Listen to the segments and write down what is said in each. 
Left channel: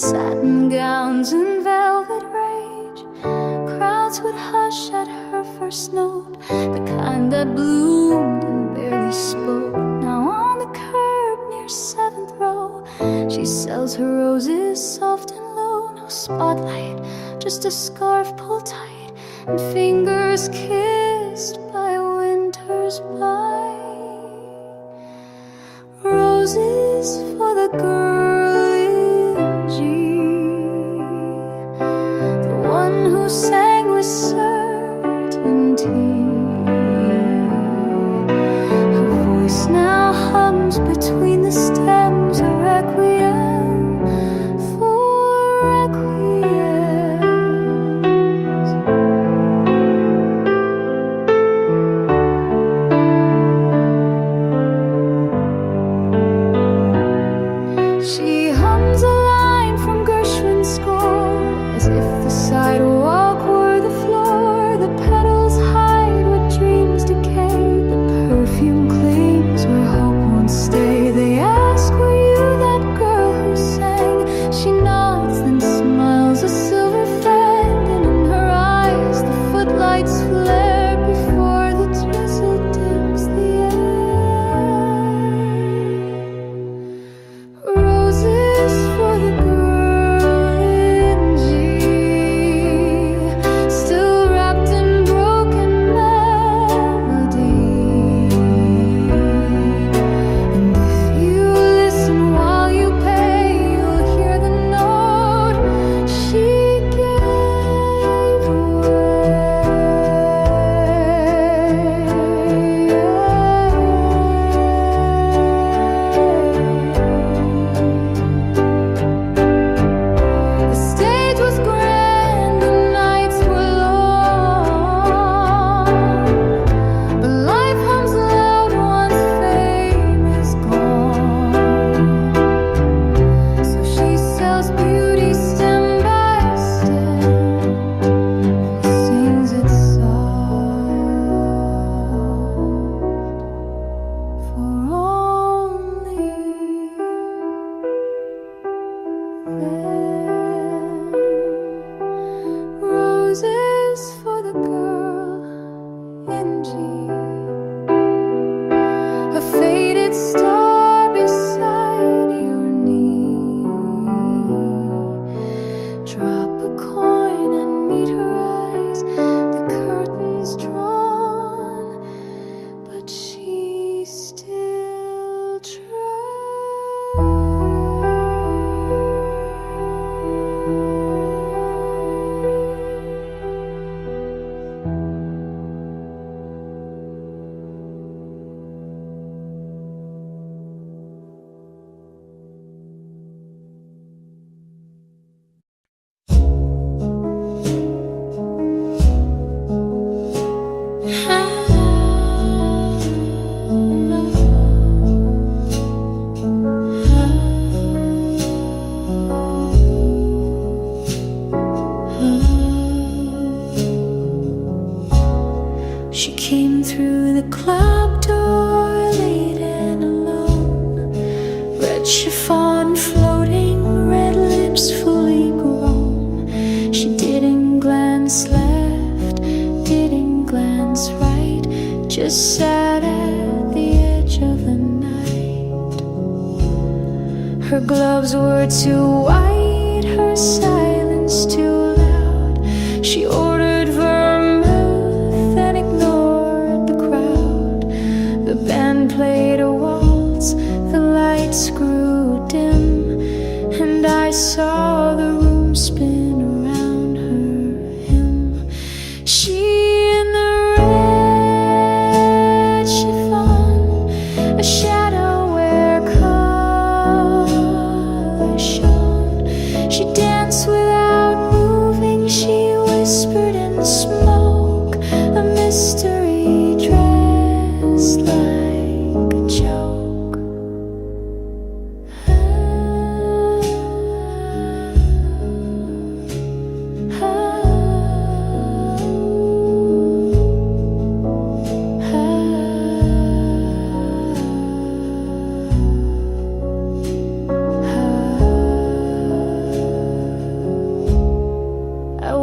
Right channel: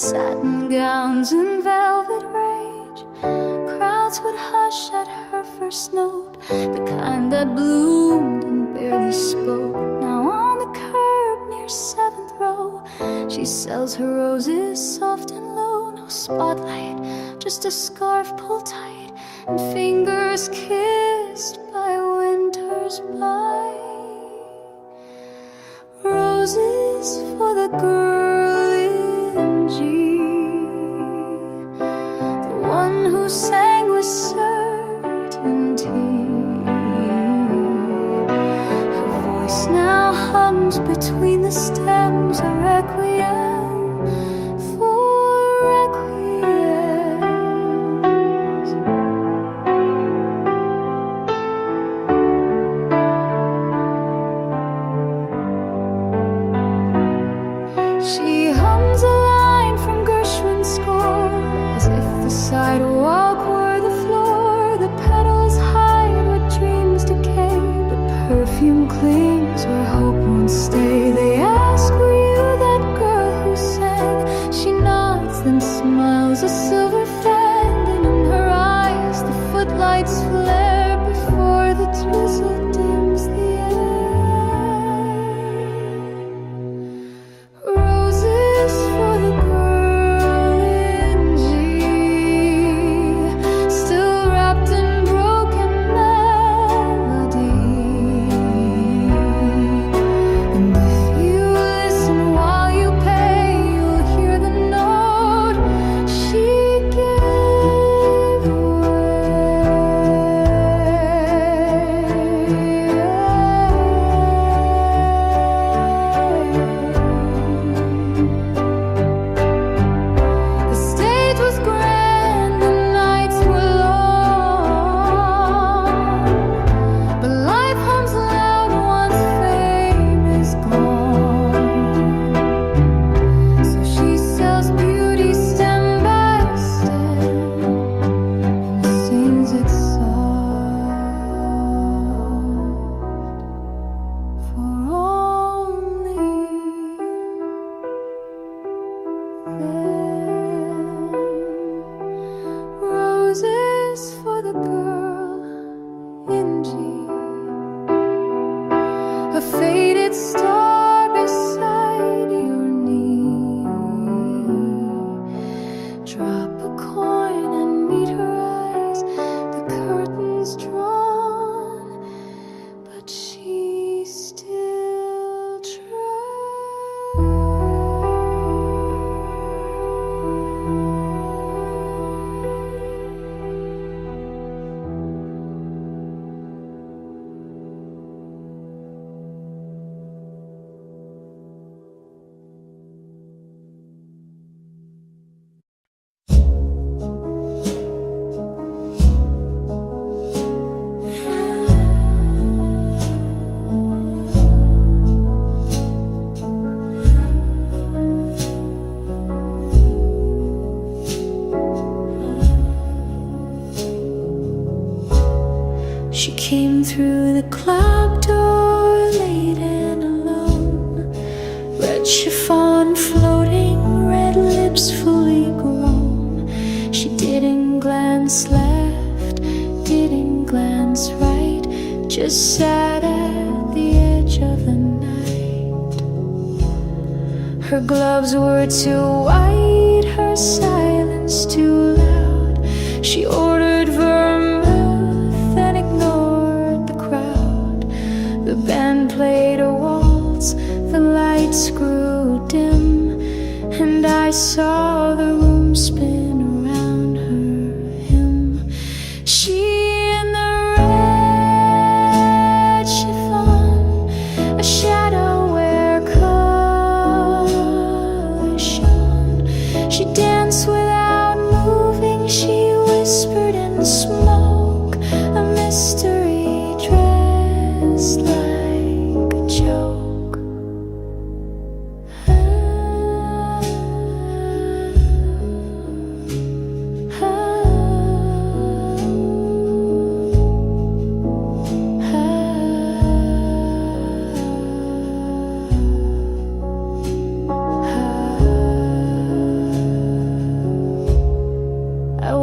satin gowns and velvet rage. Crowds would hush at her first note, the kind that bloomed and barely spoke. Now on the curb near 7th row, she sells her roses soft and low. No spotlight, just a scarf pulled tight, and fingers kissed by winter's bite. Roses for the girl in G, the one who sang with certainty. Her voice now hums between the stems, a requiem for requiems. She hums a line from Gershwin's score, as if the sidewalk were the floor. The petals hide what dreams decay, but perfume clings where hope won't stay. They ask, were you that girl who sang? She nods, then smiles a silver fan, and in her eyes the footlights flare before the drizzle dims the air. Roses for the girl in G, still wrapped in broken melody. And if you listen while you pay, you'll hear the note she gave away. The stage was grand, the nights were long, but life hums loud once fame is gone. So she sells beauty stem by stem and sings it soft for only them. Roses for the girl in G, a faded star beside your knee. Drop a coin and meet her eyes, the curtains drawn, but she still She came through the club door late and alone, red chiffon floating, red lips fully grown. She didn't glance left, didn't glance right, just sat at the edge of the night. Her gloves were too white, her silence too loud. She ordered vermouth and ignored the crowd. The band played a waltz, the lights grew dim, and I saw the room spin around her him. She in the red chiffon, a shadow where color shone. She danced without moving, she whispered in smoke, a mystery dressed like a joke.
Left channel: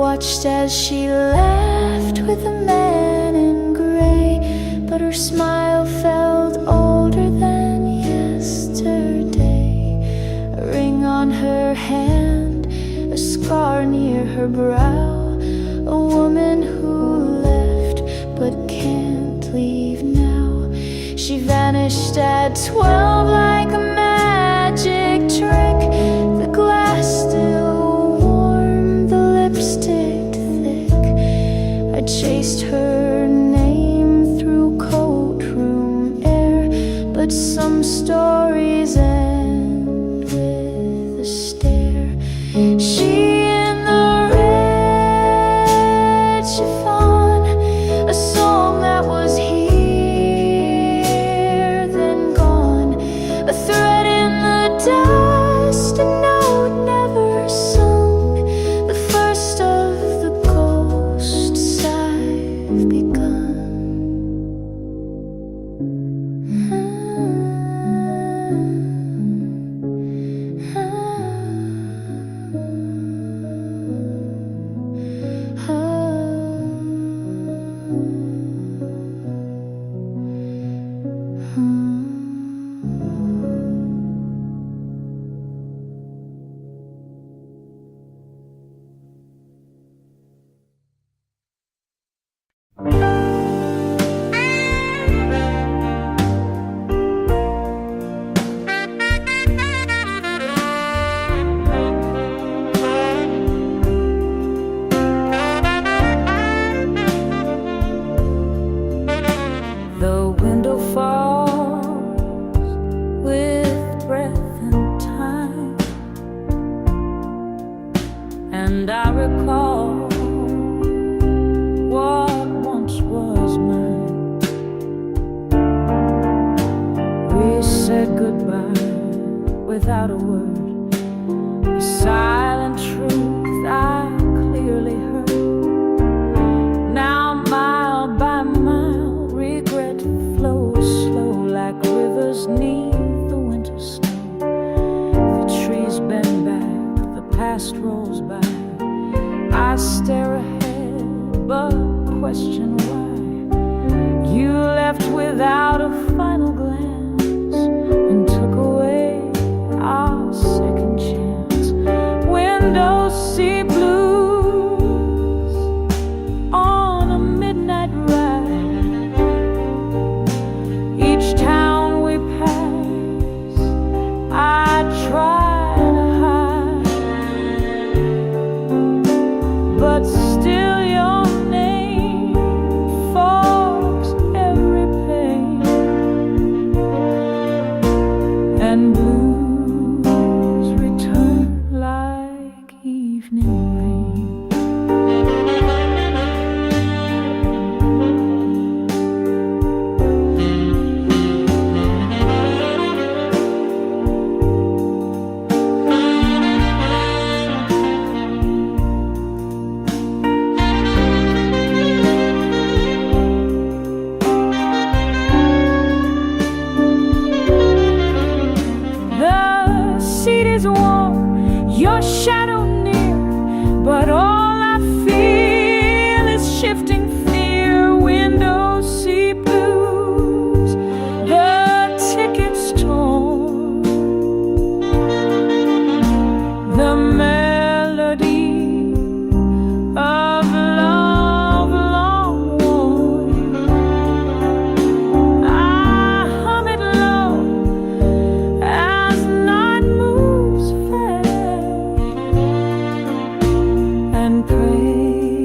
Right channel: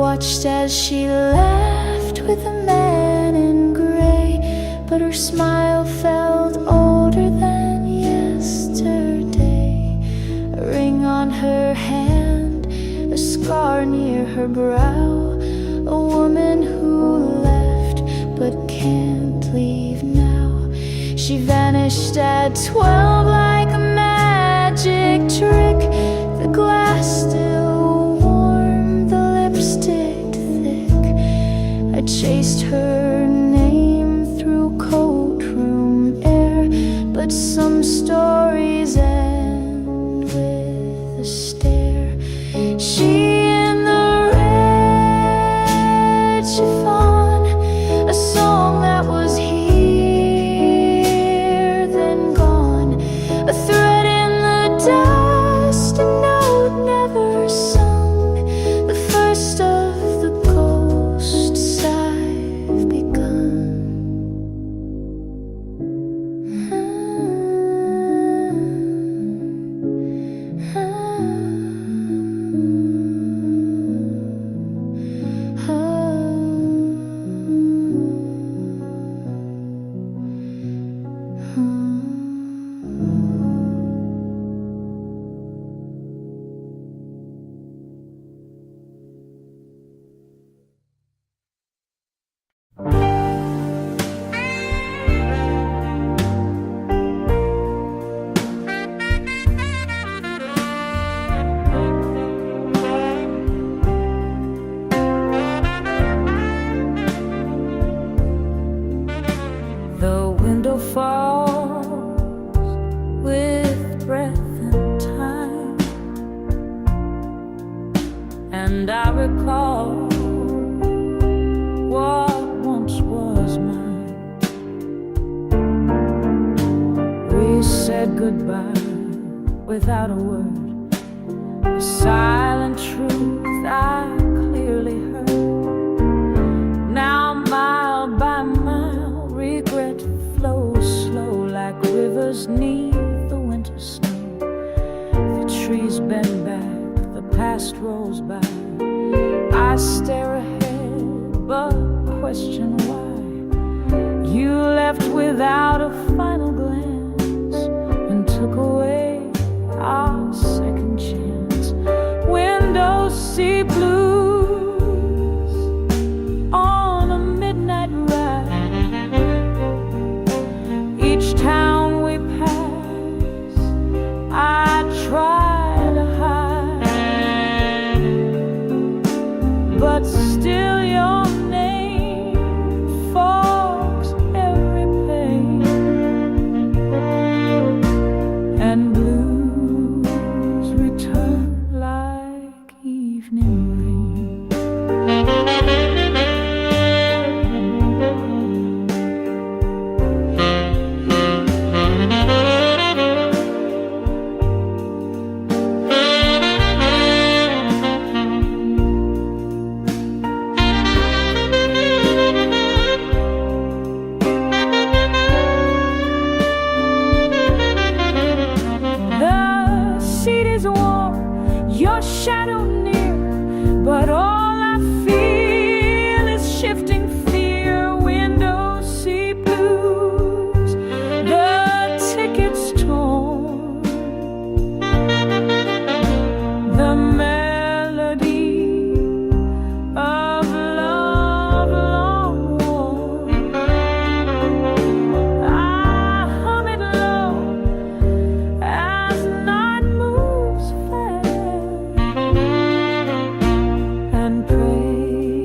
watched as she laughed with a man in gray, but her smile felt older than yesterday. A ring on her hand, a scar near her brow, a woman who left but can't leave now. She vanished at 12 like a magic trick. The glass still warm, the lipstick thick. I chased her name through courtroom air, but some stories end with a stare. She in the red chiffon, a song that was here then gone, a thread in the dust, a note never sung, the first of the ghosts I've begun. The window falls with breath and time, and I recall what once was mine. We said goodbye without a word, a silent truth I clearly heard. Now mile by mile regret flows slow like rivers neath the winter snow. The trees bend back, the past rolls by. I stare ahead but question why. You left without a final glance and took away our second chance. Windows see blues on a midnight ride. Each town we pass, I try to hide, but still your name fogs every pain, and blues return like evening rain. Your shadow near, but all I feel is shifting fear. Windows see blues, the tickets torn, the melody of love long worn. I hum it low as night moves fast, and pray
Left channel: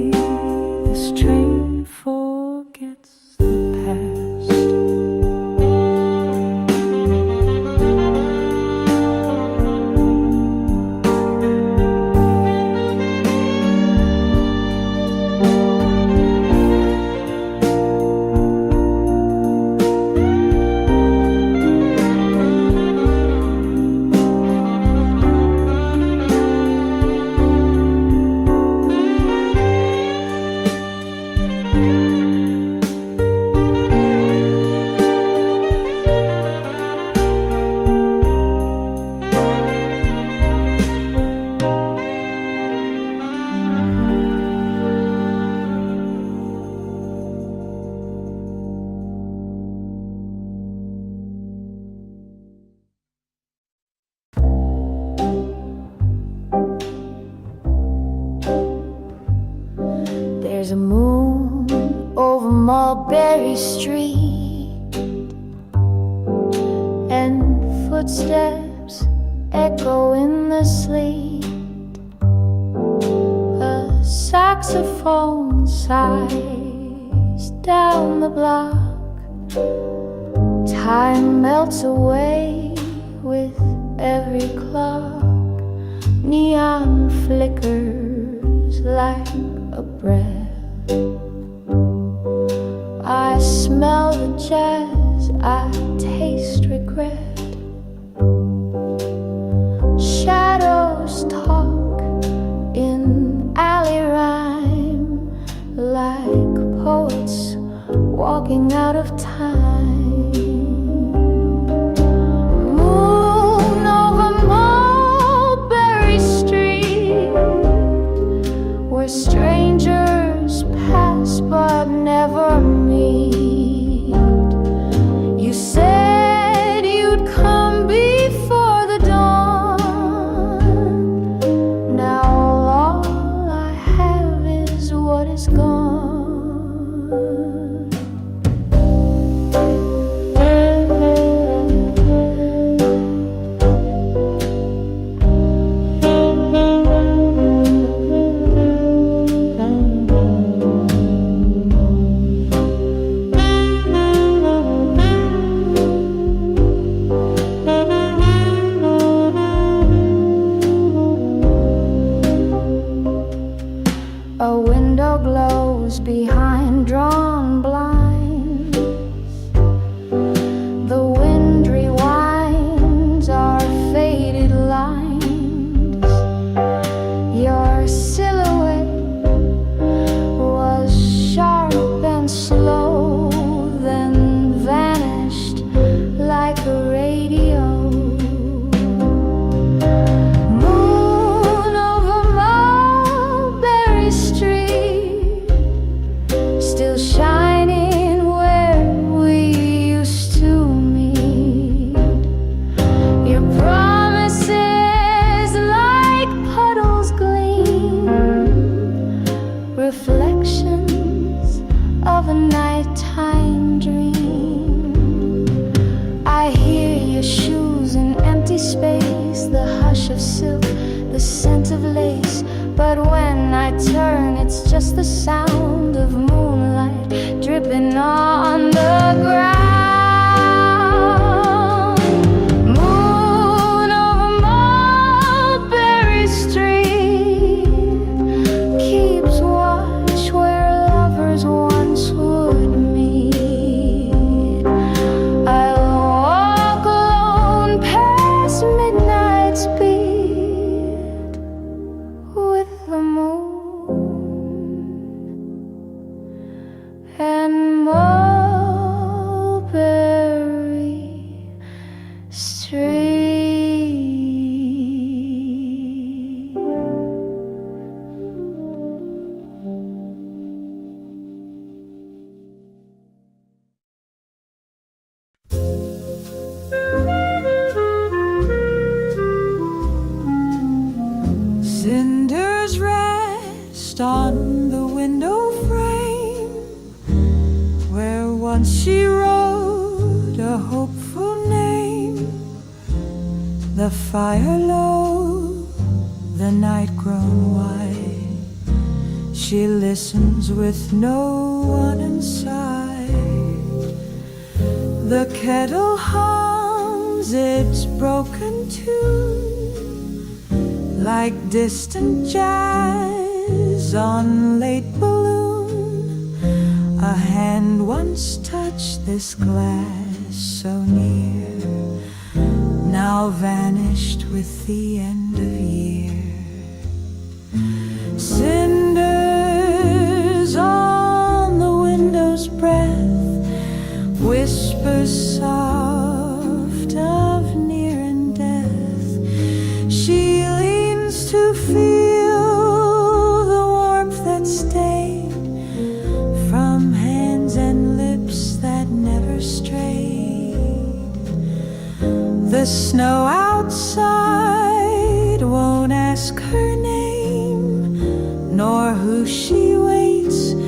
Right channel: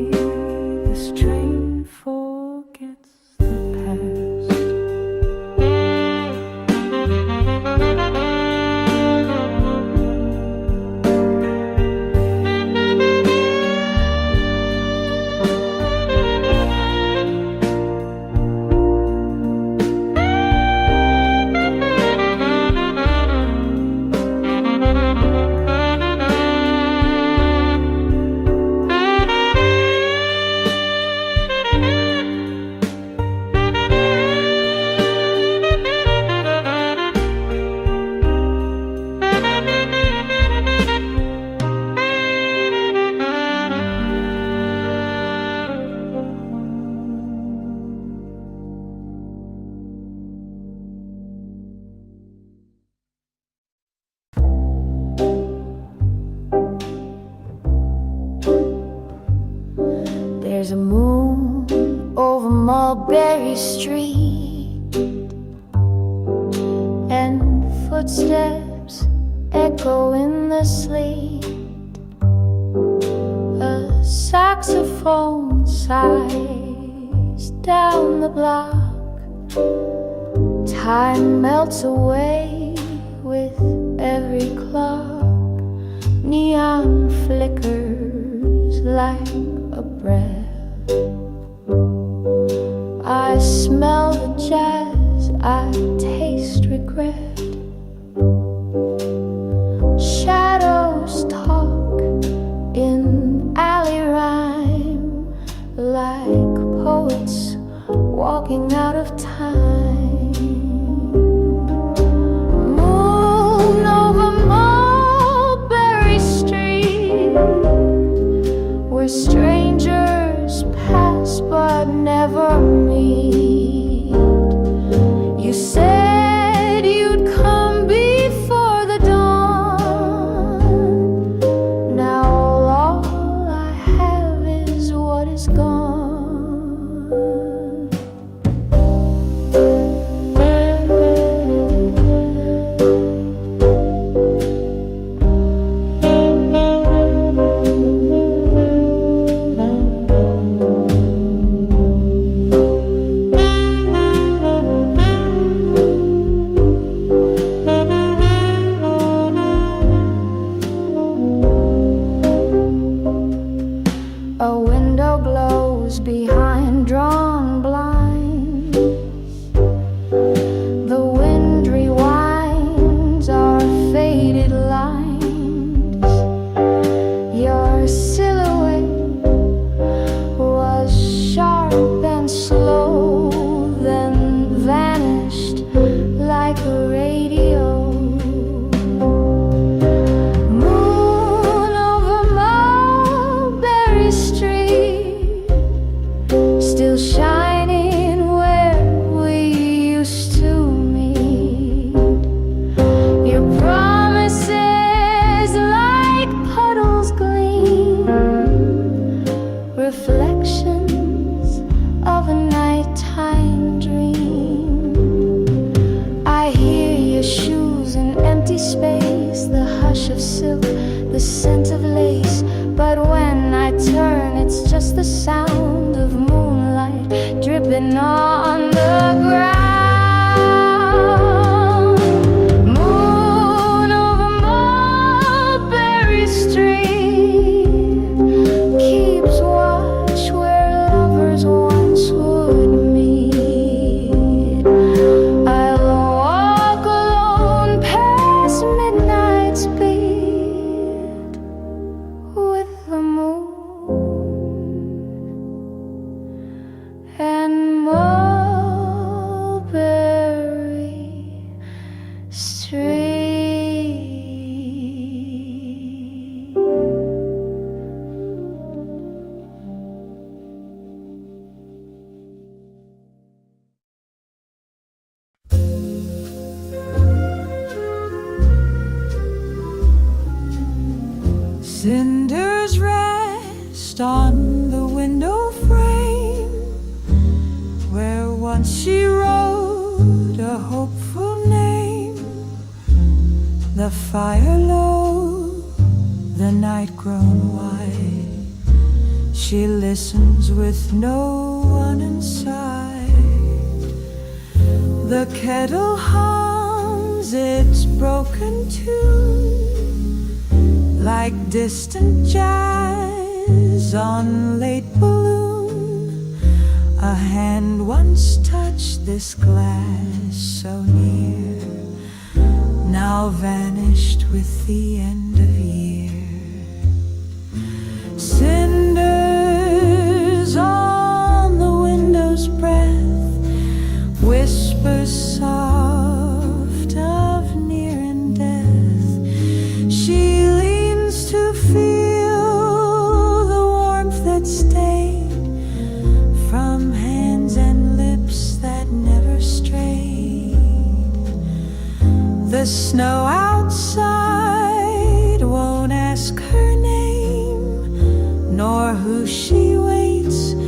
There's a moon over Mulberry Street, and footsteps echo in the sleet. A saxophone sighs down the block. Time melts away with every clock. Neon flickers like a breath. I smell the jazz, I taste regret. Shadows talk in alley rhyme, like poets walking out of time. Moon over Mulberry Street, where strangers pass but never meet. You said you'd come before the dawn. Now all I have is what is gone. A window glows behind drawn blinds. The wind rewinds our faded lines. Your silhouette was sharp and slow, then vanished like a radio. Still shining where we used to meet. Your promises like puddles gleam, reflections of a nighttime dream. I hear your shoes in empty space, the hush of silk, the scent of lace. But when I turn, it's just the sound of moonlight dripping on the ground. Moon over Mulberry Street keeps watch where lovers once would meet. I'll walk alone past midnight's beat with the moon and Mulberry Street. Cinders rest on the window frame, where once she wrote a hopeful name. The fire low, the night grown white. She listens with no one inside. The kettle hums its broken tune, like distant jazz on late balloon. A hand once touched this glass so near, now vanished with the end of year. Cinders on the window's breath, whispers soft of near and death. She leans to feel the warmth that stayed from hands and lips that never strayed. The snow outside won't ask her name, nor who she waits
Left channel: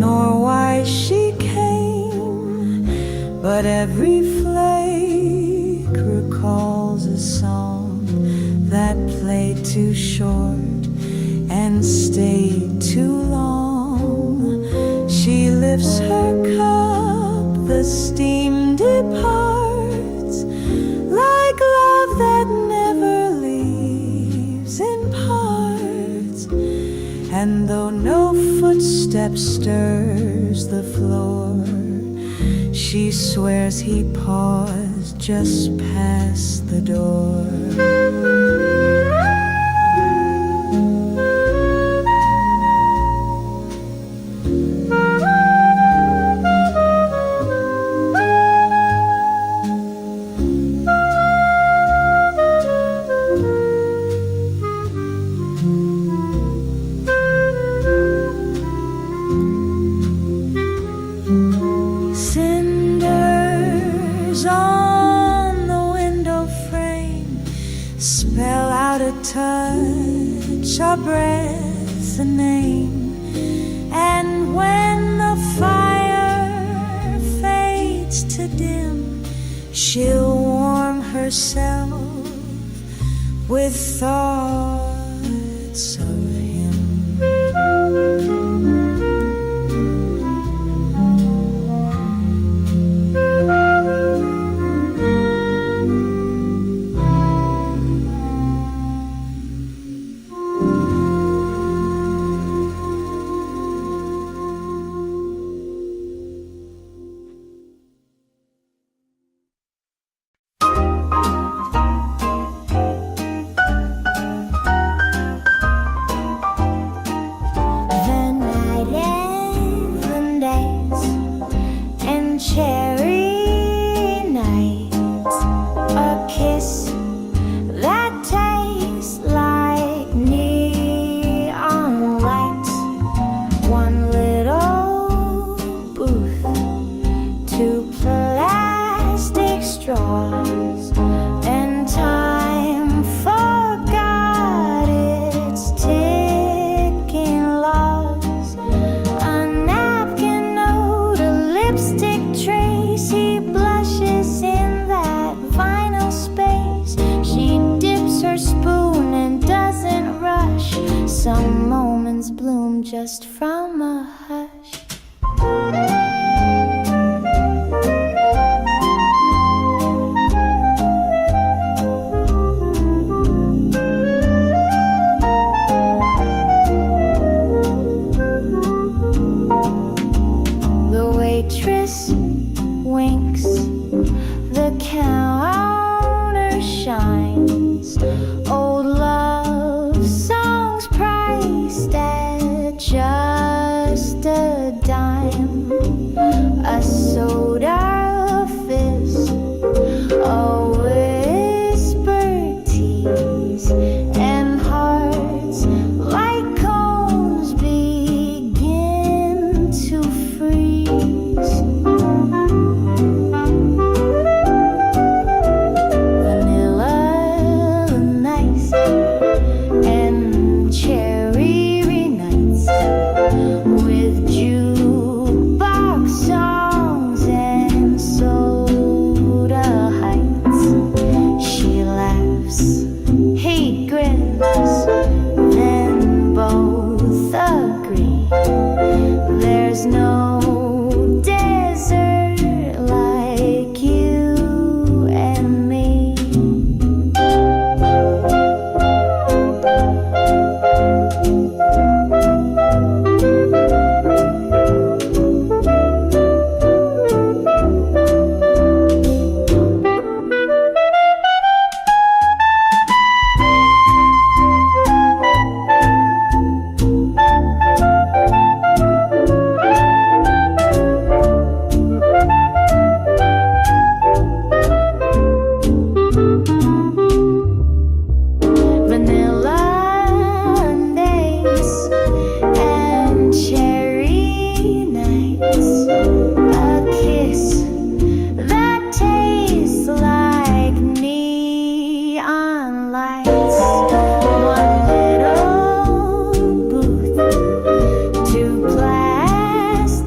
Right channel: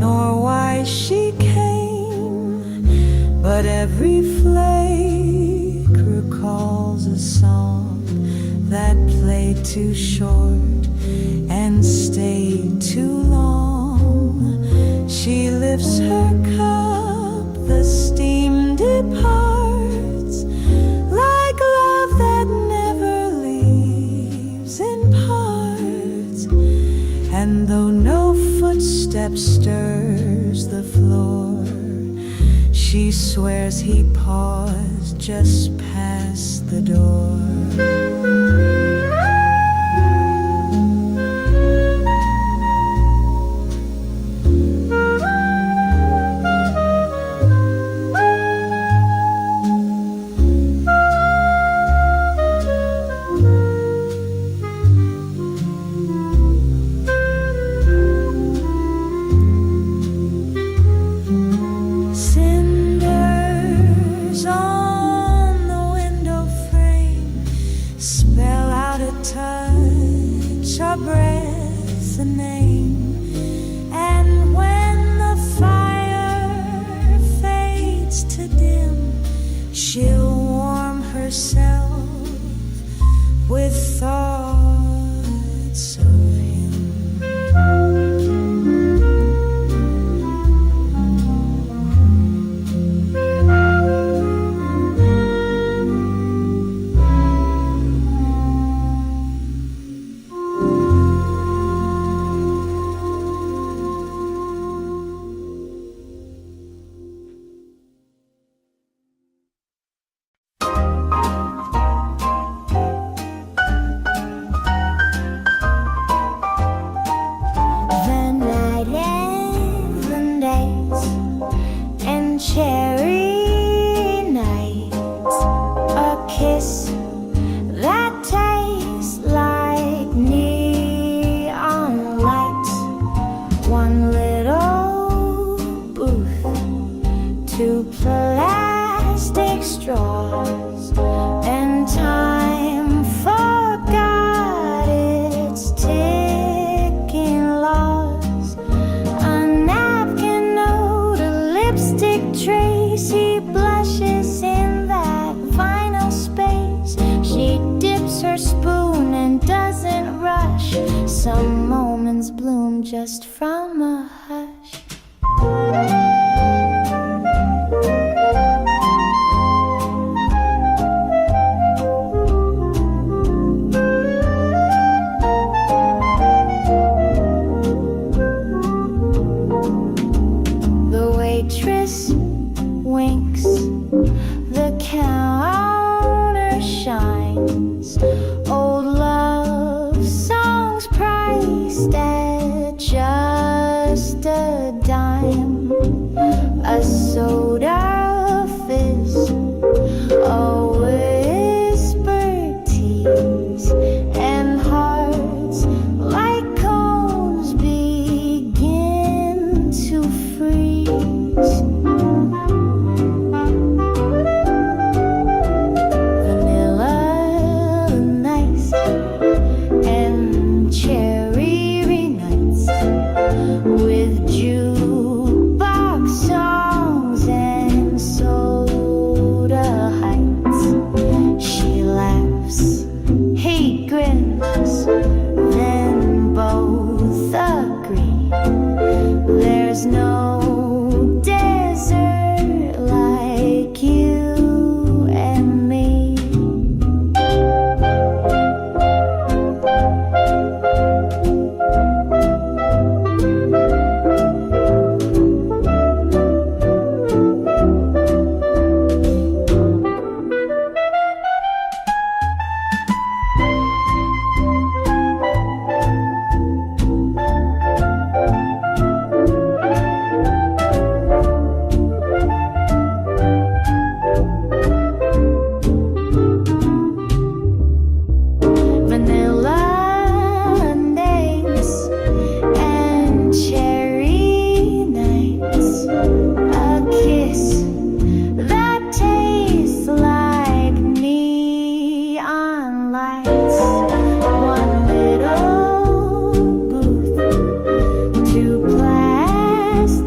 nor why she came, but every flake recalls a song that played too short and stayed too long. She lifts her cup, the steam departs, like love that never leaves in parts. And though no footstep stirs the floor, she swears he paused just past the door. Cinders on the window frame spell out a touch, a breath, a name. And when the fire fades to dim, she'll warm herself with thoughts of him. Cherry nights, a kiss that tastes like neon lights, one little booth, two plastic straws, and time forgot its ticking laws. A napkin note, a lipstick trace, he blushes in that vinyl space. She dips her spoon and doesn't rush. Some moments bloom just from a hush. The waitress winks, the counter shines, old love songs priced at just a dime, a soda fizz, a whispered tease, and hearts like cones begin to freeze. He grins, then both agree there's no desert like you and me. Vanilla days and cherry nights, a kiss that tastes like neon lights, one little booth, two plastic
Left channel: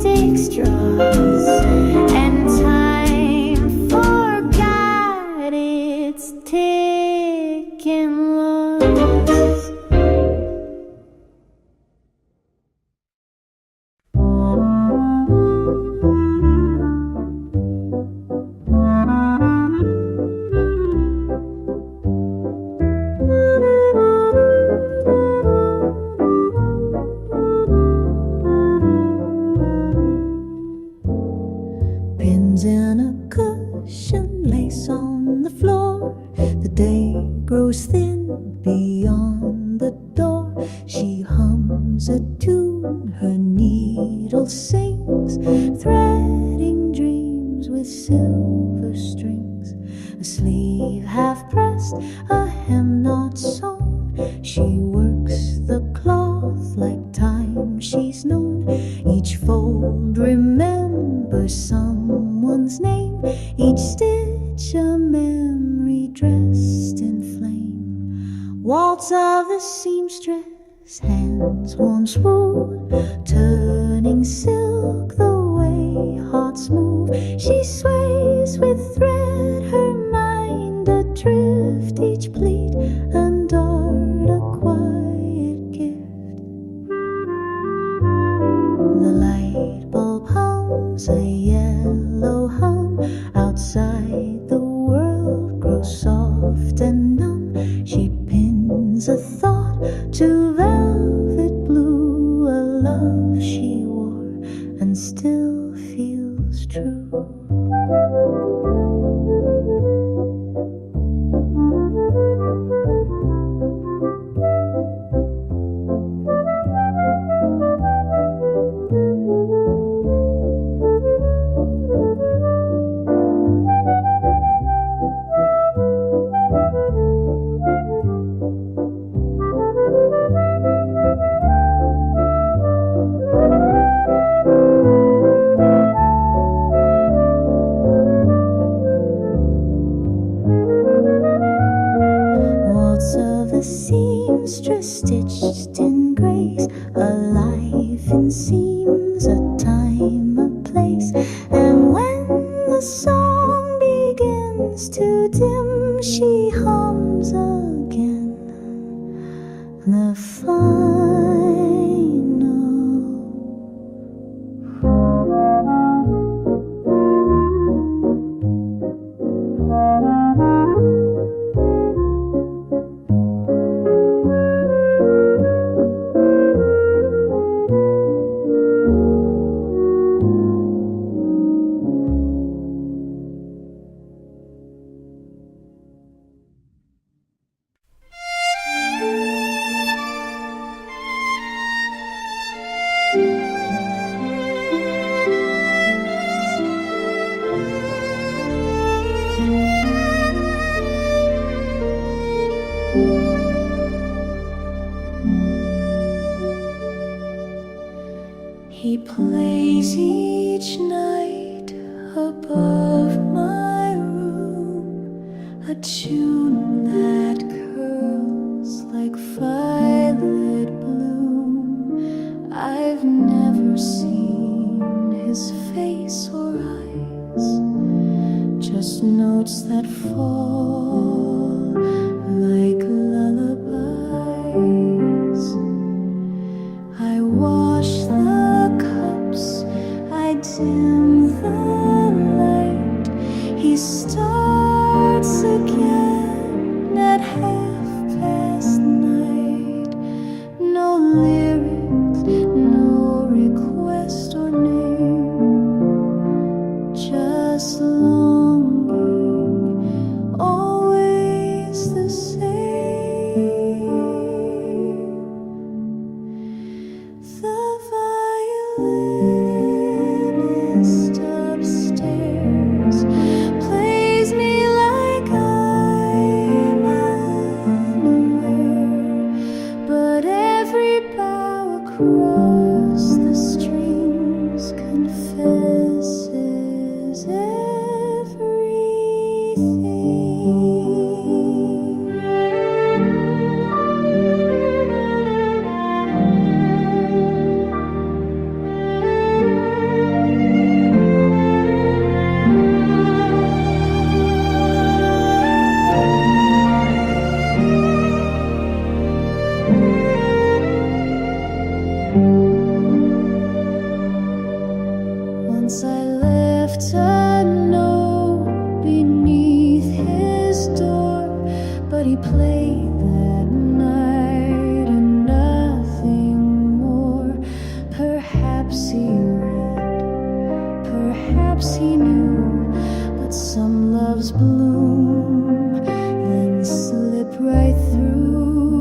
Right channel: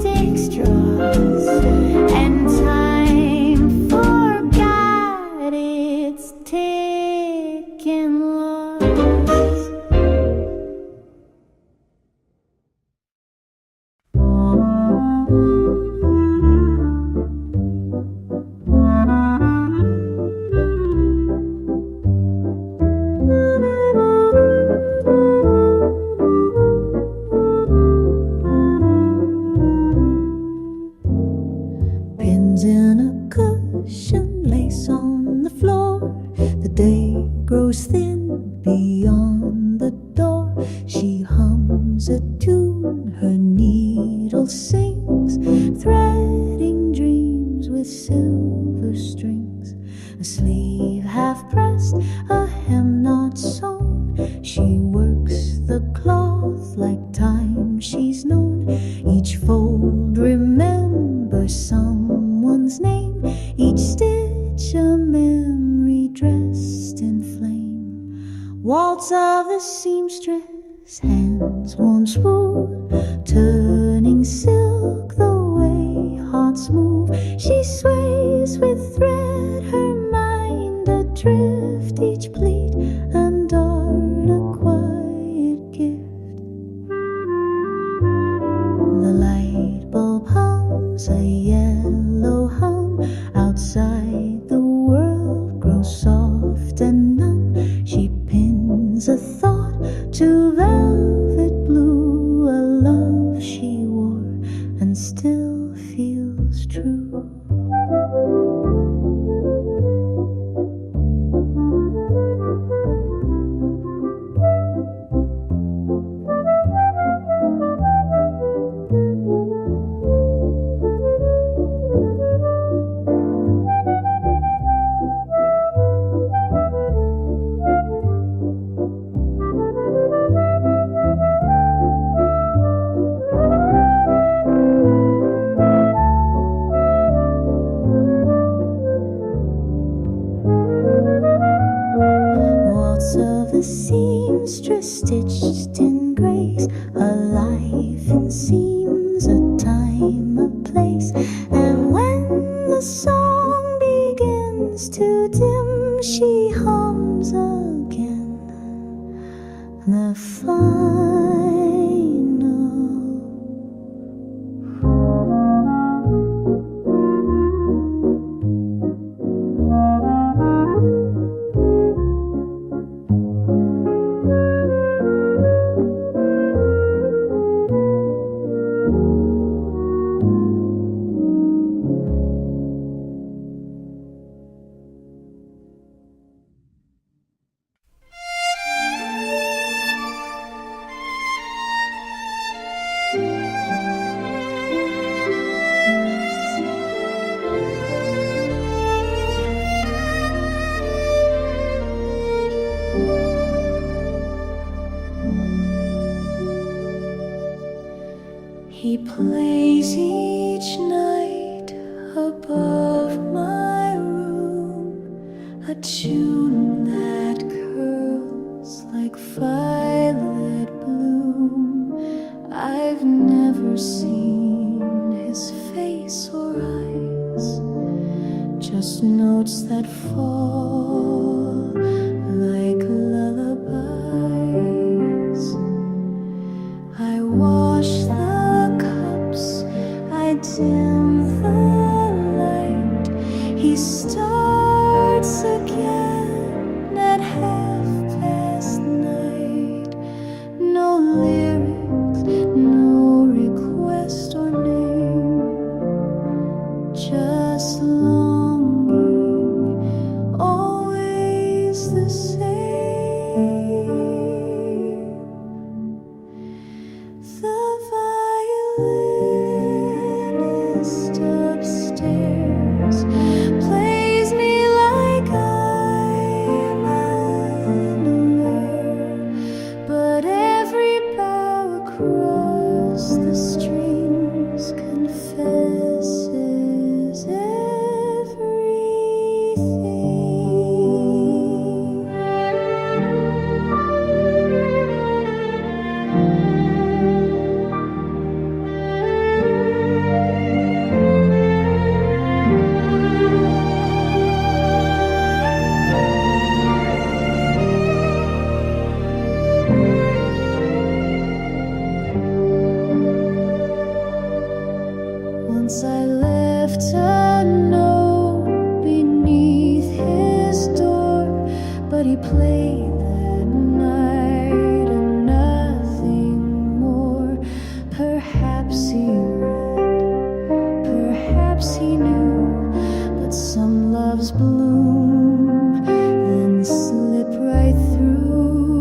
beyond the door, she hums a tune, her needle sings, threading dreams with silver strings. A sleeve half pressed, a hem not sewn, she works the cloth like time she's known. Each fold remembers someone's name, each stitch a memory dressed in flame. Waltz of the seamstress, hands once wooed, turning silk the way hearts move. She sways with thread, her mind adrift, each pleat and dart a quiet gift. The light bulb hums a yellow hum, outside the world grows soft and numb. She pins a thought to velvet blue, a love she wore and still feels true. Of the seamstress stitched in grace, a life in seams, a time, a place. And when the song begins to dim, she hums again the final. He plays each night above my room, a tune that curls like violet bloom. I've never seen his face or eyes, just notes that fall like lullabies. I wash the cups, I dim the light. He starts again at 9:30. No lyrics, no request or name, just longing, always the same. Violinist upstairs plays me like I'm unaware, but every bow across the strings confesses everything. Once I left a note beneath his door, but he played that night and nothing more. Perhaps he read, perhaps he knew, but some loves bloom, then slip right through.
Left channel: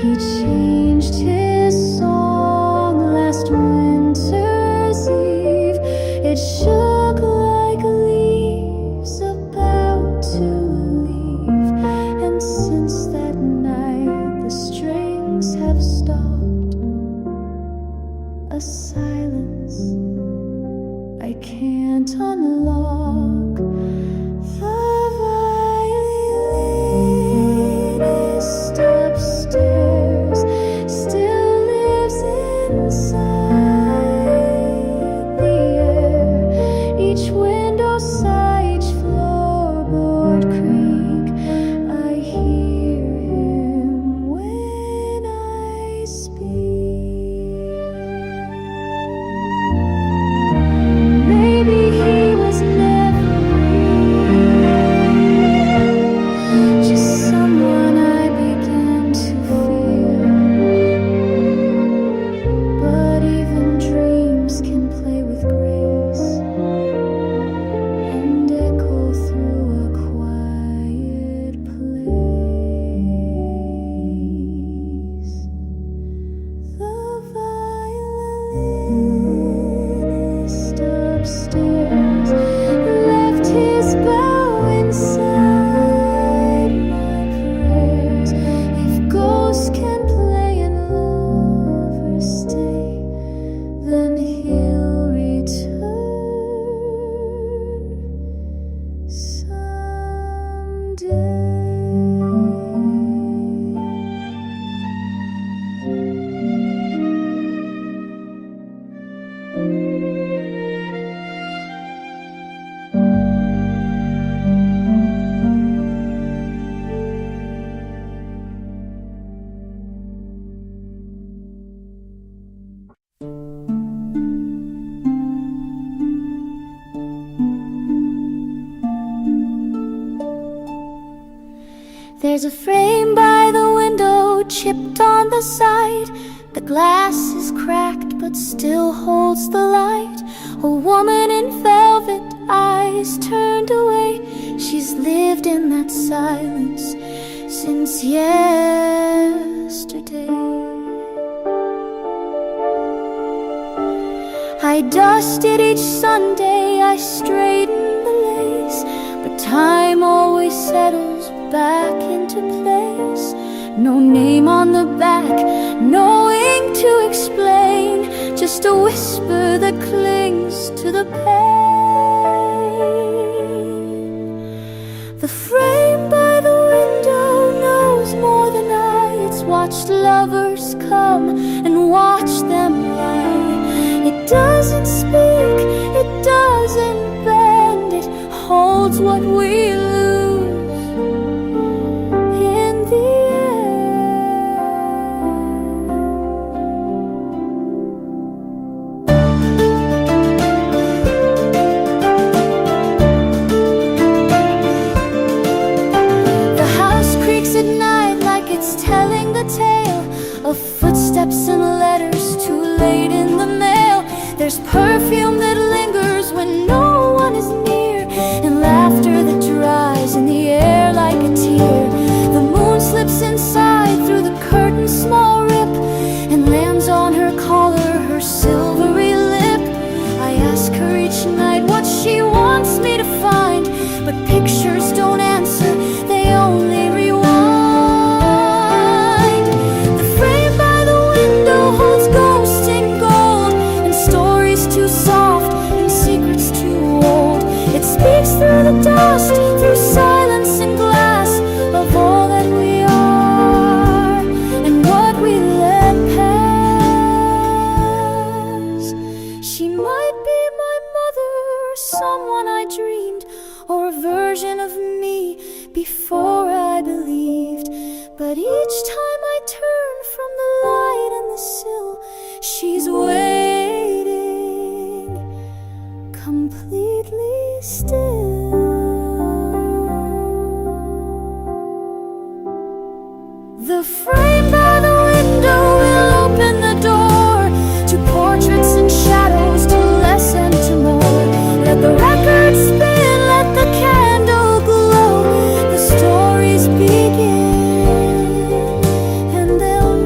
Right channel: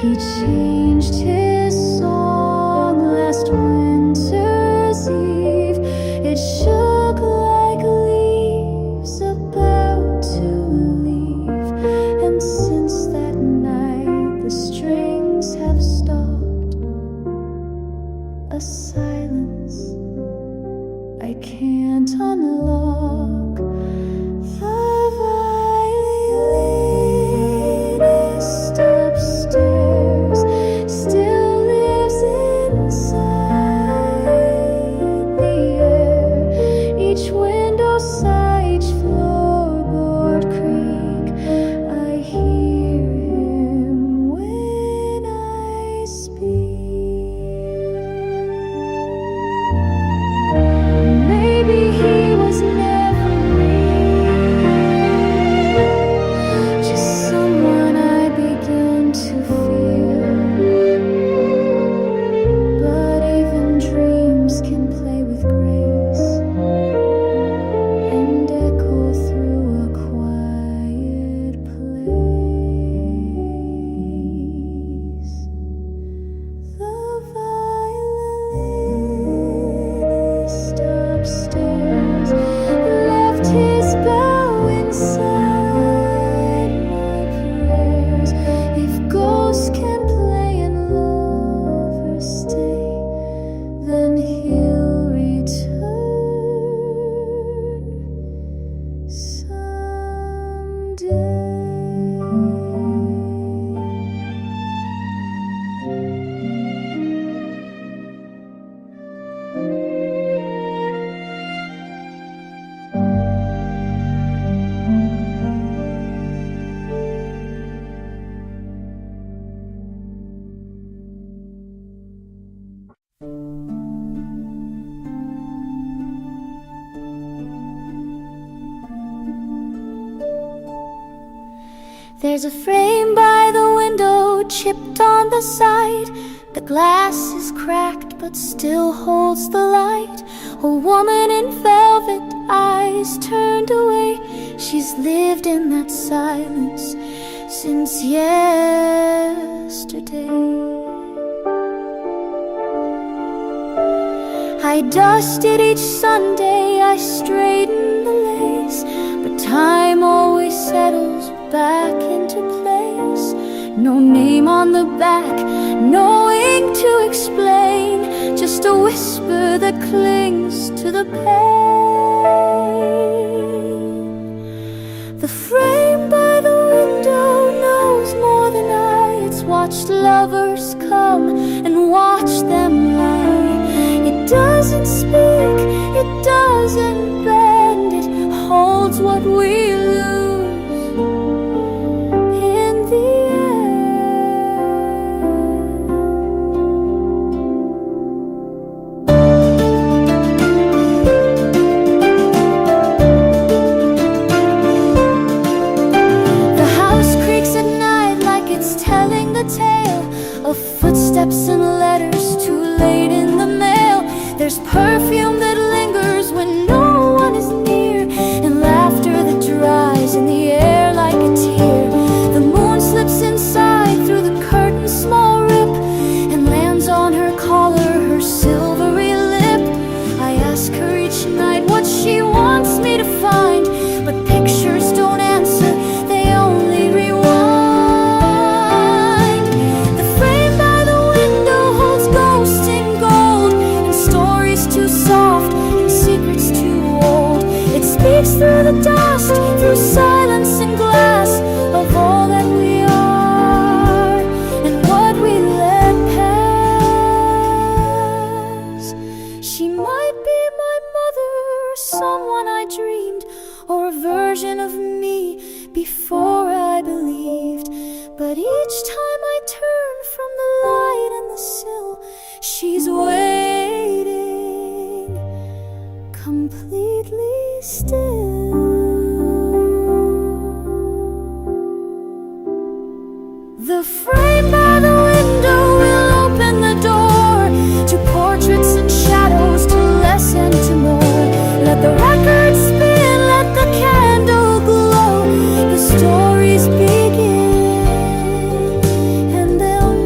He changed his song last winter's eve. It shook like leaves about to leave, and since that night the strings have stopped. A silence I can't unlock. The violinist upstairs still lives inside the air. Each window sigh, each floorboard creak. I hear him when I speak. Maybe he was never real, just someone I begin to feel. But even dreams can play with grace and echo through a quiet place. The violinist upstairs left his bow inside my prayers. If ghosts can play and lovers stay, then he'll return someday. There's a frame by the window, chipped on the side. The glass is cracked but still holds the light. A woman in velvet, eyes turned away. She's lived in that silence since yesterday. I dusted each Sunday, I straightened the lace, but time always settles back into place. No name on the back, no ink to explain, just a whisper that clings to the pain. The frame by the window knows more than I. It's watched lovers come and watch them lie. It doesn't speak, it doesn't bend, it holds what we lose in the end. The house creaks at night like it's telling the tale of footsteps and letters too late in the mail. There's perfume that lingers when no one is near, and laughter that dries in the air like a tear. The moon slips inside through the curtain's small rip and lands on her collar, her silvery lip. I ask her each night what she wants me to find, but pictures don't answer, they only rewind. The frame by the window holds ghosts in gold, and stories too soft and secrets too old. It speaks through the dust, through silence and glass, of all that we are and what we let pass. She might be my mother, or someone I dreamed, or a version of me before I believed. But each time I turn from the light and the sill, she's waiting, completely still. The frame by the window will open the door to portraits and shadows, to less and to more. Let the record spin, let the candle glow. The stories begin, and they'll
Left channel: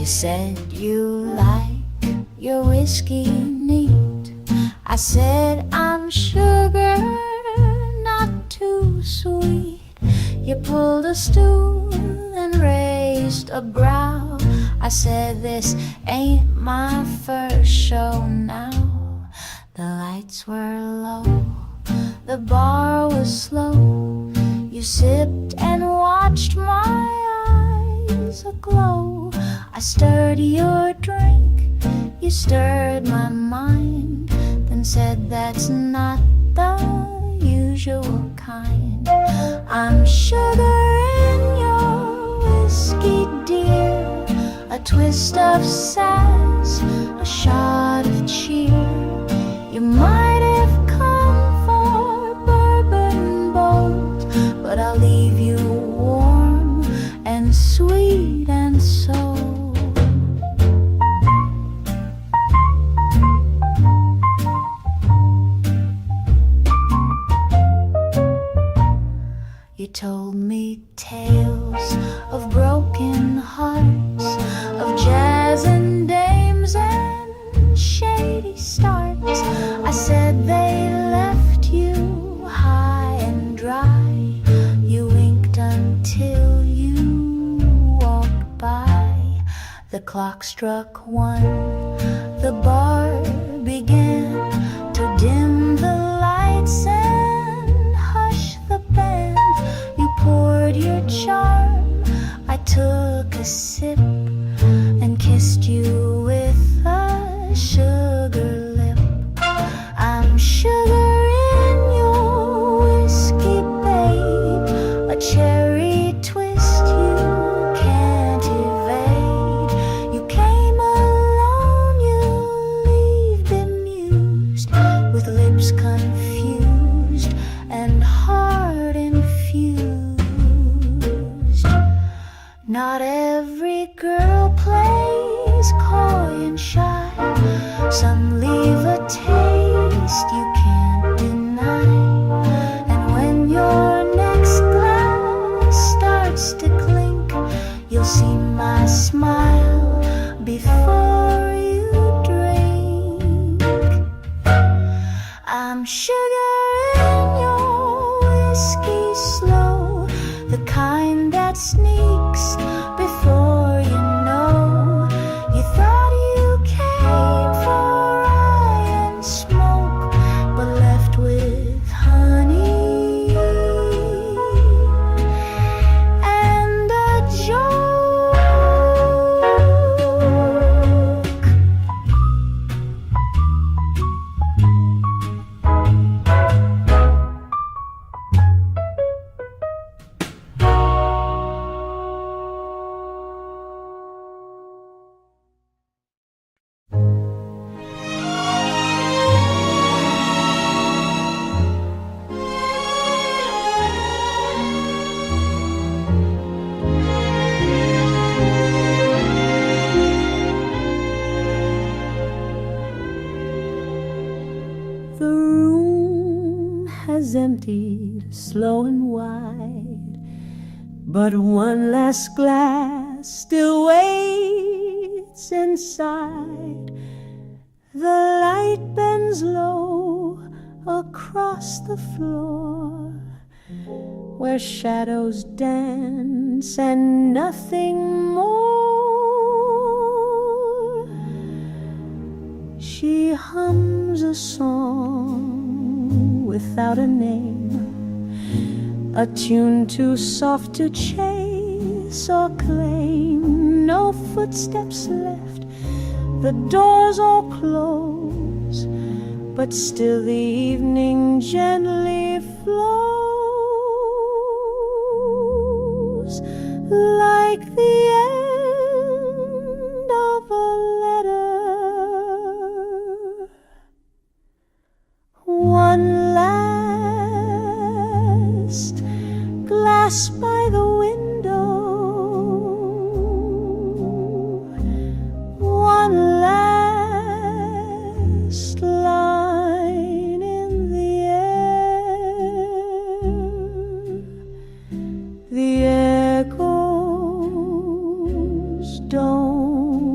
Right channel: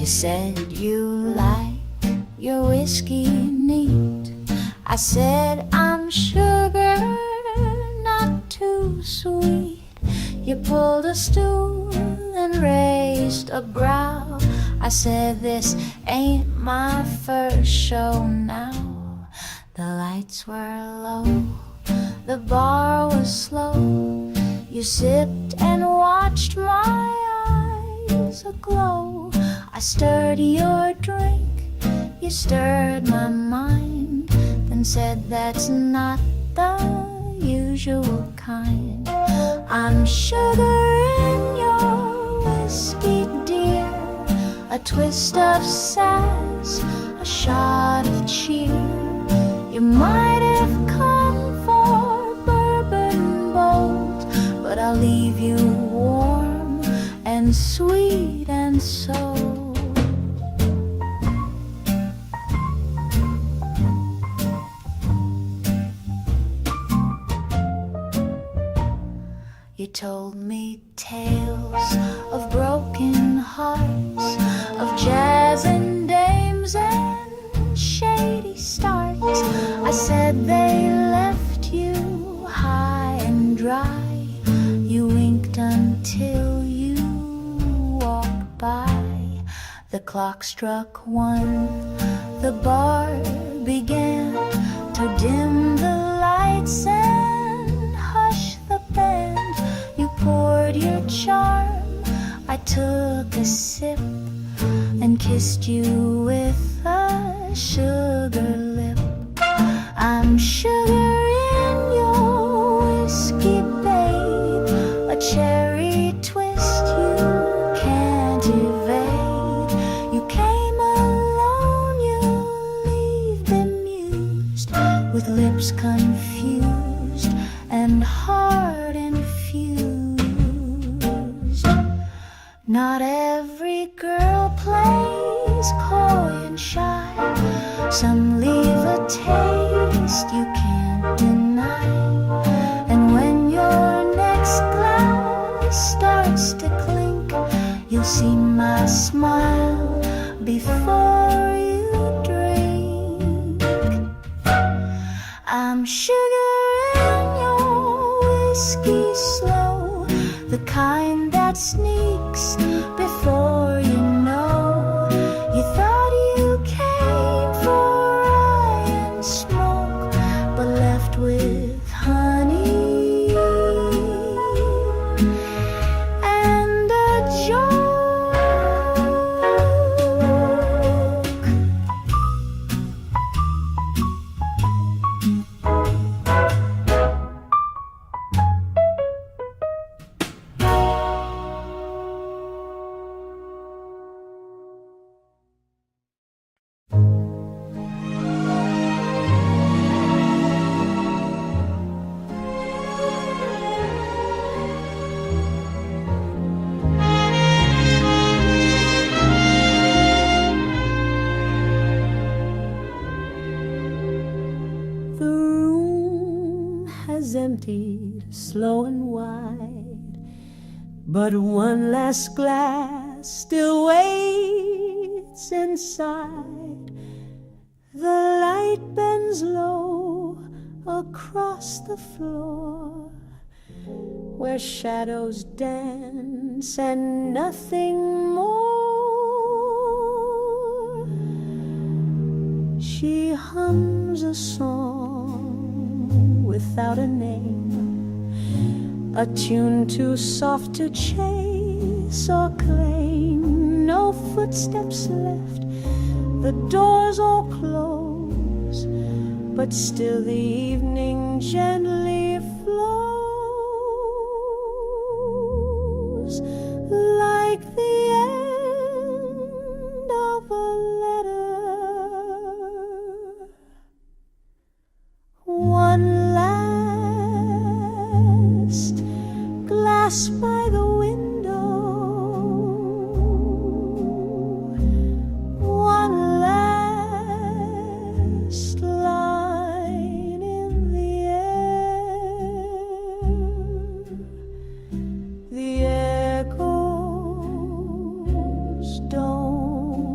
You said you like your whiskey neat. I said I'm sugar, not too sweet. You pulled a stool and raised a brow. I said this ain't my first show now. The lights were low, the bar was slow. You sipped and watched my eyes aglow. I stirred your drink, you stirred my mind, then said that's not the usual kind. I'm sugar in your whiskey, dear, a twist of sass, a shot of cheer. You might have come for bourbon bold, but I'll leave you warm and sweet and sold. You told me tales of broken hearts, of jazz and dames and shady starts. I said they left you high and dry. You winked until you walked by. The clock struck 1, the bar began to dim the lights and hush the band. You poured your charm, I took a sip and kissed you with a sugar lip. I'm sugar in your whiskey, babe, a cherry twist you can't evade. You came alone, you leave bemused, with lips confused and heart infused. Not every girl plays coy and shy. Some leave a taste you can't deny. And when your next glass starts to clink, you'll see my smile before you drink. I'm sugar in your whiskey slow, the kind that sneaks before you know. You thought you came for rye and smoke, but left with honey and a joke. The room has emptied slow and wide, but one last glass still waits inside. The light bends low across the floor, where shadows dance and nothing more. She hums a song without a name, a tune too soft to chase or claim. No footsteps left, the doors all close, but still the evening gently flows, like the end of a letter. One last glass by the window, one last line in the air. The echoes don't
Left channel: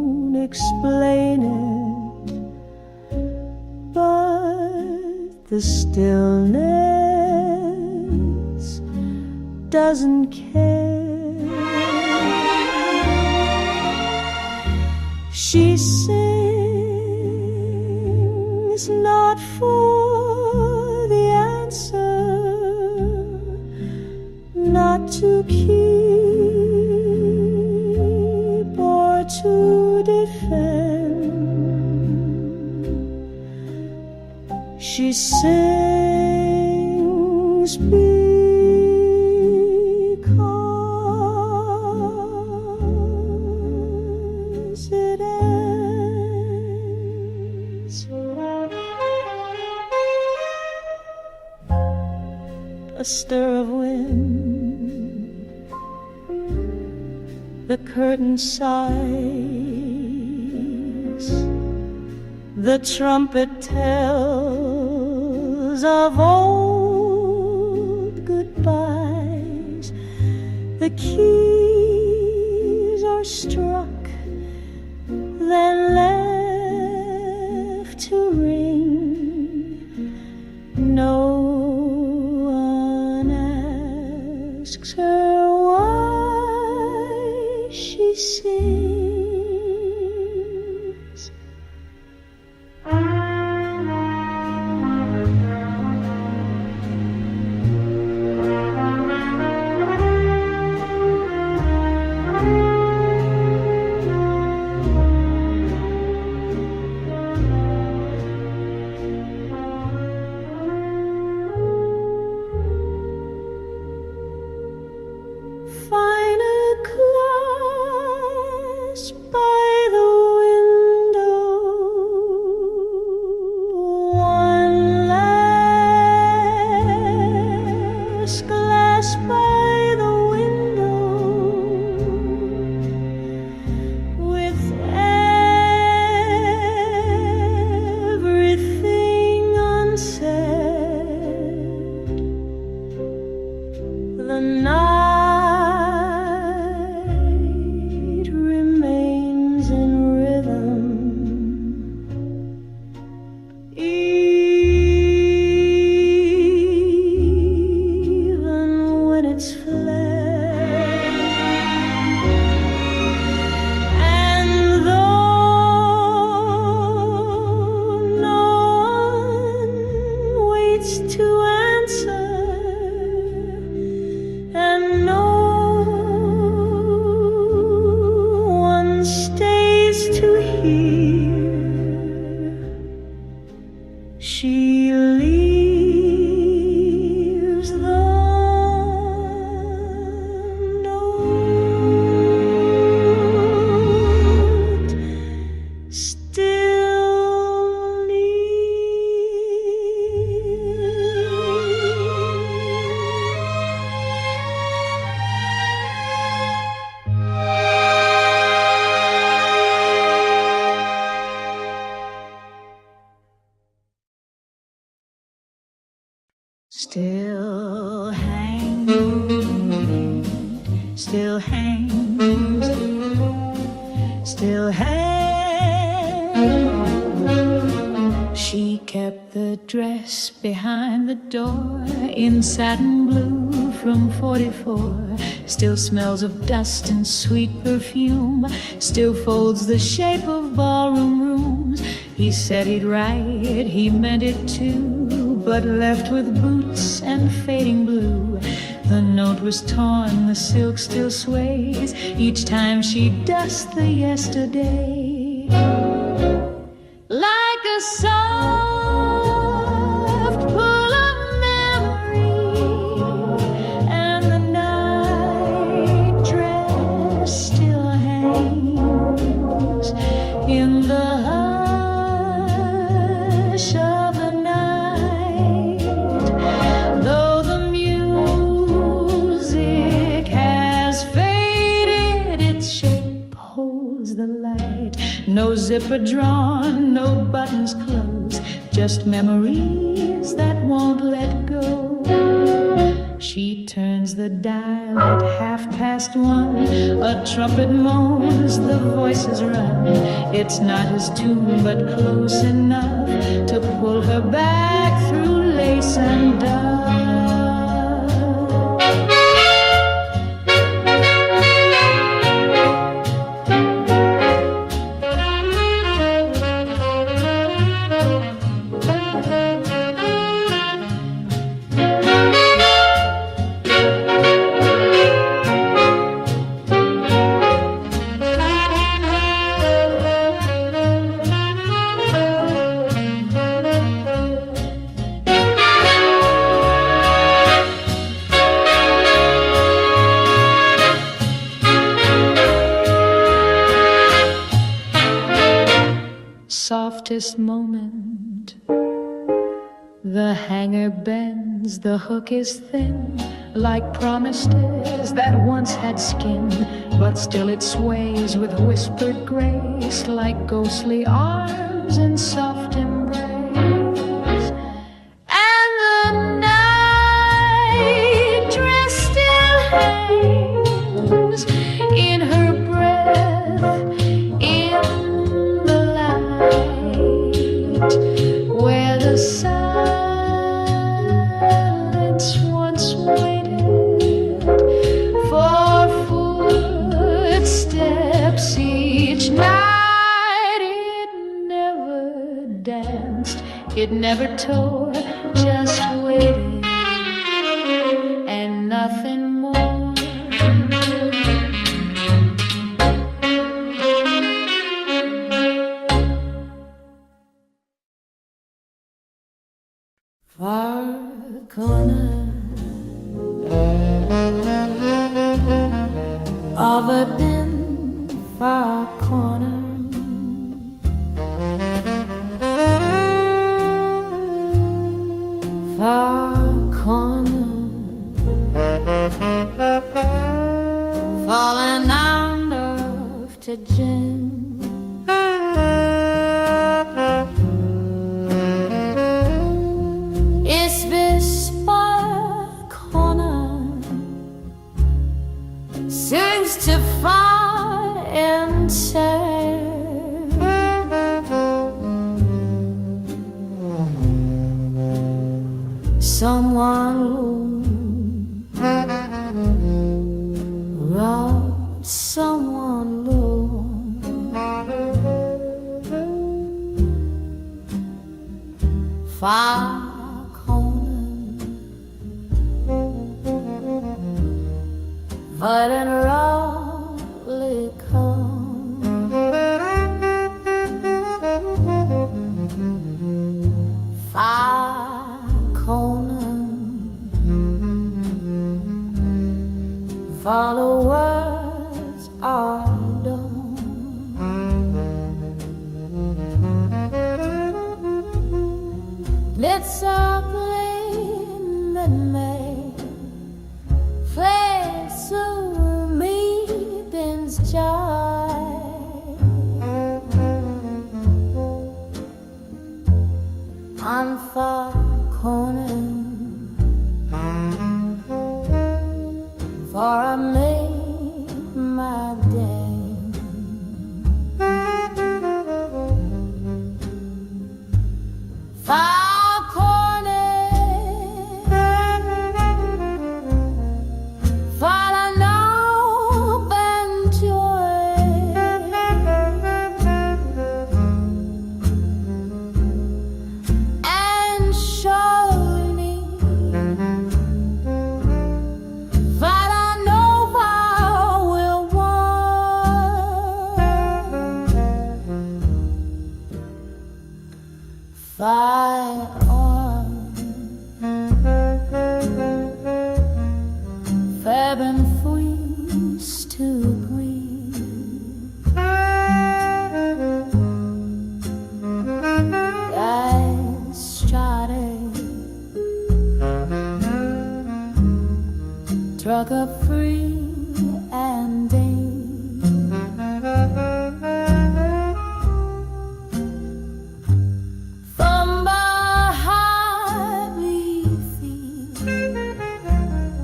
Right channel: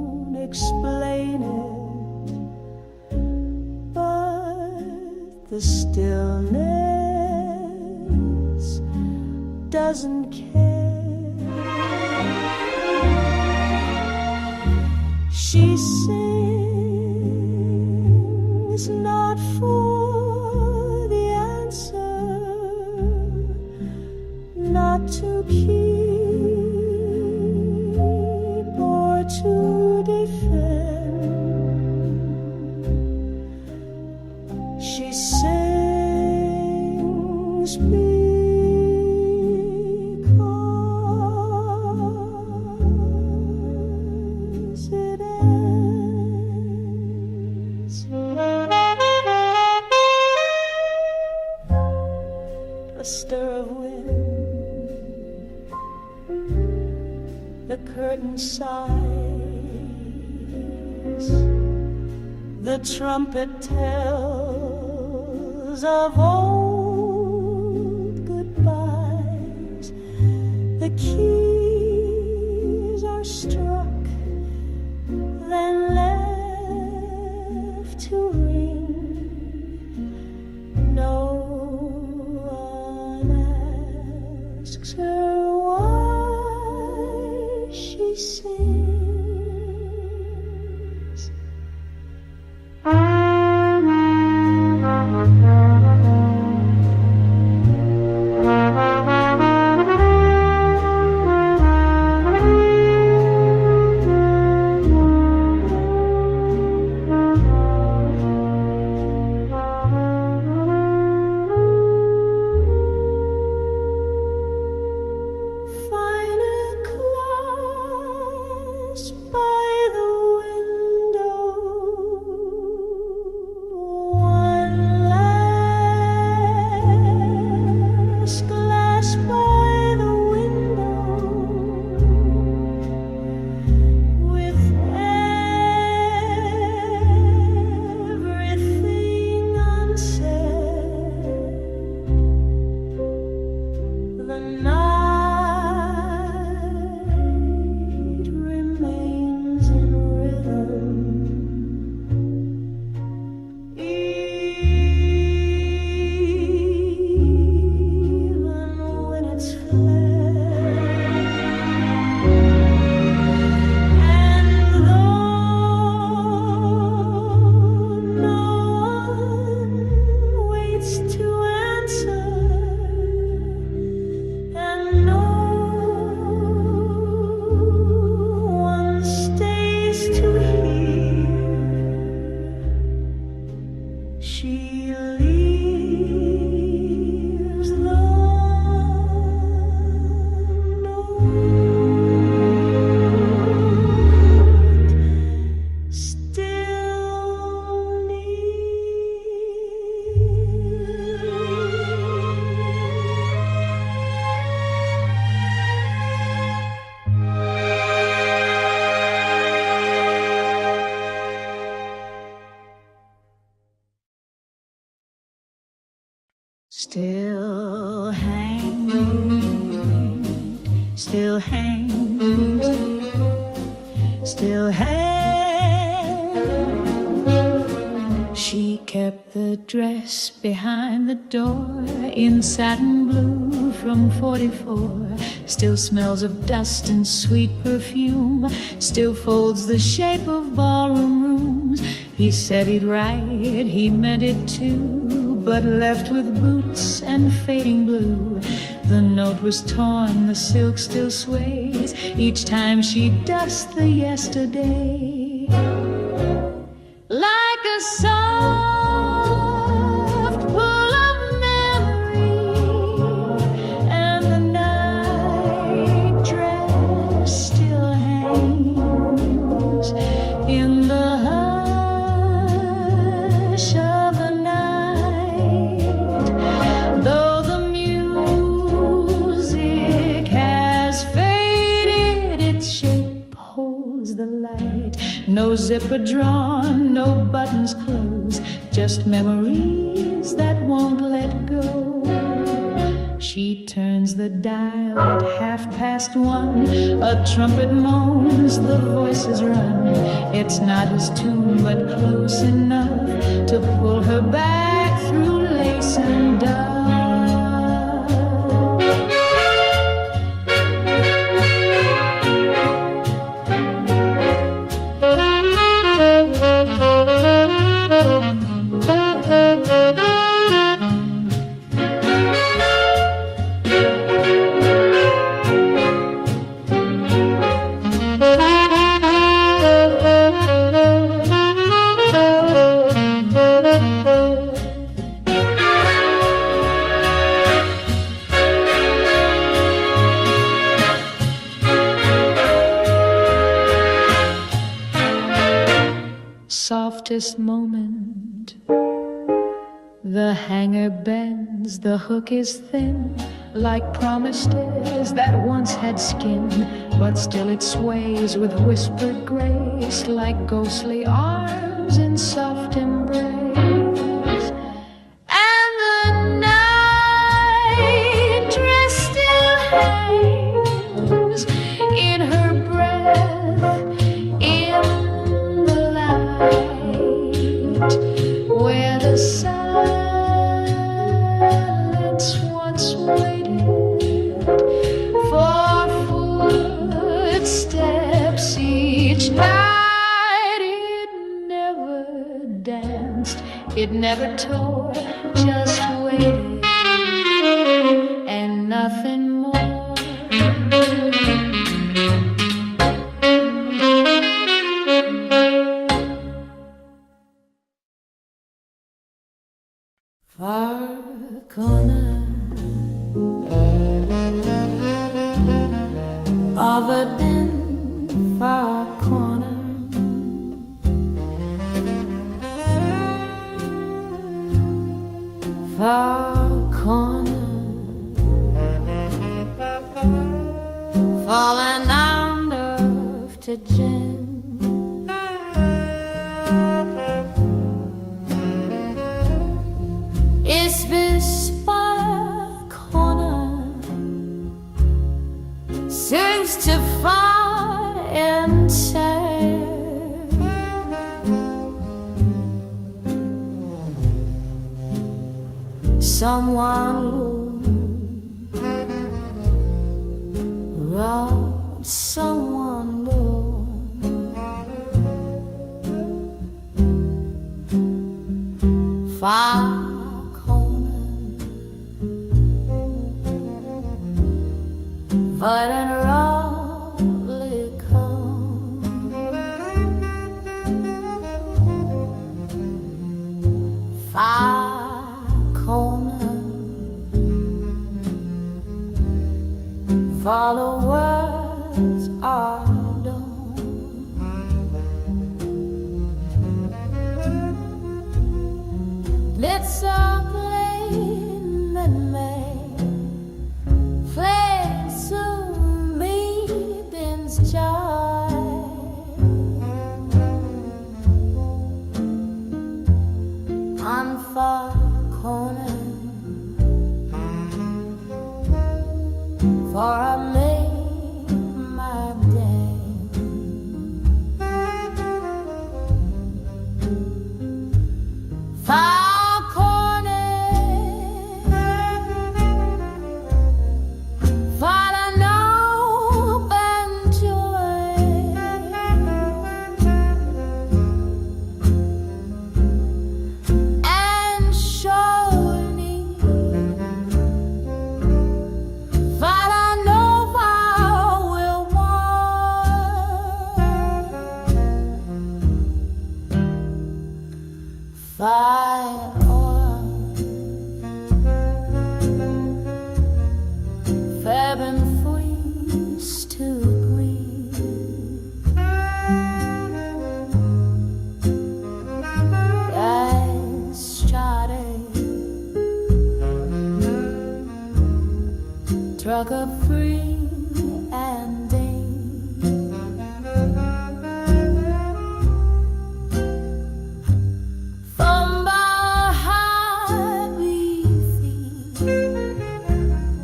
explain it, but the stillness doesn't care. She sings not for the answer, not to keep or to defend. She sings because it ends. A stir of wind, the curtain sighs, the trumpet tells of old goodbyes. The keys are struck, then left to ring. No one asks her why she sings. Find a clasp by the window, one last glass by the window, with everything unsaid. The night remains in rhythm, even when it's fled. And though no one waits to answer, and no one stays to hear, she leaves the note still near. Still hangs, still hangs, still hangs. She kept the dress behind the door in satin blue from 44. Still smells of dust and sweet perfume, still folds the shape of ballroom rooms. He said he'd write, he meant it too, but left with boots and fading blue. The note was torn, the silk still sways each time she dusts the yesterday. Like a soft pull of memory, and the night dress still hangs in the hush of the night. Though the music has faded, its shape holds the light. No zipper drawn, no buttons closed, just memories that won't let go. She turns the dial at 1:30. A trumpet moans, the voices run. It's not his tune, but close enough to pull her back through lace and dove. Softest moment, the hanger bends, the hook is thin, like promised is that once had skin, but still it sways with whispered grace, like ghostly arms in soft embrace. And the night dress still hangs in her breath, in where the silence once waited for footsteps each night. It never danced, it never tore, just waited and nothing more. Far corner of a dim far corner, far corner, falling under to gin. Is this far corner seems to find and say someone robbed someone low. Far but in roughly come far corner, followers are done. Let's all play that may play so meetings joy. On far corner, for I made my day. Far corner, follow hope and joy, and surely follow Nova will want. Fire on, Fab and freeze to breathe. I started truck up free and day. From behind we feel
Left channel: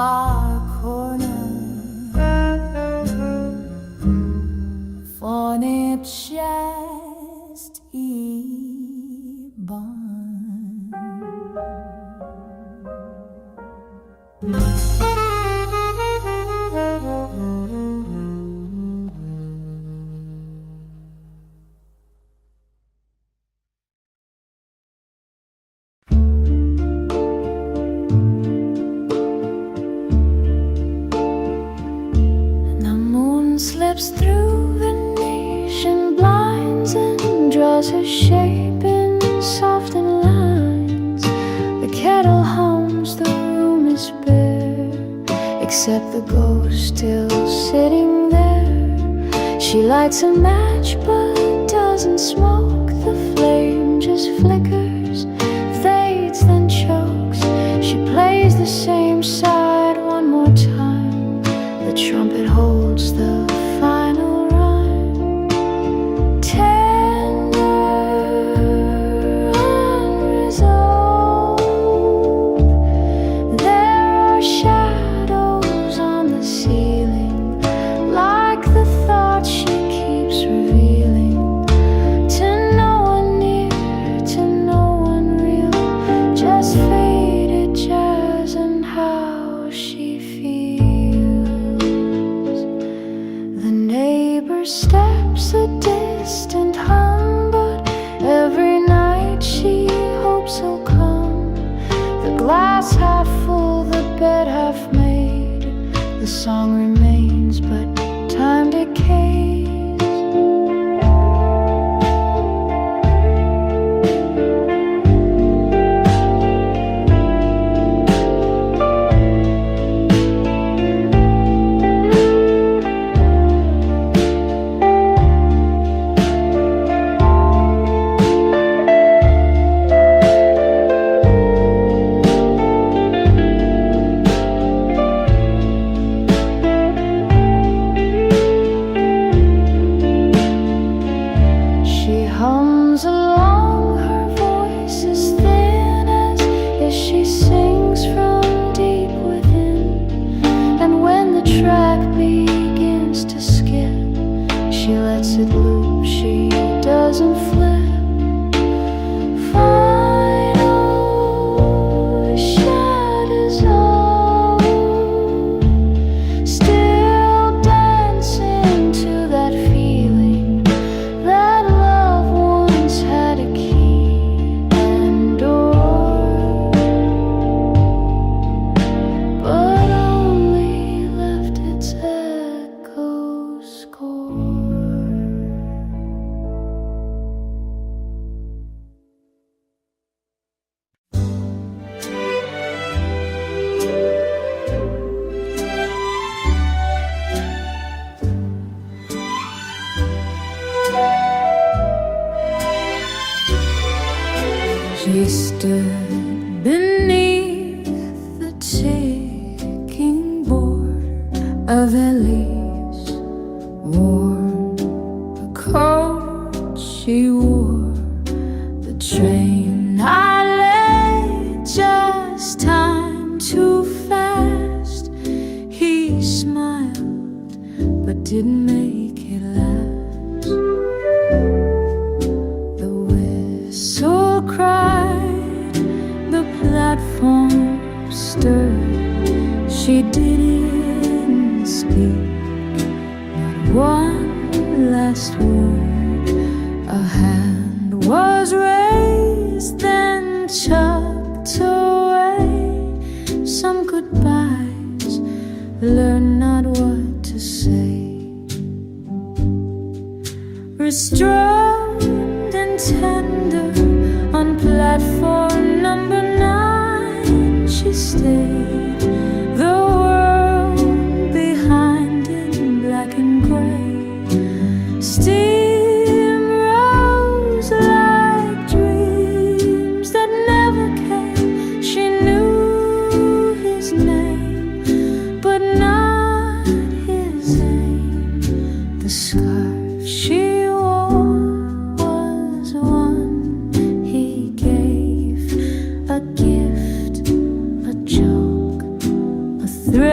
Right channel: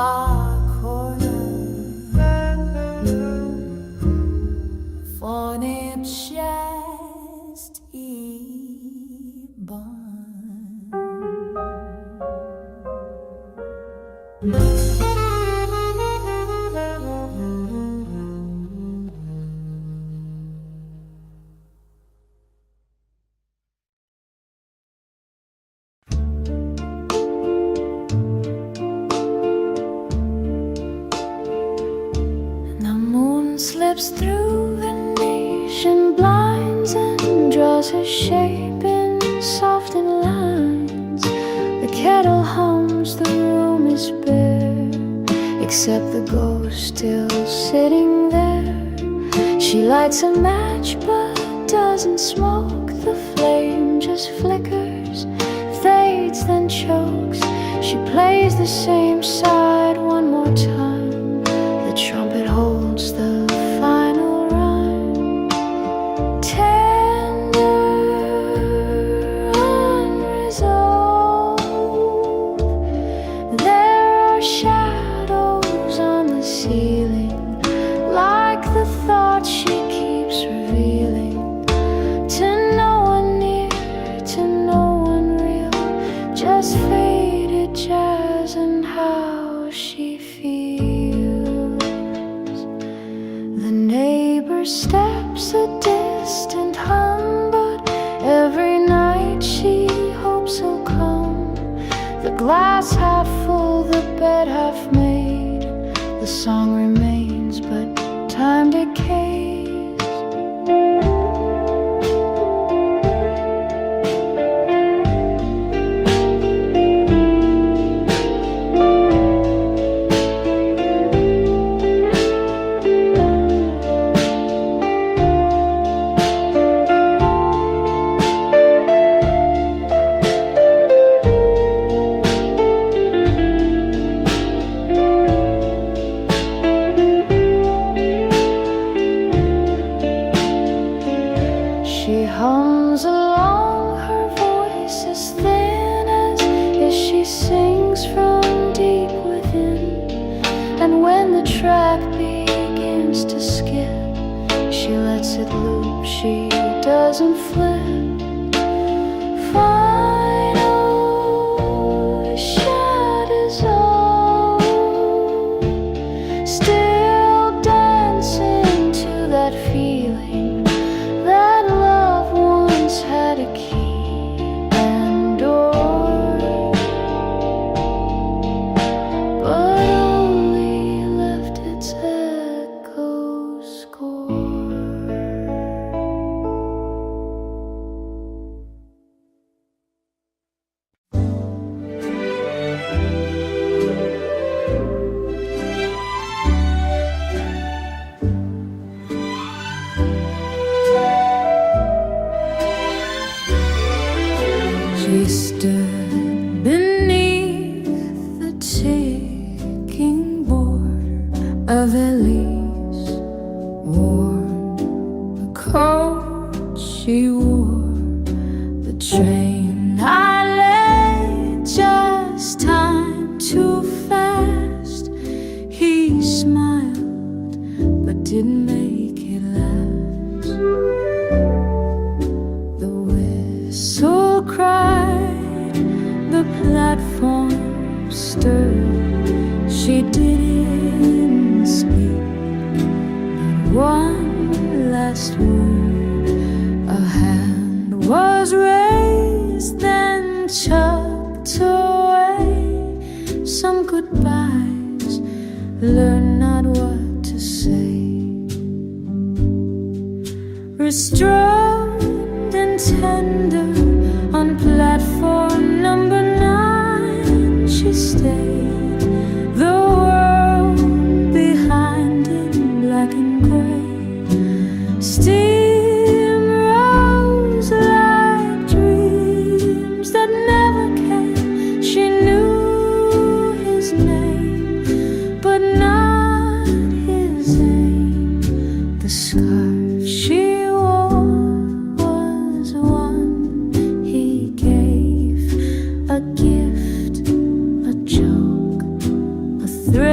far corner fornip chest i barn. Slips through Venetian blinds and draws her shape in softened lines. The kettle hums, the room is bare, except the ghost still sitting there. She lights a match but doesn't smoke. The flame just flickers, fades, then chokes. She plays the same side one more time. The trumpet holds the final rhyme. Tender, unresolved. There are shadows on the ceiling, like the thoughts she keeps revealing. To no one near, to no one real, just faded jazz and how she feels. The neighbor steps a distant hum, but every night she hopes he'll come. The glass half full, the bed half made. The song remains, but time decays. She hums along, her voice is thin as she sings from deep within. And when the track begins to skip, she lets it loop, she doesn't flip. Final shadows all still dancing to that feeling that love once had a key and door, but only left its echo score. She stood beneath the ticking border of Elise, worn the coat she wore. The train I lay, just time too fast. He smiled but didn't make it last. The whistle cried, the platform stirred. She didn't speak, not one last word. A hand was raised, then tucked away. Some goodbyes, learn not what to say. Restrained and tender, on platform number 9 she stayed. The world behind in black and gray. Steam rose like dreams that never came. She knew his name, but not his aim. The scarf she wore was one he gave, a gift, a joke, a thrill.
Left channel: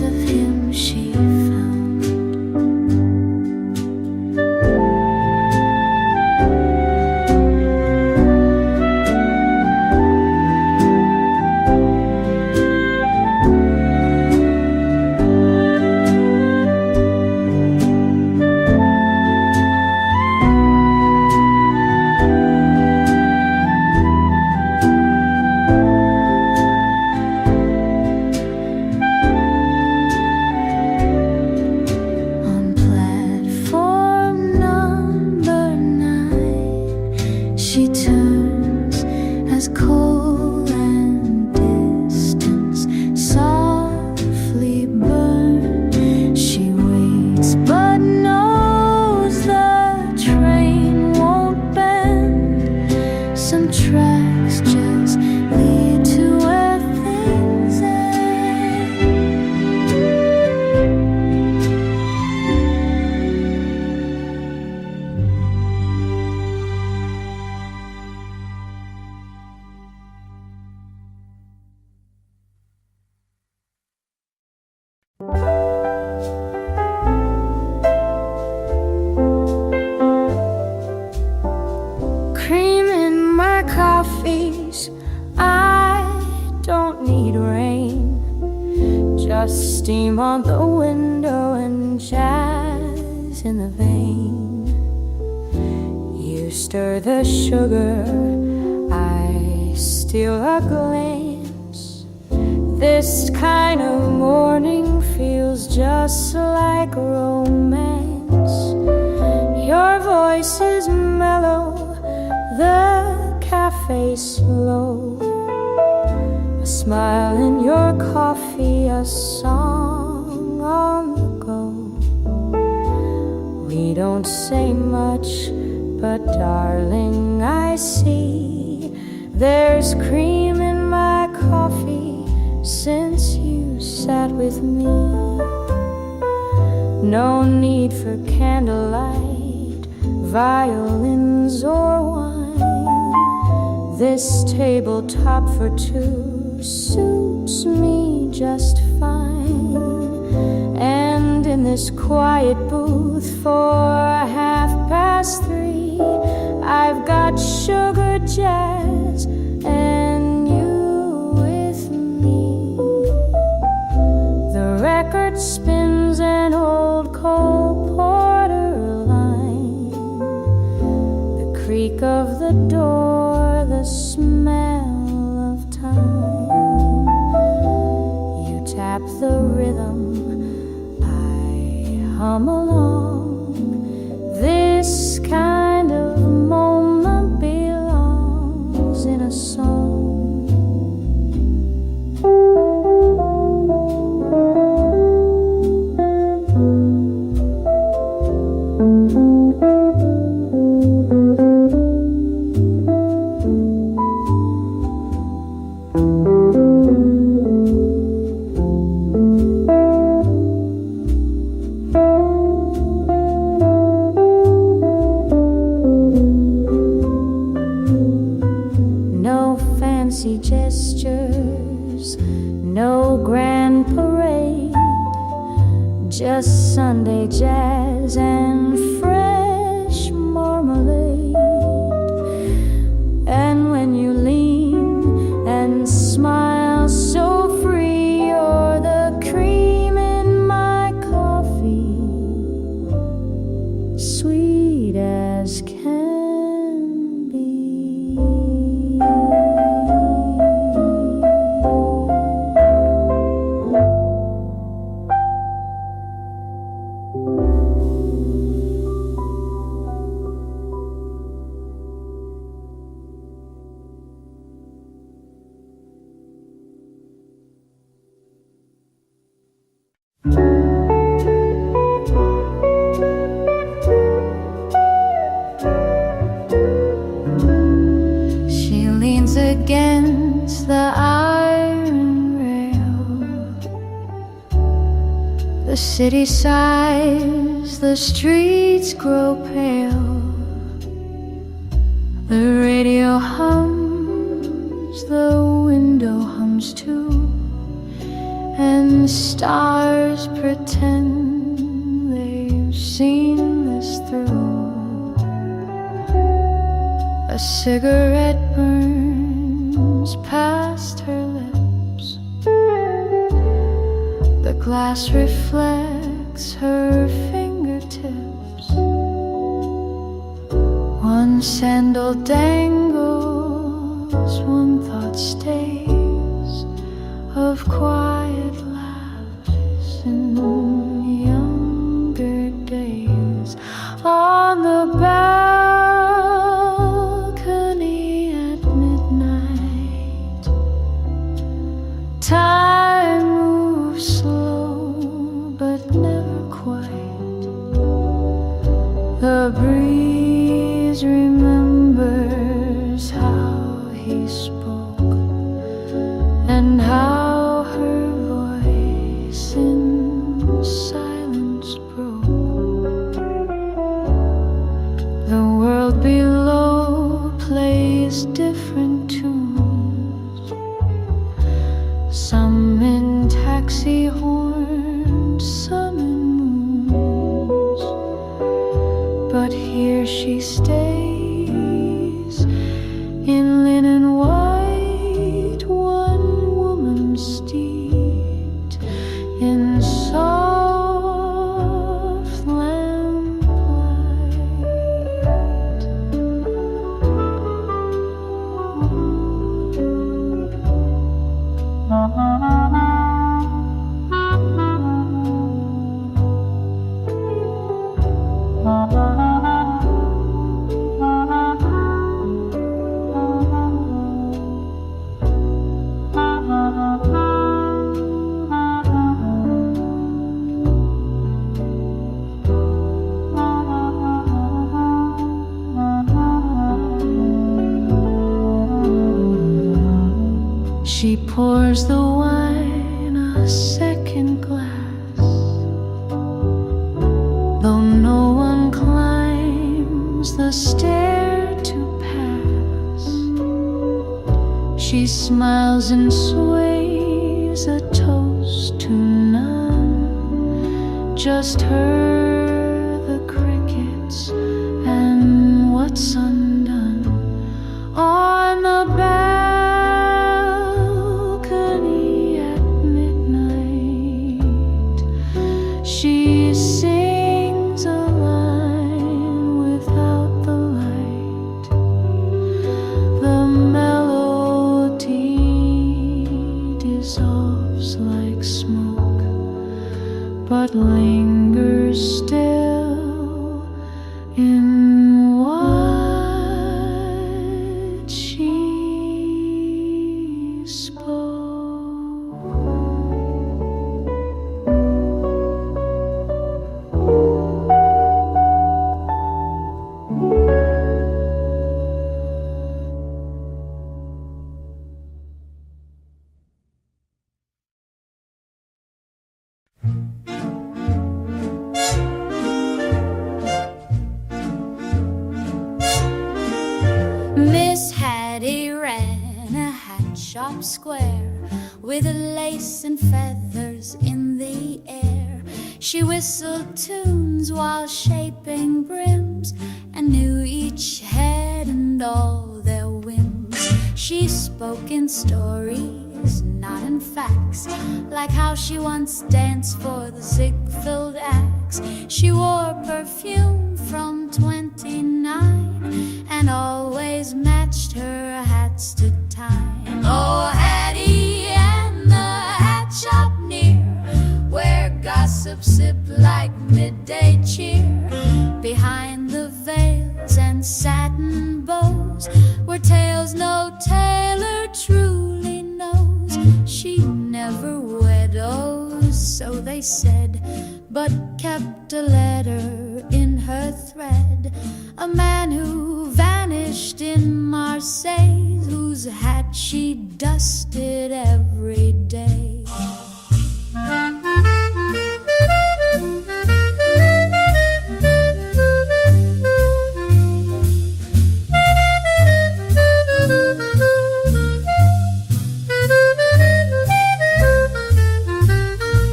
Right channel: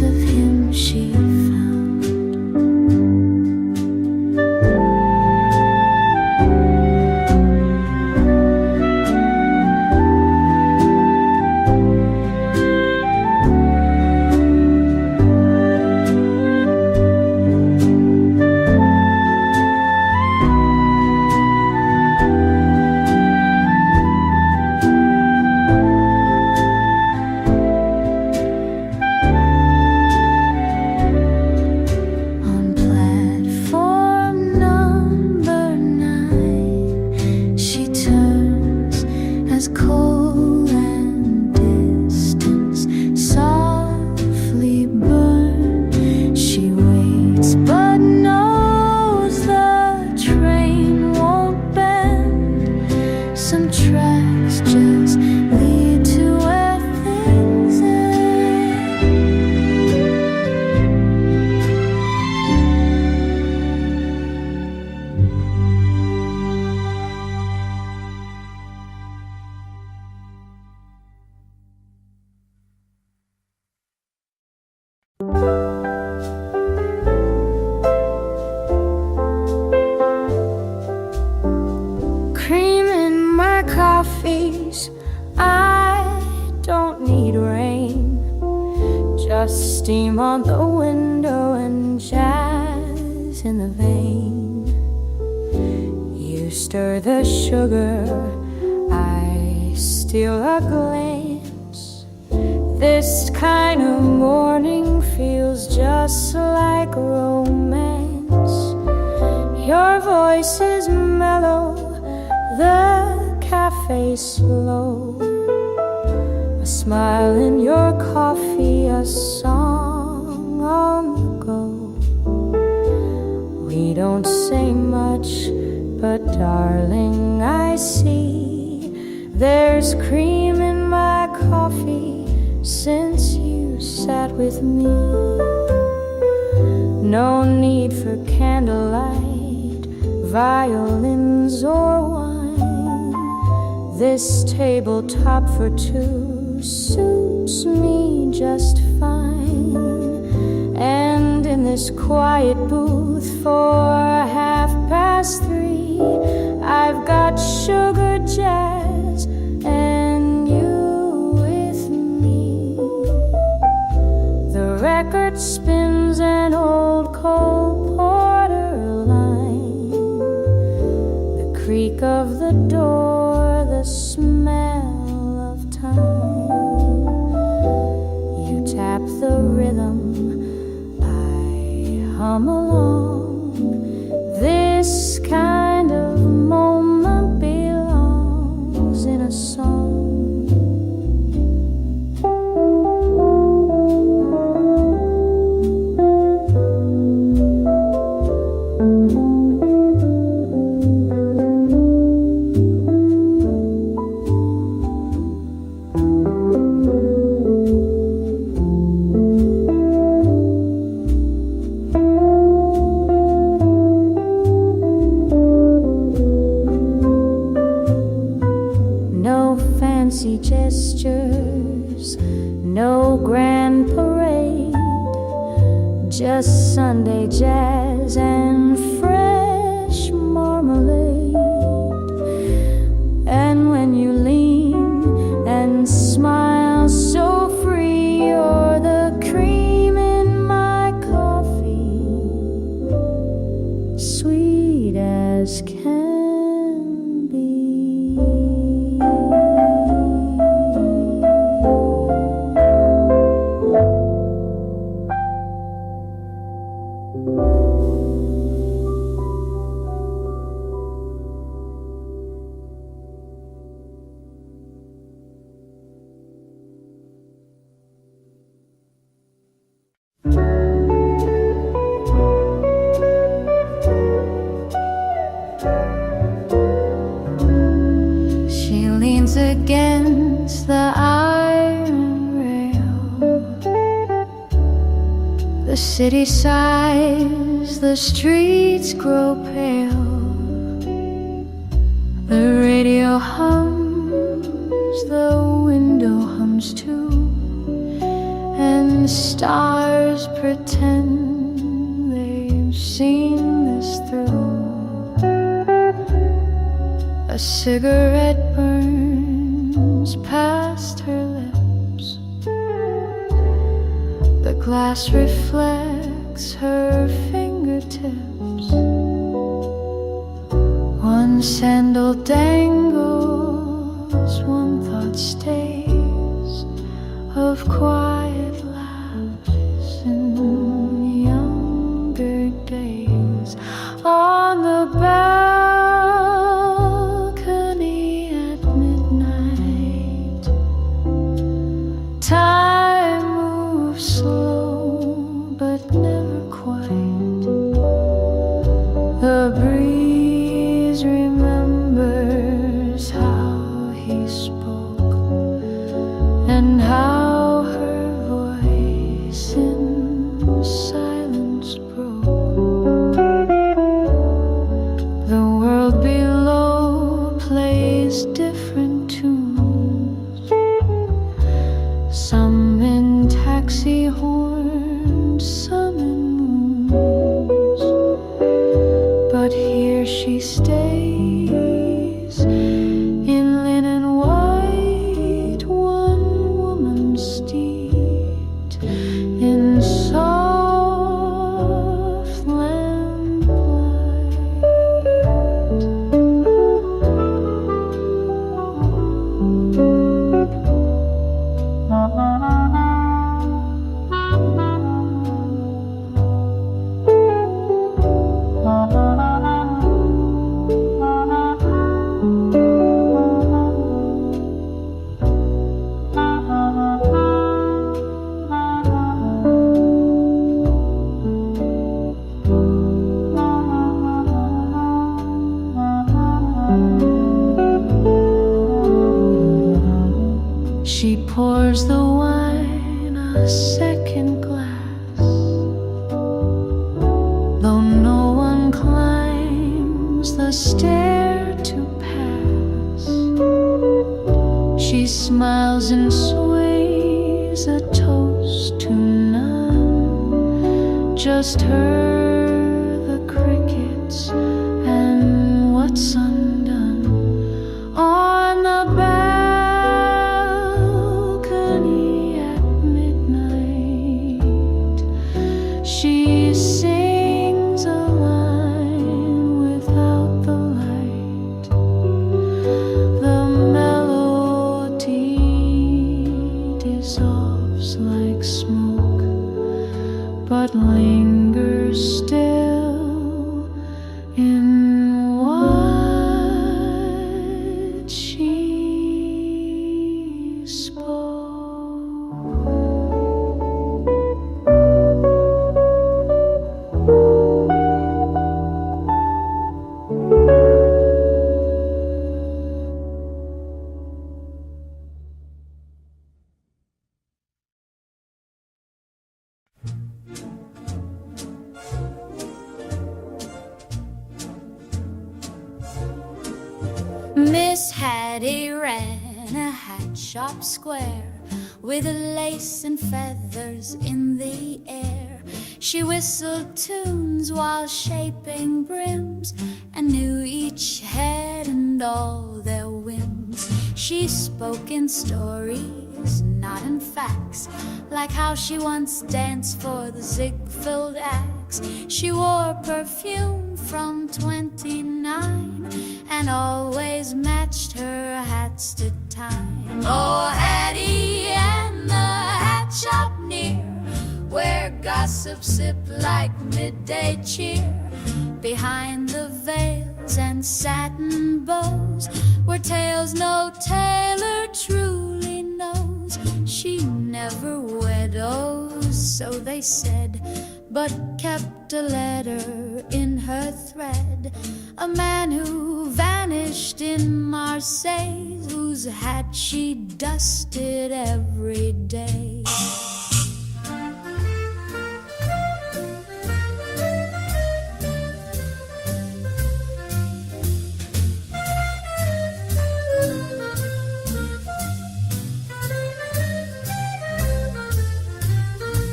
piece of him she found. She turns as coal and distance softly burn. She waits but knows the train won't bend. Some tracks just lead to where things end. Cream in my coffees, I don't need rain. Just steam on the window and jazz in the vein. You stir the sugar, I steal a glance. This kind of morning feels just like romance. Your voice is mellow, the cafe's slow. A smile in your coffee, a song on the go. We don't say much, but darling, I see there's cream in my coffee since you sat with me. No need for candlelight, violins or wine. This tabletop for two suits me just fine. And in this quiet booth for 3:30, I've got sugar jazz and you with me. The record spins an old Cole Porter line. The creak of the door, the smell of time. You tap the rhythm, I hum along. This kind of moment belongs in a song. Fancy gestures, no grand parade, just Sunday jazz and fresh marmalade. And when you lean and smile so free, you're the cream in my coffee, sweet as can be. She leans against the iron rail. The city sighs, the streets grow pale. The radio hums, the window hums too, and and stars pretend they've seen this through. A cigarette burns past her lips. The glass reflects her fingertips. One sandal dangles, one thought stays, of quiet laughs in younger days. On the balcony at midnight, time moves slow but never quite. The breeze remembers how he spoke and how her voice in silence broke. The world below plays different tunes, some in taxi horns, some in moons. But here she stays in linen white, one woman steeped in soft lamplight. She pours the wine a second glass, though no one climbs the stair to pass. She smiles and sways a toast to none, just her, the crickets, and what's undone. On the balcony at midnight, she sings a line without the light. The melody dissolves like smoke, but lingers still in what she spoke. Miss Hattie ran a hat shop square with lace and feathers in the air. She whistled tunes while shaping brims and knew each head and all their whims. She spoke in stories, not in facts, like how she once danced for the Ziegfeld Axe. She wore perfume from 29 and always matched her hats to time. Oh, Hattie and the hat shop near, where gossip sipped like midday cheer. Behind the veils and satin bows were tales no tailor truly knows. She never widows, so they said, but kept a letter in her thread. A man who vanished in Marseille, whose hat she dusted every day.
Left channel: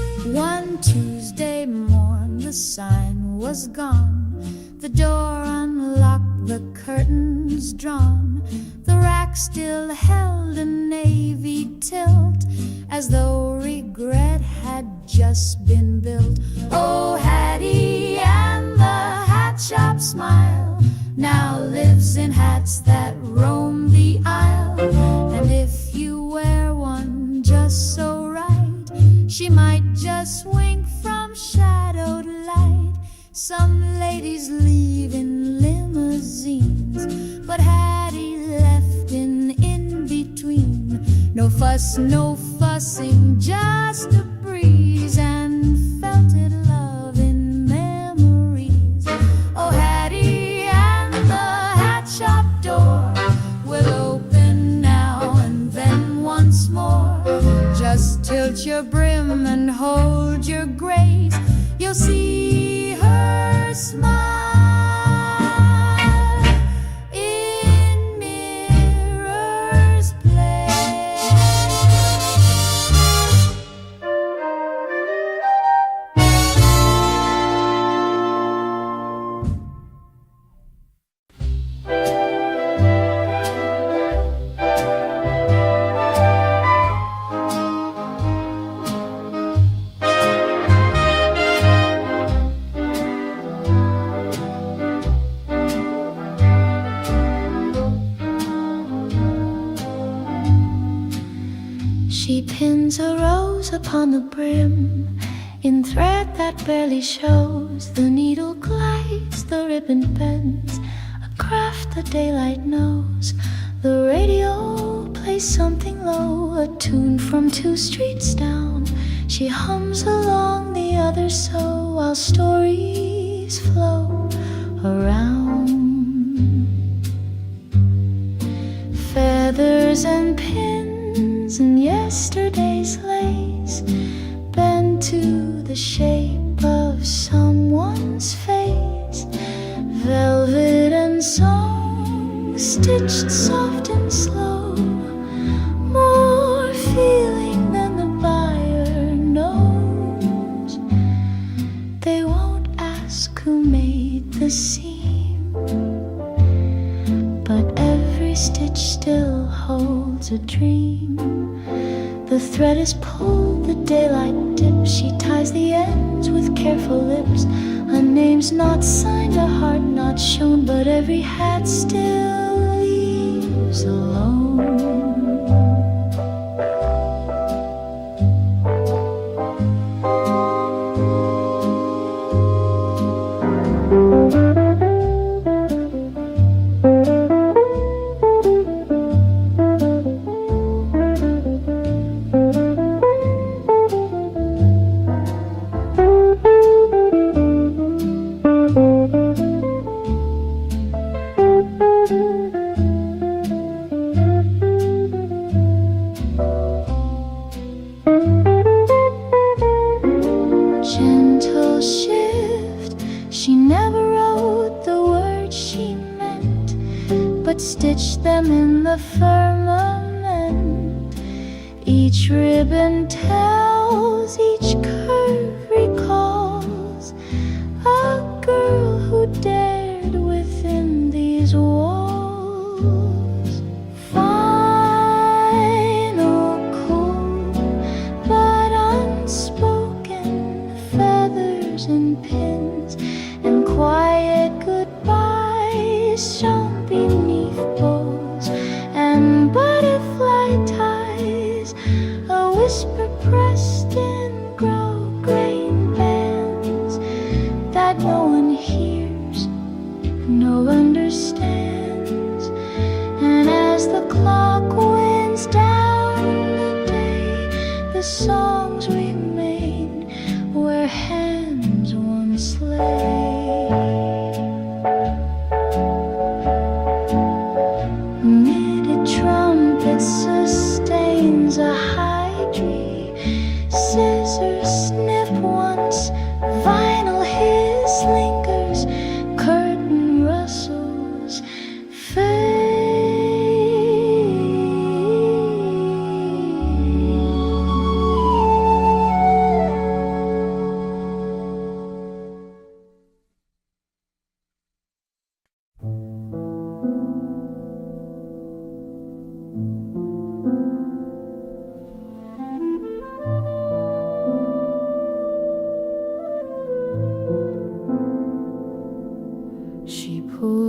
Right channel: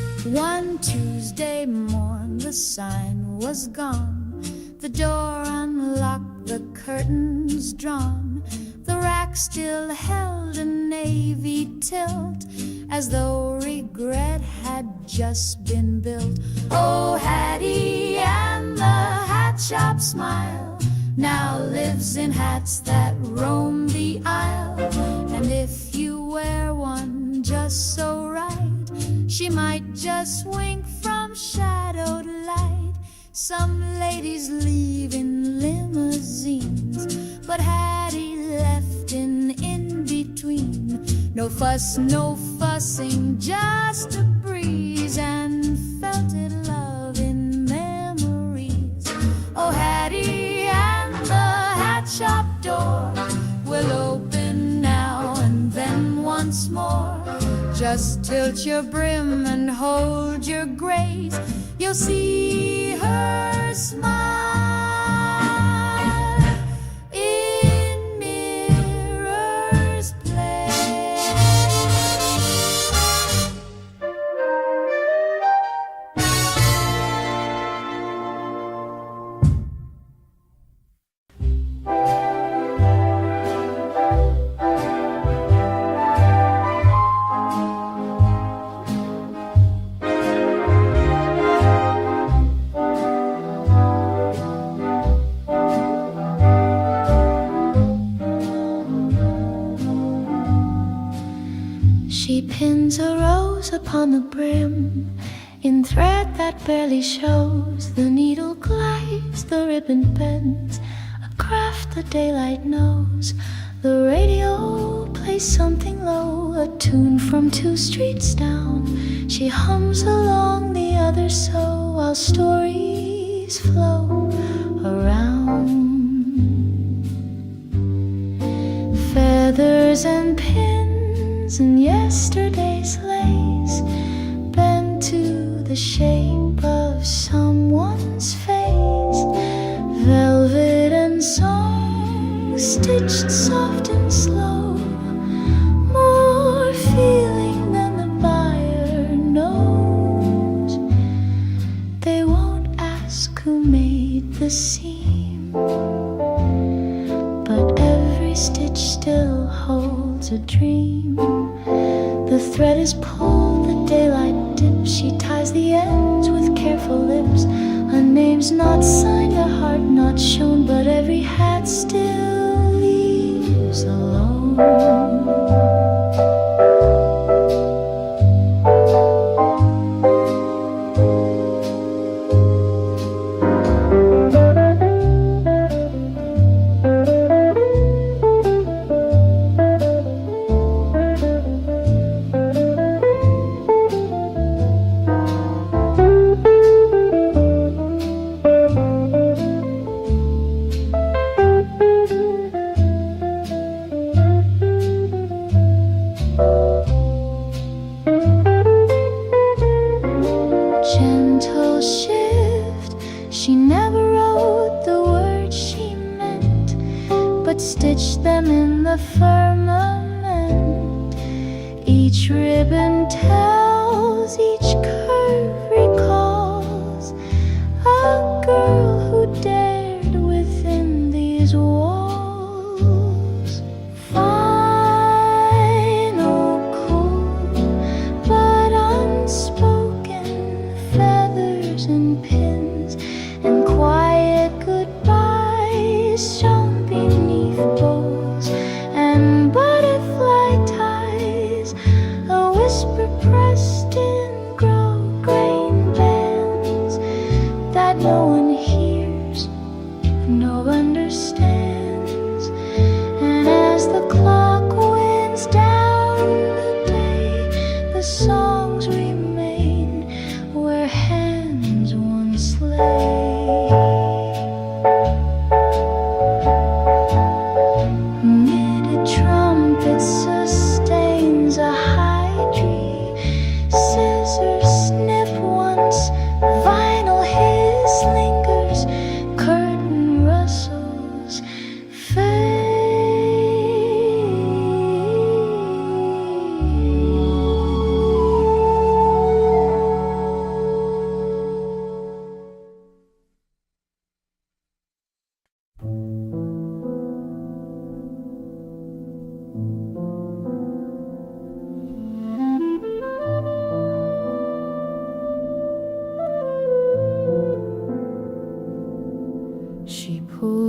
One Tuesday morn the sign was gone, the door unlocked, the curtains drawn. The rack still held a navy tilt, as though regret had just been built. Oh, Hattie and the hat shop smile now lives in hats that roam the aisle. And if you wear one just so right, she might just wink from shadowed light. Some ladies leave in limousines, but Hattie left in between. No fuss, no fussing, just a breeze and felted love in memories. Oh, Hattie and the hat shop door will open now and then once more. Just tilt your brim and hold your grace, you'll see her smile in Mirror's Place. She pins a rose upon the brim in thread that barely shows. The needle glides, the ribbon bends, a craft the daylight knows. The radio plays something low, a tune from 2 streets down. She hums along the other so, while stories flow around. Feathers and pins and yesterday's lace bend to the shape of someone's face. Velvet and song stitched soft and slow, more feeling than the buyer knows. They won't ask who made the seam, but every stitch still holds a dream. The thread is pulled, the daylight dips. She ties the ends with careful lips. A name's not signed, a heart not shown, but every hat still leaves alone. Gentle shift, she never wrote the words she meant, but stitched them in the firmament. Each ribbon tells, each curve recalls a girl who dared within these walls. Final, cool, but unspoken, feathers and pins and quiet goodbyes shown beneath bows and butterfly ties, a whisper pressed in grosgrain bands that no one hears, no understands. And as the clock winds down the day, the songs remain where hands once lay. Knitted trumpet sustains a high tree. Scissors snip once, vinyl hiss lingers, curtain rustles fade.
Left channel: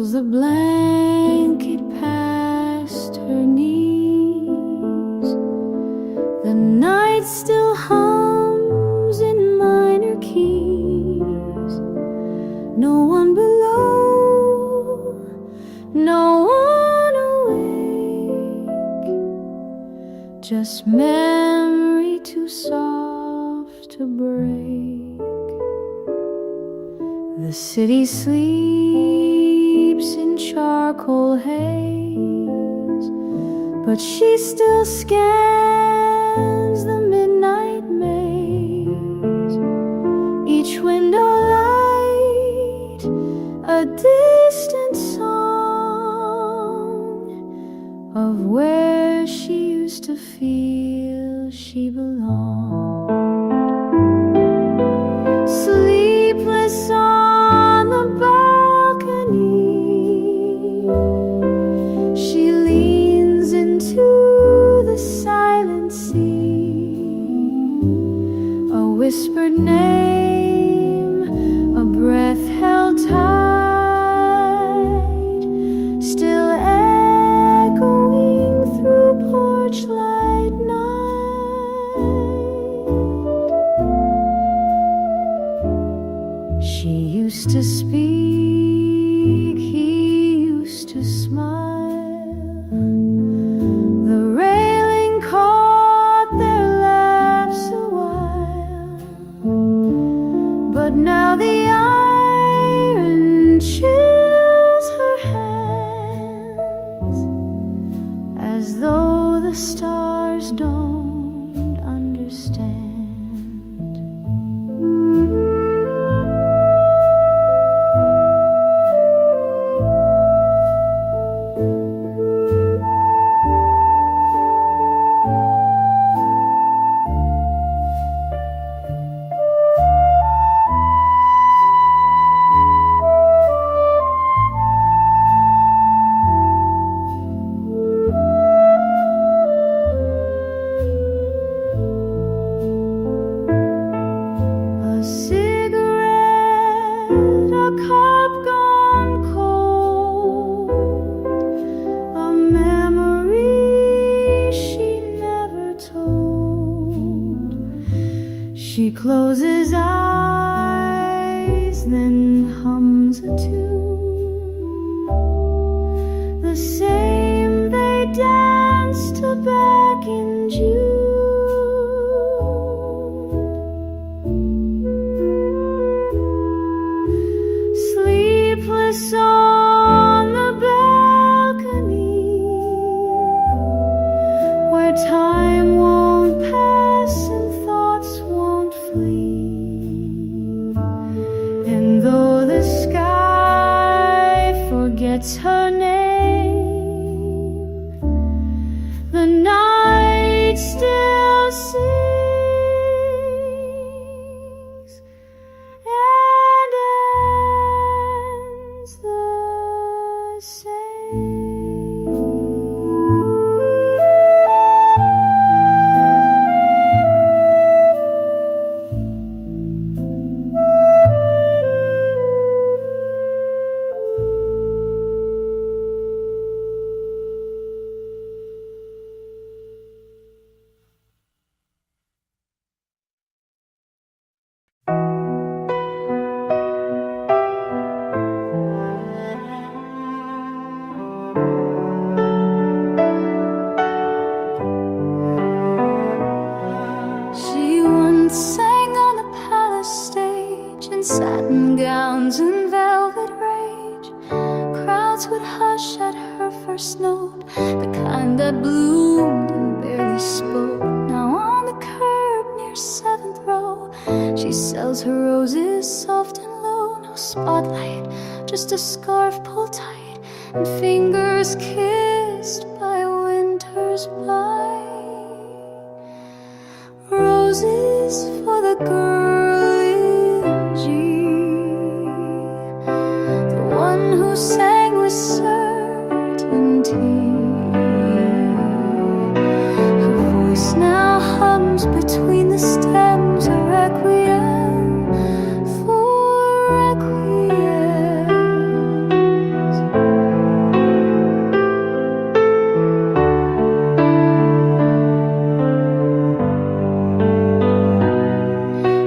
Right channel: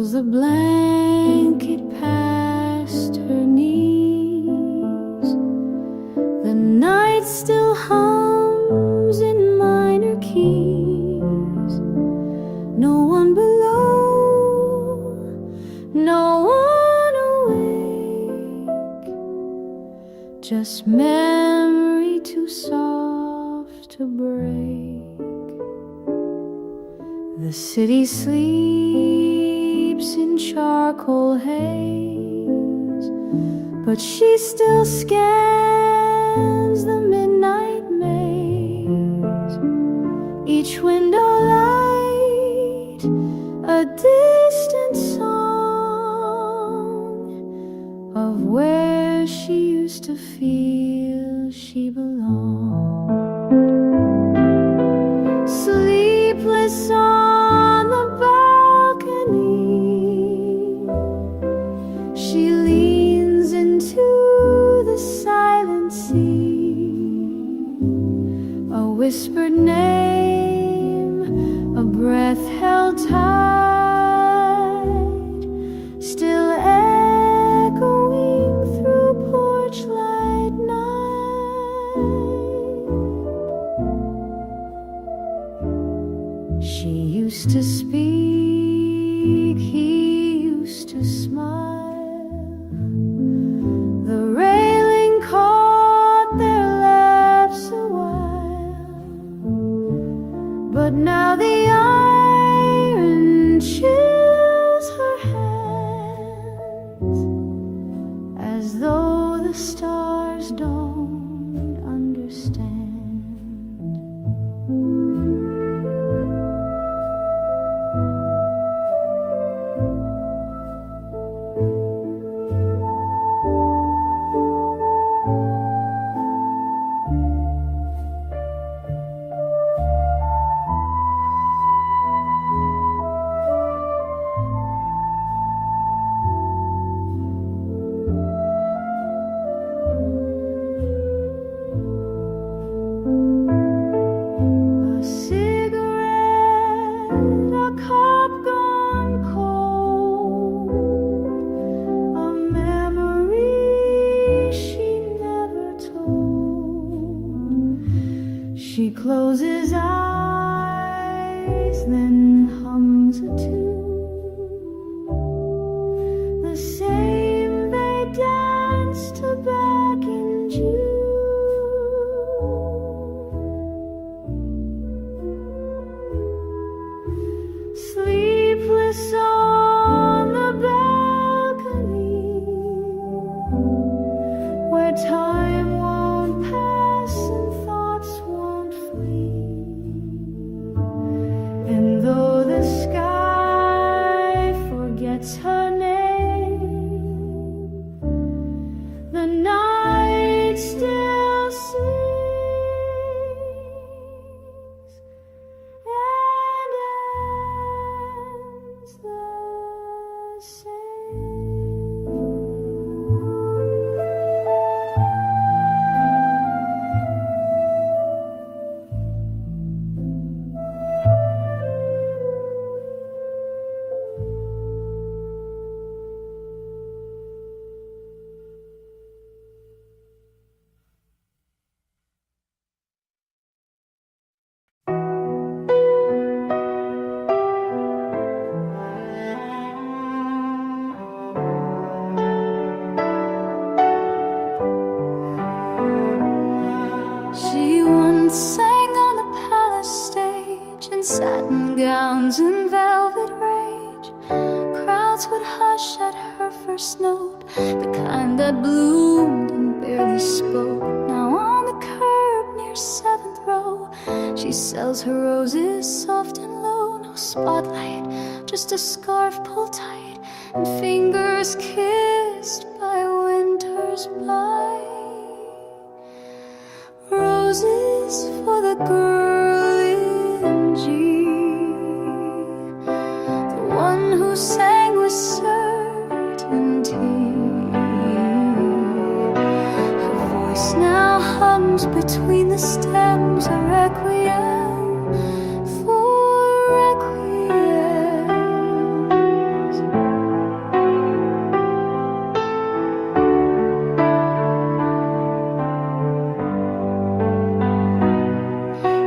pulls the blanket past her knees. The night still hums in minor keys. No one below, no one awake, just memory too soft to break. The city sleeps in charcoal haze, but she still scans the midnight maze. Each window light, a distant song of where she used to feel she belonged. Sleepless on the balcony, she leans into the silent sea. A whispered name, a breath held tight, still echoing through porch light night. She used to speak, he used to smile. The railing caught their laughs a while, but now the iron chills her hands, as though the stars don't understand. A cigarette, a cup gone cold, a memory she never told. She closes eyes, then hums a tune, the same they danced to back in June. Sleepless on the balcony, where time won't pass and thoughts won't flee. And though the sky forgets her name, the night still sings and ends the same. She once sang on the palace stage in satin gowns and velvet rage. Crowds would hush at her first note, the kind that bloomed and barely spoke. Now on the curb near 7th row, she sells her roses soft and low. No spotlight, just a scarf pulled tight and fingers kissed by winter's bite. Roses for the girl in G, the one who sang with certainty. Her voice now hums between the stems, a requiem for requiems.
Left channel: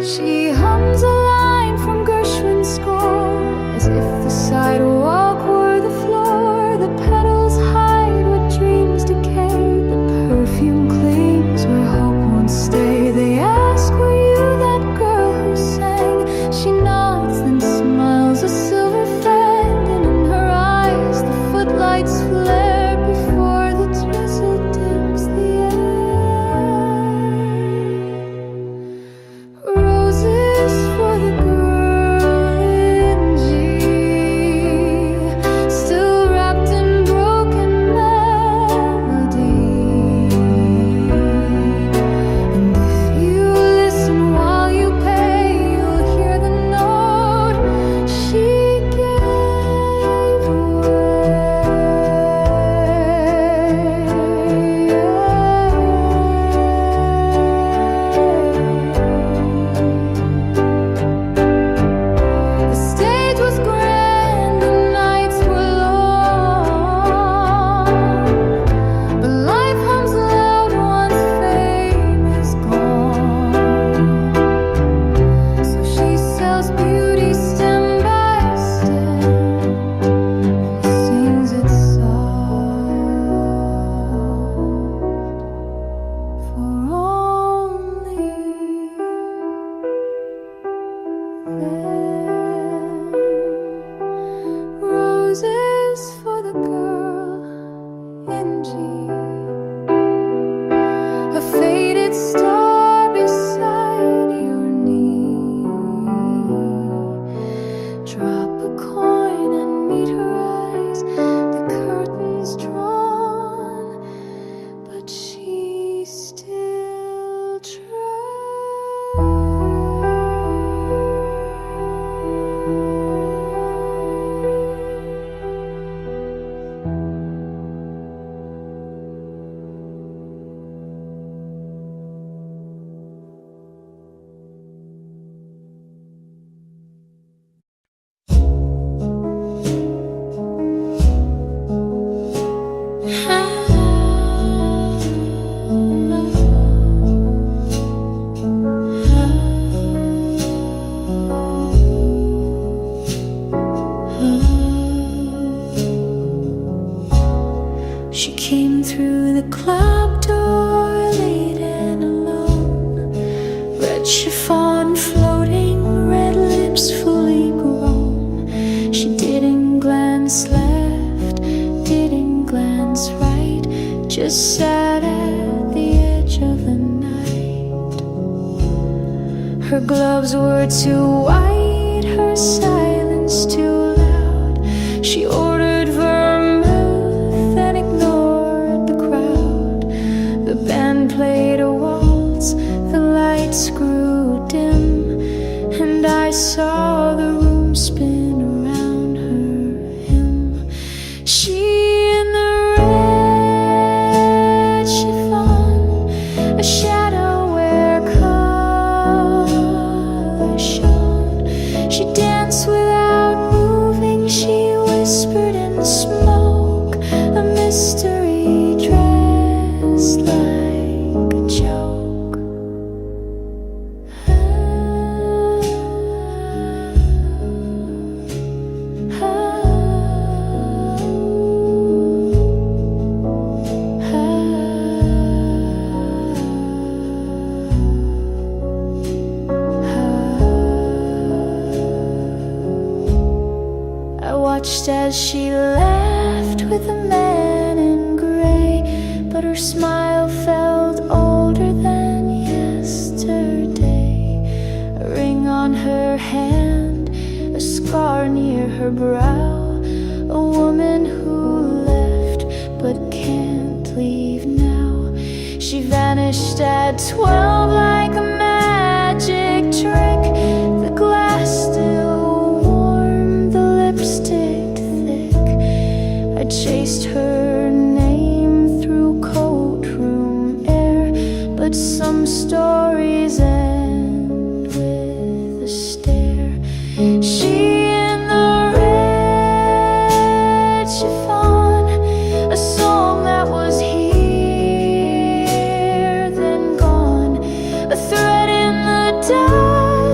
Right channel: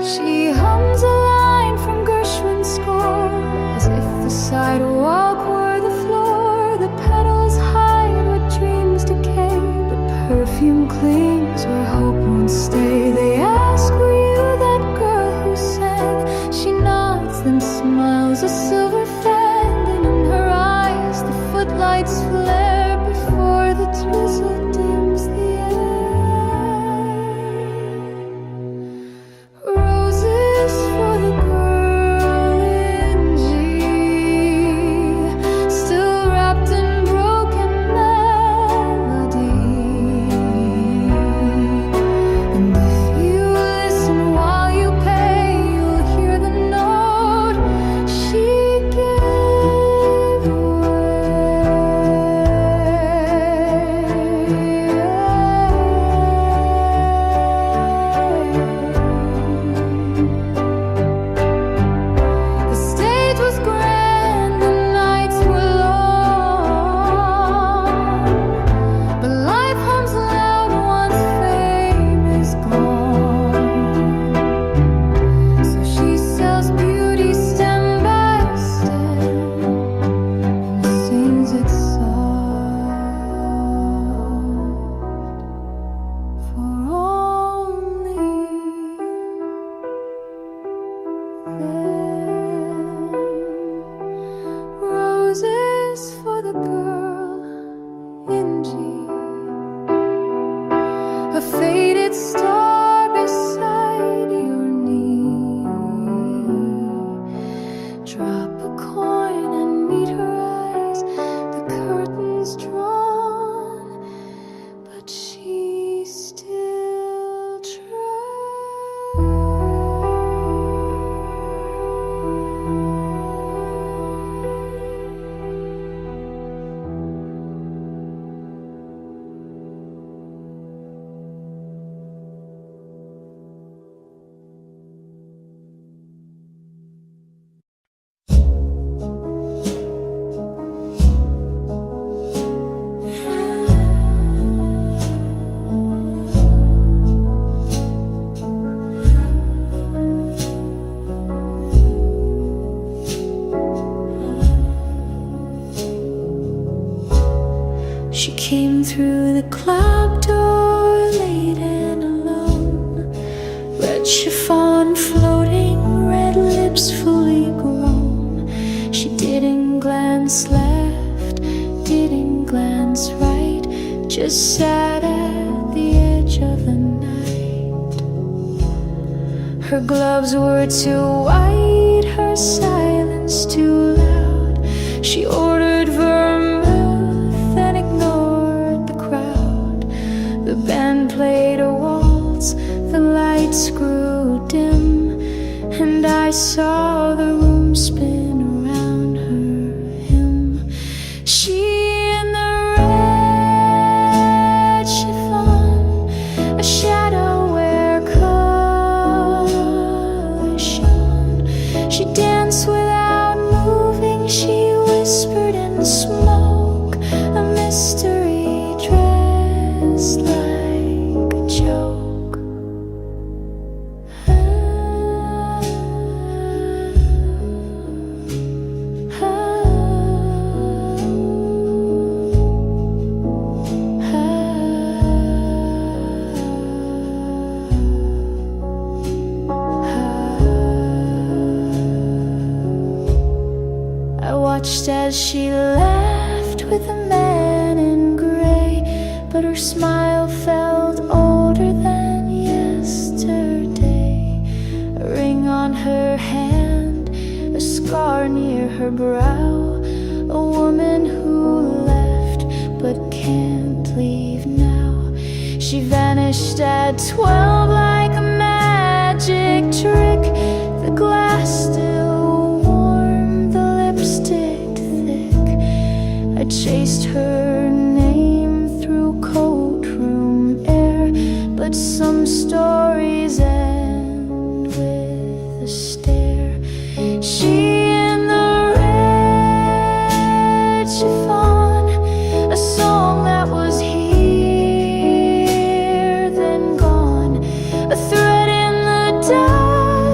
She hums a line from Gershwin's score, as if the sidewalk were the floor. The petals hide what dreams decay, but perfume clings where hope won't stay. They ask, were you that girl who sang? She nods, then smiles a silver fang, and in her eyes the footlights flare before the drizzle dims the air. Roses for the girl in G, still wrapped in broken melody. And if you listen while you pay, you'll hear the note she gave away. The stage was grand, the nights were long, but life hums loud once fame is gone. So she sells beauty stem by stem and sings it soft for only them. Roses for the girl in G, a faded star beside your knee. Drop a coin and meet her eyes, the curtains drawn, but she still She came through the club door late and alone. Red chiffon floating, red lips fully grown. She didn't glance left, didn't glance right, just sat at the edge of the night. Her gloves were too white, her silence too loud. She ordered vermouth and ignored the crowd. The band played a waltz, the lights grew dim, and I saw the room spin around her him. She in the red chiffon, a shadow where color shone. She danced without moving, she whispered in smoke, a mystery dressed like a joke. I watched as she laughed with a man in gray, but her smile felt older than yesterday. A ring on her hand, a scar near her brow, a woman who left but can't leave now. She vanished at 12 like a magic trick. The glass still warm, the lipstick thick. I chased her name through courtroom air, but some stories end with a stare. She in the red chiffon, a song that was here then gone, a thread in the dark.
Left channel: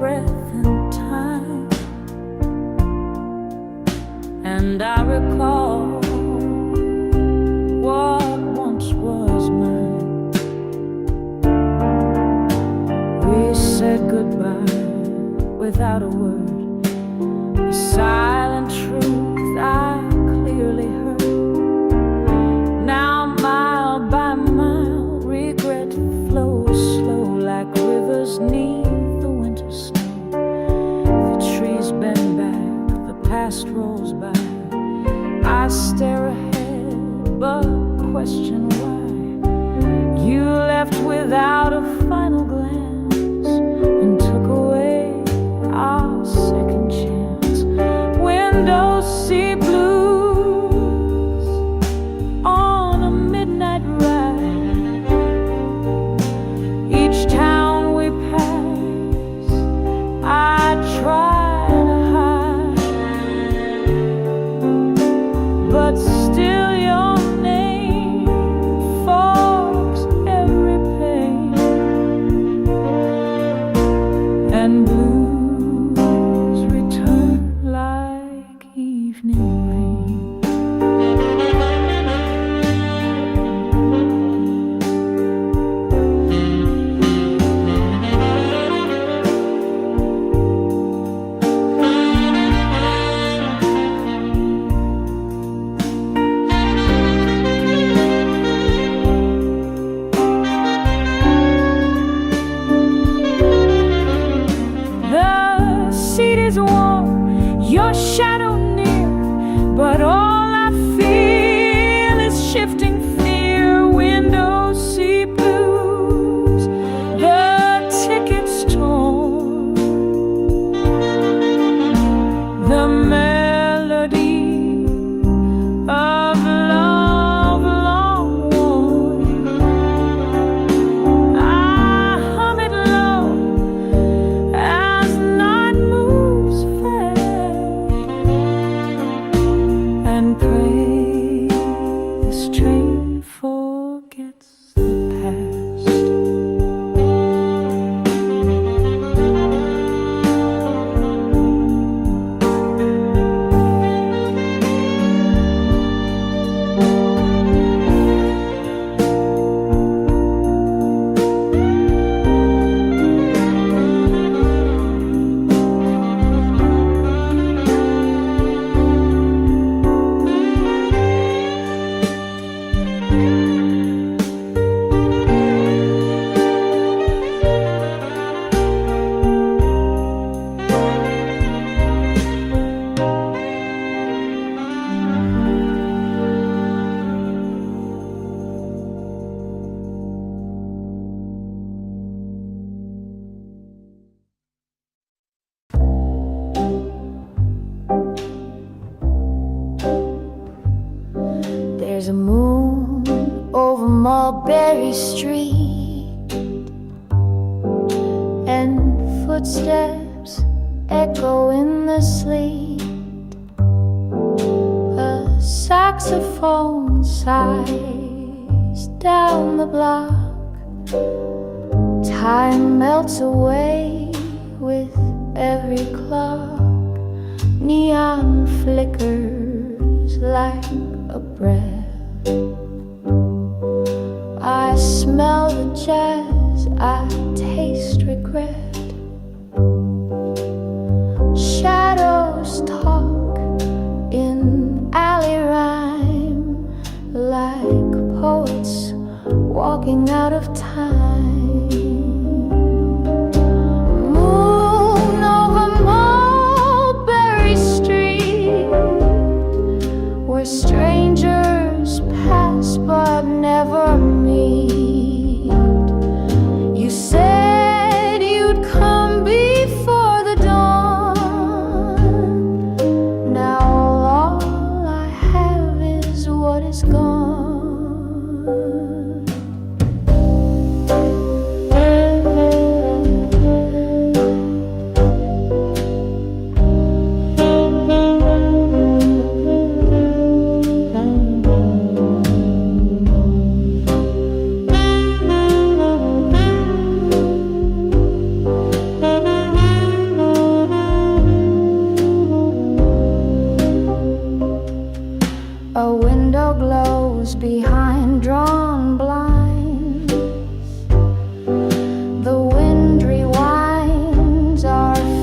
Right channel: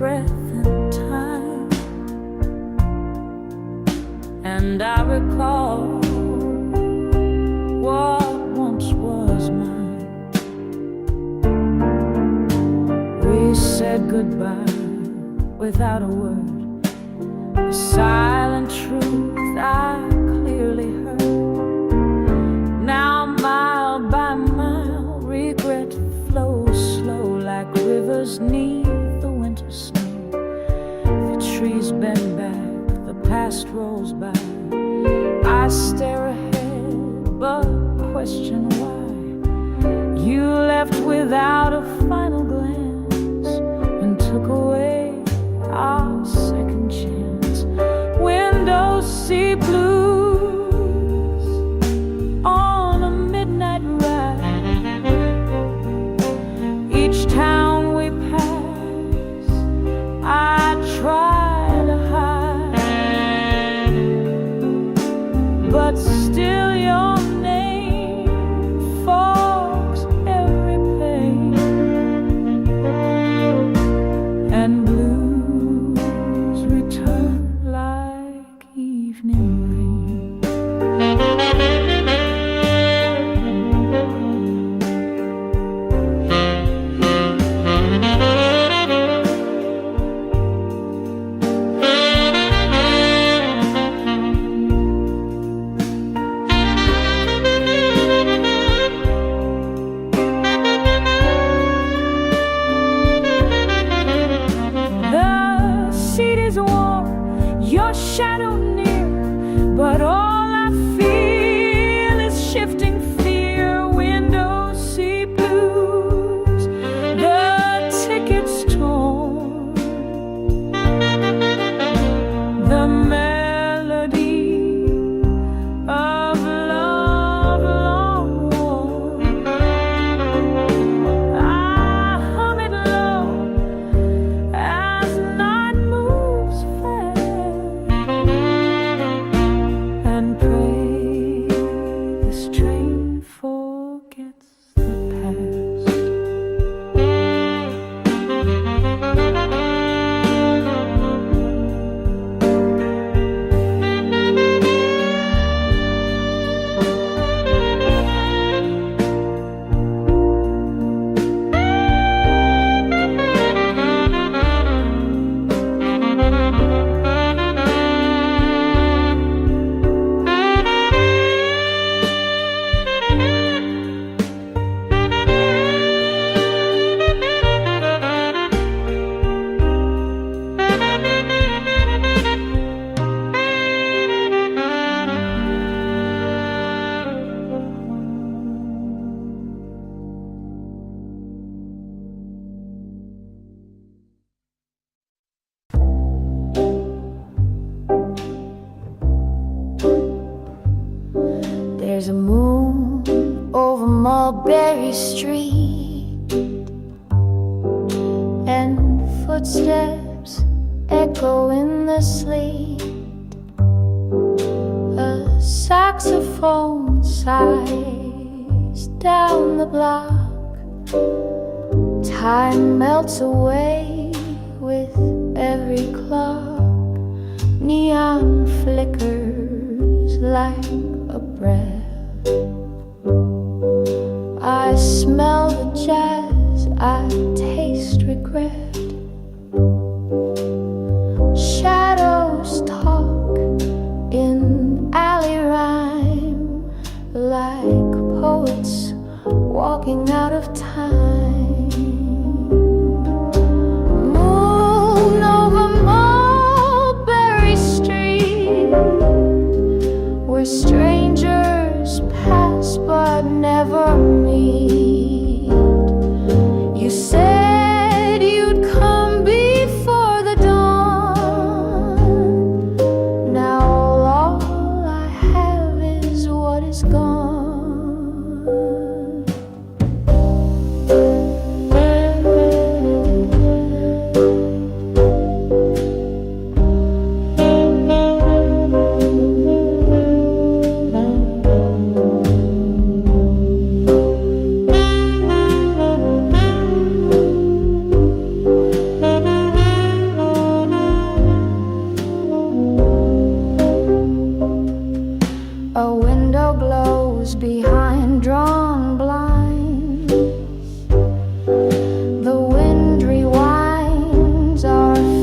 breath in time, and I recall what once was mine. We said goodbye without a word, the silent truth I clearly heard. Now mile by mile regret flows slow like rivers neath the winter snow. The trees bend back, the past rolls by. I stare ahead but question why. You left without a final glance and took away our second chance. Windows see blues on a midnight ride. Each town we pass, I try to hide, but still your name fogs every pain, and blues return like evening rain. The seat is warm, your shadow near, but all I feel is shifting fear. Windows see blues, the tickets torn, the melody of love long worn. I hum it low as night moves fast, and pray this train forgets the past. There's a moon over Mulberry Street, and footsteps echo in the sleet. A saxophone sighs down the block. Time melts away with every clock. Neon flickers like a breath. I smell the jazz, I taste regret. Shadows talk in alley rhyme, like poets walking out of time. Moon over Mulberry Street, where strangers pass but never meet. You said you'd come before the dawn. Now all I have is what is gone.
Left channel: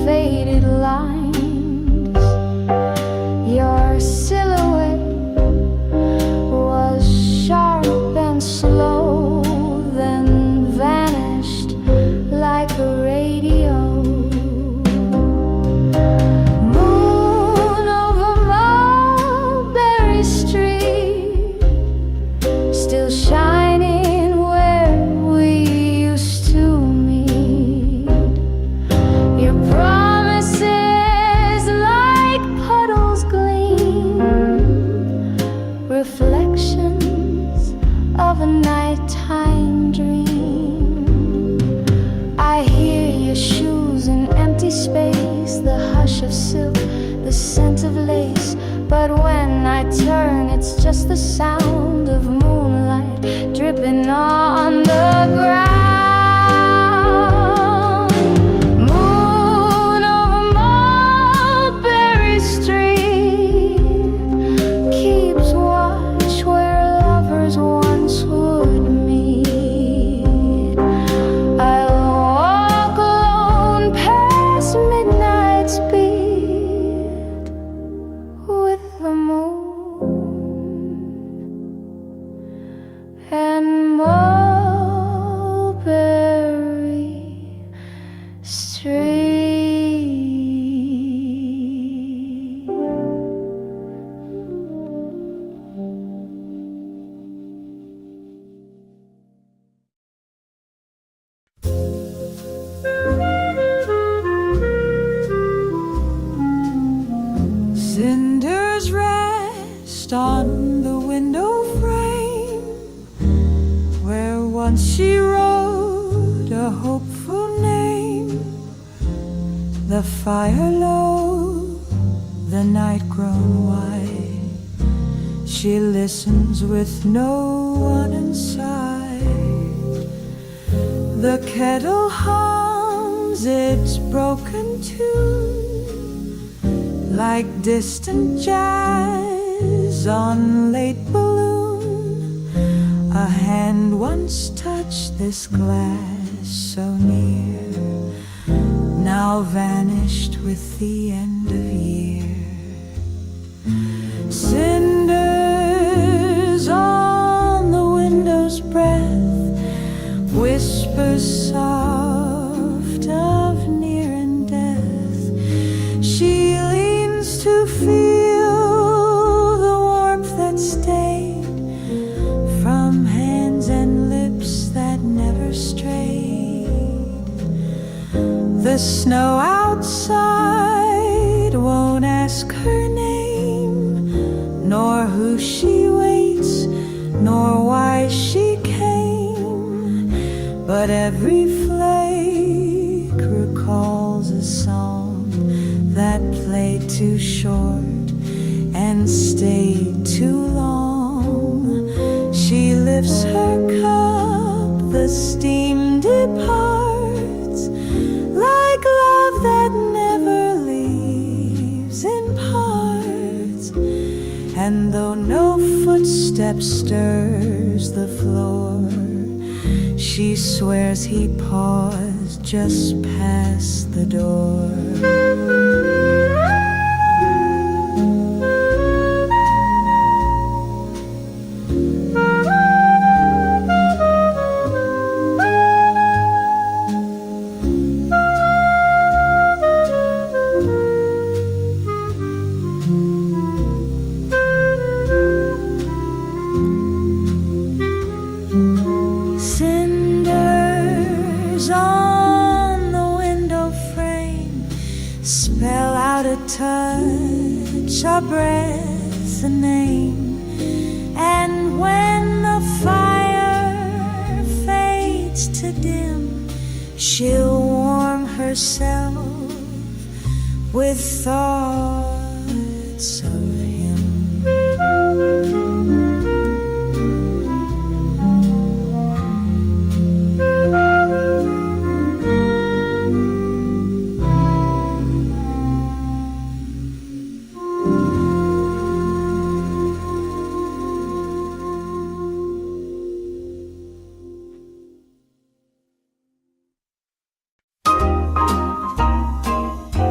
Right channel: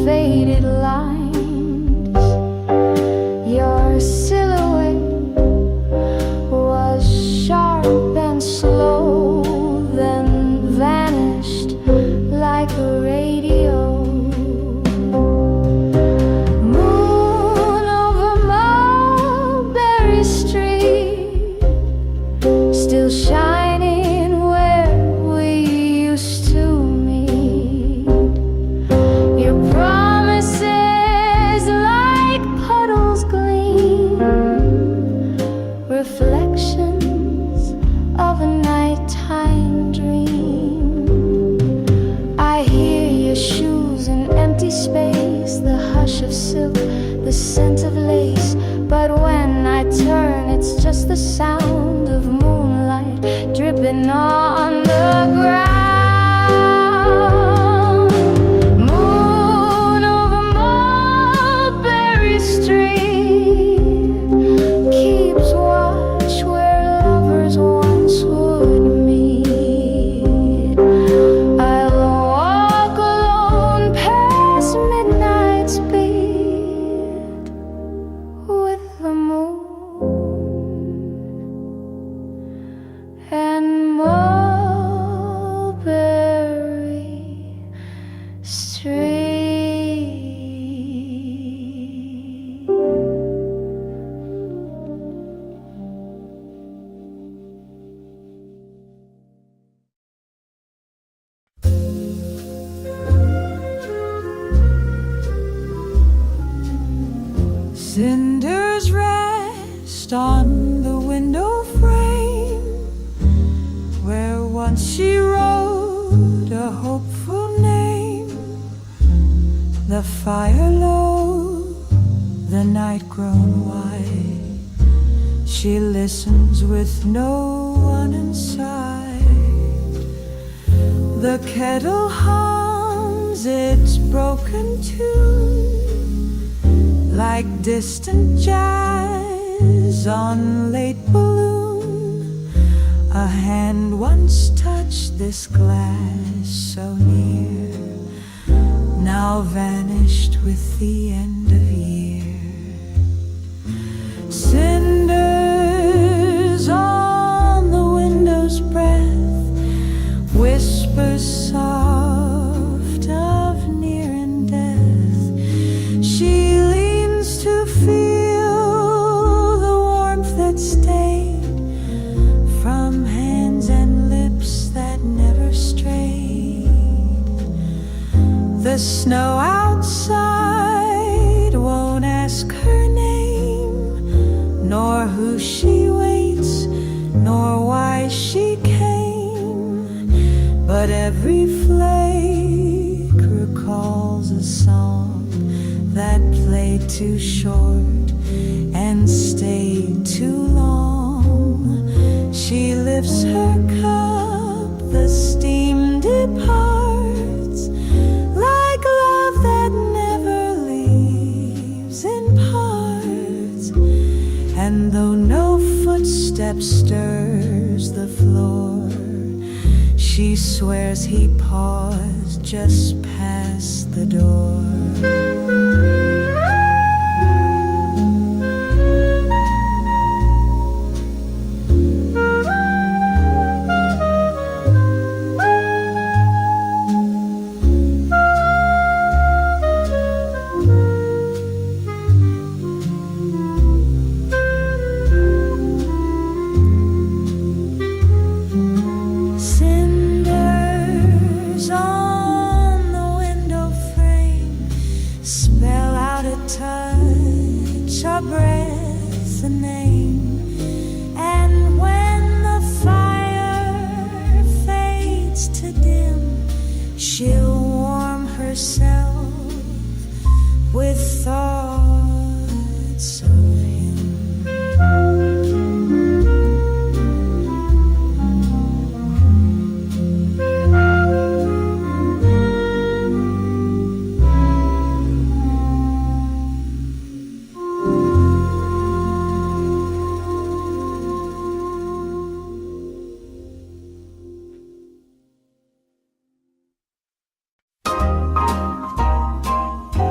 faded lines. Your silhouette was sharp and slow, then vanished like a radio. Moon over Mulberry Street, still shining where we used to meet. Your promises like puddles gleam, reflections of a nighttime dream. I hear your shoes in empty space, the hush of silk, the scent of lace. But when I turn, it's just the sound of moonlight dripping on the ground. Moon over Mulberry Street keeps watch where lovers once would meet. I'll walk alone past midnight's beat with the moon and Mulberry Street. Cinders rest on the window frame where once she wrote a hopeful name. The fire low, the night grown white. She listens with no one inside. The kettle hums its broken tune like distant jazz on late balloon. A hand once touched this glass so near, now vanished with the end of year. Cinders on the window's breath, whispers soft of near and death. She to feel the warmth that stayed from hands and lips that never strayed. The snow outside won't ask her name, nor who she waits, nor why she came. But every flake recalls a song that played too short and stayed too long. She lifts her cup, the steam departs, like love that never leaves in parts. And though no footstep stirs the floor, she swears he paused just past the door. Cinders on the window frame spell out a touch, a breath, a name. And when the fire fades to dim, she'll warm herself with thoughts of him.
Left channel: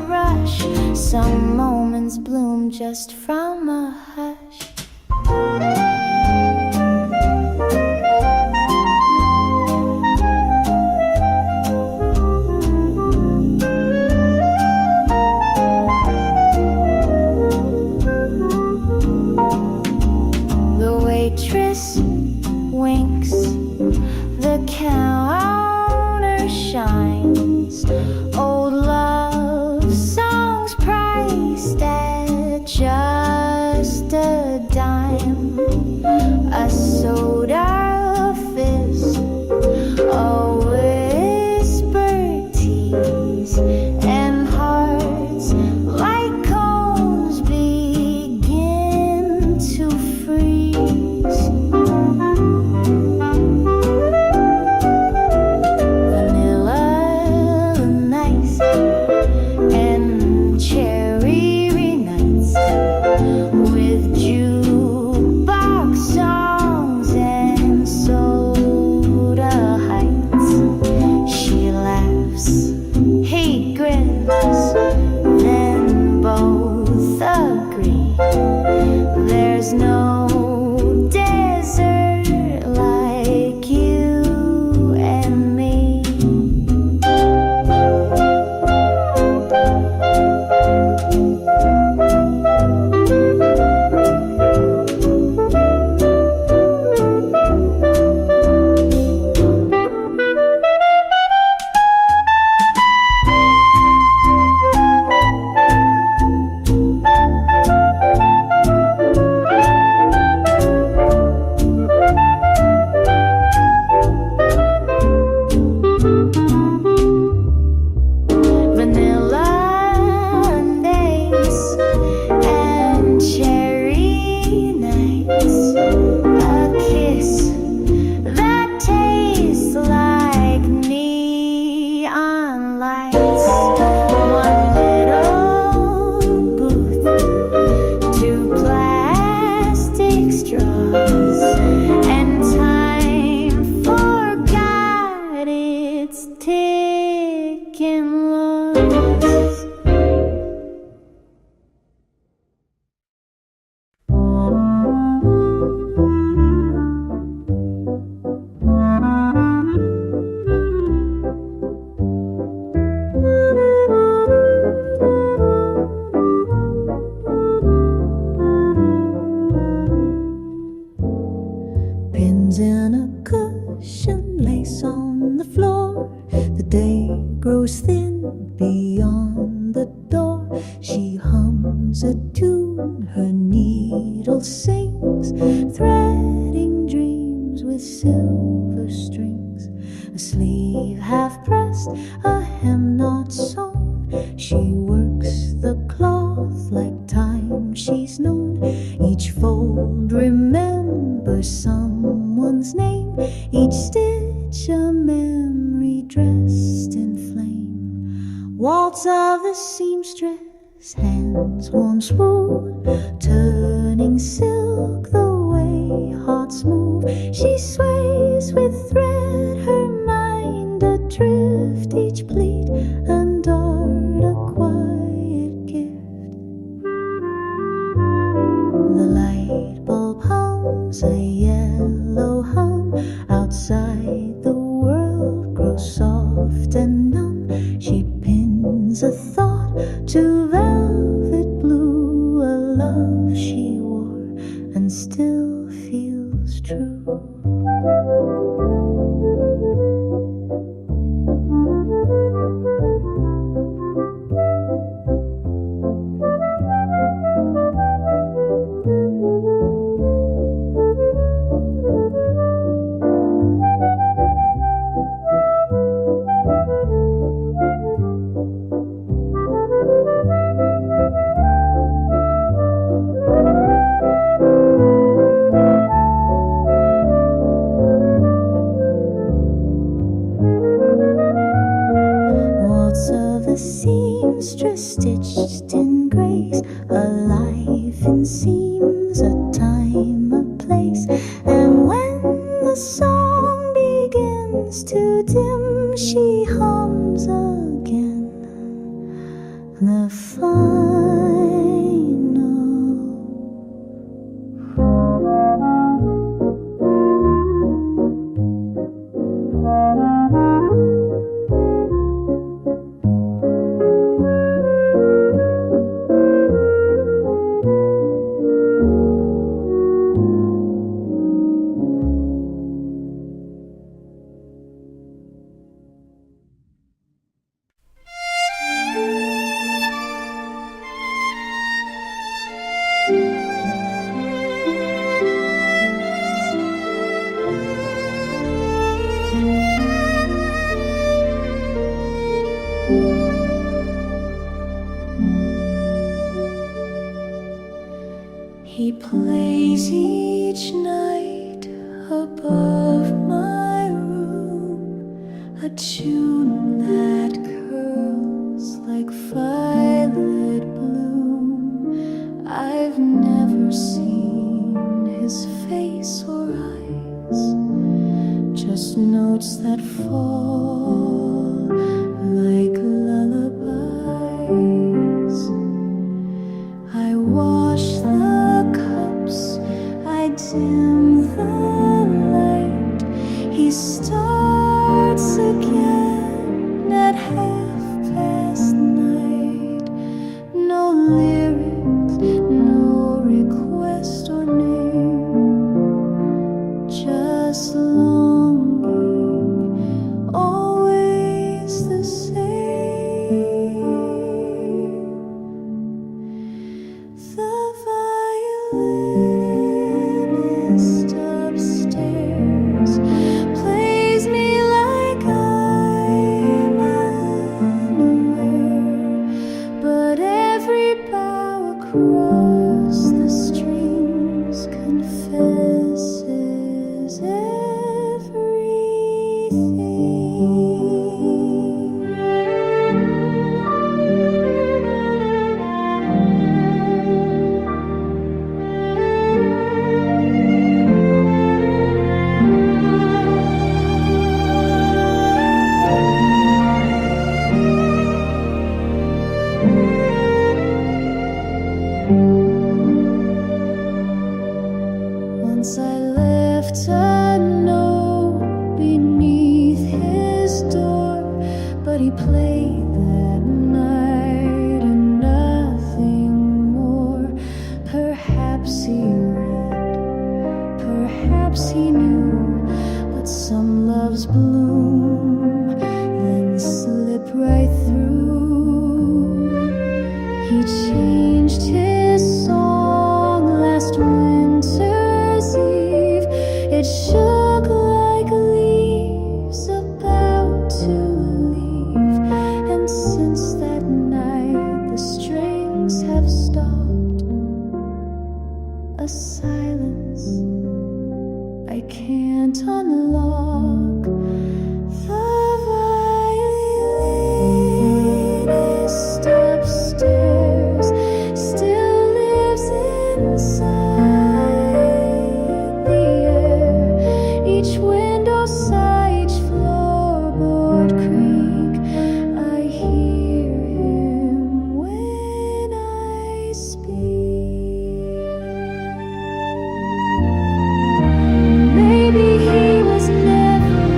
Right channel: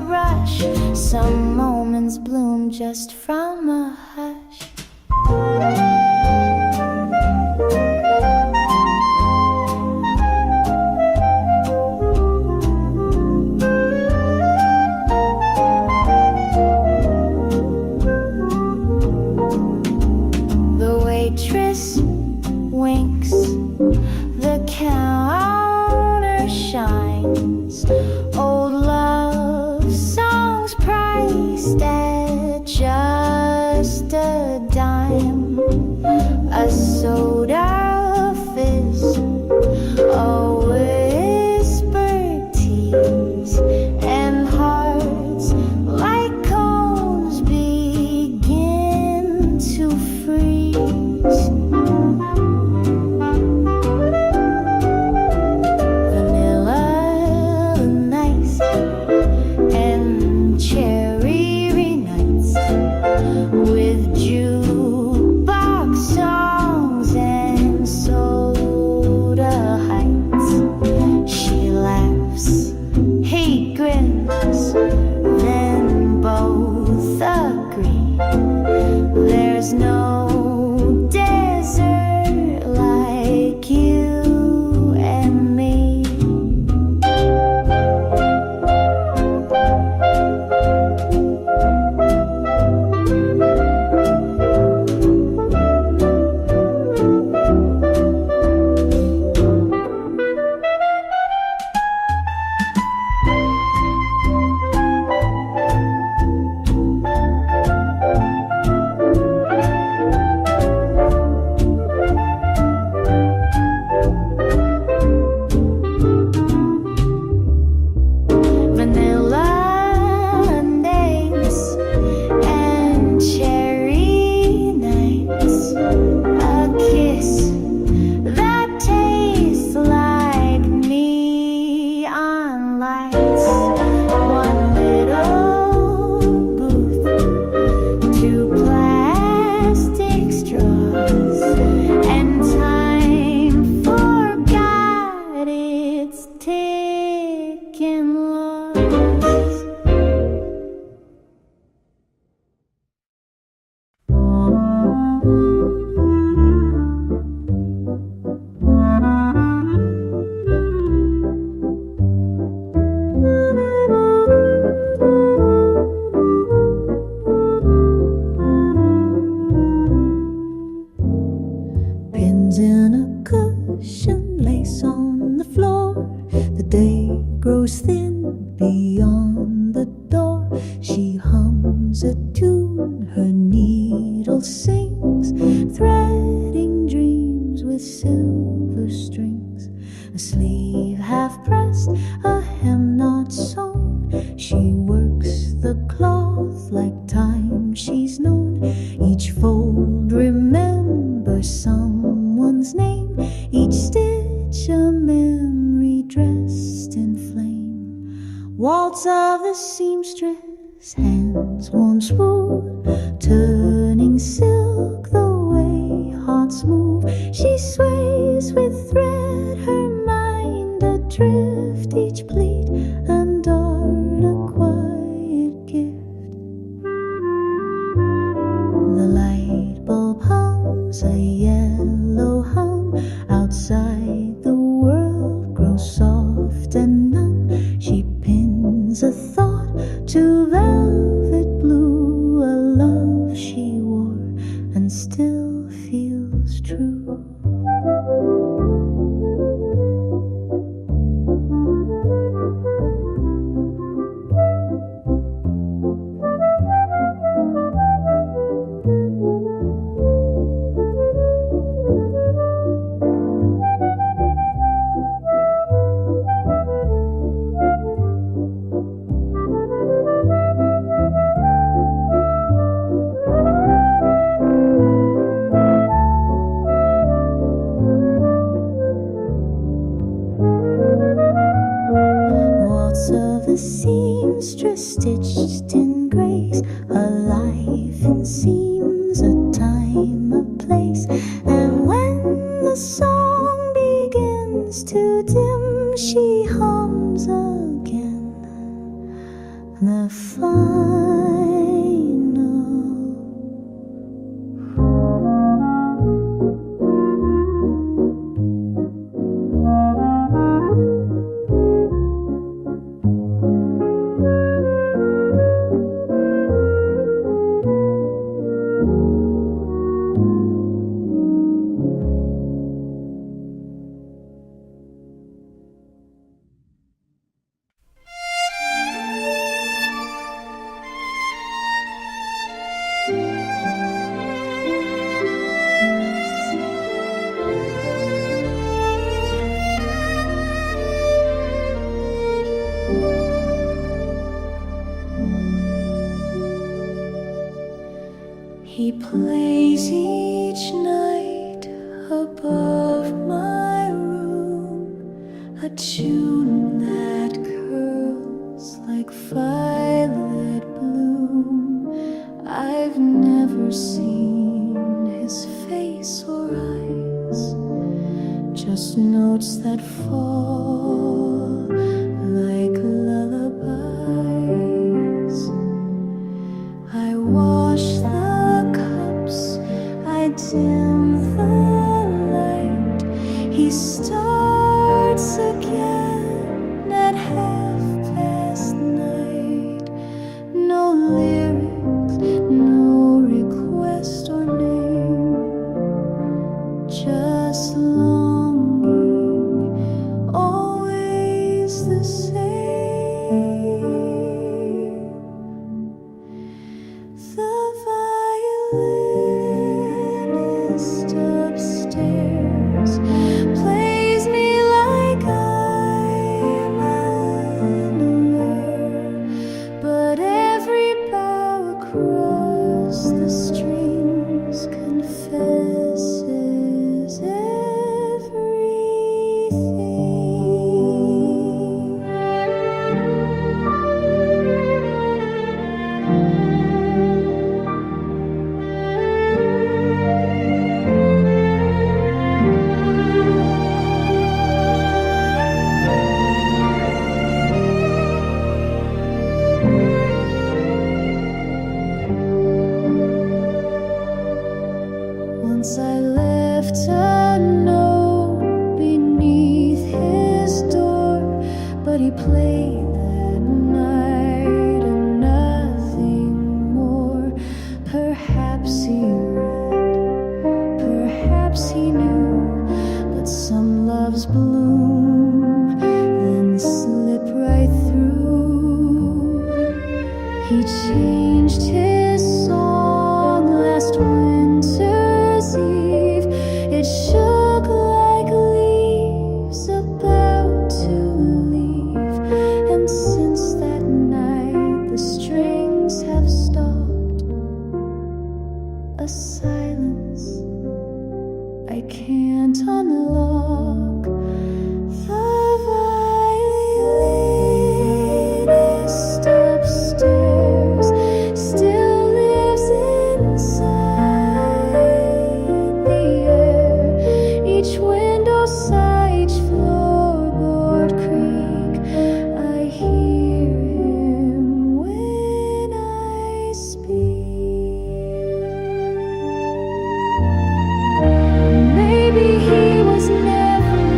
rush. Some moments bloom just from a hush. The waitress winks, the counter shines. Old love songs priced at just a dime. A soda fizz, a whispered tease, and hearts like cones begin to freeze. Vanilla nights and cherry nights with jukebox songs and soda heights. She laughs, he grins, then both agree there's no desert like you and me. Vanilla days and cherry nights, a kiss that tastes like neon lights. One little booth, two plastic straws, and time forgot its ticking laws. Pins in a cushion, lace on the floor. The day grows thin beyond the door. She hums a tune, her needle sings, threading dreams with silver strings. A sleeve half pressed, a hem not sewn. She works the cloth like time she's known. Each fold remembers someone's name, each stitch a memory dressed in flame. Waltz of the seamstress, hands warm smooth, turning silk the way hearts move. She sways with thread, her mind adrift, each pleat and dart a quiet gift. The light bulb hums a yellow hum. Outside the world grows soft and numb. She pins a thought to velvet blue, a love she wore and still feels true. Of the seamstress stitched in grace, a life in seams, a time, a place. And when the song begins to dim, she hums again the final. He plays each night above my room, a tune that curls like violet bloom. I've never seen his face or eyes, just notes that fall like lullabies. I wash the cups, I dim the light. He starts again at 9:30. No lyrics, no request or name, just longing, always the same. The violinist upstairs plays me like I'm unaware, but every bow across the strings confesses everything. Once I left a note beneath his door, but he played that night and nothing more. Perhaps he read, perhaps he knew, but some loves bloom, then slip right through. He changed his song last winter's eve. It shook like leaves about to leave, and since that night the strings have stopped. A silence I can't unlock. The violinist upstairs still lives inside the air. Each window sigh, each floorboard creak. I hear him when I speak. Maybe he was never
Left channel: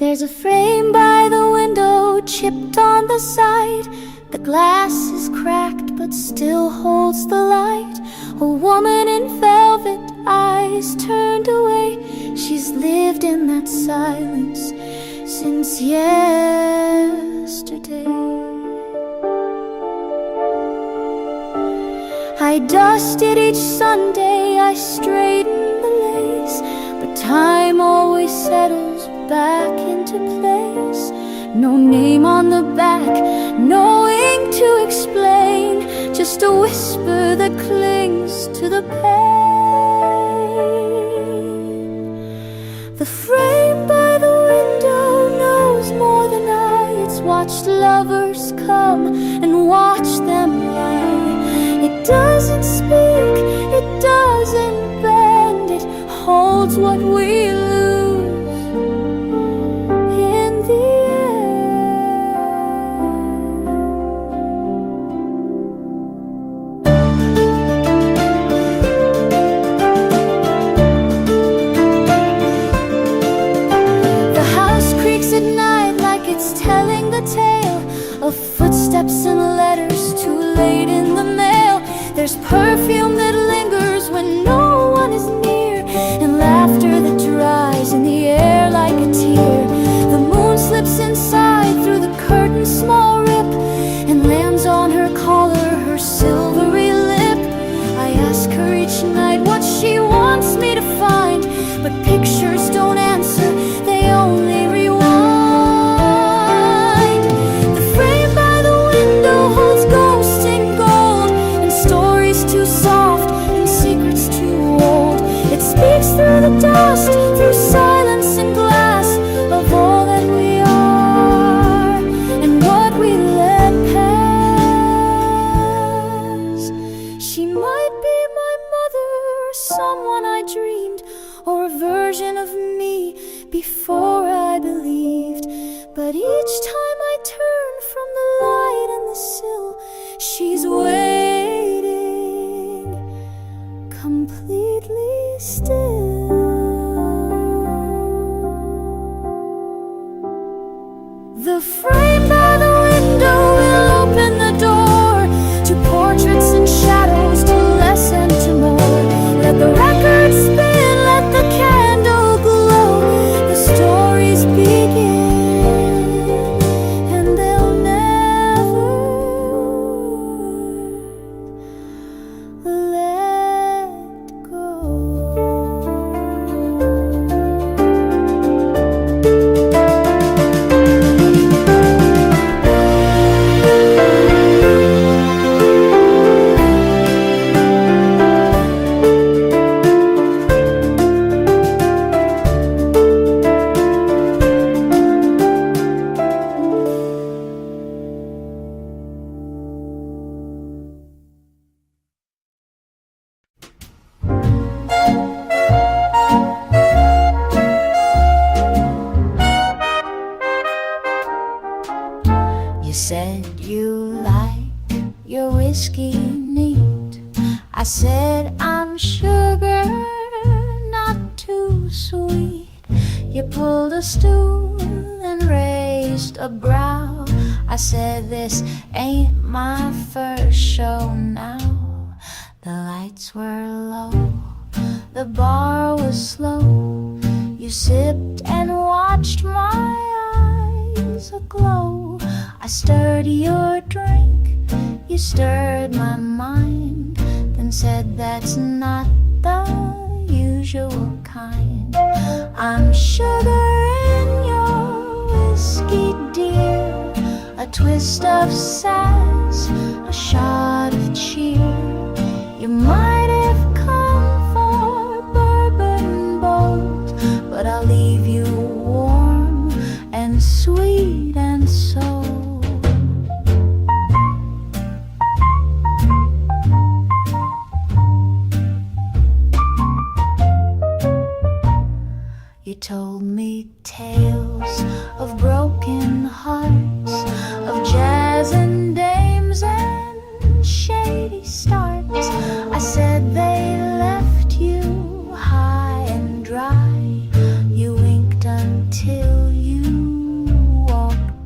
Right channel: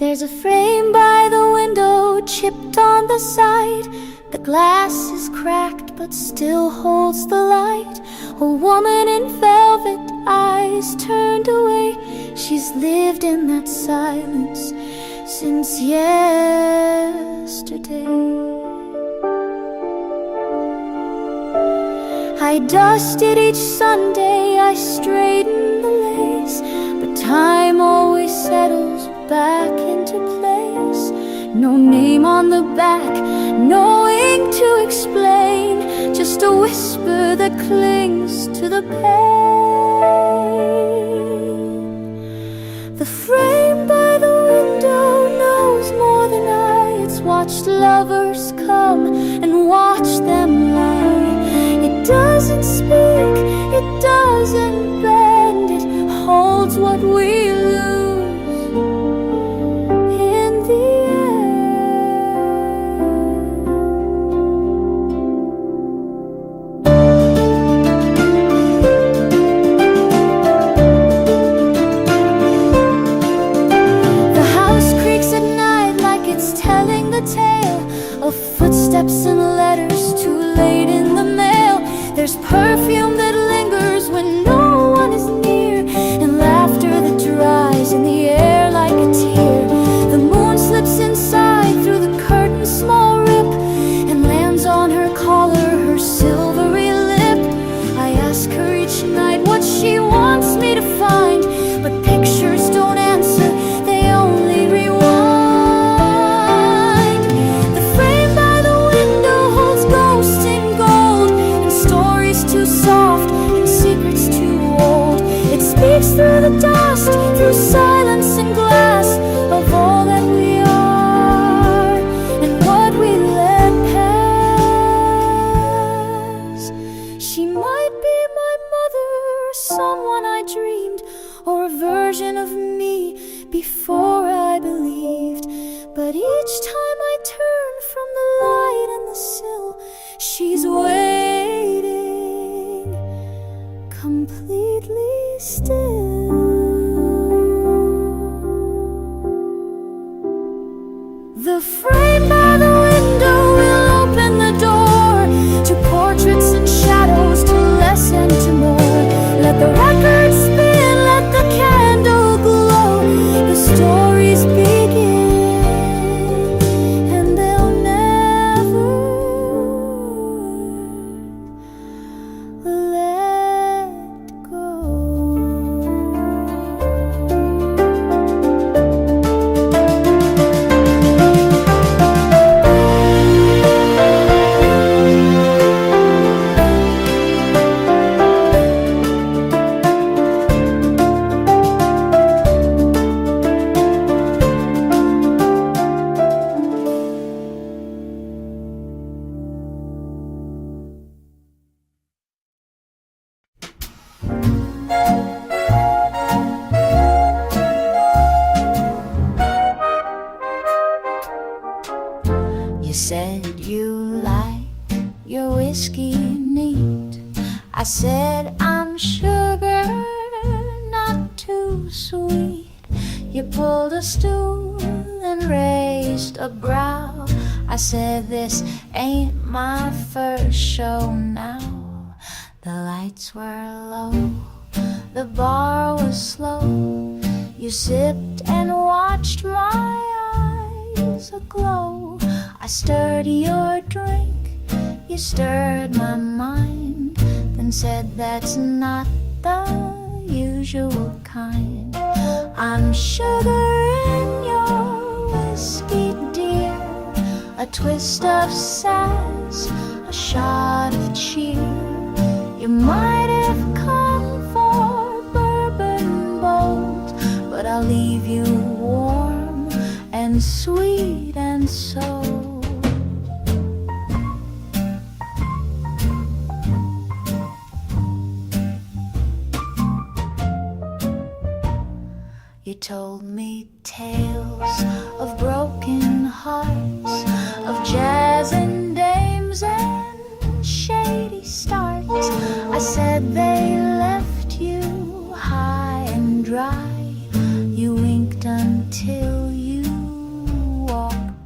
There's a frame by the window, chipped on the side. The glass is cracked but still holds the light. A woman in velvet, eyes turned away. She's lived in that silence since yesterday. I dusted each Sunday, I straightened the lace, but time always settles back into place. No name on the back, no ink to explain, just a whisper that clings to the pain. The frame by the window knows more than I. It's watched lovers come and watched them lie. It doesn't speak, it doesn't bend, it holds what we lose in the end. The house creaks at night like it's telling the tale of footsteps and letters too late in the mail. There's perfume that lingers when no one is near, and laughter that dries in the air like a tear. The moon slips inside through the curtain's small rip and lands on her collar, her silvery lip. I ask her each night what she wants me to find, but pictures don't answer, they only rewind. The frame by the window holds ghosts in gold, and stories too soft and secrets too old. It speaks through the dust, through silence and glass, of all that we are and what we let pass. She might be my mother, or someone I dreamed, or a version of me before I believed. But each time I turn from the light and the sill, she's waiting, completely still. The frame by the window will open the door to portraits and shadows, to less and to more. Let the record spin, let the candle glow. The stories begin, and they'll never let go. You said you like your whiskey neat. I said I'm sugar, not too sweet. You pulled a stool and raised a brow. I said this ain't my first show now. The lights were low, the bar was slow. You sipped and watched my eyes aglow. I stirred your drink, you stirred my mind, then said that's not the usual kind. I'm sugar in your whiskey, dear, a twist of sass, a shot of cheer. You might have come for bourbon bold, but I'll leave you warm and sweet and so. You told me tales of broken hearts, of jazz and dames and shady starts. I said they left you high and dry. You winked until you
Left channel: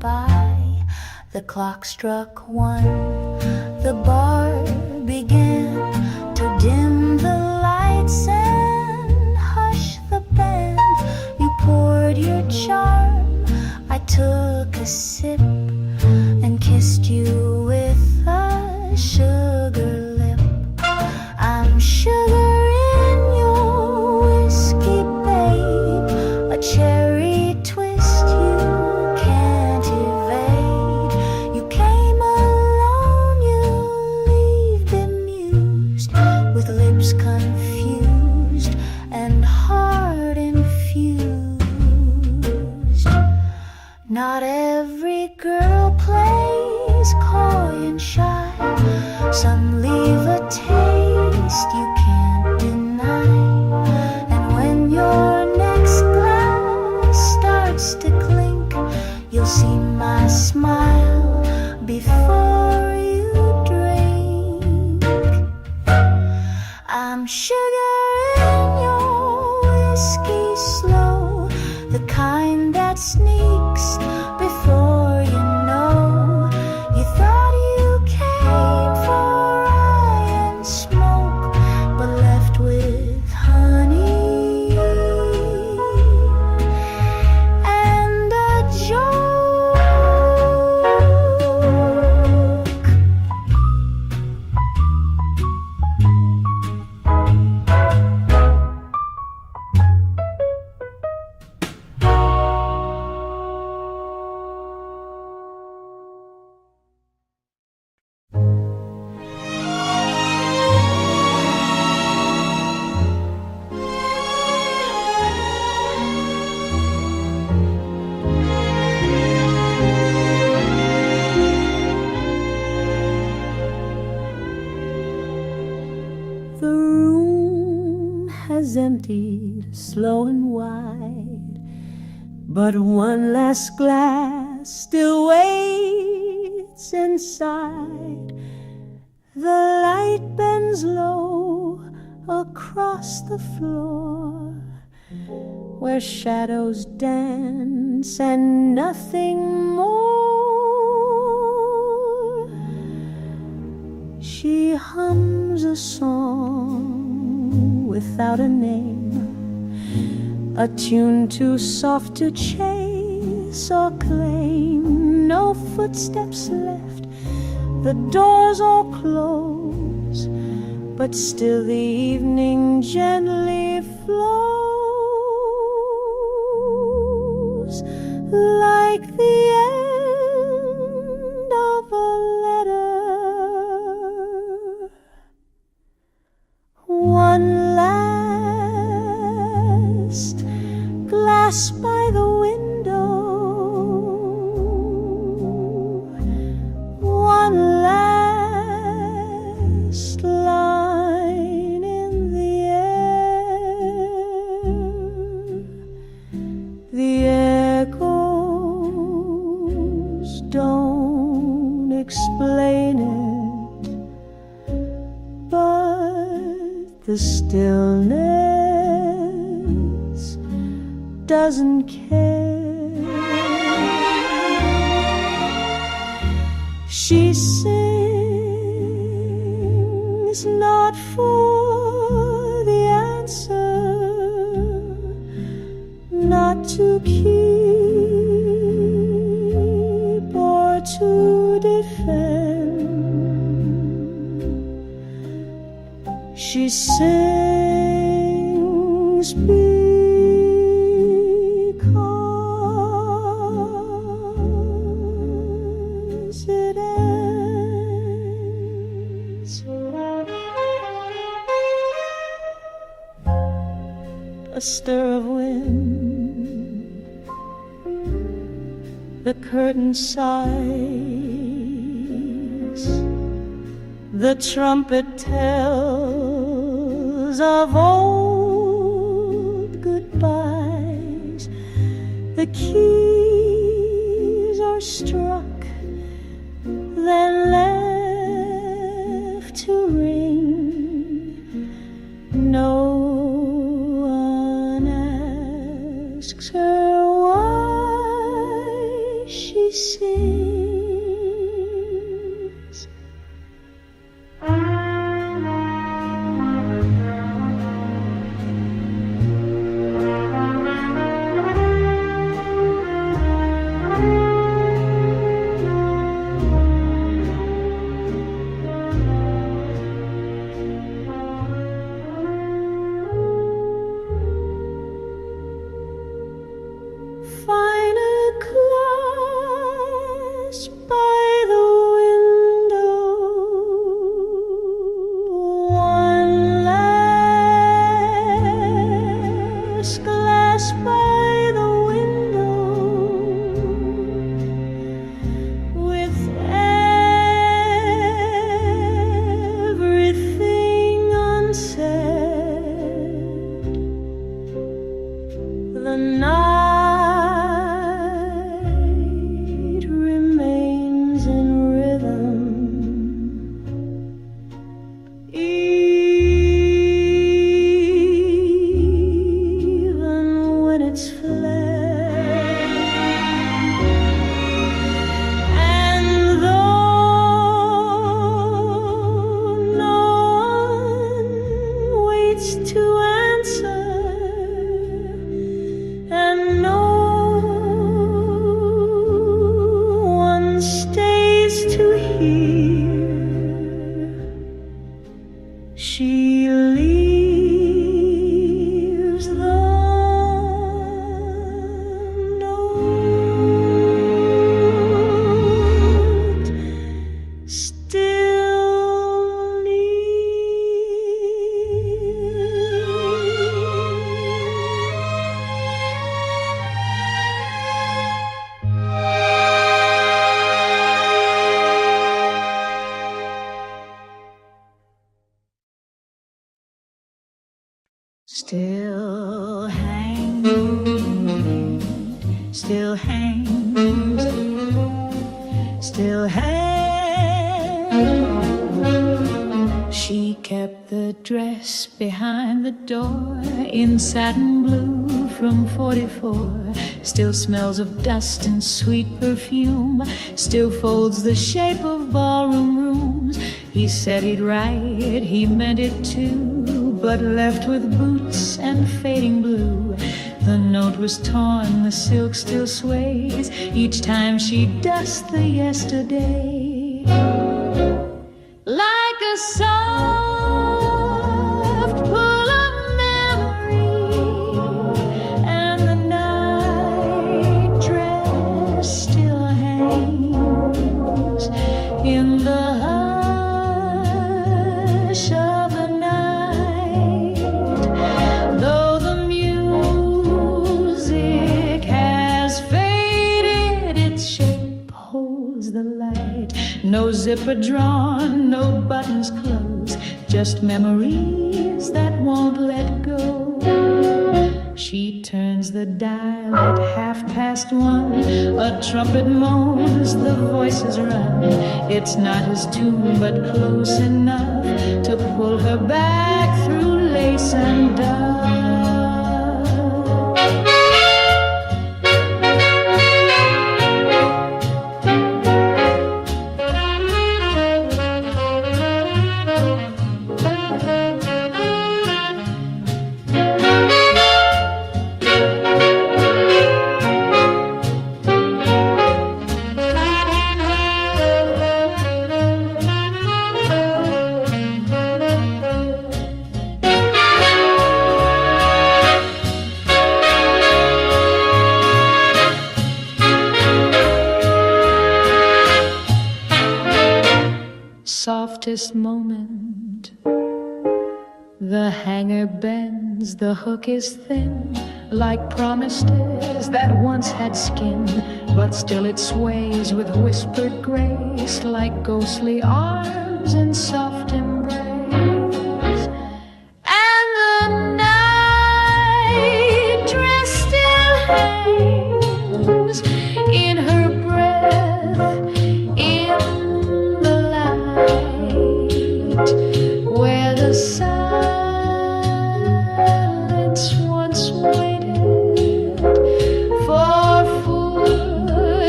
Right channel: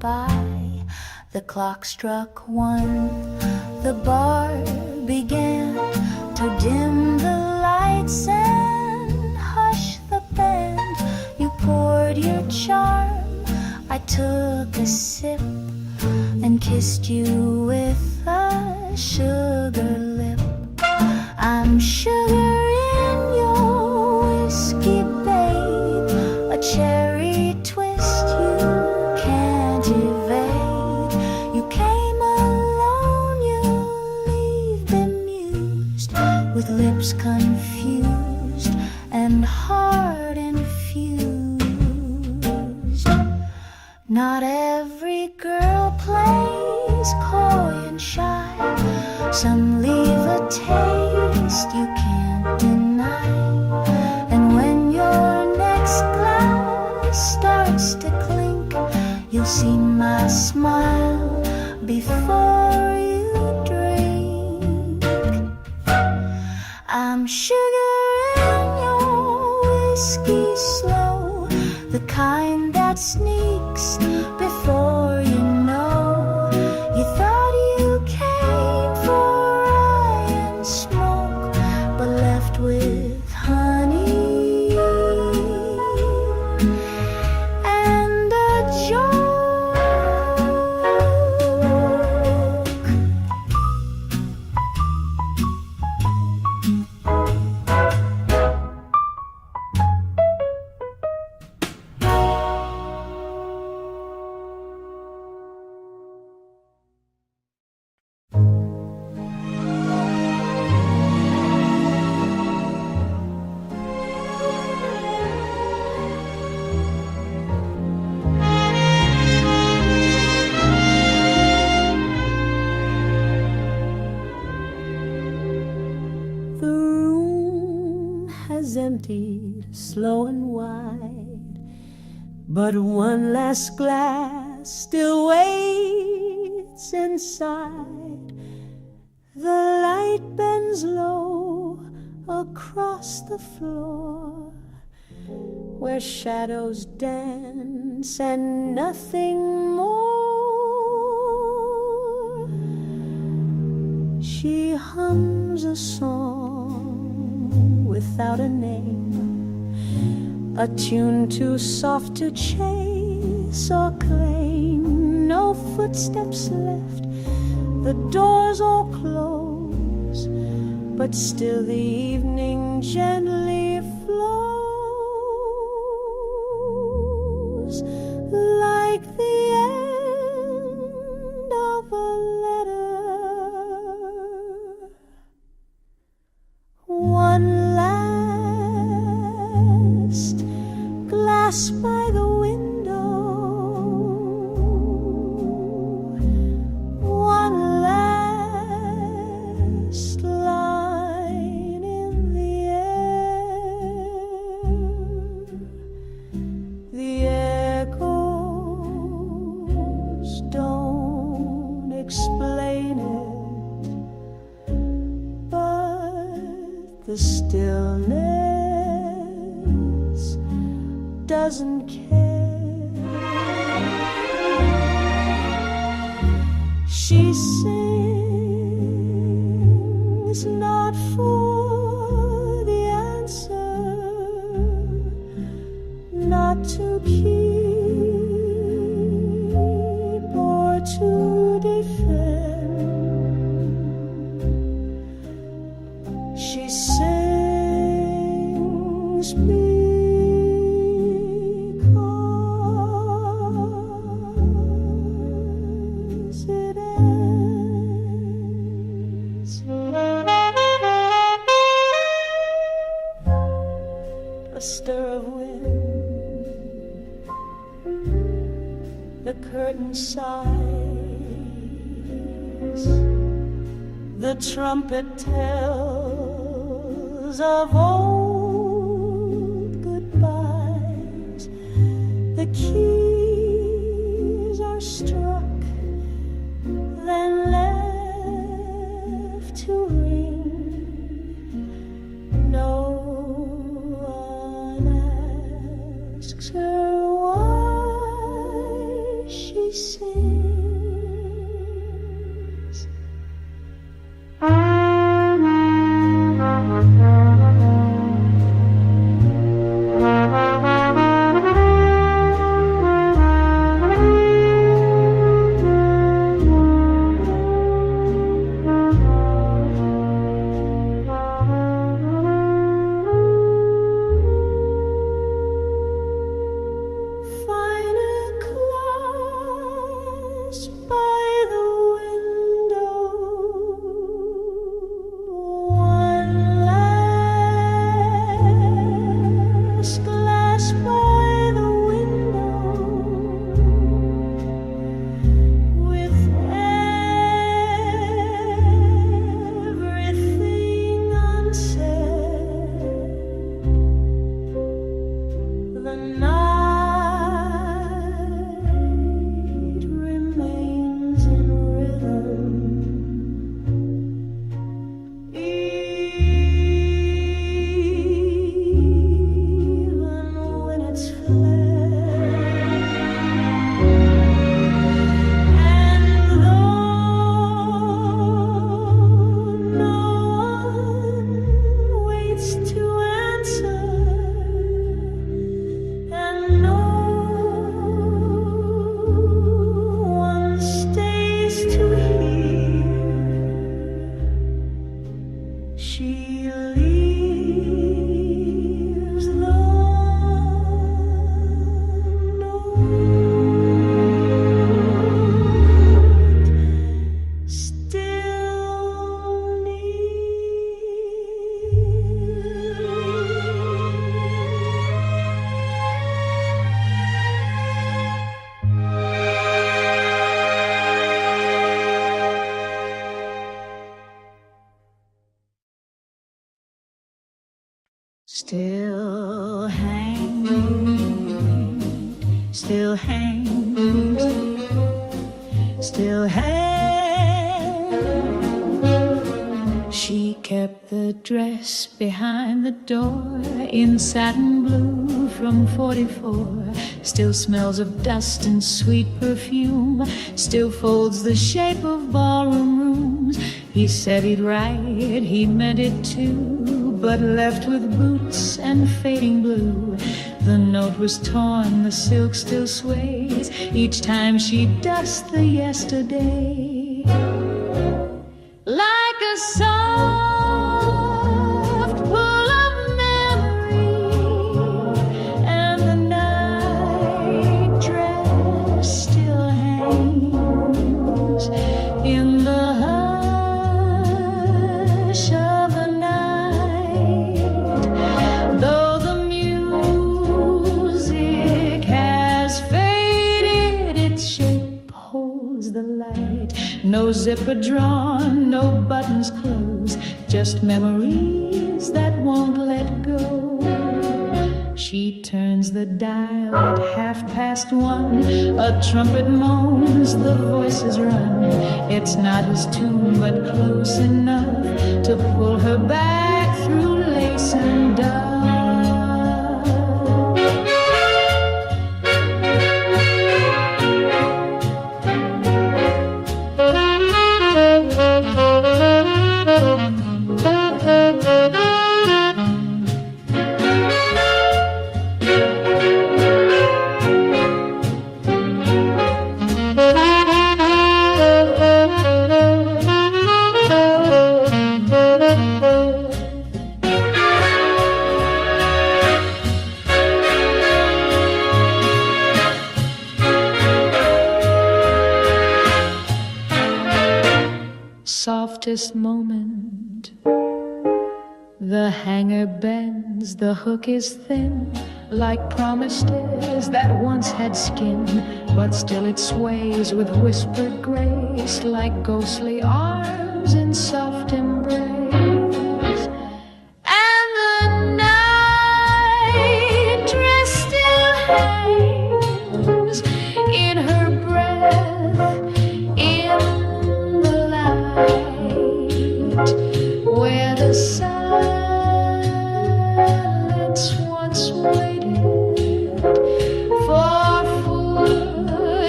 by. The clock struck 1. The bar began to dim the lights and hush the band. You poured your charm, I took a sip and kissed you with a sugar lip. I'm sugar in your whiskey, babe, a cherry twist you can't evade. You came alone, you leave bemused, with lips confused and heart infused. Not every girl plays coy and shy. Some leave a taste you can't deny. And when your next glass starts to clink, you'll see my smile before you drink. I'm sugar in your whiskey slow, the kind that sneaks before you know. You thought you came for rye and smoke, but left with honey and a joke. The room has emptied slow and wide, but one last glass still waits inside. The light bends low across the floor, where shadows dance and nothing more. She hums a song without a name, a tune too soft to chase or claim. No footsteps left, the doors all close, but still the evening gently flows, like the end of a letter. One last glass by the window, one last line in the air. The echoes don't explain it, but the stillness doesn't care. She sings not for the answer, not to keep or to defend. She sings because it ends. A stir of wind, the curtain sighs, the trumpet tells of old goodbyes. The keys are struck, then left to ring. No one asks her why she sings. Find a glass by the window, one last glass by the window, with everything unsaid. The night remains in rhythm, even when it's fled. And though no one waits to answer, and no one stays to hear, she leaves the note still still hangs, still hangs, still hangs. She kept the dress behind the door in satin blue from 44. Still smells of dust and sweet perfume, still folds the shape of ballroom rooms. He said he'd write, he meant it too, but left with boots and fading blue. The note was torn, the silk still sways each time she dusts the yesterday. Like a soft pull of memory, and the night dress still hangs in the hush of the night. Though the music has faded, its shape holds the light. No zipper drawn, no buttons closed, just memories that won't let go. She turns the dial at 1:30. A trumpet moans, the voices run. It's not his tune, but close enough to pull her back through lace and dove. Softest moment, the hanger bends, the hook is thin, like promised is that once had skin, but still it sways with whispered grace, like ghostly arms in soft embrace. And the night dress still hangs in her breath, in the light where the silence once waited for footsteps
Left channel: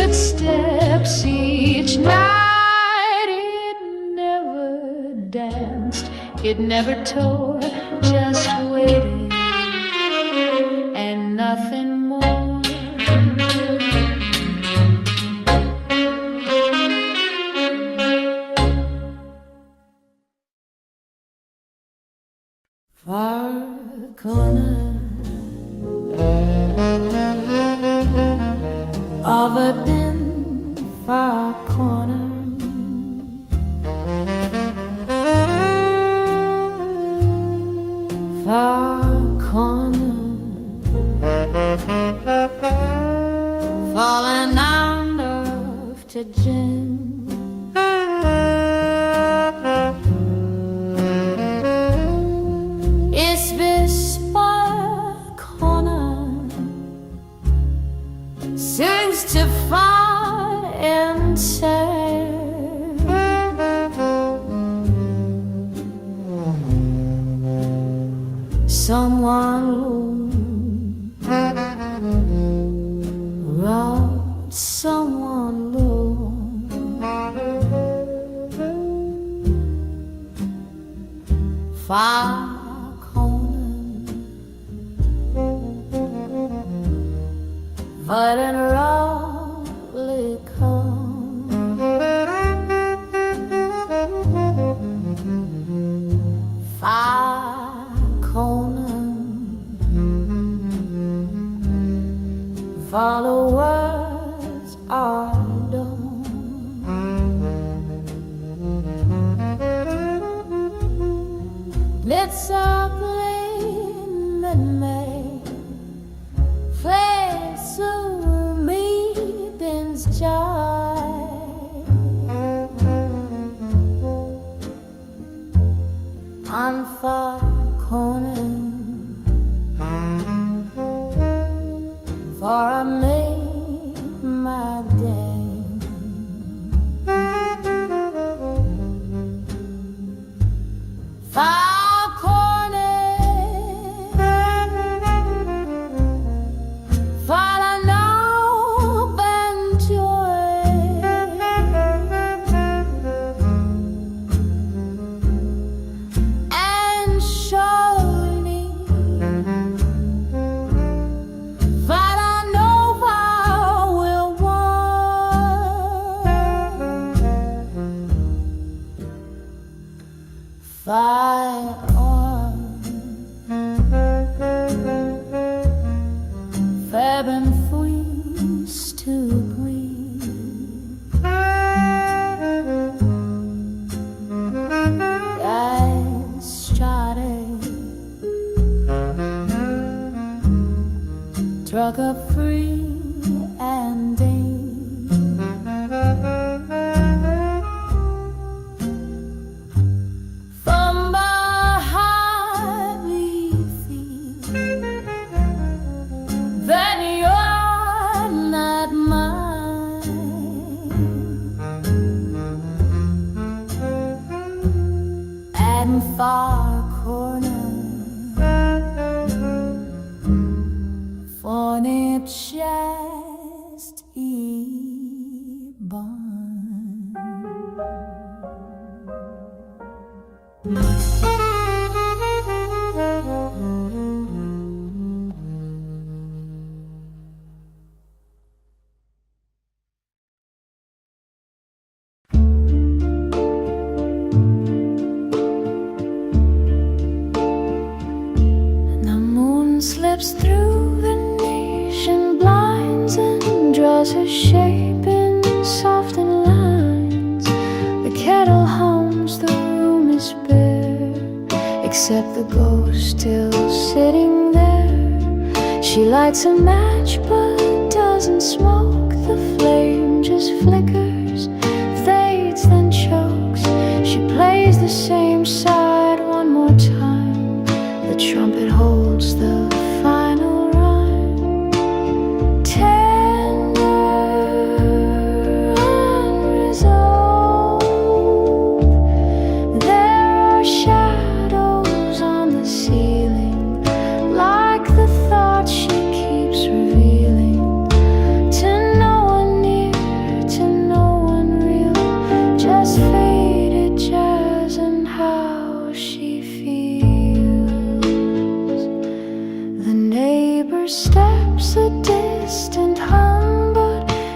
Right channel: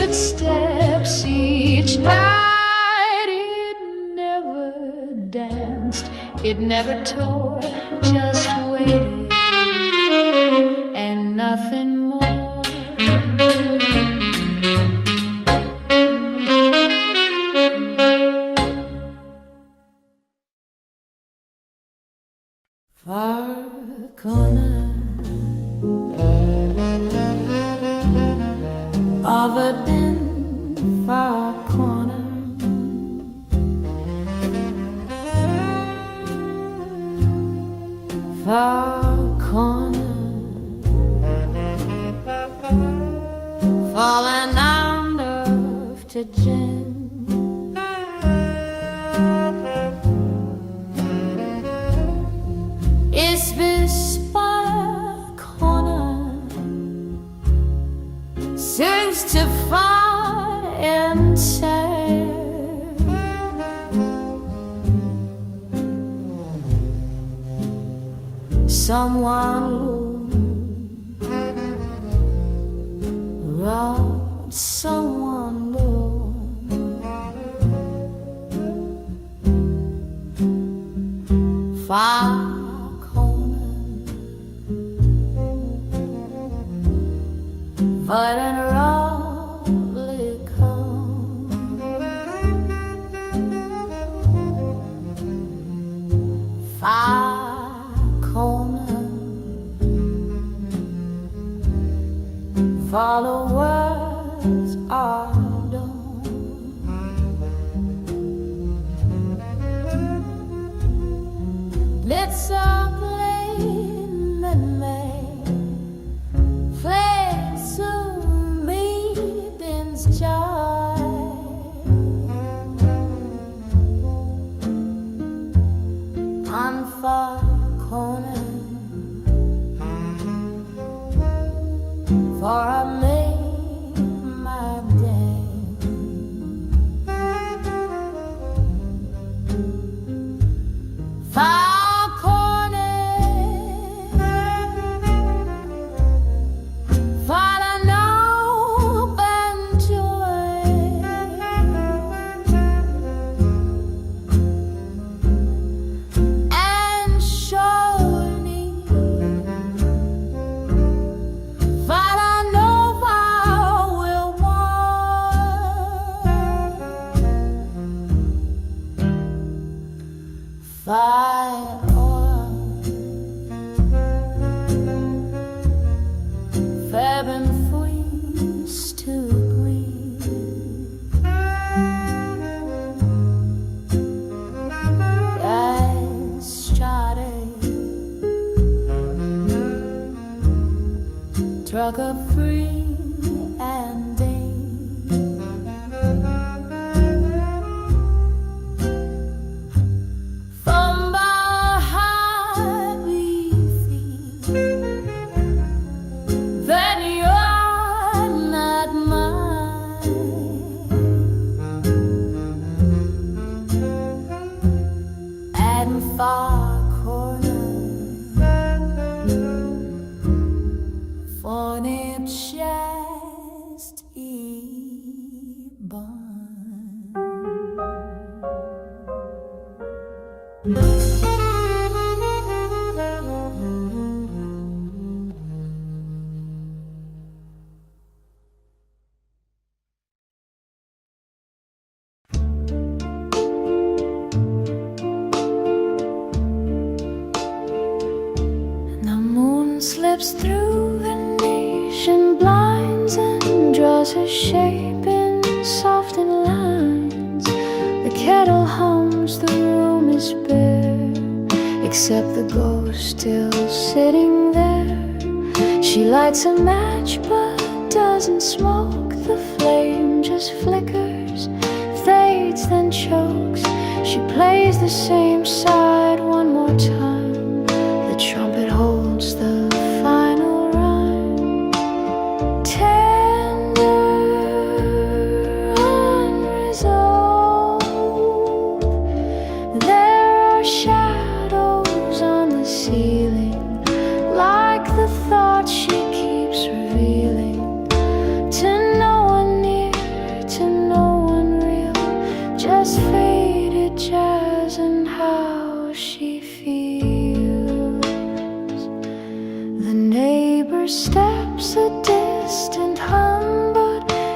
footsteps each night. It never danced, it never tore, just waited and nothing more. Far corner of a dim far corner, far corner, falling under to gin. Is this far corner seems to find and say someone wrote someone low. Far but in roughly come far corner, followers are done. It's a plain that may flame to meeting's joy. On far corner, for I made my day. Far corner, for an open joy. And surely, for I know I will want. Fire on, Fab and freeze to breathe. I started, struck up free and deep. From behind we feel that you're not mine, and far corner for it just born. The moon slips through Venetian blinds and draws her shape in softened lines. The kettle hums, the room is bare, except the ghost still sitting there. She lights a match but doesn't smoke. The flame just flickers, fades, then chokes. She plays the same side one more time. The trumpet holds the final rhyme. Tender, unresolved. There are shadows on the ceiling, like the thoughts she keeps revealing to no one near.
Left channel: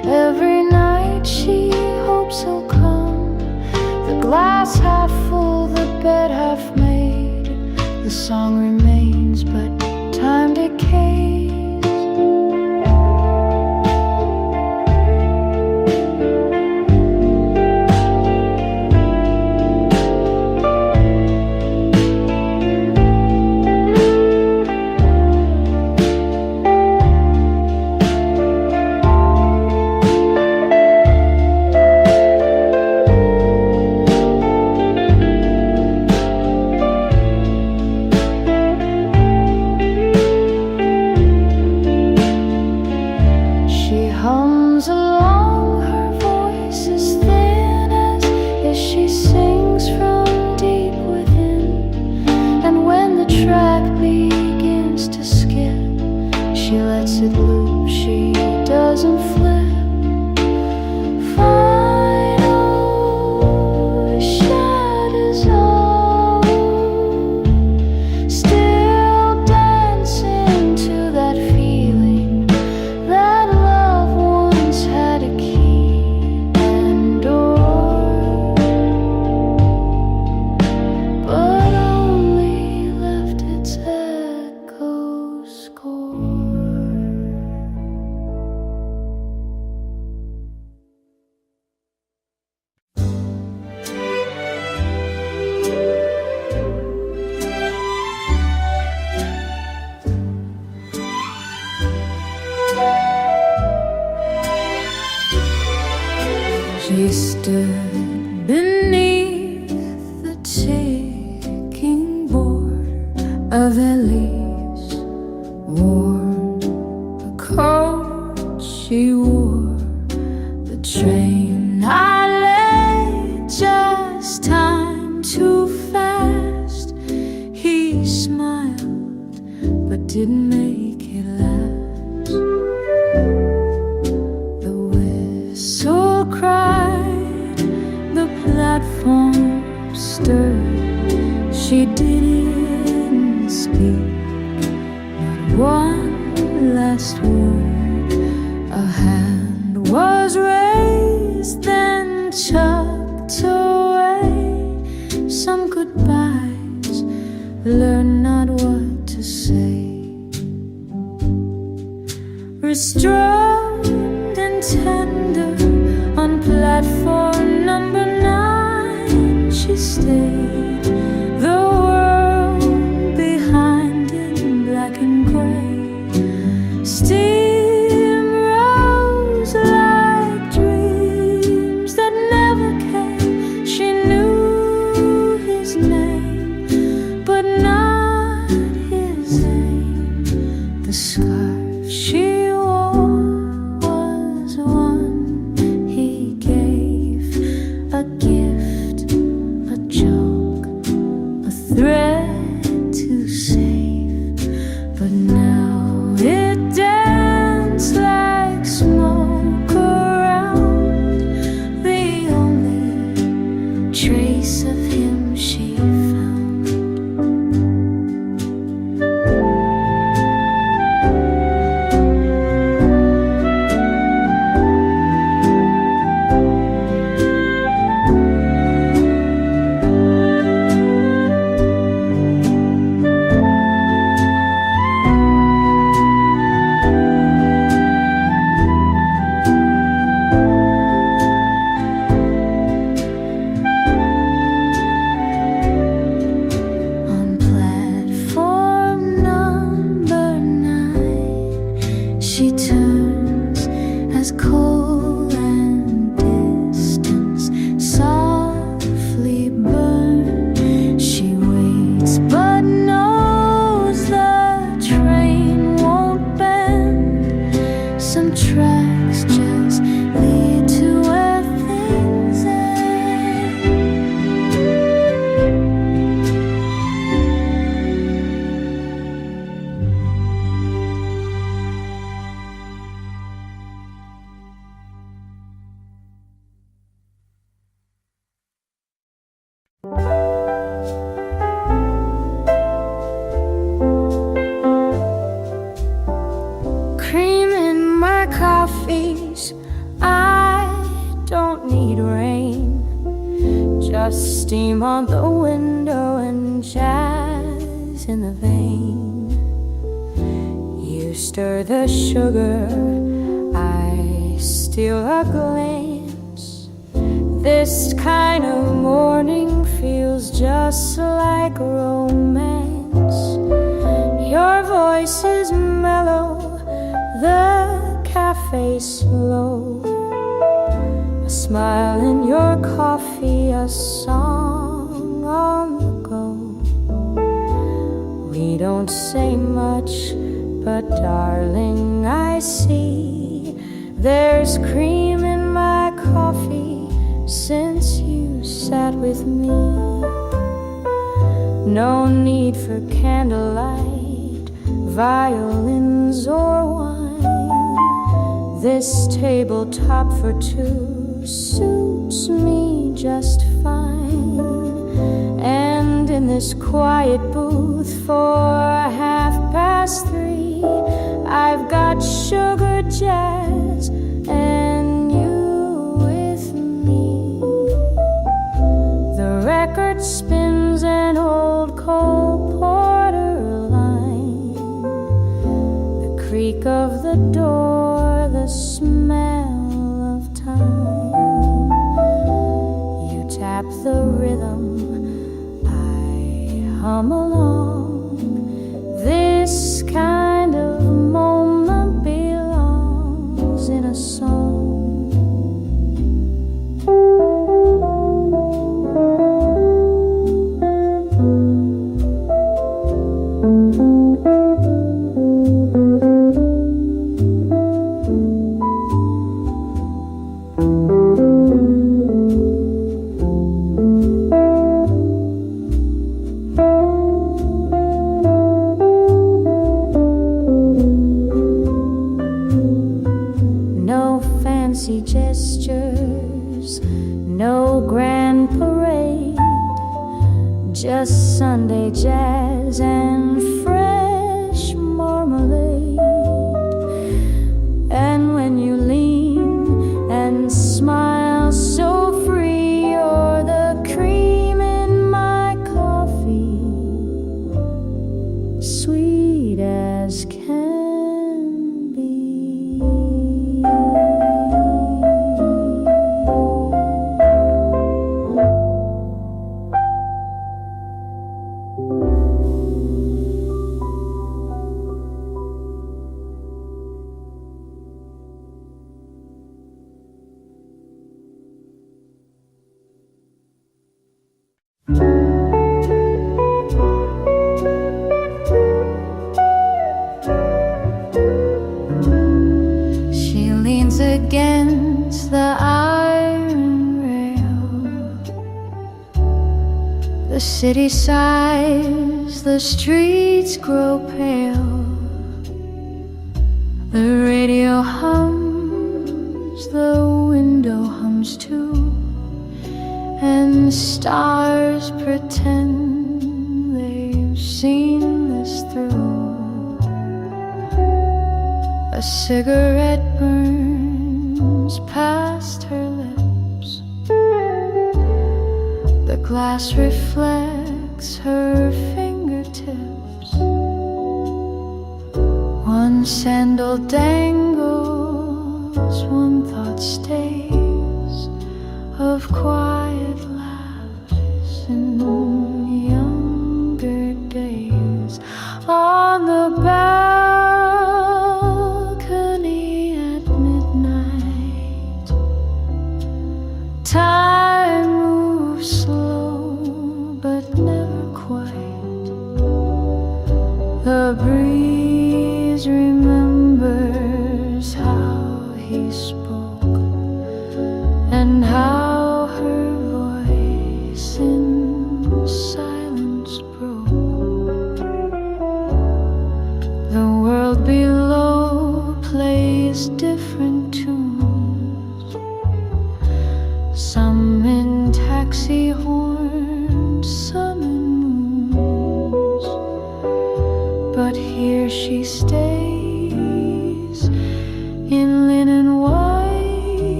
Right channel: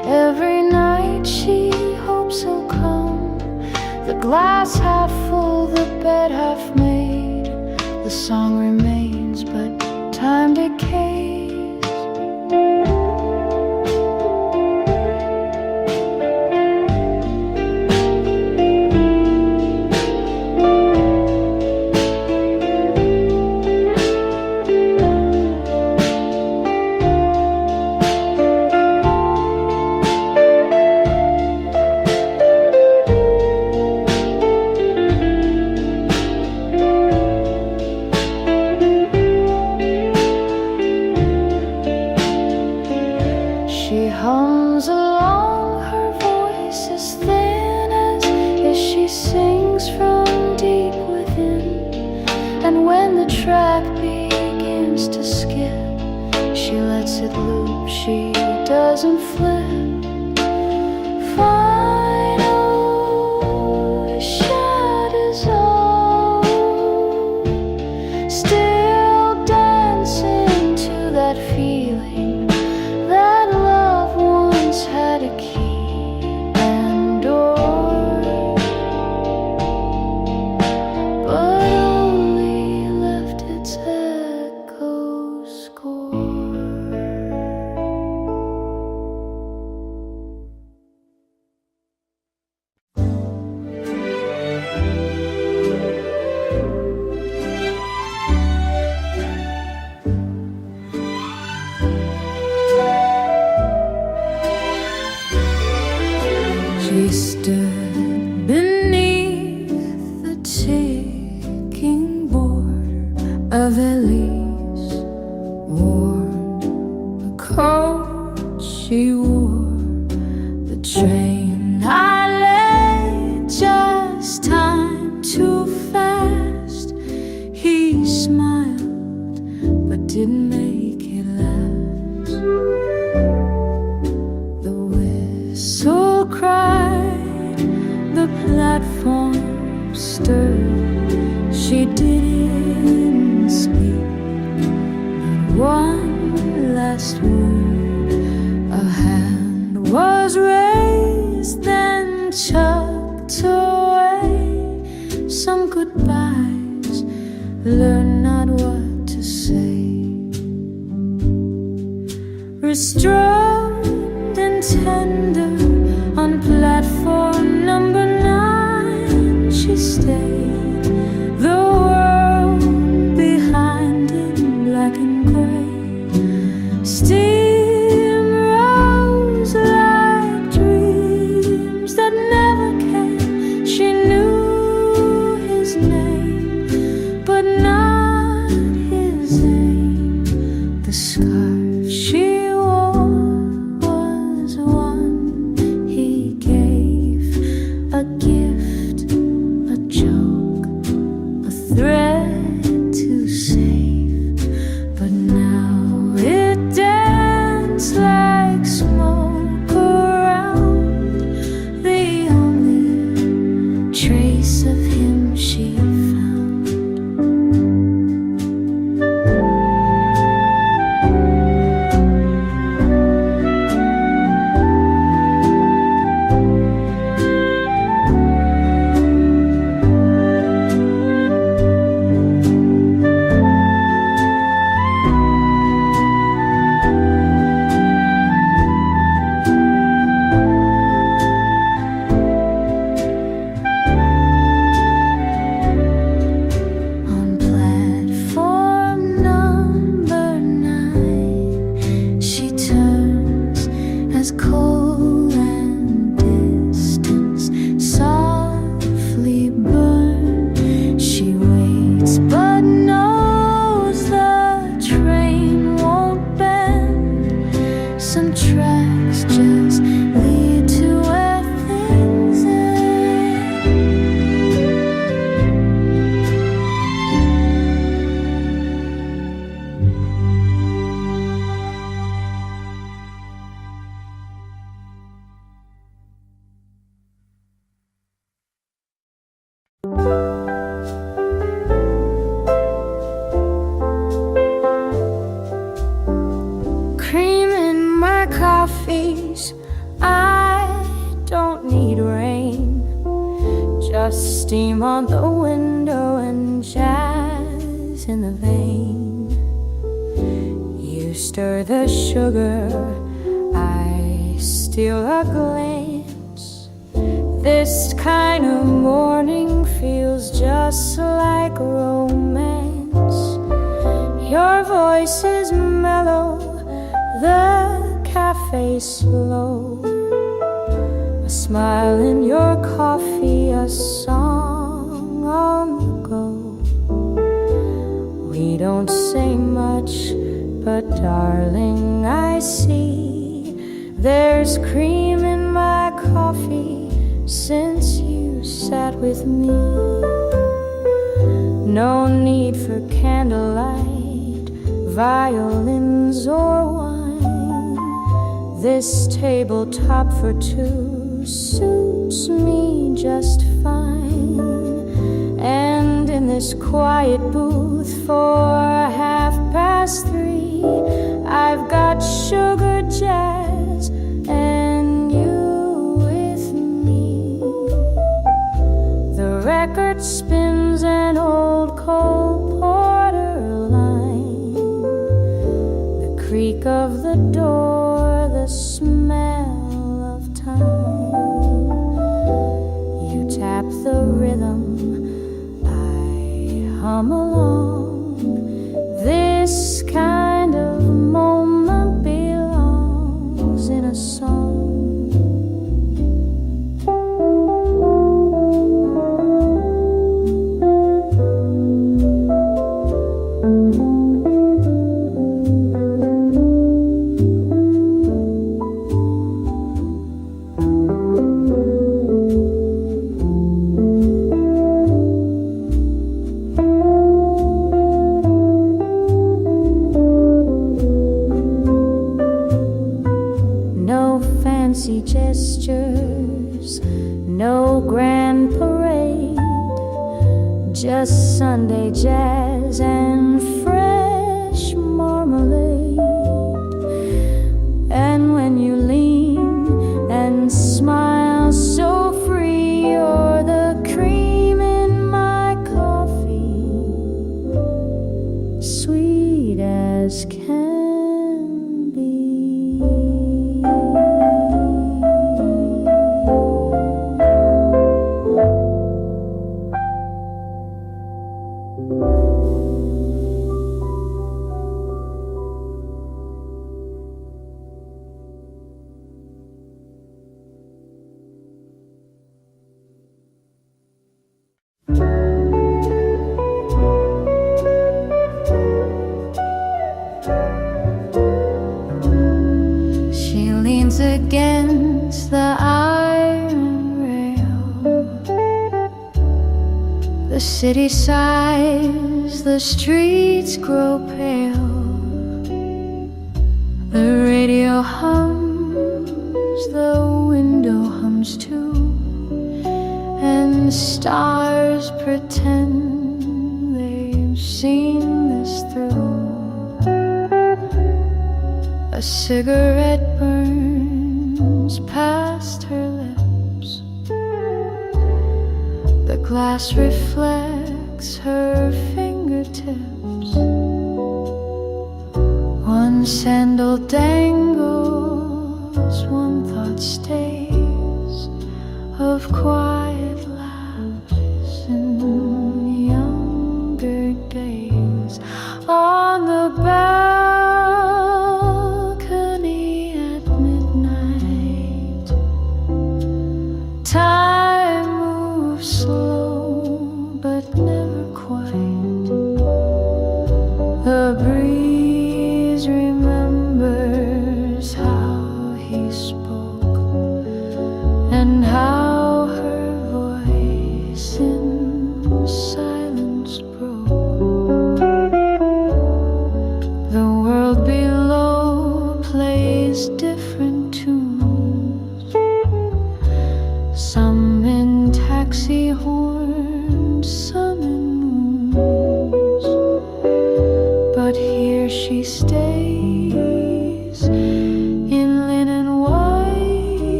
Every night she hopes he'll come. The glass half full, the bed half made. The song remains, but time decays. She hums along, her voice is thin as she sings from deep within. And when the track begins to skip, she lets it loop, she doesn't flip. Final shadows all still dancing to that feeling that love once had a key and door, but only left its echo score. She stood beneath the ticking border of Ellie's worn a coat she wore. The train I lay, just time too fast. He smiled but didn't make it last. The whistle cried, the platform stirred. She didn't speak, not one last word. A hand was raised, then tucked away. Some goodbyes, learn not what to say. Restrained and tender on platform number 9, she stayed. The world behind in black and gray. Steam rose like dreams that never came. She knew his name, but not his aim. The scarf she wore was one he gave, a gift, a joke, a thread to save. But now it danced like smoke around, the only trace of him she found. She turns as coal and distance softly burn. She waits but knows the train won't bend. Some tracks just lead to where things end. Cream in my coffees, I don't need rain, just steam on the window and jazz in the vein. You stir the sugar, I steal a glance. This kind of morning feels just like romance. Your voice is mellow, the cafe's slow. A smile in your coffee, a song on the go. We don't say much, but darling, I see there's cream in my coffee since you sat with me. No need for candlelight, violins or wine. This tabletop for two suits me just fine. And in this quiet booth for 3:30, I've got sugar jazz and you with me. The record spins an old Cole Porter line, the creak of the door, the smell of time. You tap the rhythm, I hum along. This kind of moment belongs in a song. Fancy gestures, no grand parade, just Sunday jazz and fresh marmalade. And when you lean and smile so free, you're the cream in my coffee, sweet as can be. She leans against the iron rail. The city sighs, the streets grow pale. The radio hums, the window hums too, and stars pretend they've seen this through. A cigarette burns past her lips. The glass reflects her fingertips. One sandal dangles, one thought stays, of quiet laughs in younger days. On the balcony at midnight, time moves slow but never quite. The breeze remembers how he spoke and how her voice in silence broke. The world below plays different tunes, some in taxi horns, some in moons. But here she stays in linen white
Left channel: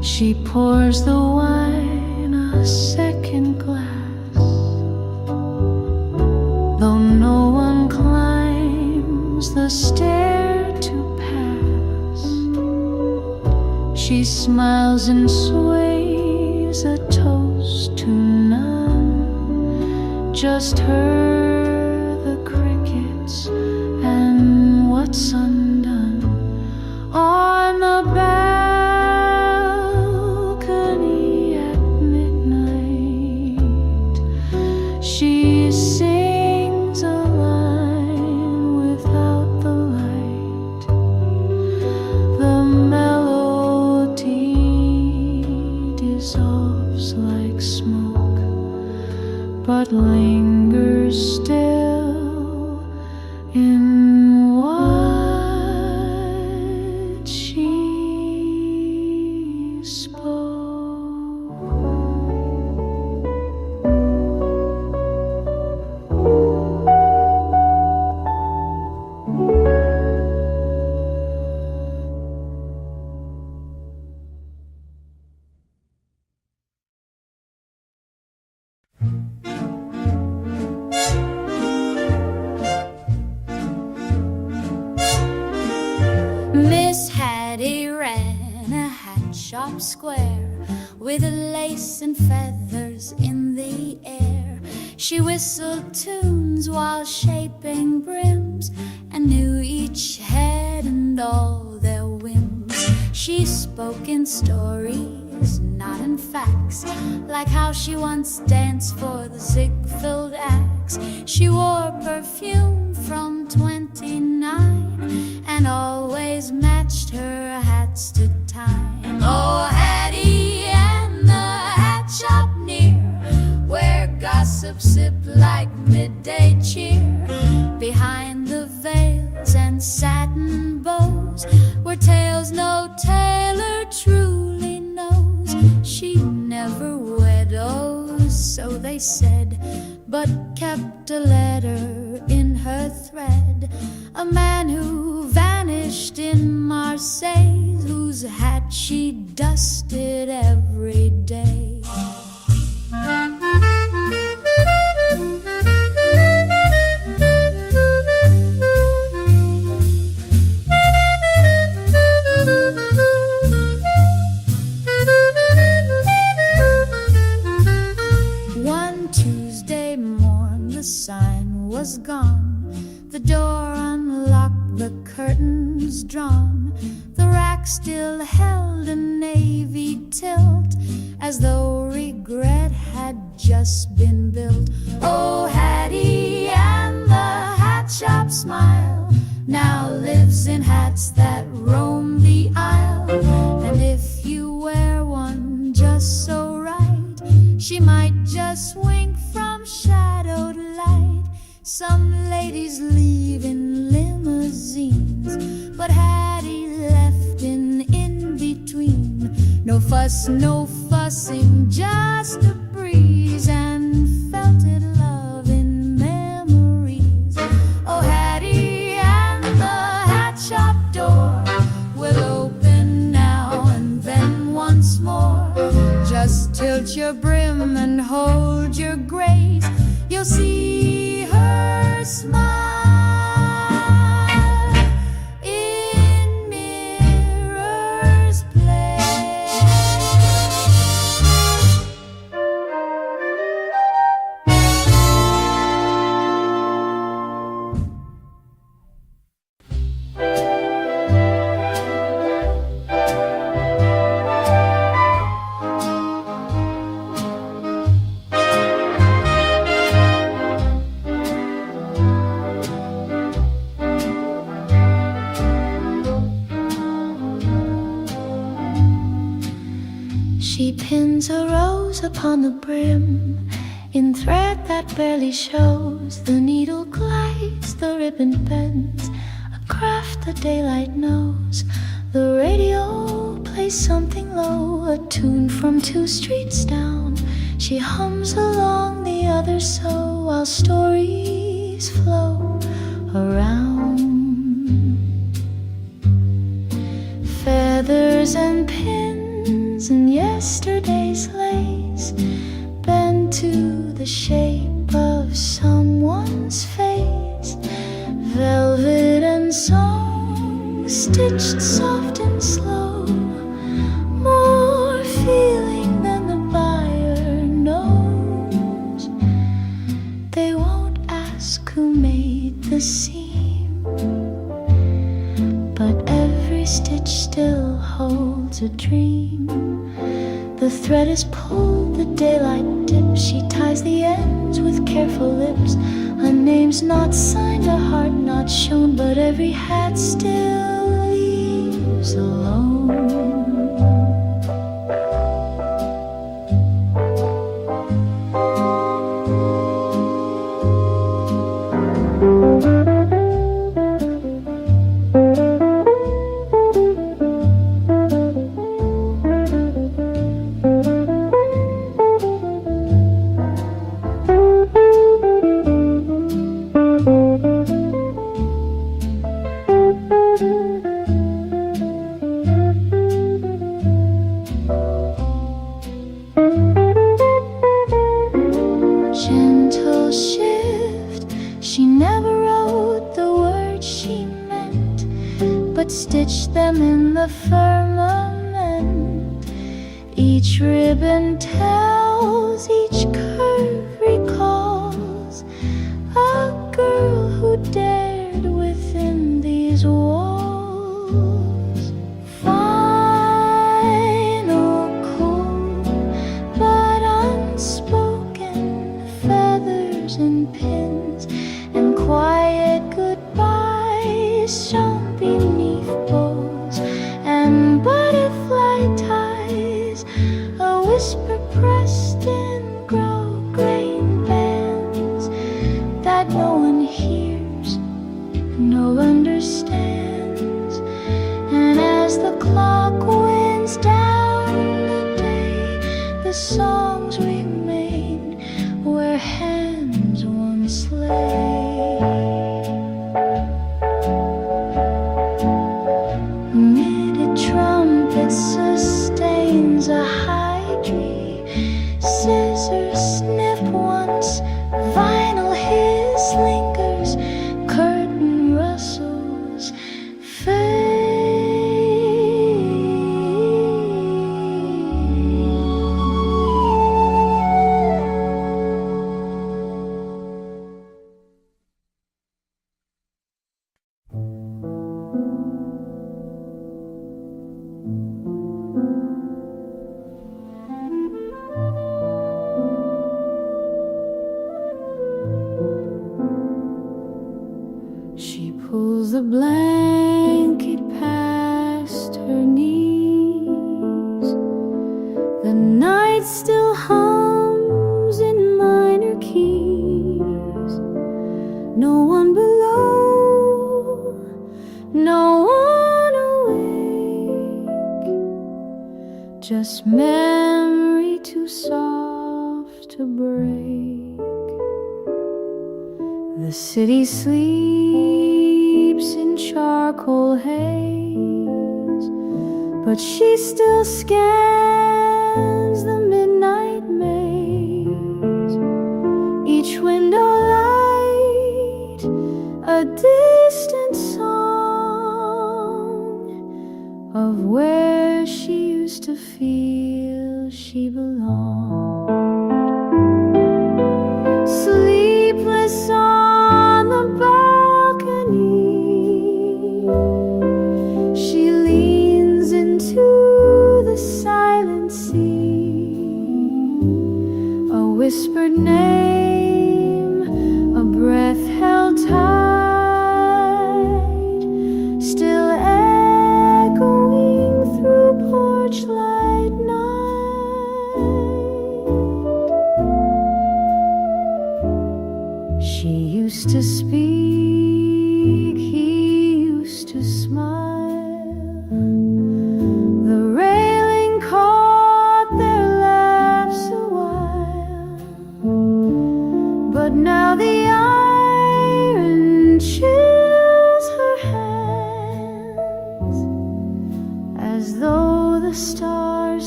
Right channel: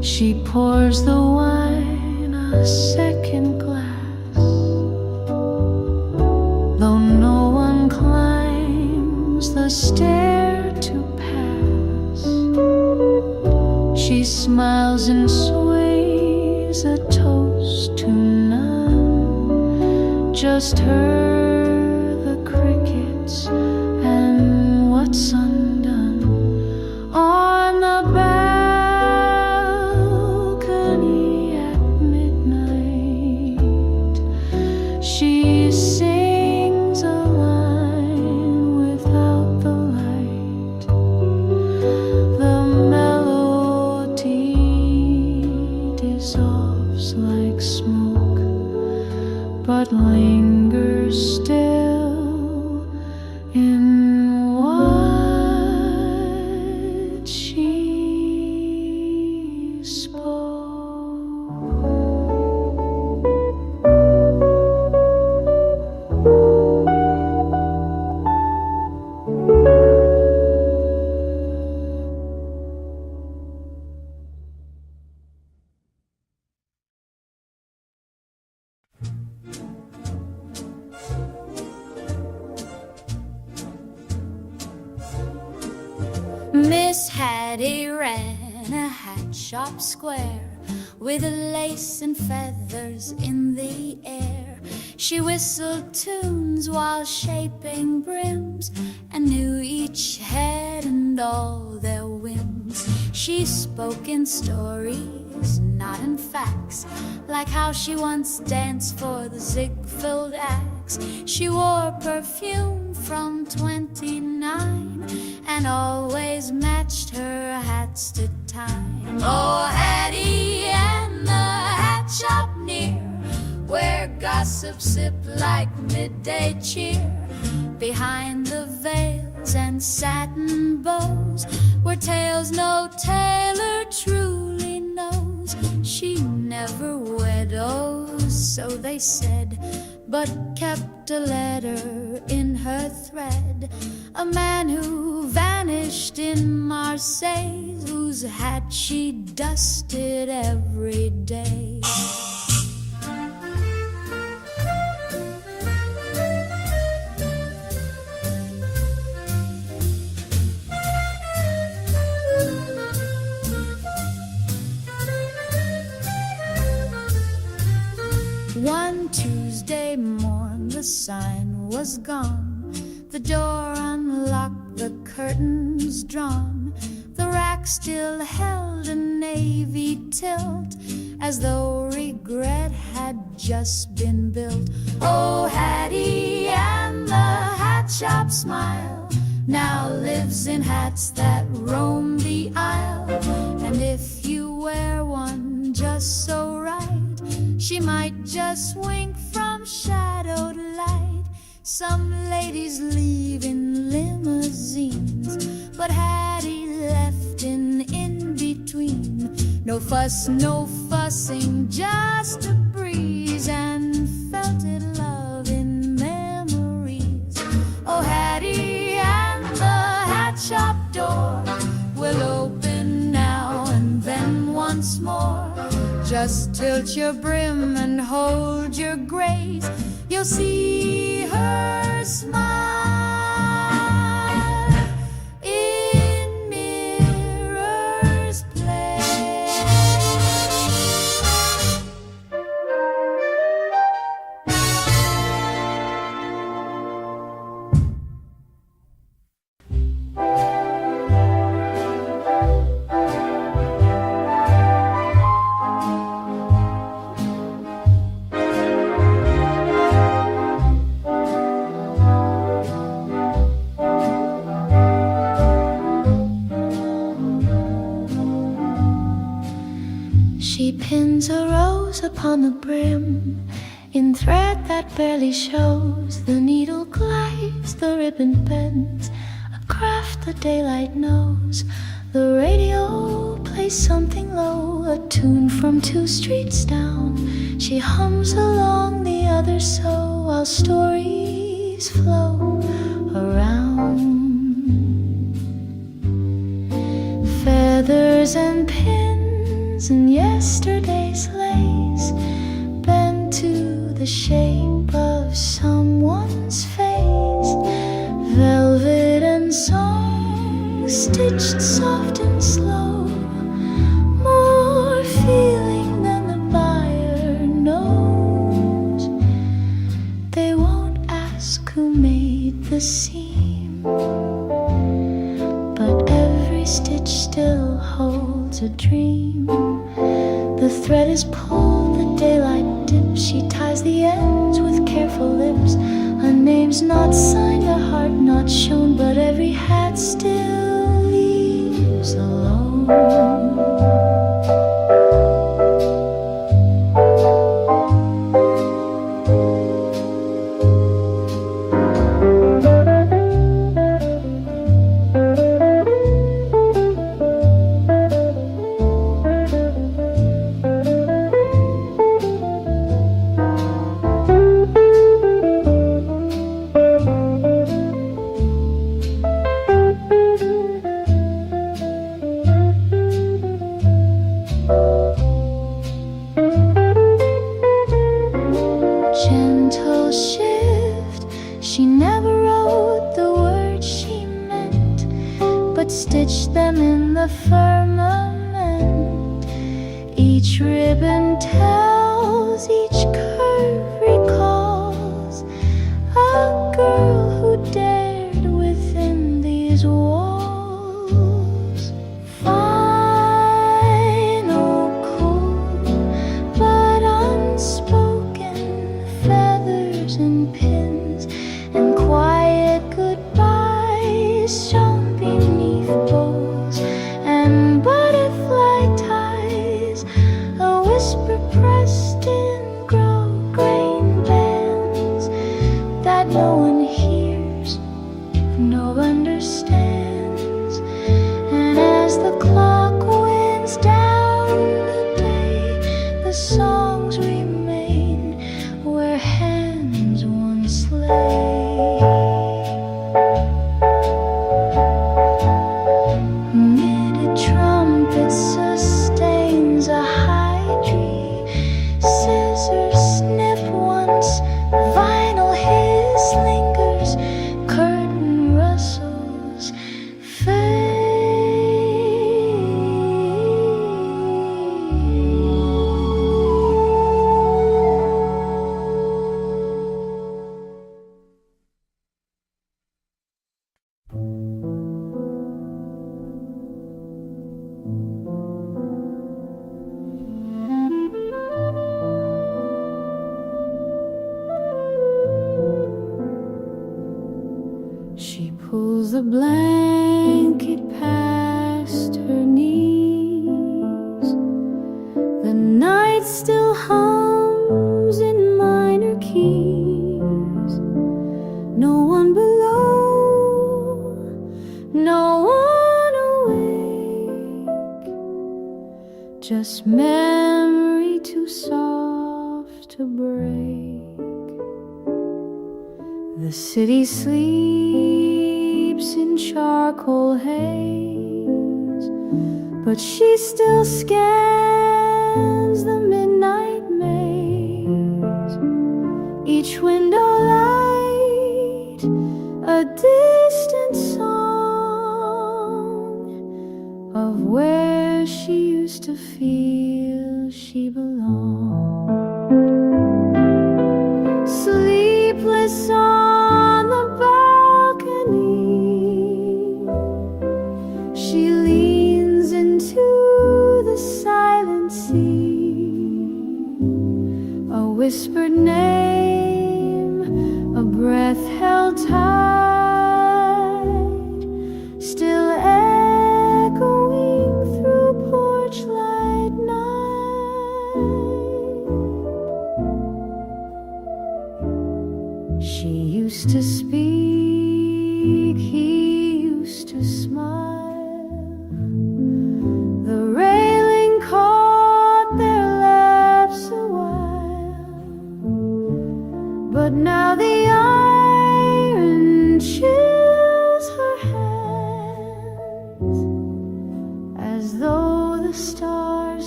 She pours the wine a second glass, though no one climbs the stair to pass. She smiles and sways a toast to none, just her, the crickets, and what's undone. On the balcony at midnight, she sings a line without the light. The melody dissolves like smoke, but lingers still in what she spoke. Miss Hattie ran a hat shop square with lace and feathers in the air. She whistled tunes while shaping brims and knew each head and all their whims. She spoke in stories, not in facts, like how she once danced for the Ziegfeld Axe. She wore perfume from 29 and always matched her hats to time. Oh, Hattie and the hat shop near, where gossip sipped like midday cheer. Behind the veils and satin bows were tales no tailor truly knows. She never wed, oh, so they said, but kept a letter in her thread. A man who vanished in Marseille, whose hat she dusted every day. One Tuesday morn the sign was gone, the door unlocked, the curtains drawn. The rack still held a navy tilt, as though regret had just been built. Oh, Hattie and the hat shop smile now lives in hats that roam the aisle. And if you wear one just so right, she might just wink from shadowed light. Some ladies leave in limousines, but Hattie left in between. No fuss, no fussing, just a breeze, and felted love in memories. Oh, Hattie and the hat shop door will open now and then once more. Just tilt your brim and hold your grace, you'll see her smile in Mirror's Place. She pins a rose upon the brim in thread that barely shows. The needle glides, the ribbon bends, a craft the daylight knows. The radio plays something low, a tune from 2 streets down. She hums along, the others so, while stories flow around. Feathers and pins ribbons and yesterday's lace bend to the shape of someone's face. Velvet and song stitched soft and slow, more feeling than the buyer knows. They won't ask who made the seam, but every stitch still holds a dream. The thread is pulled, the daylight dips. She ties the ends with careful lips. A name's not signed, a heart not shown, but every hat still leaves alone. Gentle shift, she never wrote the words she meant, but stitched them in the firmament. Each ribbon tells, each curve recalls a girl who dared within these walls. Final, cool, but unspoken, feathers and pins and quiet goodbyes shone beneath bows and butterfly ties, a whisper pressed in grosgrain bands that no one hears, no understands. And as the clock winds down the day, the songs remain where hands once lay. Mid trumpet sustains a high tree. Scissors snip once, vinyl hiss lingers, curtain rustles, fade. She pulls the blanket past her knees. The night still hums in minor keys. No one below, no one awake, just memory too soft to break. The city sleeps in charcoal haze, but she still scans the midnight maze. Each window light, a distant song of where she used to feel she belonged. Sleepless on the balcony, she leans into the silent sea. A whispered name, a breath held tight, still echoing through porch light night. She used to speak, he used to smile. The railing caught their laughs a while, but now the iron chills her hands, as though the stars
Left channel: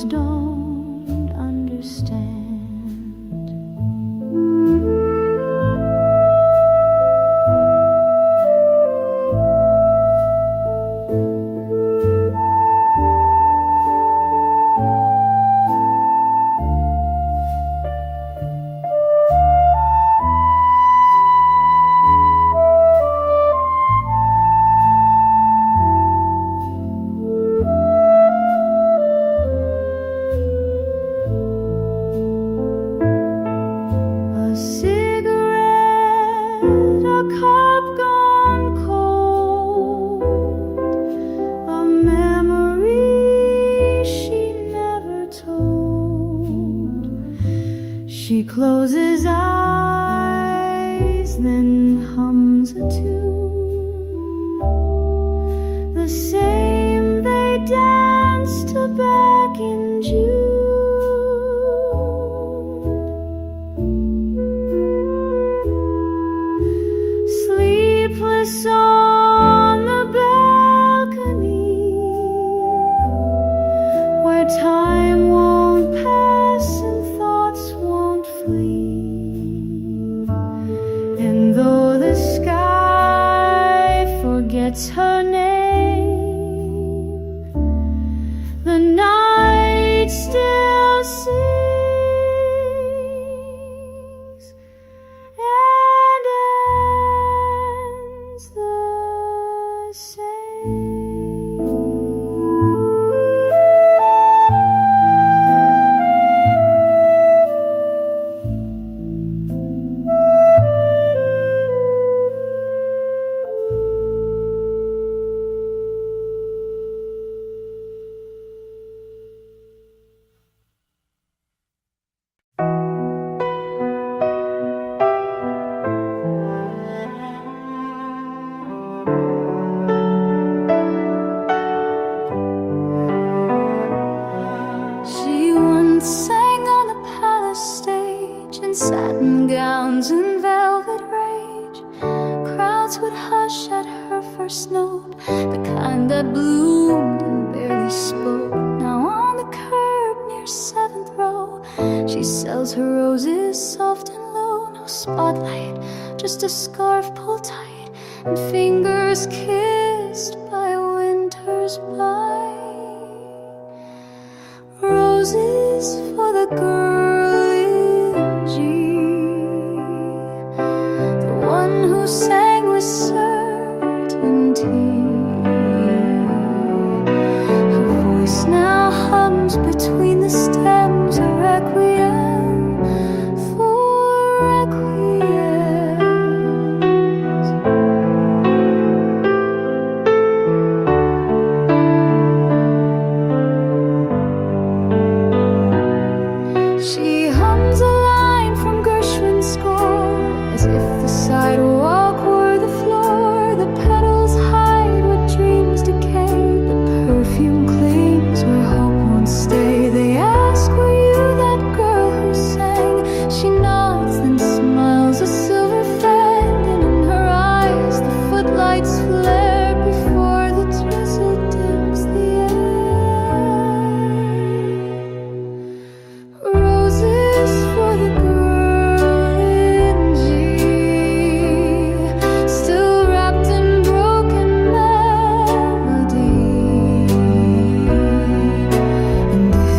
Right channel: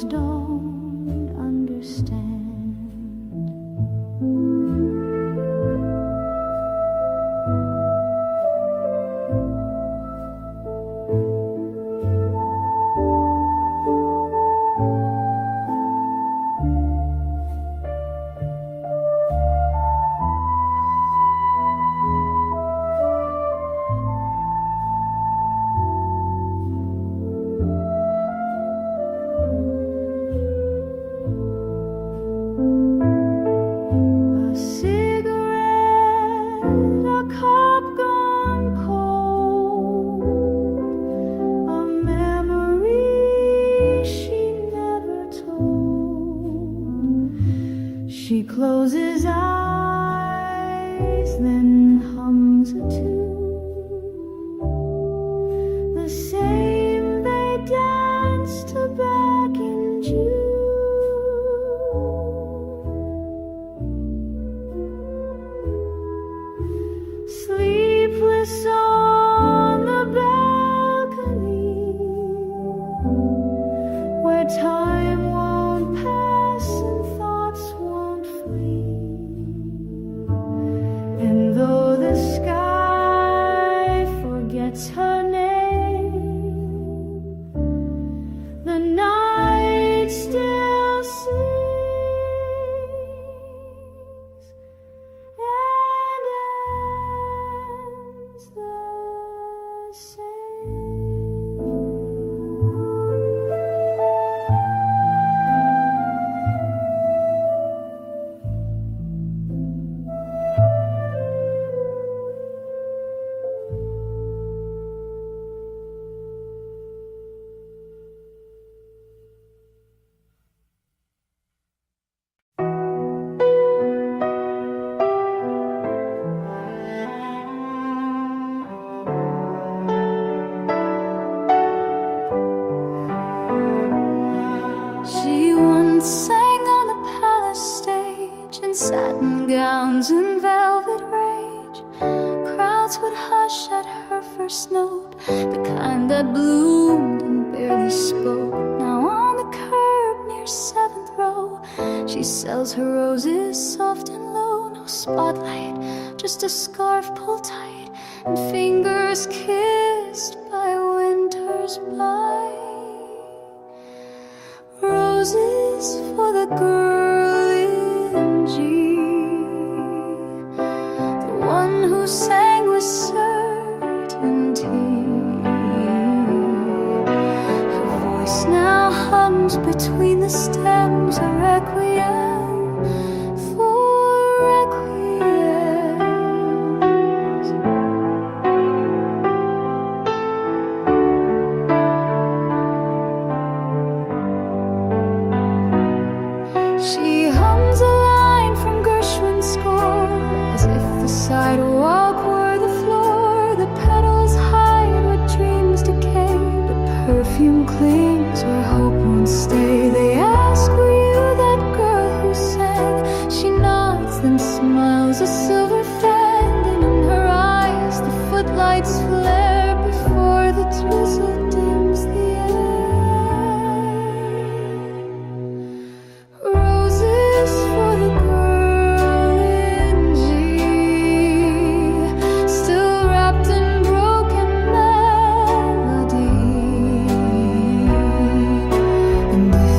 others don't understand. A cigarette, a cup gone cold, a memory she never told. She closes eyes, then hums a tune, the same they danced to back in June. Sleepless on the balcony, where time won't pass and thoughts won't flee. And though the sky forgets her name, the night still sings and ends the same. She once sang on the palace stage in satin gowns and velvet rage. Crowds would hush at her first note, the kind that bloomed and barely spoke. Now on the curb near 7th row, she sells her roses soft and low. No spotlight, just a scarf pulled tight and fingers kissed by winter's bite. Roses for the girl in G, the one who sang with certainty. Her voice now hums between the stems, a requiem for requiems. She hums a line from Gershwin's score, as if the sidewalk were the floor. The petals hide where dreams decay, but perfume clings where hope won't stay. They ask, were you that girl who sang? She nods, then smiles a silver fang, and in her eyes the footlights flare before the drizzle dims the air. Roses for the girl in G, still wrapped in broken melody. And if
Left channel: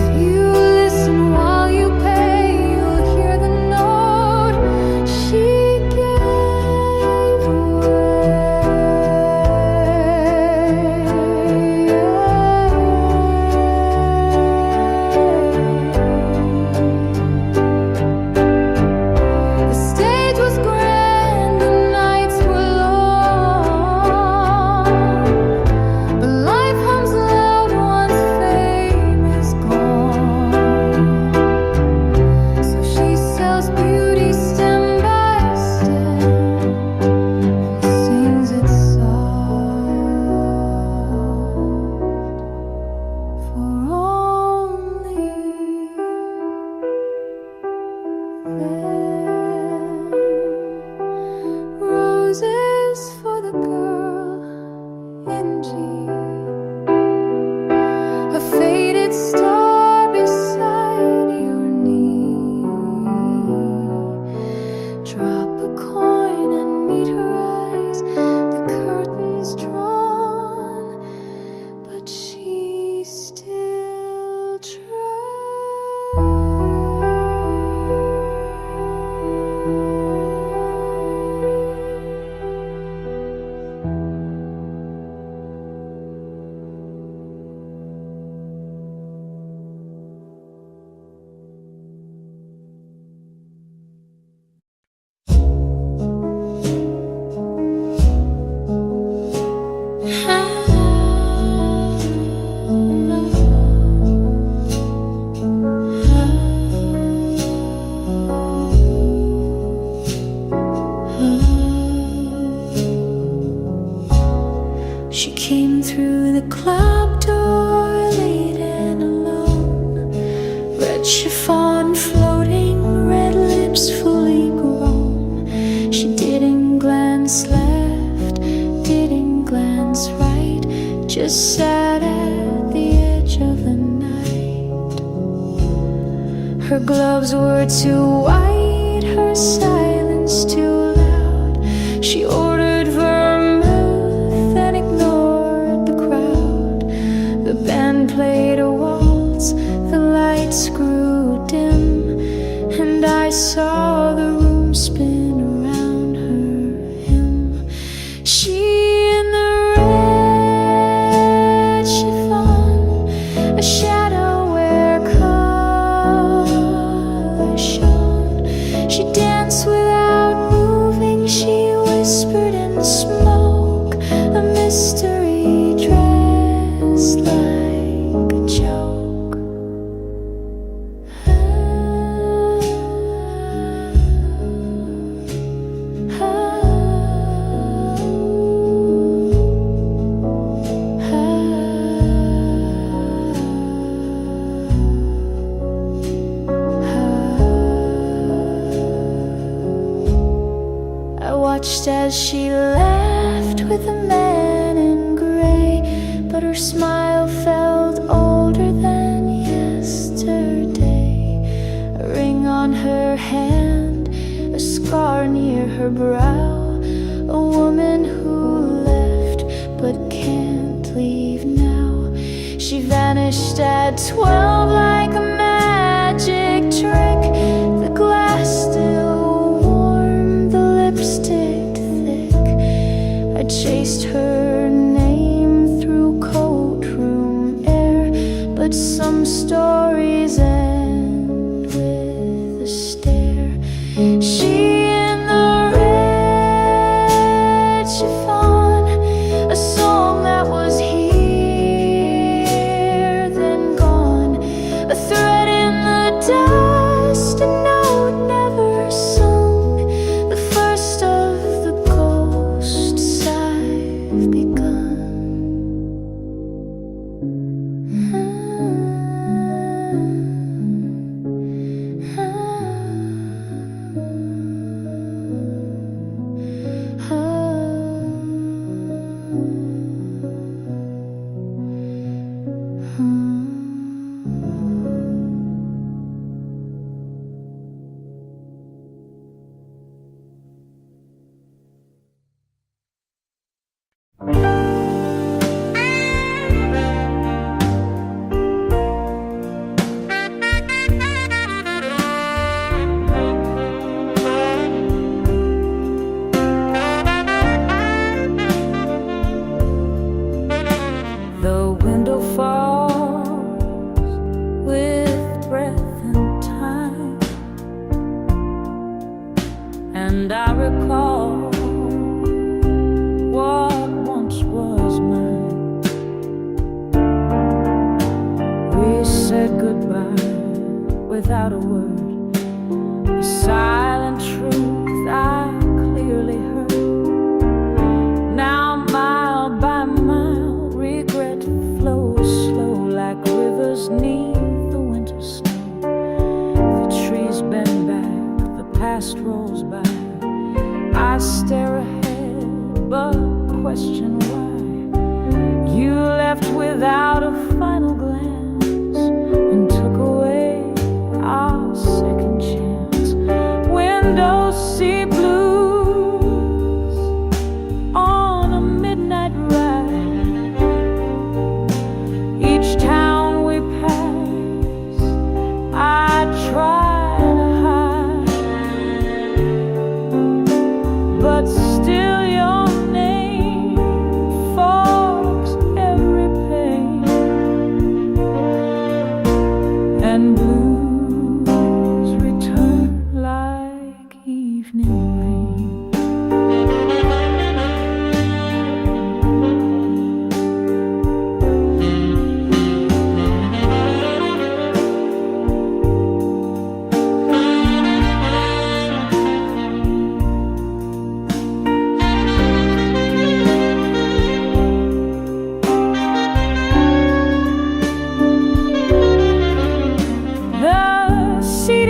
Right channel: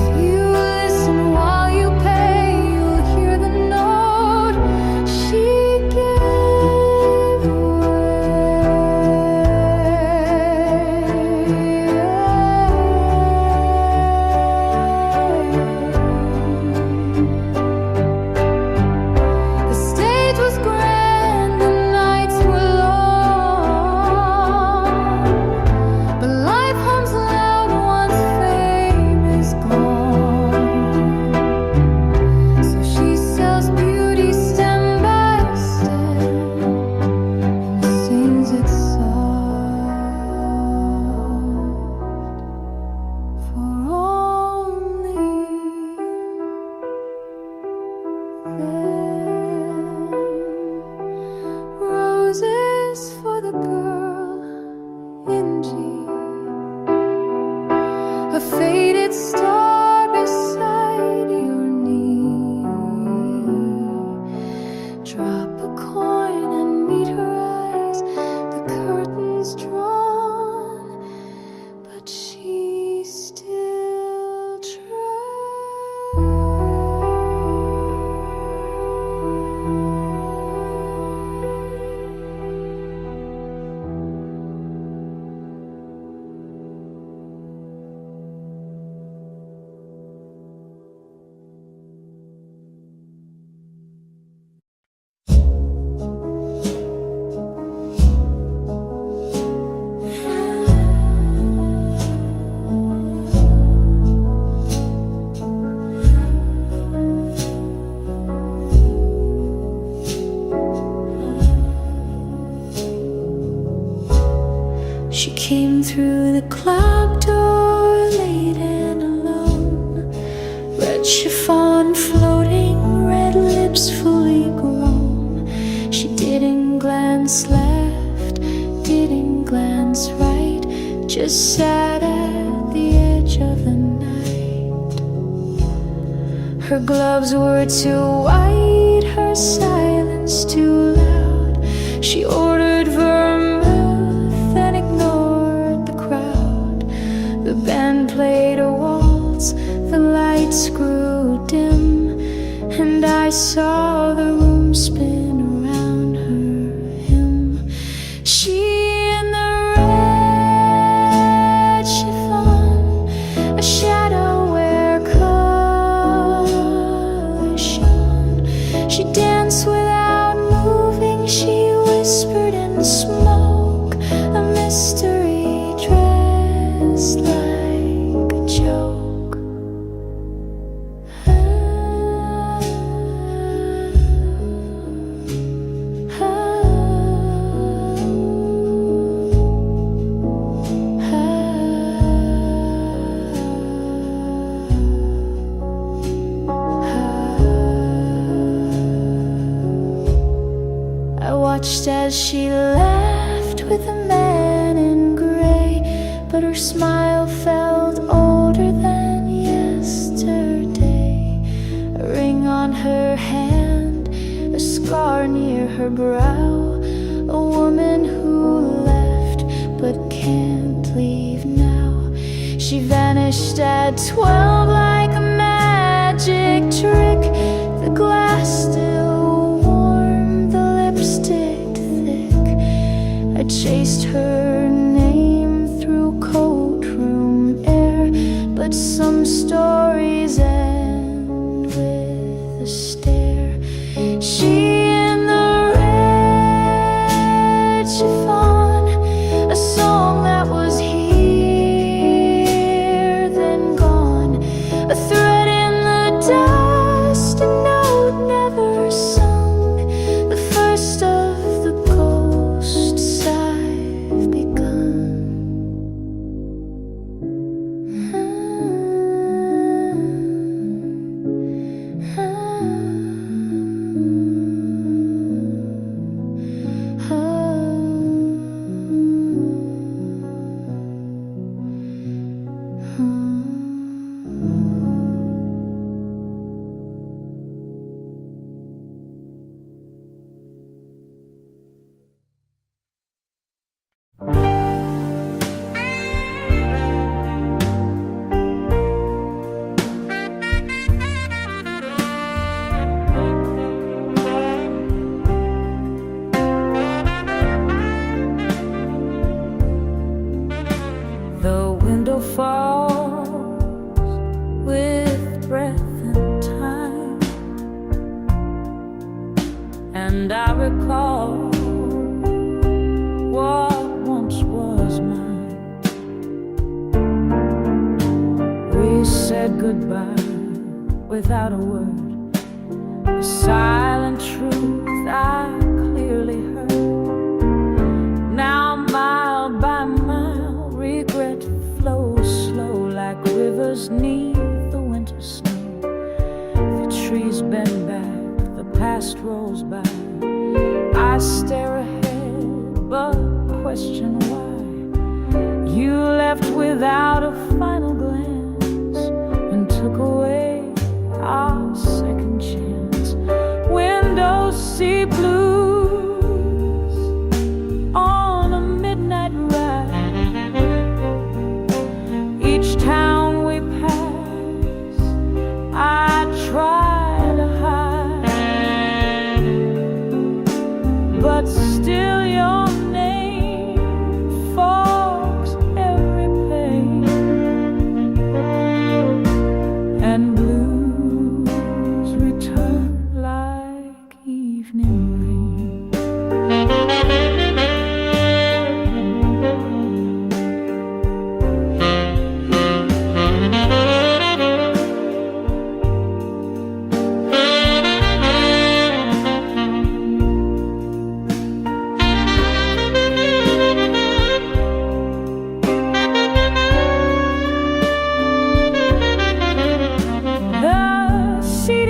She came through the club door late and alone. Red chiffon floating, red lips fully grown. She didn't glance left, didn't glance right, just sat at the edge of the night. Her gloves were too white, her silence too loud. She ordered vermouth and ignored the crowd. The band played a waltz, the lights grew dim, and I saw the room spin around her him. She in the red chiffon, a shadow where color shone. She danced without moving, she whispered in the smoke, a mystery dressed like a joke. I watched as she laughed with a man in gray, but her smile felt older than yesterday. A ring on her hand, a scar near her brow, a woman who left but can't leave now. She vanished at 12 like a magic trick. The glass still warm, the lipstick thick. I chased her name through courtroom air, but some stories end with a stare. She in the red chiffon, a song that was here then gone, a thread in the dust, a note never sung, the first of the ghosts I've begun. The window falls with breath and time, and I recall what once was mine. We said goodbye without a word, a silent truth I clearly heard. Now mile by mile, regret flows slow like rivers neath the winter snow. The trees bend back, the past rolls by. I stare ahead, but question why. You left without a final glance and took away our second chance. Windows see blues on a midnight ride. Each town we pass, I try to hide, but still your name fogs every pain, and blues return like evening rain.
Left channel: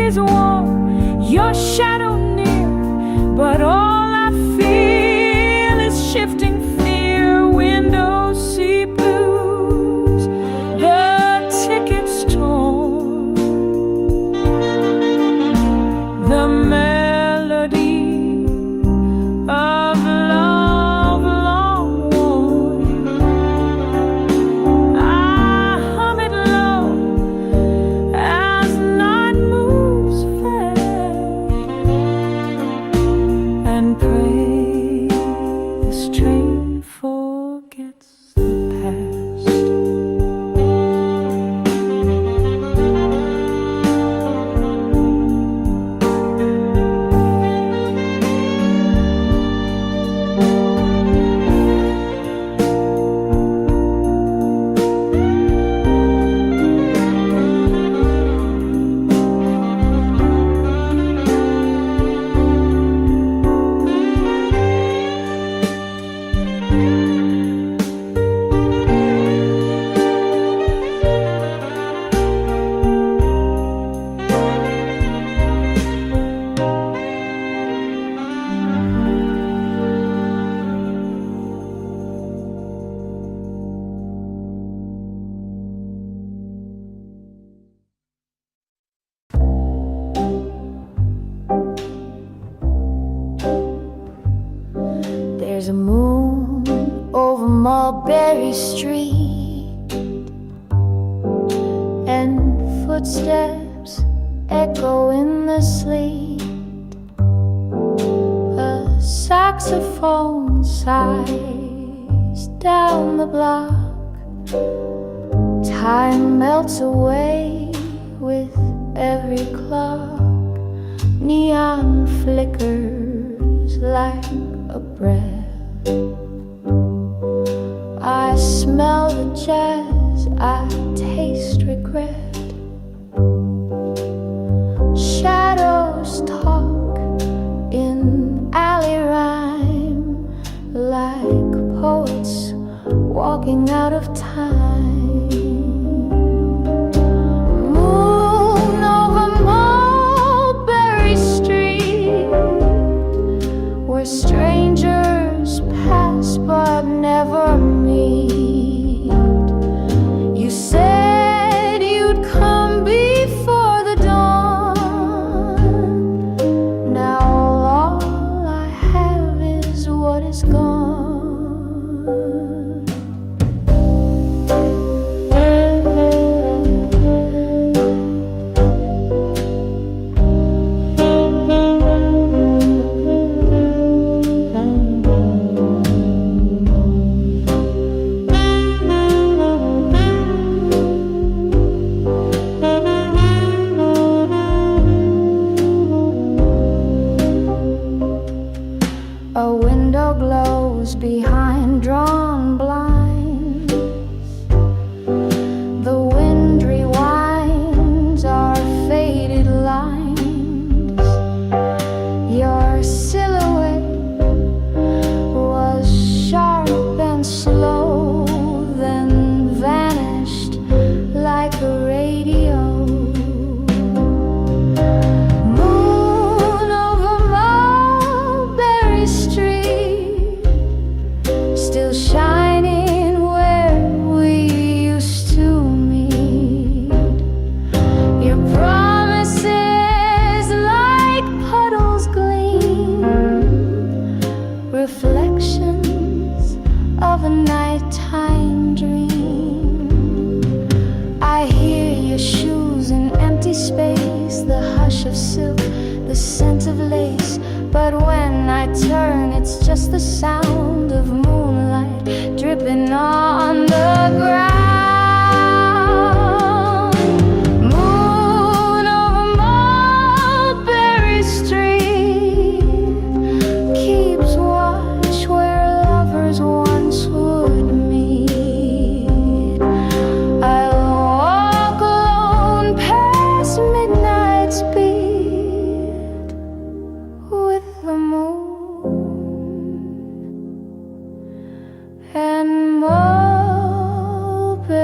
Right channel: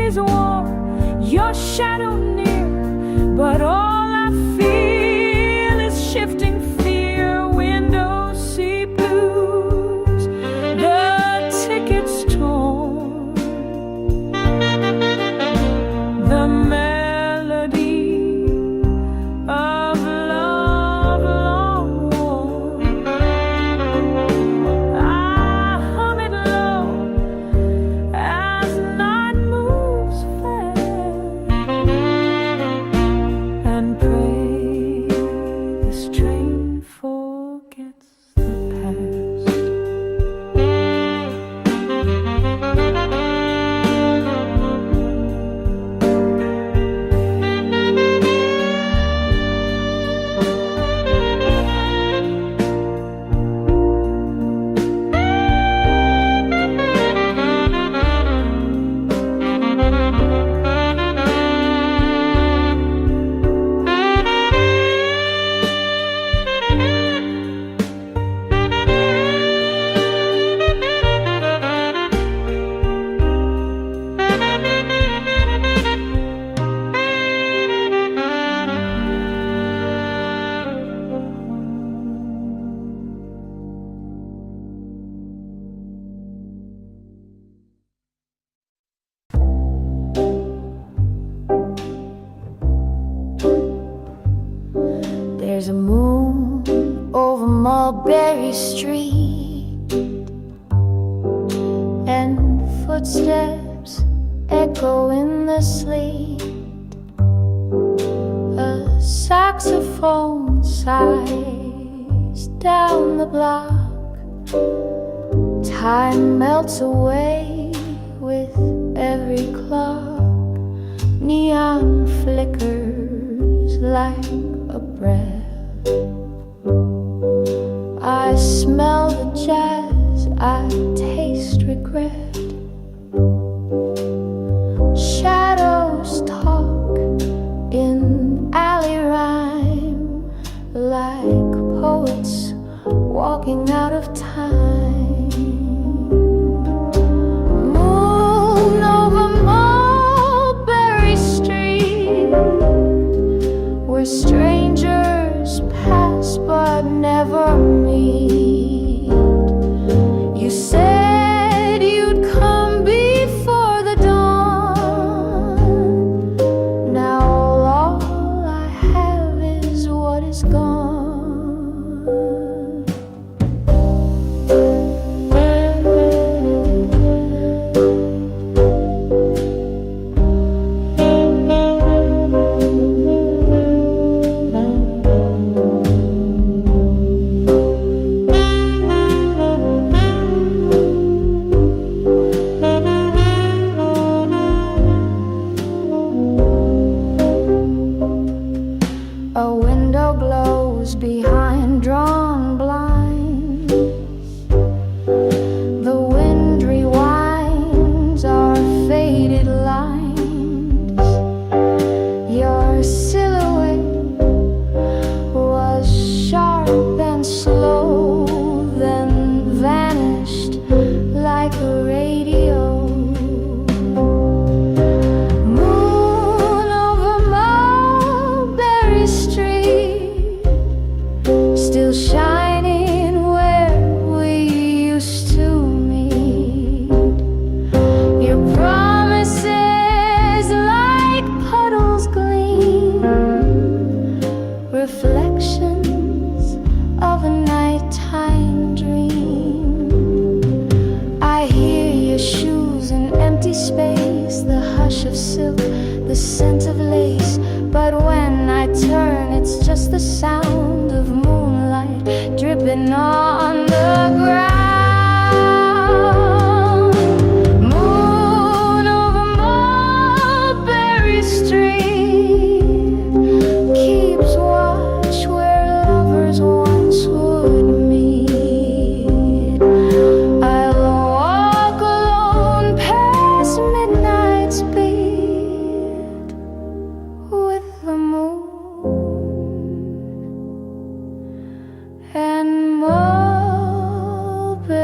is warm, your shadow near, but all I feel is shifting fear. Windows see blues, the tickets torn, the melody of love long worn. I hum it low as night moves fast, and pray this train forgets the past. There's a moon over Mulberry Street, and footsteps echo in the sleet. A saxophone sighs down the block. Time melts away with every clock. Neon flickers like a breath. I smell the jazz, I taste regret. Shadows talk in alley rhyme, like poets walking out of time. Moon over Mulberry Street, where strangers pass but never meet. You said you'd come before the dawn. Now all I have is what is gone. A window glows behind drawn blinds. The wind rewinds our faded lines. Your silhouette was sharp and slow, then vanished like a radio. Still shining where we used to meet. Your promises like puddles gleam, reflections of a nighttime dream. I hear your shoes in empty space, the hush of silk, the scent of lace. But when I turn, it's just the sound of moonlight dripping on the ground. Moon over Mulberry Street keeps watch where lovers once would meet. I'll walk alone past midnight's beat with the moon and Mulberry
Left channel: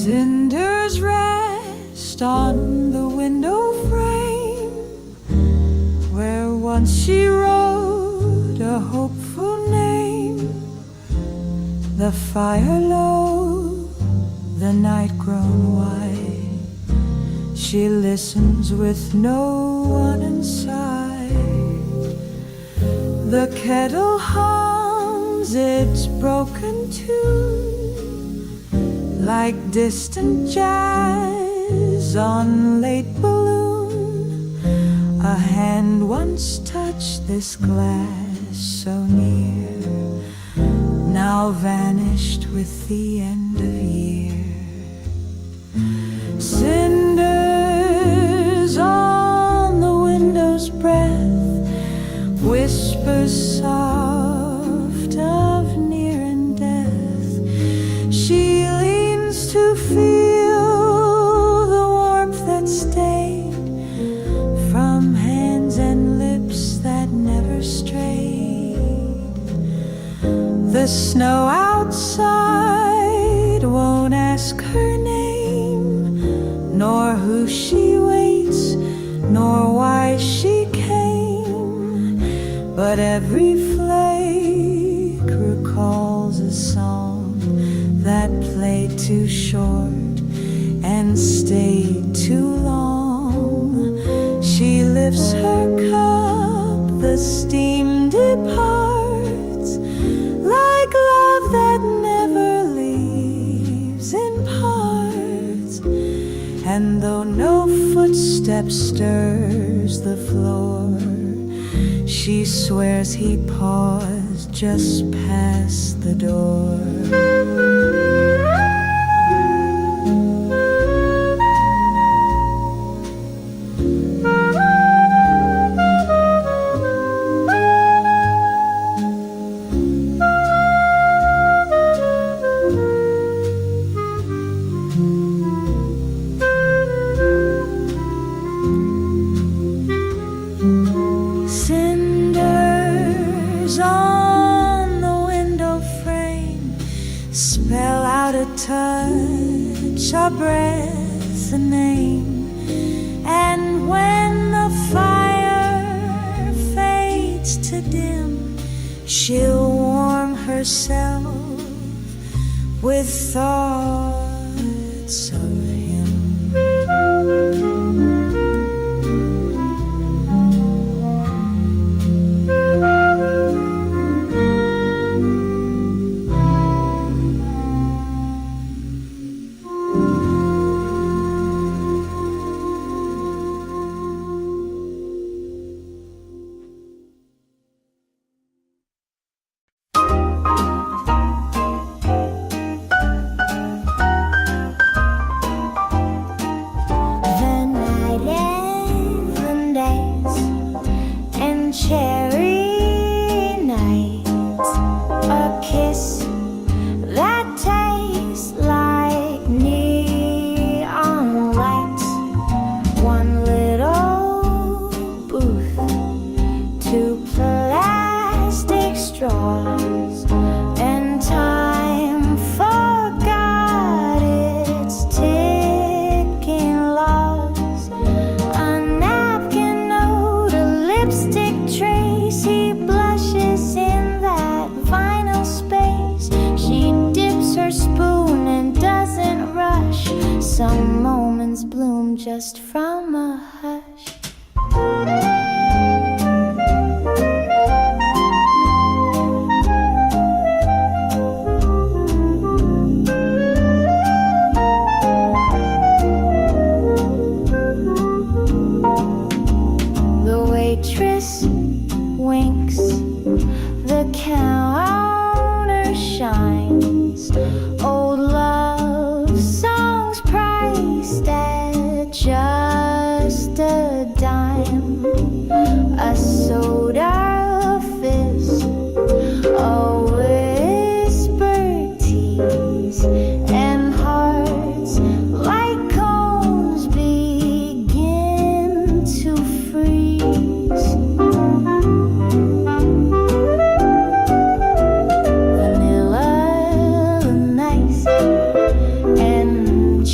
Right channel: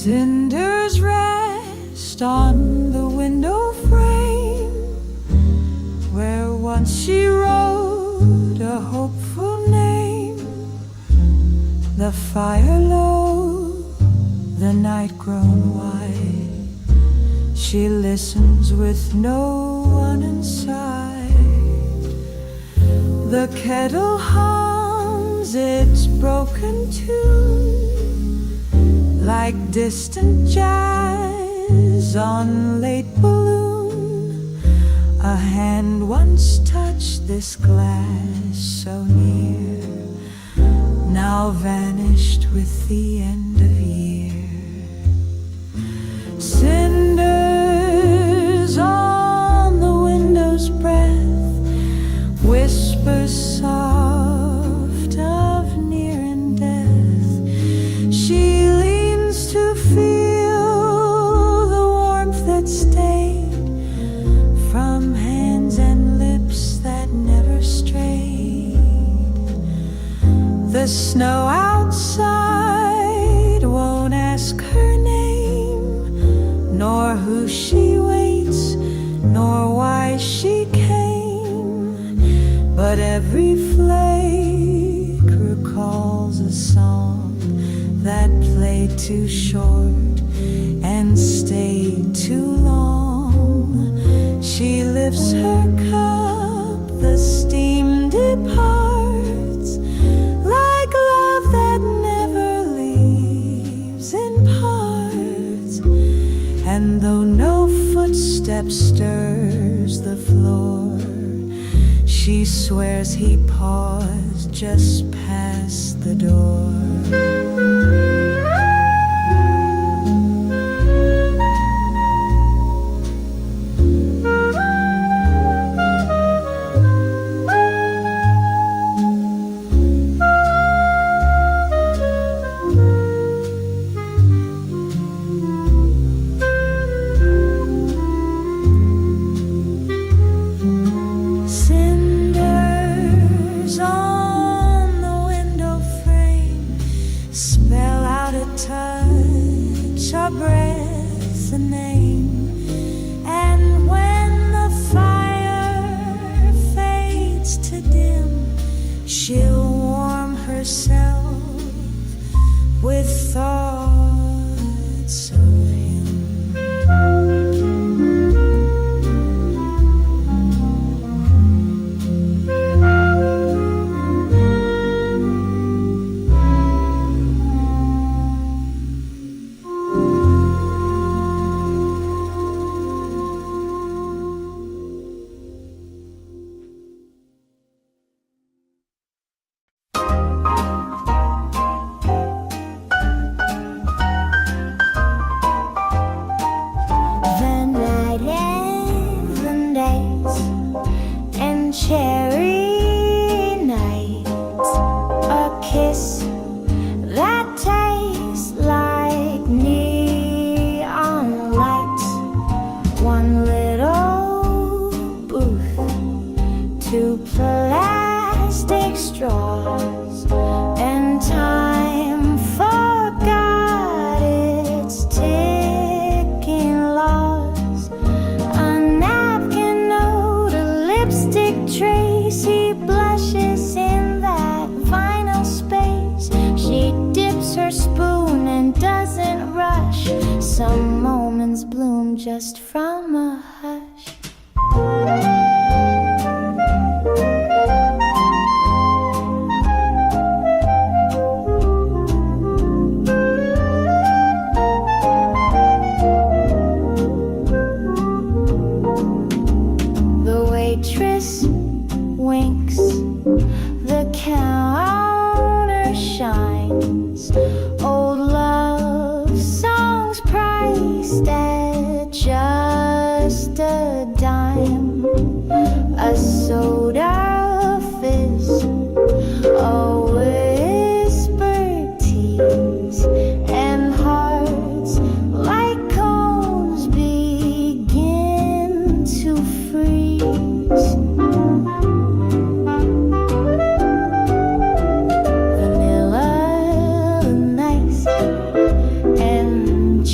Cinders rest on the window frame where once she wrote a hopeful name. The fire low, the night grown white, she listens with no one inside. The kettle hums its broken tune like distant jazz on late balloon. A hand once touched this glass so near, now vanished with the end of year. Cinders on the window's breath, whispers soft of near and death. She leans to feel the warmth that stayed from hands and lips that never strayed. The snow outside won't ask her name, nor who she waits, nor why she came. But every flake recalls a song that played too short and stayed too long. She lifts her cup, the steam departs, like love that never leaves in parts. And though no footstep stirs the floor, she swears he paused just past the door. Cinders on the window frame spell out a touch, a breath, a name. And when the fire fades to dim, she'll warm herself with thoughts of him. Cherry nights, a kiss that tastes like neon lights, one little booth, two plastic straws, and time forgot its ticking laws. A napkin note, a lipstick trace, he blushes in that vinyl space. She dips her spoon and doesn't rush. Some moments bloom just from a hush. The waitress winks, the counter shines. Old love songs priced at just a dime. A soda fizz, a whispered tease, and hearts like cones begin to freeze. Vanilla nice and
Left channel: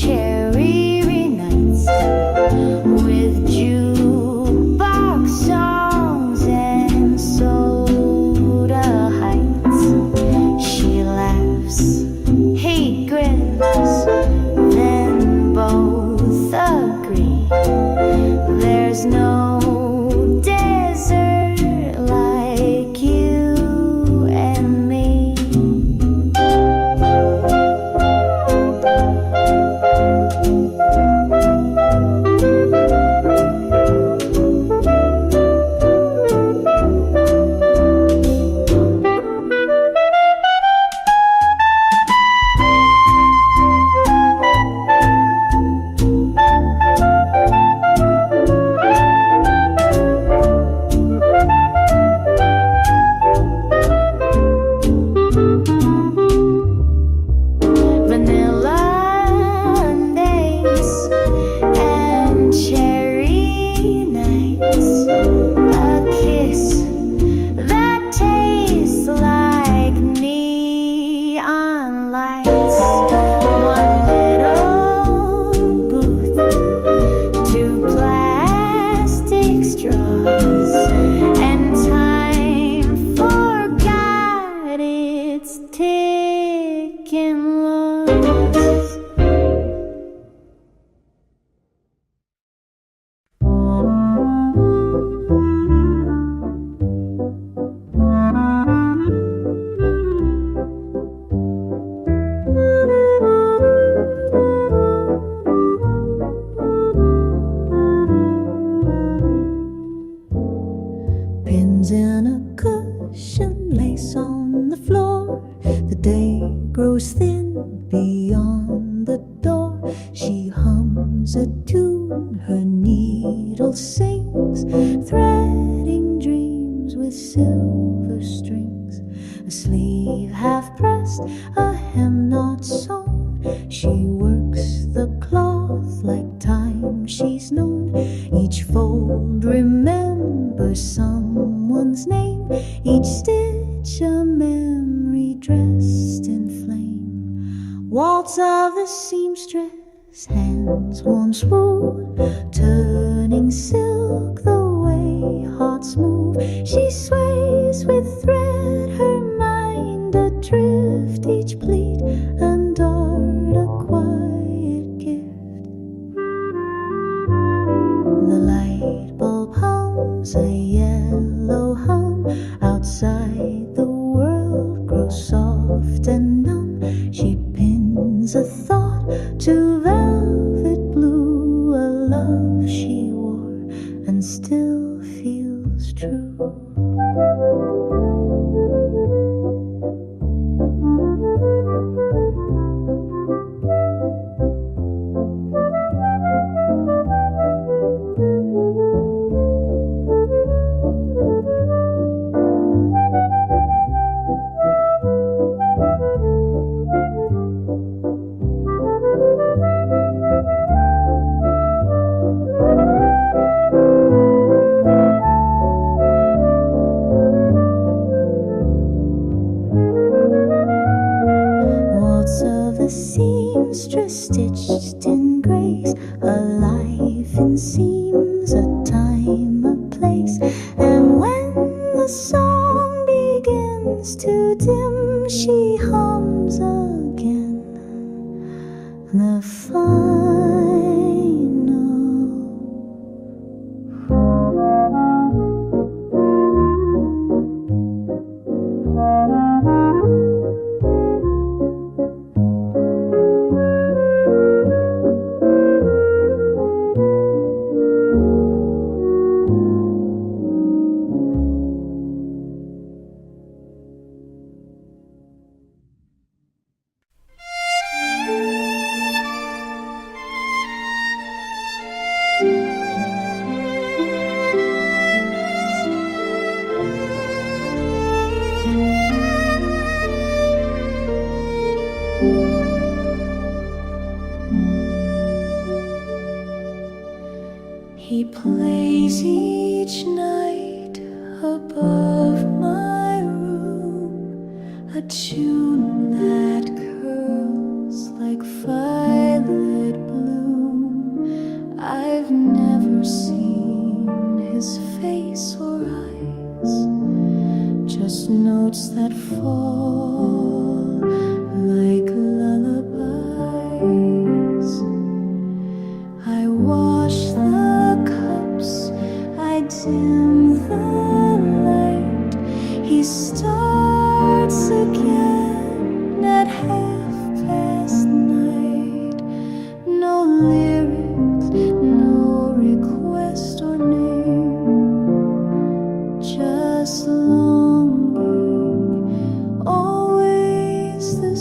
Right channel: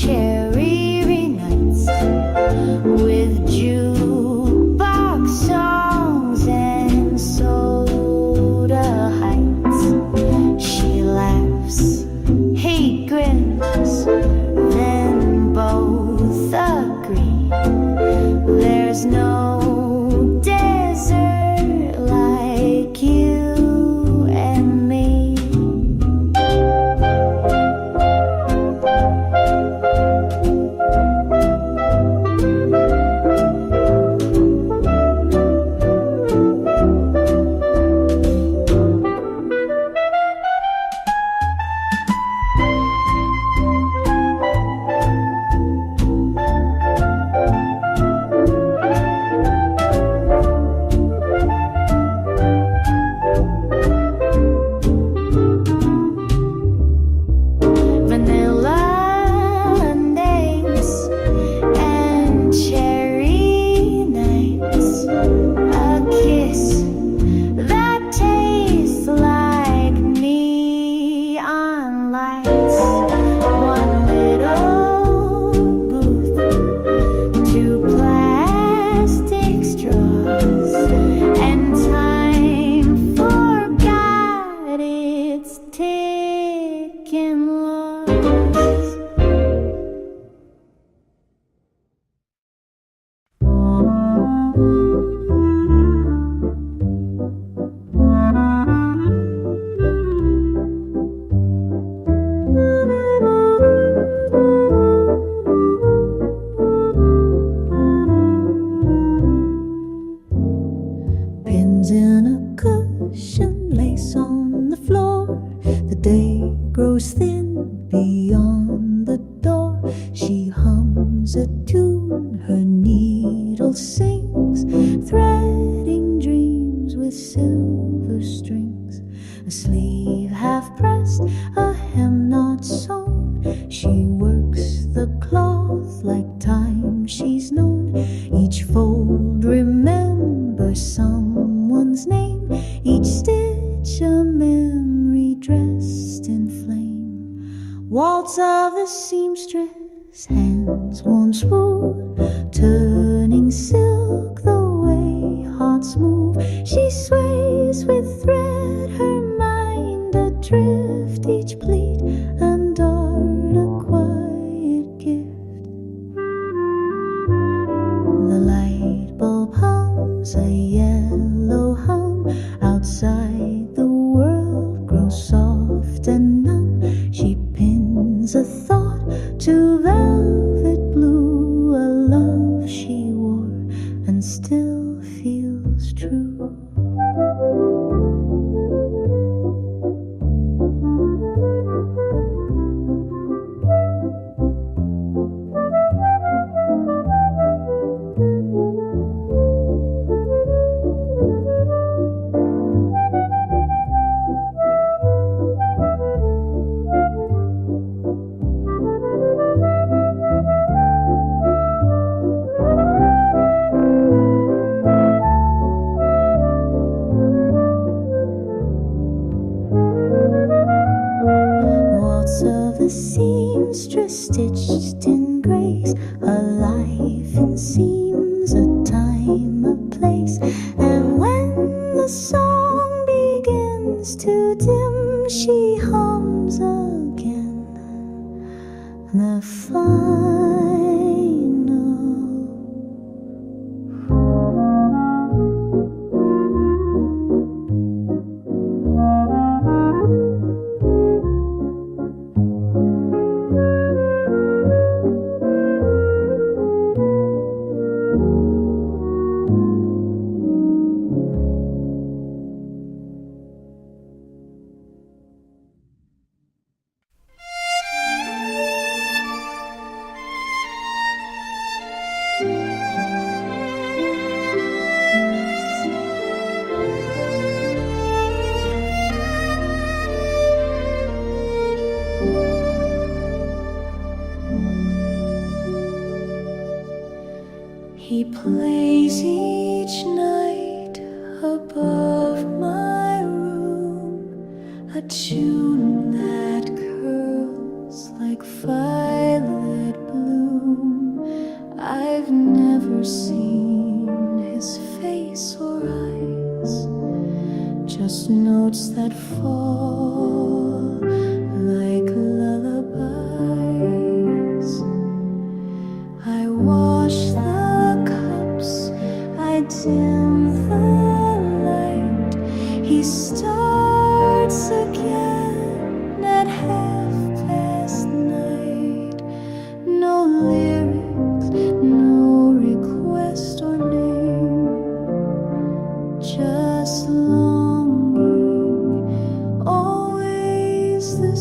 laughs, he grins, then both agree there's no desert like you and me. Vanilla days and cherry nights, a kiss that tastes like neon lights, one little booth, two plastic straws, and time forgot its ticking laws. Pins in a cushion, lace on the floor. The day grows thin beyond the door. She hums a tune, her needle sings, threading dreams with silver strings. A sleeve half pressed, a hem not sewn. She works the cloth like time she's known. Each fold remembers someone's name, each stitch a memory dressed in flame. Waltz of the seamstress, hands warm smooth, turning silk the way hearts move. She sways with thread, her mind adrift, each pleat and dart a quiet gift. The light bulb hums a yellow hum, outside the world grows soft and numb. She pins a thought to velvet blue, a love she wore and still feels true. Waltz of the seamstress stitched in grace, a life in seams, a time, a place. And when the song begins to dim, she hums again the final. He plays each night above my room, a tune that curls like violet bloom. I've never seen his face or eyes, just notes that fall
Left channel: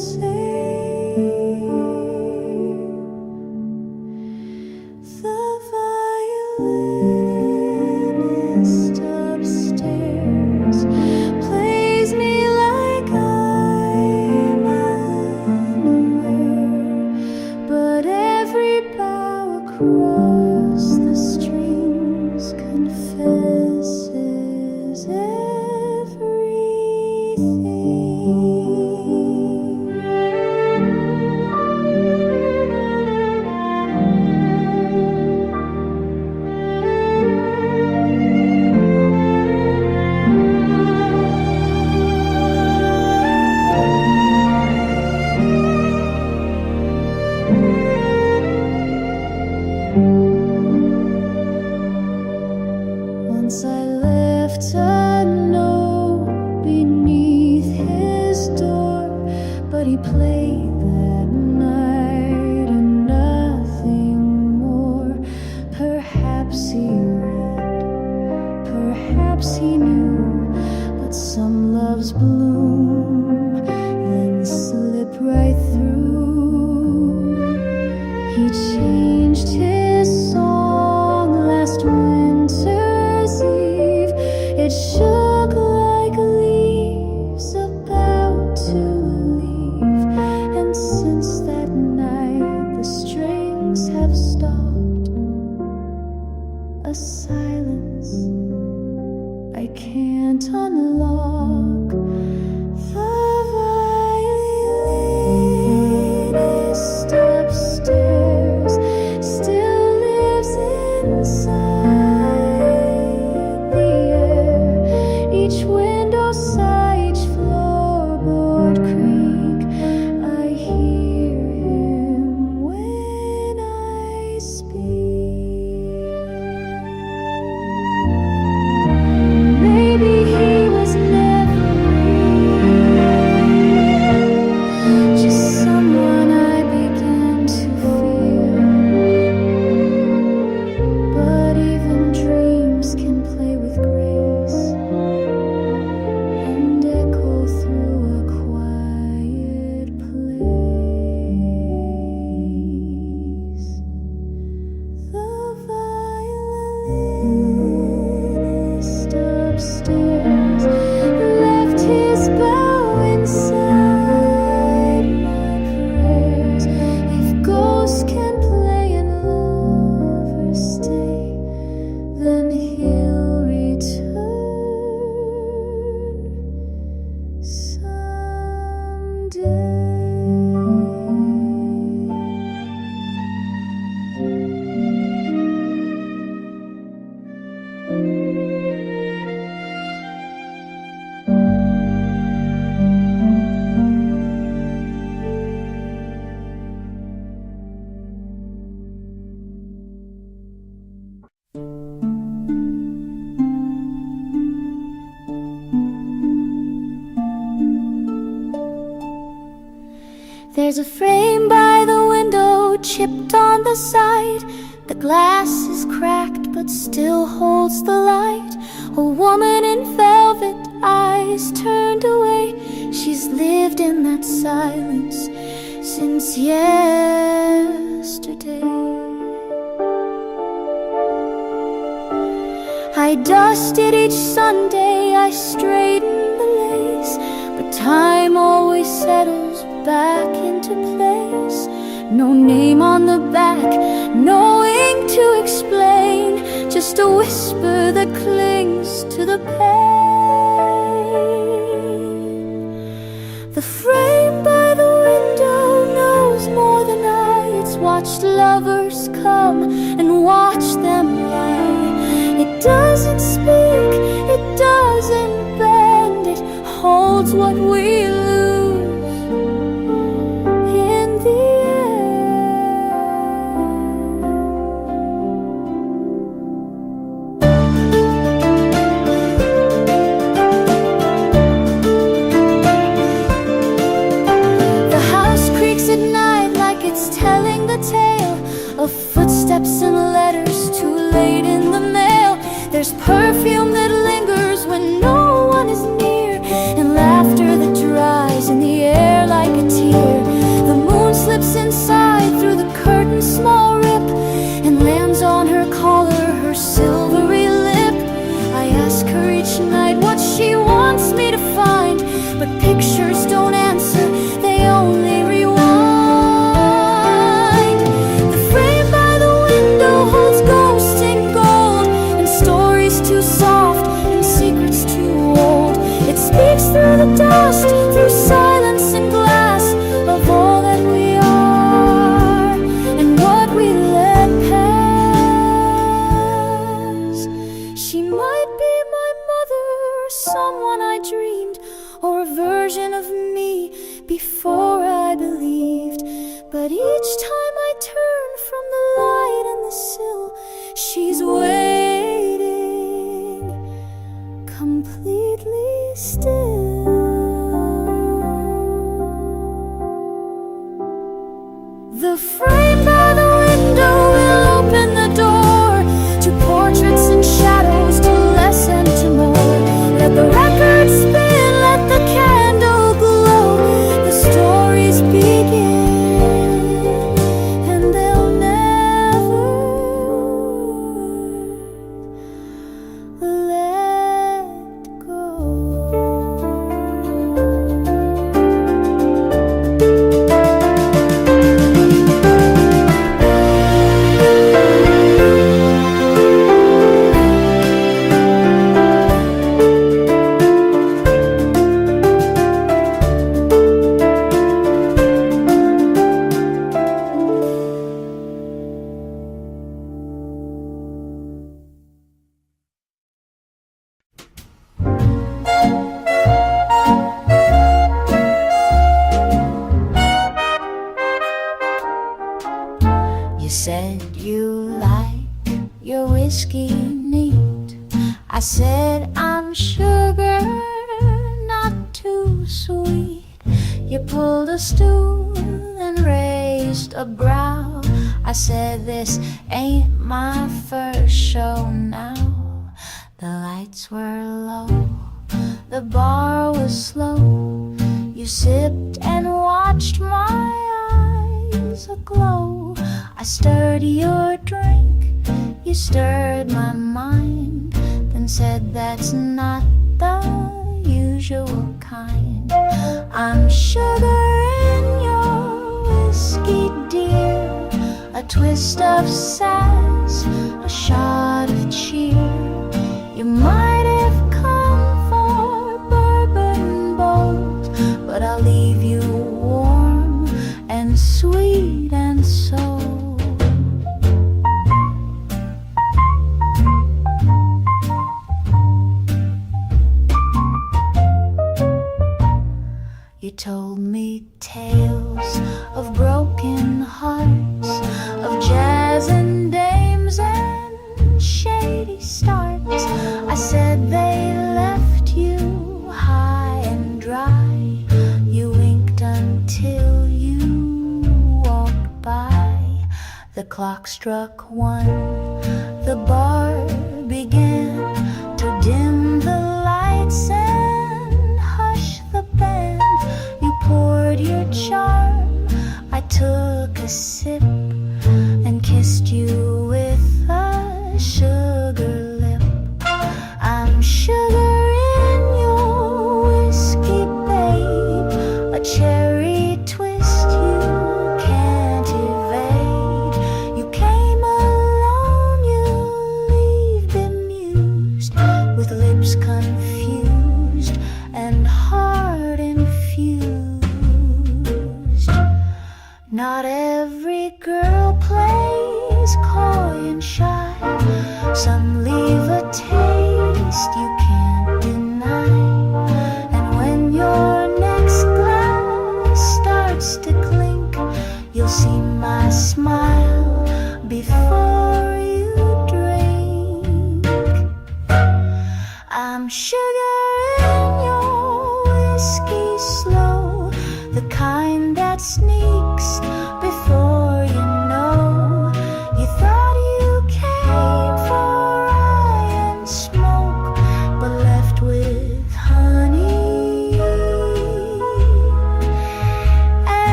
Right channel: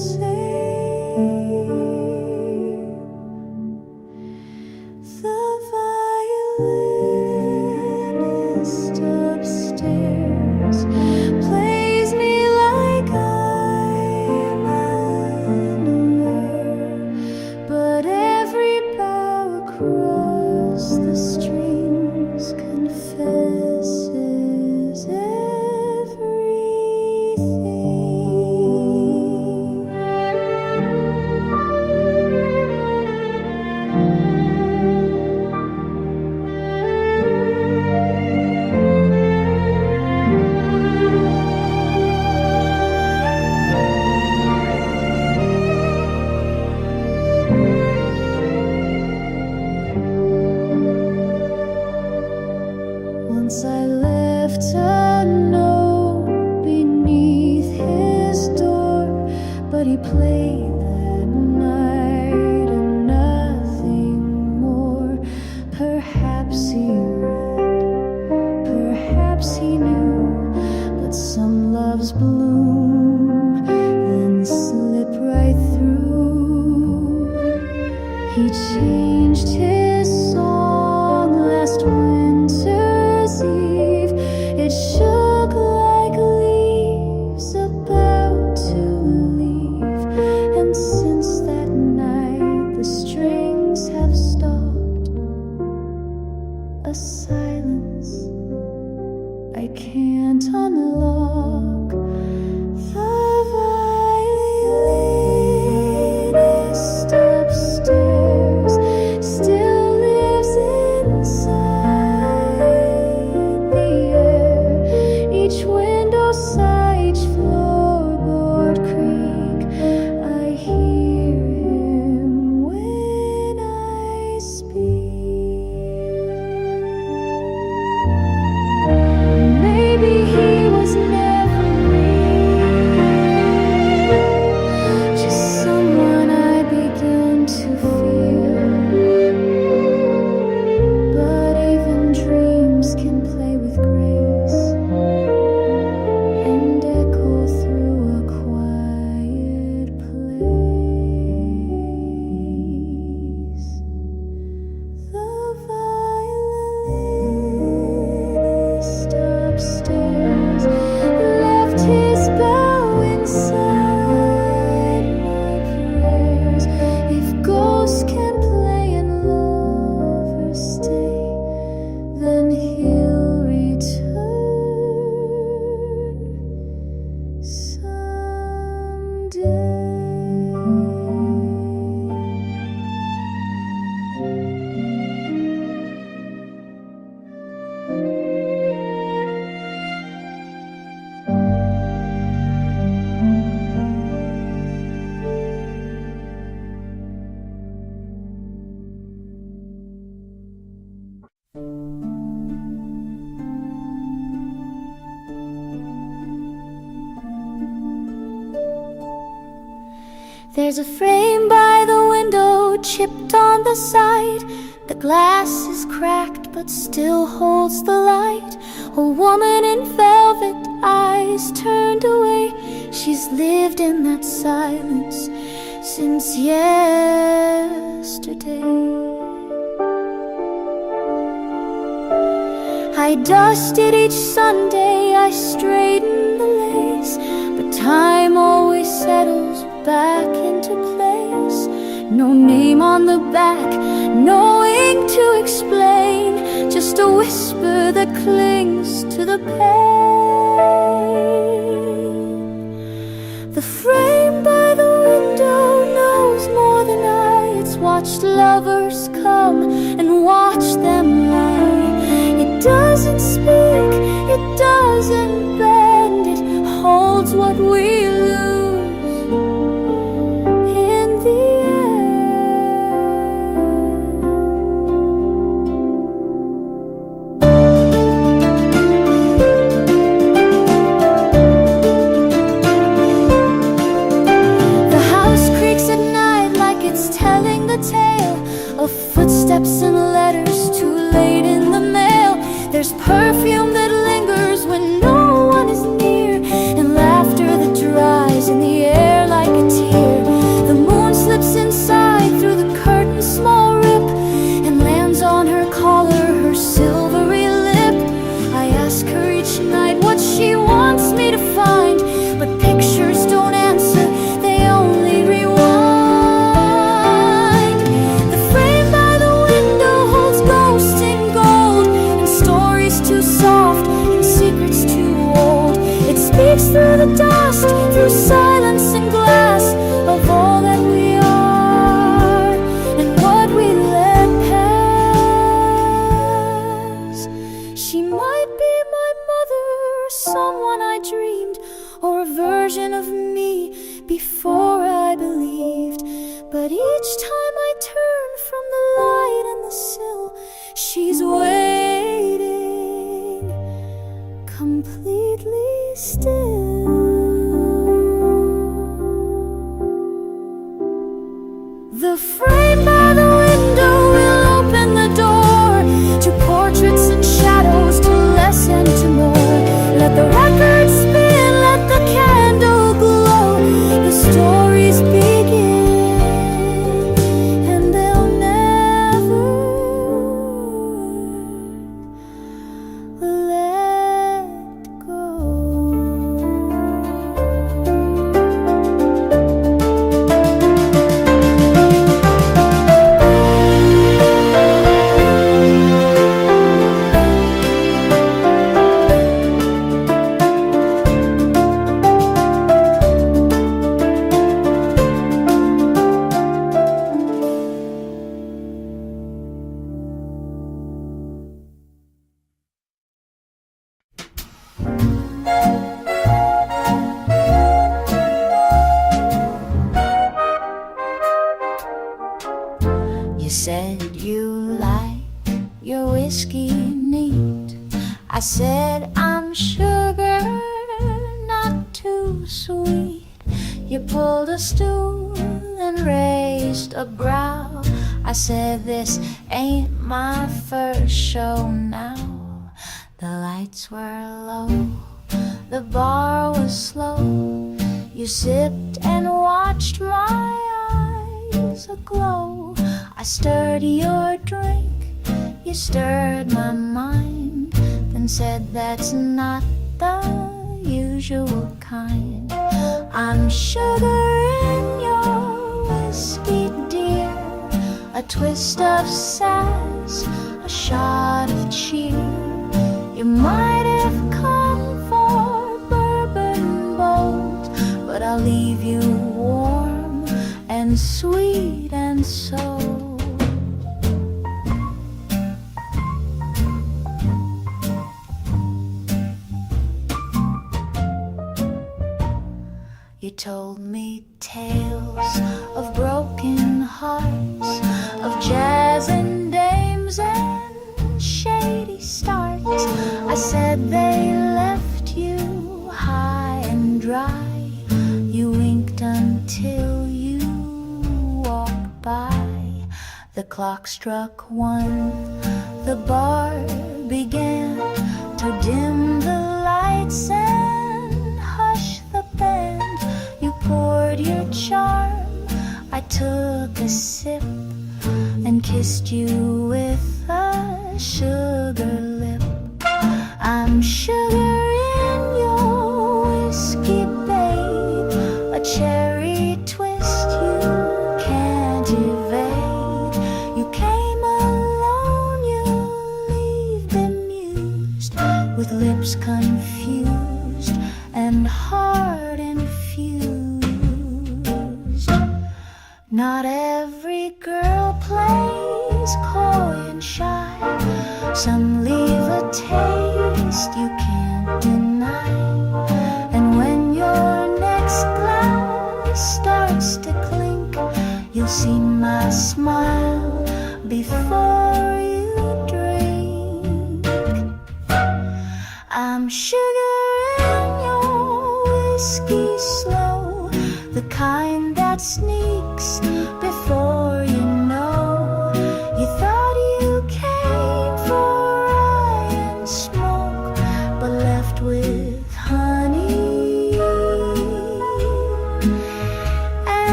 The violinist upstairs plays me like I'm unaware, but every bow across the strings confesses everything. Once I left a note beneath his door, but he played that night and nothing more. Perhaps he read, perhaps he knew, but some loves bloom, then slip right through. He changed his song last winter's eve. It shook like leaves about to leave, and since that night the strings have stopped. A silence I can't unlock. The violinist upstairs still lives inside the air. Each window sigh, each floorboard creak. I hear him when I speak. Maybe he was never real, just someone I begin to fear. But even dreams can play with grace and echo through a quiet place. The violinist upstairs left his bow inside my prayers. If ghosts can play and lovers stay, then he'll return someday. There's a frame by the window, chipped on the side. The glass is cracked but still holds the light. A woman in velvet, eyes turned away. She's lived in that silence since yesterday. I dusted each Sunday, I straightened the lace, but time always settles back into place. No name on the back, no ink to explain, just a whisper that clings to the pain. The frame by the window knows more than I. It's watched lovers come and watch them lie. It doesn't speak, it doesn't bend, it holds what we lose in the end. The house creaks at night like it's telling the tale of footsteps and letters too late in the mail. There's perfume that lingers when no one is near, and laughter that dries in the air like a tear. The moon slips inside through the curtain's small rip and lands on her collar, her silvery lip. I ask her each night what she wants me to find, but pictures don't answer, they only rewind. The frame by the window holds ghosts in gold, and stories too soft and secrets too old. It speaks through the dust, through silence and glass, of all that we are and what we let pass. She might be my mother, or someone I dreamed, or a version of me before I believed. But each time I turn from the light and the sill, she's waiting, completely still. The frame by the window will open the door to portraits and shadows, to less and to more. Let the record spin, let the candle glow. The stories begin, and they'll never let go. You said you like your whiskey neat. I said I'm sugar, not too sweet. You pulled a stool and raised a brow. I said this ain't my first show now. The lights were low, the bar was slow. You sipped and watched my eyes aglow. I stirred your drink, you stirred my mind, then said that's not the usual kind. I'm sugar in your whiskey, dear, a twist of sass, a shot of cheer. You might have come for bourbon bold, but I'll leave you warm and sweet and sold. You told me tales of broken hearts, of jazz and dames and shady starts. I said they left you high and dry. You winked until you walked by. The clock struck 1, the bar began to dim the lights and hush the band. You poured your charm, I took a sip and kissed you with a sugar lip. I'm sugar in your whiskey, babe, a cherry twist you can't evade. You came alone, you leave bemused, with lips confused and heart infused. Not every girl plays coy and shy. Some leave a taste you can't deny. And when your next glass starts to clink, you'll see my smile before you drink. I'm sugar in your whiskey slow, the kind that sneaks before you know. You thought you came for rye and smoke, but left with honey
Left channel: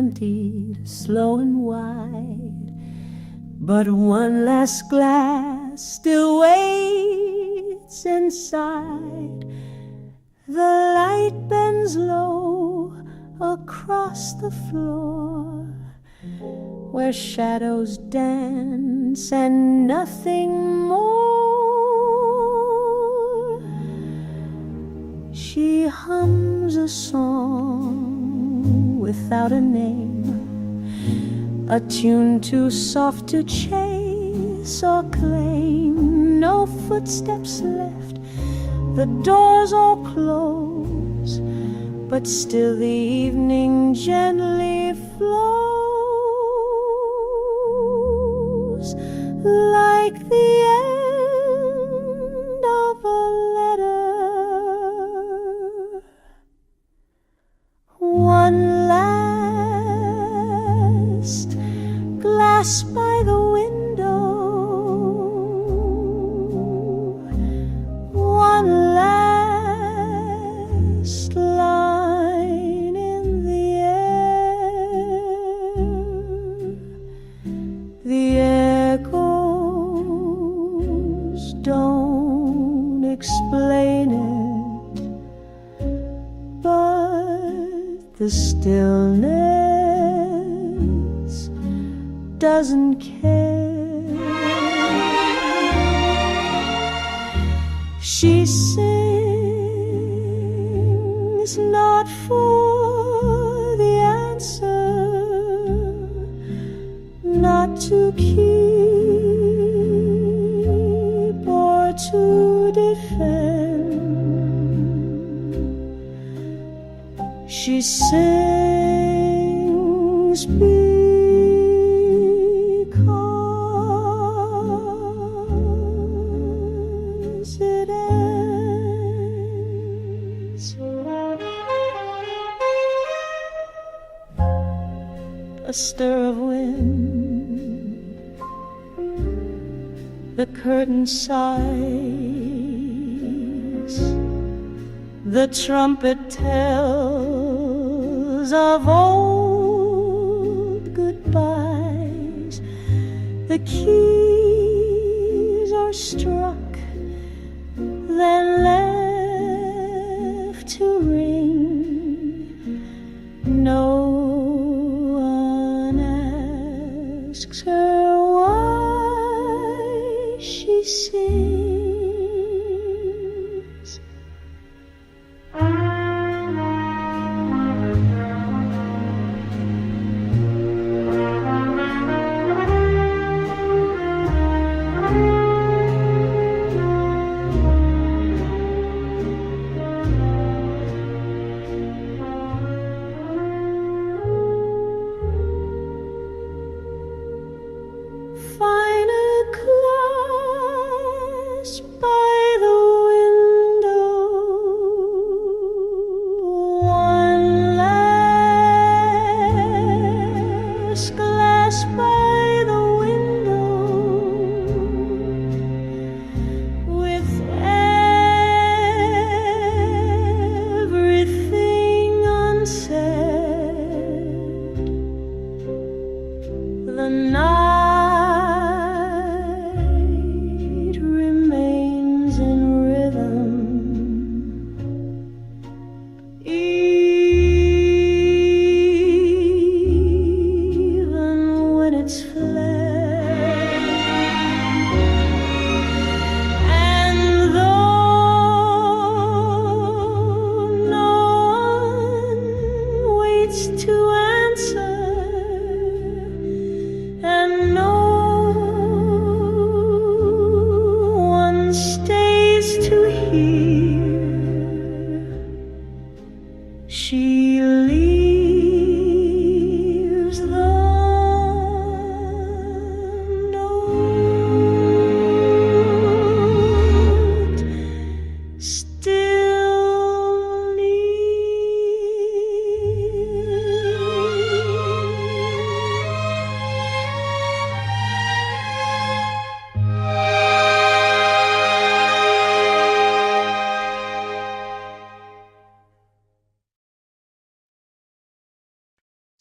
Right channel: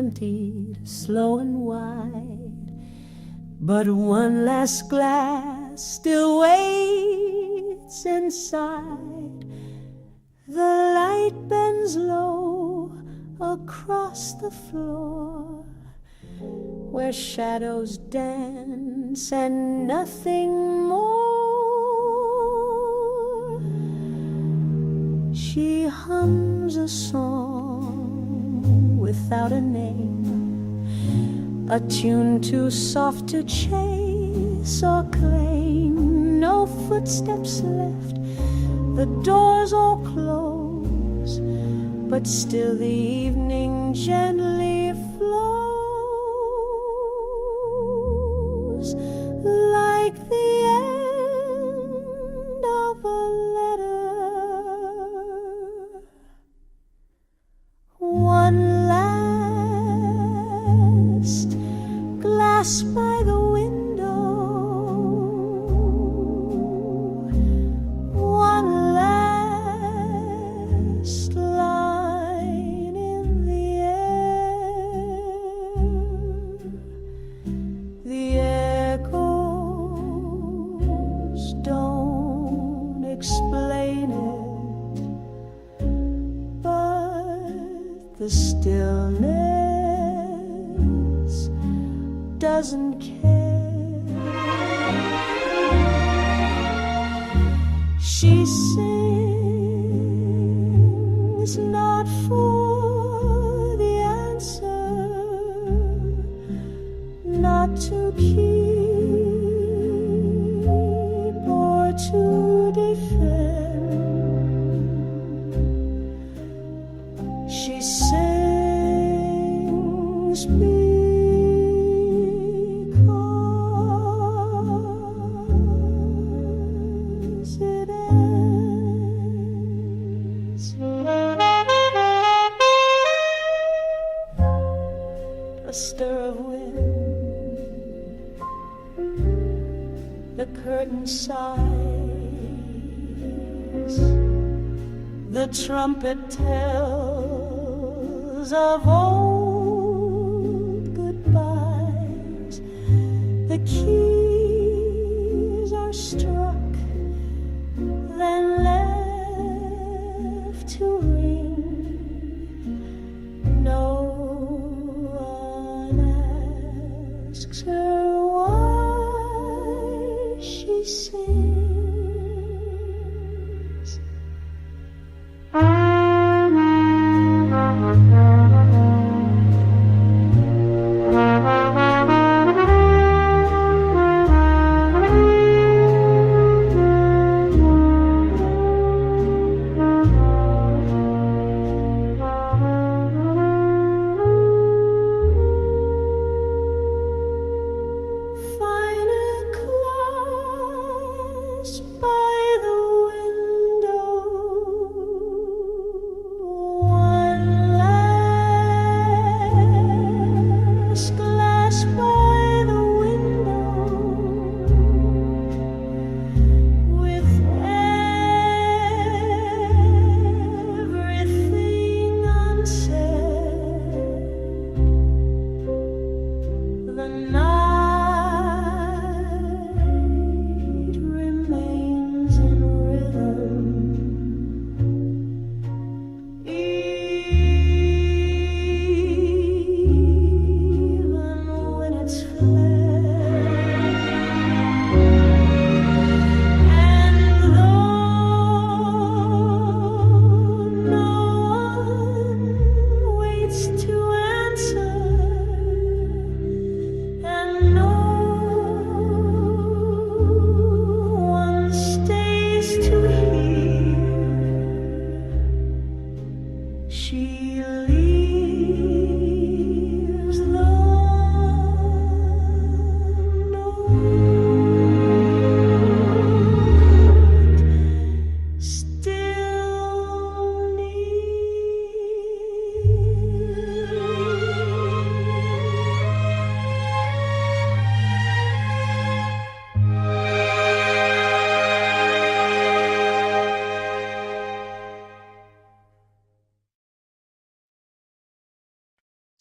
emptied slow and wide, but one last glass still waits inside. The light bends low across the floor, where shadows dance and nothing more. She hums a song without a name, a tune too soft to chase or claim. No footsteps left, the doors all close, but still the evening gently flows, like the end of a letter. One last glass by the window, one last line in the air. The echoes don't explain it, but the stillness doesn't care. She sings not for the answer, not to keep or to defend. She sings because it ends. A stir of wind, the curtain sighs, the trumpet tells of old goodbyes. The keys are struck, then left to ring. No one asks her why she sings. Finer clouds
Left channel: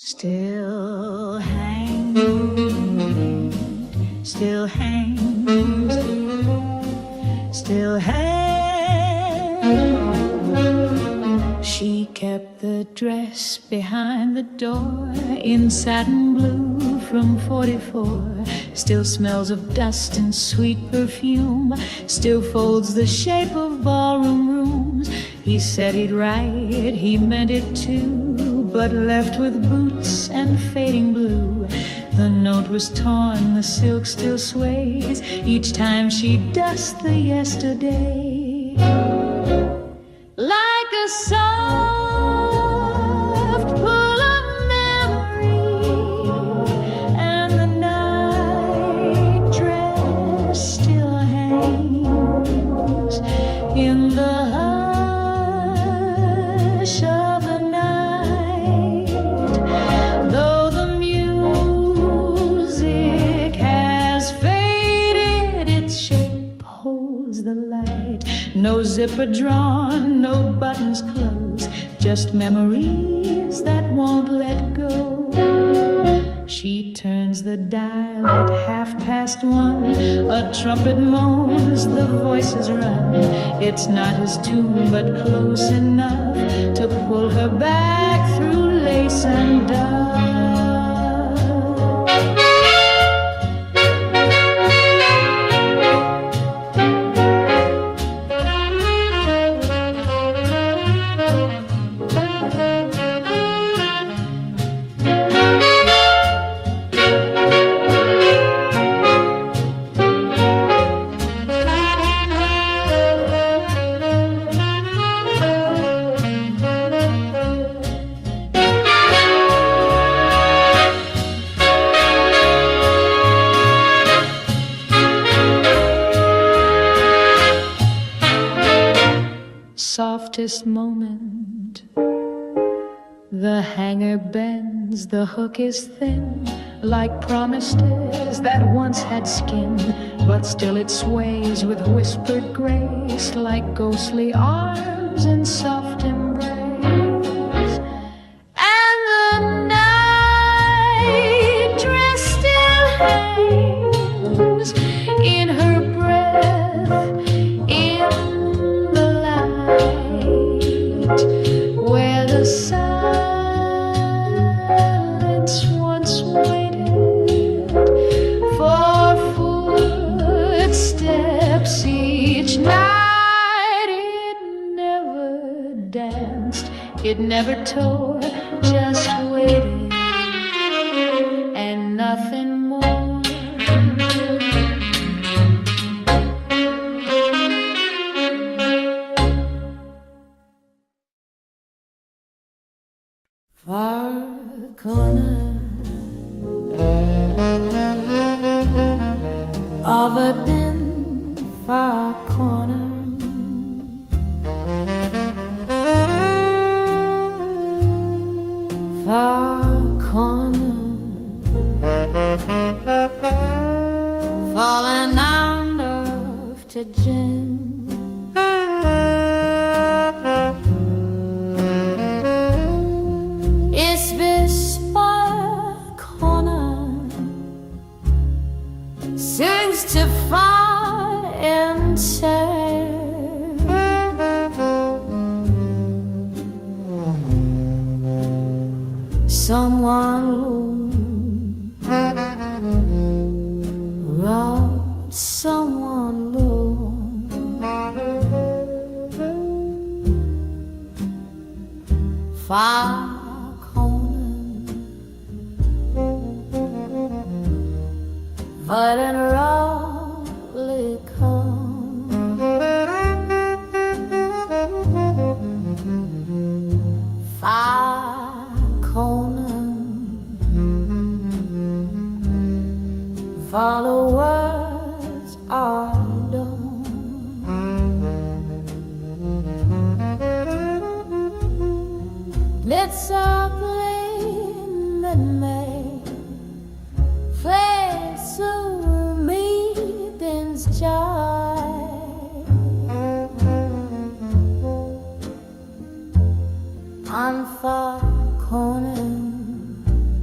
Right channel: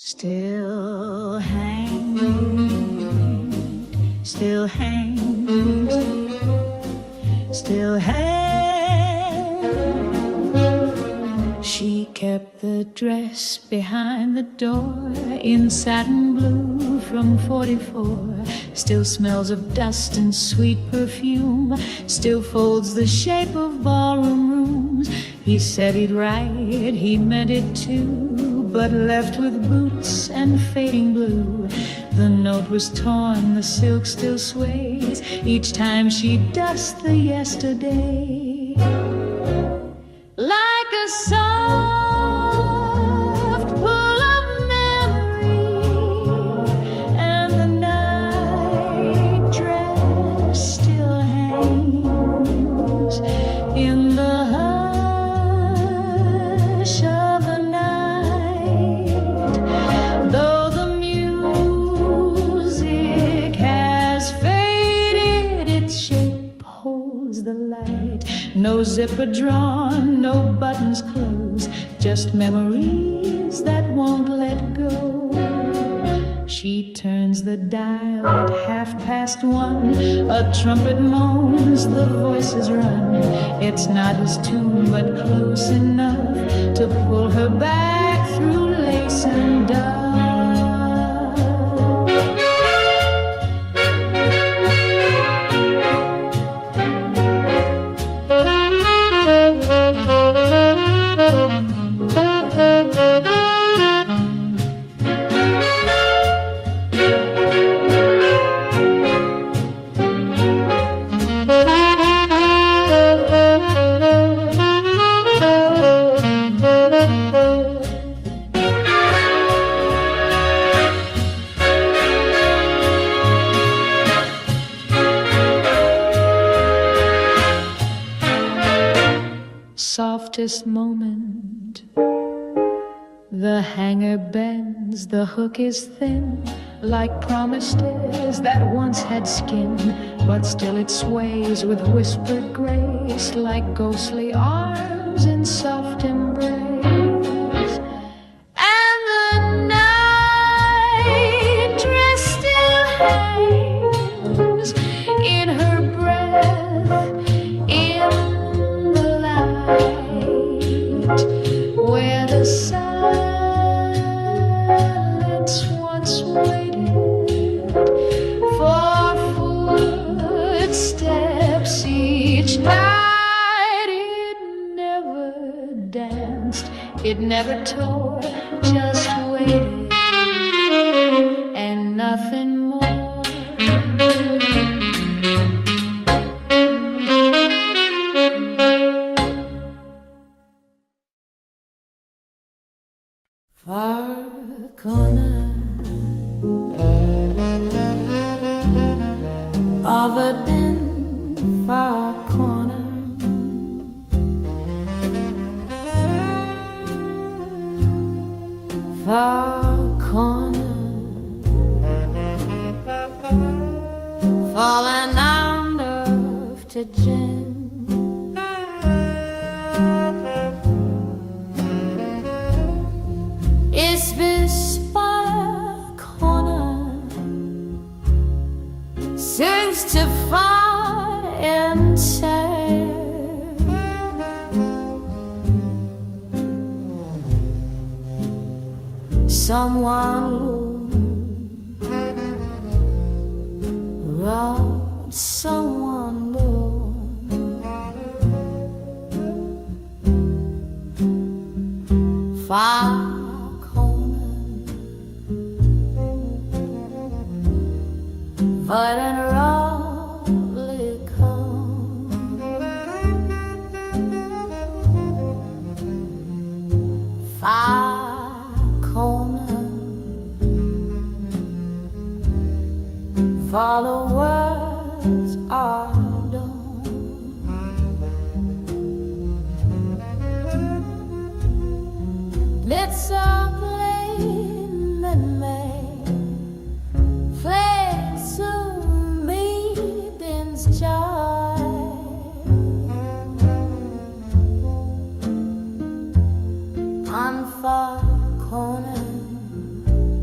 still hangs, still hangs, still hangs. She kept the dress behind the door in satin blue from 44. Still smells of dust and sweet perfume. Still folds the shape of ballroom rooms. He said he'd write, he meant it too, but left with boots and fading blue. The note was torn, the silk still sways each time she dusts the yesterday. Like a soft pull of memory, and the night dress still hangs in the hush of the night. Though the music has faded, its shape holds the light. No zipper drawn, no buttons closed, just memories that won't let go. She turns the dial at 1:30. A trumpet moans, the voices run. It's not his tune, but close enough to pull her back through lace and dove. Softest moment, the hanger bends, the hook is thin, like promises that once had skin, but still it sways with whispered grace, like ghostly arms in soft embrace. And the night dress still hangs in her breath, in where the silence once waited for footsteps each night. It never danced, it never tore, just waited and nothing more. Far corner of a dim far corner, far corner, falling under to gin. It's this far corner seems to find and say, someone robbed someone low. Far but in roughly come, far corner, followers are done. It's a plane that may fade soon meetings joy. On far corner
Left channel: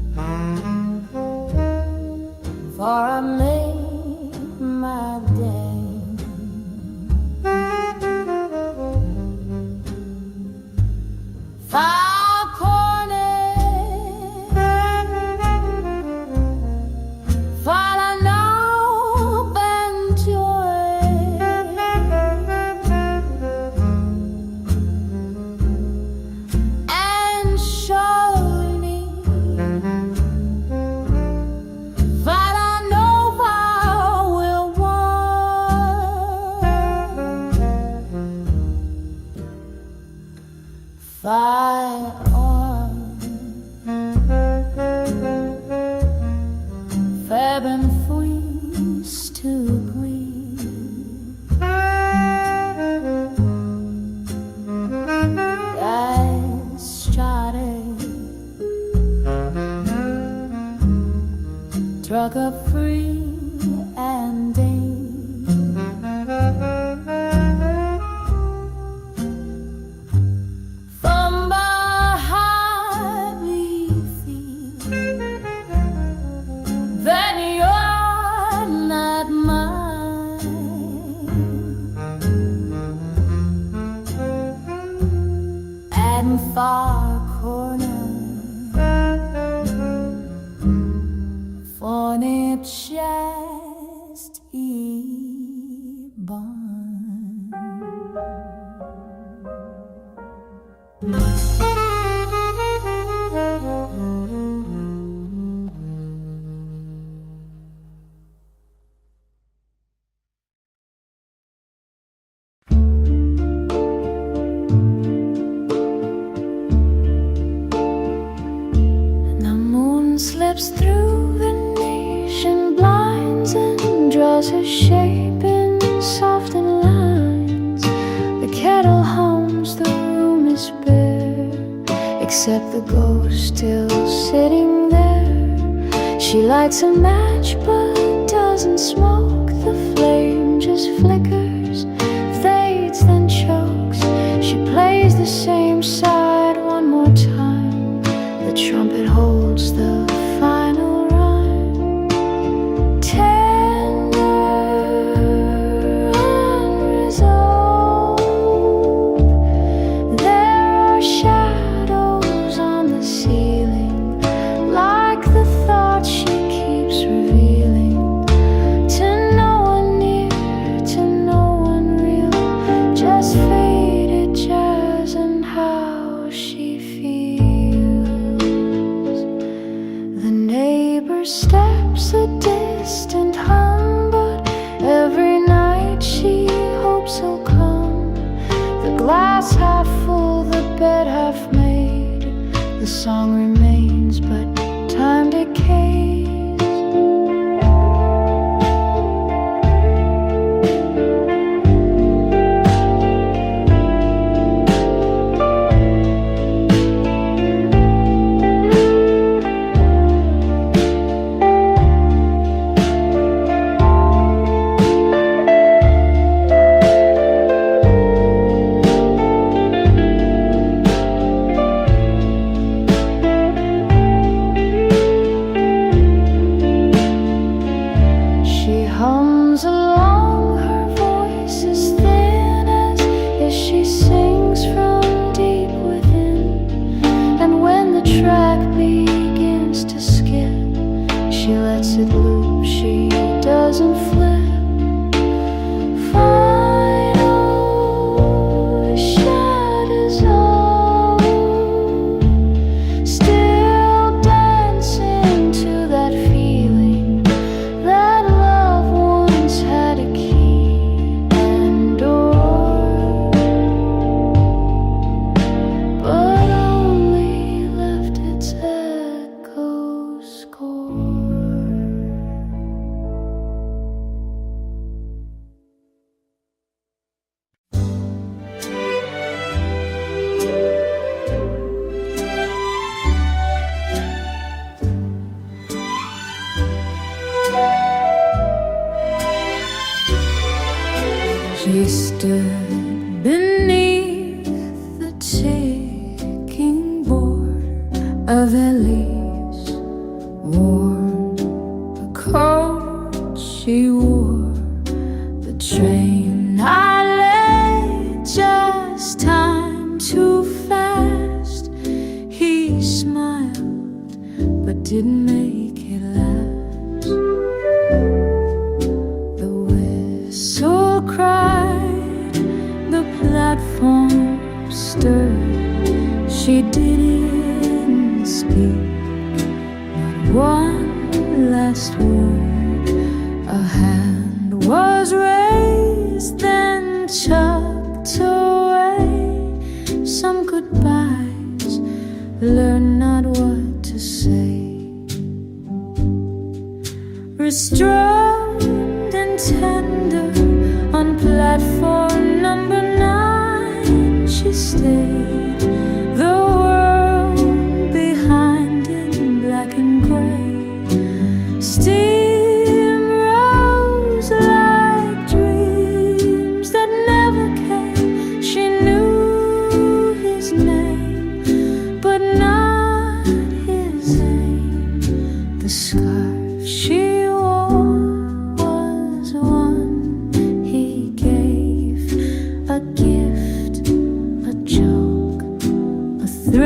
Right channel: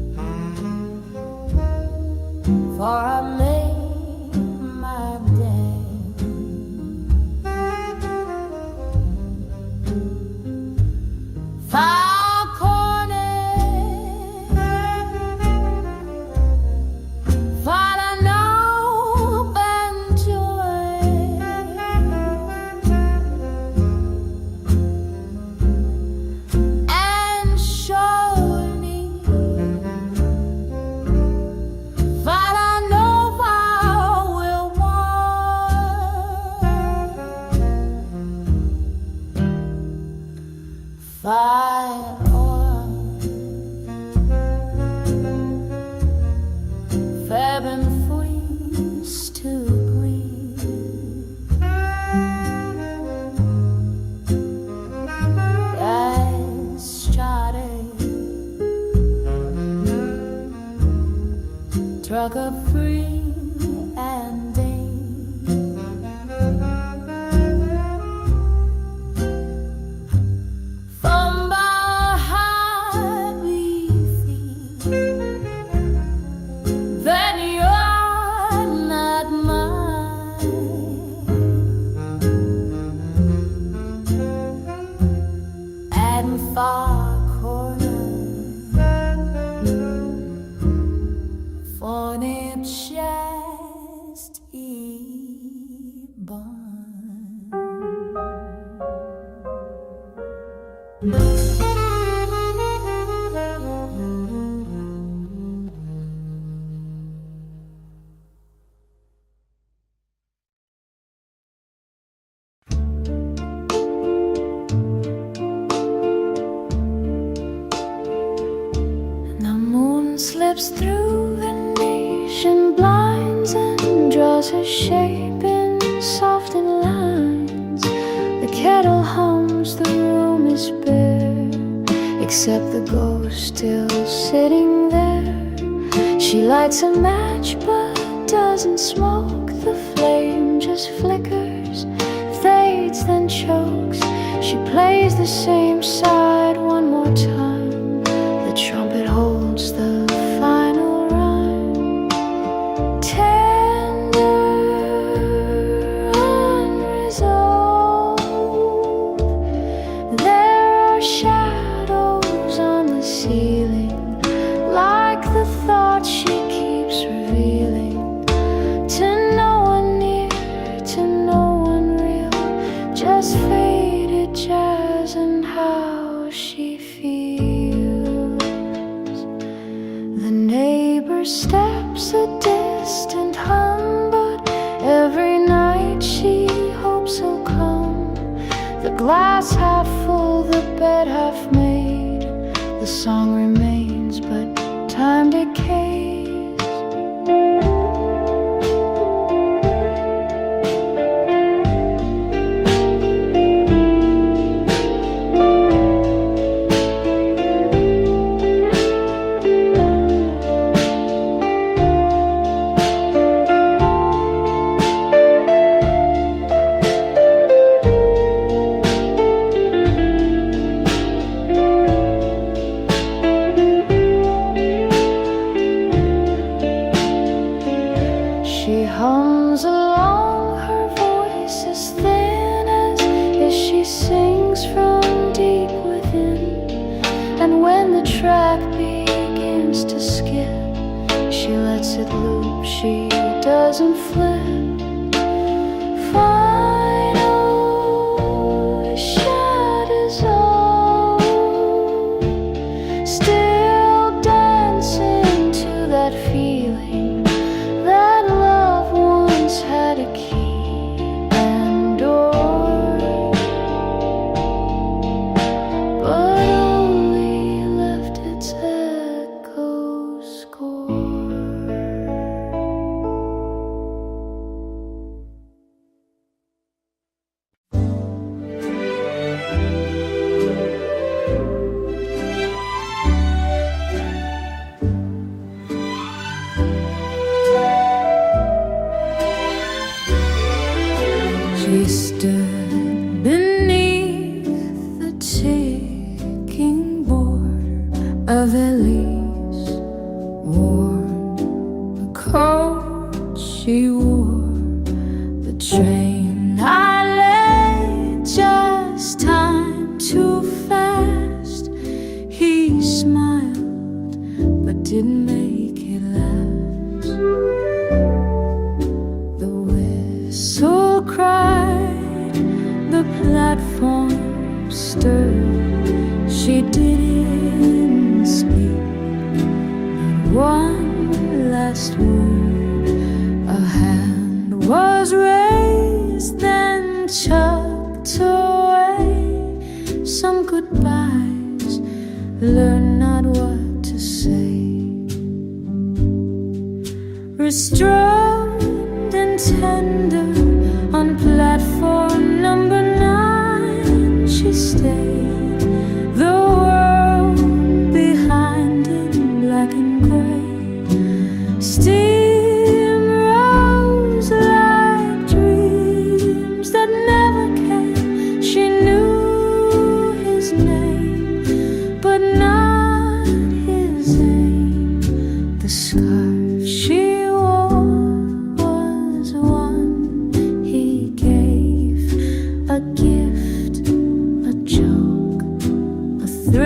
far corner Fornip chest I barn. Slips through Venetian blinds and draws her shape in softened lines. The kettle hums, the room is bare, except the ghost still sitting there. She lights a match but doesn't smoke. The flame just flickers, fades, then chokes. She plays the same side one more time. The trumpet holds the final rhyme. Tender, unresolved. There are shadows on the ceiling, like the thoughts she keeps revealing. To no one near, to no one real, just faded jazz and how she feels. The neighbor steps a distant hum, but every night she hopes he'll come. The glass half full, the bed half made. The song remains, but time decays. She hums along, her voice is thin as if she sings from deep within. And when the track begins to skip, she lets it loop, she doesn't flip. Final shadows all still dancing to that feeling that love once had a key and door, but only left its echo score. She stood beneath the ticking border of Elise, worn the coat she wore. The train I lay, just time too fast. He smiled but didn't make it last. The whistle cried, the platform stirred. She didn't speak, not one last word. A hand was raised, then tucked away. Some goodbyes, learn not what to say. Restrained and tender, on platform number 9 she stayed. The world behind in black and gray. Steam rose like dreams that never came. She knew his name, but not his aim. The scarf she wore was one he gave, a gift, a joke, a thrill.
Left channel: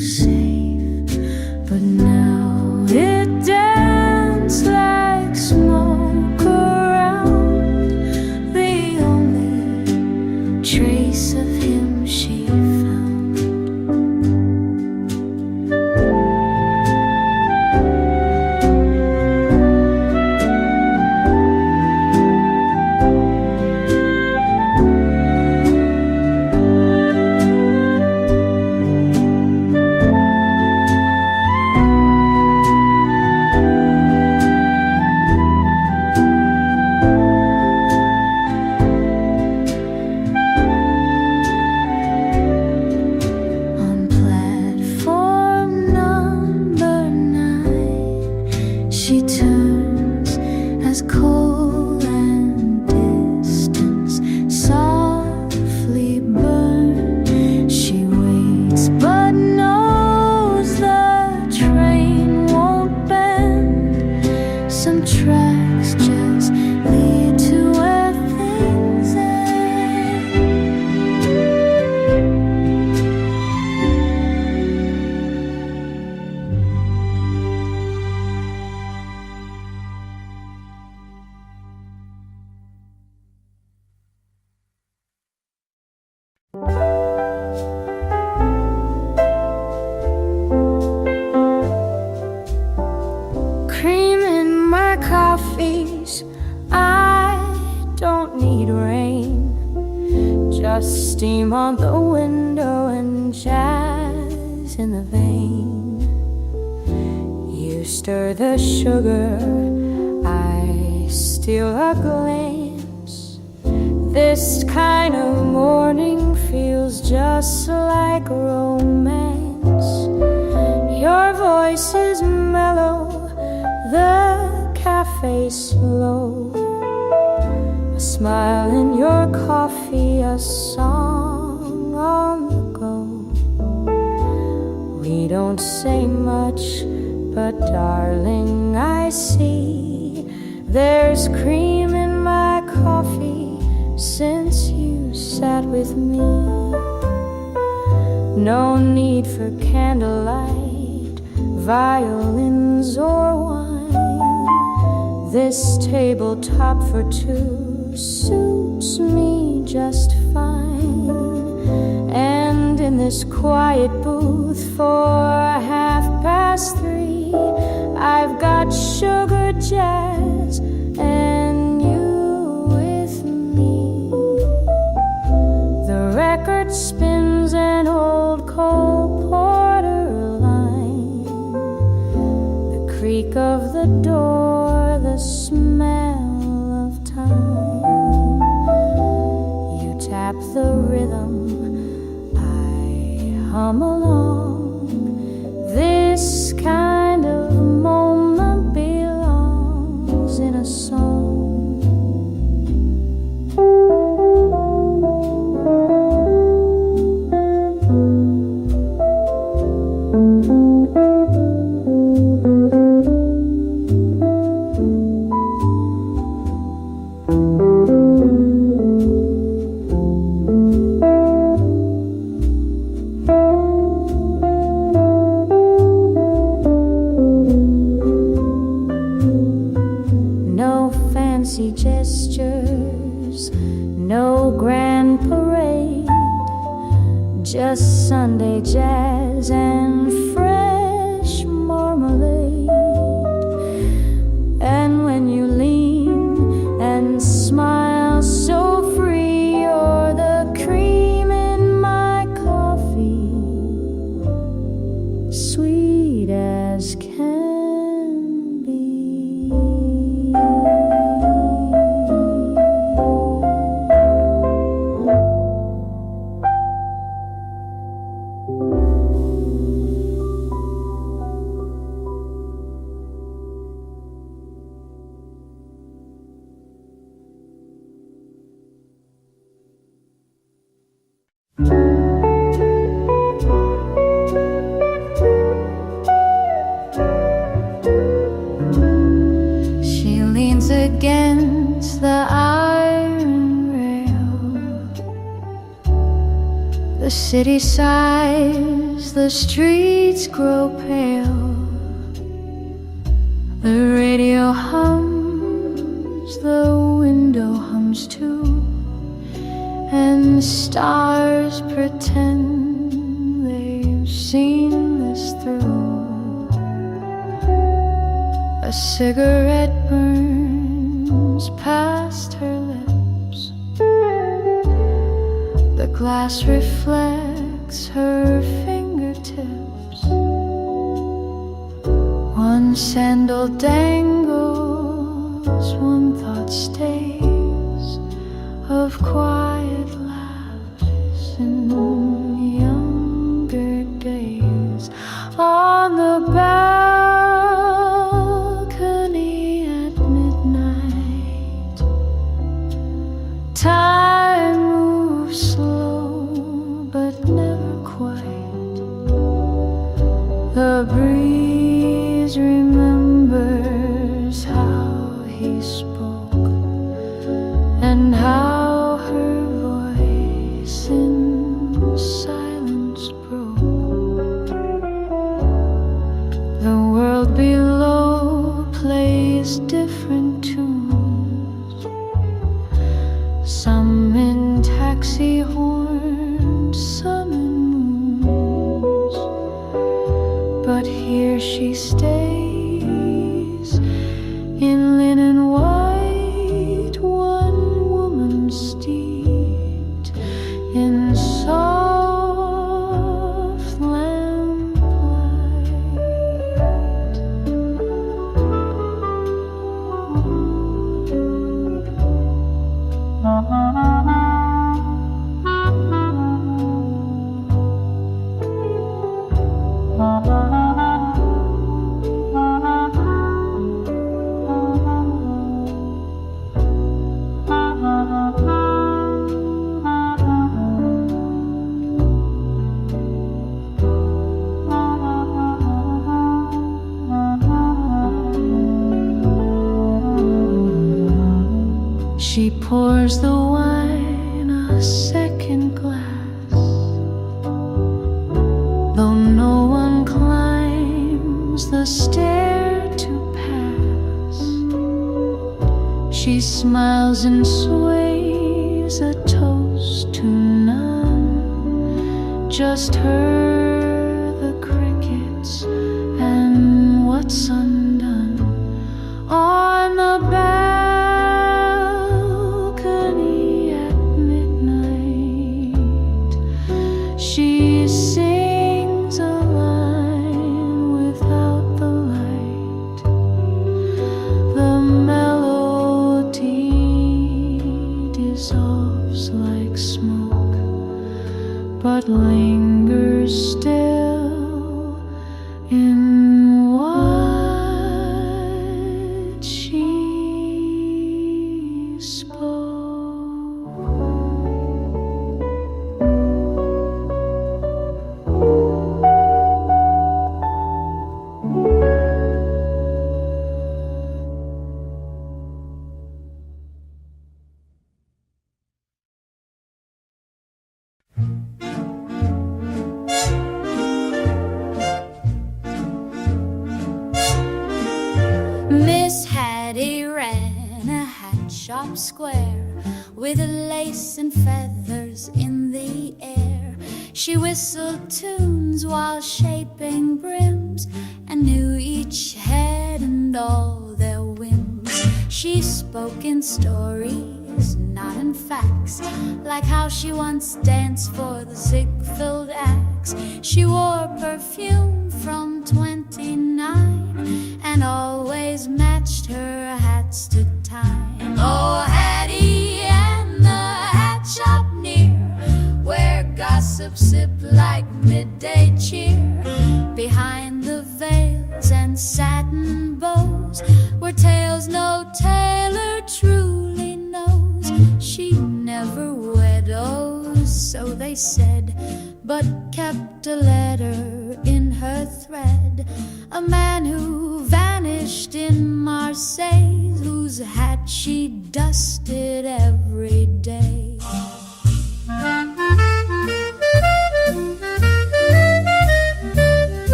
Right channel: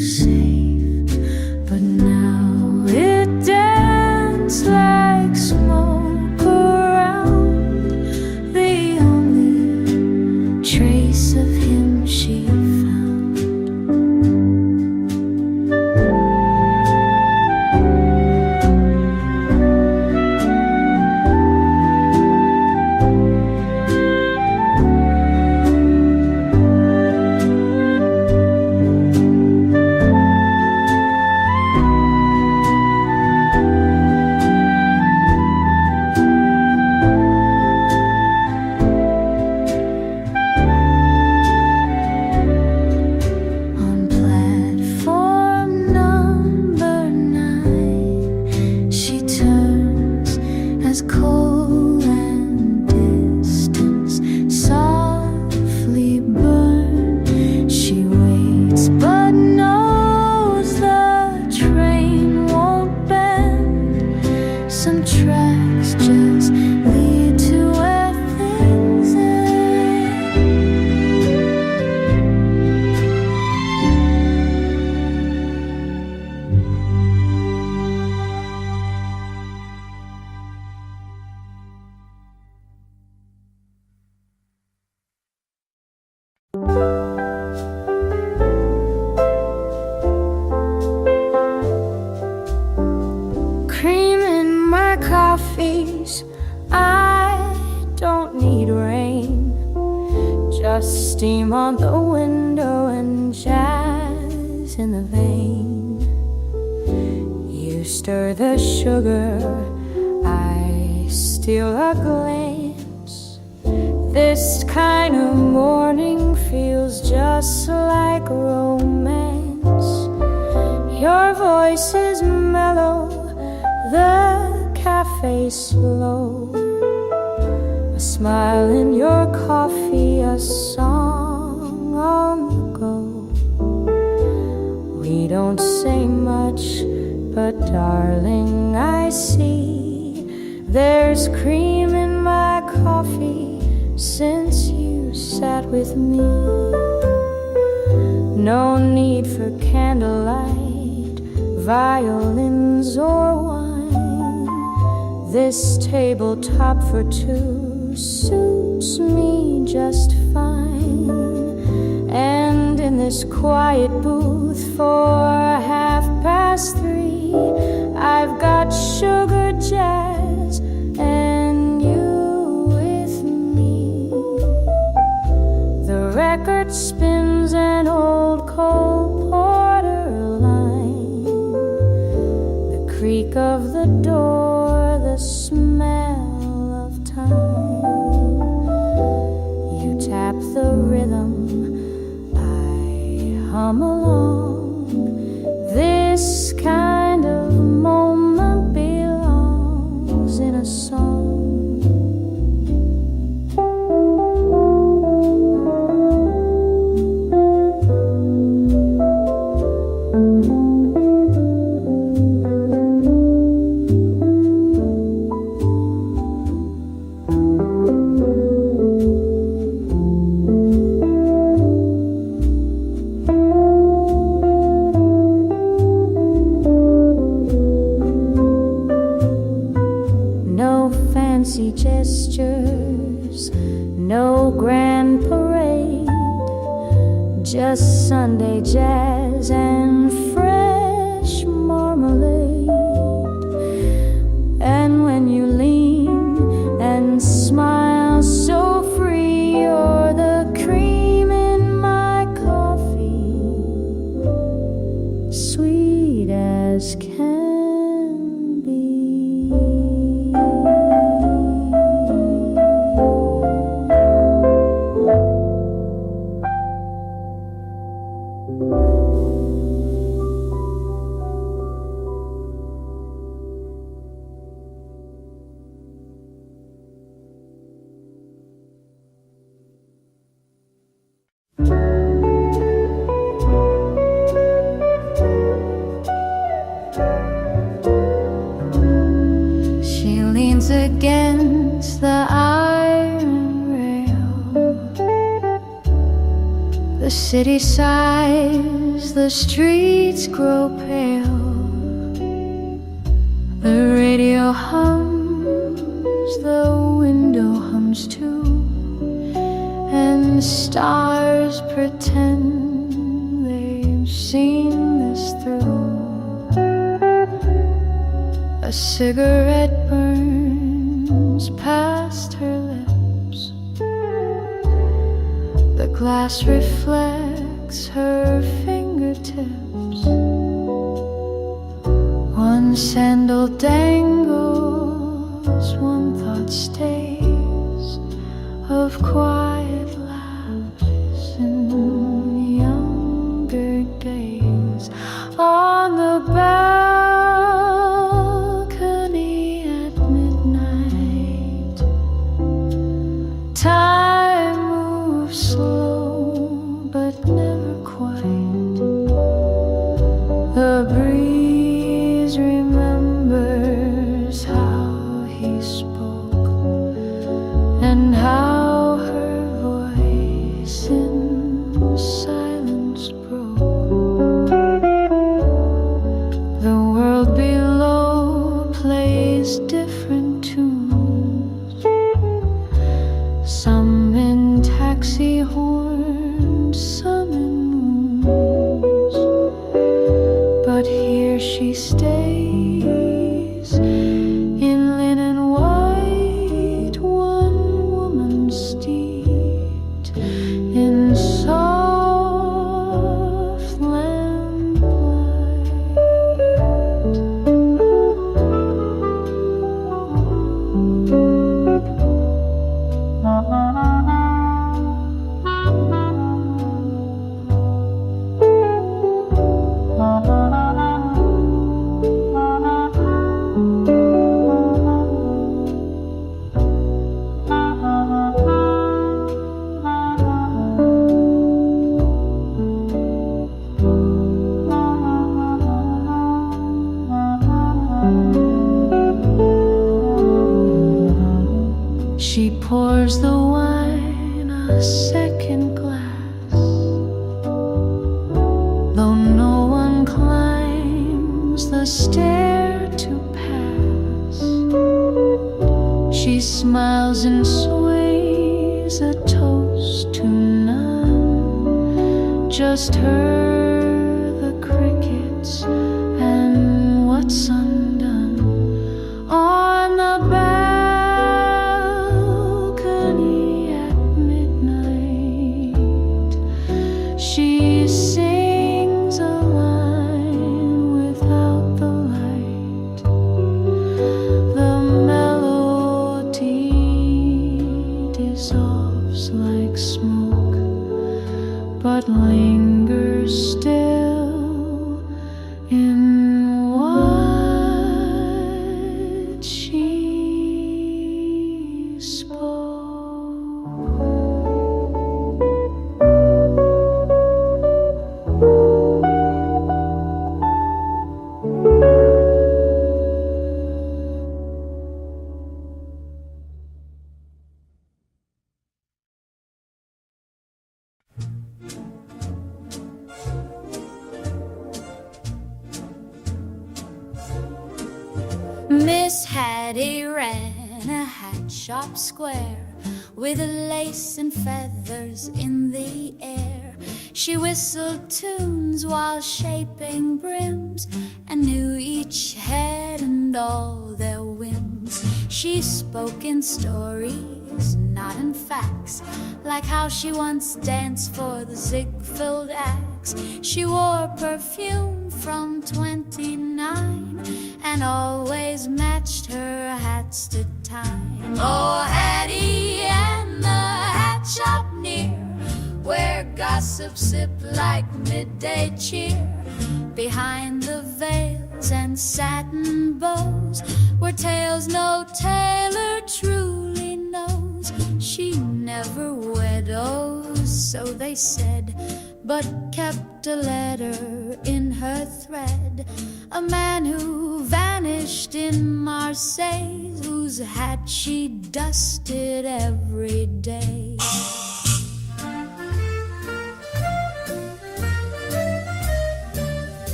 safe, but now it danced like smoke around the only trace of him she found. She turns as coal and distance softly burn. She waits but knows the train won't bend. Some tracks just lead to where things end. Cream in my coffees, I don't need rain. Just steam on the window and jazz in the vein. You stir the sugar, I steal a glance. This kind of morning feels just like romance. Your voice is mellow, the cafe's slow. A smile in your coffee, a song on the go. We don't say much, but darling, I see there's cream in my coffee since you sat with me. No need for candlelight, violins or wine. This tabletop for two suits me just fine. And in this quiet booth for 3:30, I've got sugar jazz and you with me. The record spins an old Cole Porter line. The creak of the door, the smell of time. You tap the rhythm, I hum along. This kind of moment belongs in a song. Fancy gestures, no grand parade, just Sunday jazz and fresh marmalade. And when you lean and smile so free, you're the cream in my coffee, sweet as can be. She leans against the iron rail. The city sighs, the streets grow pale. The radio hums, the window hums too, and stars pretend they've seen this through. A cigarette burns past her lips. The glass reflects her fingertips. One sandal dangles, one thought stays, of quiet laughs in younger days. On the balcony at midnight, time moves slow but never quite. The breeze remembers how he spoke and how her voice in silence broke. The world below plays different tunes, some in taxi horns, some in moons. But here she stays in linen white, one woman steeped in soft lamplight. She pours the wine a second glass, though no one climbs the stair to pass. She smiles and sways a toast to none, just her, the crickets, and what's undone. On the balcony at midnight, she sings a line without the light. The melody dissolves like smoke, but lingers still in what she spoke. Miss Hattie ran a hat shop square with lace and feathers in the air. She whistled tunes while shaping brims and knew each head and all their whims. She spoke in stories, not in facts, like how she once danced for the Ziegfeld Axe. She wore perfume from 29 and always matched her hats to time. Oh, Hattie and the hat shop near, where gossip sipped like midday cheer. Behind the veils and satin bows were tales no tailor truly knows. She never widows, so they said, but kept a letter in her thread. A man who vanished in Marseille, whose hat she dusted every day.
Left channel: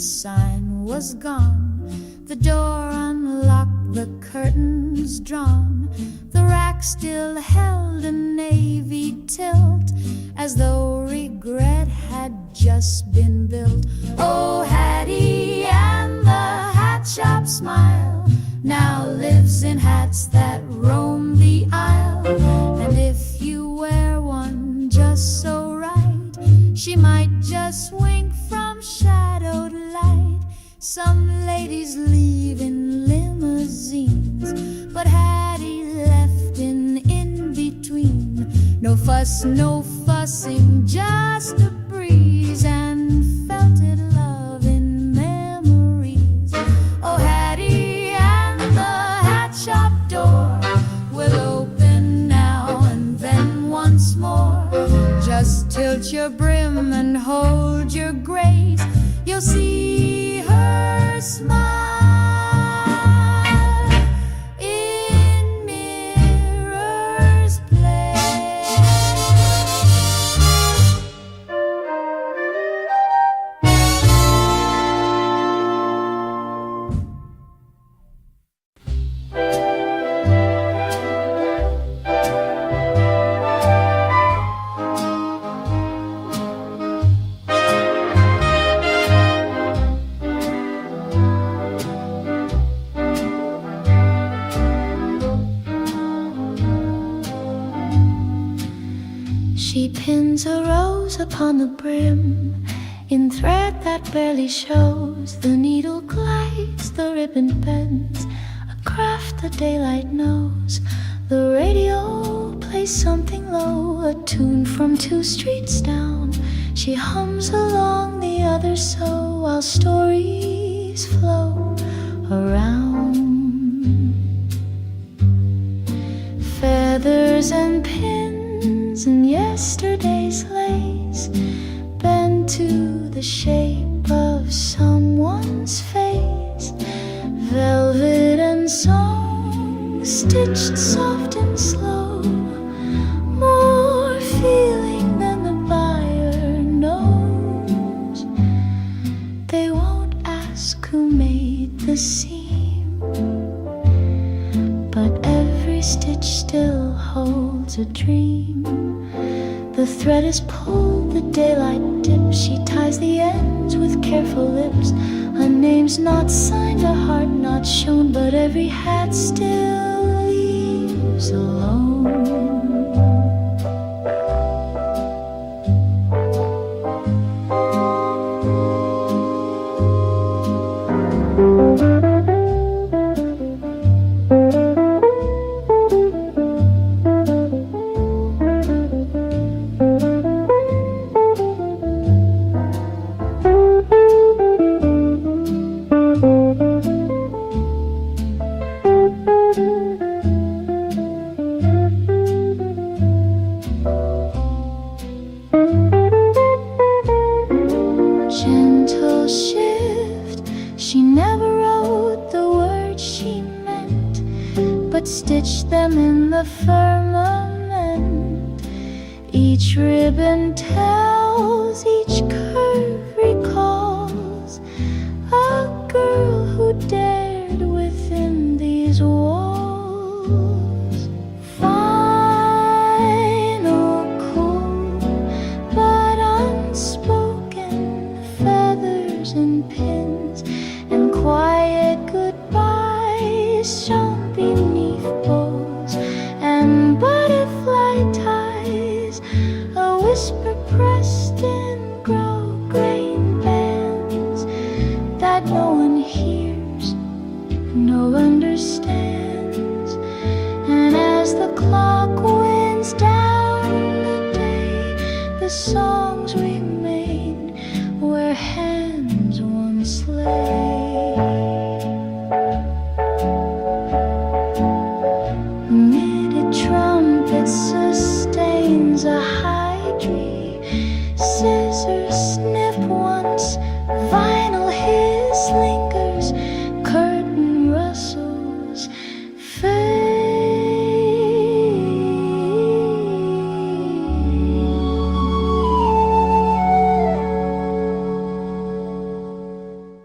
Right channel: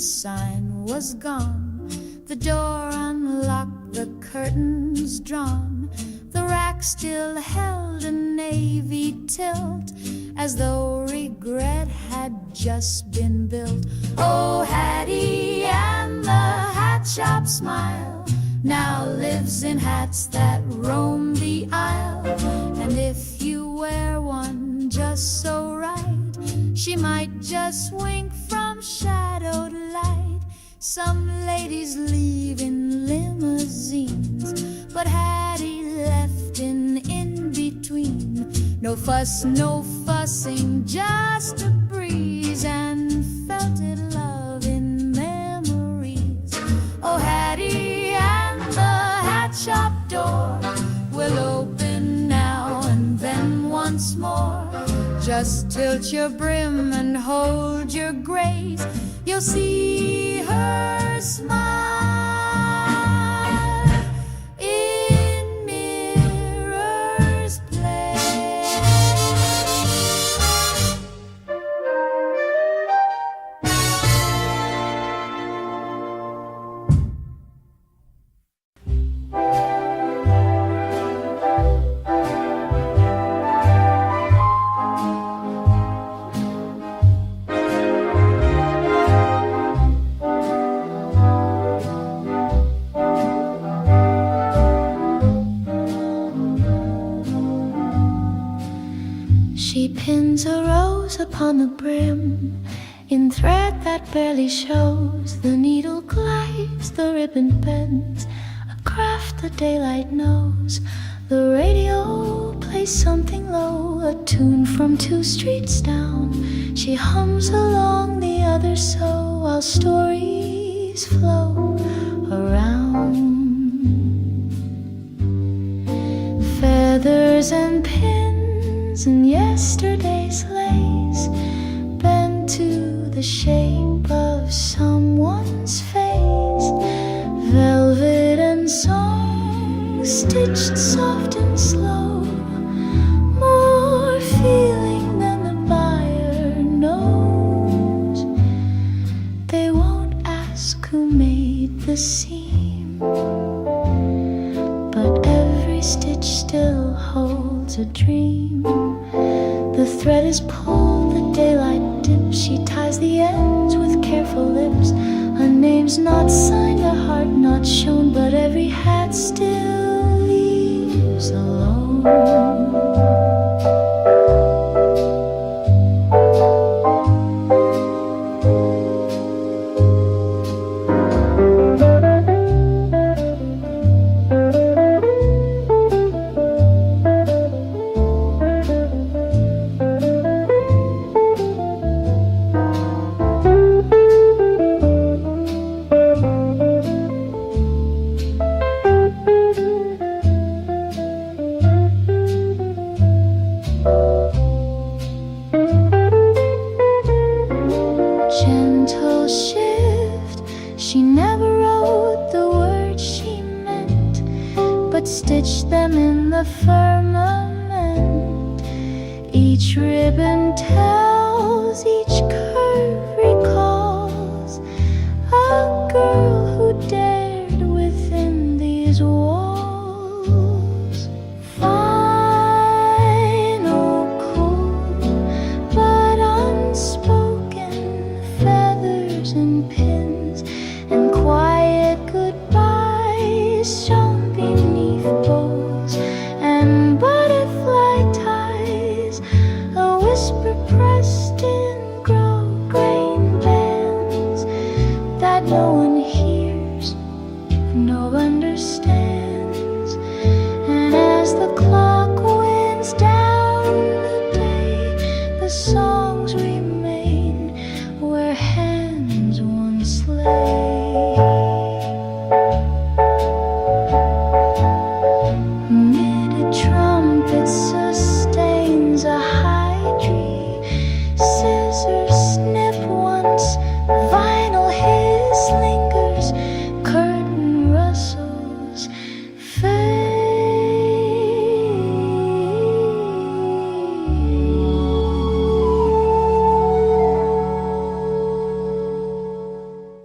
sign was gone. The door unlocked, the curtains drawn. The rack still held a navy tilt, as though regret had just been built. Oh, Hattie and the hat shop smile now lives in hats that roam the aisle. And if you wear one just so right, she might just wink from shadowed light. Some ladies leave in limousines, but Hattie left in between. No fuss, no fussing, just a breeze, and felted love in memories. Oh, Hattie and the hat shop door will open now and then once more. Just tilt your brim and hold your grace, you'll see her smile in Mirror's Place. She pins a rose upon the brim in thread that barely shows. The needle glides, the ribbon bends, a craft the daylight knows. The radio plays something low, a tune from 2 streets down. She hums along the other so, while stories flow around. Feathers and pins and yesterday's lace bend to the shape of someone's face. Velvet and song stitched soft and slow, more feeling than the buyer knows. They won't ask who made the seam, but every stitch still holds a dream. The thread is pulled, the daylight dips. She ties the ends with careful lips. A name's not signed, a heart not shown, but every hat still leaves alone. Gentle shift, she never wrote the words she meant, but stitched them in the firmament. Each ribbon tells, each curve recalls a girl who dared within these walls. Final, cool, but unspoken, feathers and pins and quiet goodbyes shown beneath bows and butterfly ties, a whisper pressed in grosgrain bands that no one hears, no one understands. And as the clock winds down the day, the songs remain where hands once lay. Muted trumpet sustains a high tree. Scissors snip once, vinyl hiss lingers, curtain rustles fade.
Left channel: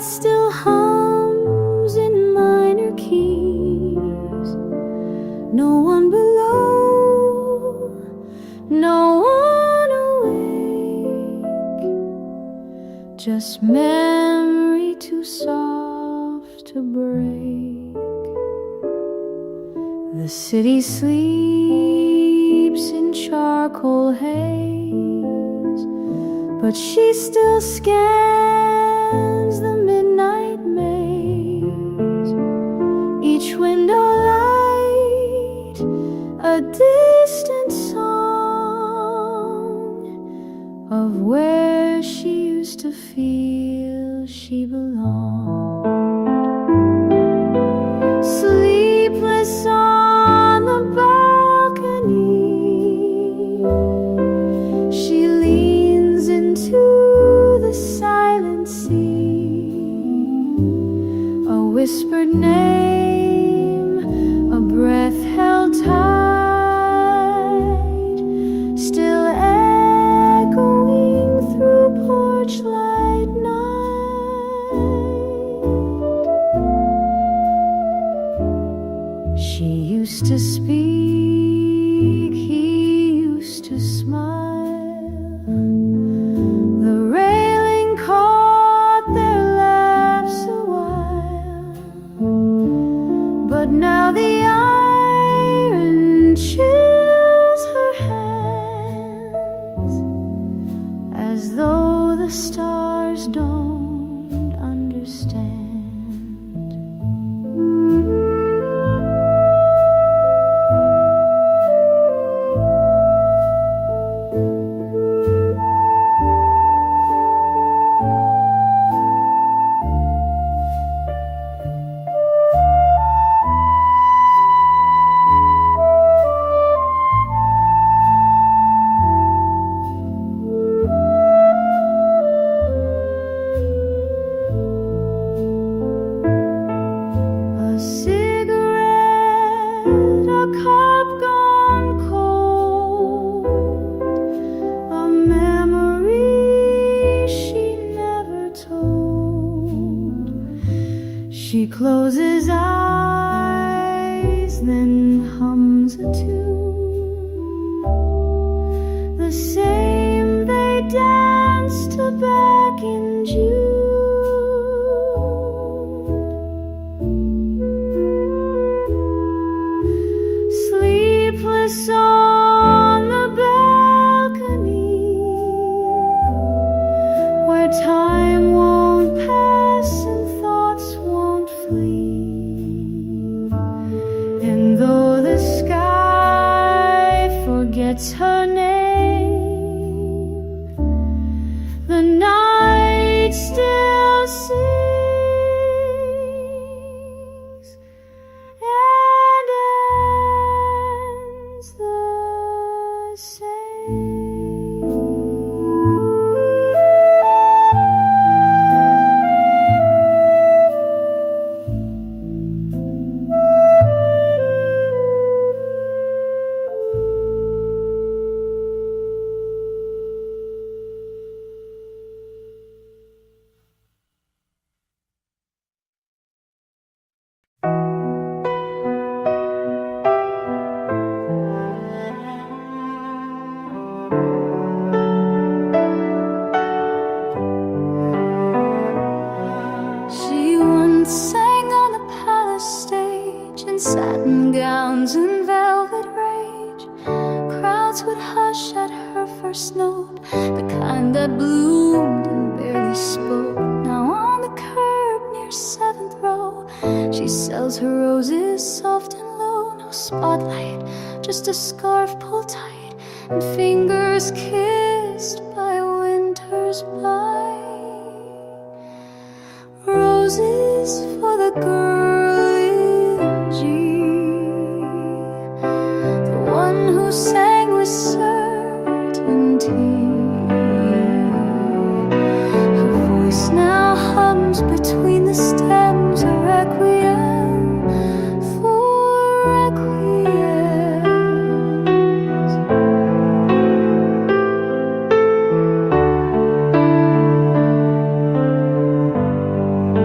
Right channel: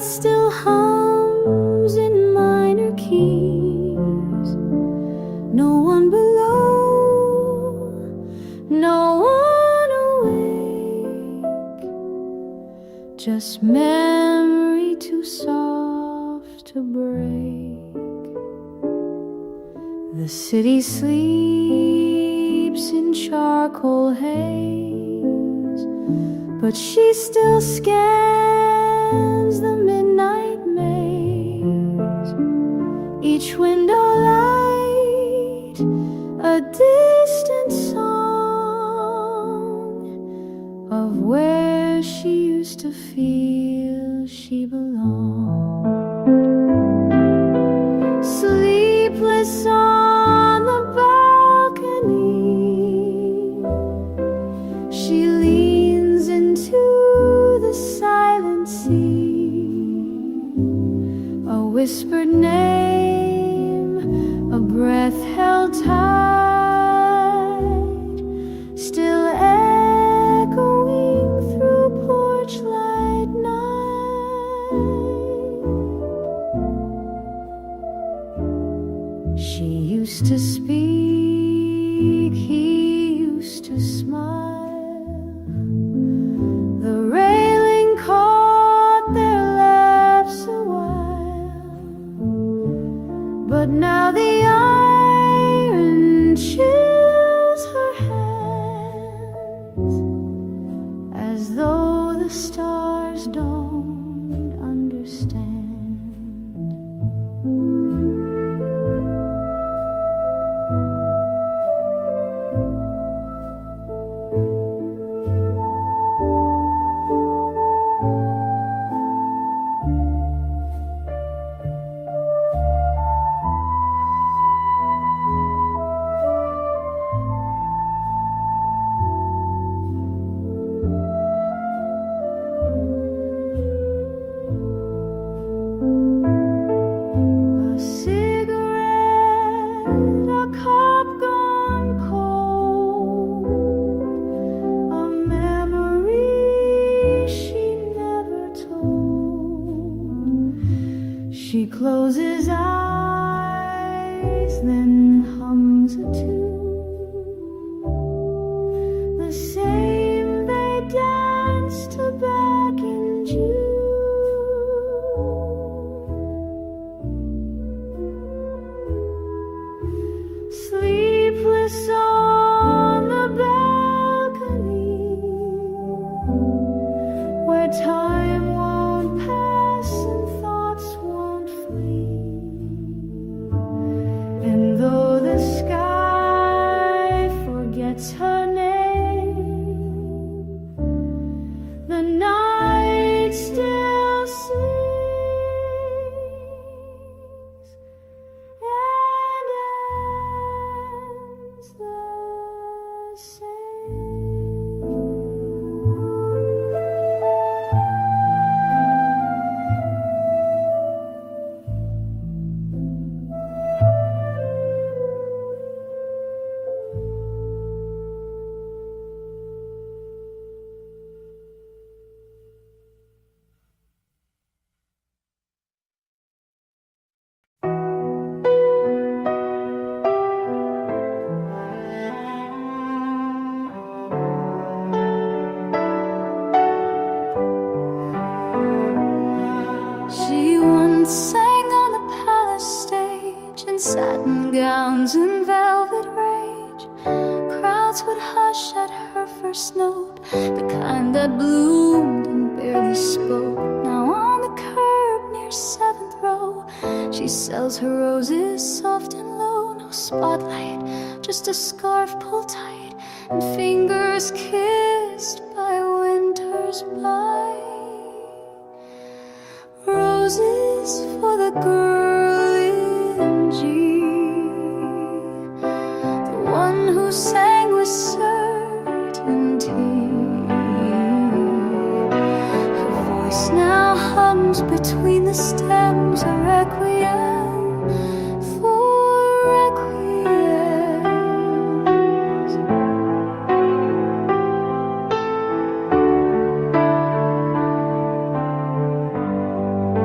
night still hums in minor keys. No one below, no one awake, just memory too soft to break. The city sleeps in charcoal haze, but she still scans the midnight maze. Each window light, a distant song of where she used to feel she belonged. Sleepless on the balcony, she leans into the silent sea. A whispered name, a breath held tight, still echoing through porch light night. She used to speak, he used to smile. The railing caught their laughs a while, but now the iron chills her hands, as though the stars don't understand. She closes eyes, then hums a tune, the same they danced to back in June. Sleepless on the balcony, where time won't pass and thoughts won't flee. And though the sky forgets her name, the night still sings and ends the same. She once sang on the palace stage in satin gowns and velvet rage. Crowds would hush at her first note, the kind that bloomed and barely spoke. Now on the curb near 7th row, she sells her roses soft and low. No spotlight, just a scarf pulled tight and fingers kissed by winter's bite. Roses for the girl in G, the one who sang with certainty. Her voice now hums between the stems, a requiem for requiems.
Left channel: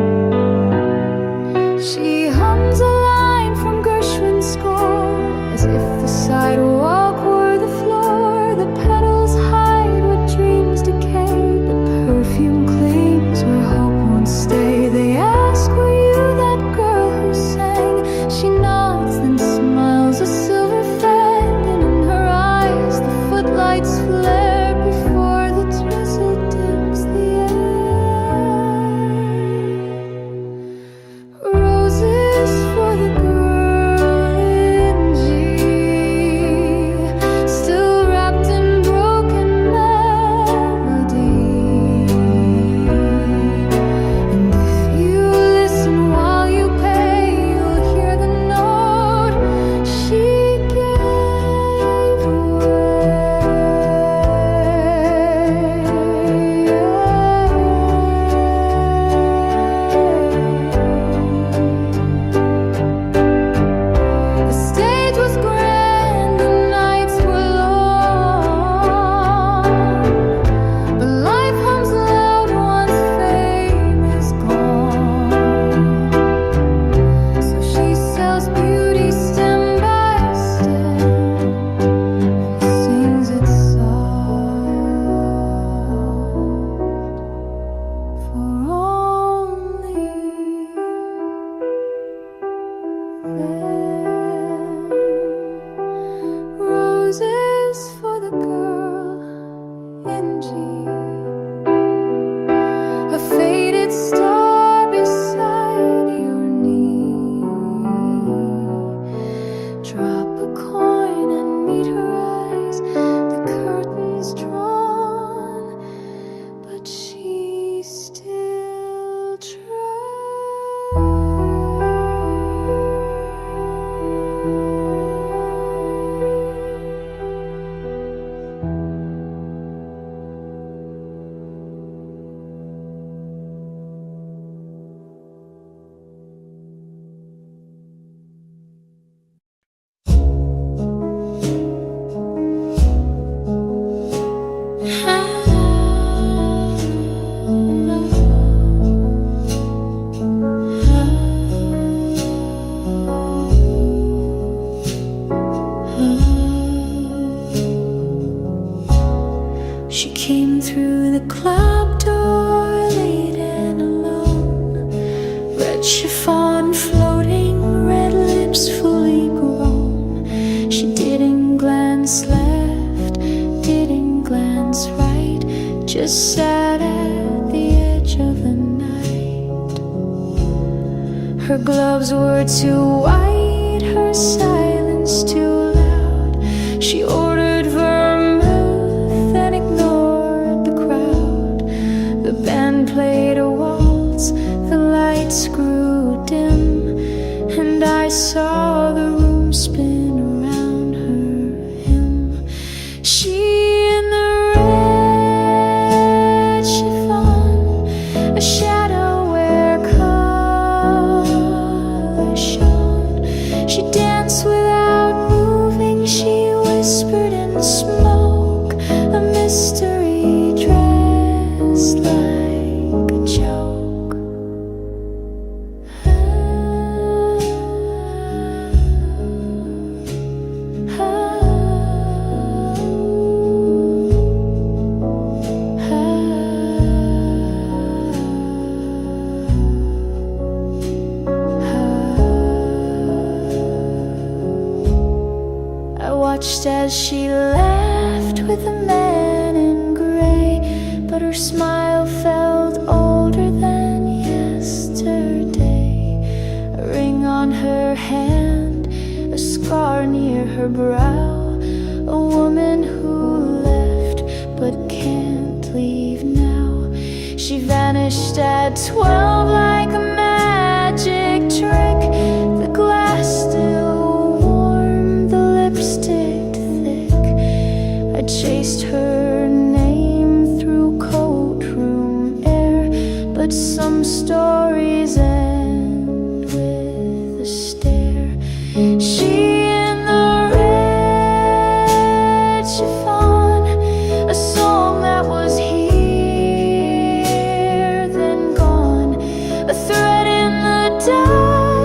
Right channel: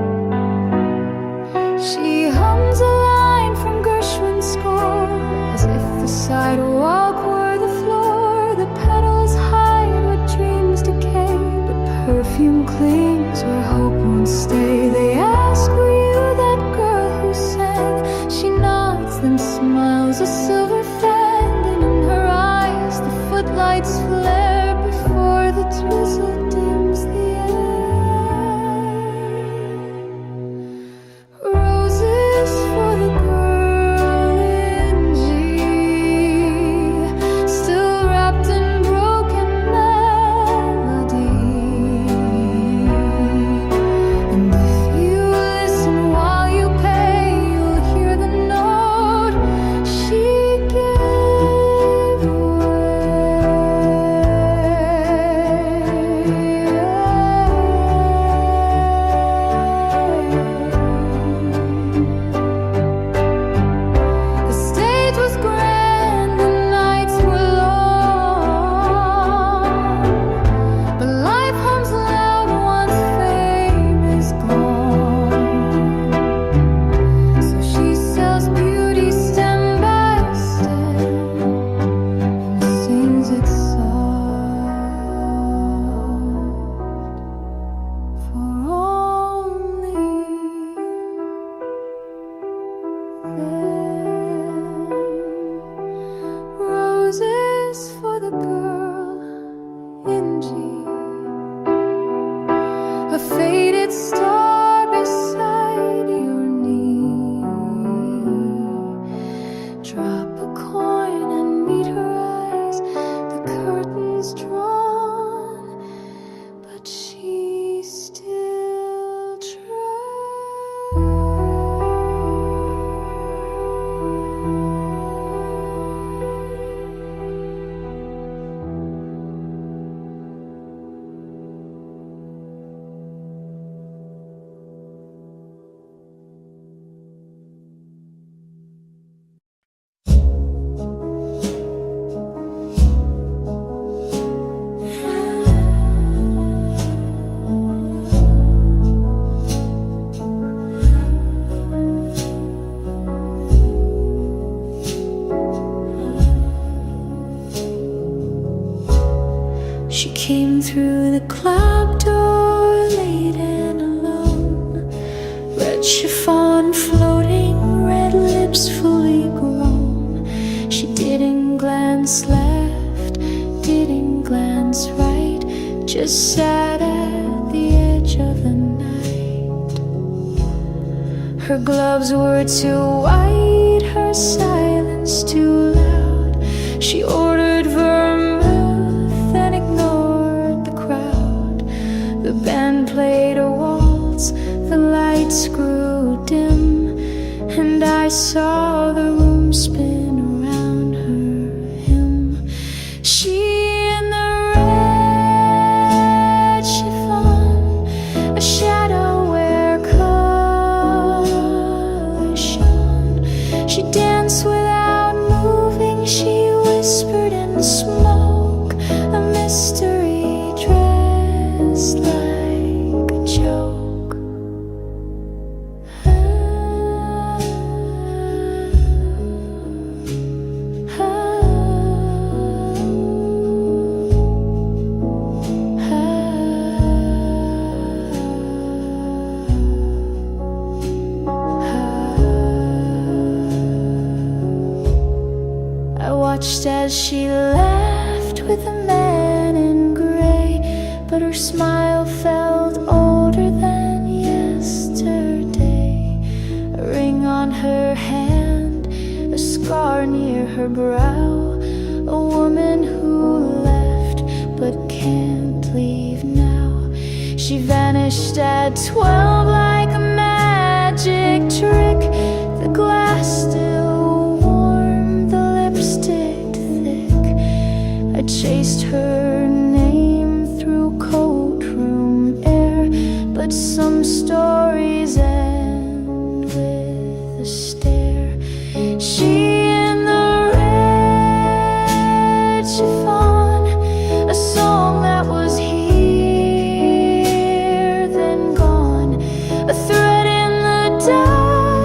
She hums a line from Gershwin's score, as if the sidewalk were the floor. The petals hide what dreams decay, but perfume clings where hope won't stay. They ask, were you that girl who sang? She nods, then smiles a silver fan, and in her eyes the footlights flare before the drizzle dims the air. Roses for the girl in G, still wrapped in broken melody. And if you listen while you pay, you'll hear the note she gave away. The stage was grand, the nights were long, but life hums loud once fame is gone. So she sells beauty stem by stem and sings it soft for only them. Roses for the girl in G, a faded star beside your knee. Drop a coin and meet her eyes, the curtains drawn, but she still She came through the club door late and alone. Red chiffon floating, red lips fully grown. She didn't glance left, didn't glance right, just sat at the edge of the night. Her gloves were too white, her silence too loud. She ordered vermouth and ignored the crowd. The band played a waltz, the lights grew dim, and I saw the room spin around her hymn. She in the red chiffon, a shadow where color shone. She danced without moving, she whispered in smoke, a mystery dressed like a joke. I watched as she laughed with a man in gray, but her smile felt older than yesterday. A ring on her hand, a scar near her brow, a woman who left but can't leave now. She vanished at 12 like a magic trick. The glass still warm, the lipstick thick. I chased her name through courtroom air, but some stories end with a stare. She in the red chiffon, a song that was here then gone, a thread in the dark.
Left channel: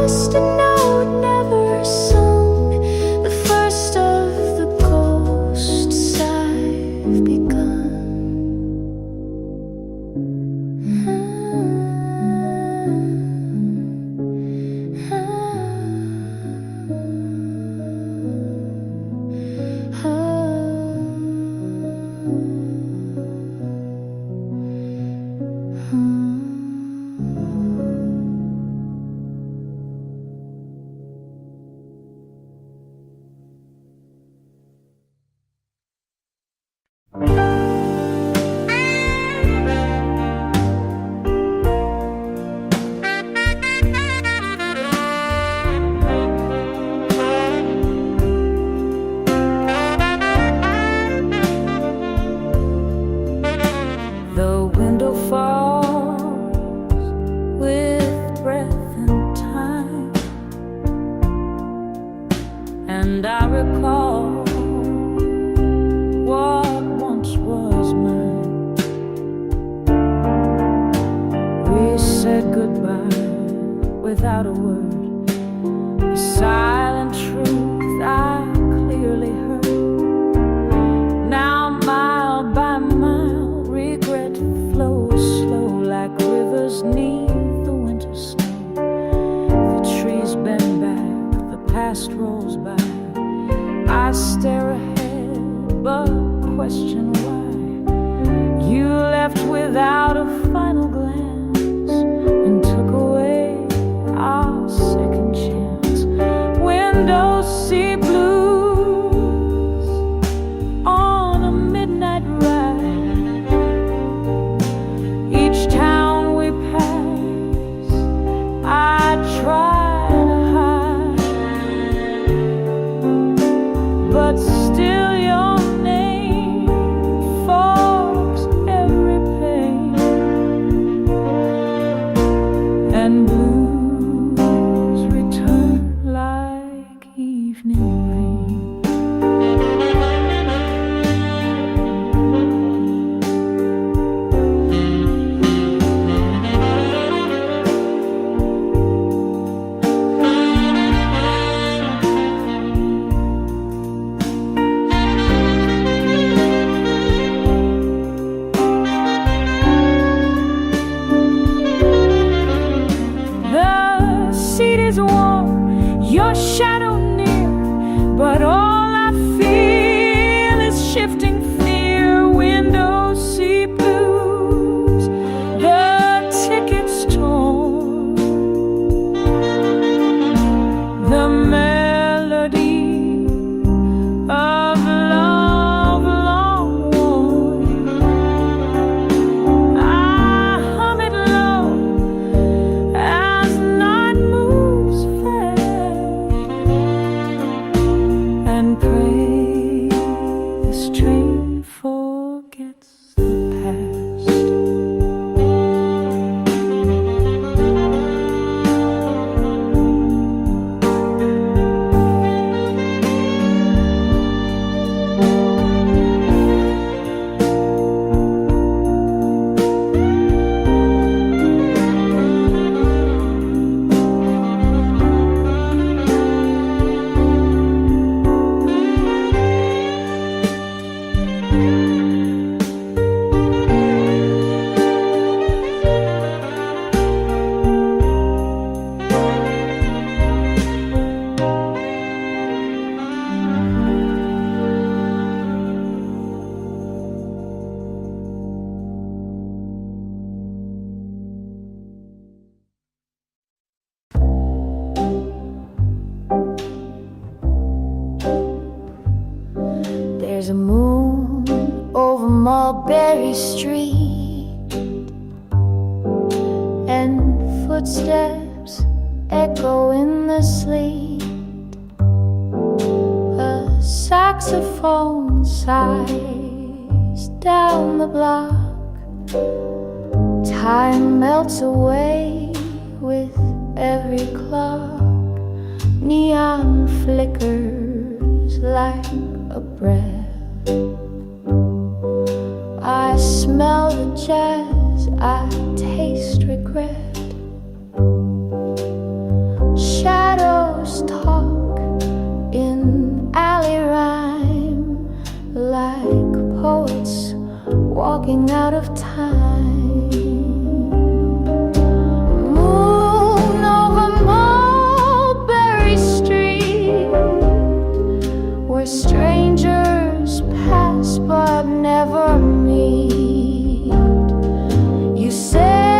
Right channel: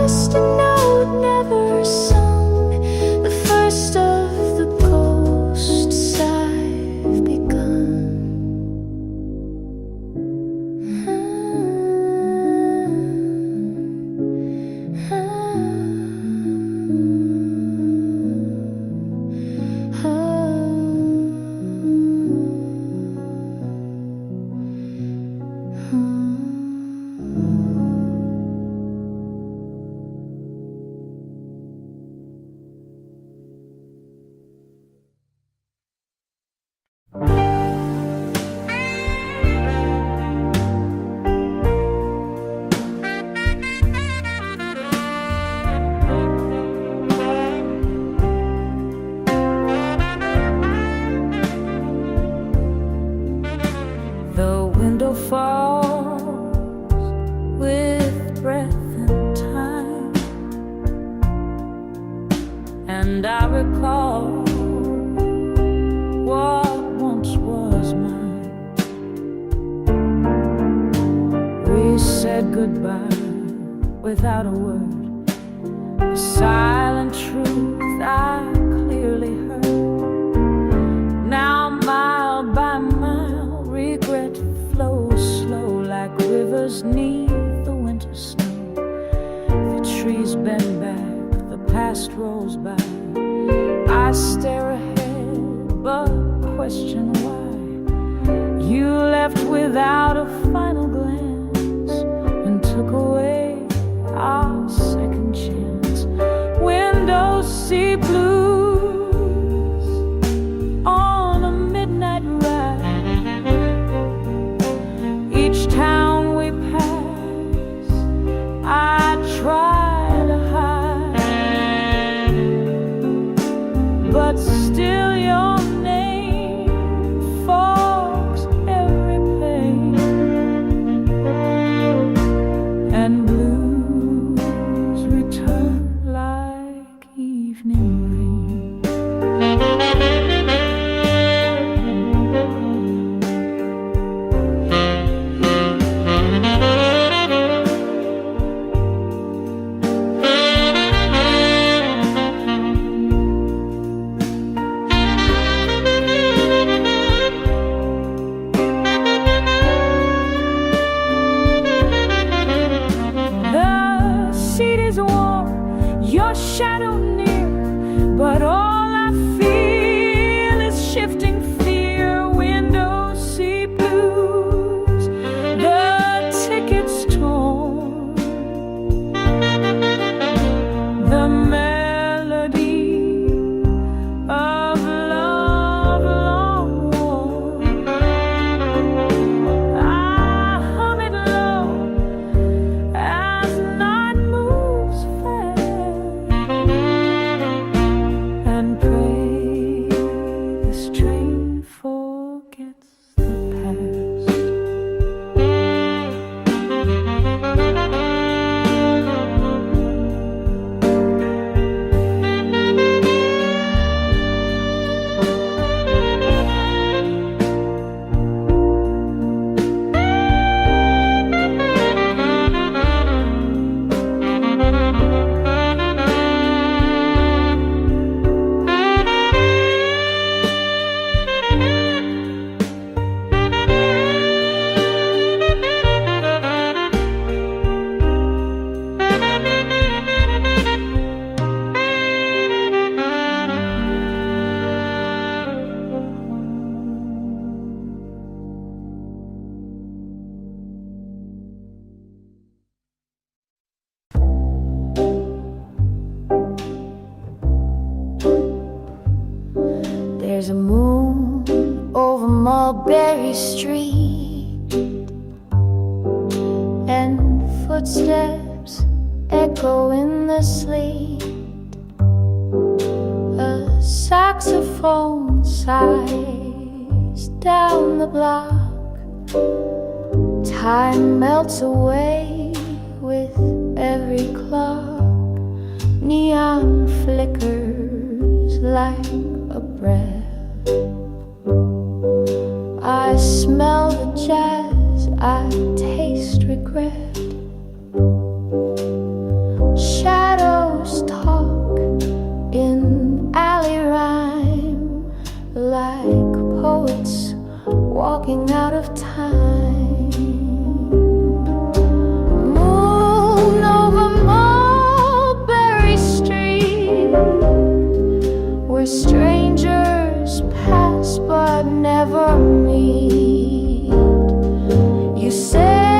The window falls with breath and time, and I recall what once was mine. We said goodbye without a word, a silent truth I clearly heard. Now mile by mile, regret flows slow like rivers neath the winter snow. The trees bend back, the past rolls by. I stare ahead, but question why. You left without a final glance and took away our second chance. Windows see blues on a midnight ride. Each town we pass, I try to hide, but still your name fogs every pain, and blues return like evening rain. The seat is warm, your shadow near, but all I feel is shifting fear. Windows see blues, the ticket's torn. The melody of love long worn, I hum it low as night moves fast, and pray this train forgets the past. There's a moon over Mulberry Street, and footsteps echo in the sleet. A saxophone sighs down the block. Time melts away with every clock. Neon flickers like a breath. I smell the jazz, I taste regret. Shadows talk in alley rhyme, like poets walking out of time. Moon over Mulberry Street, where strangers pass but never meet. You say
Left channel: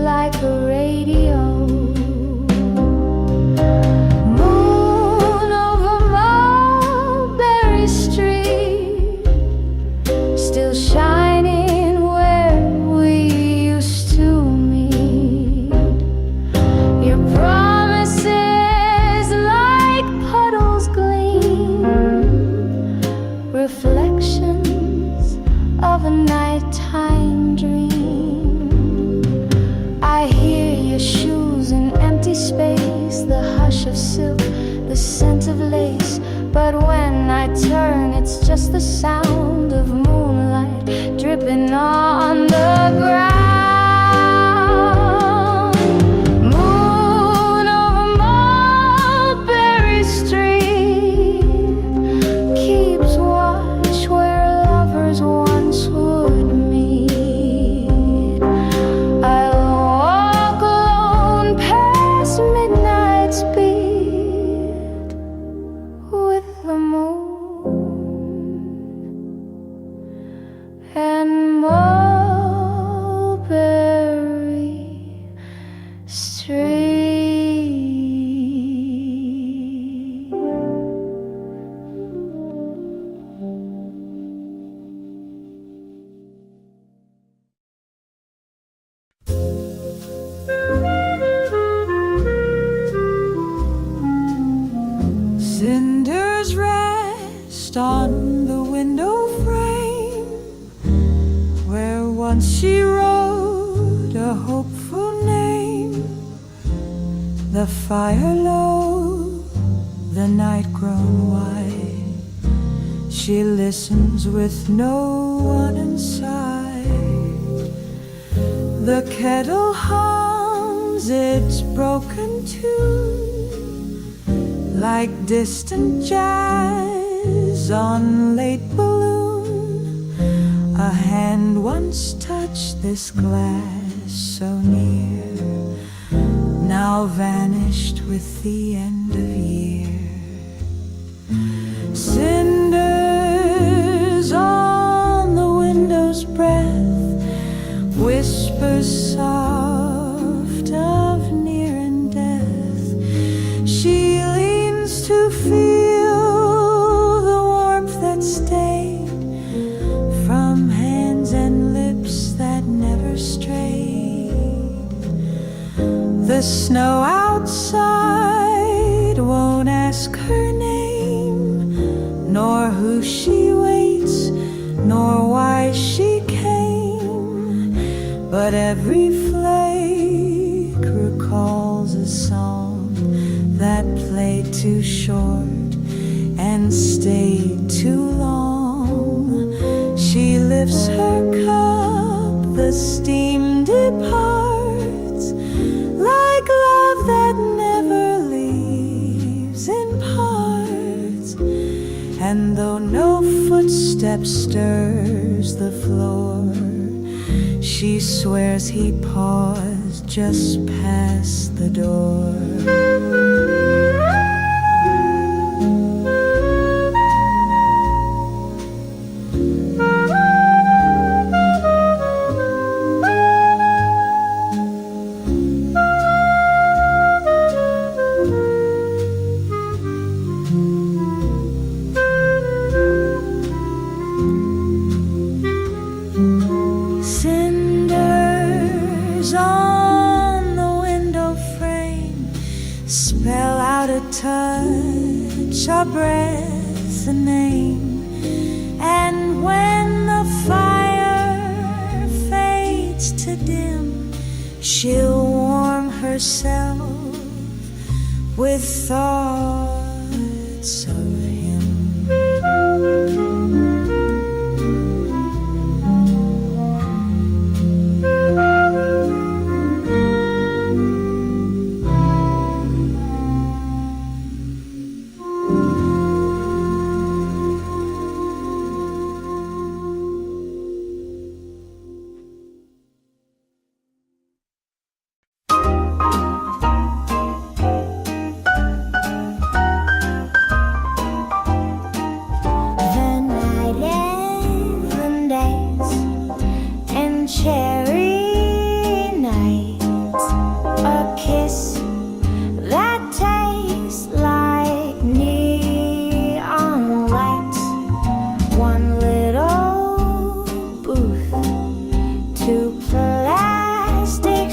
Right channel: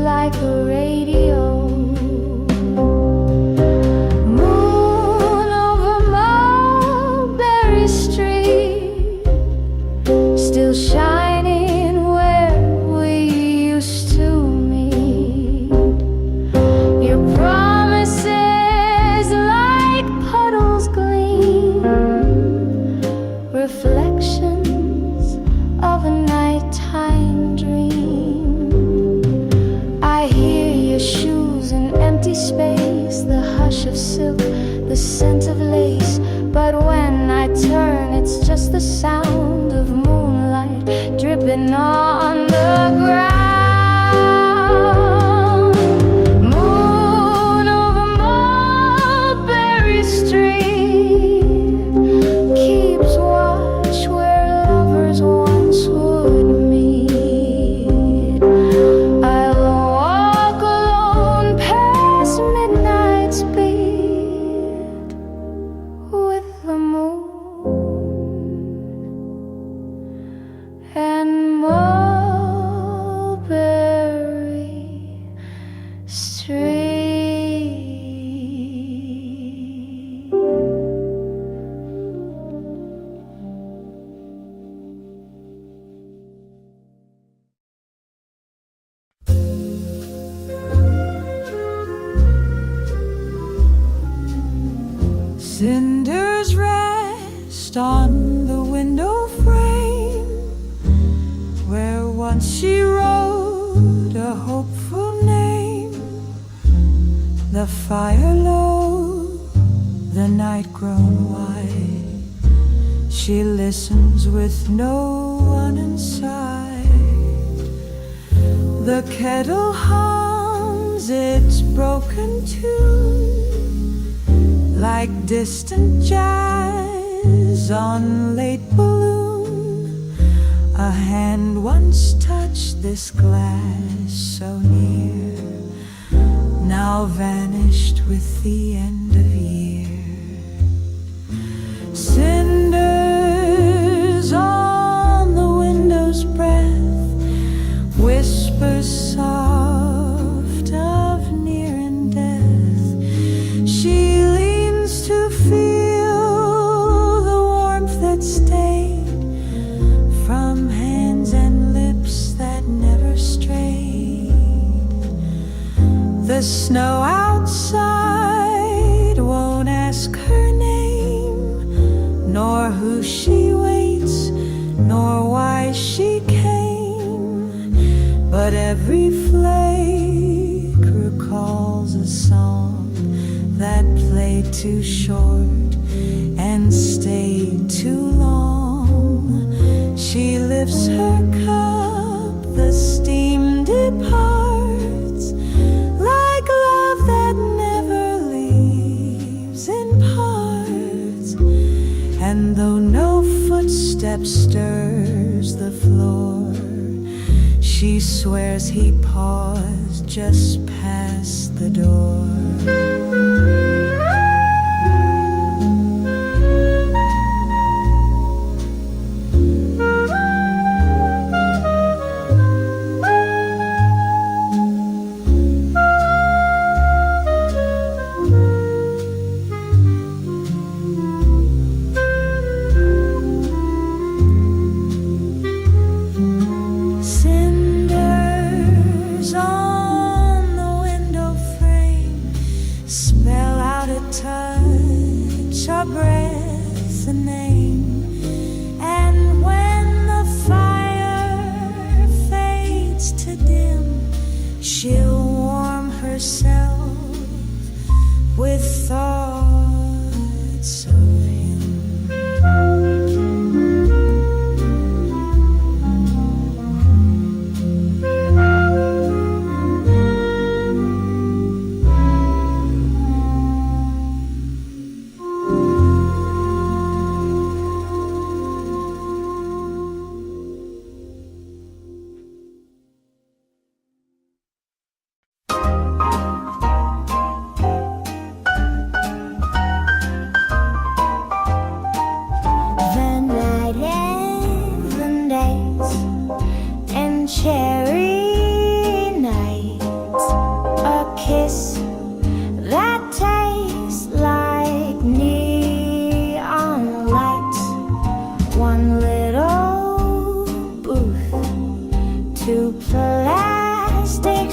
like a radio. Moon over Mulberry Street, still shining where we used to meet. Your promises like puddles gleam, reflections of a nighttime dream. I hear your shoes in empty space, the hush of silk, the scent of lace. But when I turn, it's just the sound of moonlight dripping on the ground. Moon over Mulberry Street keeps watch where lovers once would meet. I'll walk alone past midnight's beat with the moon and Mulberry Street. Cinders rest on the window frame where once she wrote a hopeful name. The fire low, the night grown white. She listens with no one in sight. The kettle hums its broken tune like distant jazz on late balloon. A hand once touched this glass so near, now vanished with the end of year. Cinders on the window's breath, whispers soft of near and death. She leans to feel the warmth that stayed from hands and lips that never strayed. The snow outside won't ask her name, nor who she waits, nor why she came. But every flake recalls a song that played too short and stayed too long. She lifts her cup, the steam departs, like love that never leaves in parts. And though no footstep stirs the floor, she swears he paused just past the door. Cinders on the window frame spell out a touch, a breath, a name. And when the fire fades to dim, she'll warm herself with thoughts of him.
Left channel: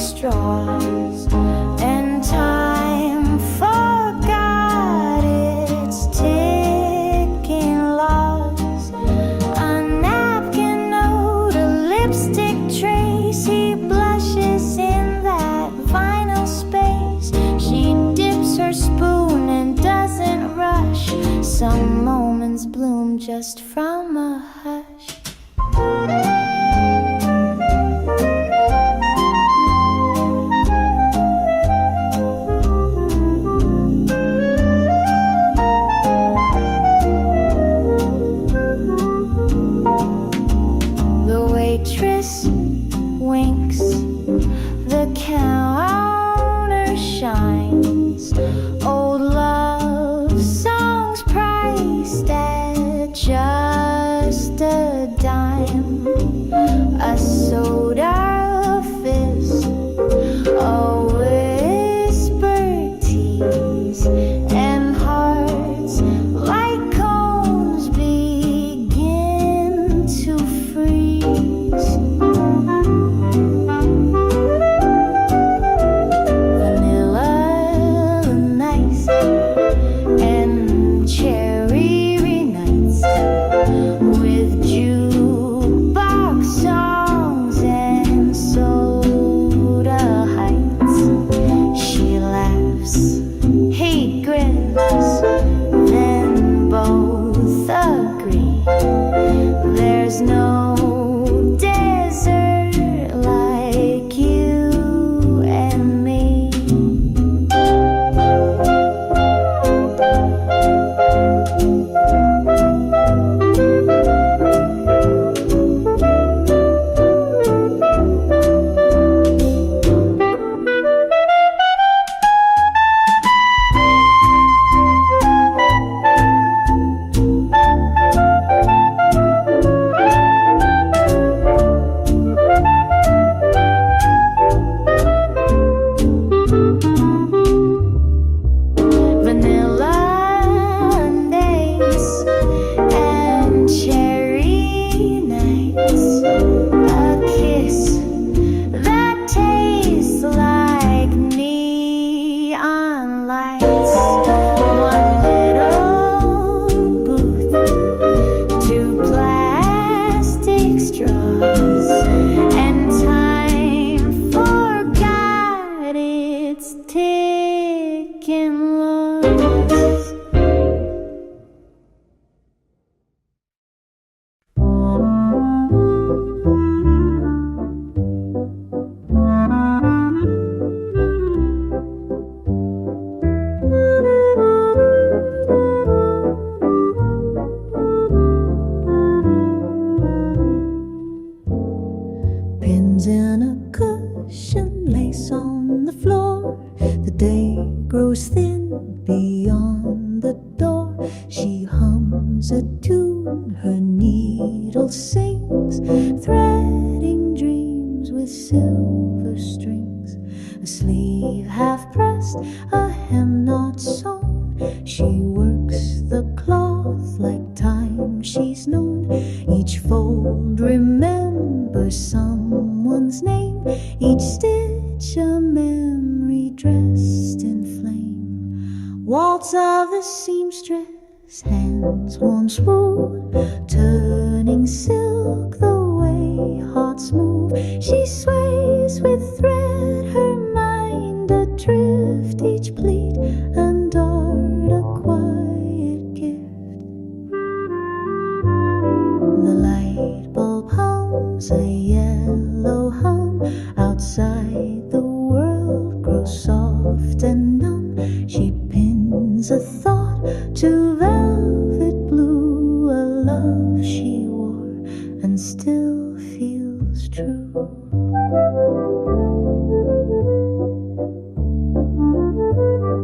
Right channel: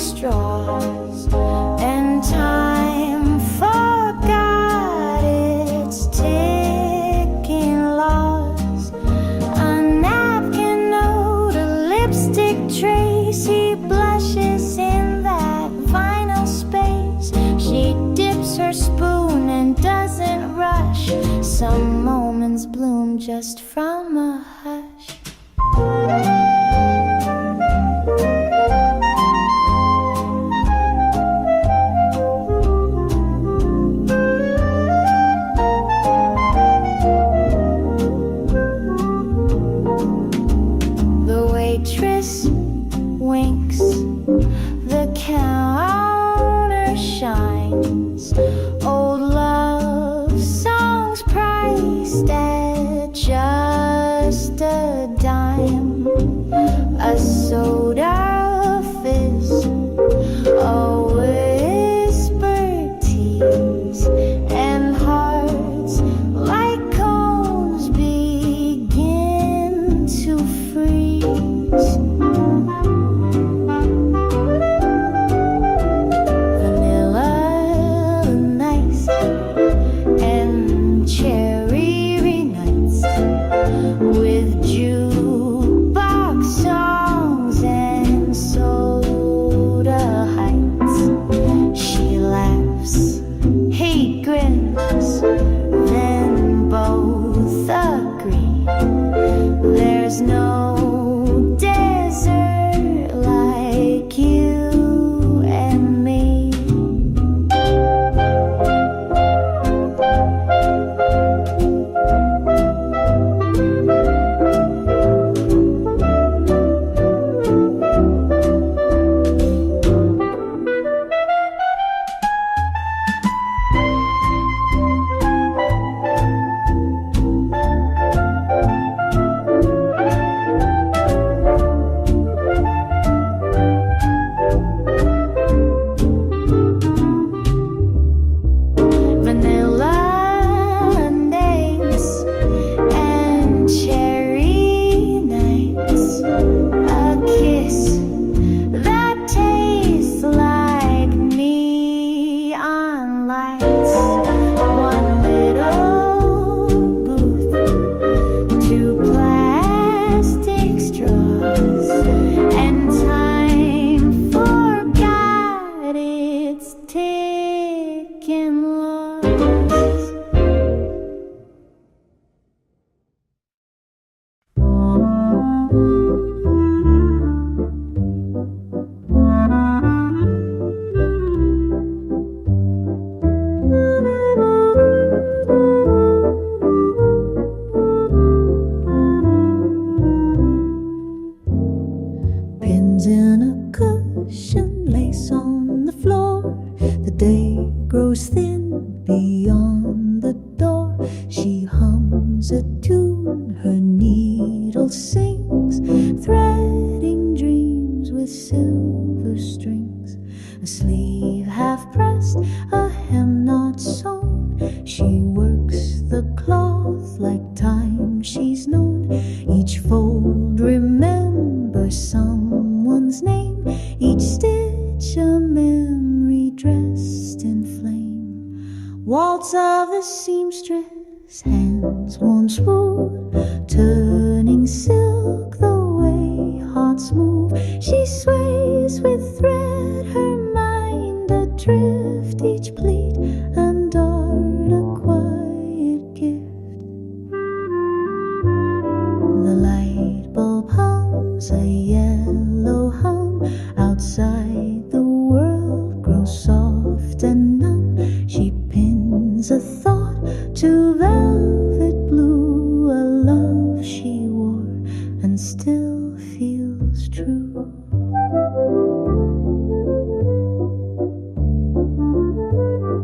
straws, and time forgot its ticking laws. A napkin note, a lipstick trace, he blushes in that vinyl space. She dips her spoon and doesn't rush. Some moments bloom just from a hush. The waitress winks, the counter shines. Old love songs priced at just a dime. A soda fizz, a whispered tease, and hearts like cones begin to freeze. Vanilla nice and cherry nights with jukebox songs and soda heights. She laughs, he grins, then both agree there's no desert like you and me. Vanilla days and cherry nights, a kiss that tastes like neon lights. One little booth, two plastic straws, and time forgot its ticking laws. Pins in a cushion, lace on the floor. The day grows thin beyond the door. She hums a tune, her needle sings, threading dreams with silver strings. A sleeve half pressed, a hem not sewn. She works the cloth like time she's known. Each fold remembers someone's name, each stitch a memory dressed in flame. Waltz of the seamstress, hands warm smooth, turning silk the way hearts move. She sways with thread, her mind adrift, each pleat and dart a quiet gift. The light bulb hums a yellow hum. Outside the world grows soft and numb. She pins a thought to velvet blue, a love she wore and still feels true.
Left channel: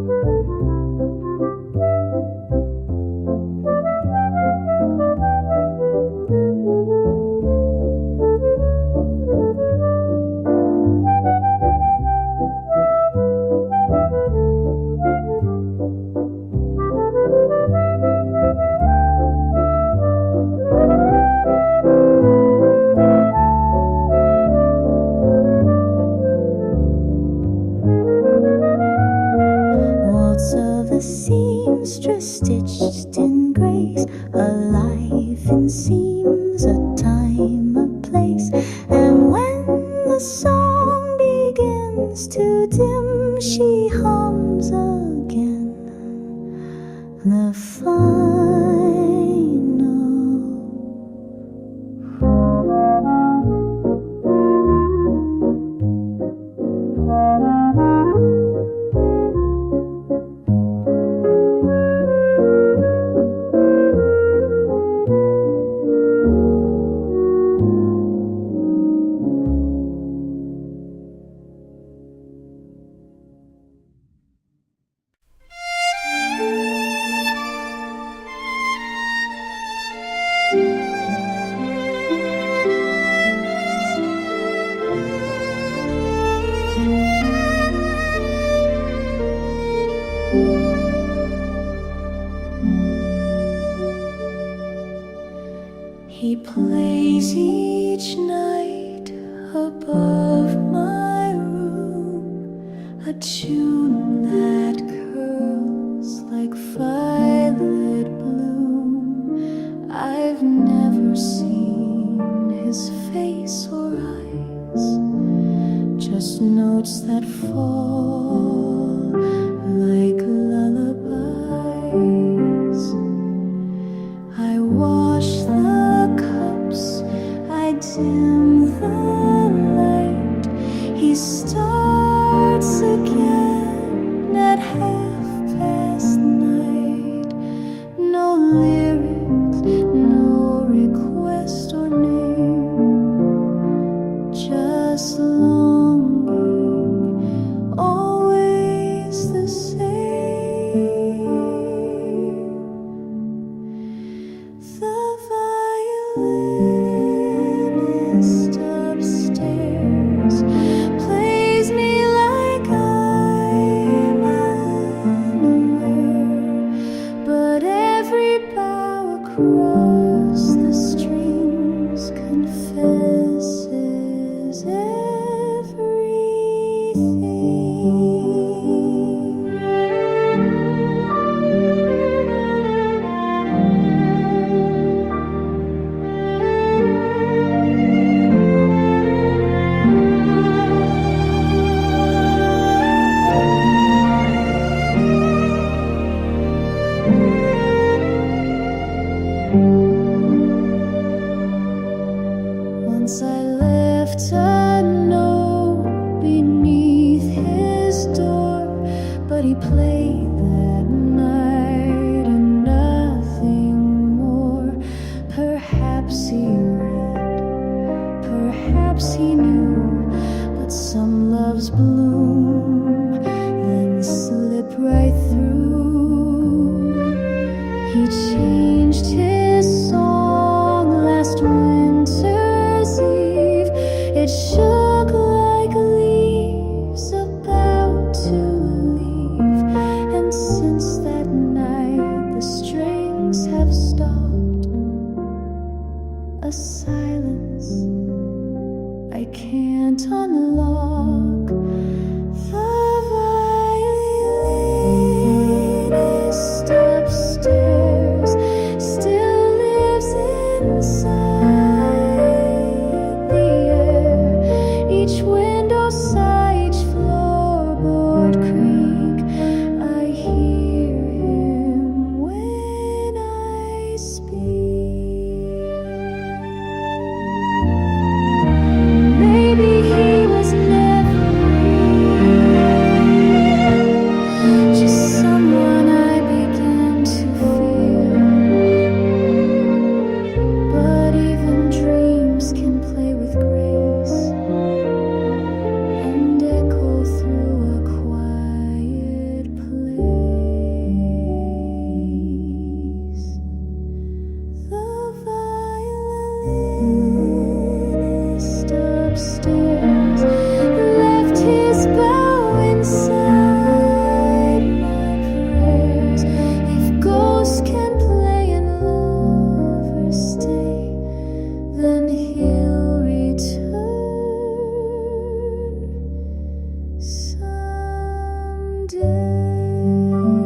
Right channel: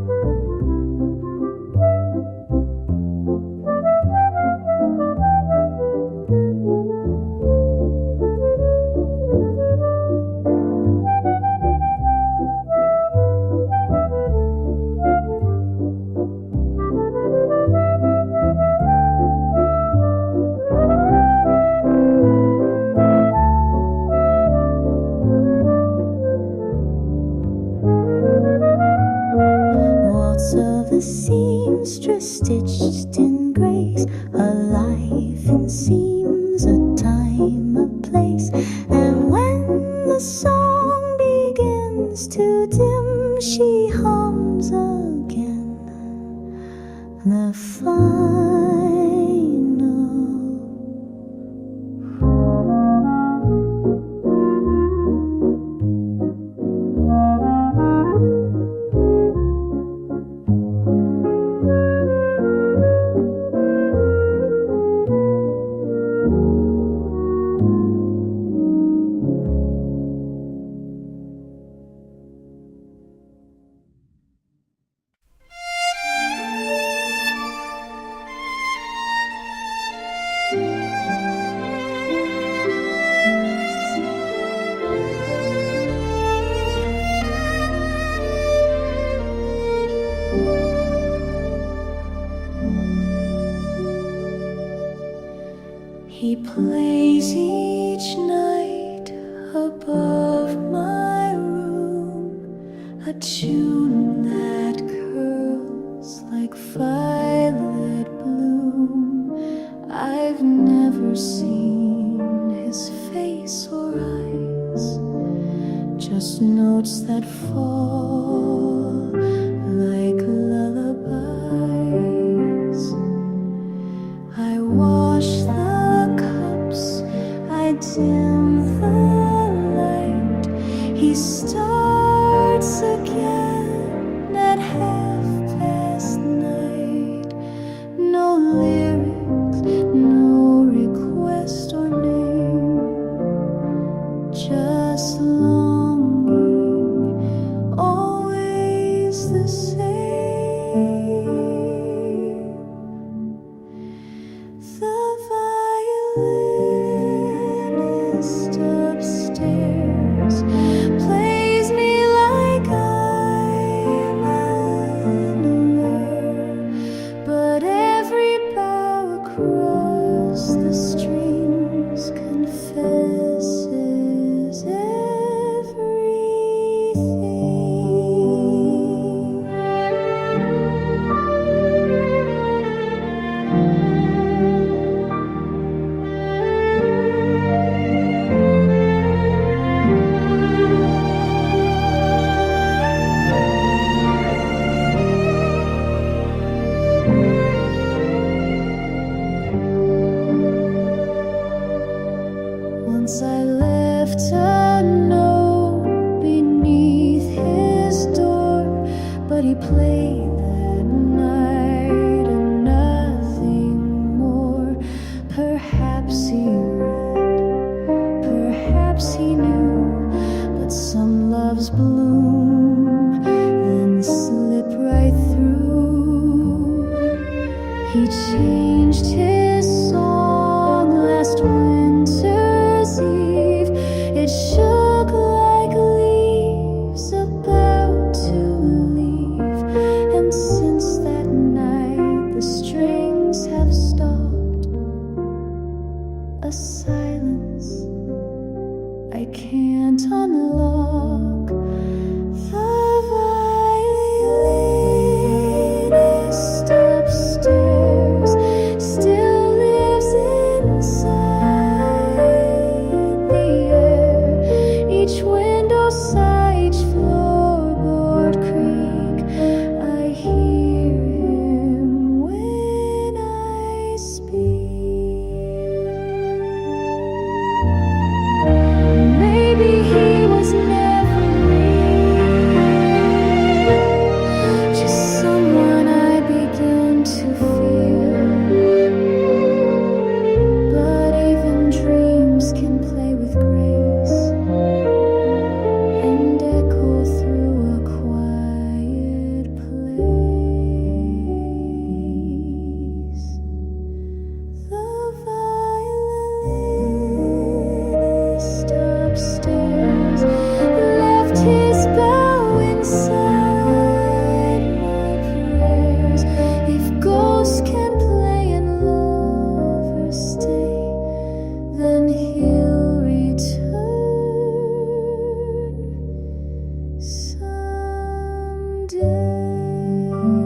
thoughts of the seamstress stitched in grace, a life in seams, a time, a place. And when the song begins to dim, she hums again the final. He plays each night above my room, a tune that curls like violet bloom. I've never seen his face or eyes, just notes that fall like lullabies. I wash the cups, I dim the light. He starts again at 9:30. No lyrics, no request or name, just longing, always the same. Violinist upstairs plays me like I'm unaware, but every bow across the strings confesses everything. Once I left a note beneath his door, but he played that night and nothing more. Perhaps he read, perhaps he knew, but some loves bloom, then slip right through. He changed his song last winter's eve. It shook like leaves about to leave, and since that night the strings have stopped. A silence I can't unlock. The violinist upstairs still lives inside the air. Each window sigh, each floorboard creak. I hear him when I speak. Maybe he was never real, just someone I begin to feel. But even dreams can play with grace and echo through a quiet place. The violinist upstairs left his bow inside my prayers. If ghosts can play and lovers stay, then he'll return someday.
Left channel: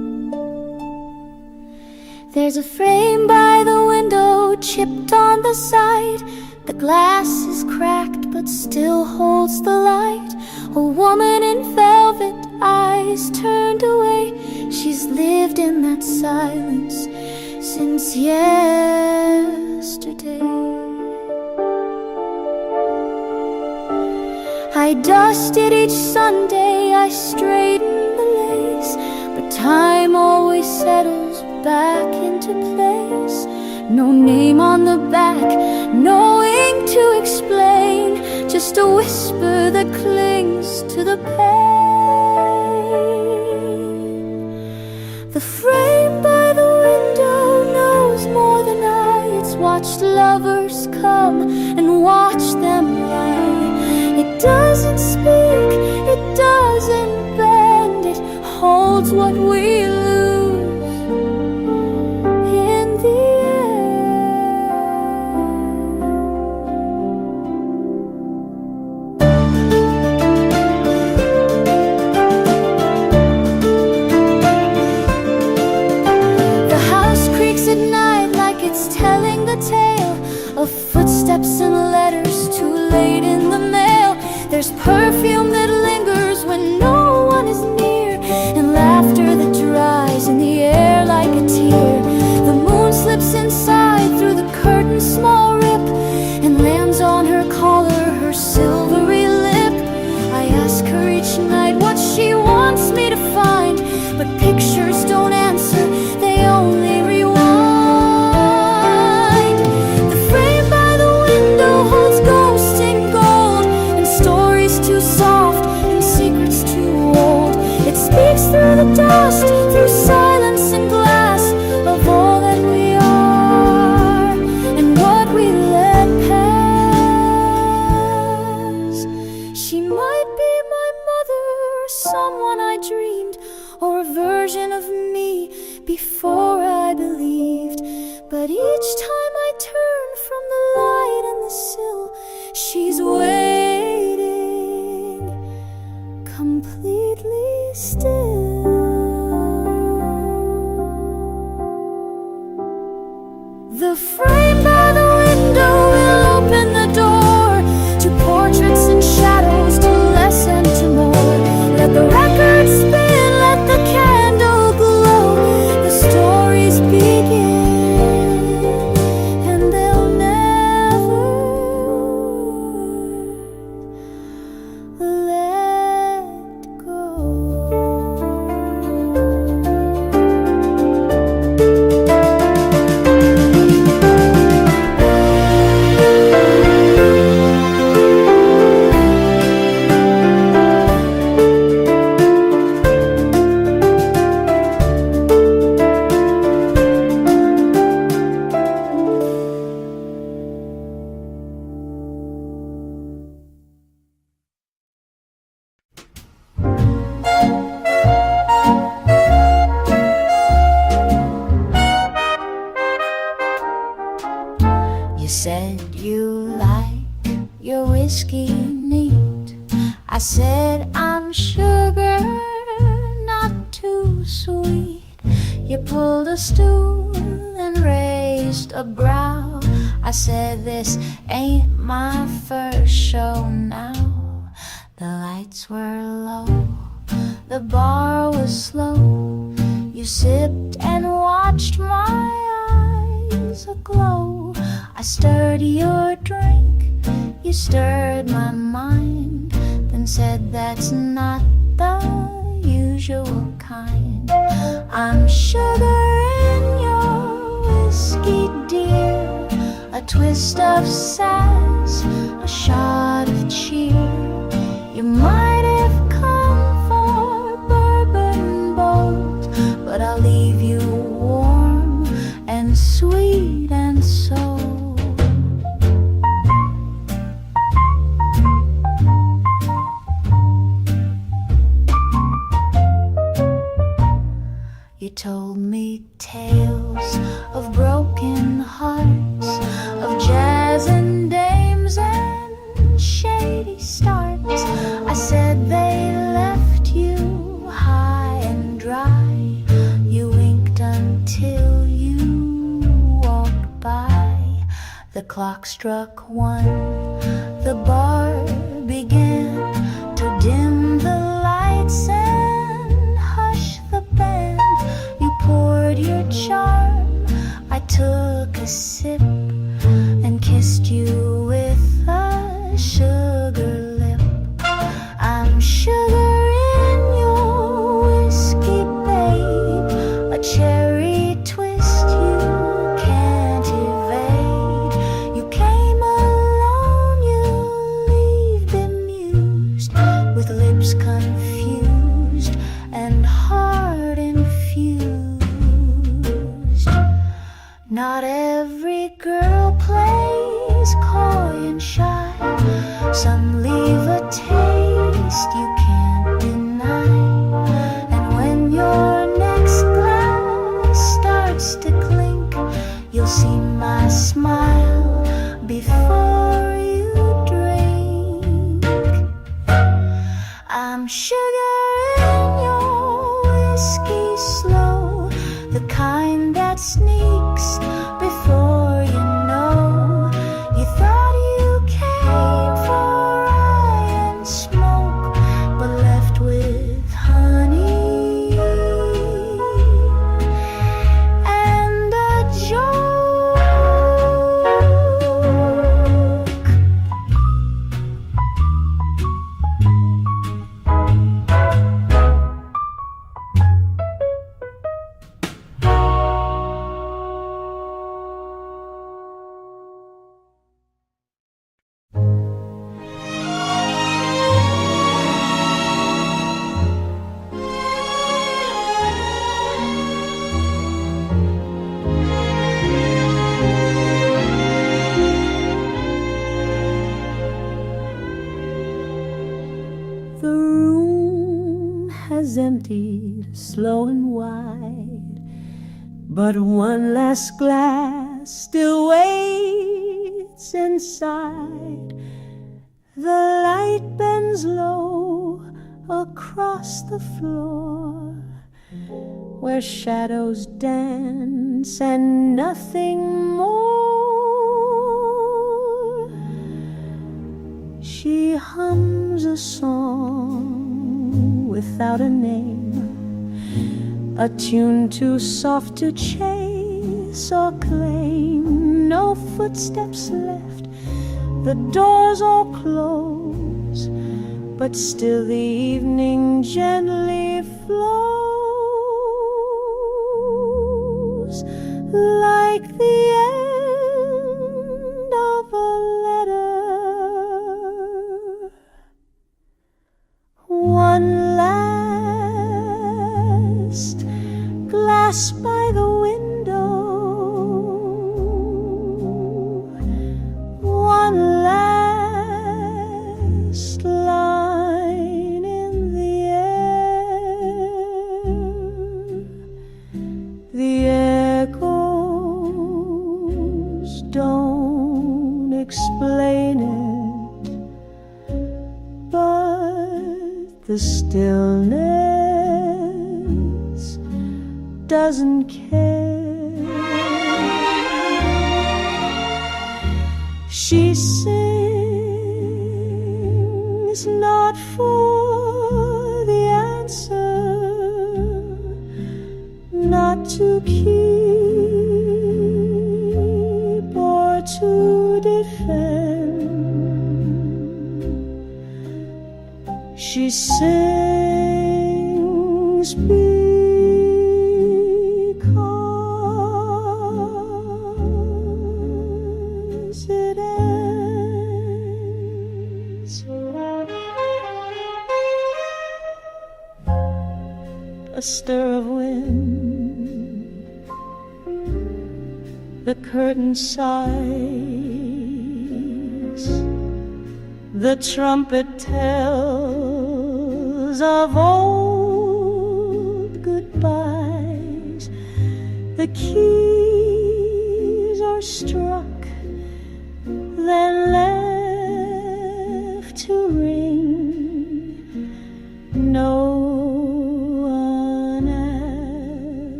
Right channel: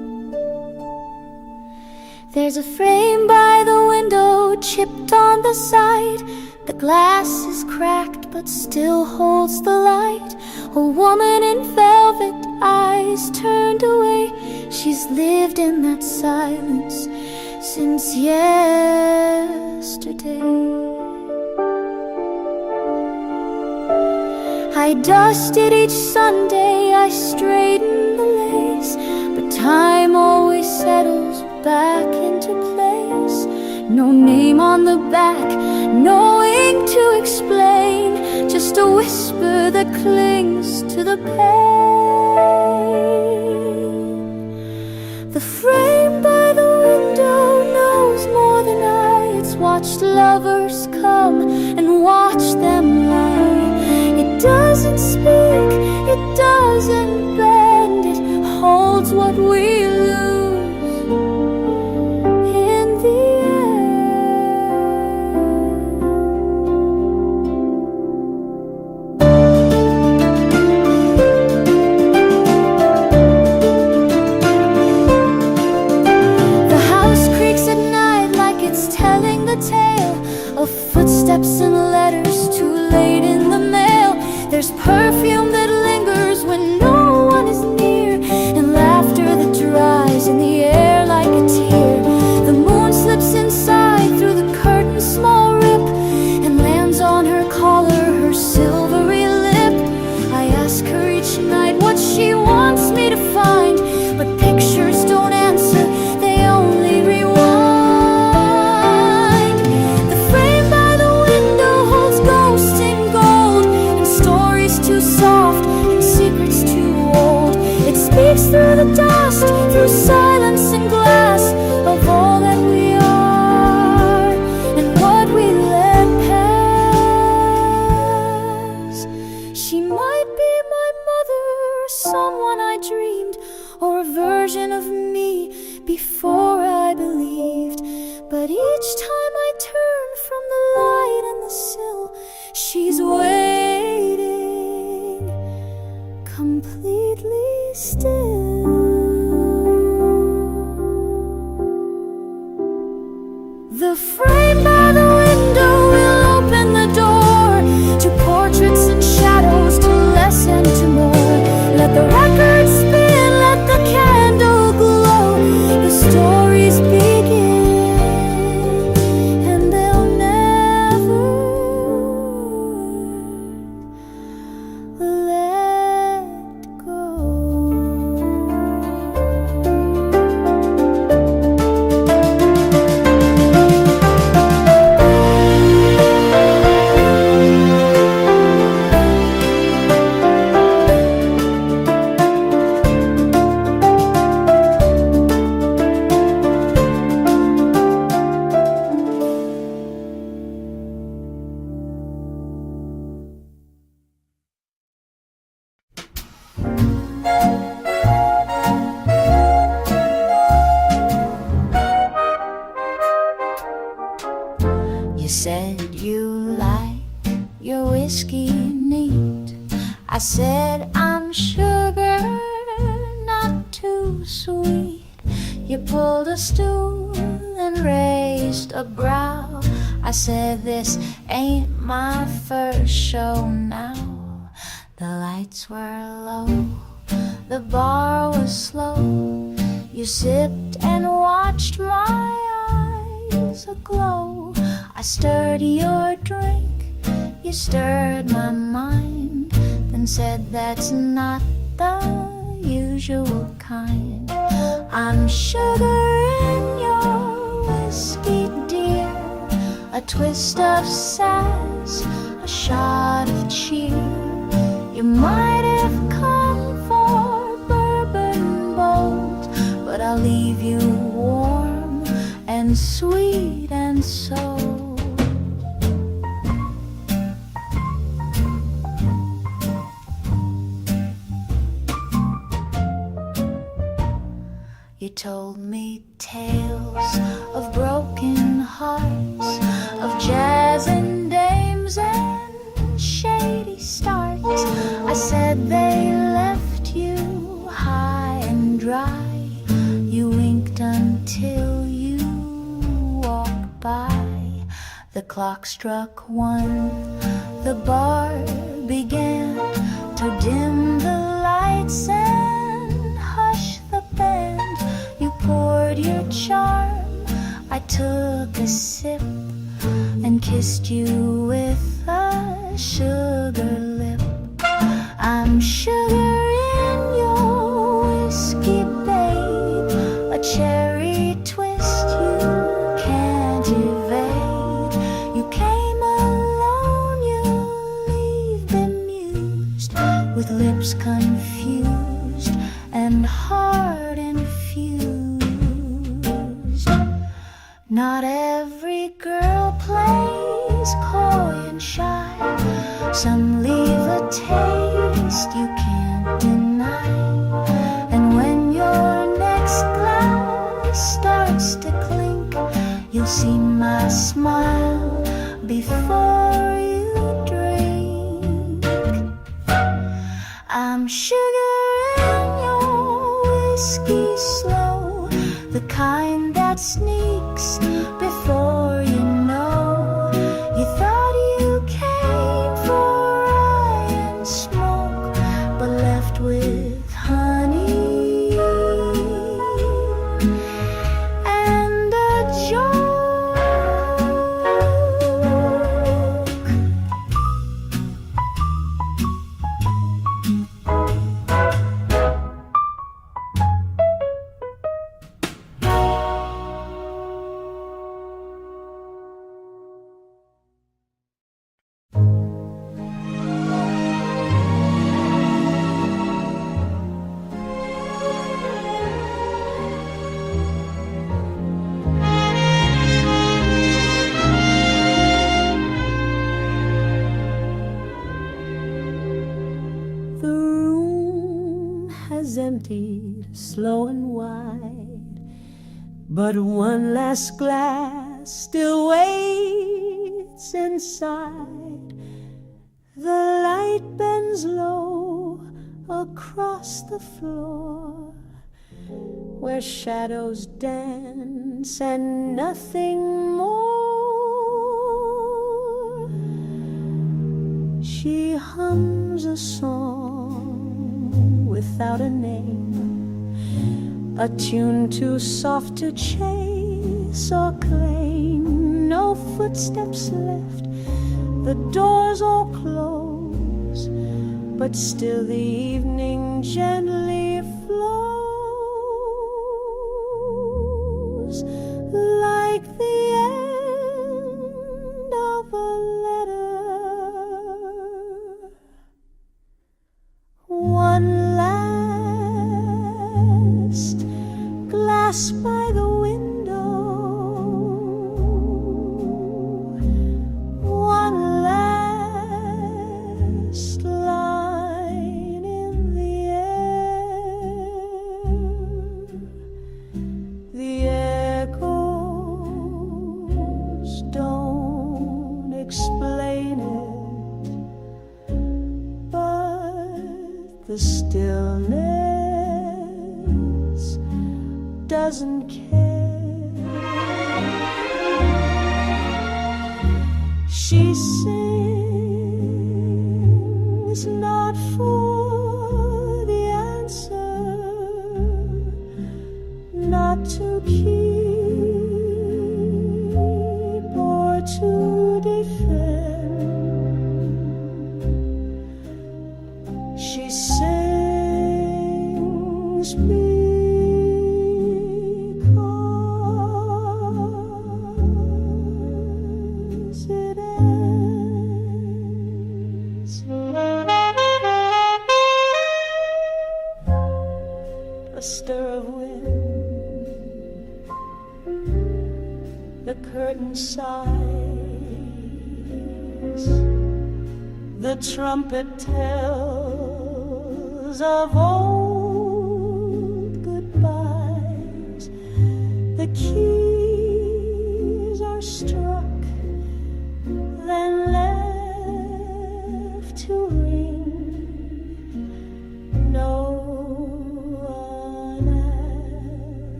There's a frame by the window, chipped on the side. The glass is cracked but still holds the light. A woman in velvet, eyes turned away. She's lived in that silence since yesterday. I dusted each Sunday, I straightened the lace, but time always settles back into place. No name on the back, no ink to explain, just a whisper that clings to the pain. The frame by the window knows more than I. It's watched lovers come and watched them lie. It doesn't speak, it doesn't bend, it holds what we lose in the end. The house creaks at night like it's telling the tale of footsteps and letters too late in the mail. There's perfume that lingers when no one is near, and laughter that dries in the air like a tear. The moon slips inside through the curtain's small rip and lands on her collar, her silvery lip. I ask her each night what she wants me to find, but pictures don't answer, they only rewind. The frame by the window holds ghosts in gold, and stories too soft and secrets too old. It speaks through the dust, through silence and glass, of all that we are and what we let pass. She might be my mother, or someone I dreamed, or a version of me before I believed. But each time I turn from the light and the sill, she's waiting, completely still. The frame by the window will open the door to portraits and shadows, to less and to more. Let the record spin, let the candle glow. The stories begin, and they'll never let go. You said you like your whiskey neat. I said I'm sugar, not too sweet. You pulled a stool and raised a brow. I said this ain't my first show now. The lights were low, the bar was slow. You sipped and watched my eyes aglow. I stirred your drink, you stirred my mind, then said that's not the usual kind. I'm sugar in your whiskey, dear, a twist of sass, a shot of cheer. You might have come for bourbon bold, but I'll leave you warm and sweet and sold. You told me tales of broken hearts, of jazz and dames and shady starts. I said they left you high and dry. You winked until you walked by. The clock struck 1. The bar began to dim the lights and hush the band. You poured your charm. I took a sip and kissed you with a sugar lip. I'm sugar in your whiskey, babe, a cherry twist you can't evade. You came alone, you leave bemused, with lips confused and heart infused. Not every girl plays coy and shy. Some leave a taste you can't deny. And when your next glass starts to clink, you'll see my smile before you drink. I'm sugar in your whiskey slow, the kind that sneaks before you know. You thought you came for rye and smoke, but left with honey and a joke. The room has emptied slow and wide, but one last glass still waits inside. The light bends low across the floor, where shadows dance and nothing more. She hums a song without a name, a tune too soft to chase or claim. No footsteps left, the doors all close, but still the evening gently flows, like the end of a letter. One last glass by the window, one last line in the air. The echoes don't explain it, but the stillness doesn't care. She sings not for the answer, not to keep or to defend. She sings because it ends. A stir of wind, the curtain sighs, the trumpet tells of old goodbyes. The keys are struck, then left to ring. No one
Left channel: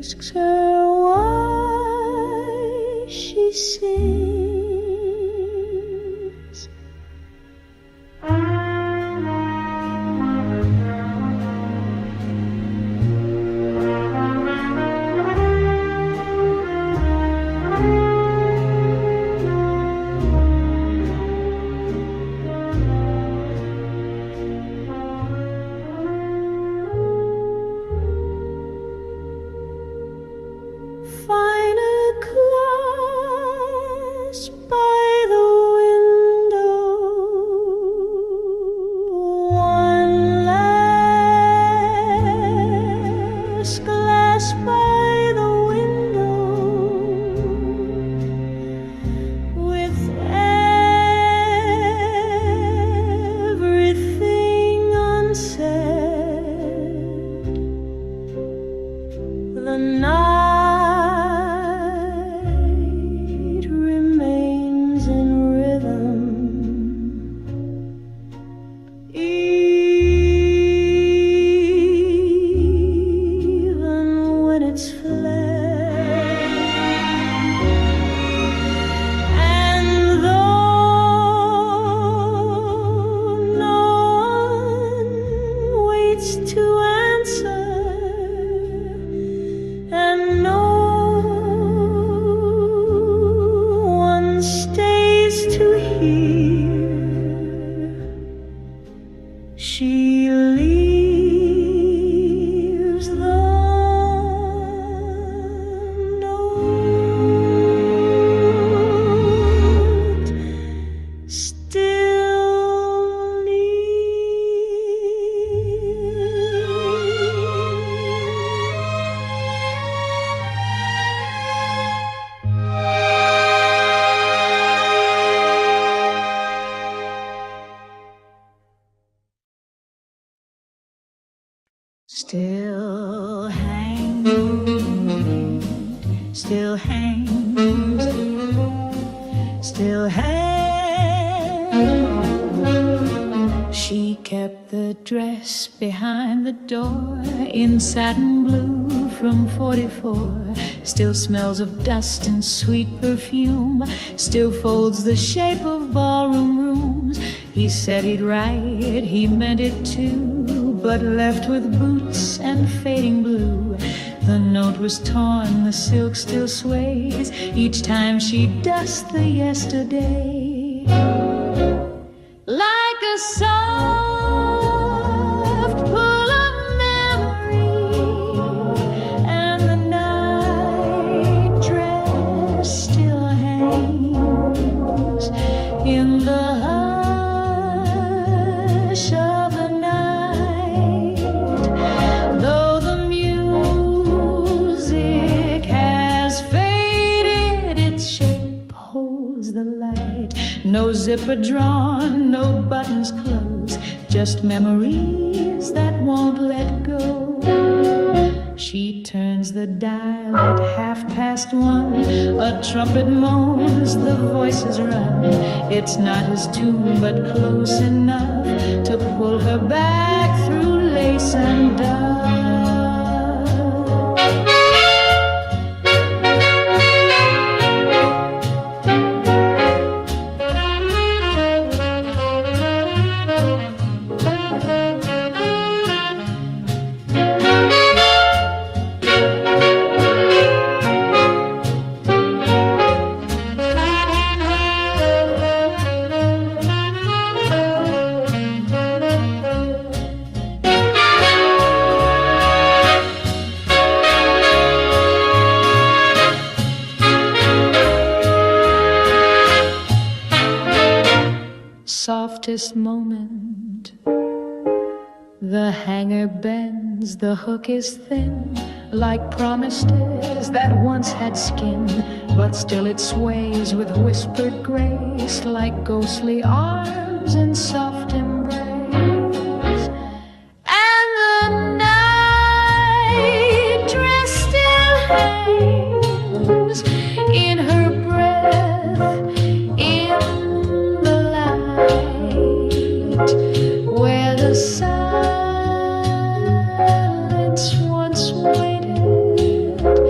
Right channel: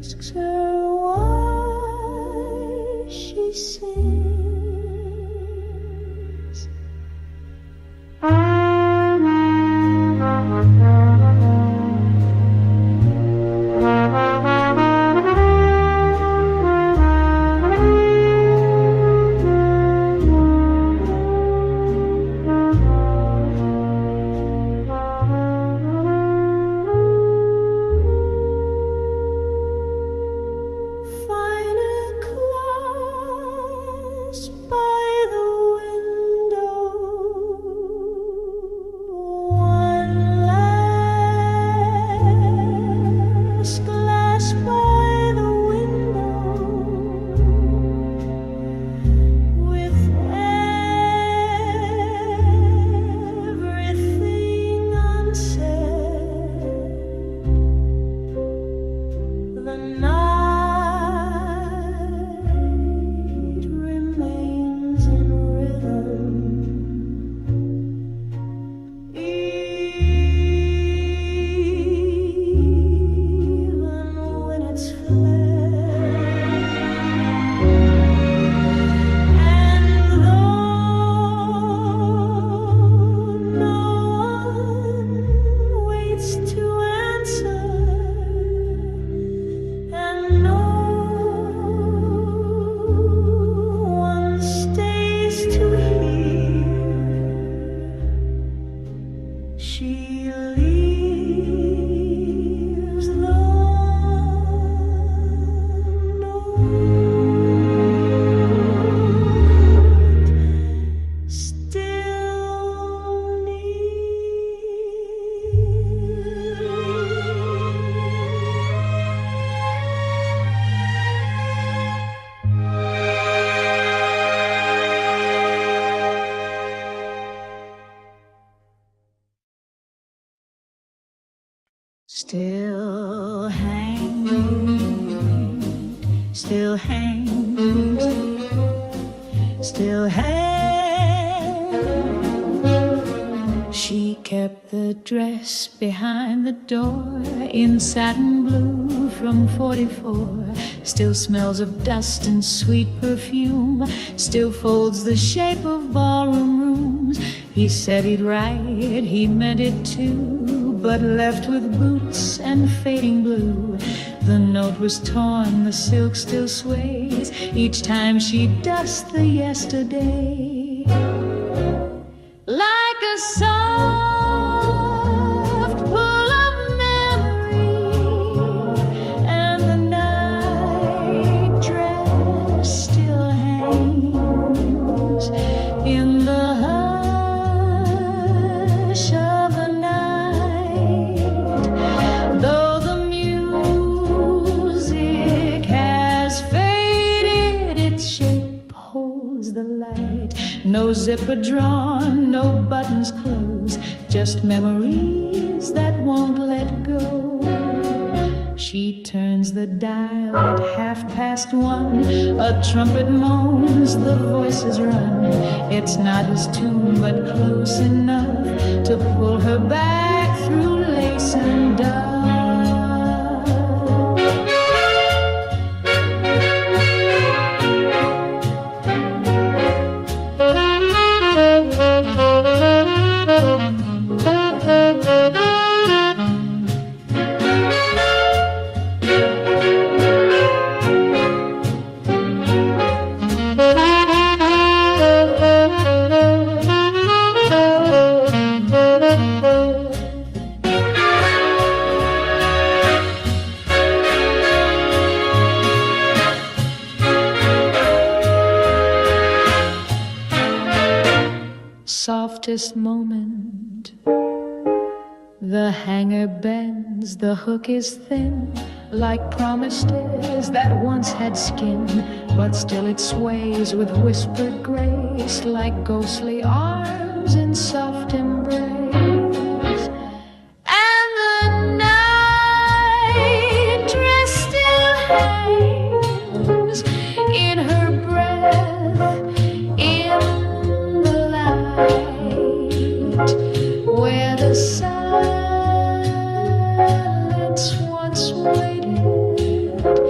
asks her why she sings. Find a class by the window, one last glass by the window, with everything unsaid. The night remains in rhythm, even when it's fled. And though no one waits to answer, and no one stays to hear, she leaves the note still near. Still hanging, still hangs, still hangs. She kept the dress behind the door in satin blue from 44. Still smells of dust and sweet perfume, still folds the shape of ballroom rooms. He said he'd write, he meant it too, but left with boots and fading blue. The note was torn, the silk still sways each time she dusts the yesterday. Like a soft pull of memory, and the night dress still hangs in the hush of the night. Though the music has faded, its shape holds the light. No zipper drawn, no buttons closed, just memories that won't let go. She turns the dial at 1:30. A trumpet moans, the voices run. It's not his tune, but close enough to pull her back through lace and dove. Softest moment, the hanger bends, the hook is thin, like promised is that once had skin, but still it sways with whispered grace, like ghostly arms in soft embrace. And the night dress still hangs in her breath, in the light, where the silence once waited,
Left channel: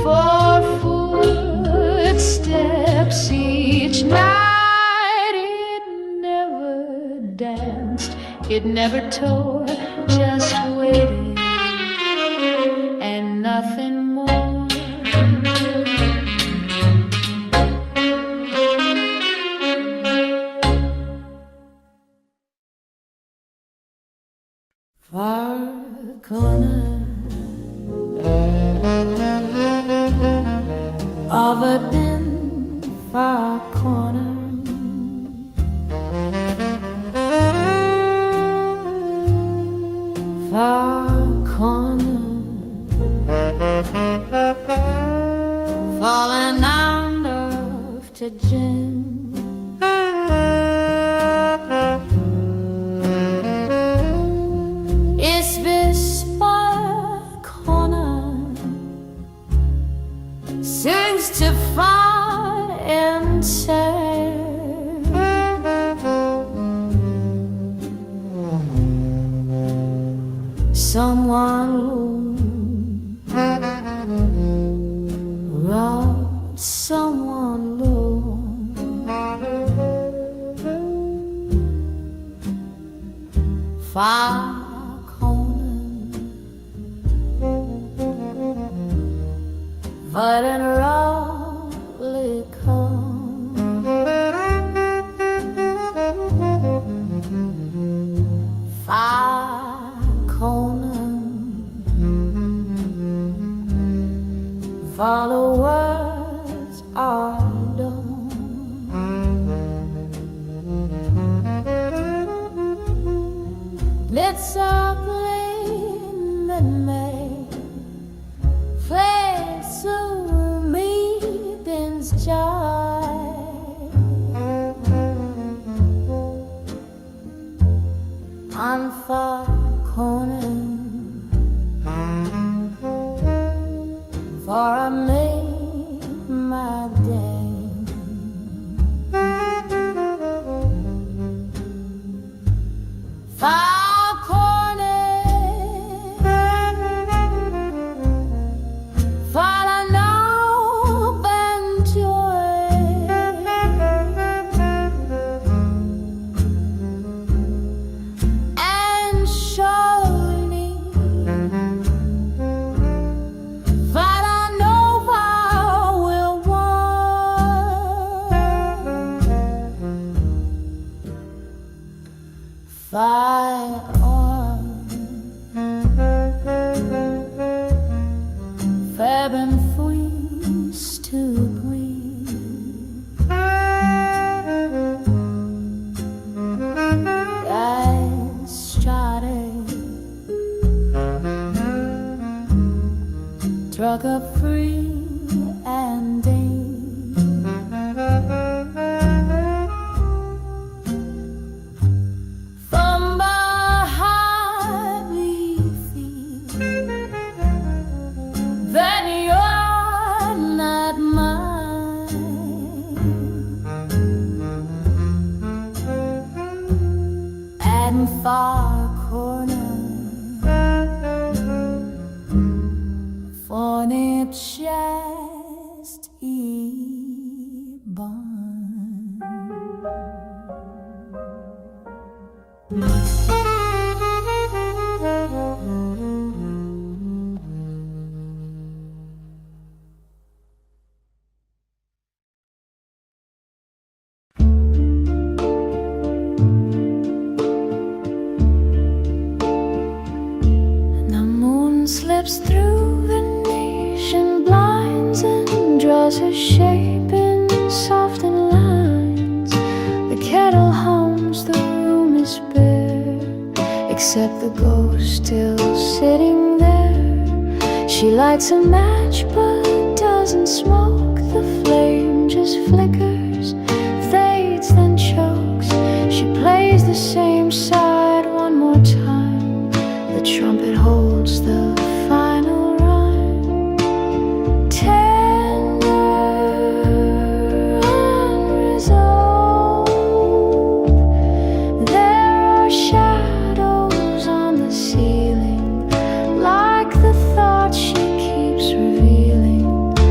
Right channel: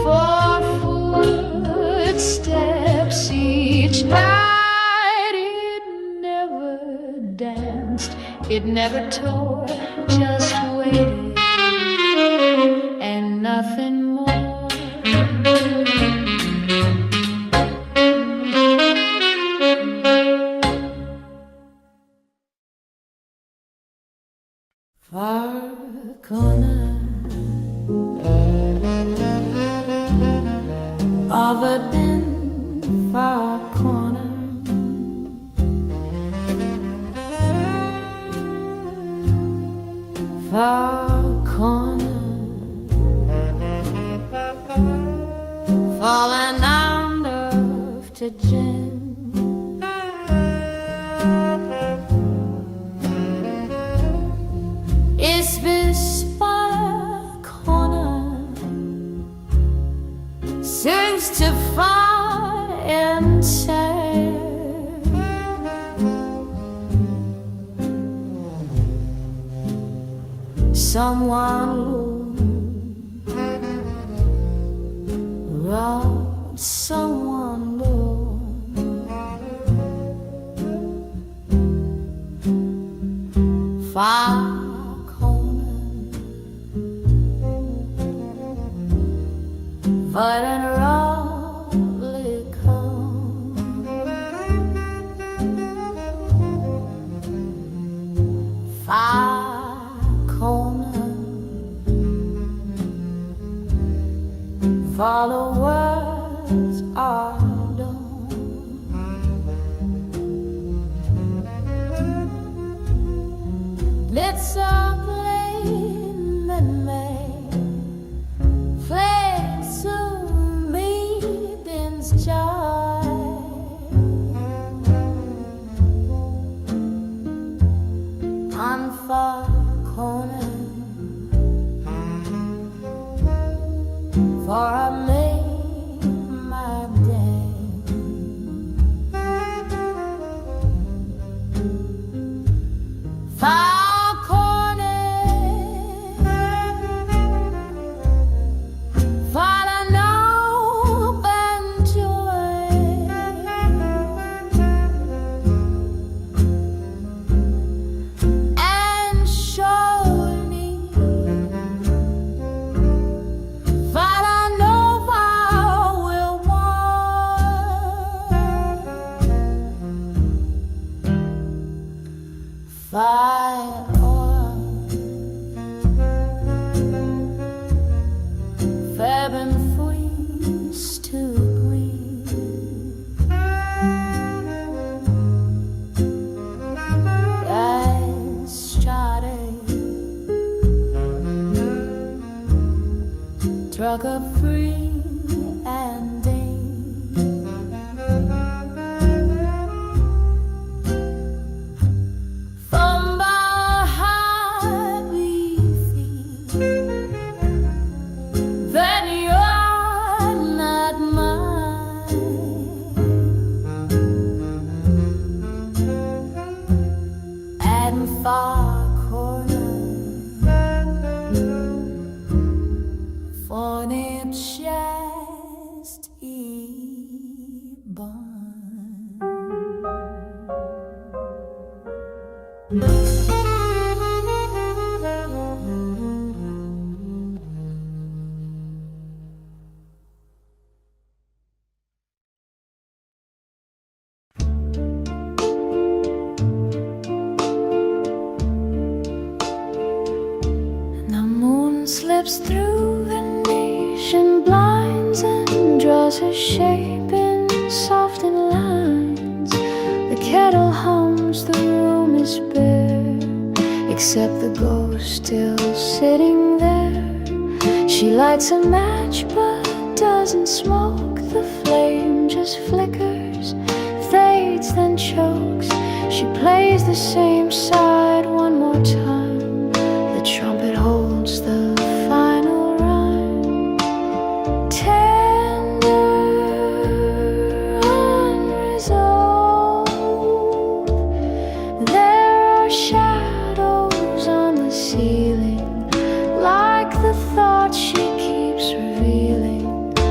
for footsteps each night. It never danced, it never tore, just waited and nothing more. Far corner of a dim far corner, far corner, falling under to gin. Is this far corner sings to far and sad. Someone robbed someone low. Far but in roughly come, far corner, followers are done. It's a plane that may fade to meeting's joy. On far corner, for I made my day. Far corner, follow no and joy. And surely follow no vow will want. Fire on Fab and freeze to breathe. I started struck up free and from behind we feel that you're not mine, and far corner for it just born. The moon slips through Venetian blinds and draws her shape in softened lines. The kettle hums, the room is bare, except the ghost still sitting there. She lights a match but doesn't smoke. The flame just flickers, fades, then chokes. She plays the same side one more time. The trumpet holds the final rhyme. Tender, unresolved. There are shadows on the ceiling, like the thoughts she keeps revealing.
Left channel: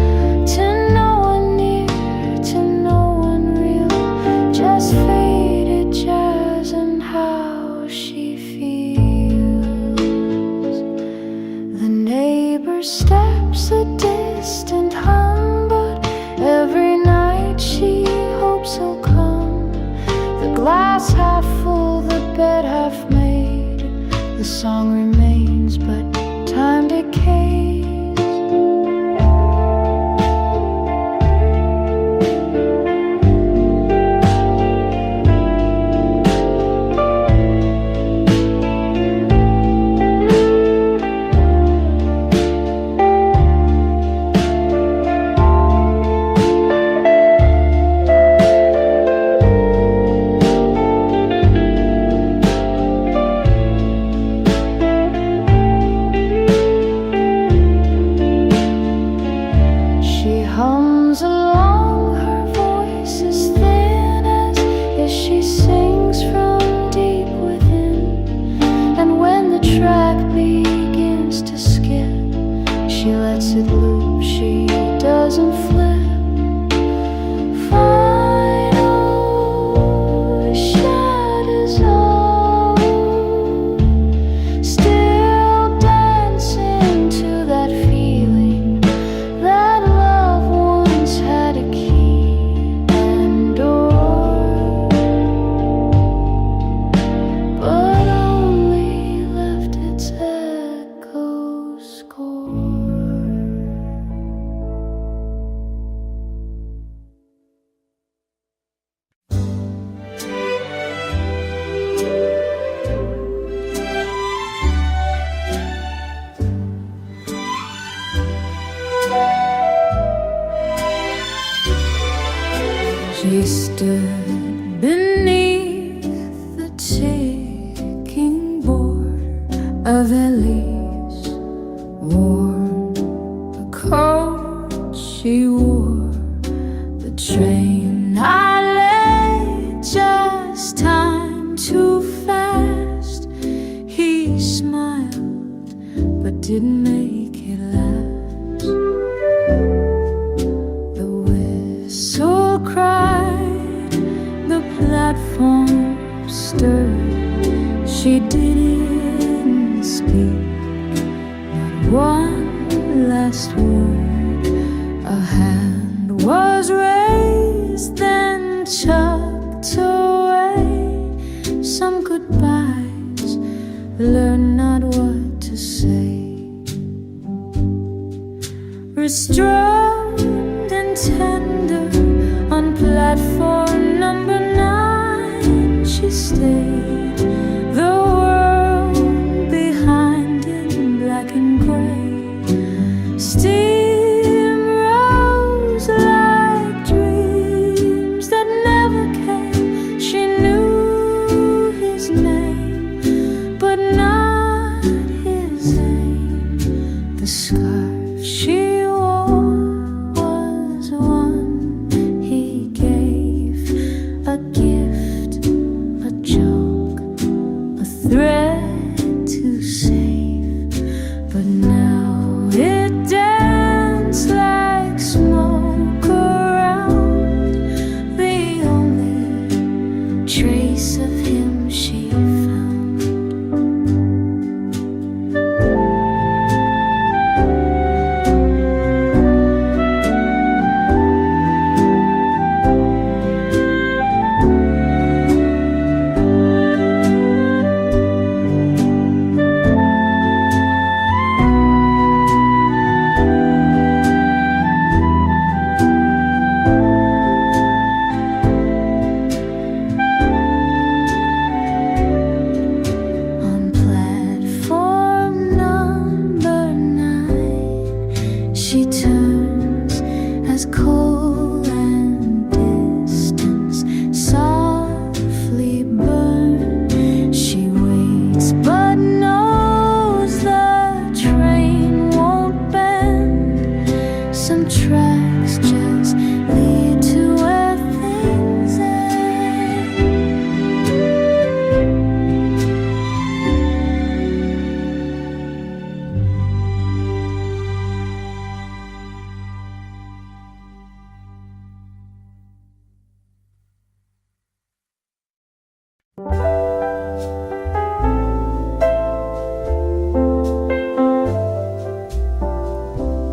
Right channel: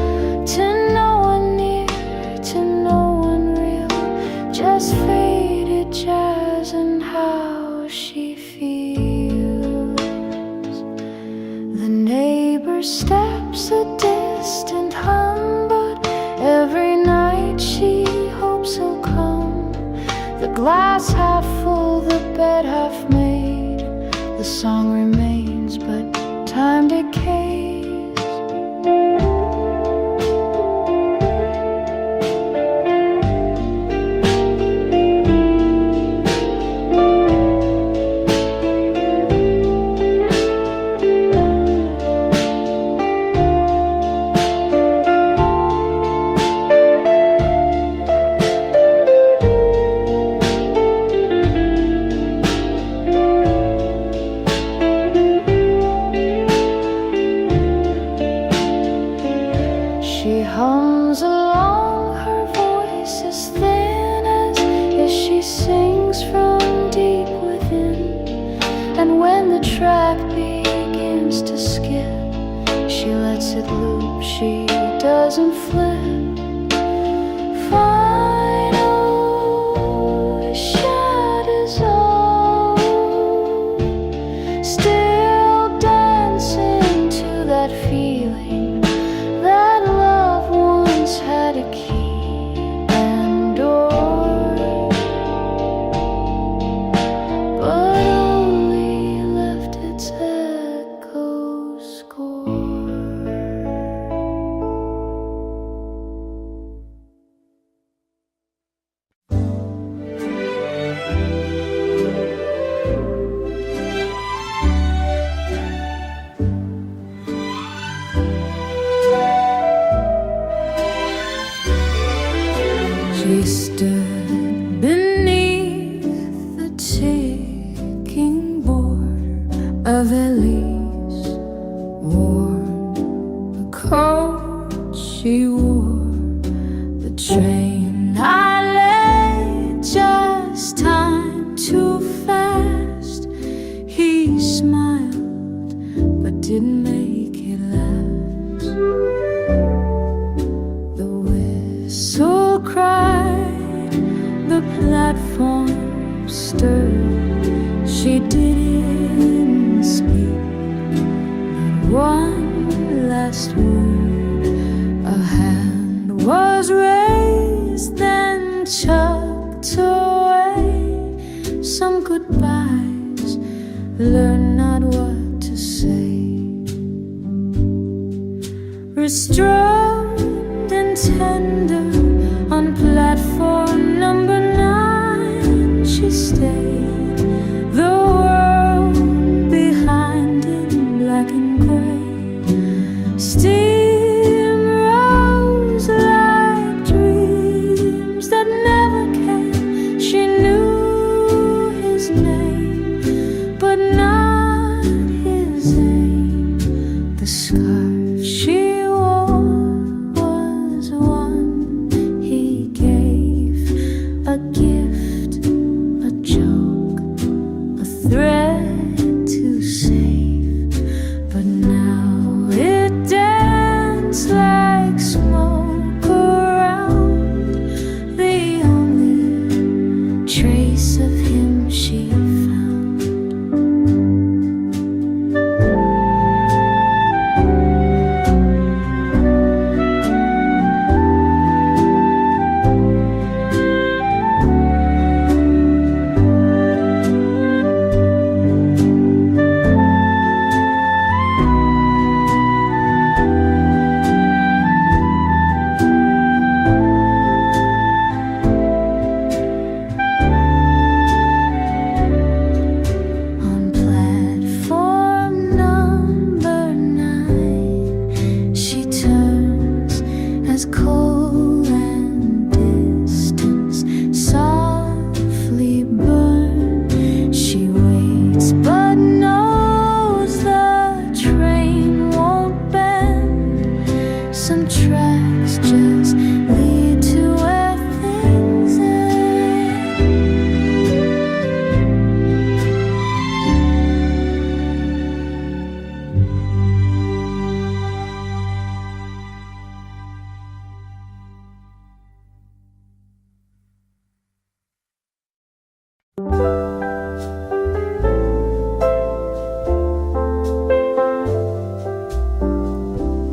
steps a distant hum, but every night she hopes he'll come. The glass half full, the bed half made. The song remains, but time decays. She hums along, her voice is thin as if she sings from deep within. And when the track begins to skip, she lets it loop, she doesn't flip. Final shadows all still dancing to that feeling that love once had a key and door, but only left its echo score. She stood beneath the ticking border of Ellie's, worn the coat she wore. The train I lay, just time too fast. He smiled, but didn't make it last. The whistle cried, the platform stirred. She didn't speak, not one last word. A hand was raised, then tucked away. Some goodbyes, learn not what to say. Restrained and tender on platform number 9, she stayed. The world behind in black and gray. Steam rose like dreams that never came. She knew his name, but not his aim. The scarf she wore was one he gave, a gift, a joke, a thread to save. But now it danced like smoke around, the only trace of him she found. She turns as coal and distance softly burn. She waits but knows the train won't bend. Some tracks just lead to where things end.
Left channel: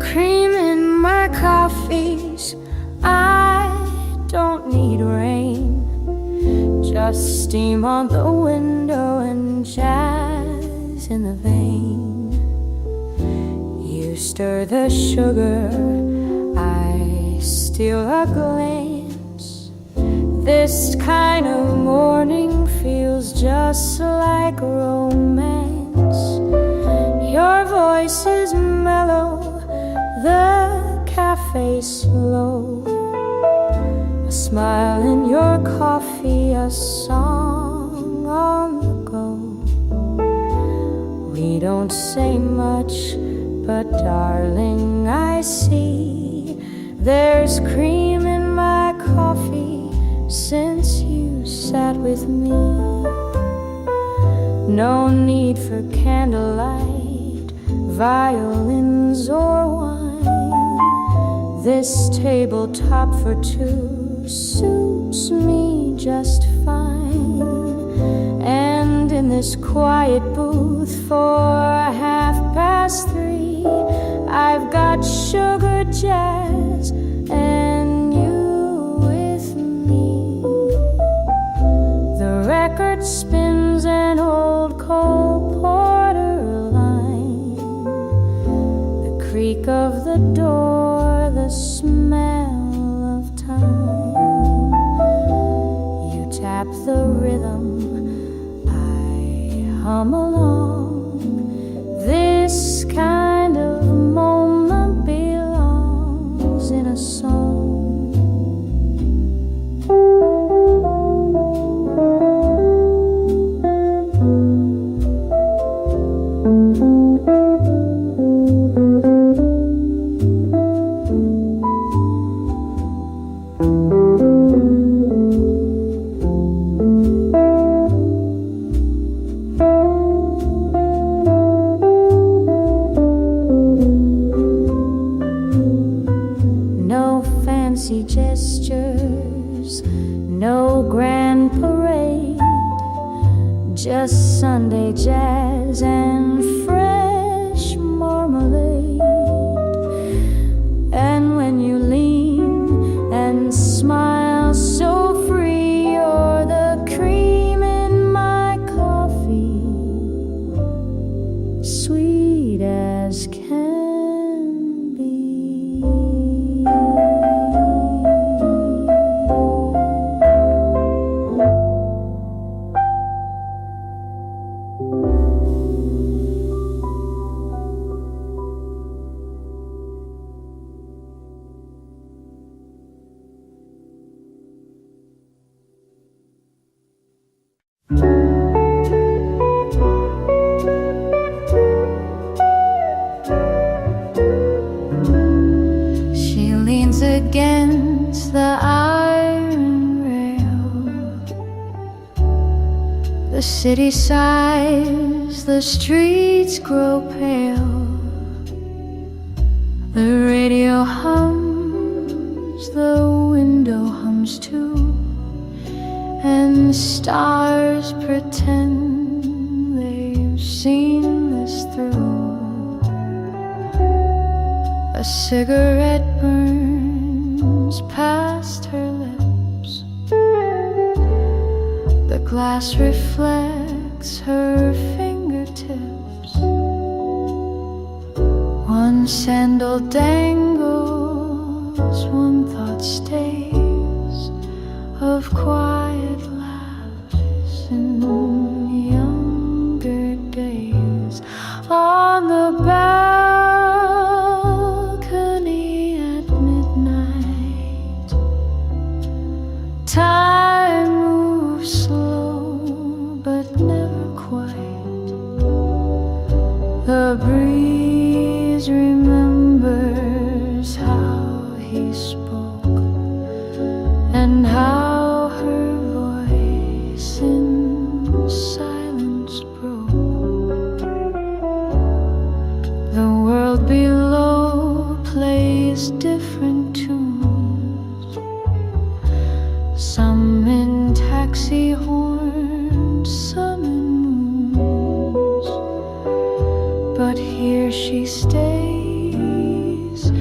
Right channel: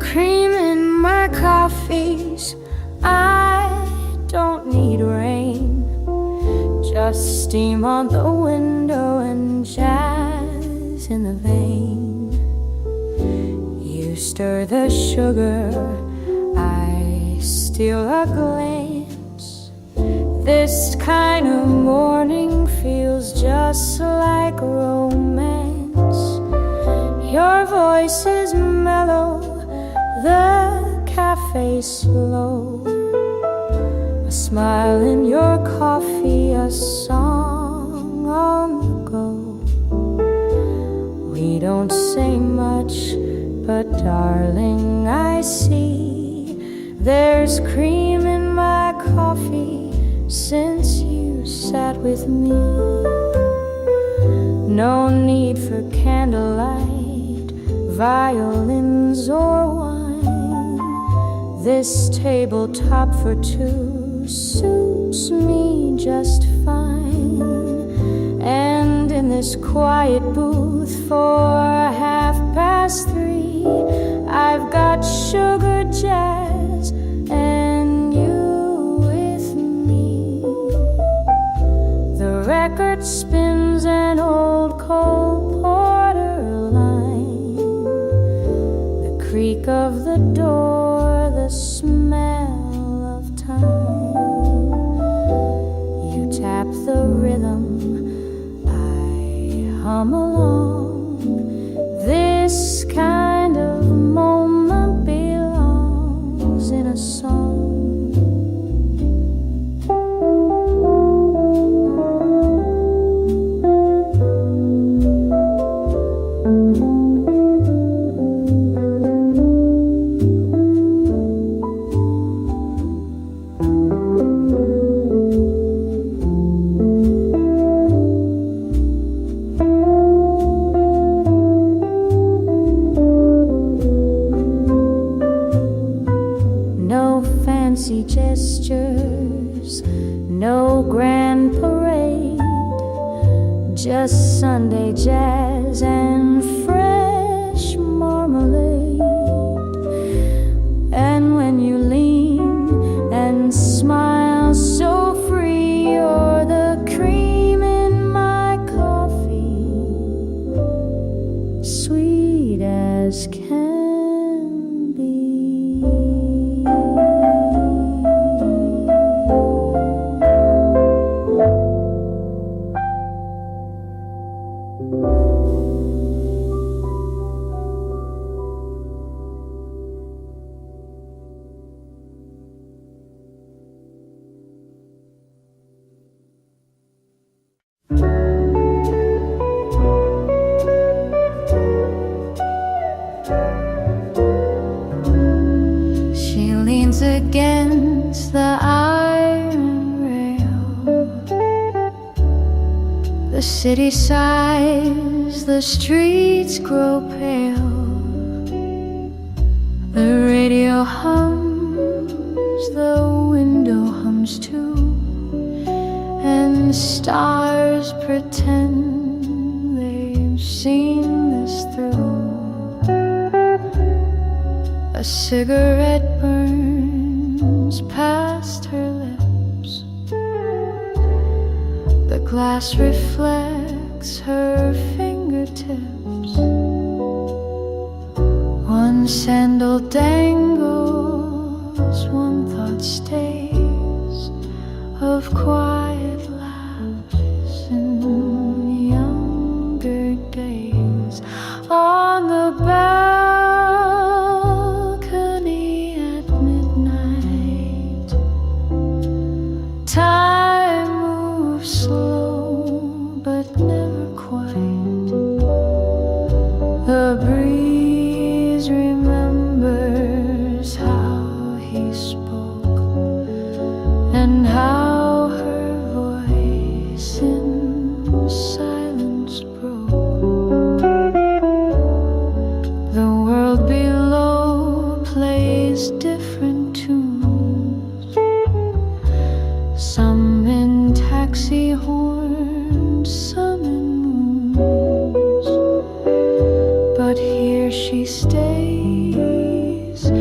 cream in my coffees. I don't need rain, just steam on the window and jazz in the vein. You stir the sugar, I steal a glance. This kind of morning feels just like romance. Your voice is mellow, the cafe's slow. A smile in your coffee, a song on the go. We don't say much, but darling, I see there's cream in my coffee since you sat with me. No need for candlelight, violins or wine. This tabletop for two suits me just fine. And in this quiet booth for 3:30, I've got sugar jazz and you with me. The record spins an old Cole Porter line, the creak of the door, the smell of time. You tap the rhythm, I hum along. This kind of moment belongs in a song. Fancy gestures, no grand parade, just Sunday jazz and fresh marmalade. And when you lean and smile so free, you're the cream in my coffee, sweet as can be. She leans against the iron rail. The city sighs, the streets grow pale. The radio hums, the window hums too, and stars pretend they've seen this through. A cigarette burns past her lips. The glass reflects her fingertips. One sandal dangles, one thought stays, of quiet laughs in younger days. On the balcony at midnight, time moves slow but never quite. The breeze remembers how he spoke and how her voice in silence broke. The world below plays different tunes, some in taxi horns, some in moons. But here she stays,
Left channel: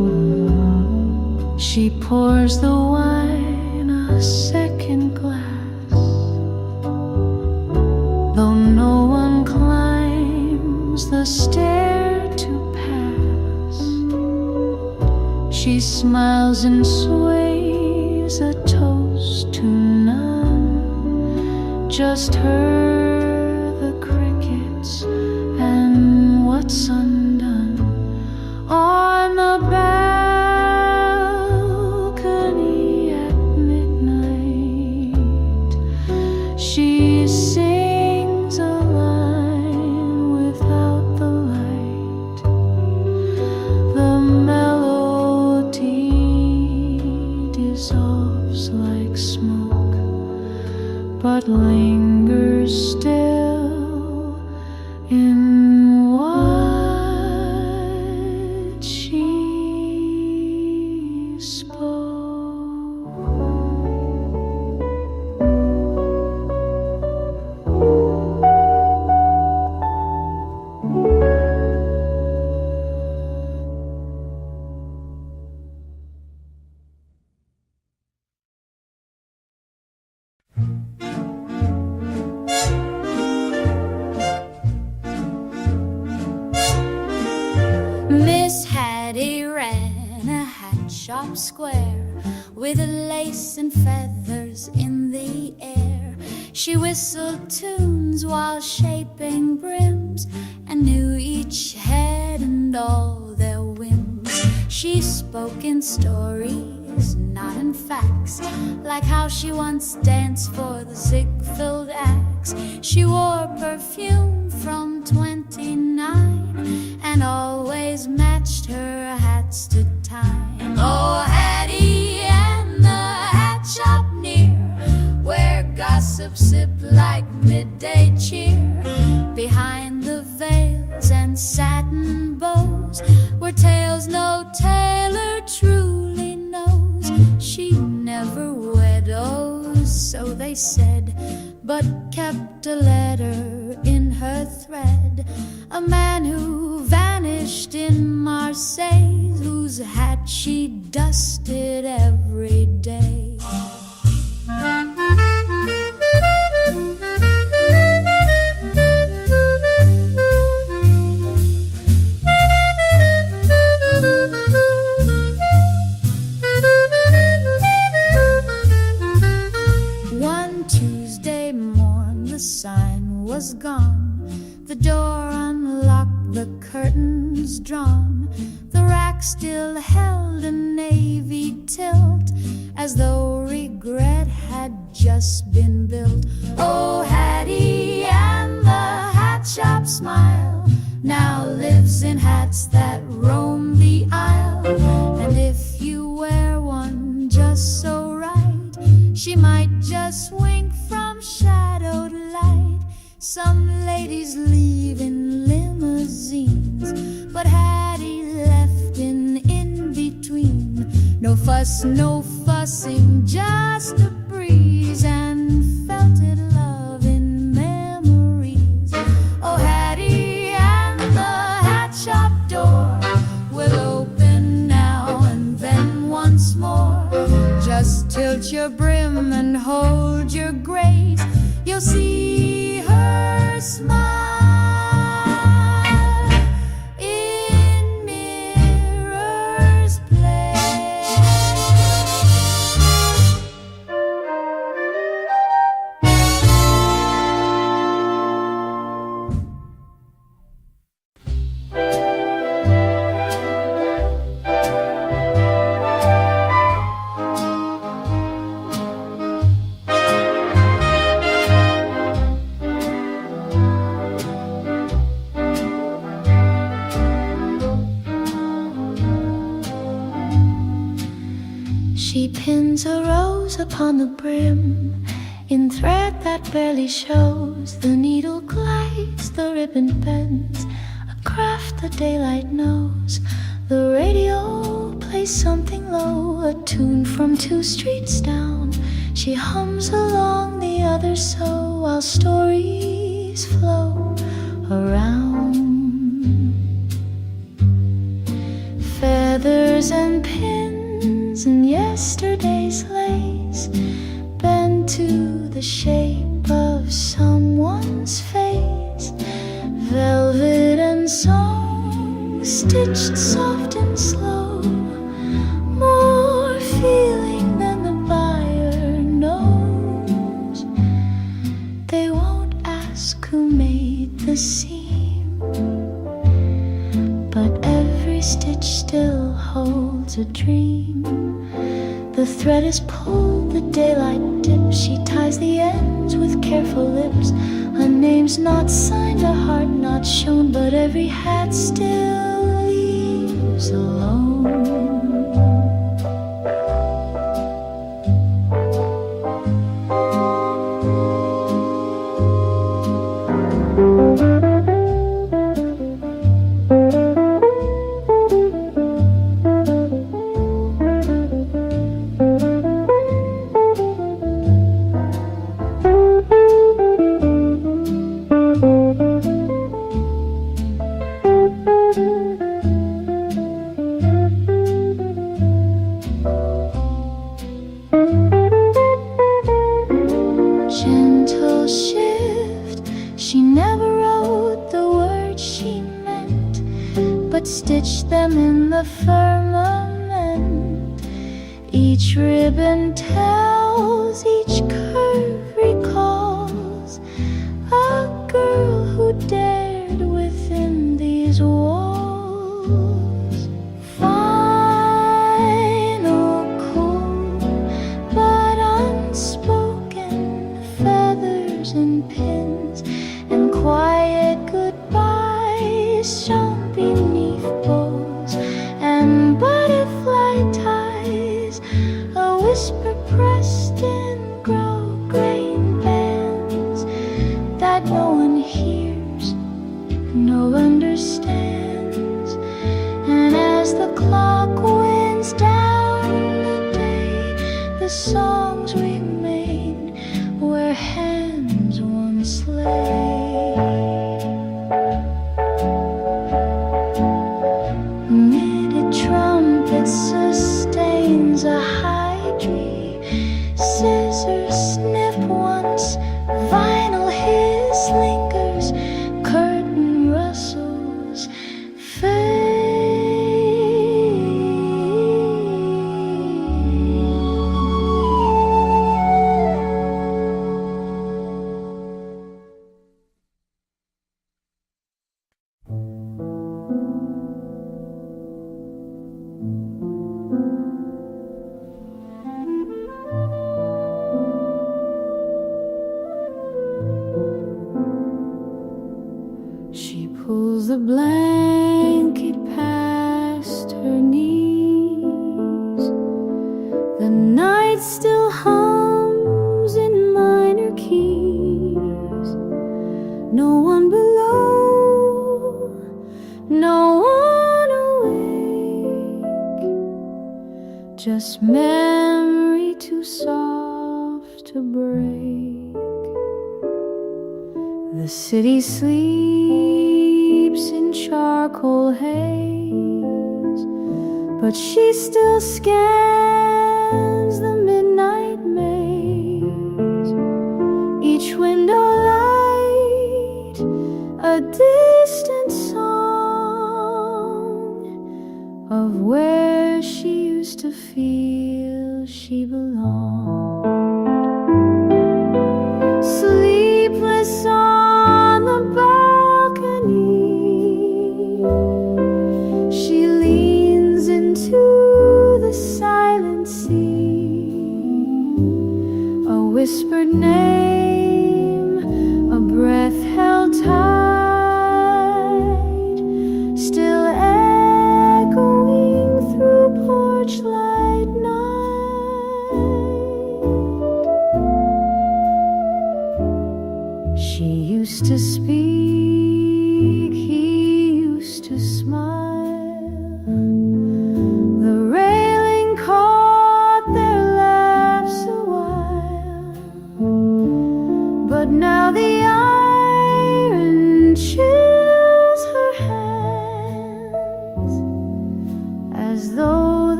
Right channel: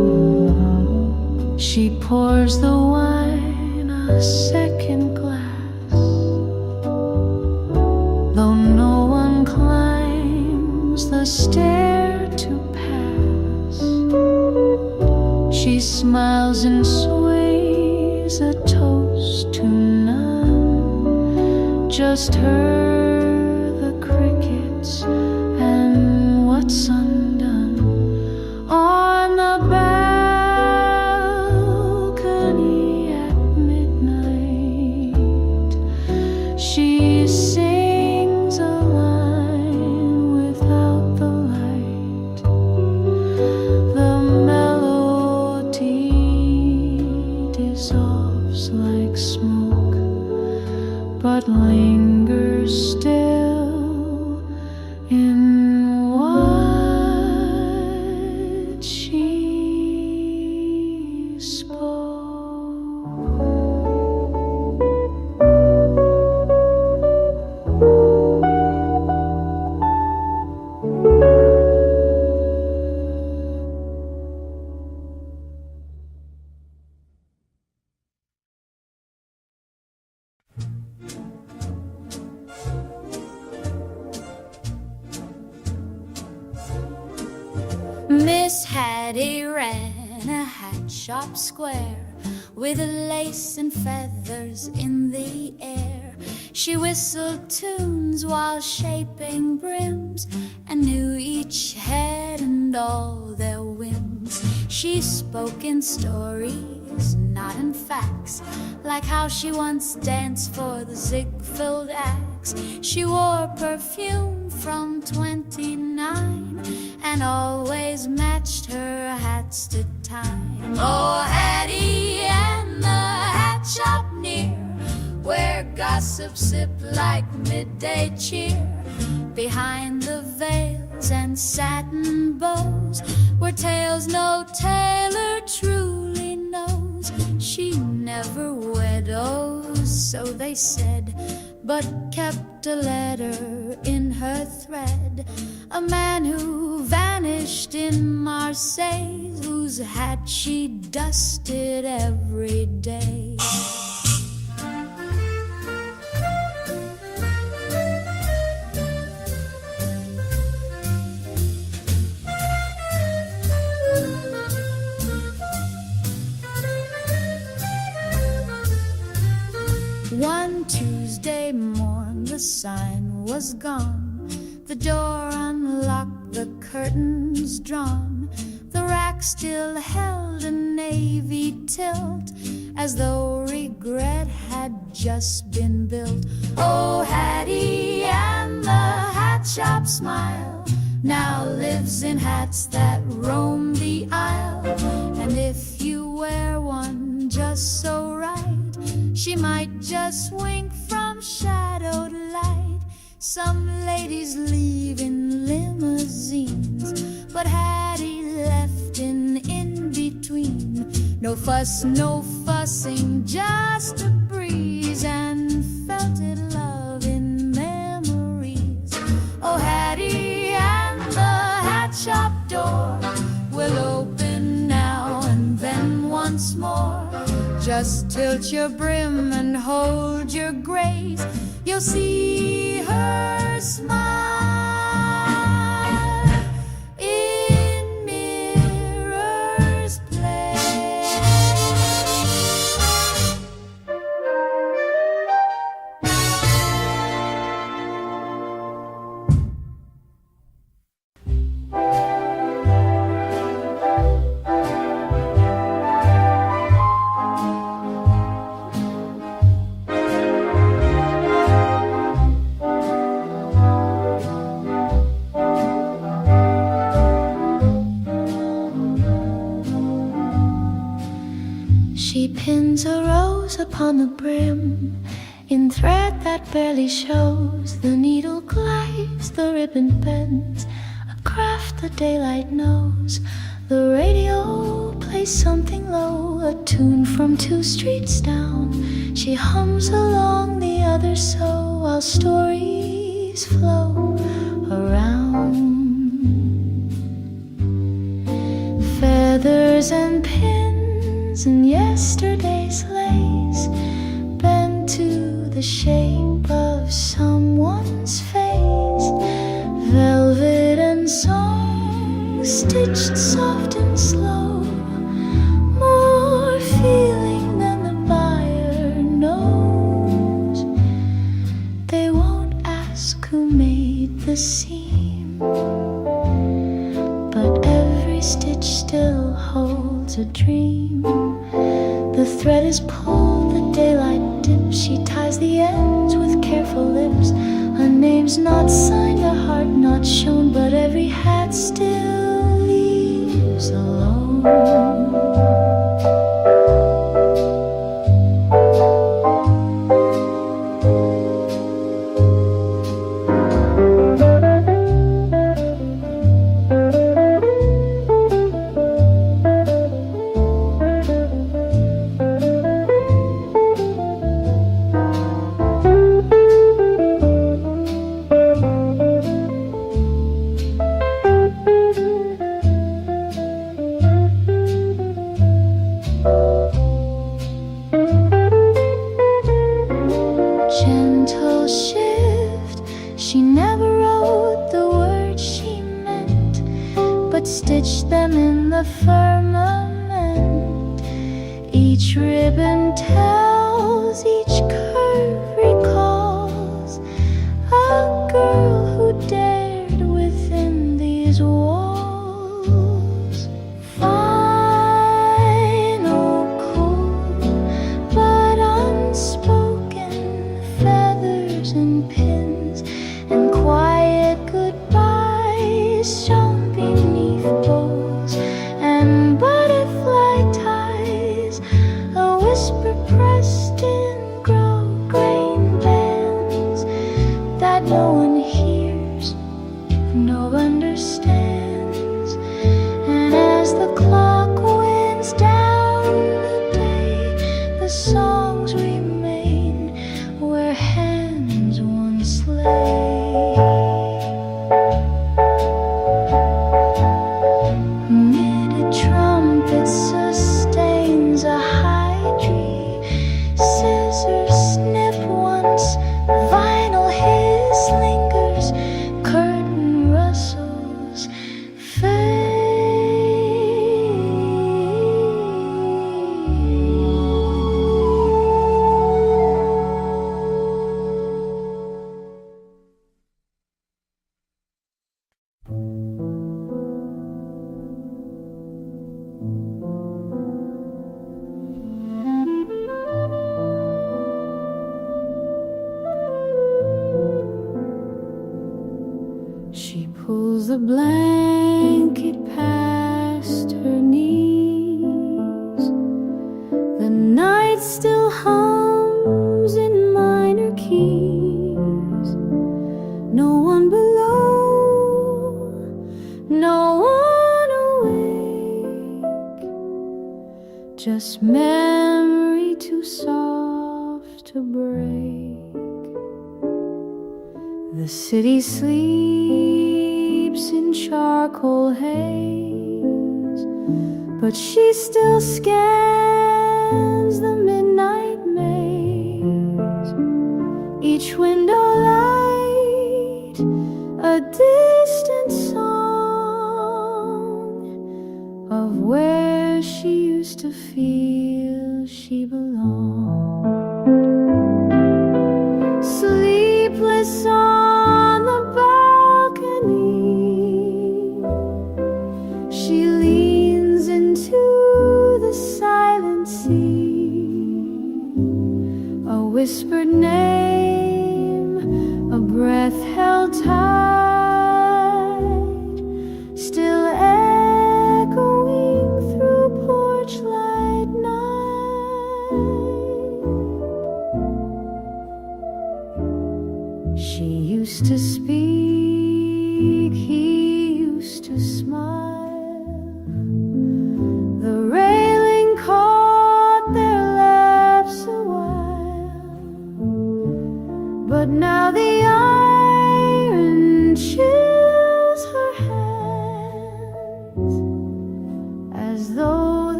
She pours the wine a second glass, though no one climbs the stair to pass. She smiles and sways a toast to none, just her, the crickets, and what's undone. On the balcony at midnight, she sings a line without the light. The melody dissolves like smoke, but lingers still in what she spoke. Miss Hattie ran a hat shop square with lace and feathers in the air. She whistled tunes while shaping brims and knew each head and all their whims. She spoke in stories, not in facts, like how she once danced for the Ziegfeld Axe. She wore perfume from 29 and always matched her hats to time. Oh, Hattie and the hat shop near, where gossip sipped like midday cheer. Behind the veils and satin bows were tales no tailor truly knows. She never widows, so they said, but kept a letter in her thread. A man who vanished in Marseille, whose hat she dusted every day. One Tuesday morn the sign was gone, the door unlocked, the curtains drawn. The rack still held a navy tilt, as though regret had just been built. Oh, Hattie and the hat shop smile now lives in hats that roam the aisle. And if you wear one just so right, she might just wink from shadowed light. Some ladies leave in limousines, but Hattie left in between. No fuss, no fussing, just a breeze and felted love in memories. Oh, Hattie and the hat shop door will open now and then once more. Just tilt your brim and hold your grace, you'll see her smile in Mirror's Place. She pins a rose upon the brim in thread that barely shows. The needle glides, the ribbon bends, a craft the daylight knows. The radio plays something low, a tune from 2 streets down. She hums along the other so, while stories flow around. Feathers and pins pins and yesterday's lace, bent to the shape of someone's face. Velvet and song, stitched soft and slow, more feeling than the buyer knows. They won't ask who made the seam, but every stitch still holds a dream. The thread is pulled, the daylight dips, she ties the ends with careful lips. Her name's not signed, a heart not shown, but every hat still leaves alone. Gentle shift, she never wrote the words she meant, but stitched them in the firmament. Each ribbon tells, each curve recalls a girl who dared within these walls. Final, cool, but unspoken, feathers and pins and quiet goodbyes shone beneath bows and butterfly ties, a whisper pressed in grosgrain bands that no one hears, no understands. And as the clock winds down the day, the songs remain where hands once lay. Knitted trumpet sustains a high tree, scissors snip once, vinyl hiss lingers, curtain rustles fade. She pulls the blanket past her knees. The night still hums in minor keys. No one below, no one awake, just memory too soft to break. The city sleeps in charcoal haze, but she still scans the midnight maze. Each window light, a distant song of where she used to feel she belonged. Sleepless on the balcony, she leans into the silent sea. A whispered name, a breath held tight, still echoing through porch light night. She used to speak, he used to smile. The railing caught their laughs a while, but now the iron chills her hands, as though the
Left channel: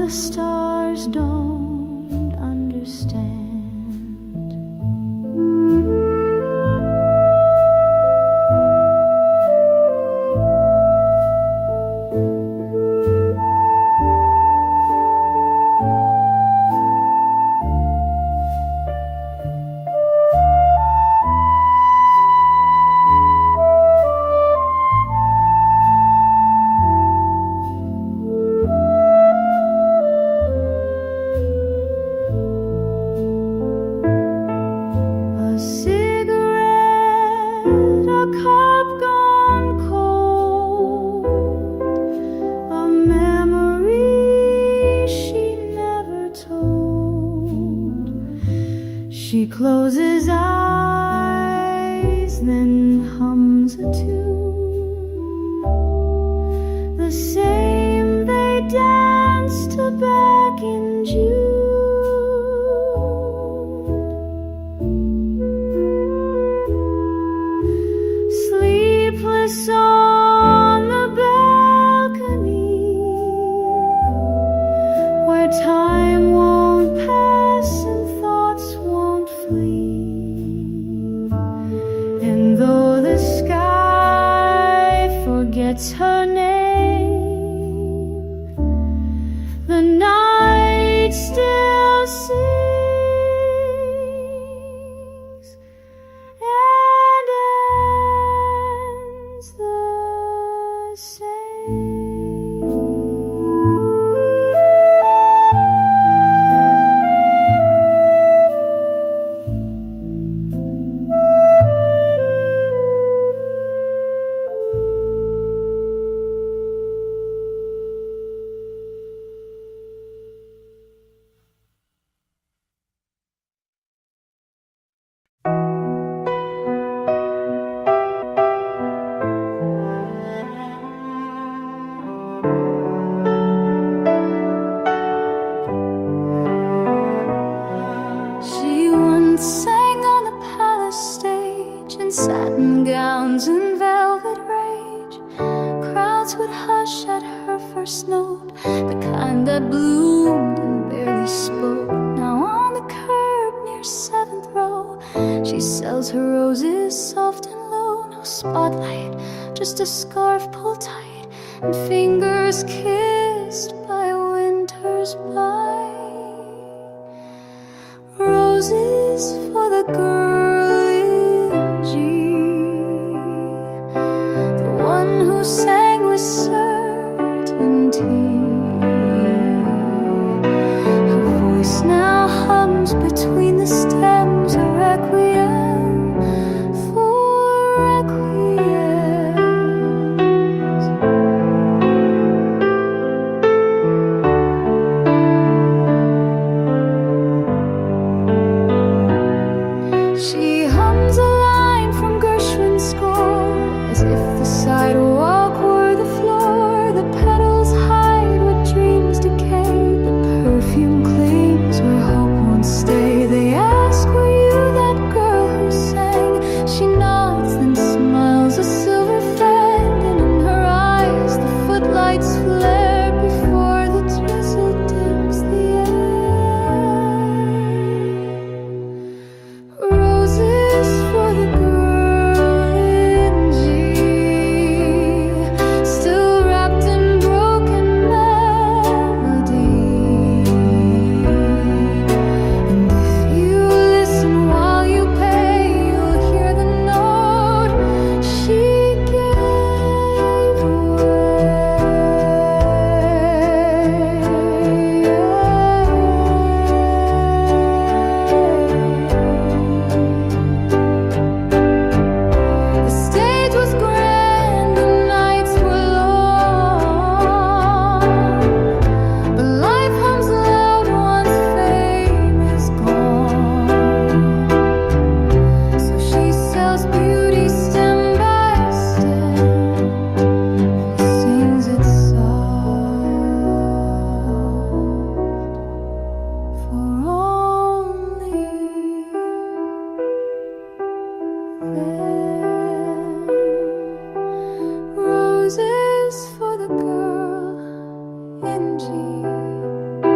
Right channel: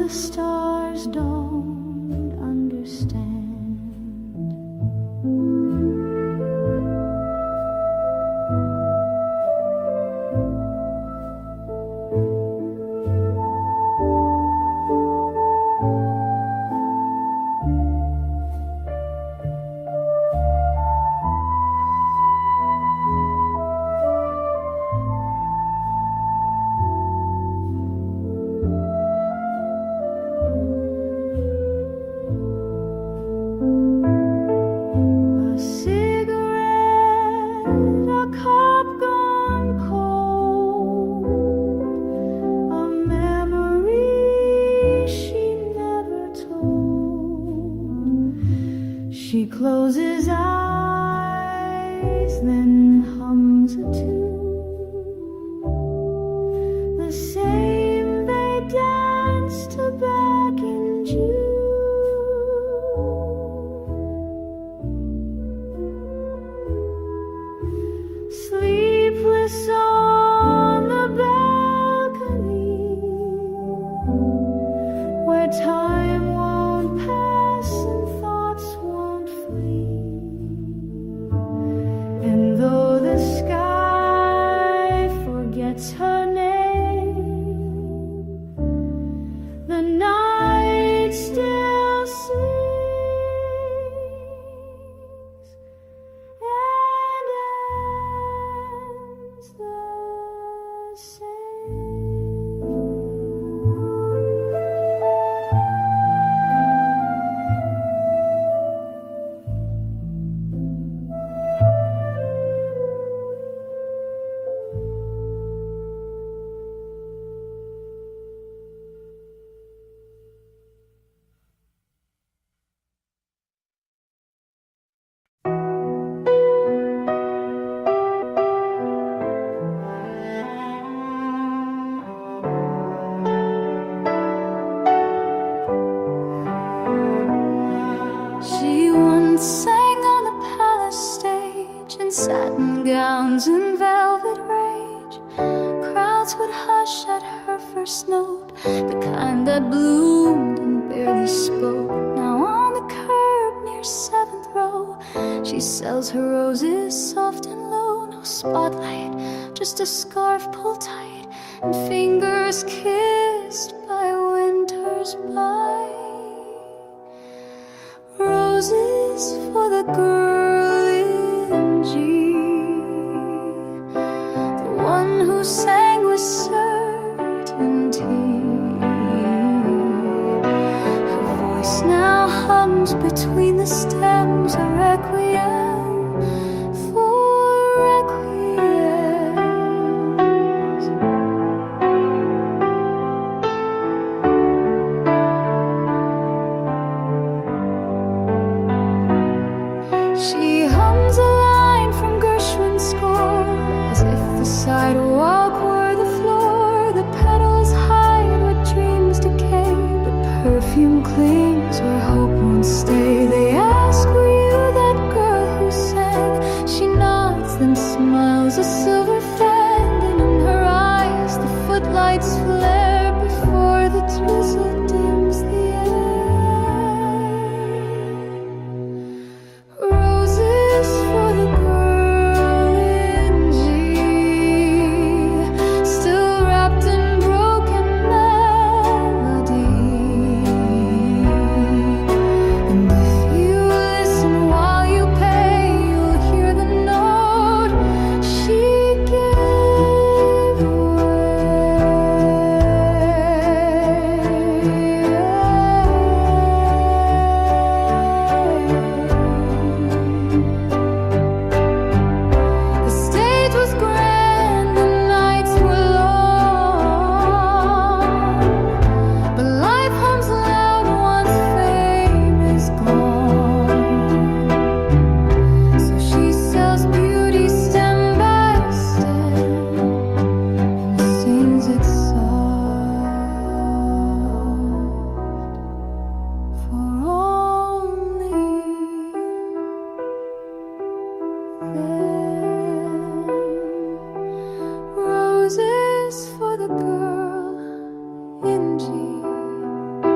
the stars don't understand. A cigarette, a cup gone cold, a memory she never told. She closes eyes, then hums a tune, the same they danced to back in June. Sleepless on the balcony, where time won't pass and thoughts won't flee. And though the sky forgets her name, the night still sings and ends the same. She once sang on the palace stage in satin gowns and velvet rage. Crowds would hush at her first note, the kind that bloomed and barely spoke. Now on the curb near 7th row, she sells her roses soft and low. No spotlight, just a scarf pulled tight and fingers kissed by winter's bite. Roses for the girl in G, the one who sang with certainty. Her voice now hums between the stems, a requiem for requiems. She hums a line from Gershwin's score, as if the sidewalk were the floor. The petals hide what dreams decay, but perfume clings where hope won't stay. They ask, were you that girl who sang? She nods, then smiles a silver fan, and in her eyes the footlights flare before the drizzle dims the air. Roses for the girl in G, still wrapped in broken melody. And if you listen while you pay, you'll hear the note she gave away. The stage was grand, the nights were long, but life hums loud once fame is gone. So she sells beauty stem by stem and sings it soft for only them. Roses for the girl in G.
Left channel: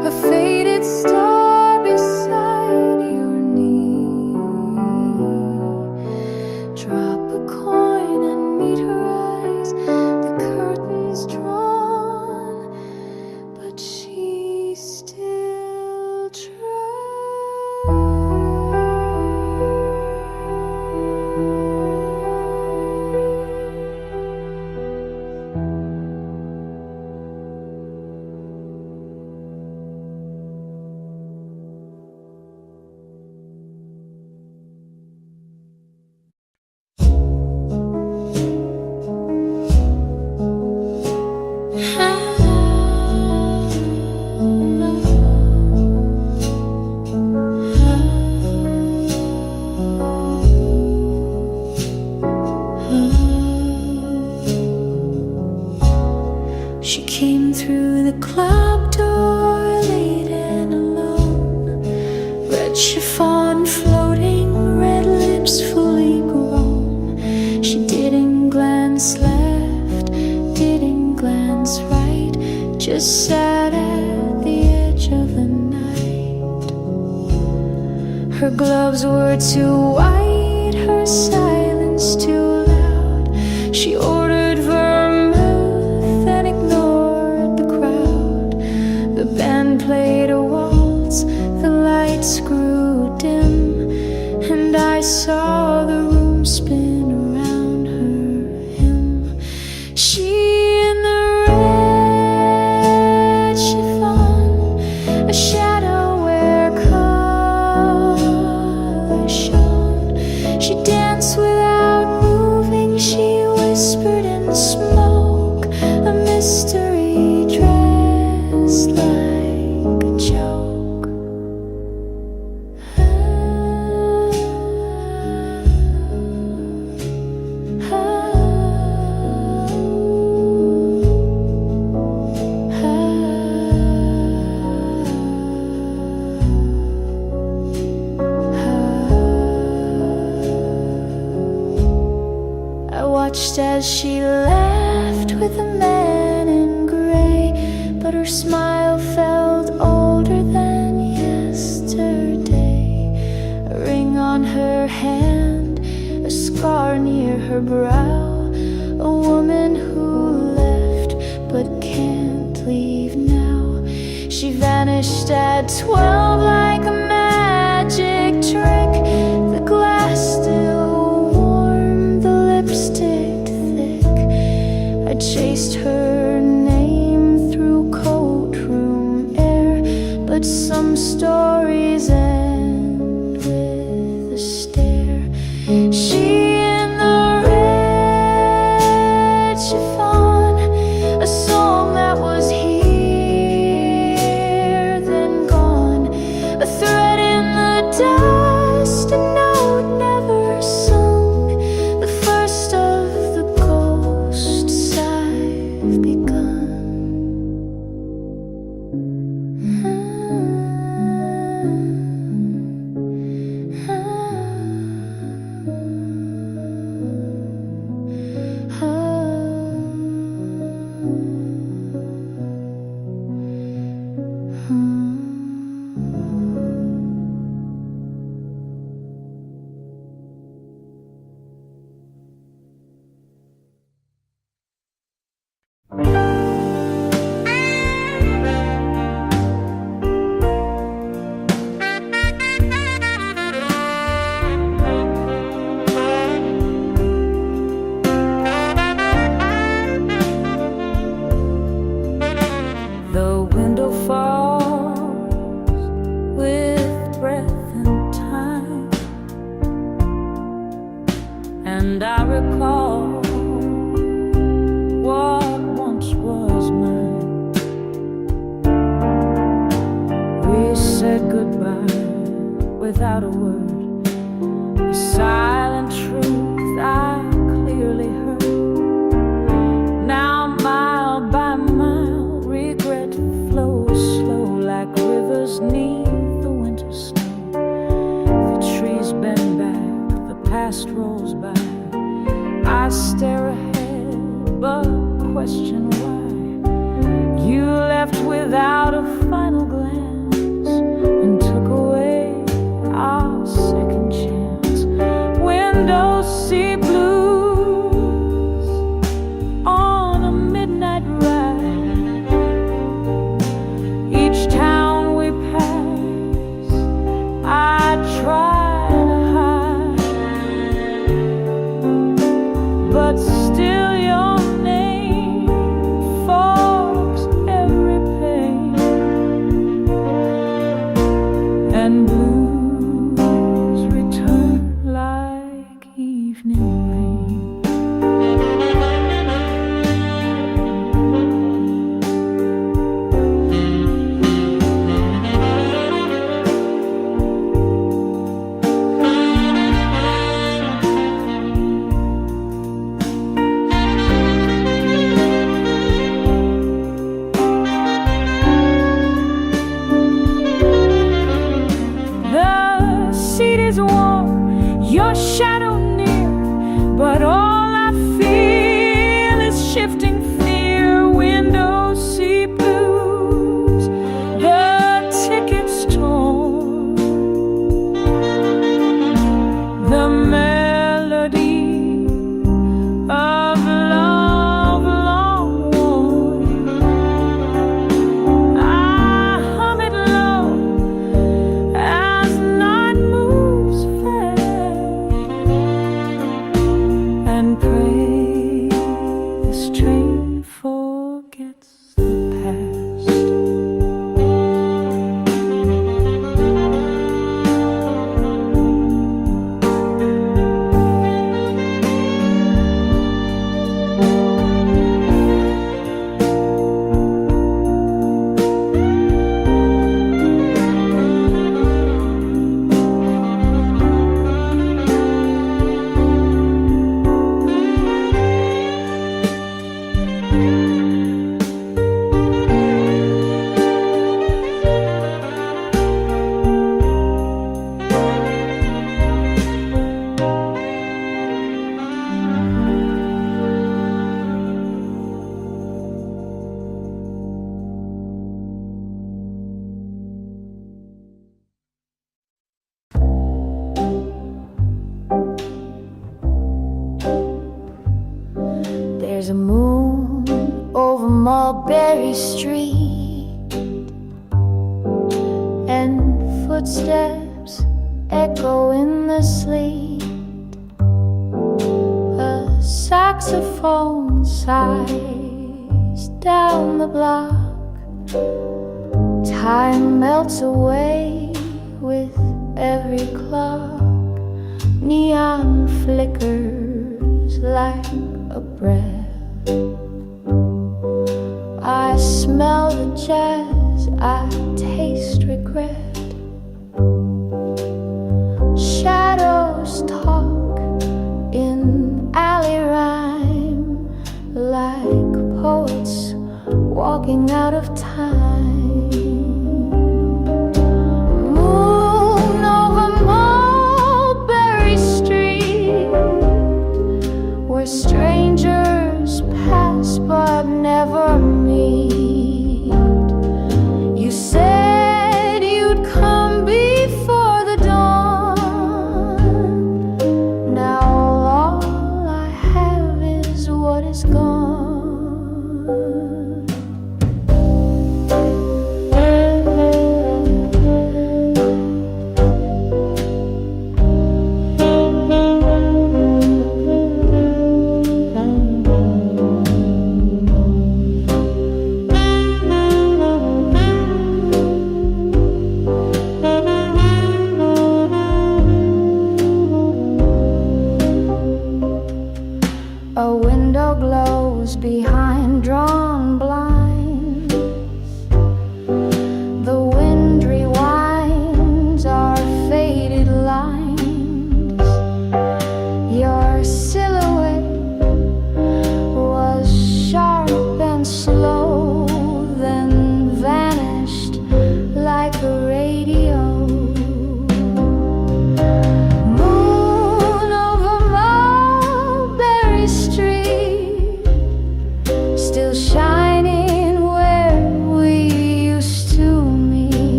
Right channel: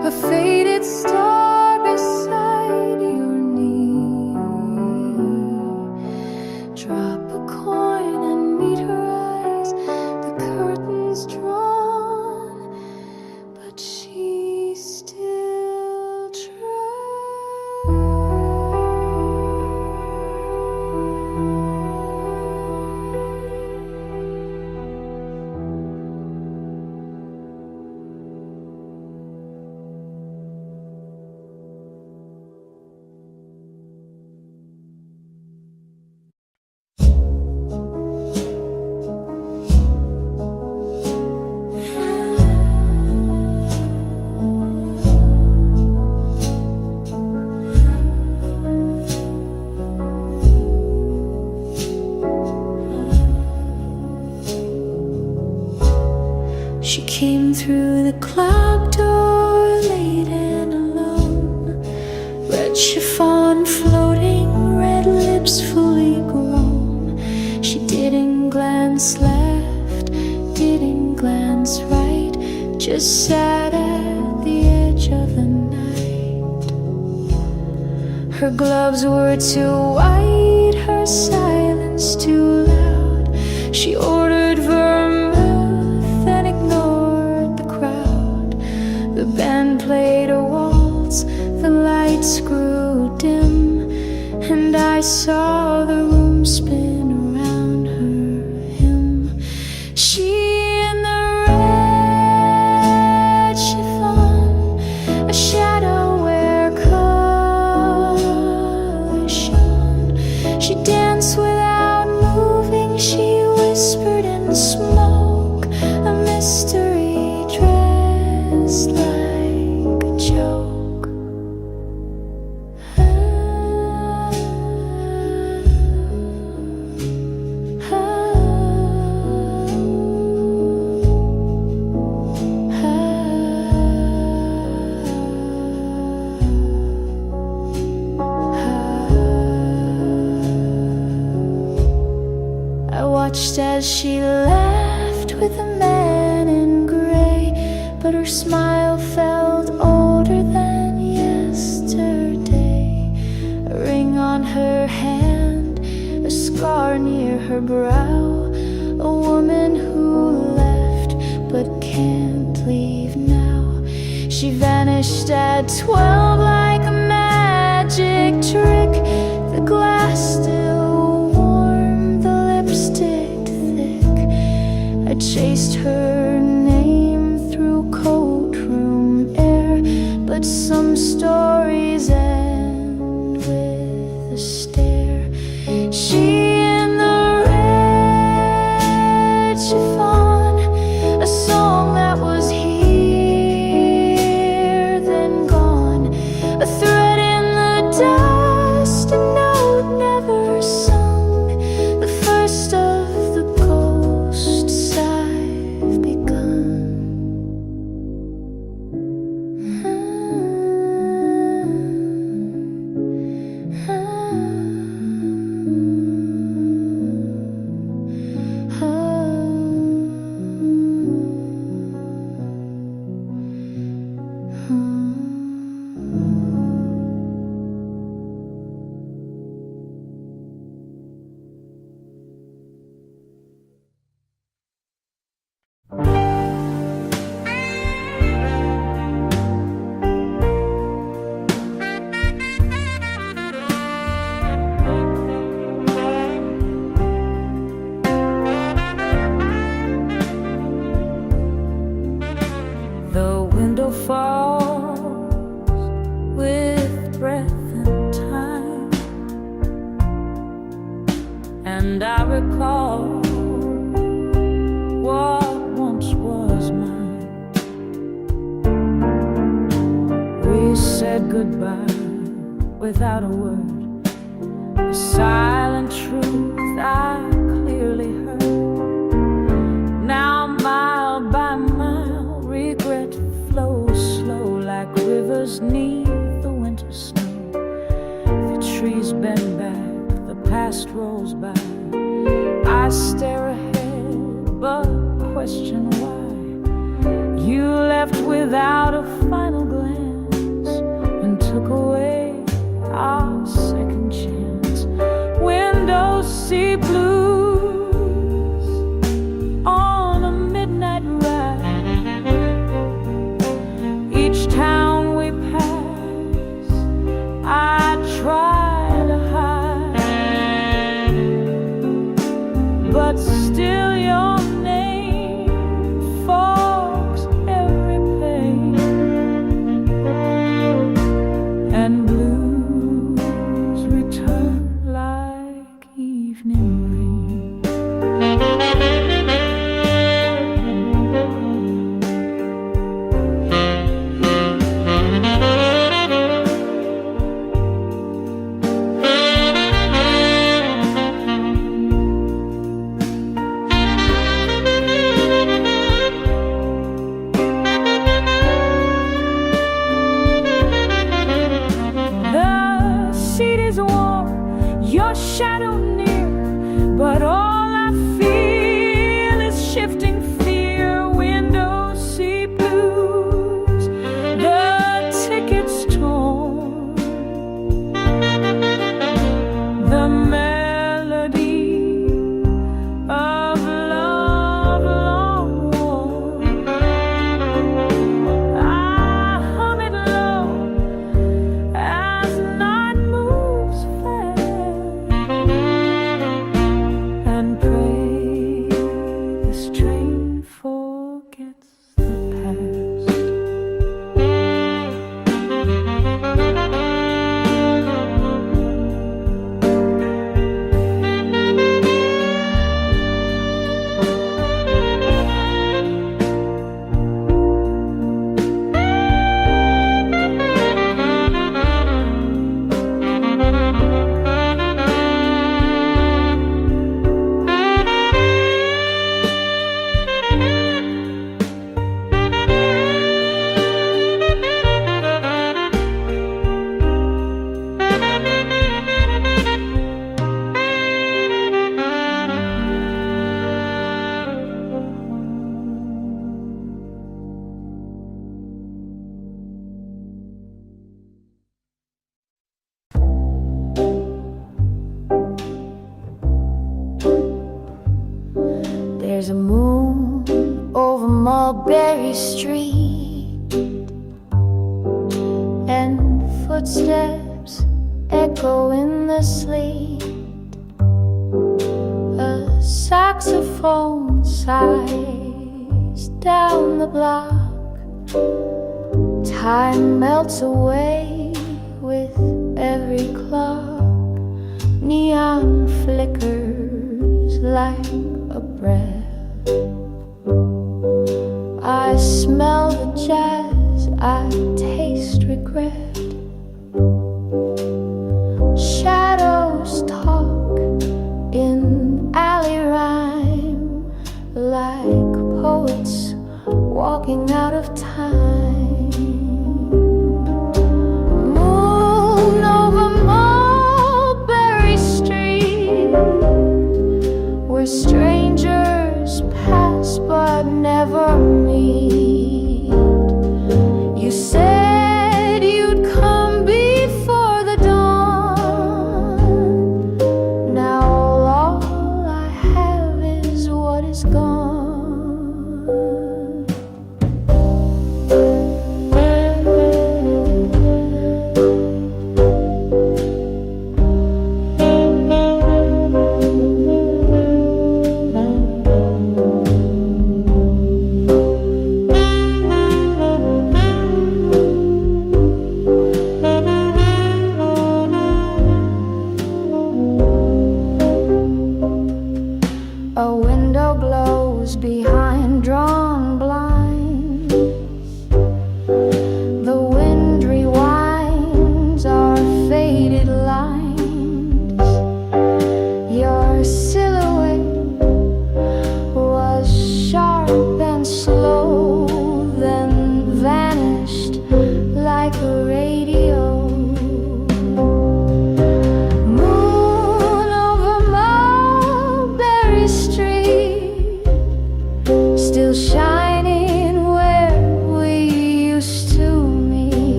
a faded star beside your knee. Drop a coin and meet her eyes, the curtains drawn, but she still tries. She came through the club door late and alone. Red chiffon floating, red lips fully grown. She didn't glance left, didn't glance right, just sat at the edge of the night. Her gloves were too white, her silence too loud. She ordered vermouth and ignored the crowd. The band played a waltz, the lights grew dim, and I saw the room spin around her him. She in the red chiffon, a shadow where color shone. She danced without moving, she whispered in smoke, a mystery dressed like a joke. I watched as she laughed with a man in gray, but her smile felt older than yesterday. A ring on her hand, a scar near her brow, a woman who left but can't leave now. She vanished at 12 like a magic trick. The glass still warm, the lipstick thick. I chased her name through courtroom air, but some stories end with a stare. She in the red chiffon, a song that was here then gone, a thread in the dust, a note never sung, the first of the ghosts I've begun. The window falls with breath and time, and I recall what once was mine. We said goodbye without a word, a silent truth I clearly heard. Now mile by mile, regret flows slow like rivers neath the winter snow. The trees bend back, the past rolls by. I stare ahead, but question why. You left without a final glance and took away our second chance. Windows see blues on a midnight ride. Each town we pass, I try to hide, but still your name fogs every pain, and blues return like evening rain. The seat is warm, your shadow near, but all I feel is shifting fear. Windows see blues, the ticket's torn, the melody of love long worn. I hum it low as night moves fast, and pray this train forgets the past. There's a moon over Mulberry Street, and footsteps echo in the sleet. A saxophone sighs down the block. Time melts away with every clock. Neon flickers like a breath. I smell the jazz, I taste regret. Shadows talk in alley rhyme, like poets walking out of time. Moon over Mulberry Street, where strangers pass but never meet. You said you'd come before the dawn. Now all I have is what is gone.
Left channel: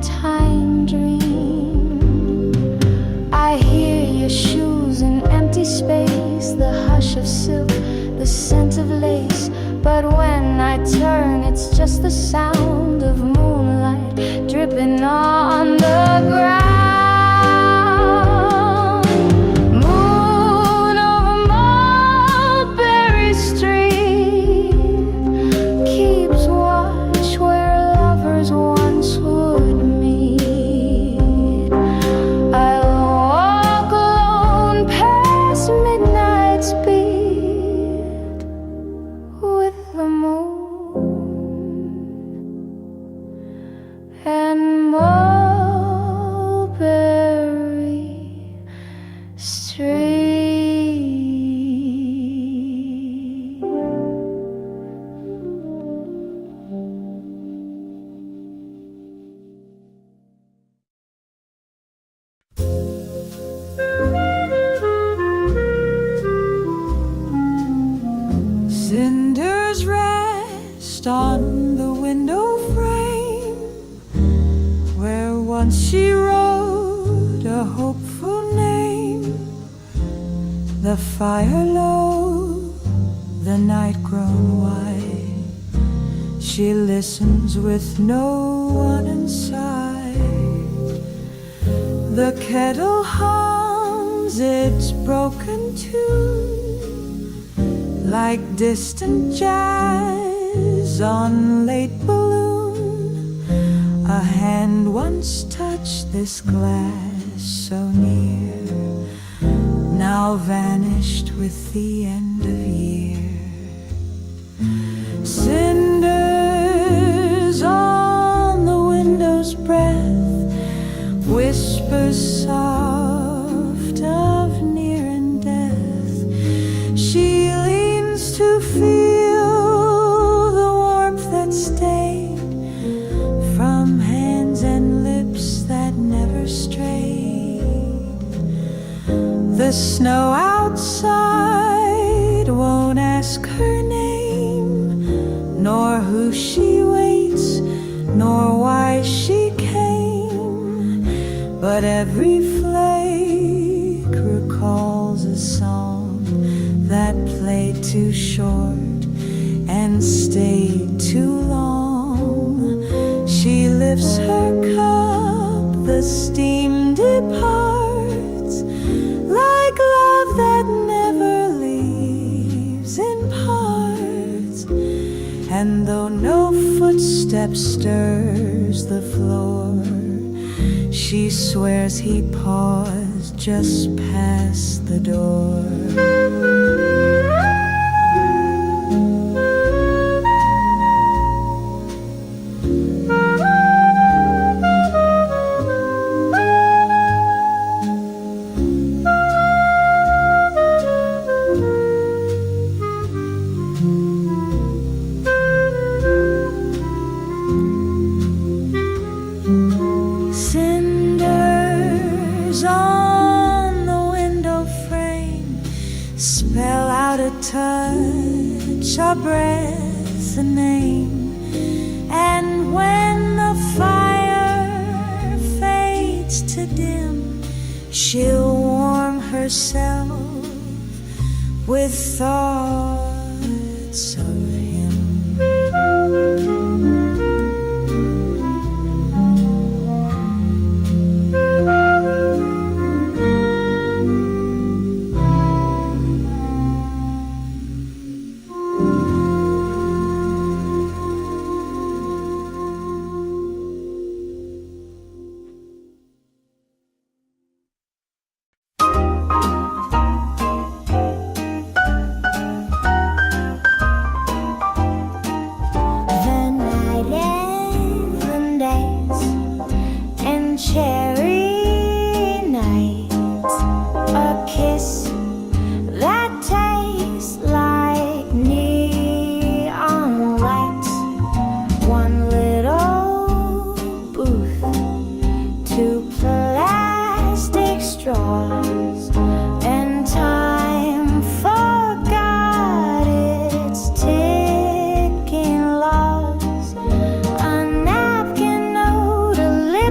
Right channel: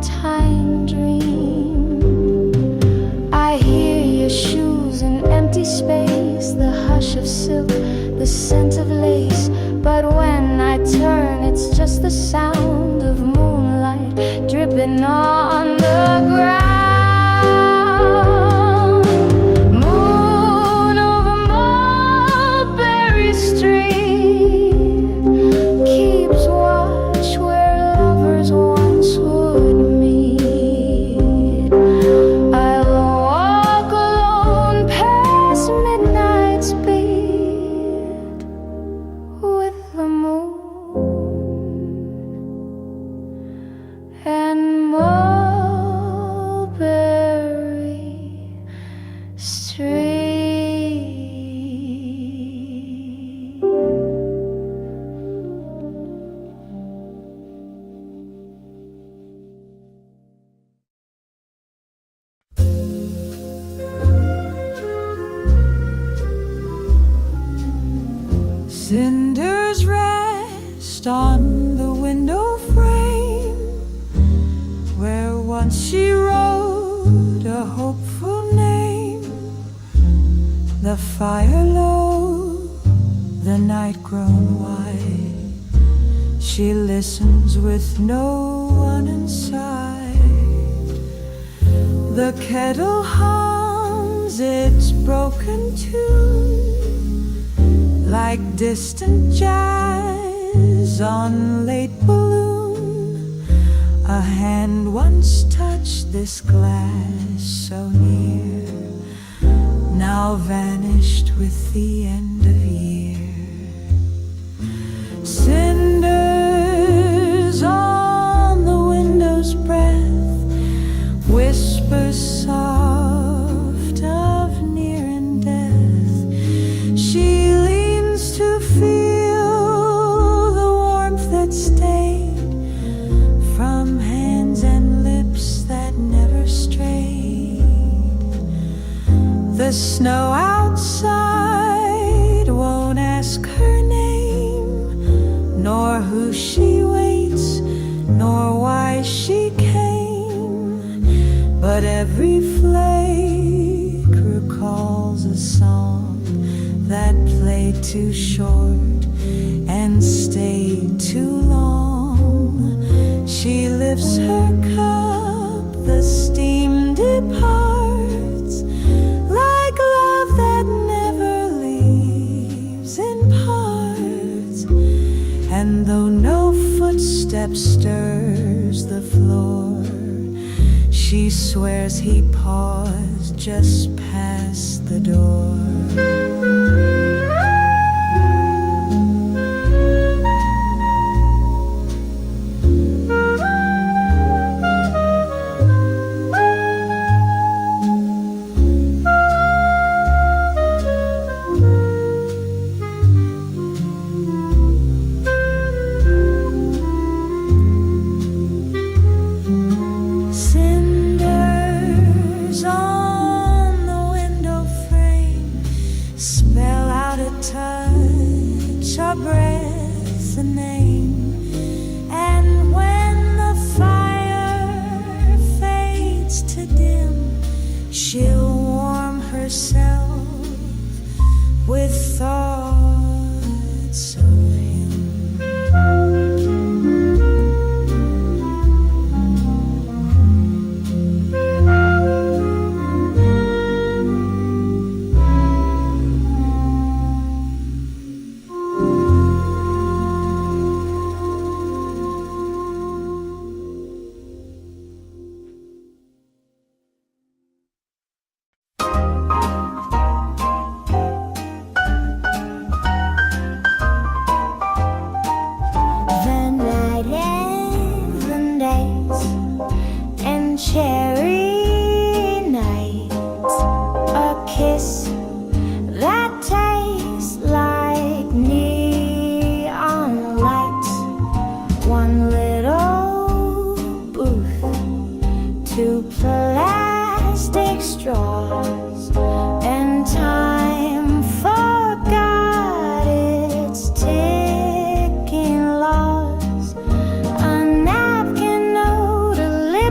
nighttime dream. I hear your shoes in empty space, the hush of silk, the scent of lace. But when I turn, it's just the sound of moonlight dripping on the ground. Moon over Mulberry Street keeps watch where lovers once would meet. I'll walk alone past midnight's beat with the moon and Mulberry Street. Cinders rest on the window frame where once she wrote a hopeful name. The fire low, the night grown white. She listens with no one in sight. The kettle hums its broken tune like distant jazz on late balloon. A hand once touched this glass so near, now vanished with the end of year. Cinders on the window's breath, whispers soft of near and death. She leans to feel the warmth that stayed from hands and lips that never strayed. The snow outside won't ask her name, nor who she waits, nor why she came. But every flake recalls a song that played too short and stayed too long. She lifts her cup, the steam departs, like love that never leaves in parts. And though no footstep stirs the floor, she swears he paused just past the door. Cinders on the window frame spell out a touch, a breath, a name. And when the fire fades to dim, she'll warm herself with thoughts of him. Cherry night, a kiss that tastes like neon lights. One little booth, two plastic straws, and time forgot its ticking laws. A napkin note, a lip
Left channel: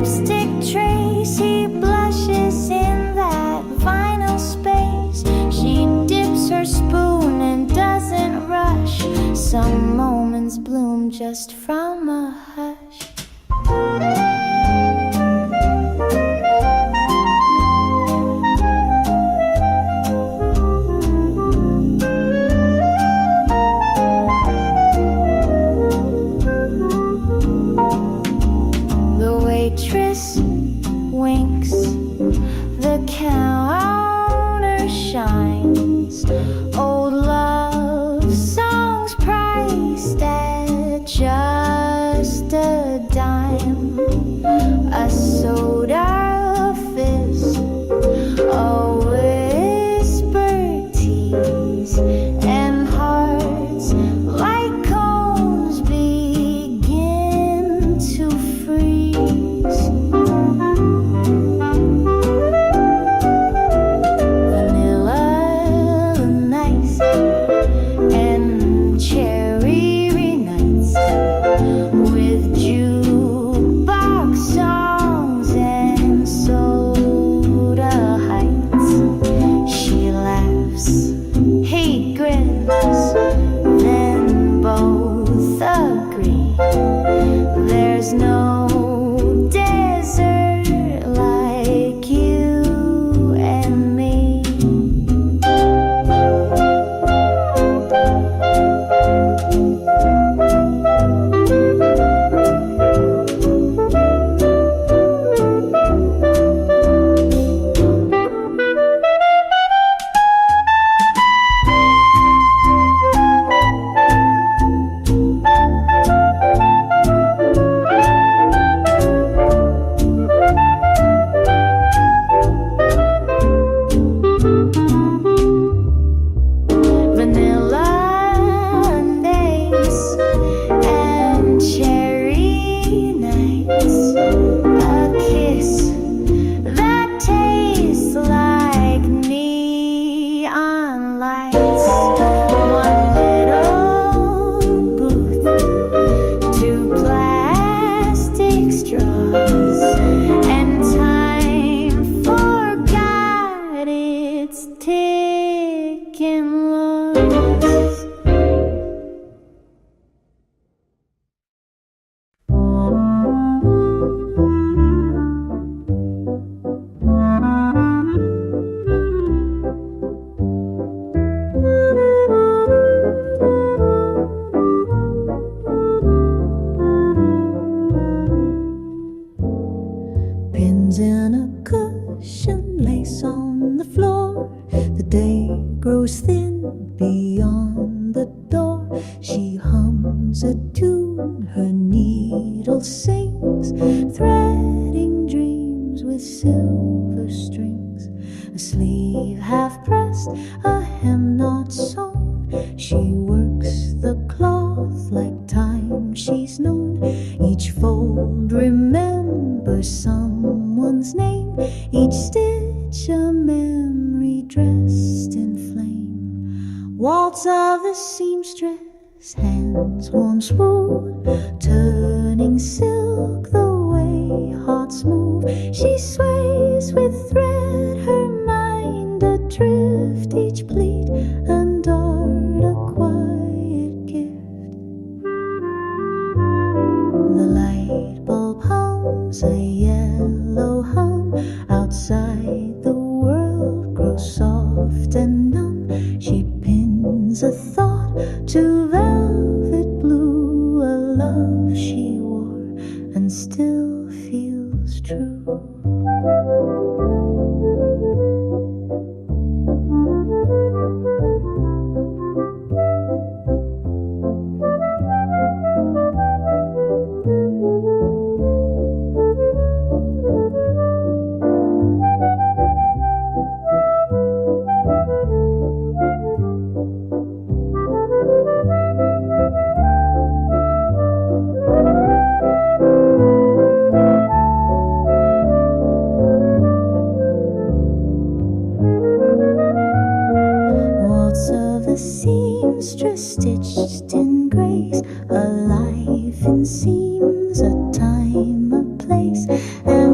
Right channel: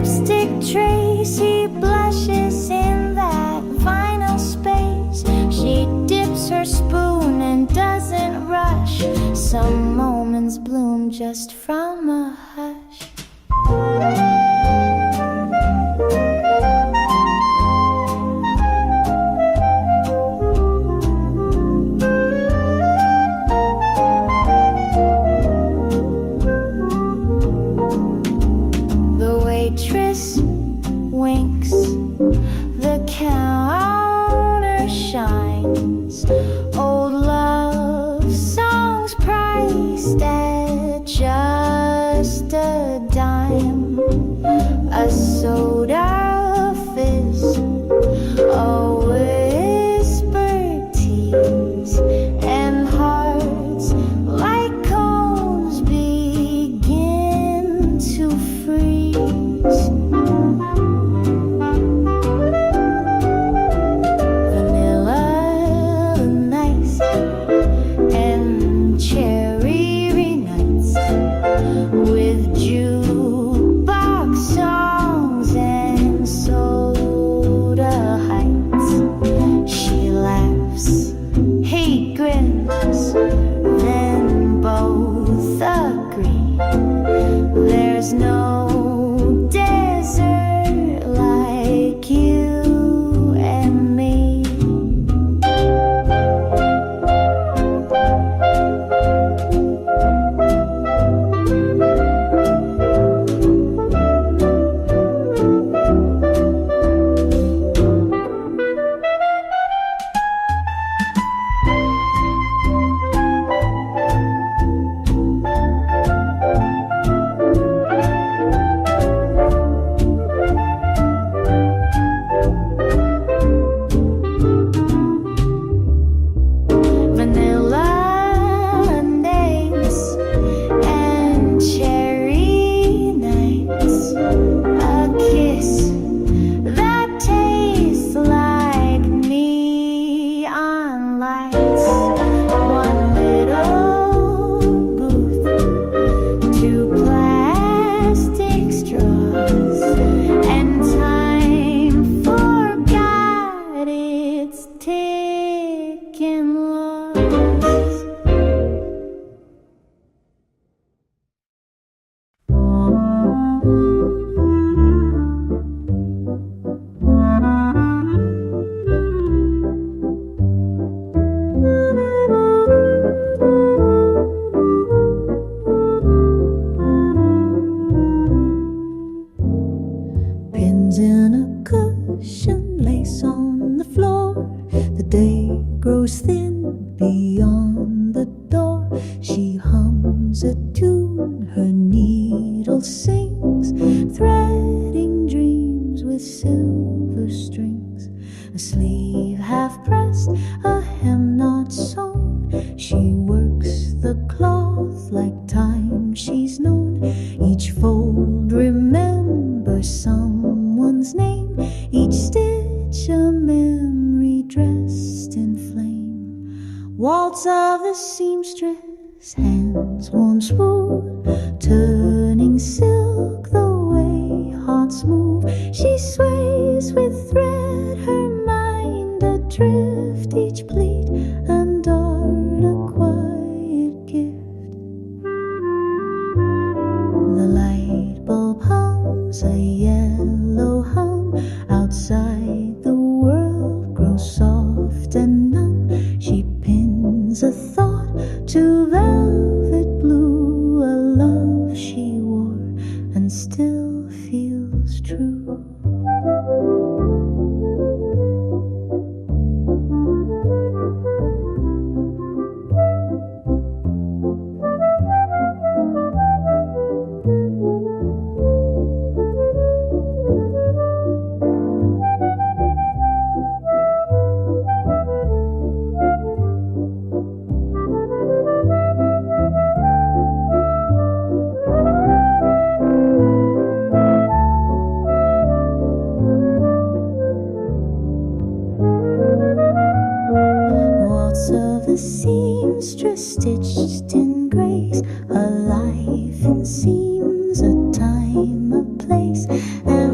lipstick trace. He blushes in that vinyl space. She dips her spoon and doesn't rush. Some moments bloom just from a hush. Waitress winks, the counter shines. Old love songs priced at just a dime. A soda fizz, a whispered tease, and hearts like cones begin to freeze. He grins, then both agree. There's no desert like you and me. Vanilla days and cherry nights, a kiss that tastes like neon lights. One little booth, two plastic straws, and time forgot its ticking laws. Pins in a cushion, lace on the floor. The day grows thin beyond the door. She hums a tune, her needle sings, threading dreams with silver strings. A sleeve half pressed, a hem not sewn. She works the cloth like time she's known. Each fold remembers someone's name, each stitch a memory dressed in flame. Waltz of the seamstress, hands warm smooth, turning silk the way hearts move. She sways with thread, her mind adrift, each pleat and dart a quiet gift. The light bulb hums a yellow hum. Outside the world grows soft and numb. She pins a thought to velvet blue, a love she wore and still feels true. Of the seamstress stitched in grace, a life in seams, a time, a place, and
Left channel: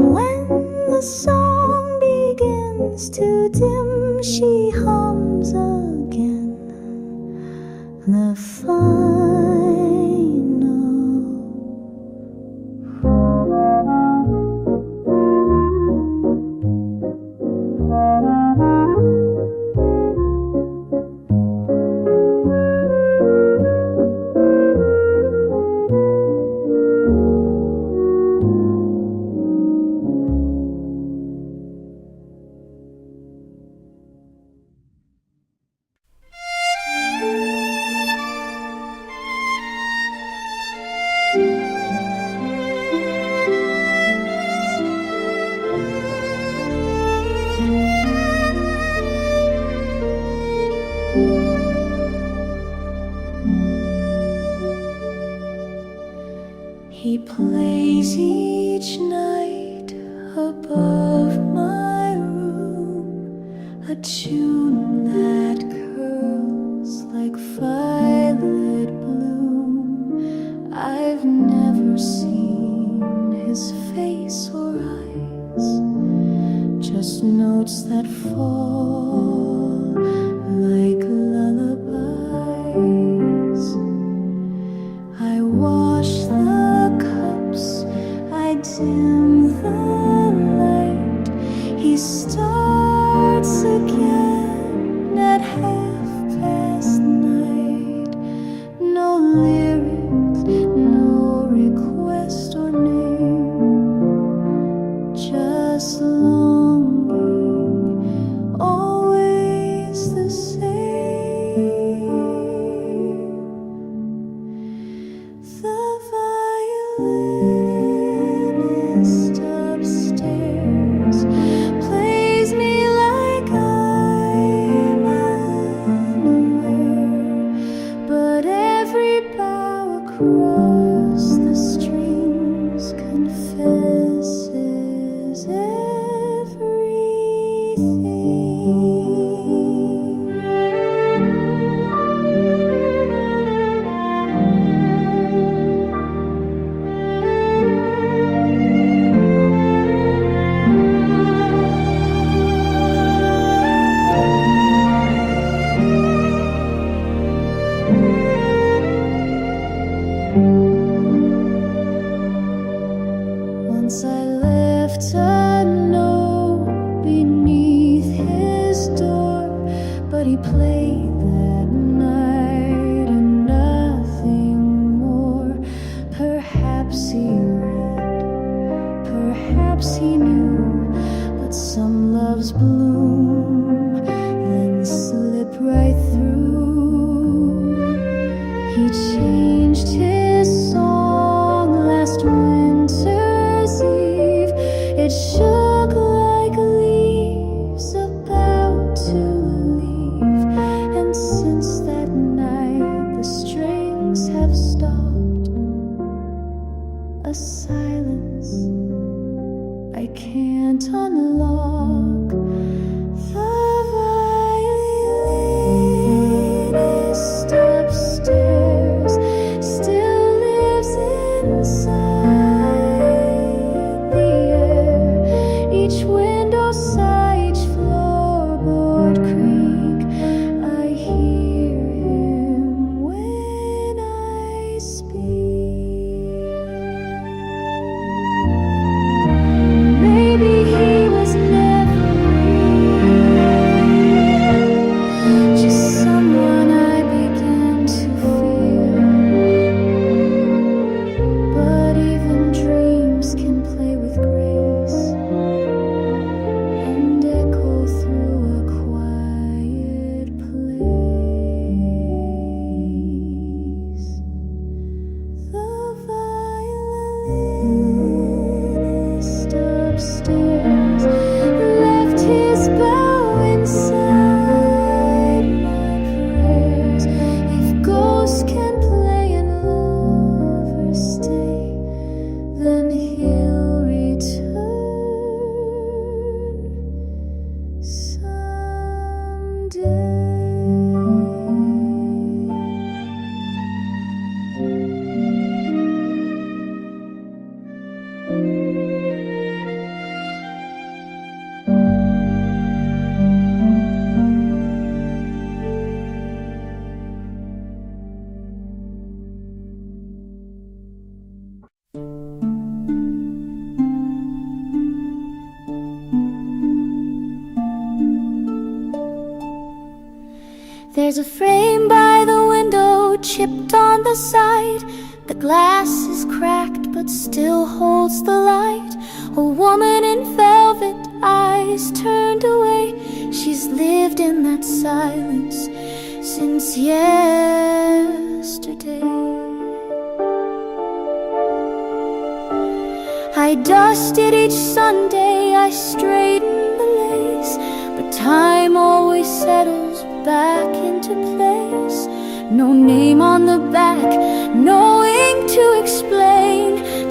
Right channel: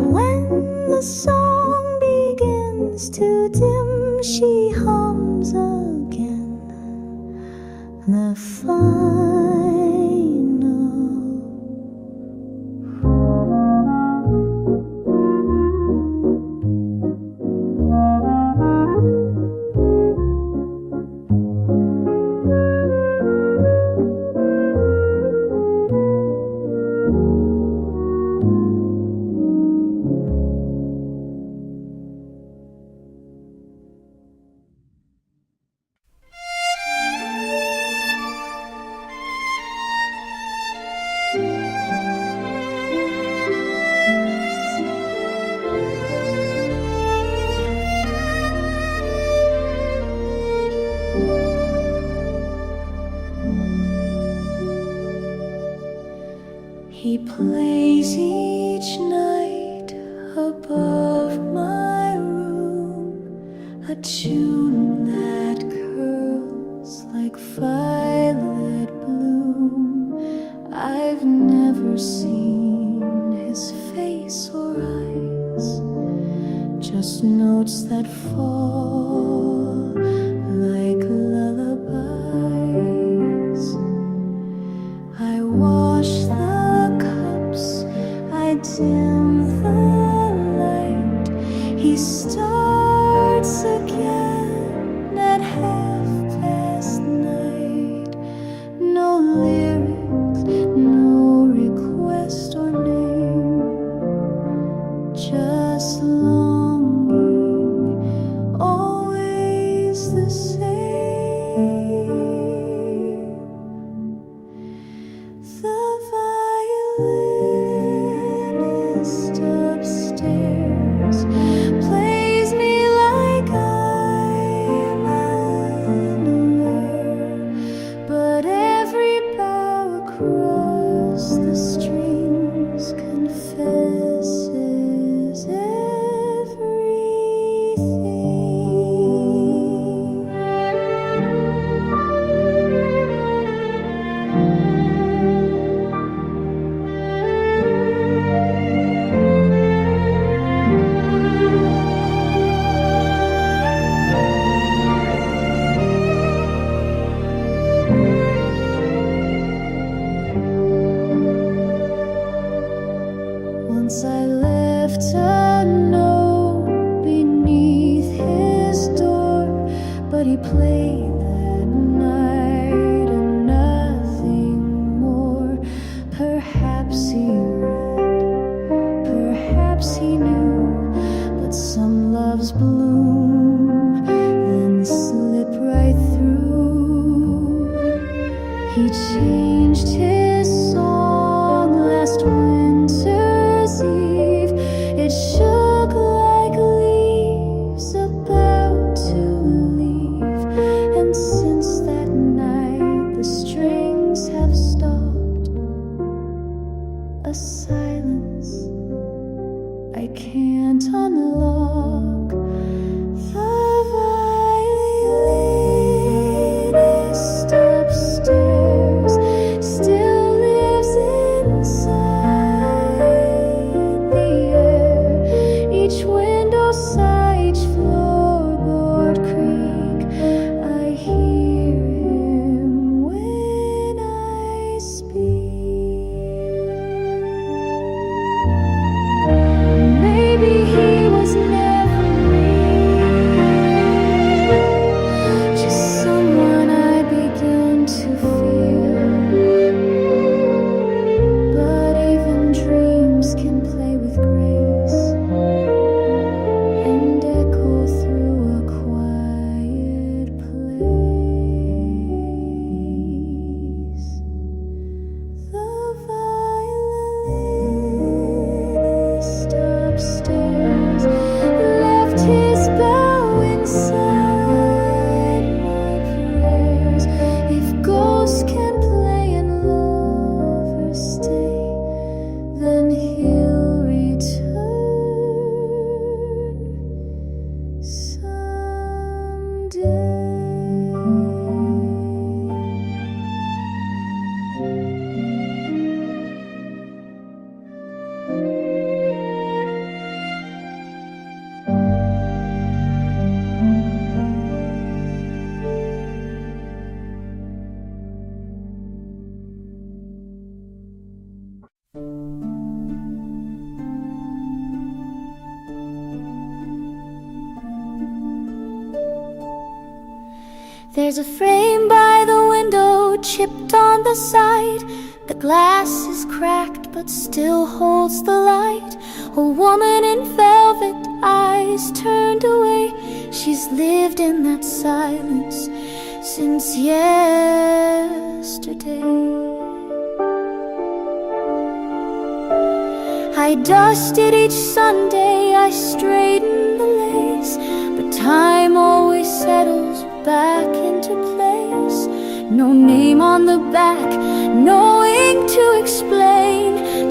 He plays each night above my room, a tune that curls like violet bloom. I've never seen his face or eyes, just notes that fall like lullabies. I wash the cups, I dim the light. He starts again at 9:30. No lyrics, no request or name, just longing, always the same. The violinist upstairs plays me like I'm unaware, but every bow across the strings confesses everything. Once I left a note beneath his door, but he played that night and nothing more. Perhaps he read, perhaps he knew, but some loves bloom, then slip right through. He changed his song last winter's eve. It shook like leaves about to leave, and since that night the strings have stopped. A silence I can't unlock. The violinist upstairs still lives inside the air. Each window sigh, each floorboard creak. I hear him when I speak. Maybe he was never real, just someone I begin to feel. But even dreams can play with grace and echo through a quiet place. The violinist upstairs left his bow inside my prayers. If ghosts can play and lovers stay, then he'll return someday. There's a frame by the window, chipped on the side. The glass is cracked but still holds the light. A woman in velvet, eyes turned away. She's lived in that silence since yesterday. I dusted each Sunday, I straightened the lace, but time always settles back into place. No name on the back, no ink to explain.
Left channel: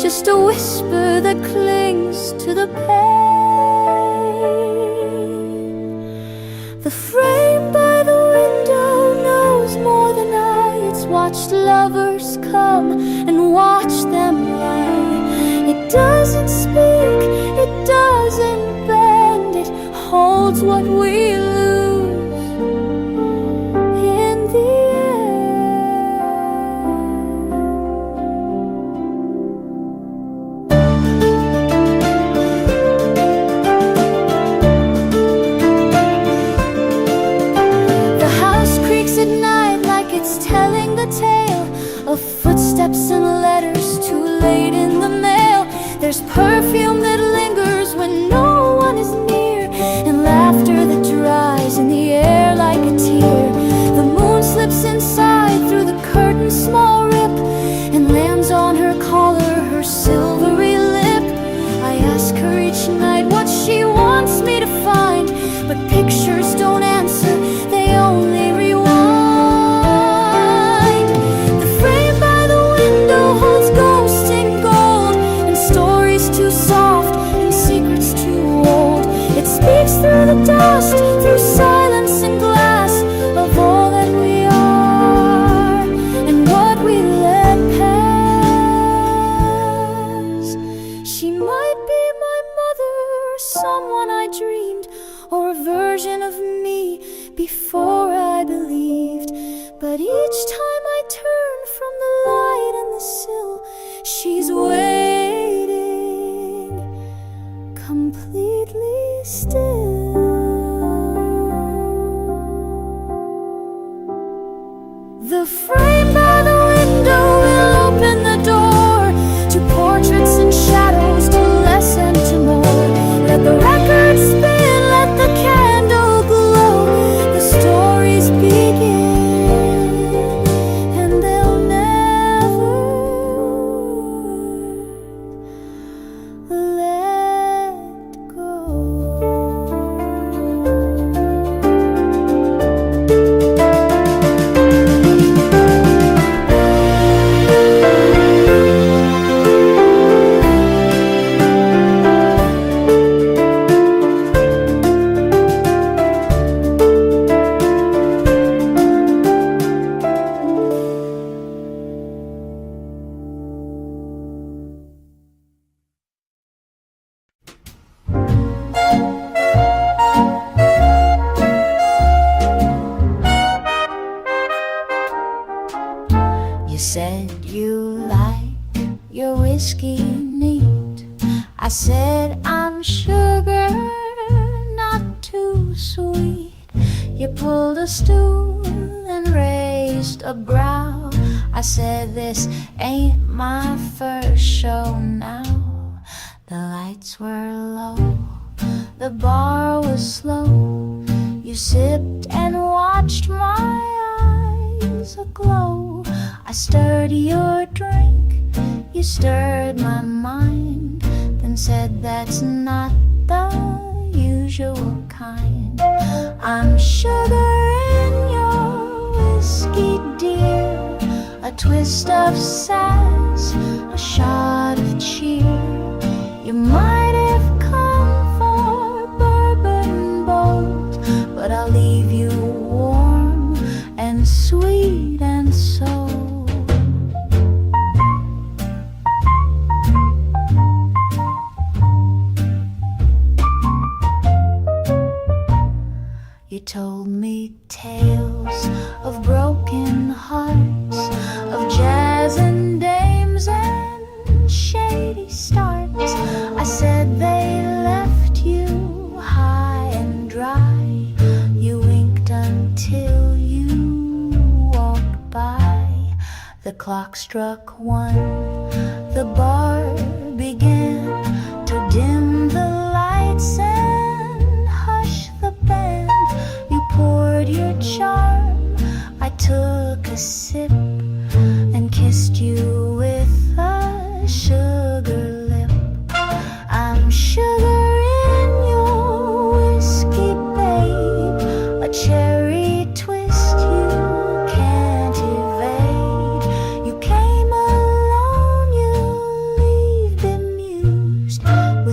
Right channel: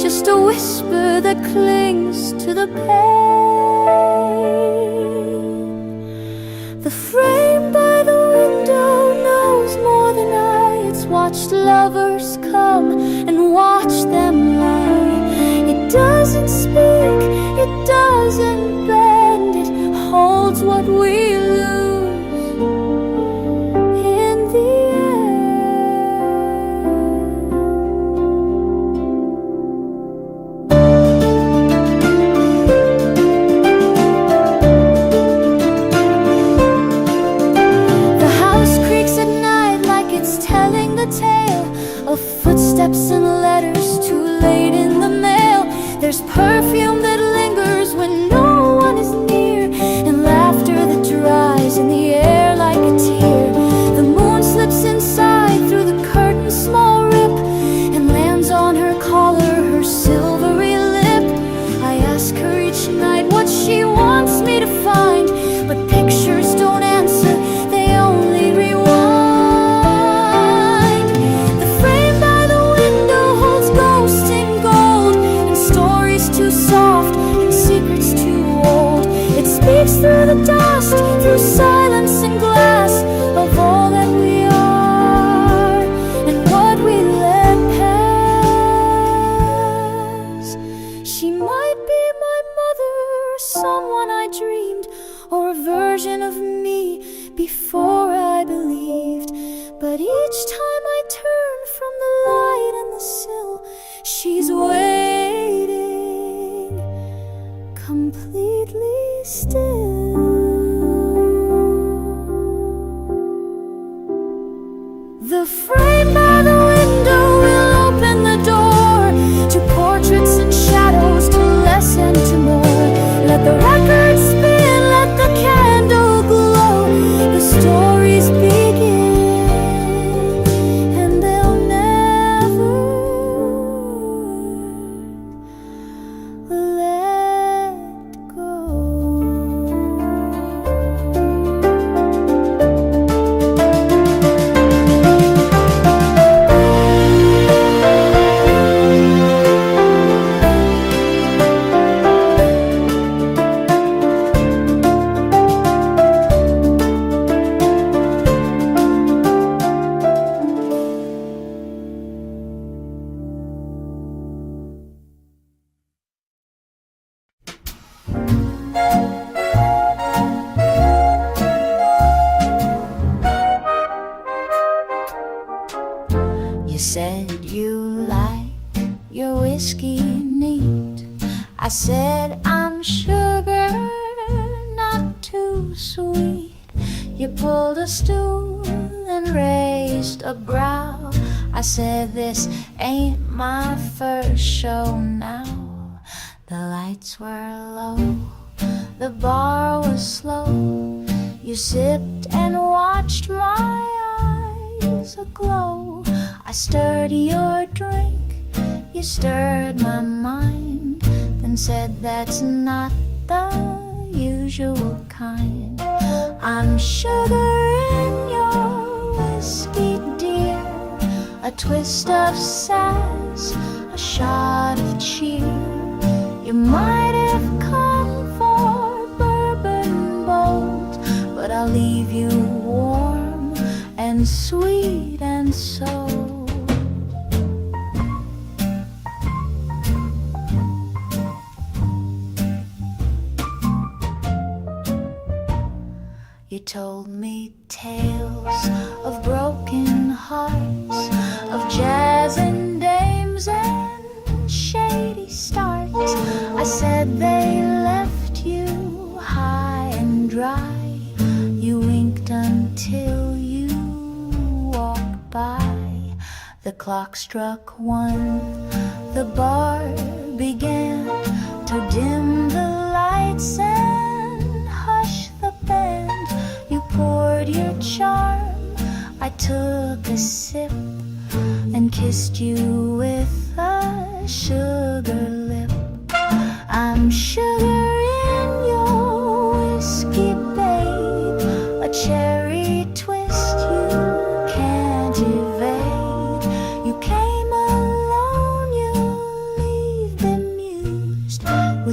just a whisper that clings to the pane. The frame by the window knows more than I. It's watched lovers come and watch them lie. It doesn't speak, it doesn't bend. It holds what we lose in the end. The house creaks at night like it's telling the tale of footsteps and letters too late in the mail. There's perfume that lingers when no one is near, and laughter that dries in the air like a tear. The moon slips inside through the curtain's small rip and lands on her collar, her silvery lip. I ask her each night what she wants me to find, but pictures don't answer, they only rewind. The frame by the window holds ghosts in gold, and stories too soft and secrets too old. It speaks through the dust, through silence and glass, of all that we are and what we let pass. She might be my mother, or someone I dreamed, or a version of me before I believed. But each time I turn from the light and the sill, she's waiting, completely still. The frame by the window will open the door to portraits and shadows, to less and to more. Let the record spin, let the candle glow. The stories begin, and they'll never let go. You said you like your whiskey neat. I said I'm sugar, not too sweet. You pulled a stool and raised a brow. I said this ain't my first show now. The lights were low, the bar was slow. You sipped and watched my eyes aglow. I stirred your drink, you stirred my mind, then said that's not the usual kind. I'm sugar in your whiskey, dear, a twist of sass, a shot of cheer. You might have come for bourbon bold, but I'll leave you warm and sweet and sold. You told me tales of broken hearts, of jazz and dames and shady starts. I said they left you high and dry. You winked until you walked by. The clock struck 1, the bar began to dim the lights and hush the band. You poured your charm, I took a sip and kissed you with a sugar lip. I'm sugar in your whiskey, babe, a cherry twist you can't evade. You came alone, you leave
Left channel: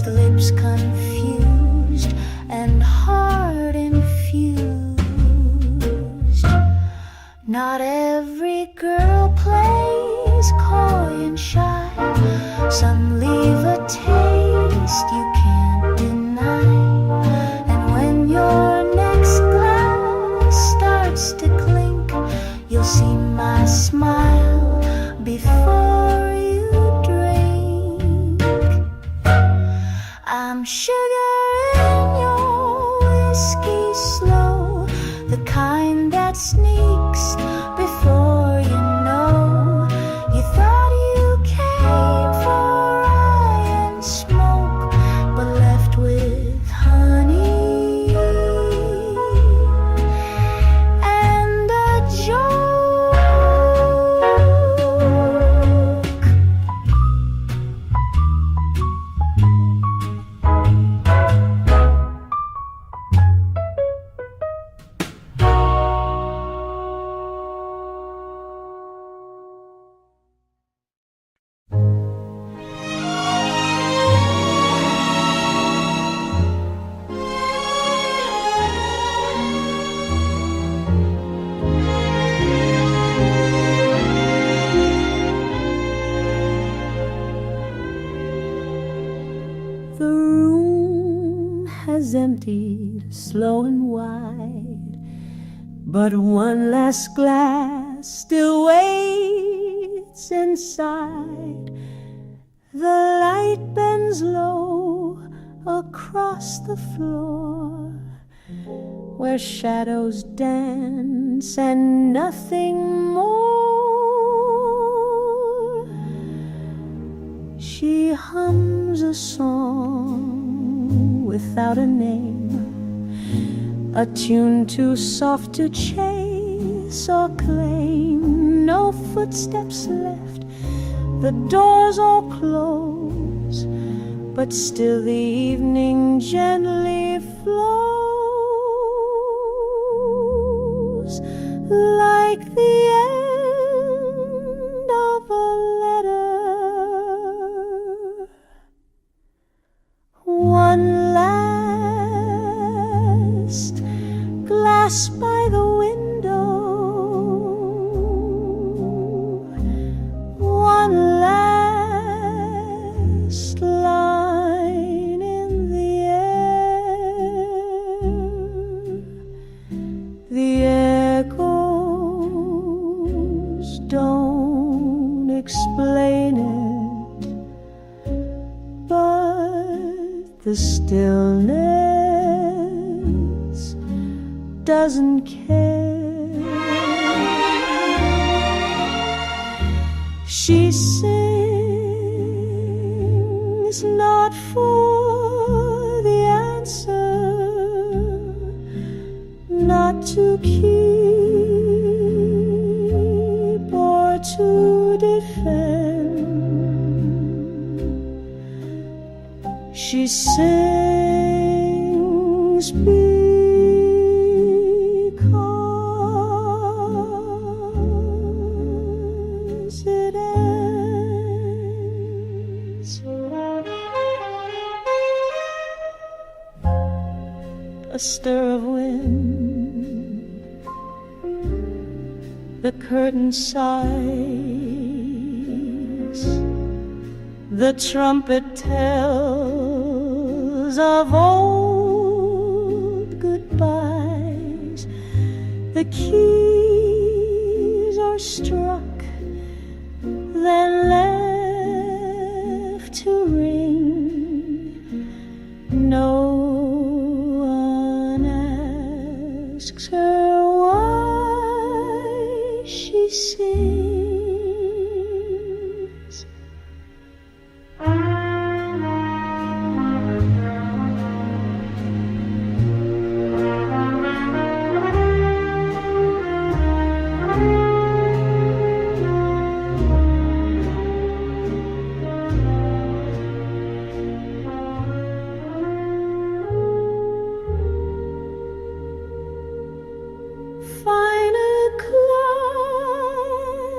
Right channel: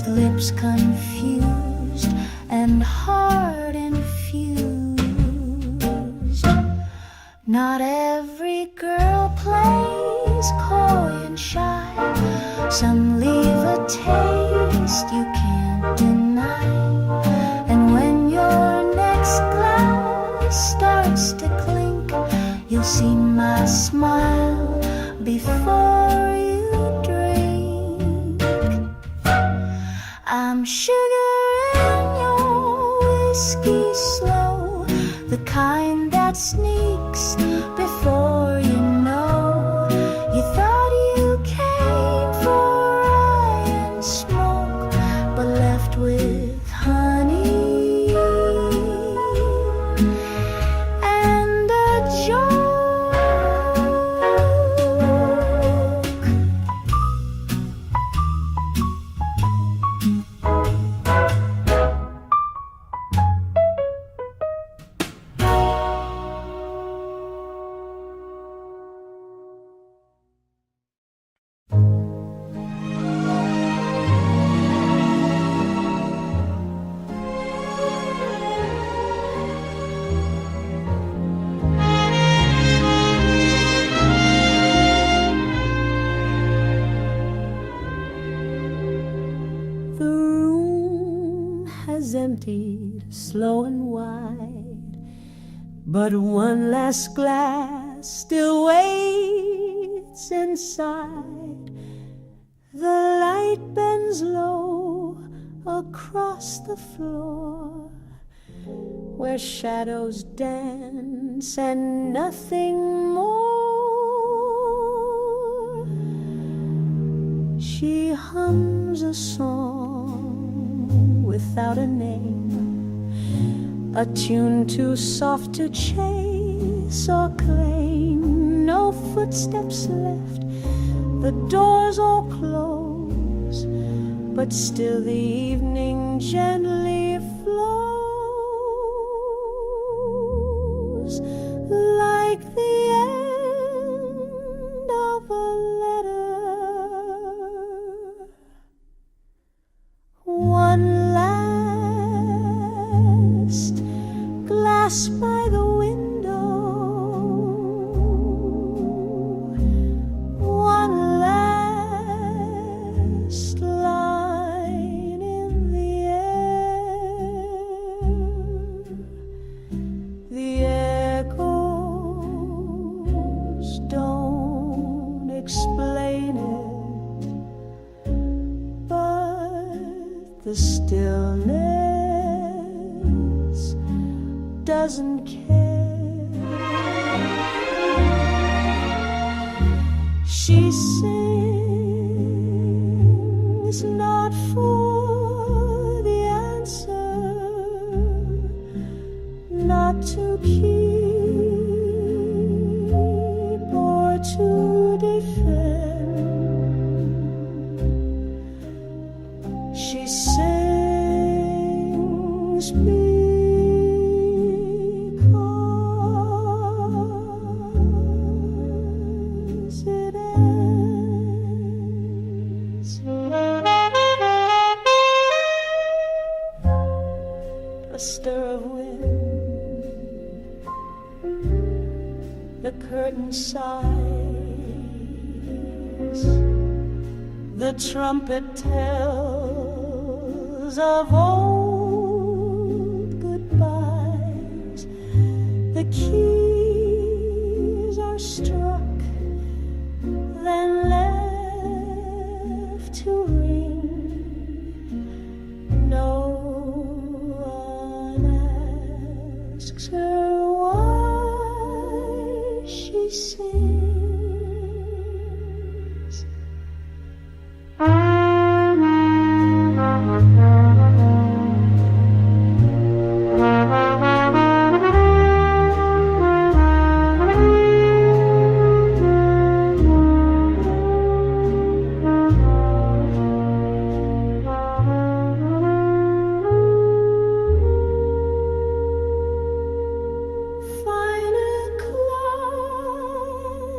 with lips confused and heart infused. Not every girl plays coy and shy. Some leave a taste you can't deny. And when your next glass starts to clink, you'll see my smile before you drink. I'm sugar in your whiskey slow, the kind that sneaks before you know. You thought you came for rye and smoke, but left with honey and a joke. The room has emptied slow and wide, but one last glass still waits inside. The light bends low across the floor, where shadows dance and nothing more. She hums a song without a name, a tune too soft to chase or claim. No footsteps left, the doors all close, but still the evening gently flows, like the end of a letter. One last glass by the window, one last line in the air. The echoes don't explain it, but the stillness doesn't care. She sings not for the answer, not to keep or to defend. She sings because it ends. A stir of wind, the curtain sighs, the trumpet tells of old goodbyes. The keys are struck, then left to ring. No one asks her why she sings. Fine o'clock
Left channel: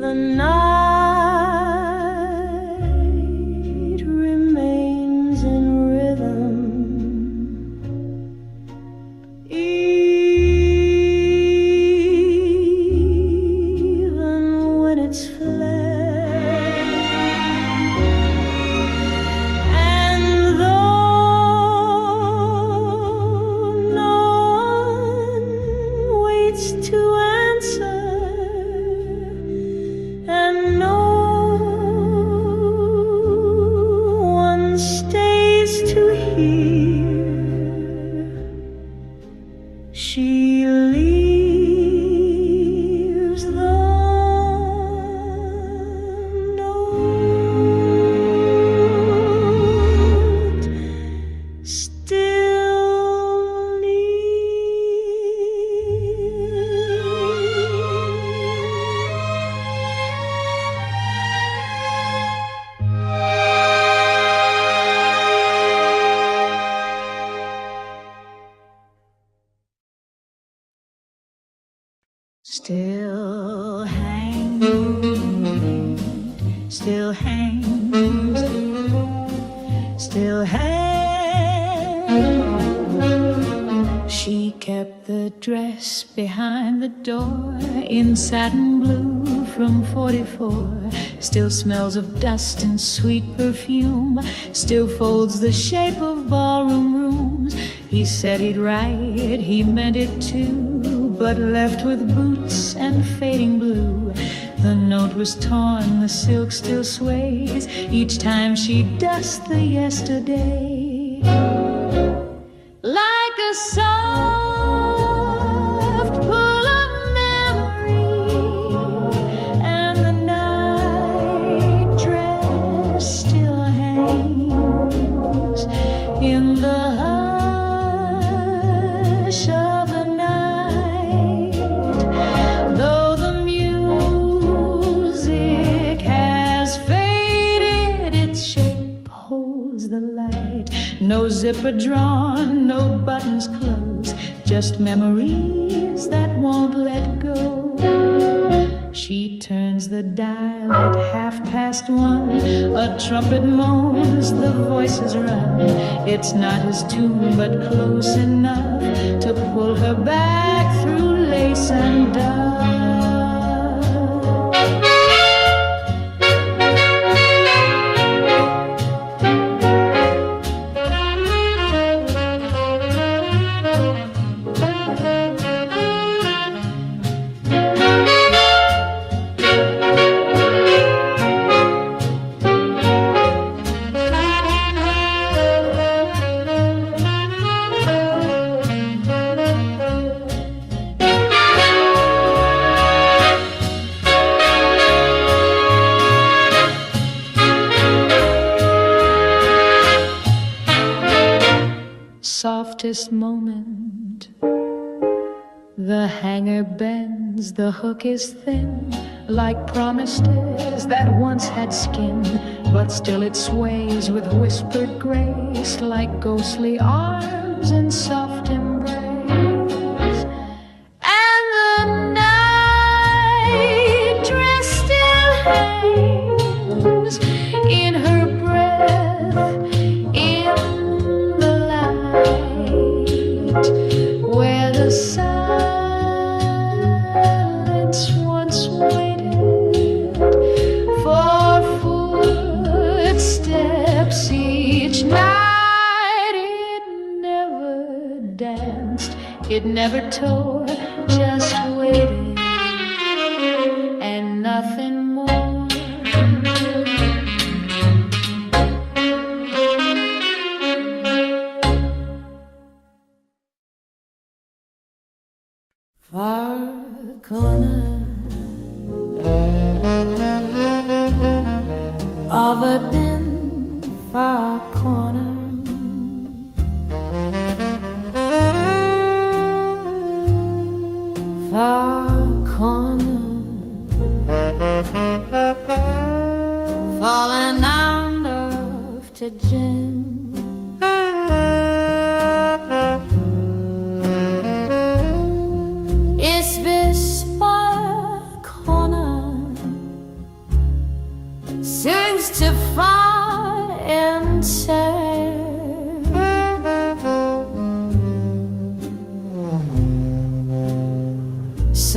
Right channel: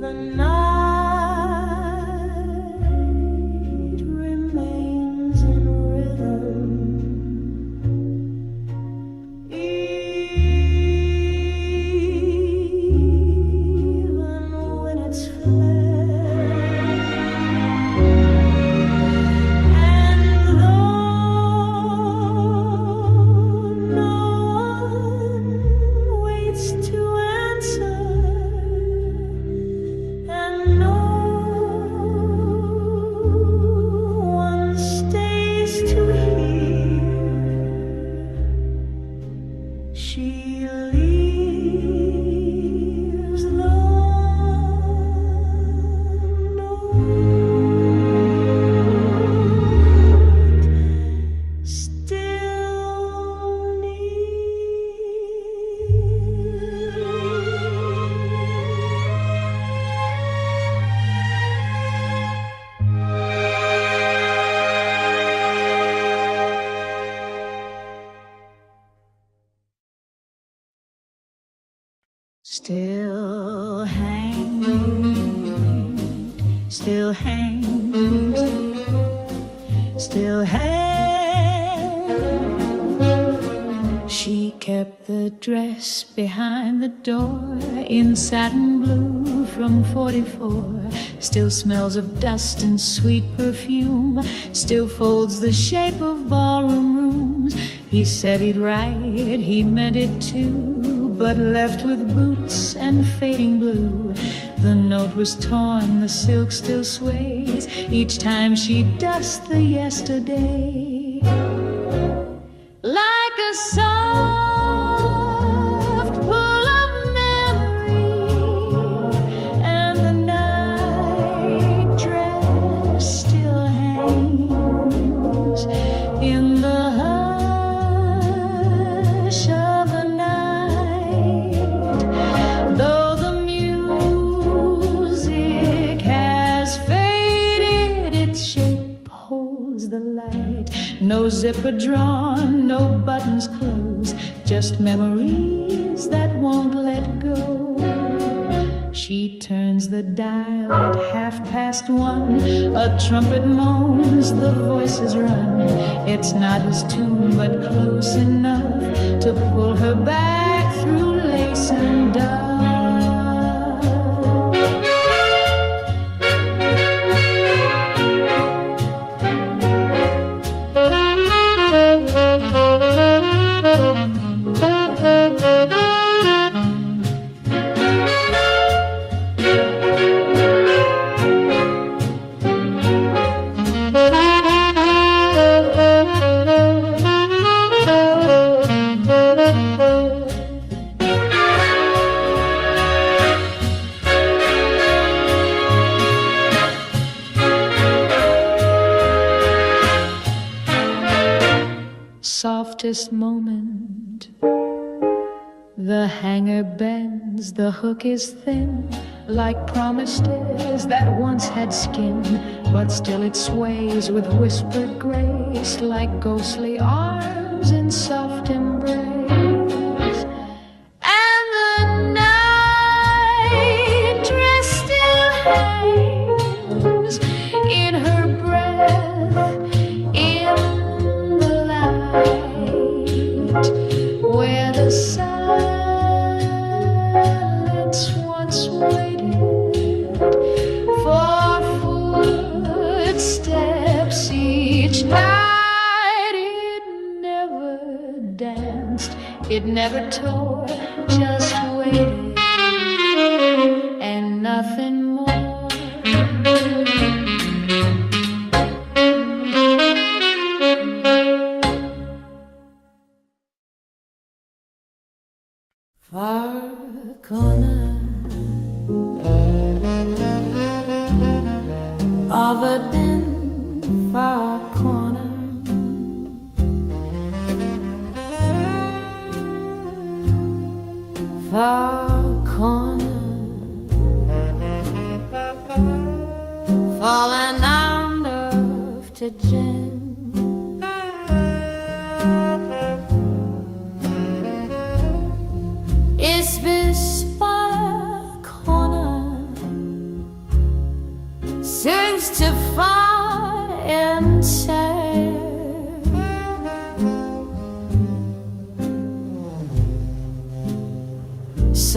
The night remains in rhythm, even when it's fled. And though no one waits to answer, and no one stays to hear, she leaves the note still near. Still hangs, still hangs, still hangs. She kept the dress behind the door in satin blue from 44. Still smells of dust and sweet perfume, still folds the shape of ballroom rooms. He said he'd write, he meant it too, but left with boots and fading blue. The note was torn, the silk still sways each time she dusts the yesterday. Like a soft pull of memory, and the night dress still hangs in the hush of the night. Though the music has faded, its shape holds the light. No zipper drawn, no buttons closed, just memories that won't let go. She turns the dial at 1:30. A trumpet moans, the voices run. It's not his tune, but close enough to pull her back through lace and dove. Softest moment, the hanger bends, the hook is thin, like promises that once had skin, but still it sways with whispered grace, like ghostly arms in soft embrace. And the night dress still hangs in her breath, in the light where the silence once waited for footsteps each night. It never danced, it never tore, just waited and nothing more. Far corner of a dim far corner, far corner, falling under to gin. It's this far corner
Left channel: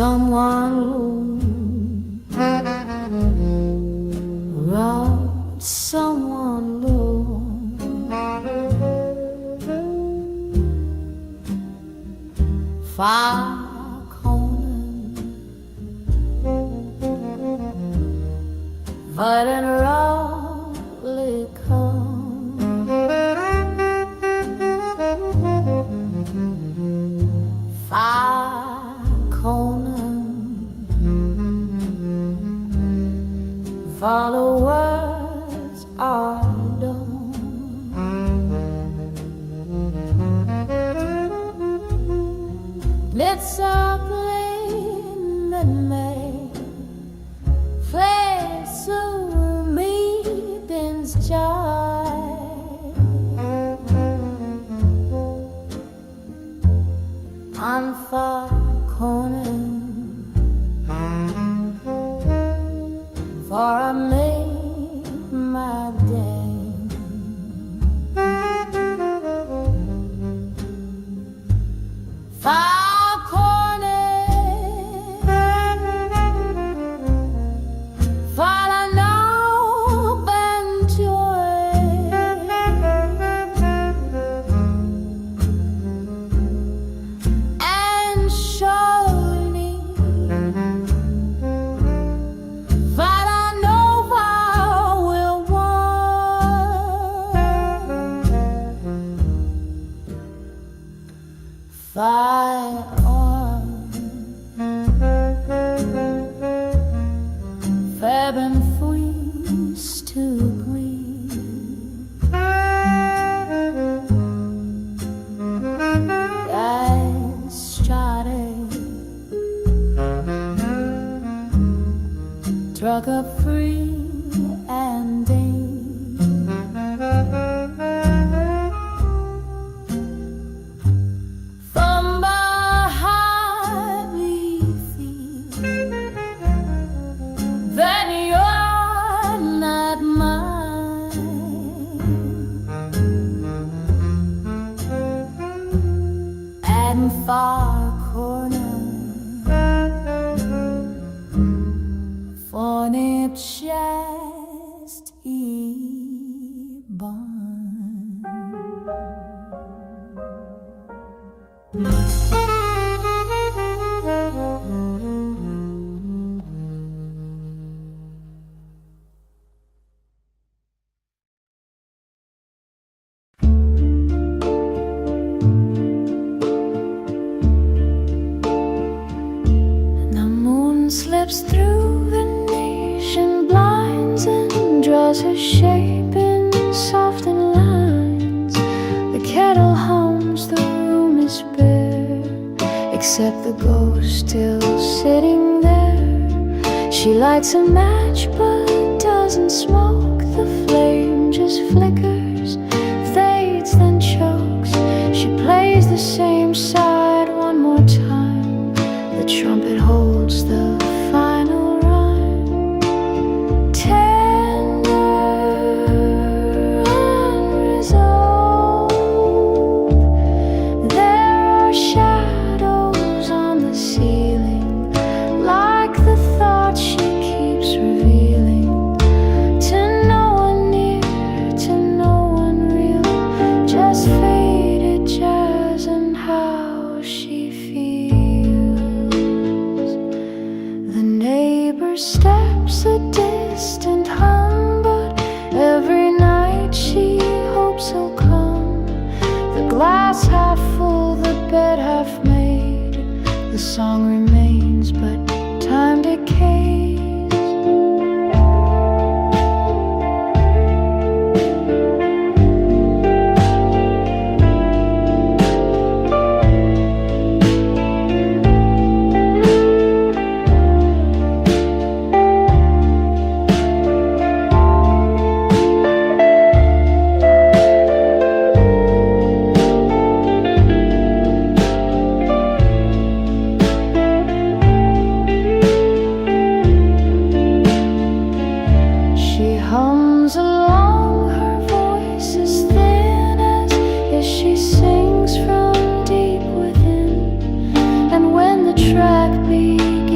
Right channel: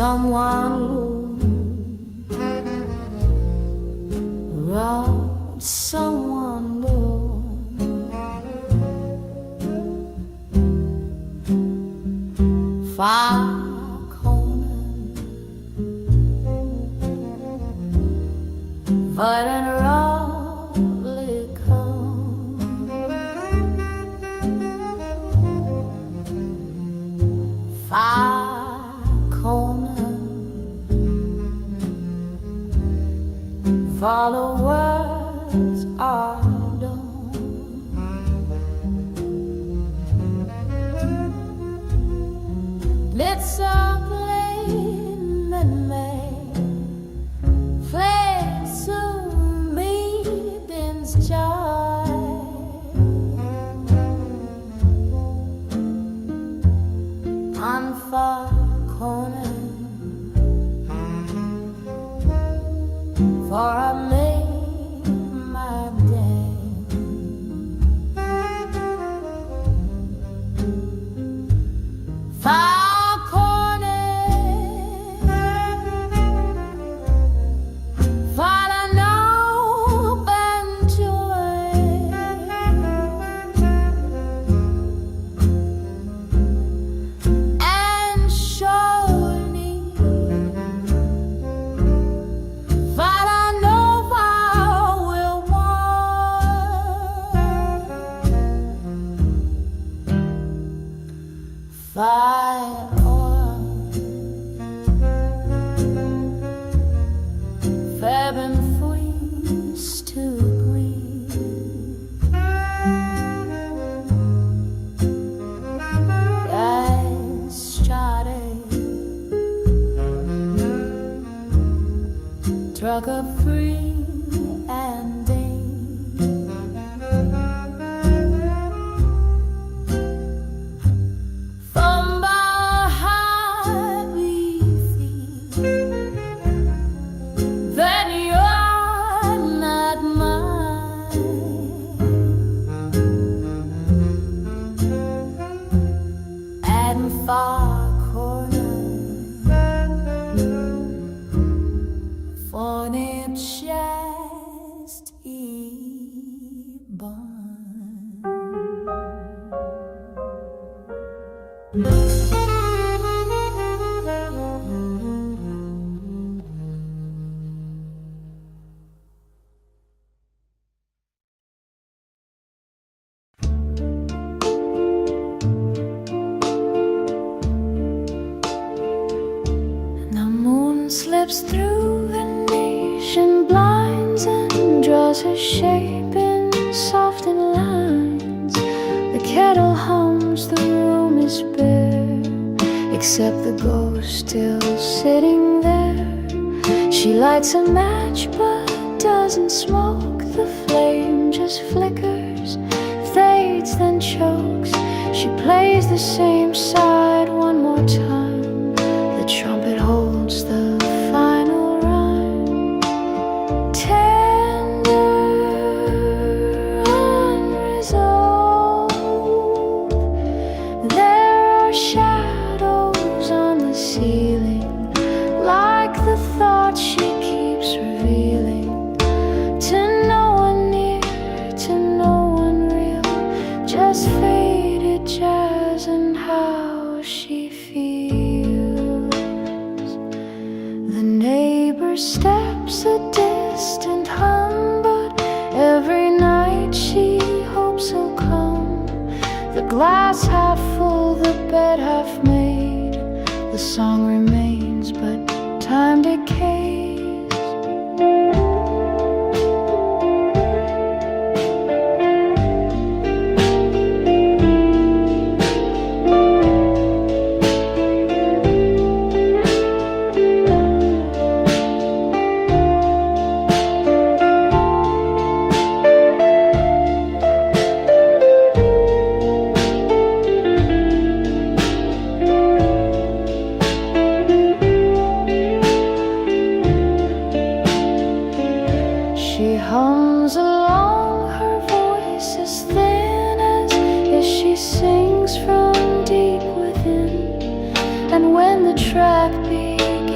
someone wrote someone blue. Far corner, but in lovely come. Far corner, followers are done. It's a plane that may fade to meeting's joy. On far corner, for I made my day. Far corner, for I know and joy. And surely, but I know I will want. Fire on, Fab and freeze to green. I started, struck up free and deep. From behind we feel that you're not mine. And far corner, for it just born. The moon slips through Venetian blinds and draws her shape in softened lines. The kettle hums, the room is bare, except the ghost still sitting there. She lights a match but doesn't smoke. The flame just flickers, fades, then chokes. She plays the same side one more time. The trumpet holds the final rhyme. Tender, unresolved. There are shadows on the ceiling, like the thoughts she keeps revealing. To no one near, to no one real, just faded jazz and how she feels. The neighbor steps a distant hum, but every night she hopes he'll come. The glass half full, the bed half made. The song remains, but time decays. She hums along, her voice is thin as she sings from deep within. And when the track begins,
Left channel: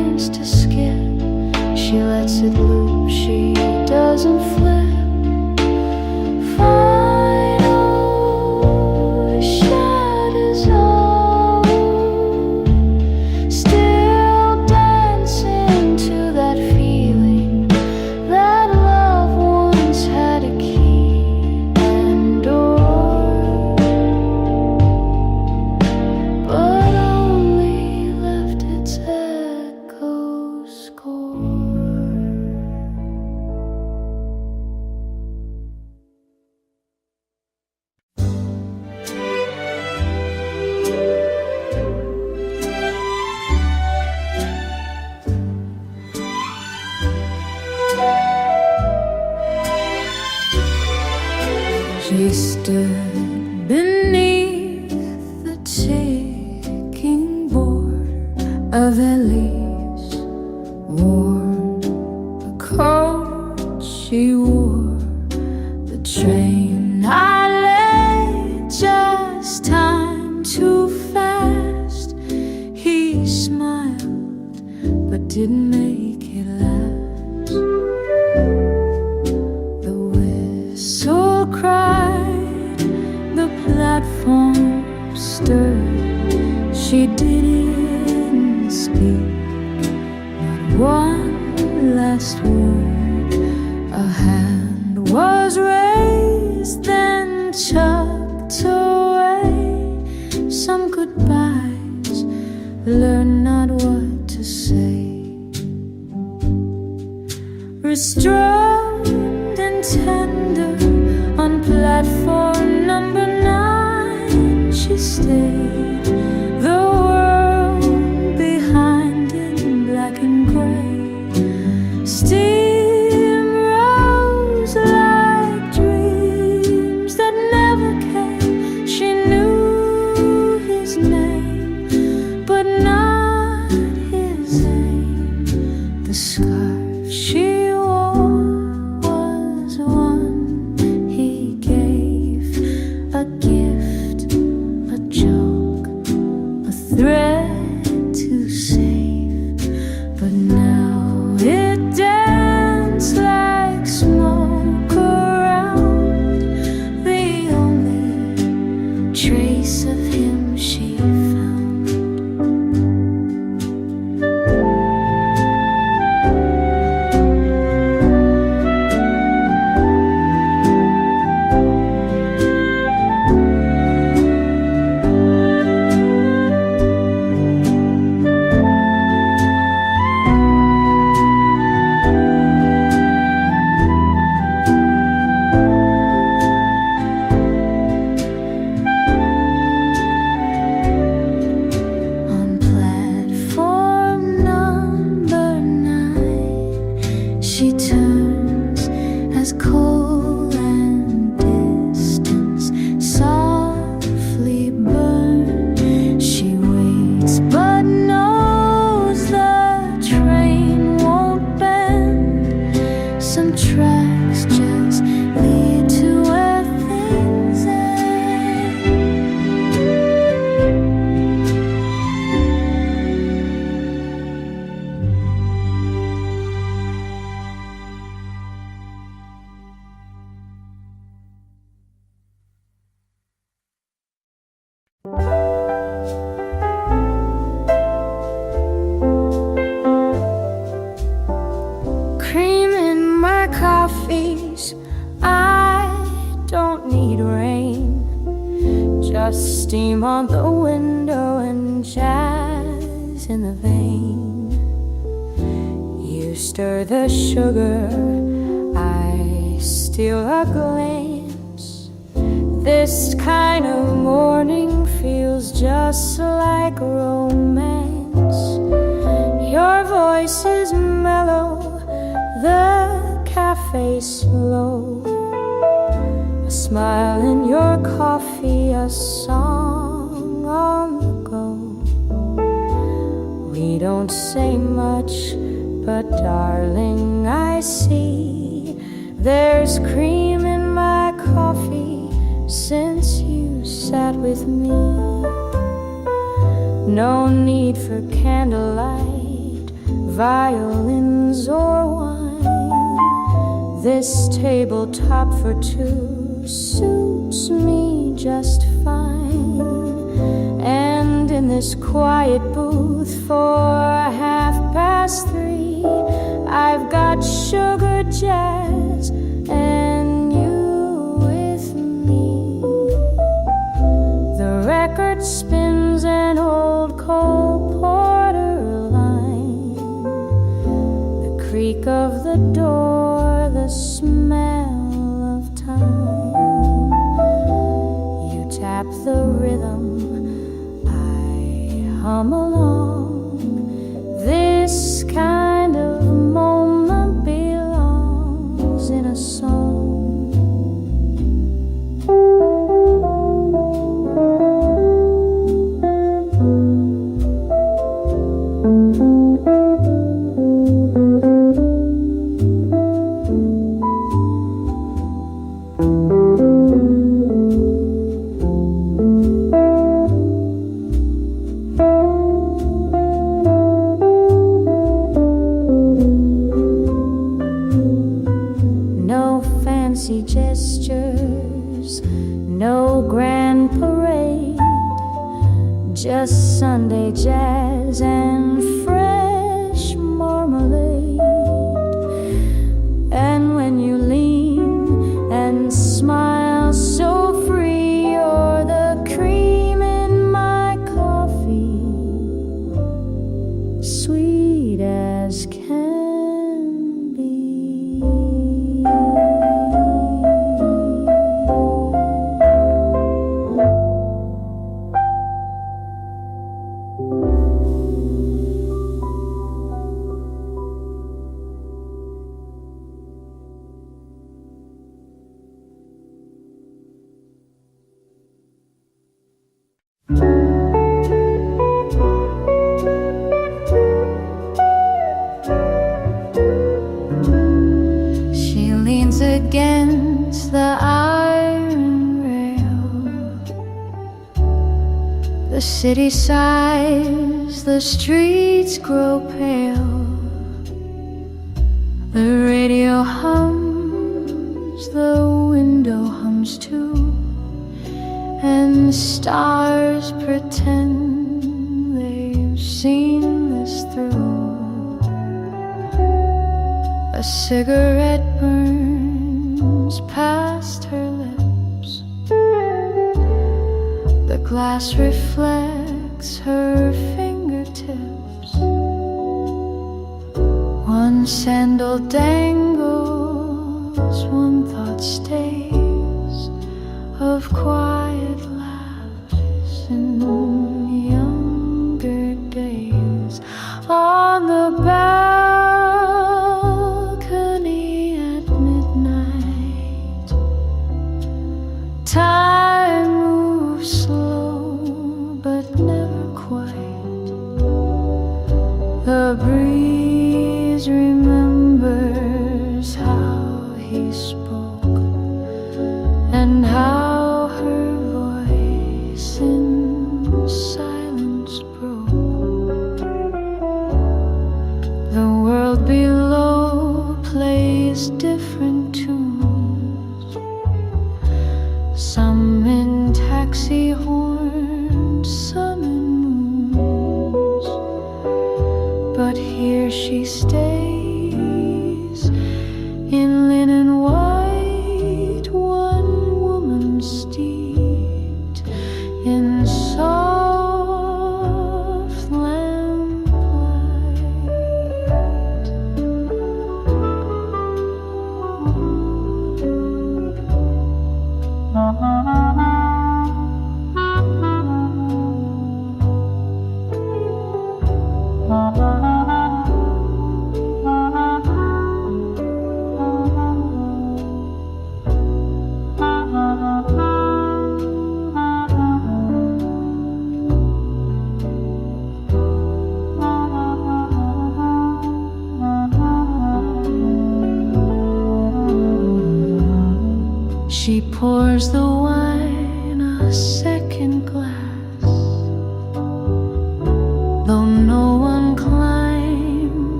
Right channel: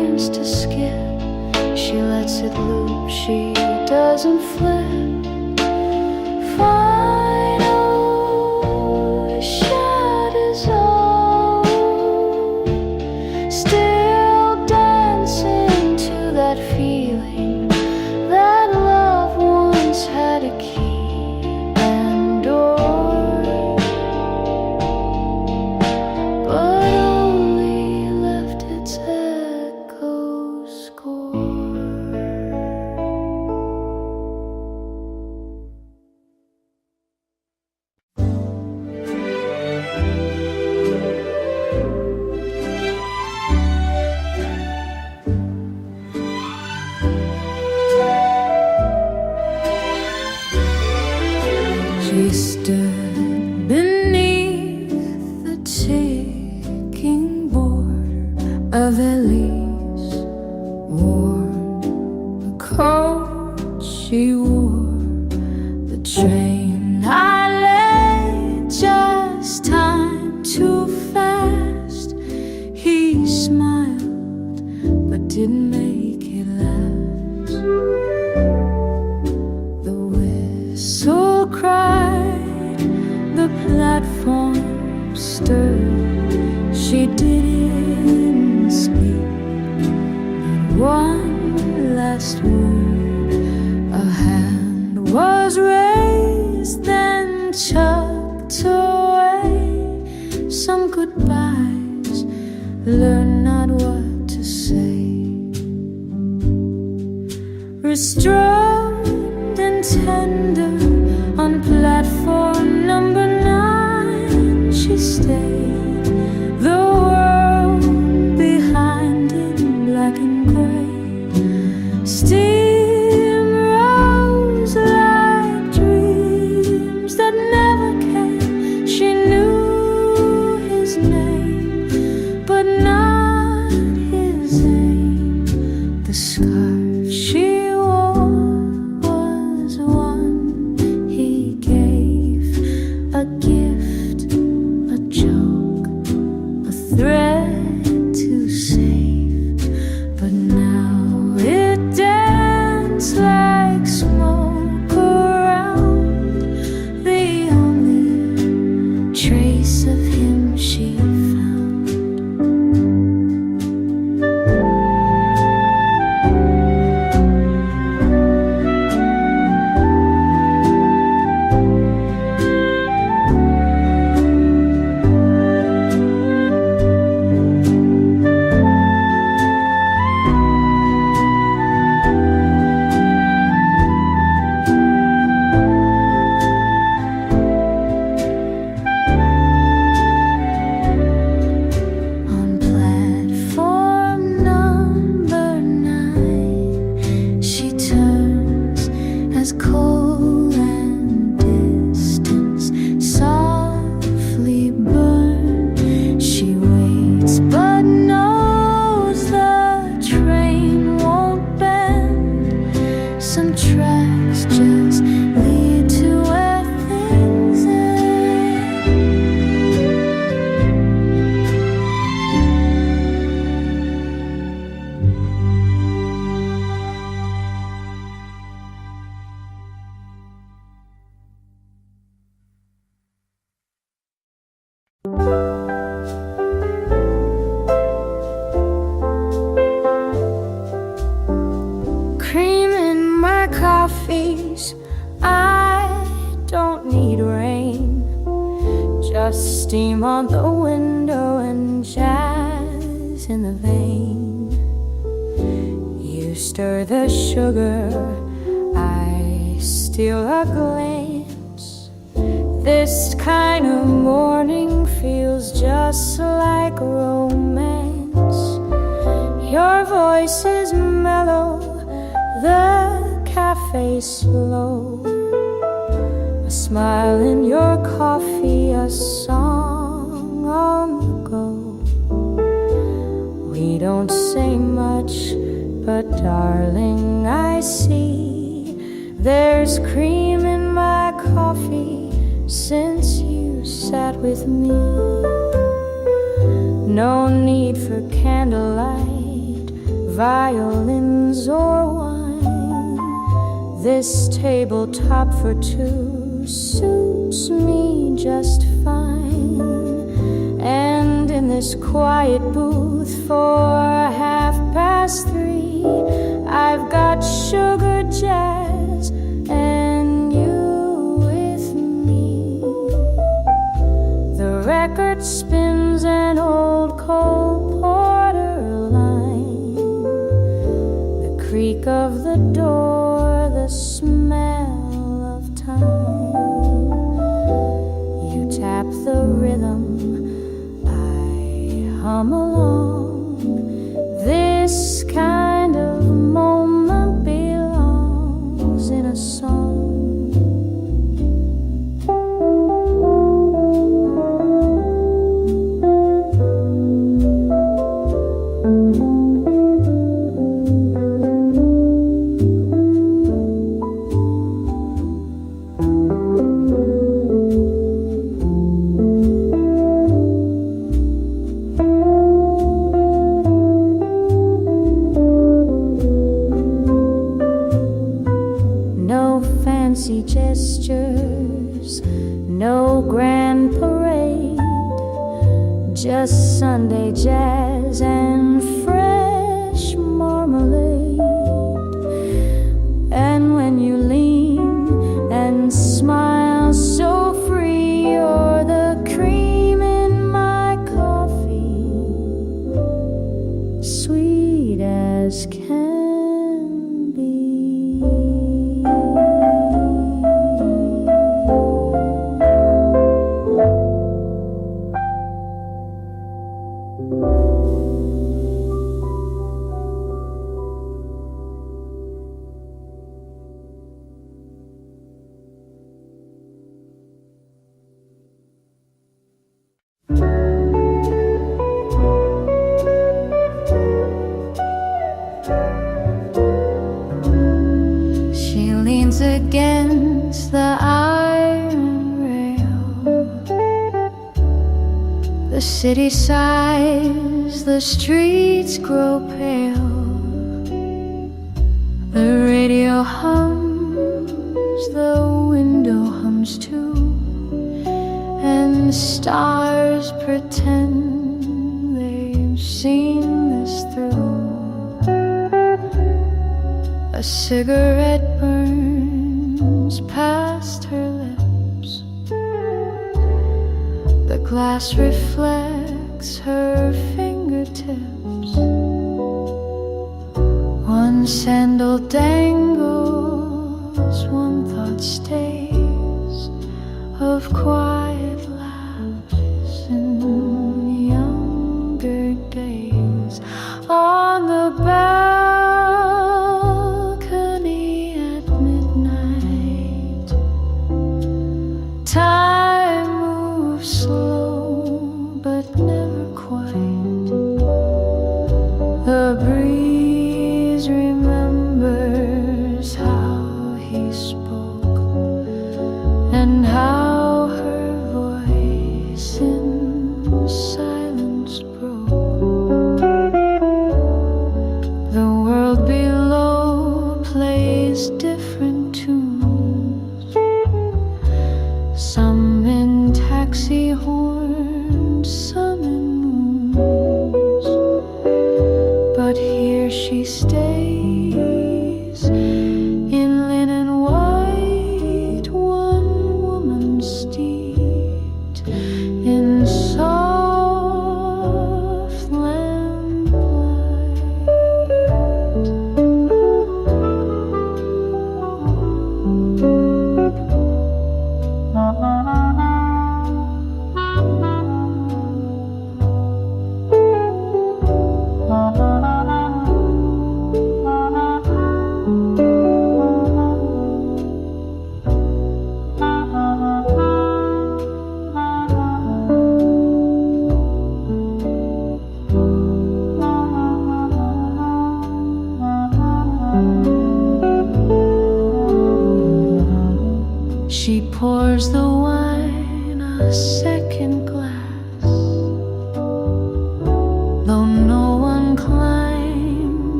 wants to skip. She lets it loop, she doesn't flip. Final shadows all, still dancing to that feeling that love once had a key and door, but only left its echo score. She stood beneath the ticking border of Ellie's worn a coat she wore. The train I lay, just time too fast. He smiled but didn't make it last. The whistle cried, the platform stirred. She didn't speak, not one last word. A hand was raised, then tucked away. Some goodbyes, learn not what to say. Restrained and tender on platform number 9, she stayed. The world behind in black and gray. Steam rose like dreams that never came. She knew his name, but not his aim. The scarf she wore was one he gave, a gift, a joke, a thread to save. But now it danced like smoke around, the only trace of him she found. She turns as coal and distance softly burn. She waits but knows the train won't bend. Some tracks just lead to where things end. Cream in my coffees, I don't need rain. Just steam on the window and jazz in the vein. You stir the sugar, I steal a glance. This kind of morning feels just like romance. Your voice is mellow, the cafe's slow. A smile in your coffee, a song on the go. We don't say much, but darling, I see there's cream in my coffee since you sat with me. No need for candlelight, violins or wine. This tabletop for two suits me just fine. And in this quiet booth for 3:30, I've got sugar jazz and you with me. The record spins an old Cole Porter line, the creak of the door, the smell of time. You tap the rhythm, I hum along. This kind of moment belongs in a song. Fancy gestures, no grand parade, just Sunday jazz and fresh marmalade. And when you lean and smile so free, you're the cream in my coffee, sweet as can be. Against the iron rail, the city sighs, the streets grow pale. The radio hums, the window hums too, and stars pretend they've seen this through. A cigarette burns past her lips, the glass reflects her fingertips. One sandal dangles, one thought stays, of quiet laughs in younger days. On the balcony at midnight, time moves slow but never quite. The breeze remembers how he spoke and how her voice in silence broke. The world below plays different tunes, some in taxi horns, some in moons. But here she stays in linen white, one woman steeped in soft lamplight. She pours the wine a second glass, though no one climbs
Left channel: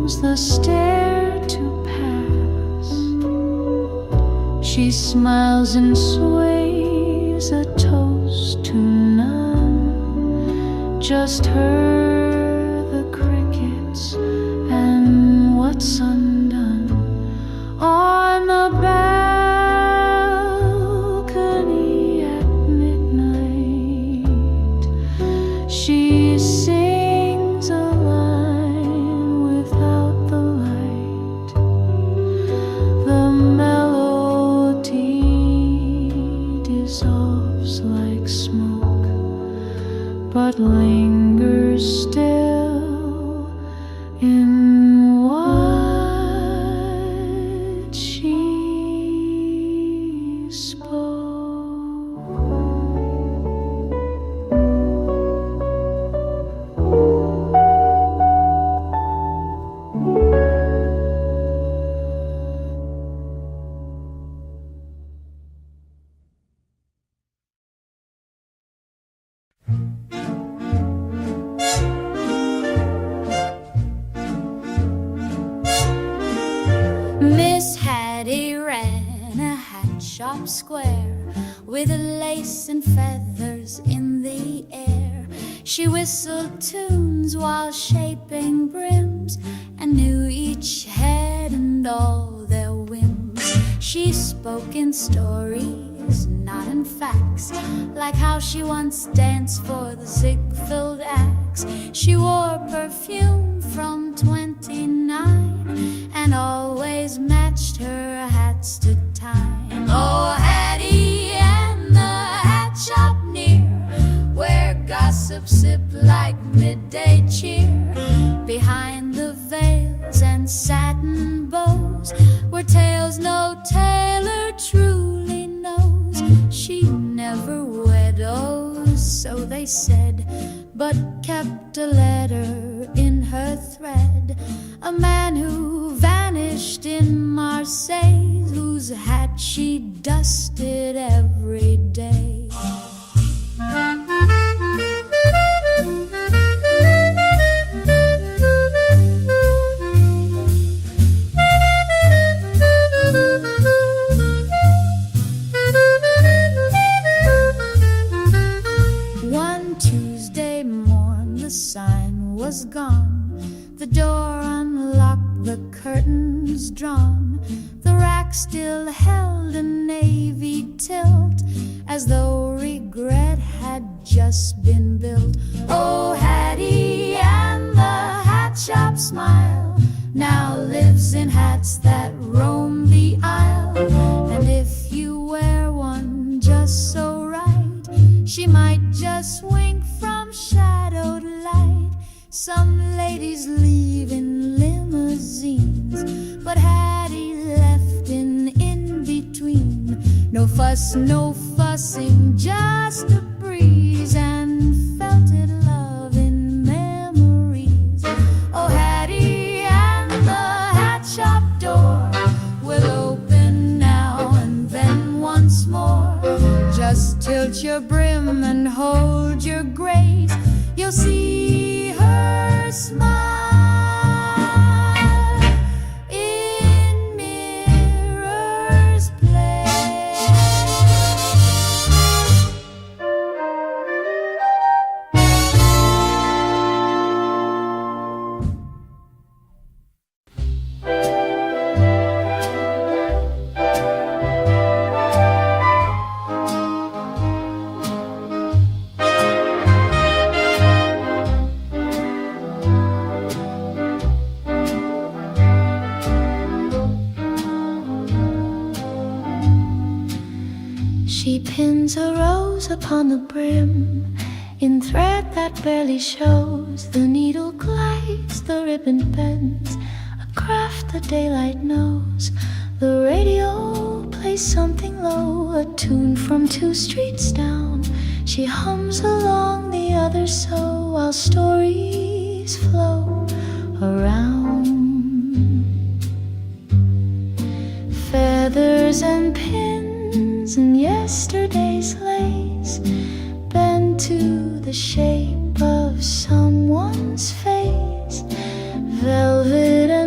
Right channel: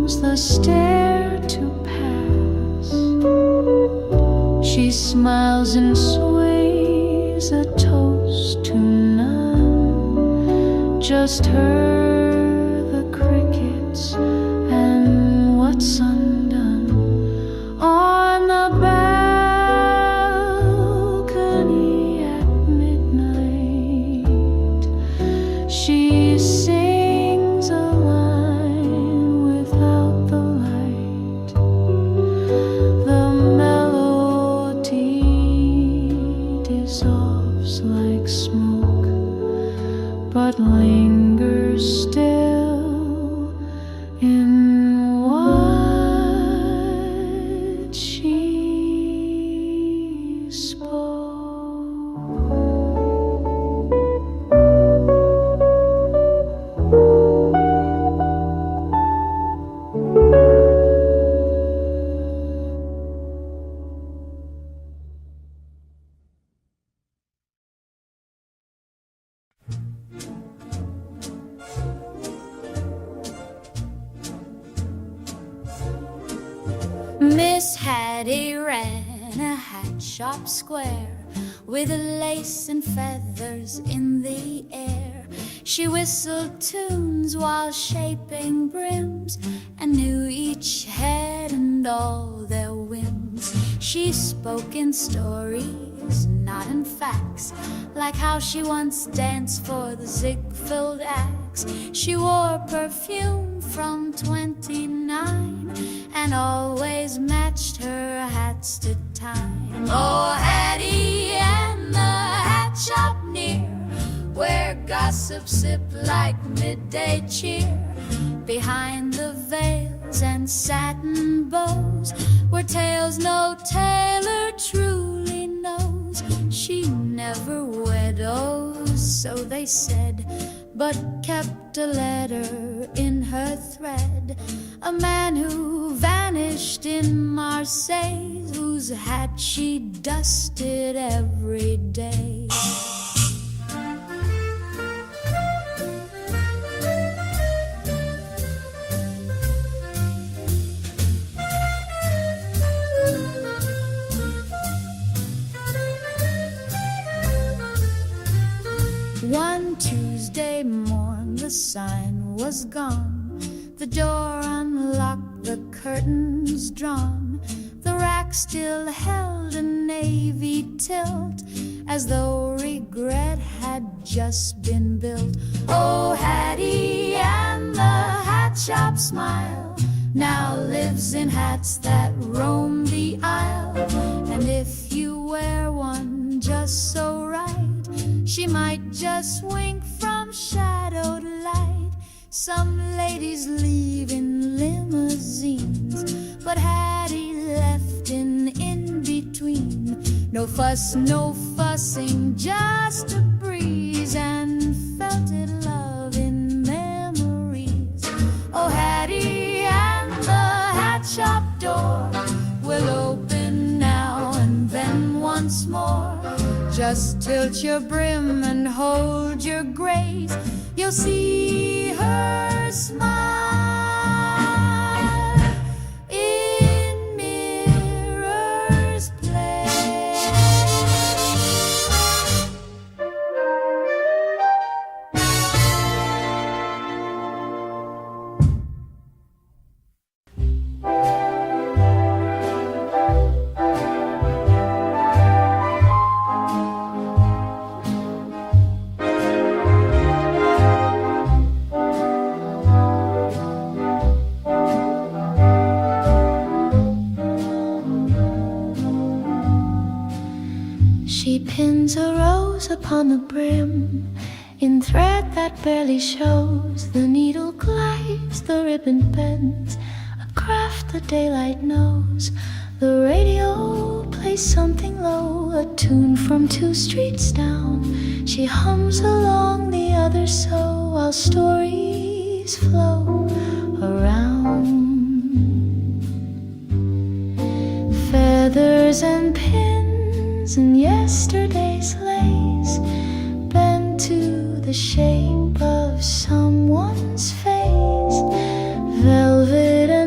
comes the stair to pass. She smiles and sways a toast to none. Just her, the crickets, and what's undone. On the balcony at midnight, she sings a line without the light. The melody dissolves like smoke, but lingers still in what she spoke. Miss Hattie ran a hat shop square with lace and feathers in the air. She whistled tunes while shaping brims and knew each head and all their whims. She spoke in stories, not in facts, like how she once danced for the Ziegfeld Axe. She wore perfume from 29 and always matched her hats to time. Oh, Hattie and the hat shop near, where gossip sip like midday cheer. Behind the veils and satin bows were tales no tailor truly knows. She never widows, so they said, but kept a letter in her thread. A man who vanished in Marseille, whose hat she dusted every day. One Tuesday morn the sign was gone, the door unlocked, the curtains drawn. The rack still held a navy tilt, as though regret had just been built. Oh, Hattie and the hat shop smile now lives in hats that roam the aisle. And if you wear one just so right, she might just wink from shadowed light. Some ladies leave in limousines, but Hattie left in between. No fuss, no fussing, just a breeze and felted love in memories. Oh, Hattie and the hat shop door will open now and then once more. Just tilt your brim and hold your grace, you'll see her smile in Mirror's Place. She pins a rose upon the brim in thread that barely shows. The needle glides, the ribbon bends, a craft the daylight knows. The radio plays something low, a tune from 2 streets down. She hums along the other so, while stories flow around. Feathers and pins and yesterday's lace bend to the shape of someone's face. Velvet and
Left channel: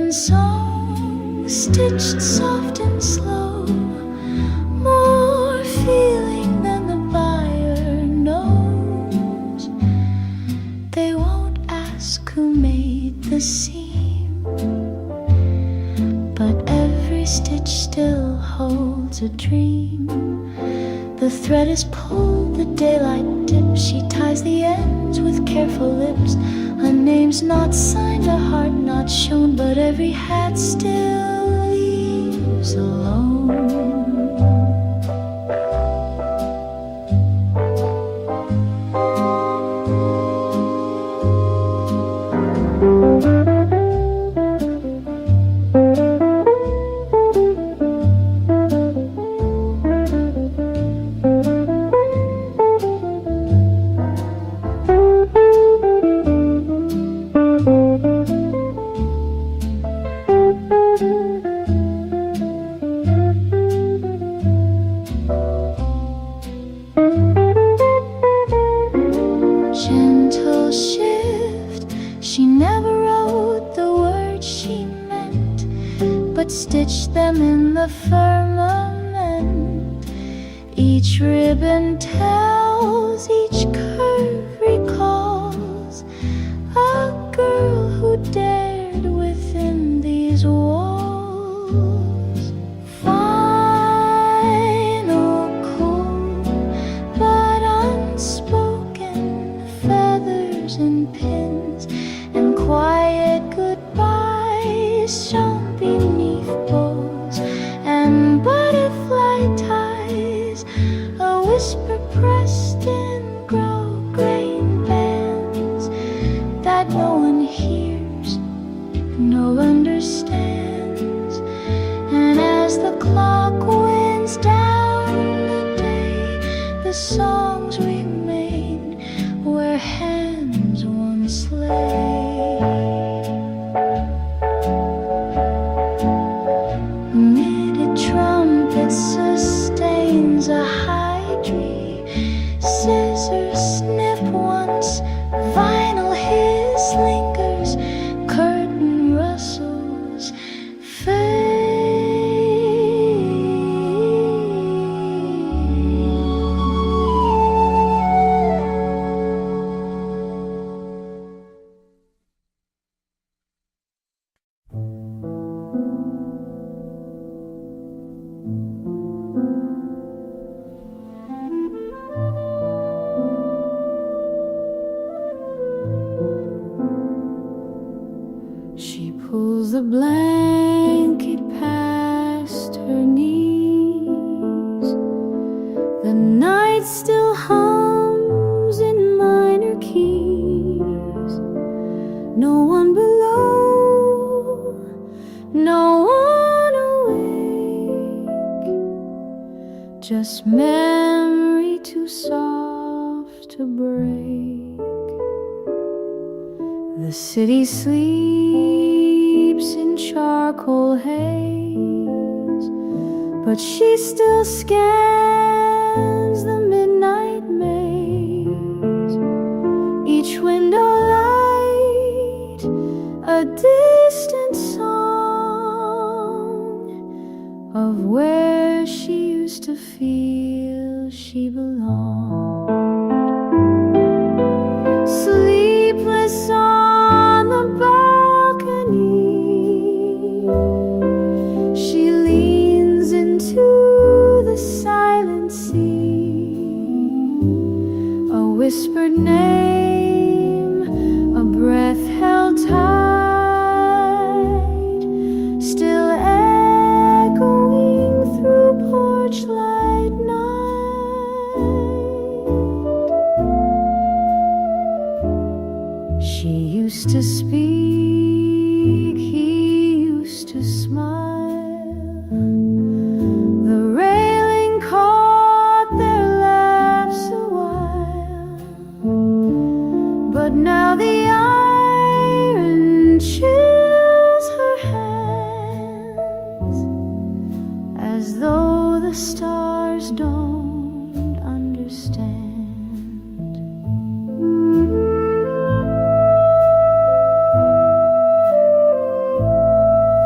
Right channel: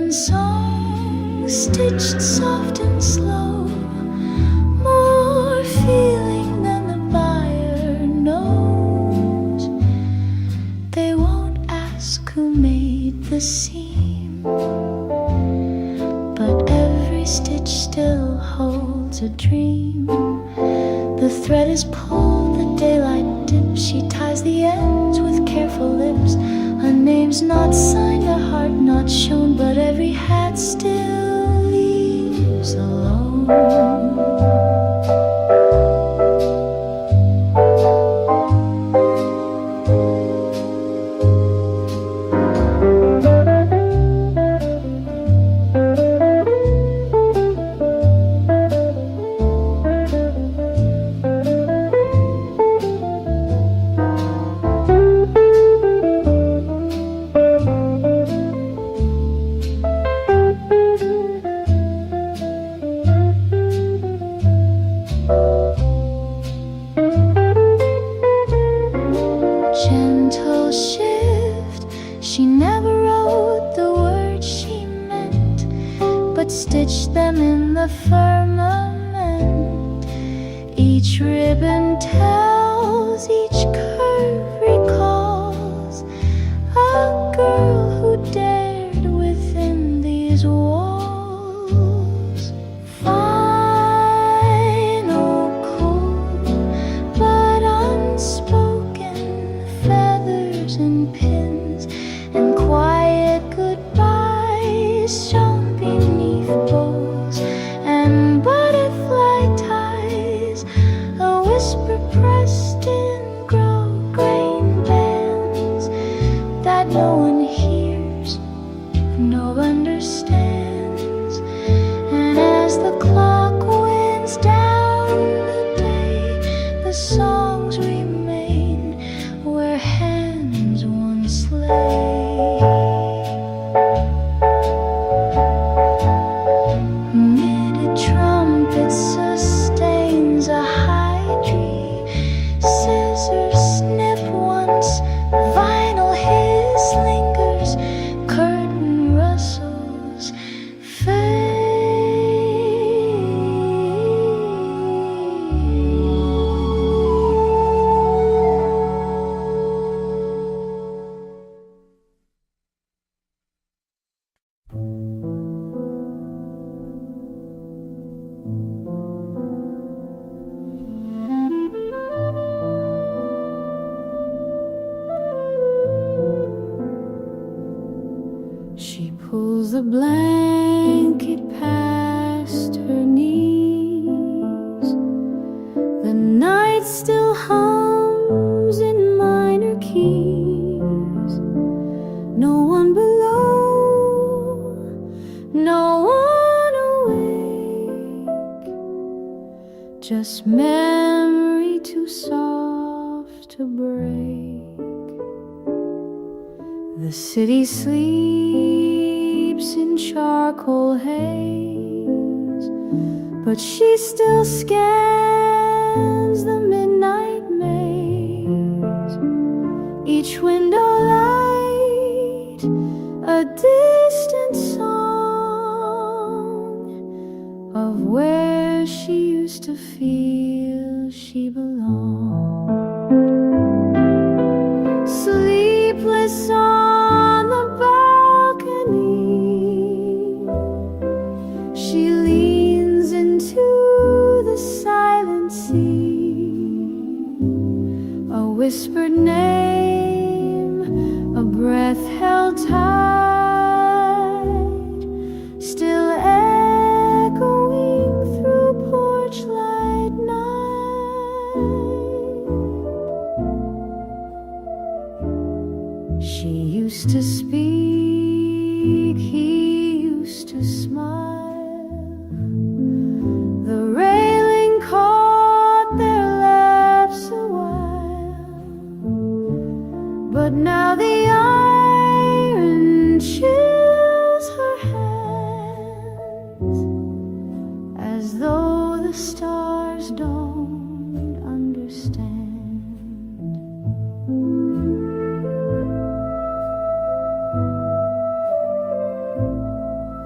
in song, stitched soft and slow, more feeling than the buyer knows. They won't ask who made the seam, but every stitch still holds a dream. The thread is pulled, the daylight dips. She ties the ends with careful lips. Her name's not signed, a heart not shown, but every hat still leaves alone. Gentle shift, she never wrote the words she meant, but stitched them in the firmament. Each ribbon tells, each curve recalls a girl who dared within these walls. Final, cool, but unspoken, feathers and pins and quiet goodbyes shone beneath bows and butterfly ties, a whisper pressed in grau-grain bands that no one hears, no understands. And as the clock winds down the day, the songs remain where hands once lay. Knitted trumpet sustains a high tree. Scissors snip once, vinyl hiss lingers, curtain rustles fade. She pulls the blanket past her knees. The night still hums in minor keys. No one below, no one awake, just memory too soft to break. The city sleeps in charcoal haze, but she still scans the midnight maze. Each window light, a distant song of where she used to feel she belonged. Sleepless on the balcony, she leans into the silent sea. A whispered name, a breath held tight, still echoing through porch light night. She used to speak, he used to smile. The railing caught their laughs a while, but now the iron chills her hands, as though the stars don't understand.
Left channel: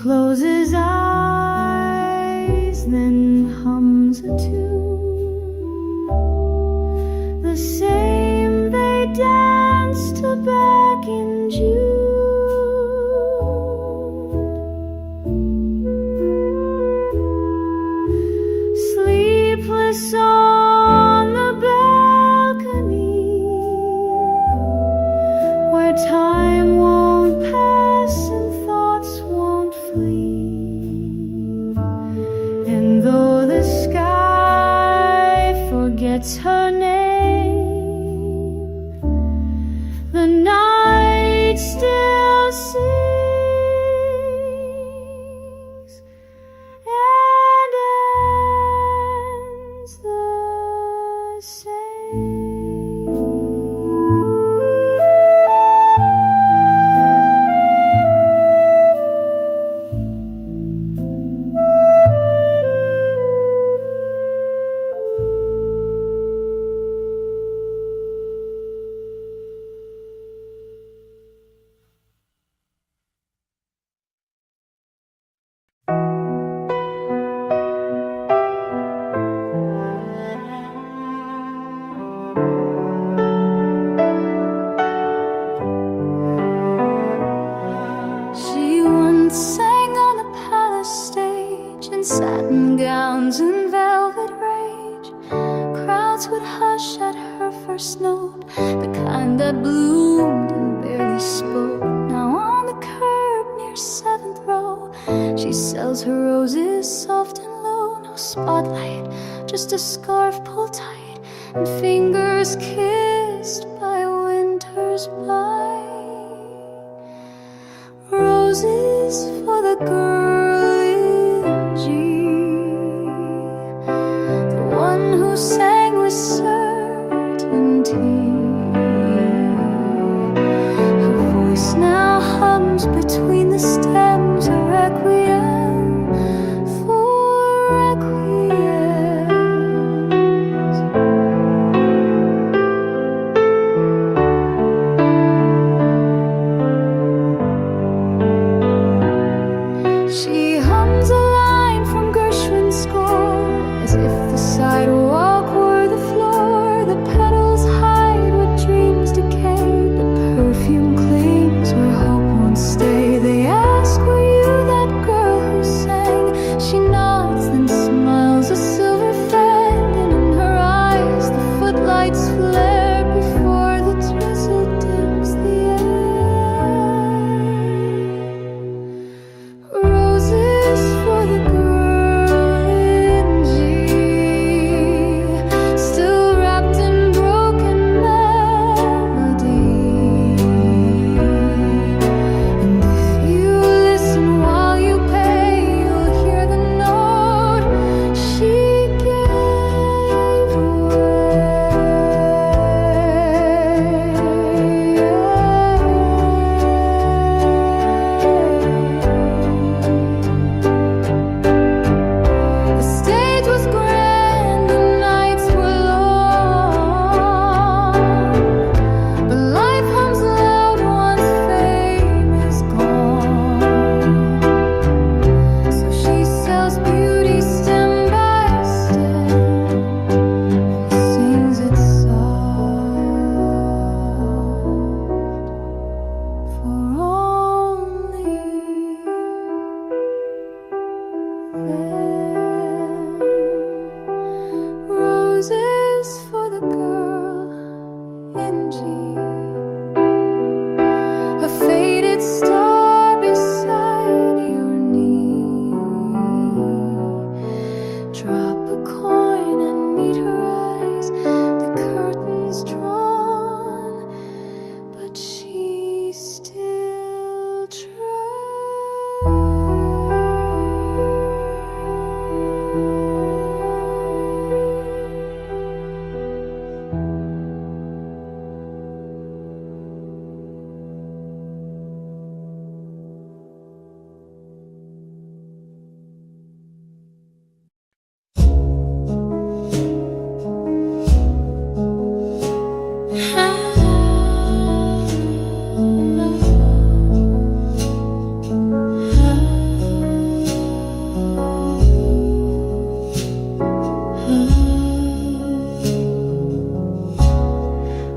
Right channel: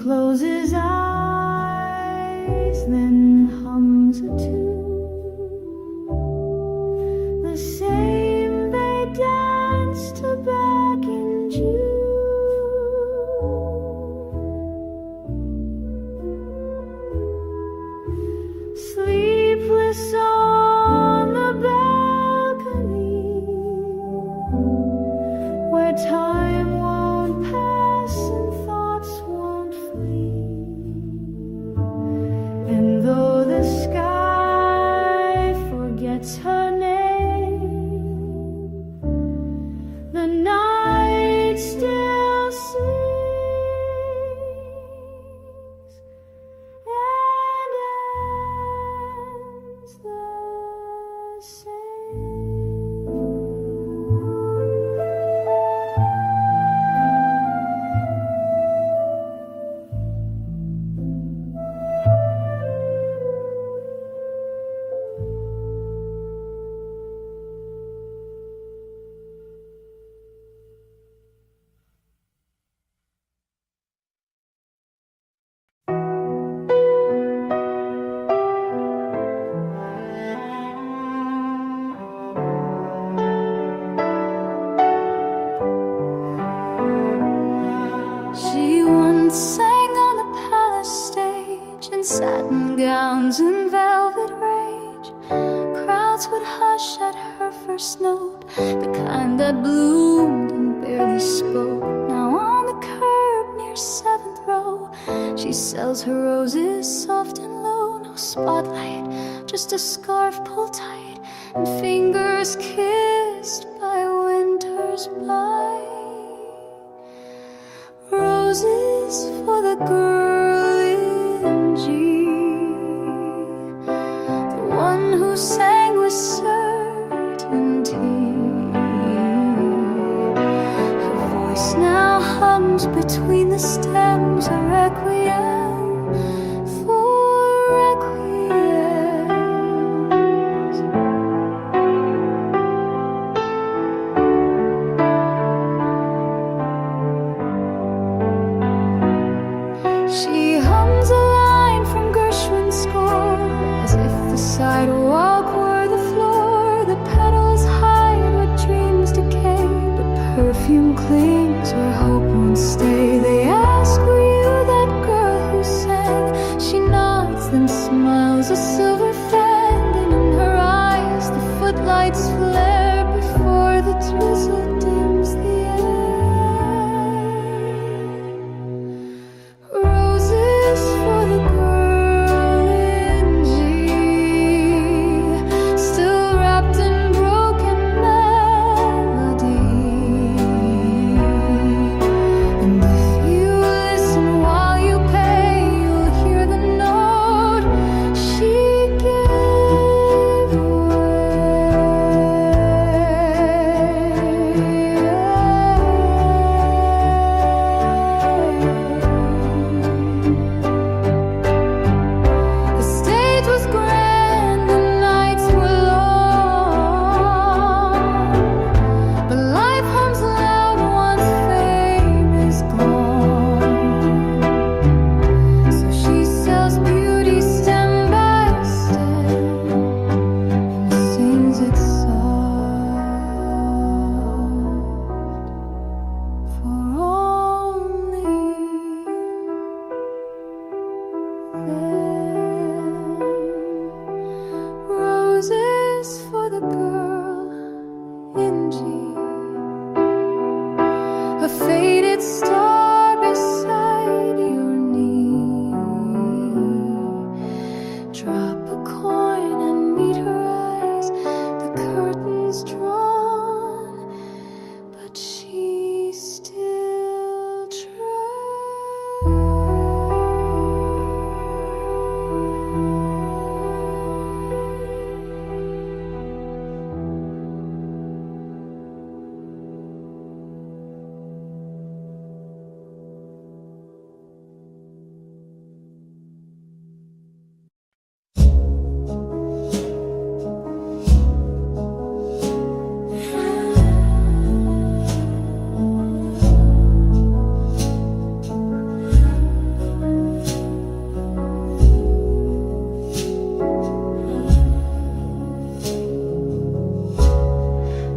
closes eyes, then hums a tune, the same they danced to back in June. Sleepless on the balcony, where time won't pass and thoughts won't flee. And though the sky forgets her name, the night still sings and ends the same. She once sang on the palace stage in satin gowns and velvet rage. Crowds would hush at her first note, the kind that bloomed and barely spoke. Now on the curb near 7th row, she sells her roses soft and low. No spotlight, just a scarf pulled tight and fingers kissed by winter's bite. Roses for the girl in G, the one who sang with certainty. Her voice now hums between the stems, a requiem for requiems. She hums a line from Gershwin's score, as if the sidewalk were the floor. The petals hide what dreams decay, but perfume clings where hope won't stay. They ask, were you that girl who sang? She nods, then smiles a silver fan, and in her eyes the footlights flare before the drizzle dims the air. Roses for the girl in G, still wrapped in broken melody. And if you listen while you pay, you'll hear the note she gave away.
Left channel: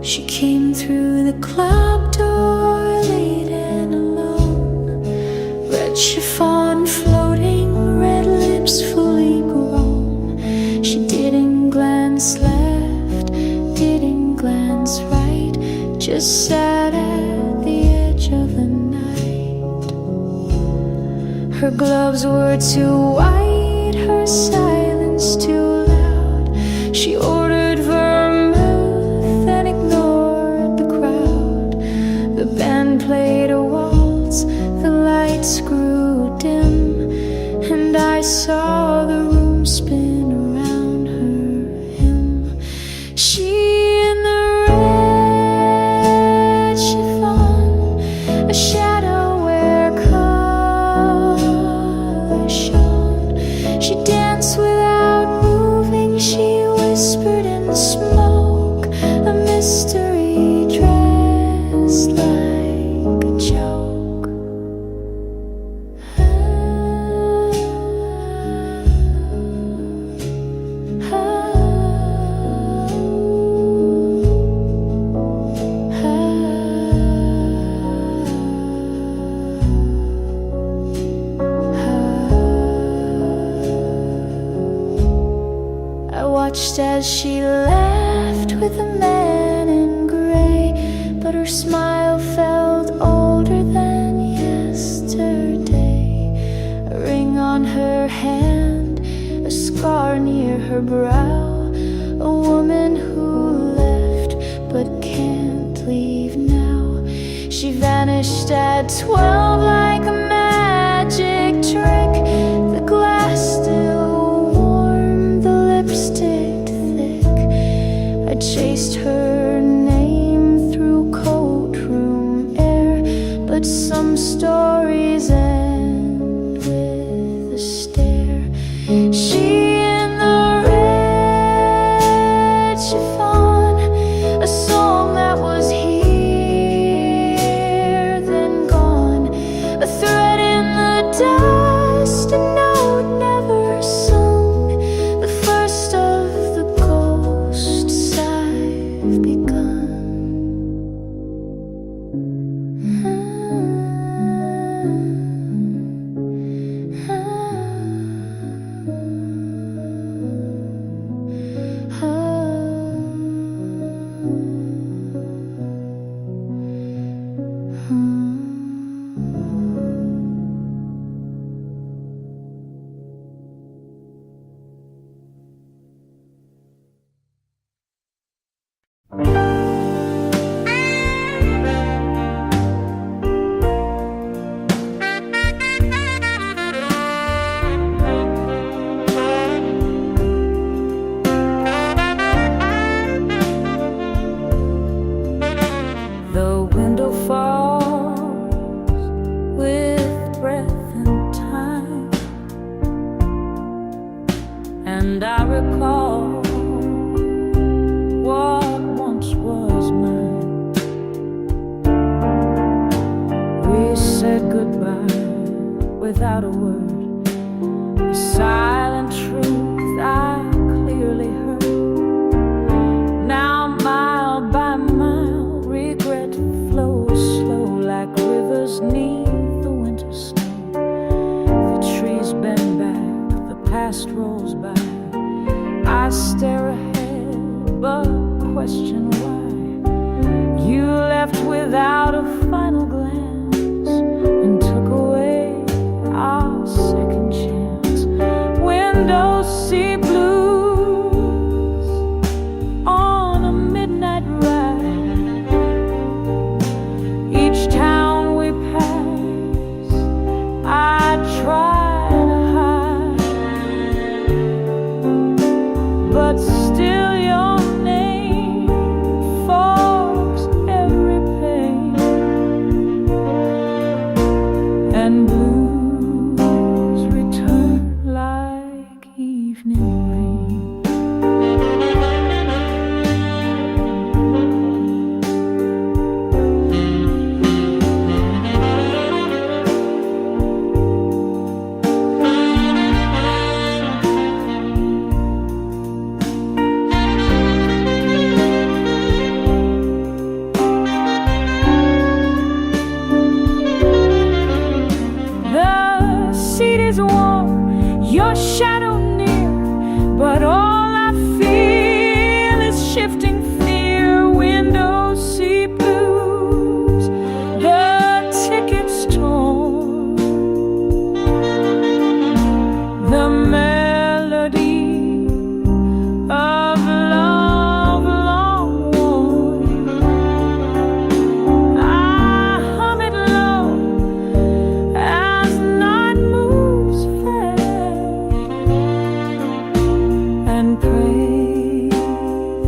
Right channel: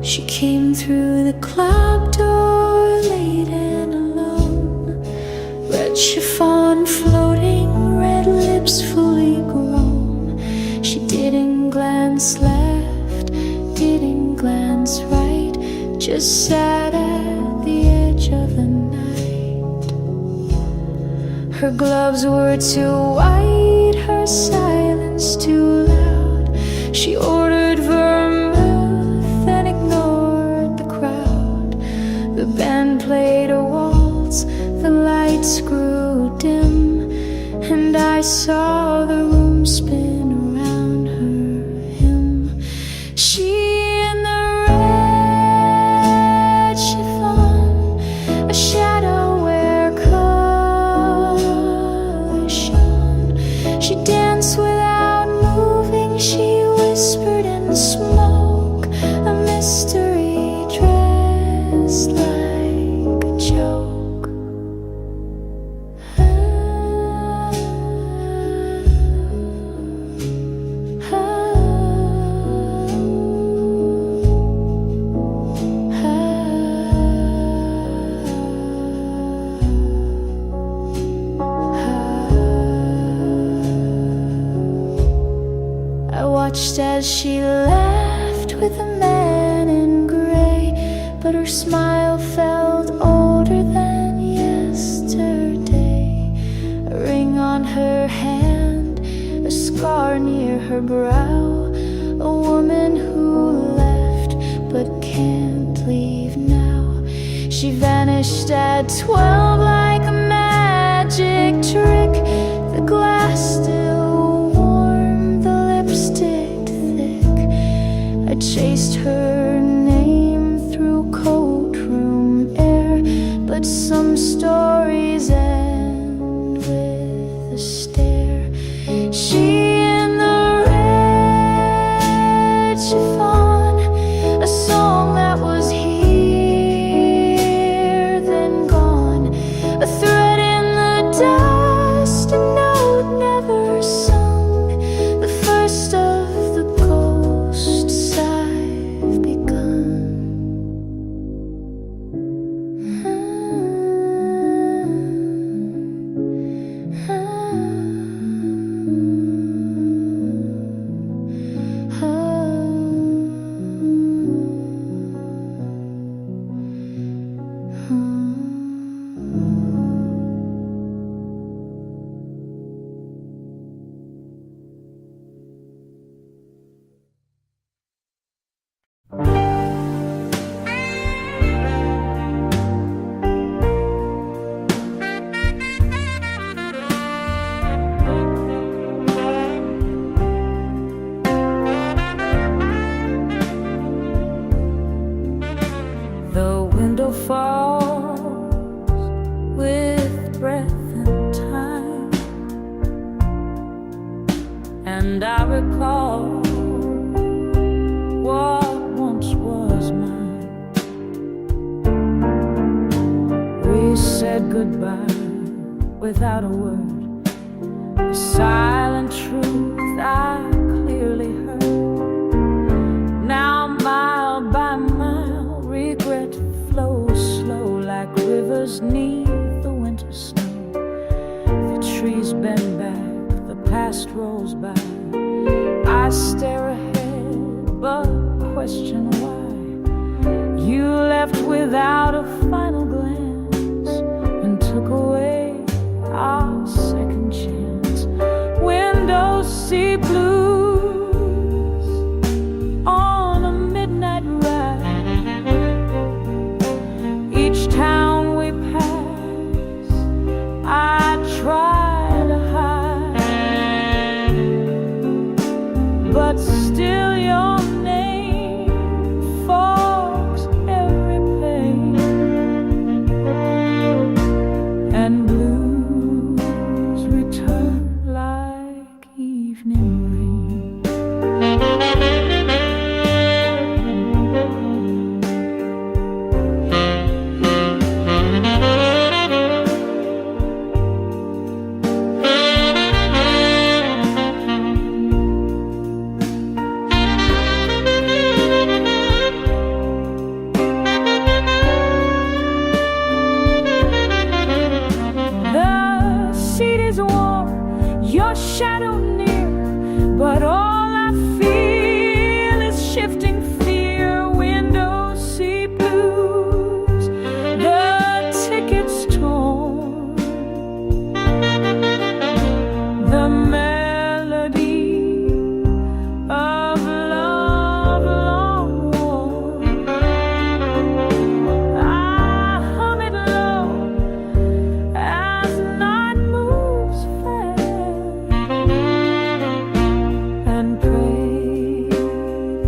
She came through the club door late and alone. Red chiffon floating, red lips fully grown. She didn't glance left, didn't glance right, just sat at the edge of the night. Her gloves were too white, her silence too loud. She ordered vermouth and ignored the crowd. The band played a waltz, the lights grew dim, and I saw the room spin around her him. She in the red chiffon, a shadow where color shone. She danced without moving, she whispered in the smoke, a mystery dressed like a joke. I watched as she laughed with a man in gray, but her smile felt older than yesterday. A ring on her hand, a scar near her brow, a woman who left but can't leave now. She vanished at 12 like a magic trick. The glass still warm, the lipstick thick. I chased her name through courtroom air, but some stories end with a stare. She in the red chiffon, a song that was here then gone, a thread in the dust, a note never sung, the first of the ghosts I've begun. The window falls with breath and time, and I recall what once was mine. We said goodbye without a word, the silent truth I clearly heard. Now mile by mile, regret flows slow like rivers neath the winter snow. The trees bend back, the past rolls by. I stare ahead, but question why. You left without a final glance and took away our second chance. Windows see blues on a midnight ride. Each town we pass, I try to hide, but still your name fogs every pain.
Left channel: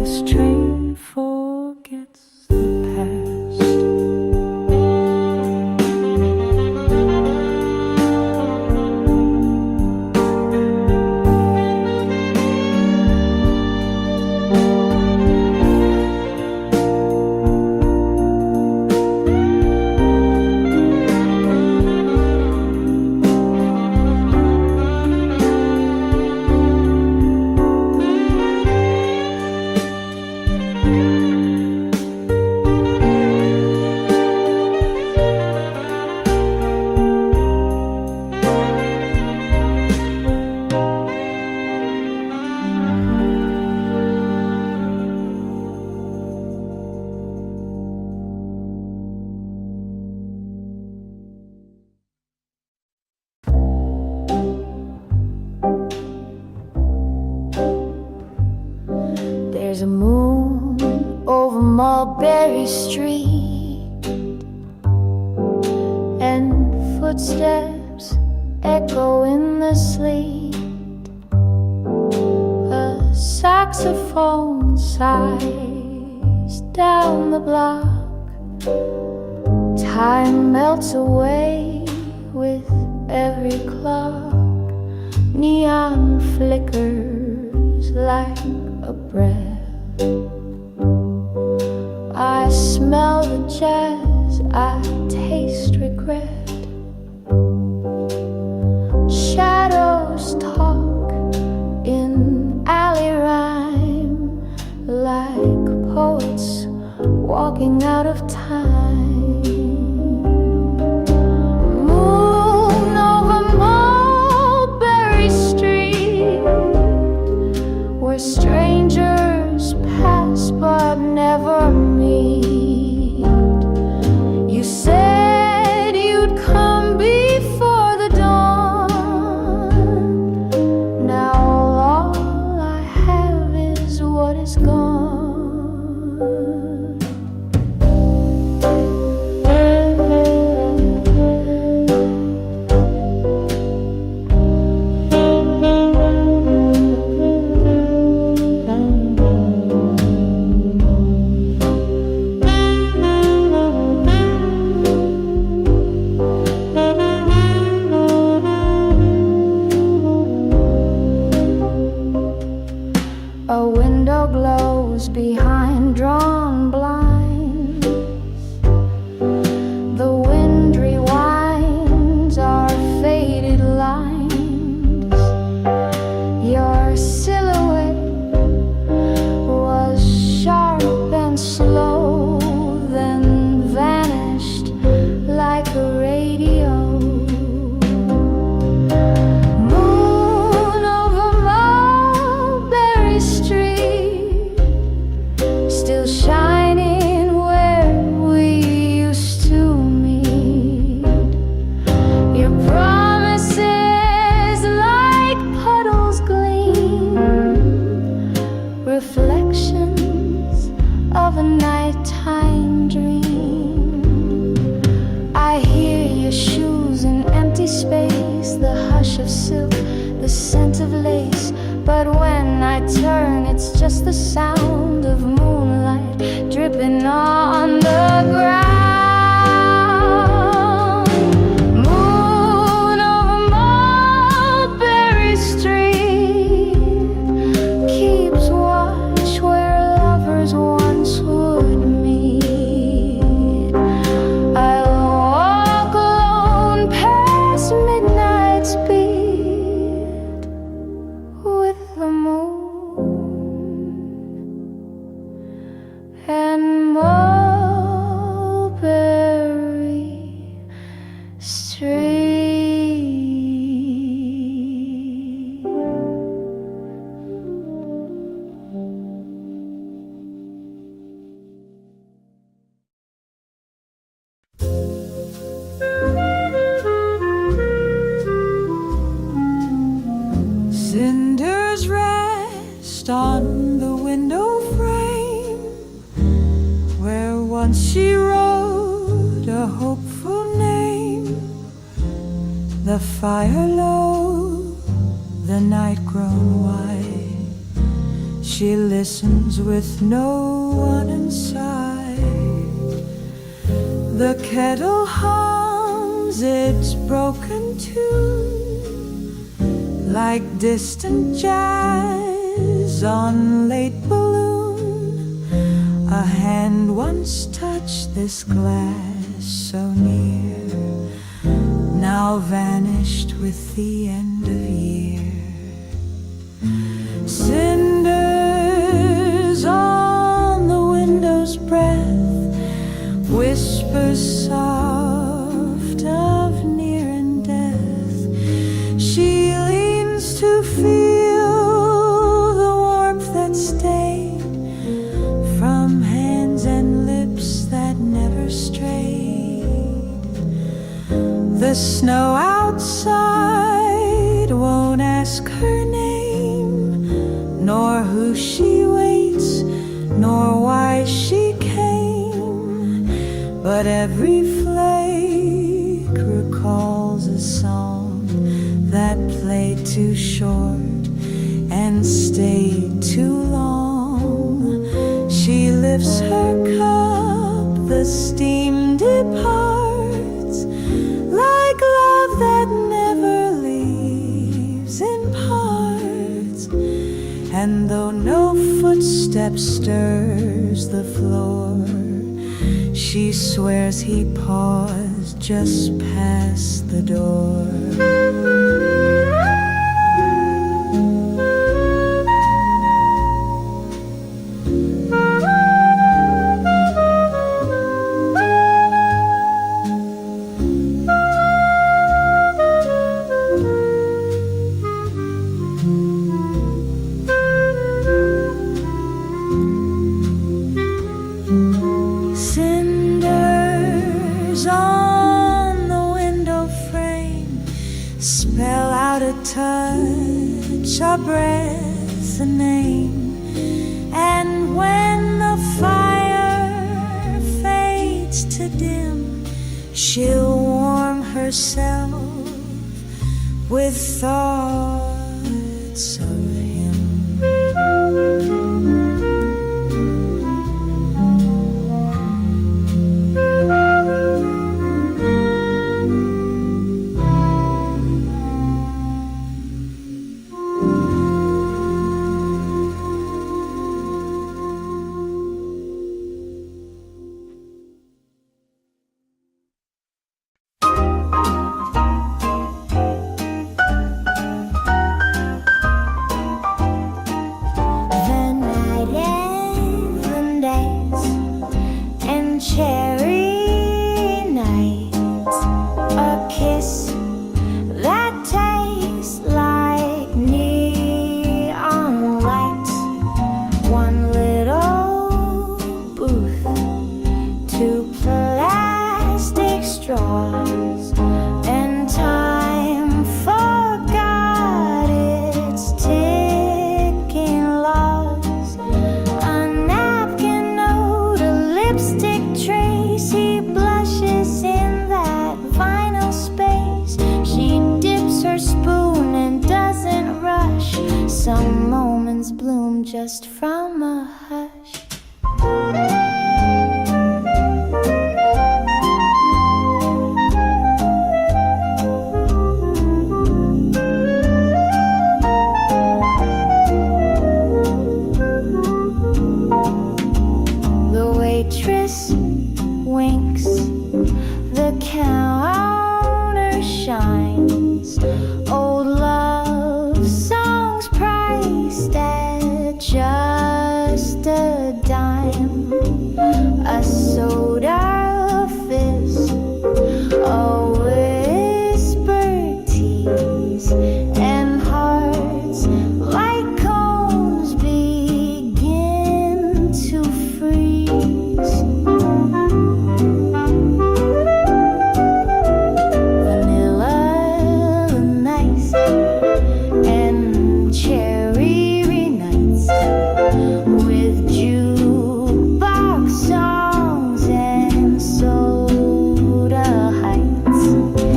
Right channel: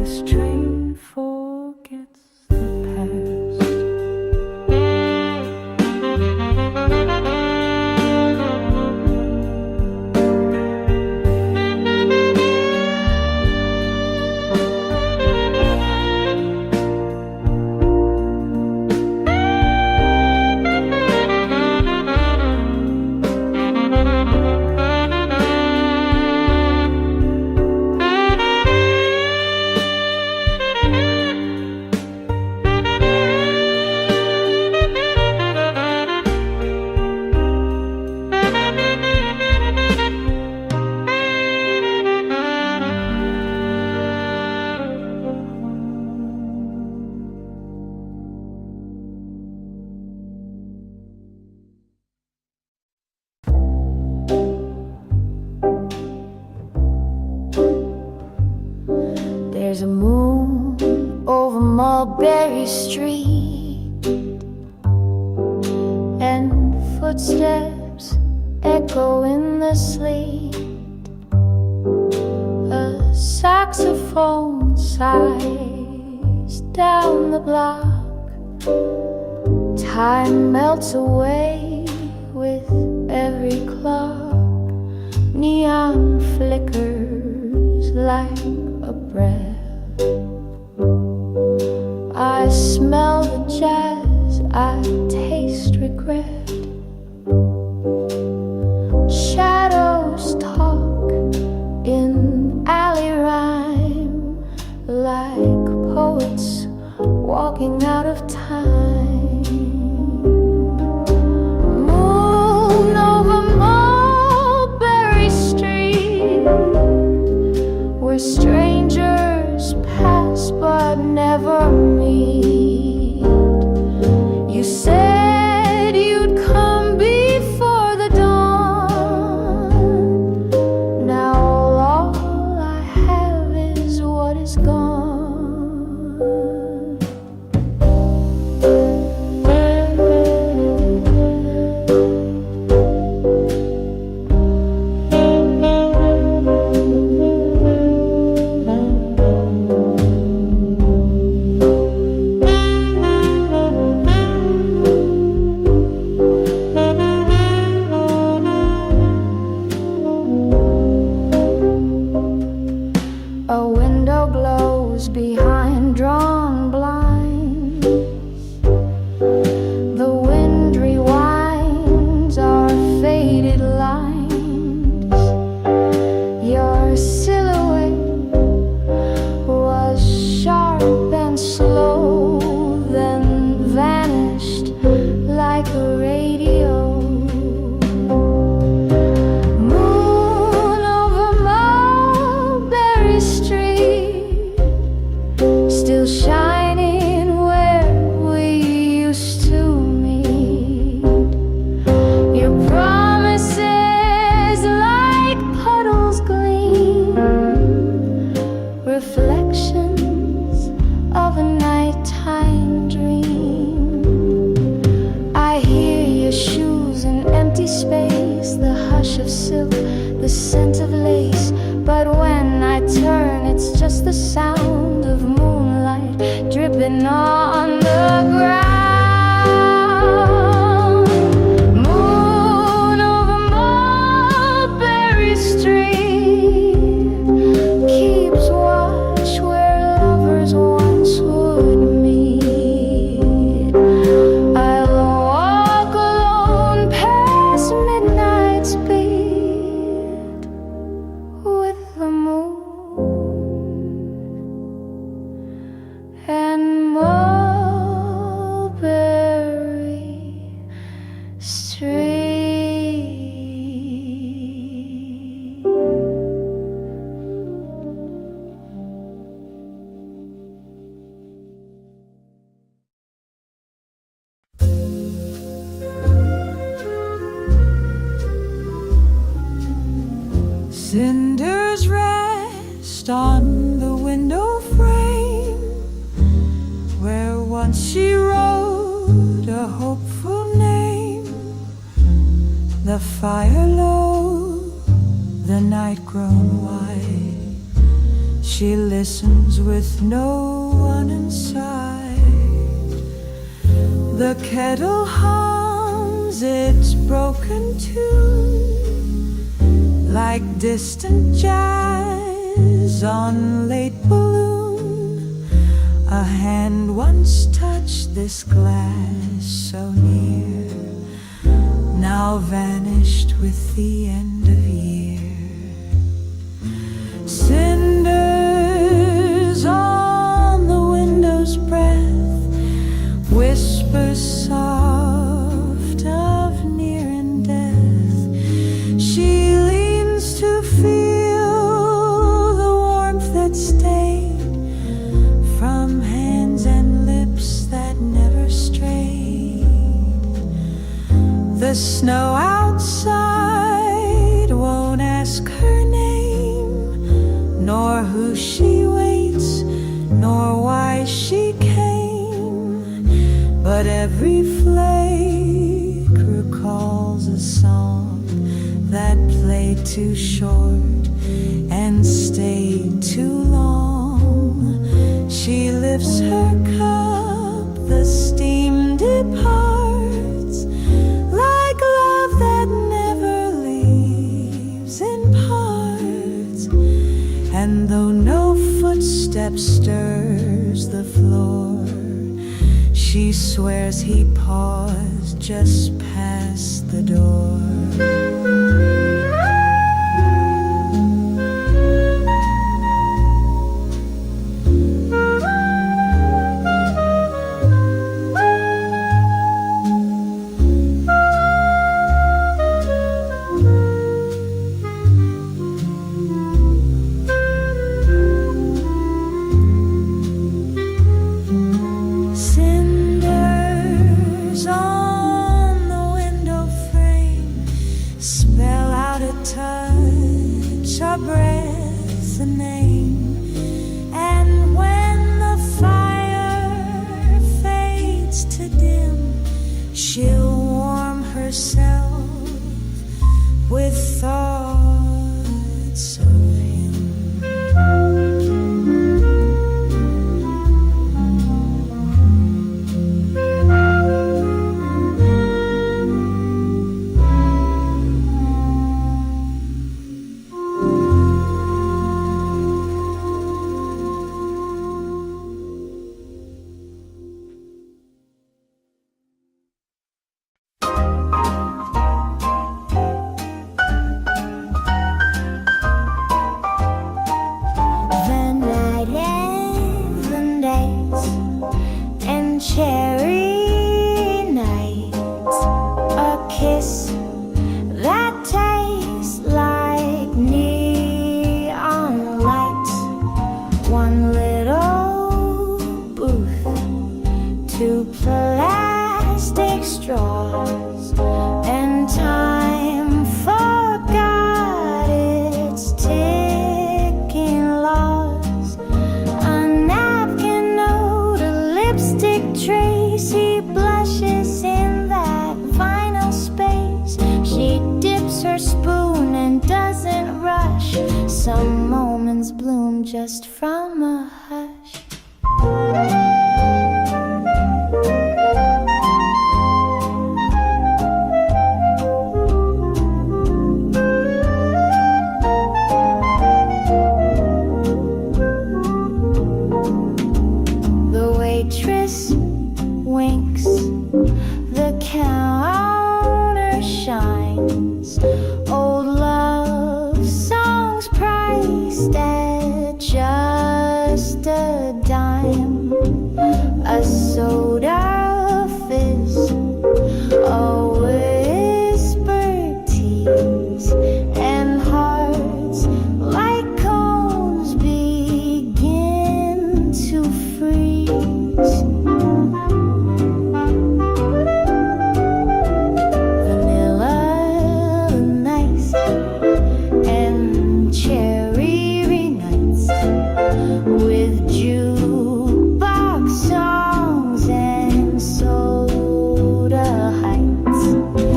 this train forgets the past. There's a moon over Mulberry Street, and footsteps echo in the sleet. A saxophone sighs down the block. Time melts away with every clock. Neon flickers like a breath. I smell the jazz, I taste regret. Shadows talk in alley rhyme, like poets walking out of time. Moon over Mulberry Street, where strangers pass but never meet. You said you'd come before the dawn. Now all I have is what is gone. A window glows behind drawn blinds. The wind rewinds our faded lines. Your silhouette was sharp and slow, then vanished like a radio. Still shining where we used to meet. Your promises like puddles gleam, reflections of a nighttime dream. I hear your shoes in empty space, the hush of silk, the scent of lace. But when I turn, it's just the sound of moonlight dripping on the ground. Moon over Mulberry Street keeps watch where lovers once would meet. I'll walk alone past midnight's beat with the moon and Mulberry Street. Cinders rest on the window frame, where once she wrote a hopeful name. The fire low, the night grown white, She listens with no one inside. The kettle hums its broken tune like distant jazz on late balloon. A hand once touched this glass so near, now vanished with the end of year. Cinders on the window's breath, whispers soft of near and death. She leans to feel the warmth that stayed from hands and lips that never strayed. The snow outside won't ask her name, nor who she waits, nor why she came. But every flake recalls a song that played too short and stayed too long. She lifts her cup, the steam departs, like love that never leaves in parts. And though no footstep stirs the floor, she swears he paused just past the door. Cinders on the window frame spell out a touch, a breath, a name. And when the fire fades to dim, she'll warm herself with thoughts of him. Cherry nights, a kiss that tastes like neon lights, one little booth, two plastic straws, and time forgot its ticking laws. A napkin note, a lipstick trace, he blushes in that vinyl space. She dips her spoon and doesn't rush. Some moments bloom just from a hush. The waitress winks, the counter shines. Old love songs priced at just a dime. A soda fizz, a whispered tease, and hearts like cones begin to freeze. Vanilla nice and cherry nights with jukebox songs and soda heights.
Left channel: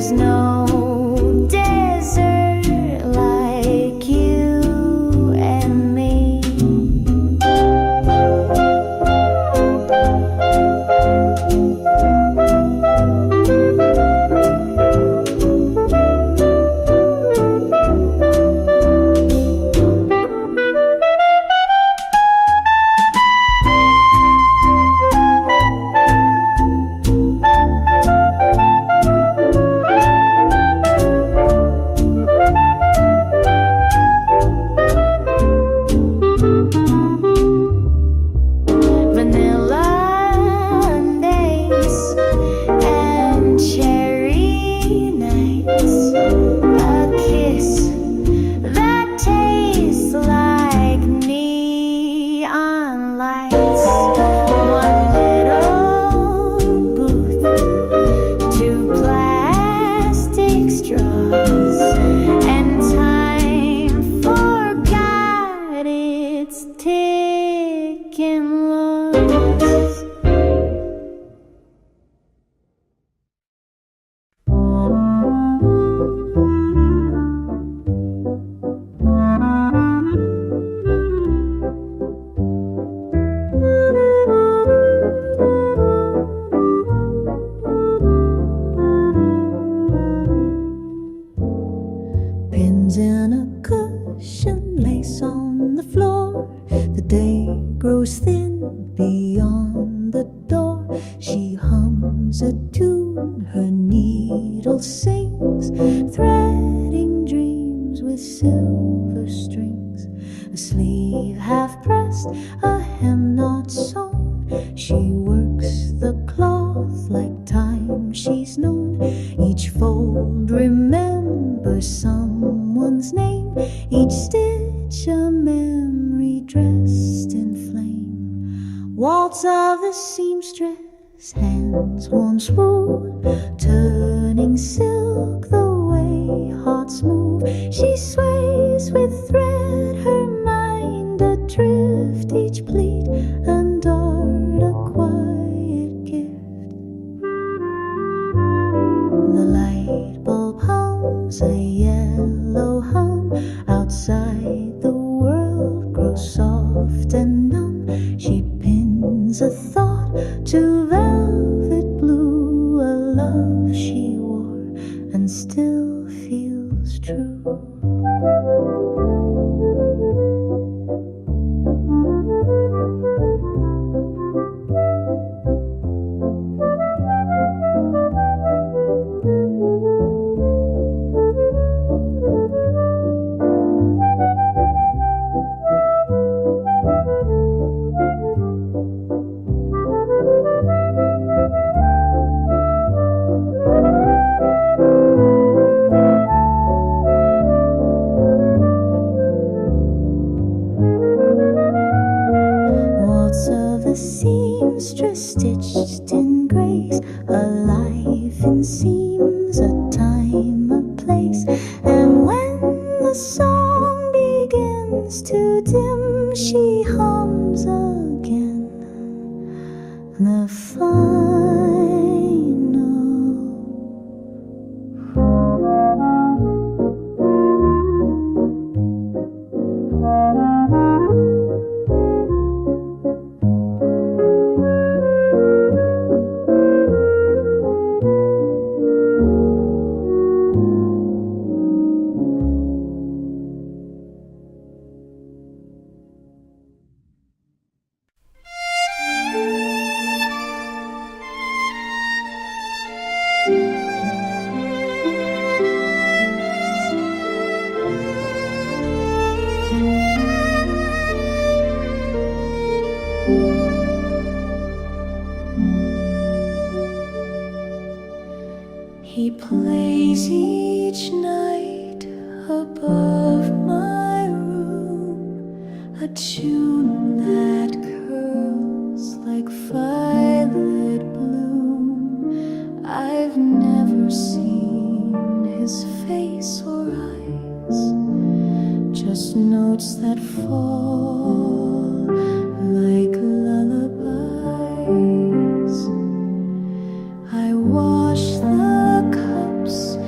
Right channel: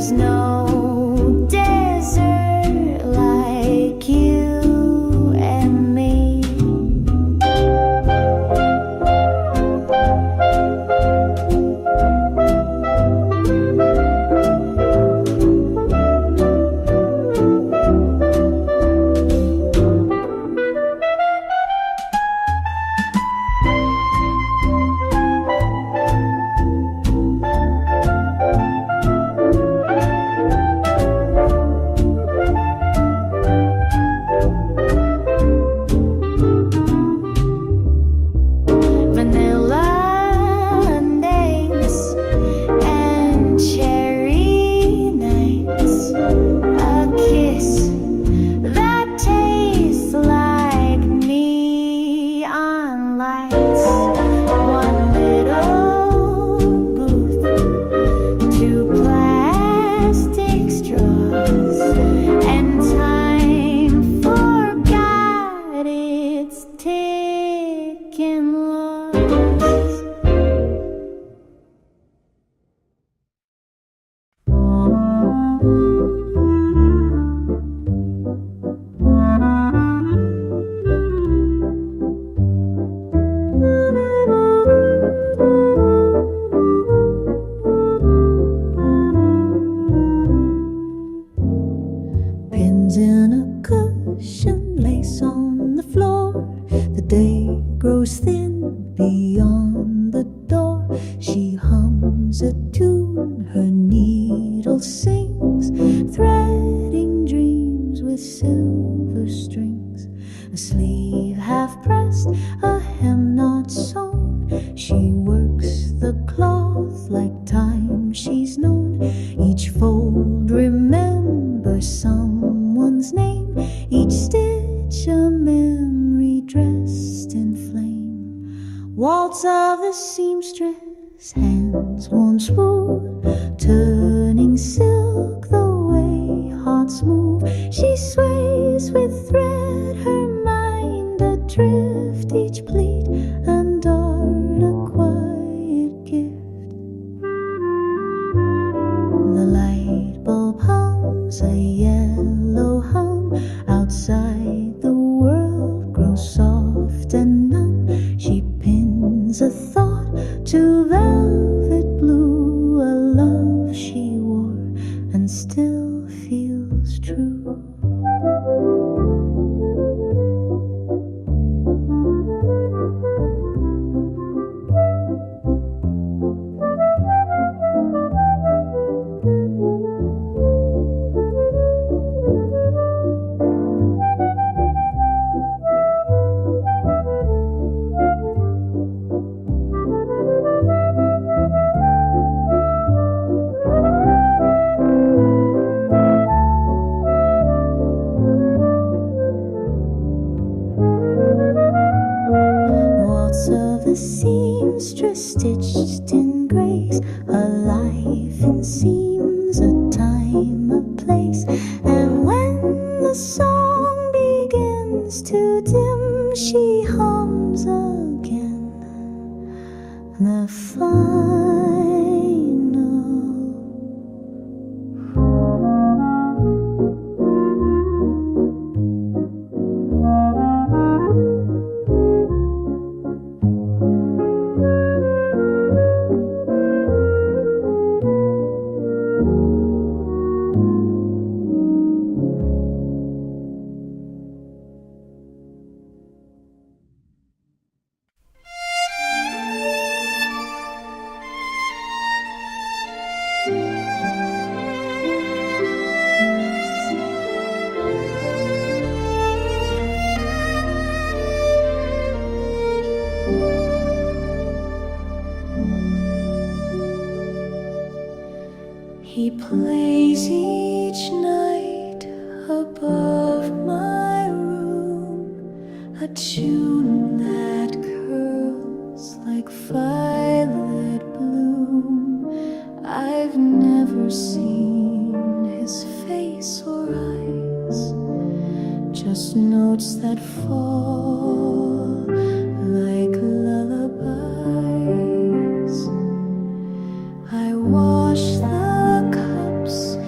There's no desert like you and me. Vanilla days and cherry nights, a kiss that tastes like neon lights, one little booth, two plastic straws, and time forgot its ticking laws. Pins in a cushion, lace on the floor. The day grows thin beyond the door. She hums a tune, her needle sings, threading dreams with silver strings. A sleeve half pressed, a hem not sewn. She works the cloth like time she's known. Each fold remembers someone's name, each stitch a memory dressed in flame. Waltz of the seamstress, hands warm smooth, turning silk the way hearts move. She sways with thread, her mind adrift, each pleat and dart a quiet gift. The light bulb hums a yellow hum, outside the world grows soft and numb. She pins a thought to velvet blue, a love she wore and still feels true. Waltz of the seamstress, stitched in grace, a life in seams, a time, a place. And when the song begins to dim, she hums again the final. He plays each night above my room, a tune that curls like violet bloom. I've never seen his face or eyes, just notes that fall like lullabies. I wash the cups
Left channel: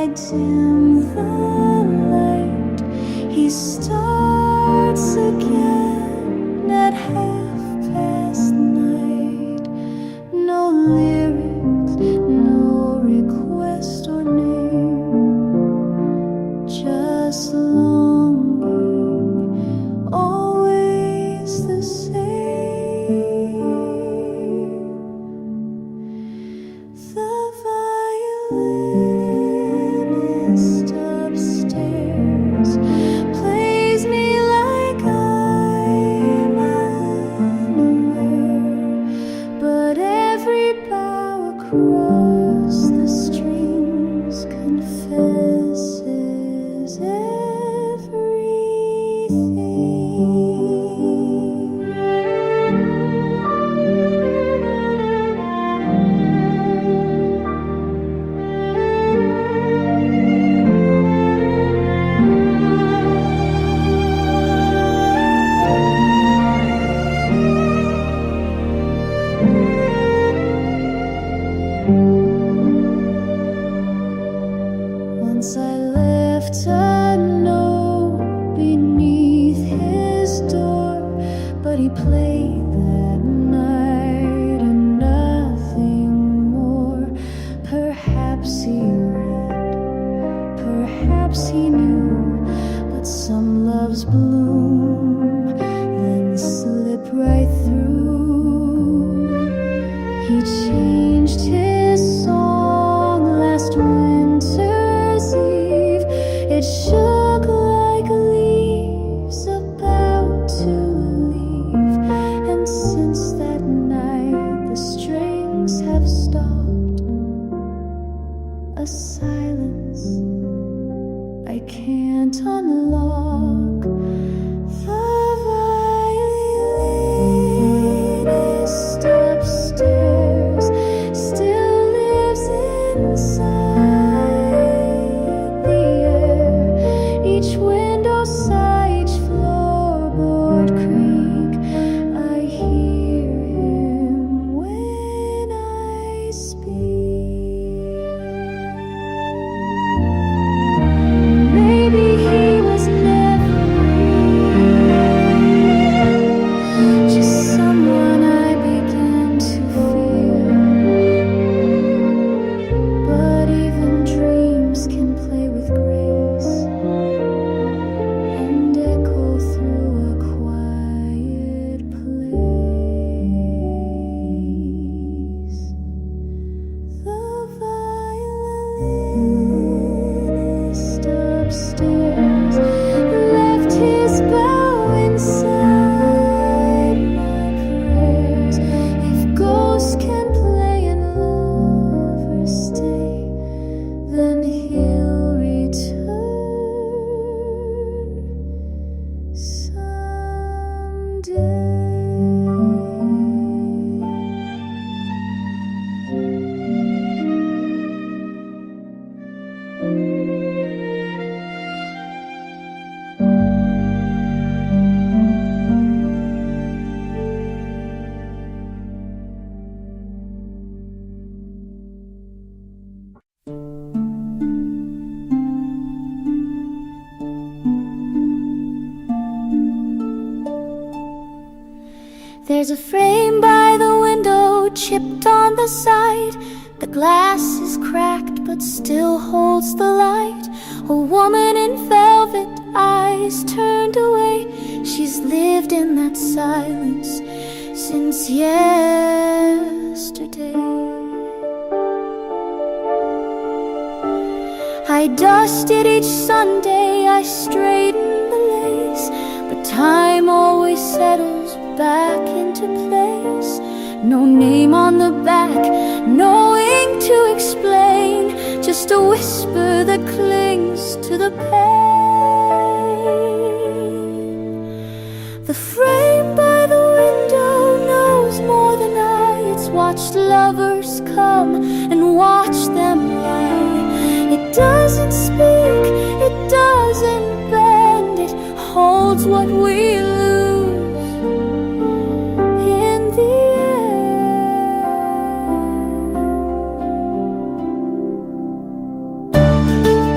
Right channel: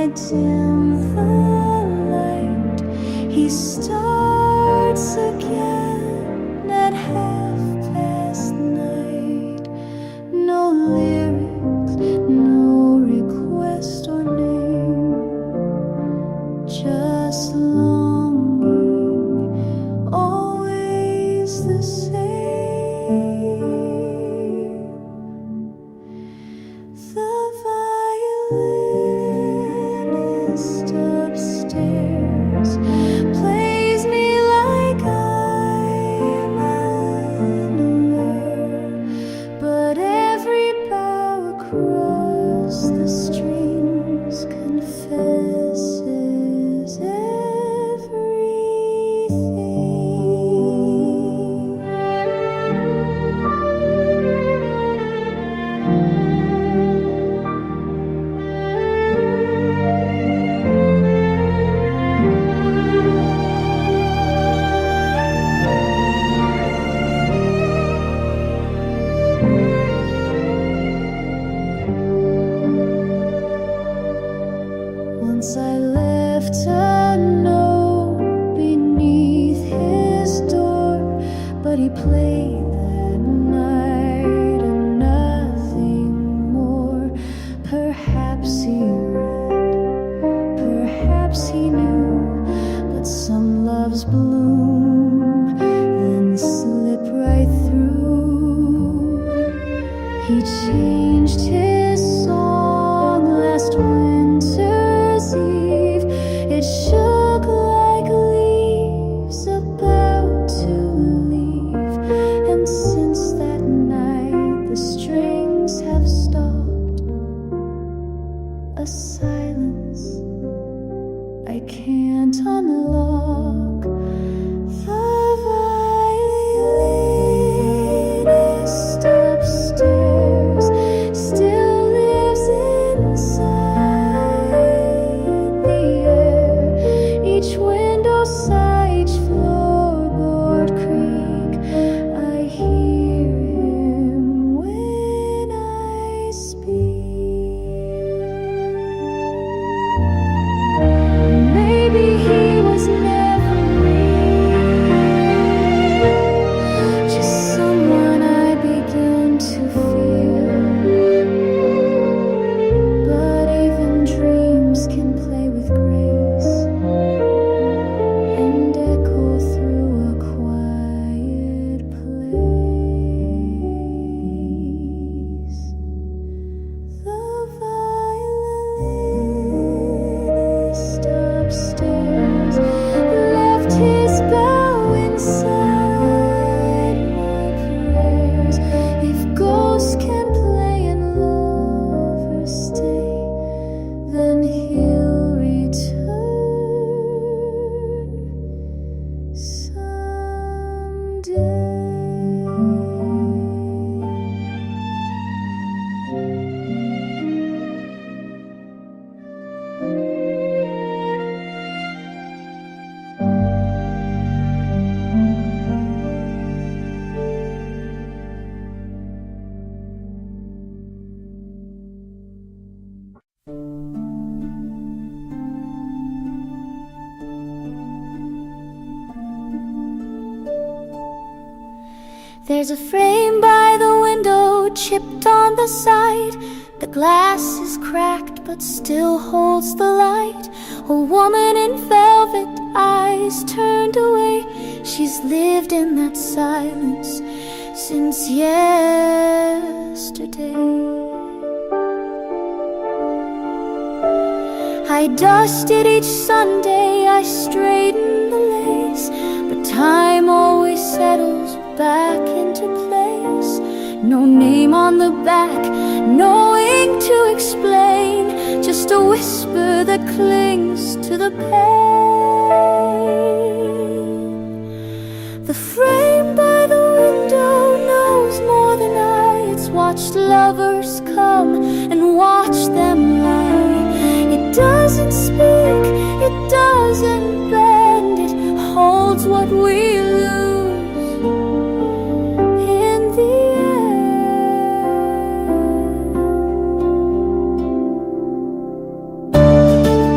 I dim the light, he starts again at 9:30. No lyrics, no request or name, just longing, always the same. The violinist upstairs plays me like I'm unaware, but every bow across the strings confesses Once I left a note beneath his door, but he played that night and nothing more. Perhaps he read, perhaps he knew, but some loves bloom, then slip right through. He changed his song last winter's eve. It shook like leaves about to leave, and since that night the strings have stopped. A silence I can't unlock. The violinist upstairs still lives inside the air. Each window sigh, each floorboard creak. I hear him when I speak. Maybe he was never real, just someone I begin to feel. But even dreams can play with grace and echo through a quiet place. The violinist upstairs left his bow inside my prayers. If ghosts can play and lovers stay, then he'll return someday. There's a frame by the window, chipped on the side. The glass is cracked but still holds the light. A woman in velvet, eyes turned away. She's lived in that silence since yesterday. I dusted each Sunday, I straightened the lace, but time always settles back into place. No name on the back, no ink to explain, just a whisper that clings to the pane. The frame by the window knows more than I. It's watched lovers come and watch them lie. It doesn't speak, it doesn't bend, it holds what we lose in the end.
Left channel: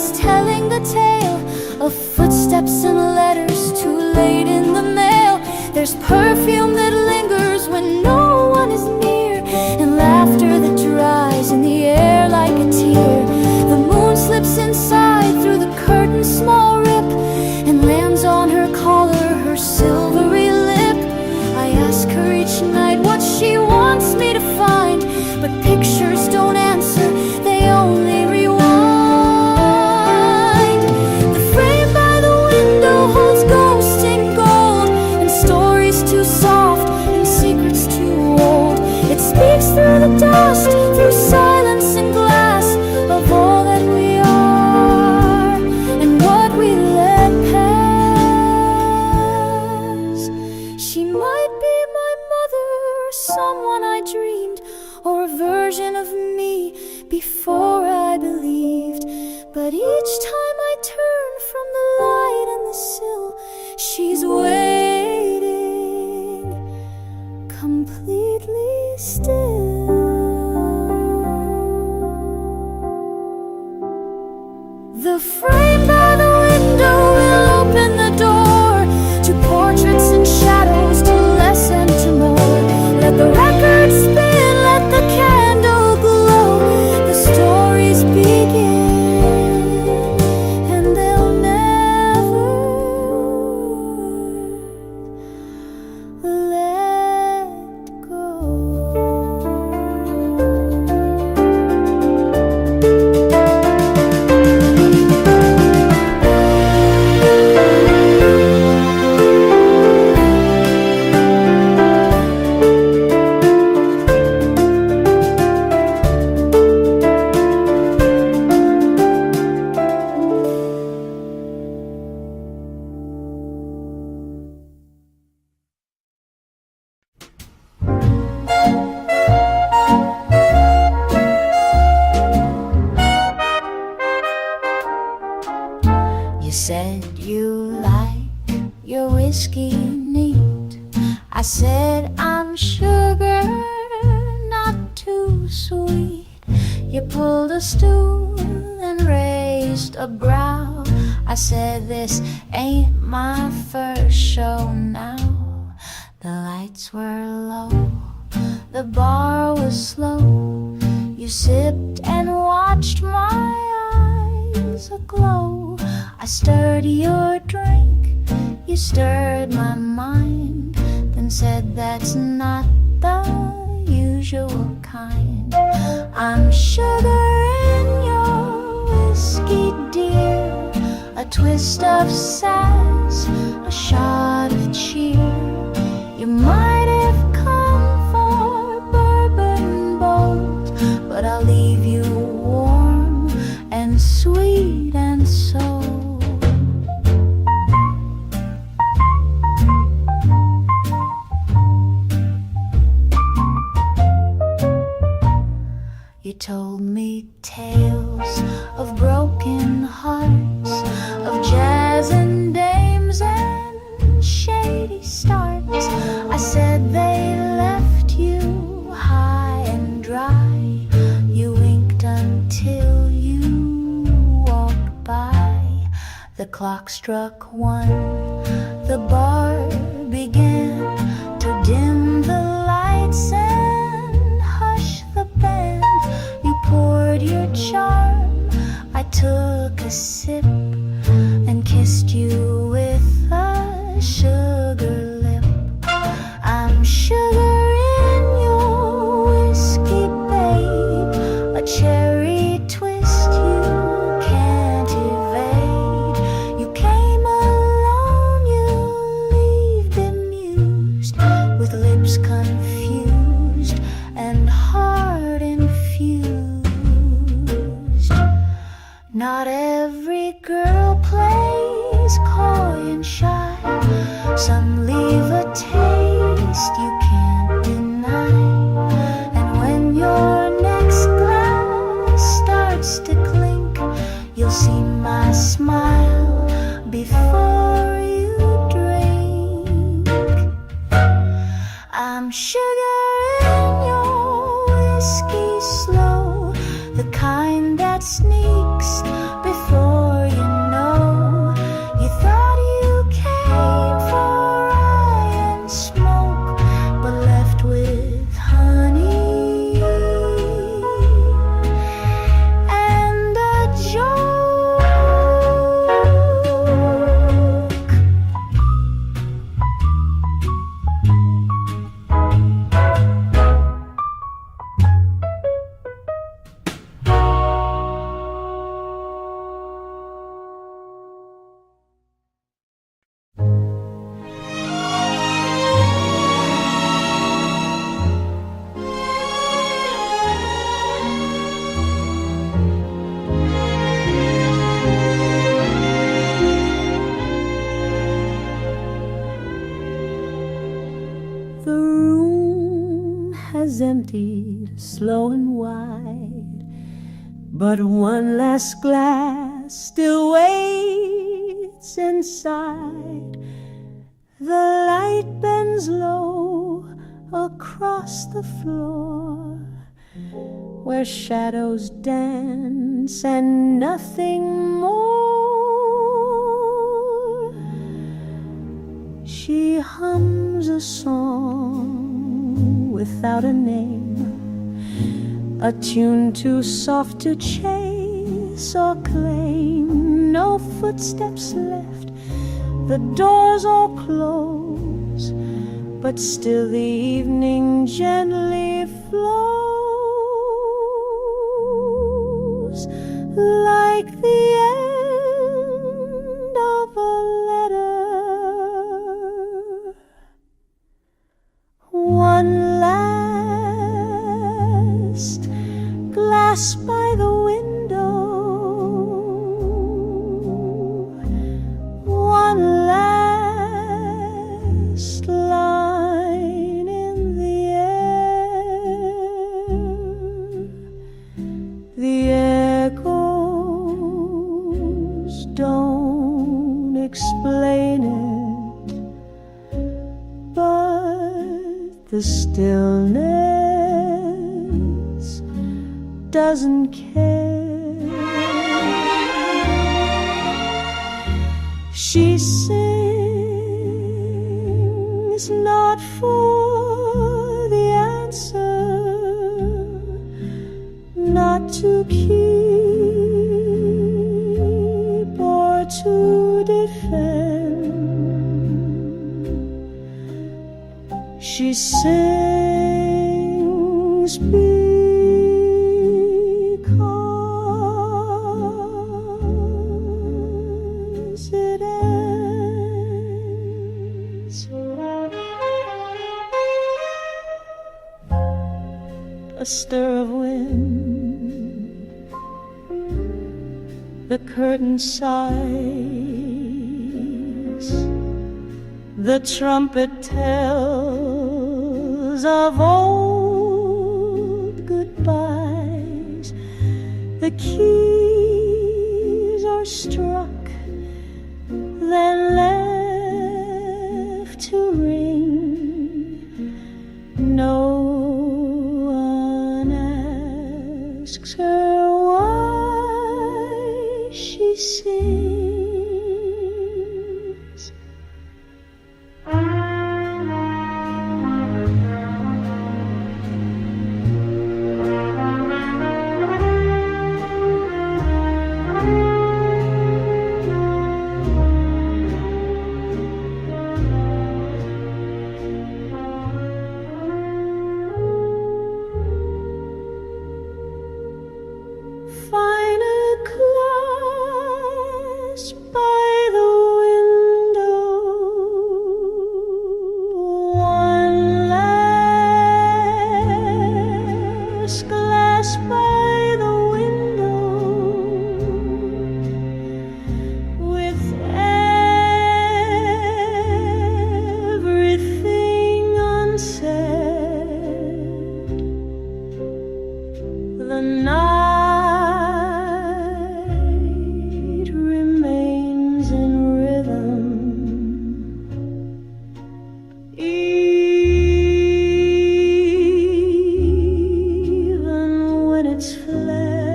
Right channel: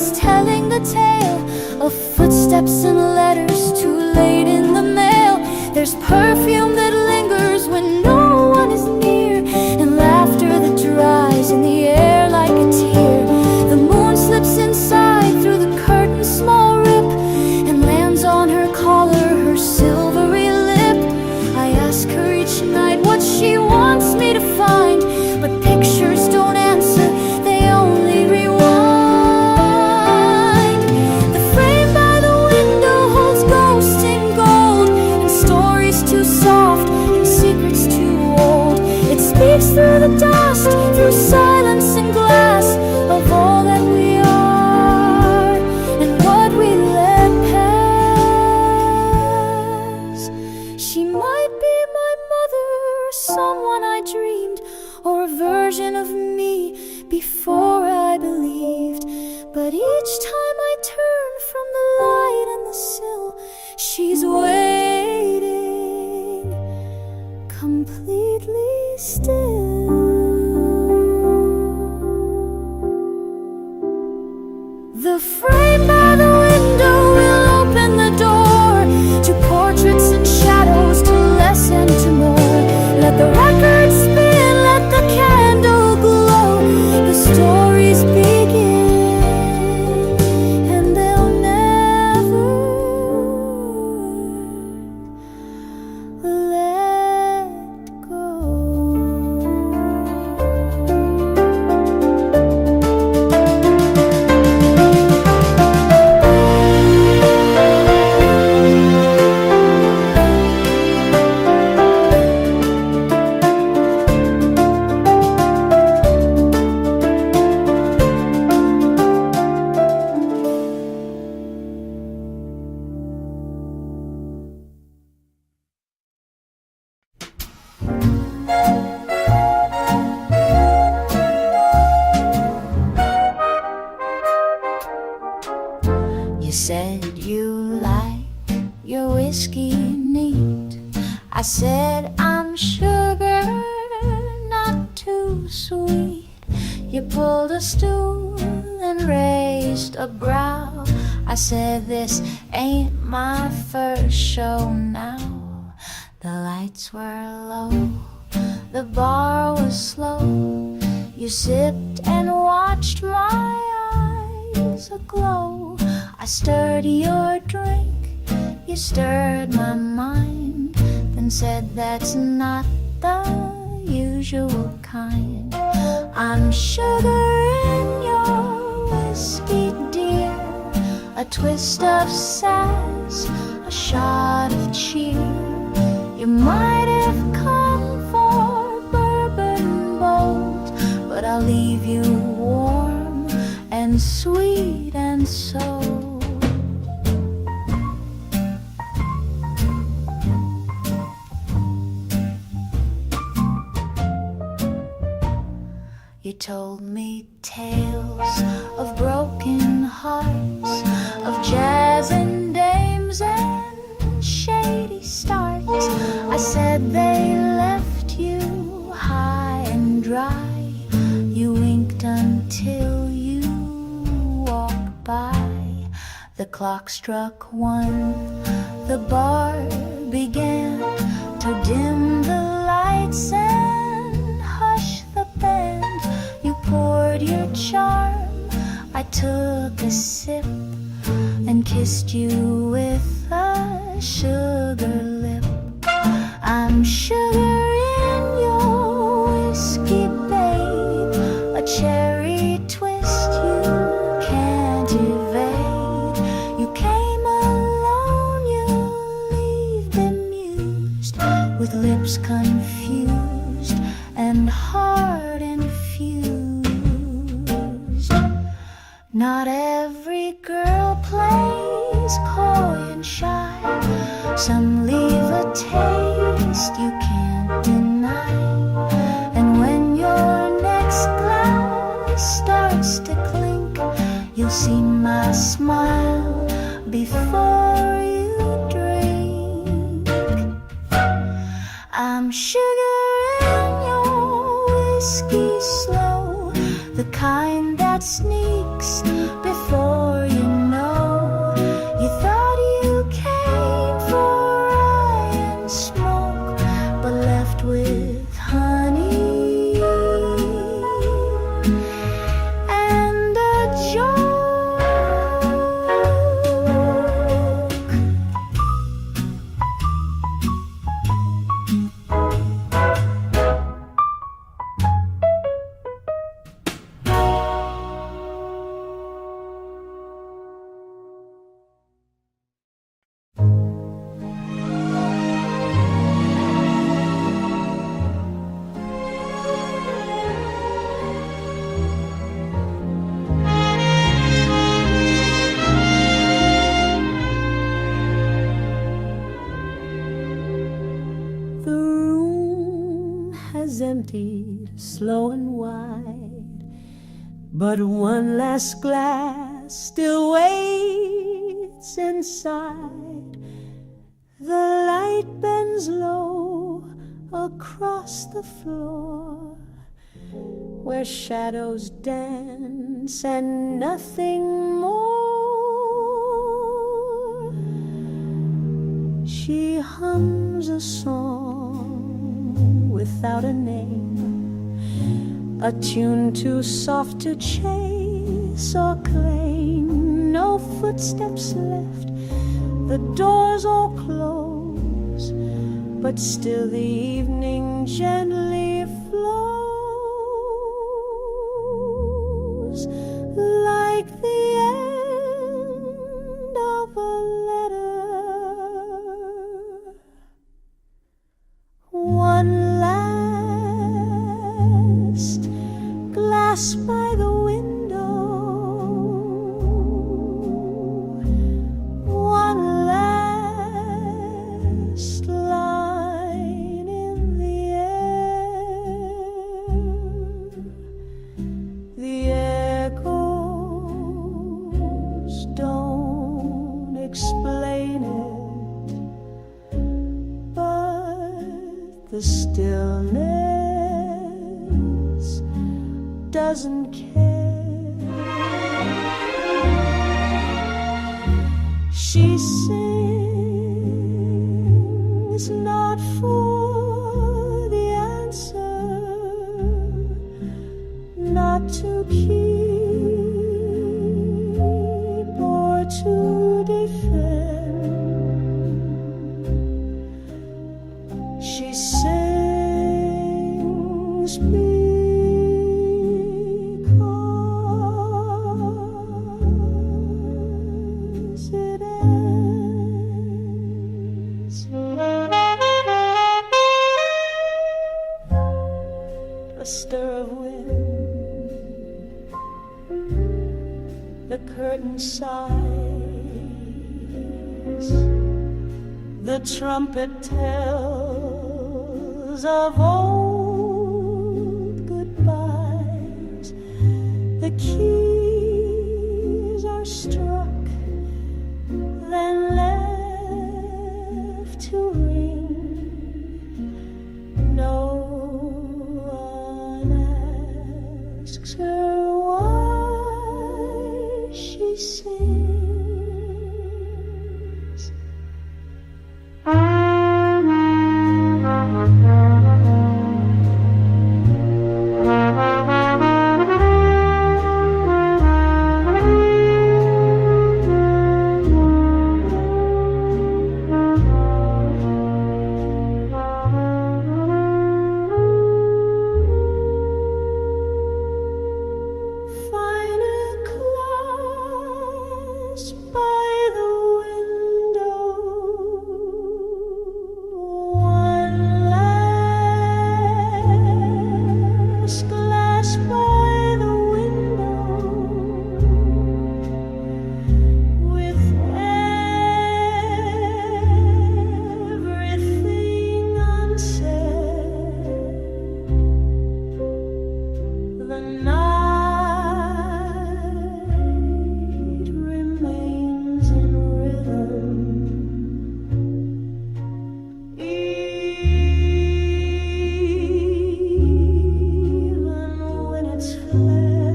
it's telling the tale of footsteps and letters too late in the mail. There's perfume that lingers when no one is near, and laughter that dries in the air like a tear. The moon slips inside through the curtain's small rip and lands on her collar, her silvery lip. I ask her each night what she wants me to find, but pictures don't answer, they only rewind. The frame by the window holds ghosts in gold, and stories too soft and secrets too old. It speaks through the dust, through silence and glass, of all that we are and what we let pass. She might be my mother, or someone I dreamed, or a version of me before I believed. But each time I turn from the light and the sill, she's waiting, completely still. The frame by the window will open the door to portraits and shadows, to less and to more. Let the record spin, let the candle glow. The stories begin, and they'll never let go. You said you like your whiskey neat. I said I'm sugar, not too sweet. You pulled a stool and raised a brow. I said this ain't my first show now. The lights were low, the bar was slow. You sipped and watched my eyes aglow. I stirred your drink, you stirred my mind, then said that's not the usual kind. I'm sugar in your whiskey, dear, a twist of sass, a shot of cheer. You might have come for bourbon bold, but I'll leave you warm and sweet and so. You told me tales of broken hearts, of jazz and dames and shady starts. I said they left you high and dry. You winked until you walked by. The clock struck 1, the bar began to dim the lights and hush the band. You poured your charm, I took a sip and kissed you with a sugar lip. I'm sugar in your whiskey, babe, a cherry twist you can't evade. You came alone, you leave bemused, with lips confused and heart infused. Not every girl plays coy and shy. Some leave a taste you can't deny. And when your next glass starts to clink, you'll see my smile before you drink. I'm sugar in your whiskey, slow, the kind that sneaks before you know. You thought you came for rye and smoke, but left with honey and a joke. The room has emptied slow and wide, but one last glass still waits inside. The light bends low across the floor, where shadows dance and nothing more. She hums a song without a name, a tune too soft to chase or claim. No footsteps left, the doors all close, but still the evening gently flows, like the end of a letter. One last glass by the window, one last line in the air. The echoes don't explain it, but the stillness doesn't care. She sings not for the answer, not to keep or to defend. She sings because it ends. A stir of wind, the curtain sighs, the trumpet tells of old goodbyes. The keys are struck, then left to ring. No one asks her why she sings. Find a class by the window, one last glass by the window, with everything unsaid. The night remains in rhythm, even when it's fled.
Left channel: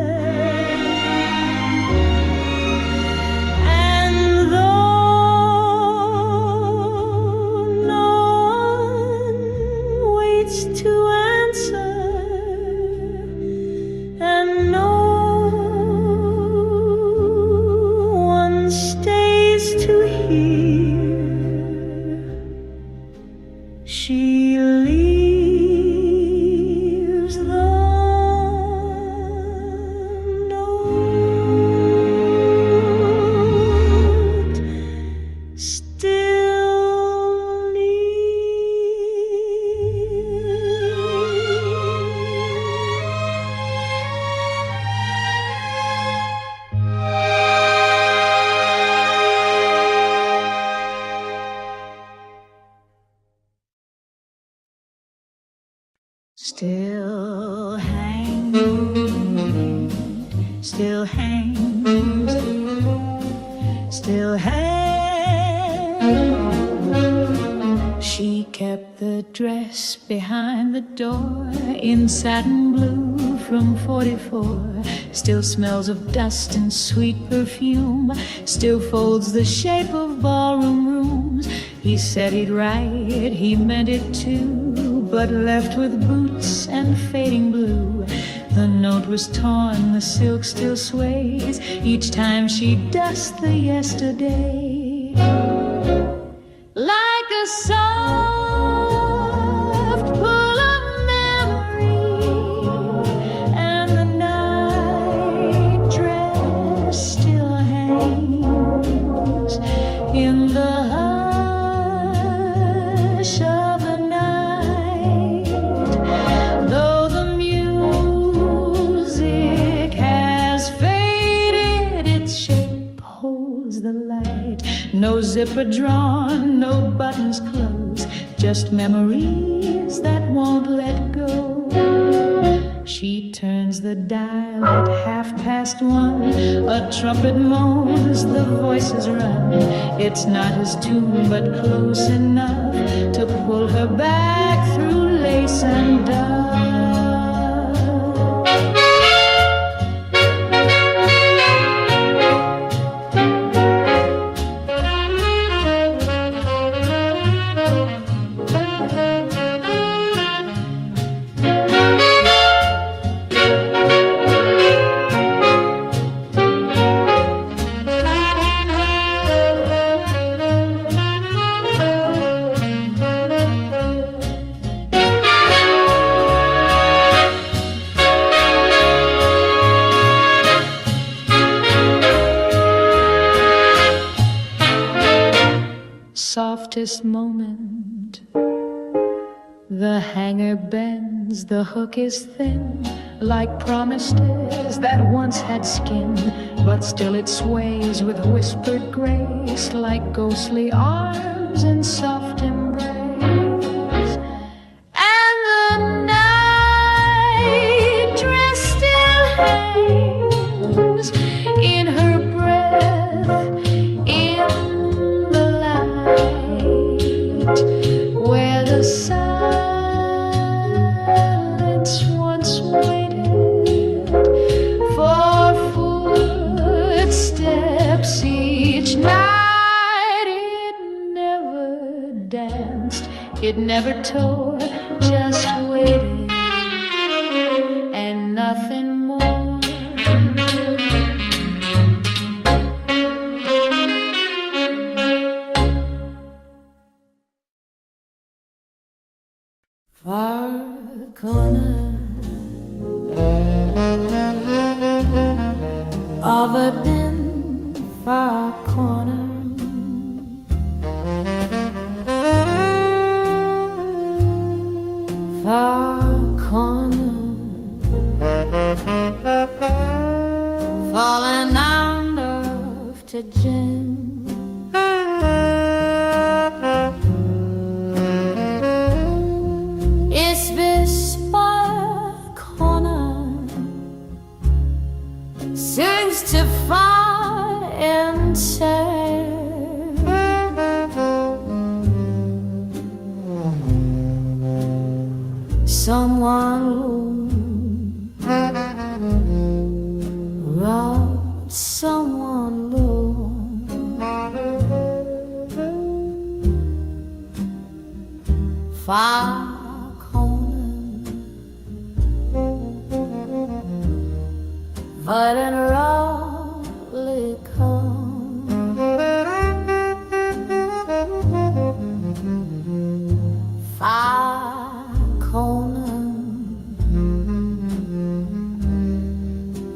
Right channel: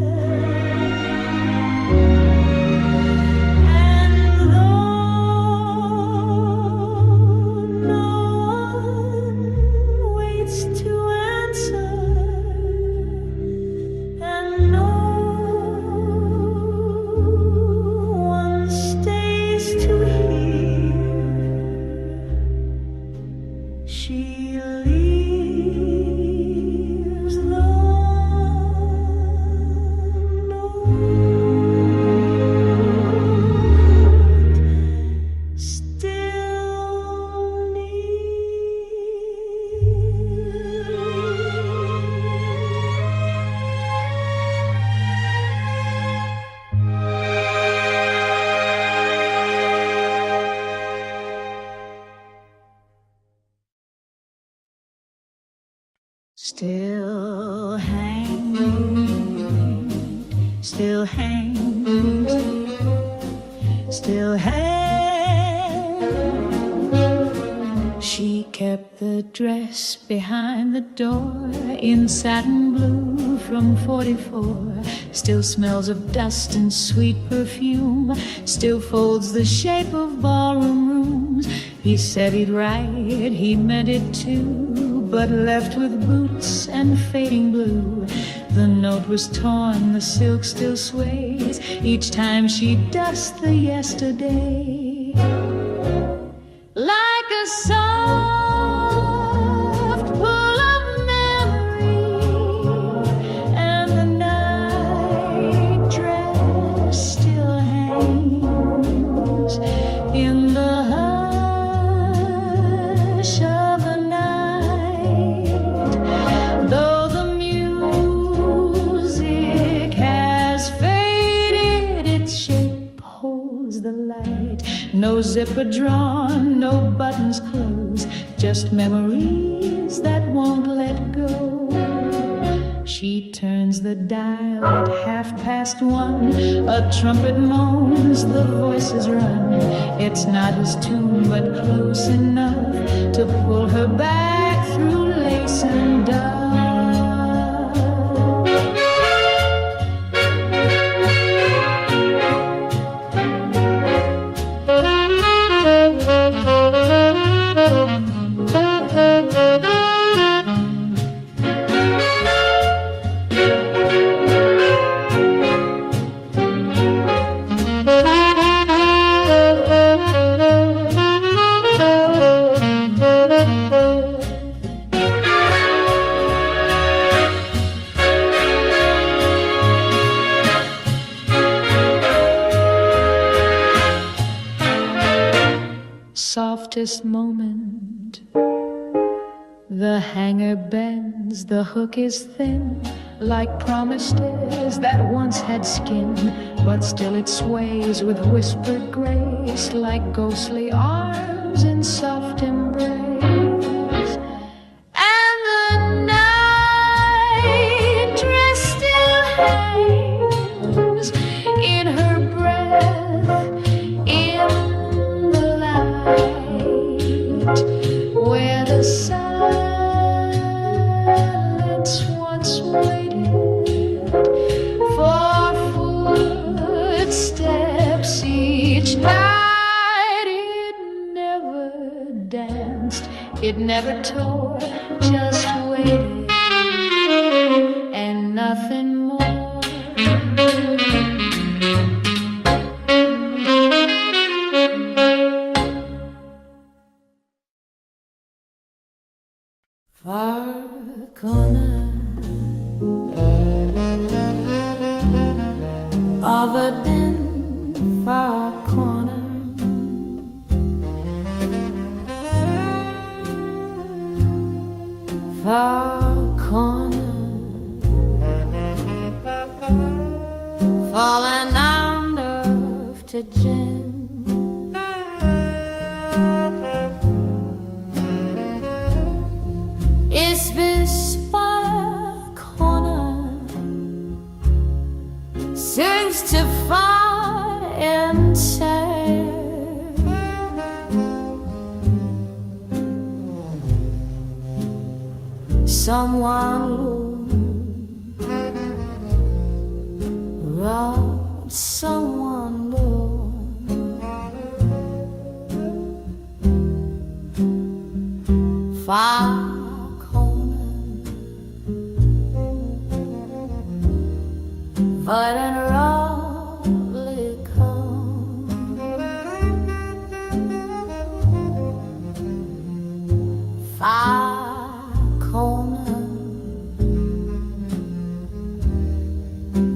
she leaves the note still near. Still hangs, still hangs, still hangs. She kept the dress behind the door in satin blue from 44. Still smells of dust and sweet perfume. Still folds the shape of ballroom rooms. He said he'd write, he meant it too, but left with boots and fading blue. The note was torn, the silk still sways each time she dusts the yesterday. Like a soft pull of memory, and the night dress still hangs in the hush of the night. Though the music has faded, its shape holds the light. No zipper drawn, no buttons closed, just memories that won't let go. She turns the dial at 1:30. A trumpet moans, the voices run. It's not his tune, but close enough to pull her back through lace and dove. Softest moment, the hanger bends, the hook is thin, like promises that once had skin, but still it sways with whispered grace, like ghostly arms in soft embrace. And the night dress still hangs in her breath, in where the silence once waited for footsteps each night. It never danced, it never tore, just waited and nothing more. Far corner of a dim far corner, far corner, falling under to gin. It's this far corner sings to far and sad. Someone robbed someone low. Far but in roughly come, far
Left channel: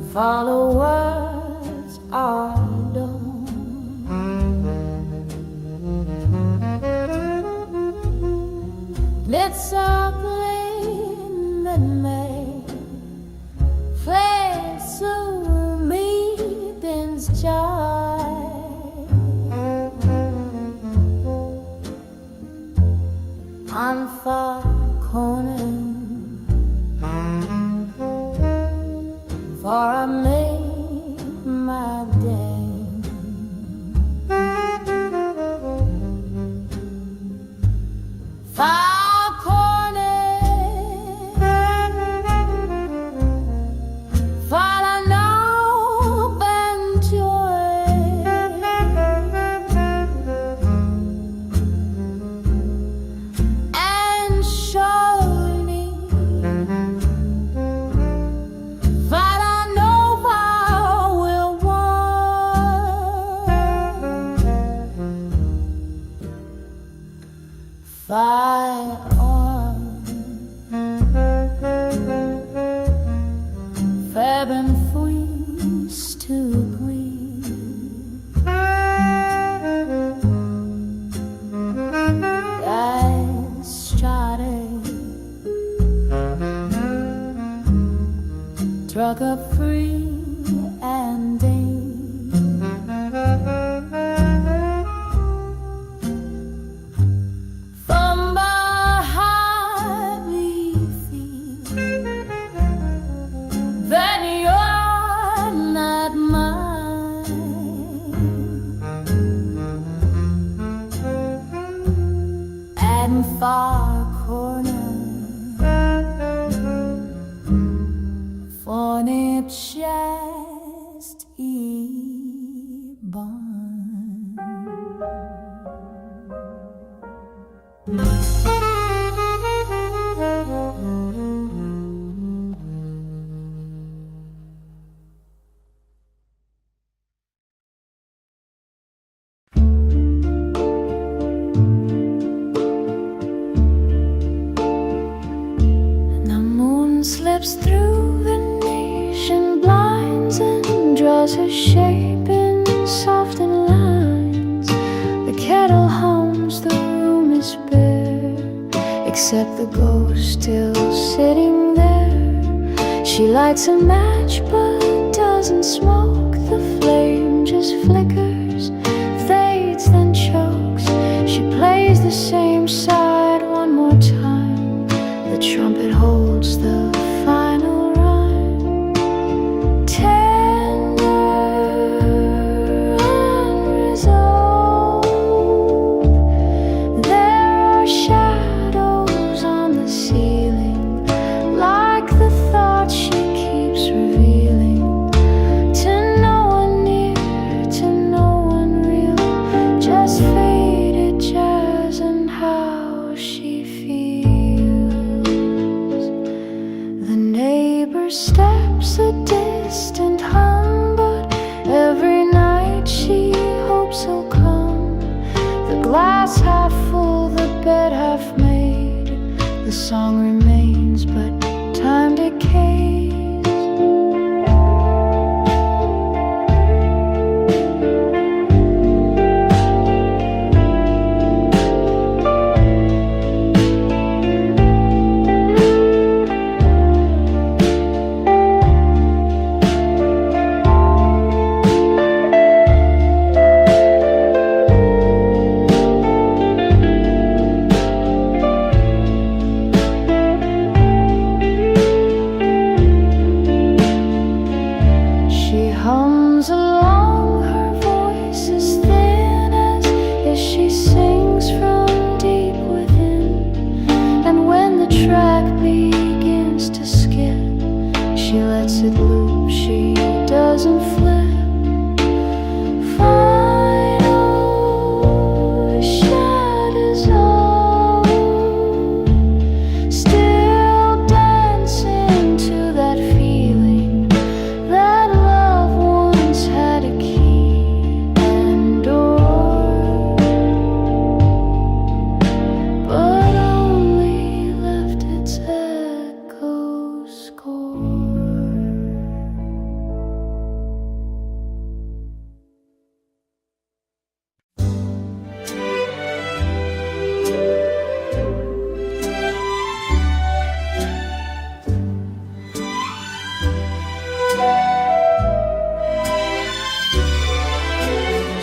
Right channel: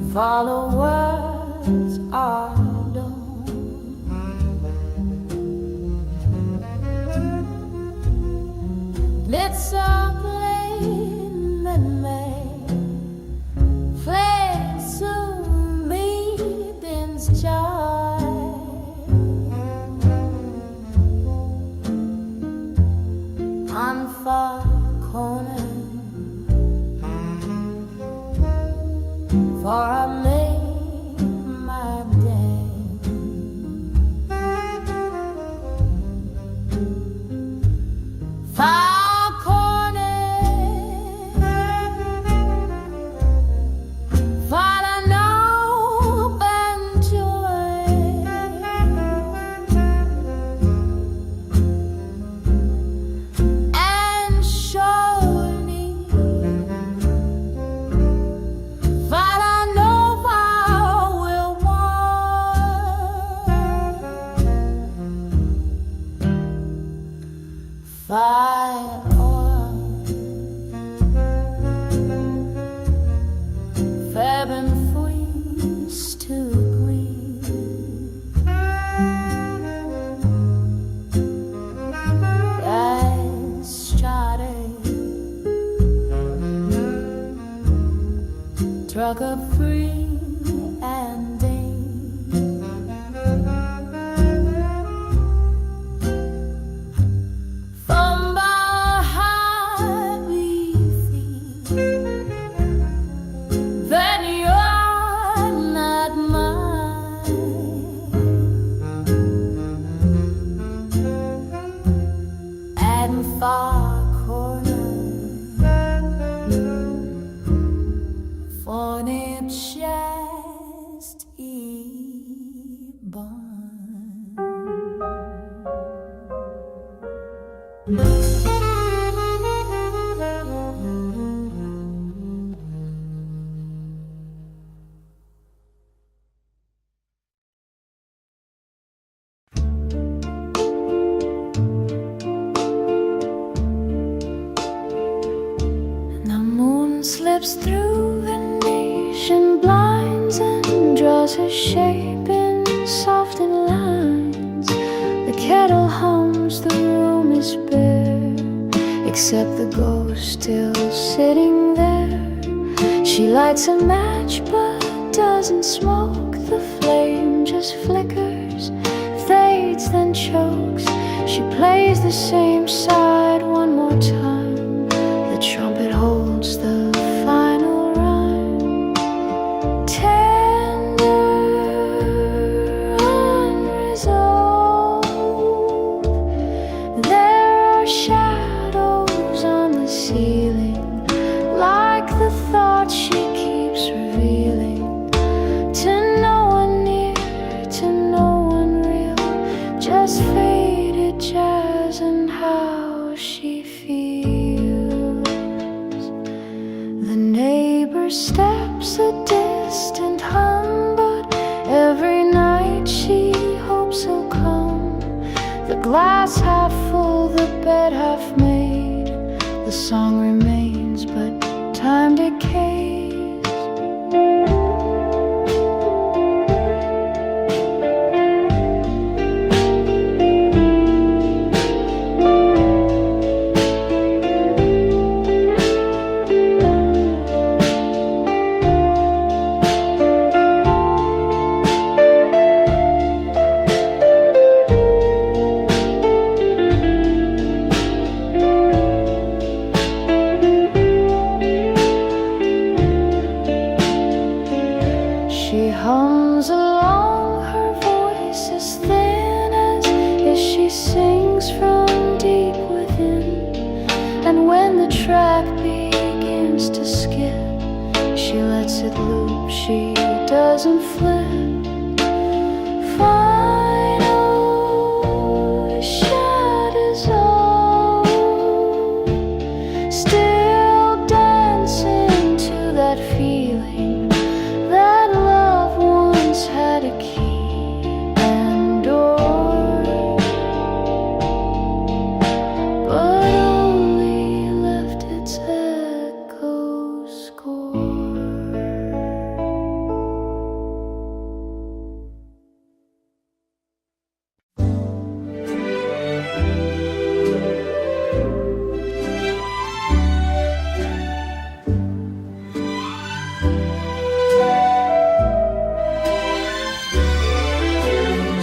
followers are done. It's a plane that may fade soon meetings joy. On far corner, for I made my day. Far corner, for an open joy. And surely, fire on, Feb and freeze to green. I started, struck up free and deep. Then you're not mine, and far corner, for nip chest slips through Venetian blinds and draws her shape in softened lines. The kettle hums, the room is bare, except the ghost still sitting there. She lights a match but doesn't smoke. The flame just flickers, fades, then chokes. She plays the same side one more time. The trumpet holds the final rhyme. Tender, unresolved. There are shadows on the ceiling, like the thoughts she keeps revealing. To no one near, to no one real, just faded jazz and how she feels. The neighbor steps a distant hum, but every night she hopes he'll come. The glass half full, the bed half made. The song remains, but time decays. She hums along, her voice is thin as if she sings from deep within. And when the track begins to skip, she lets it loop, she doesn't flip. Final shadows all still dancing to that feeling that love once had a key and door, but only left its echo score.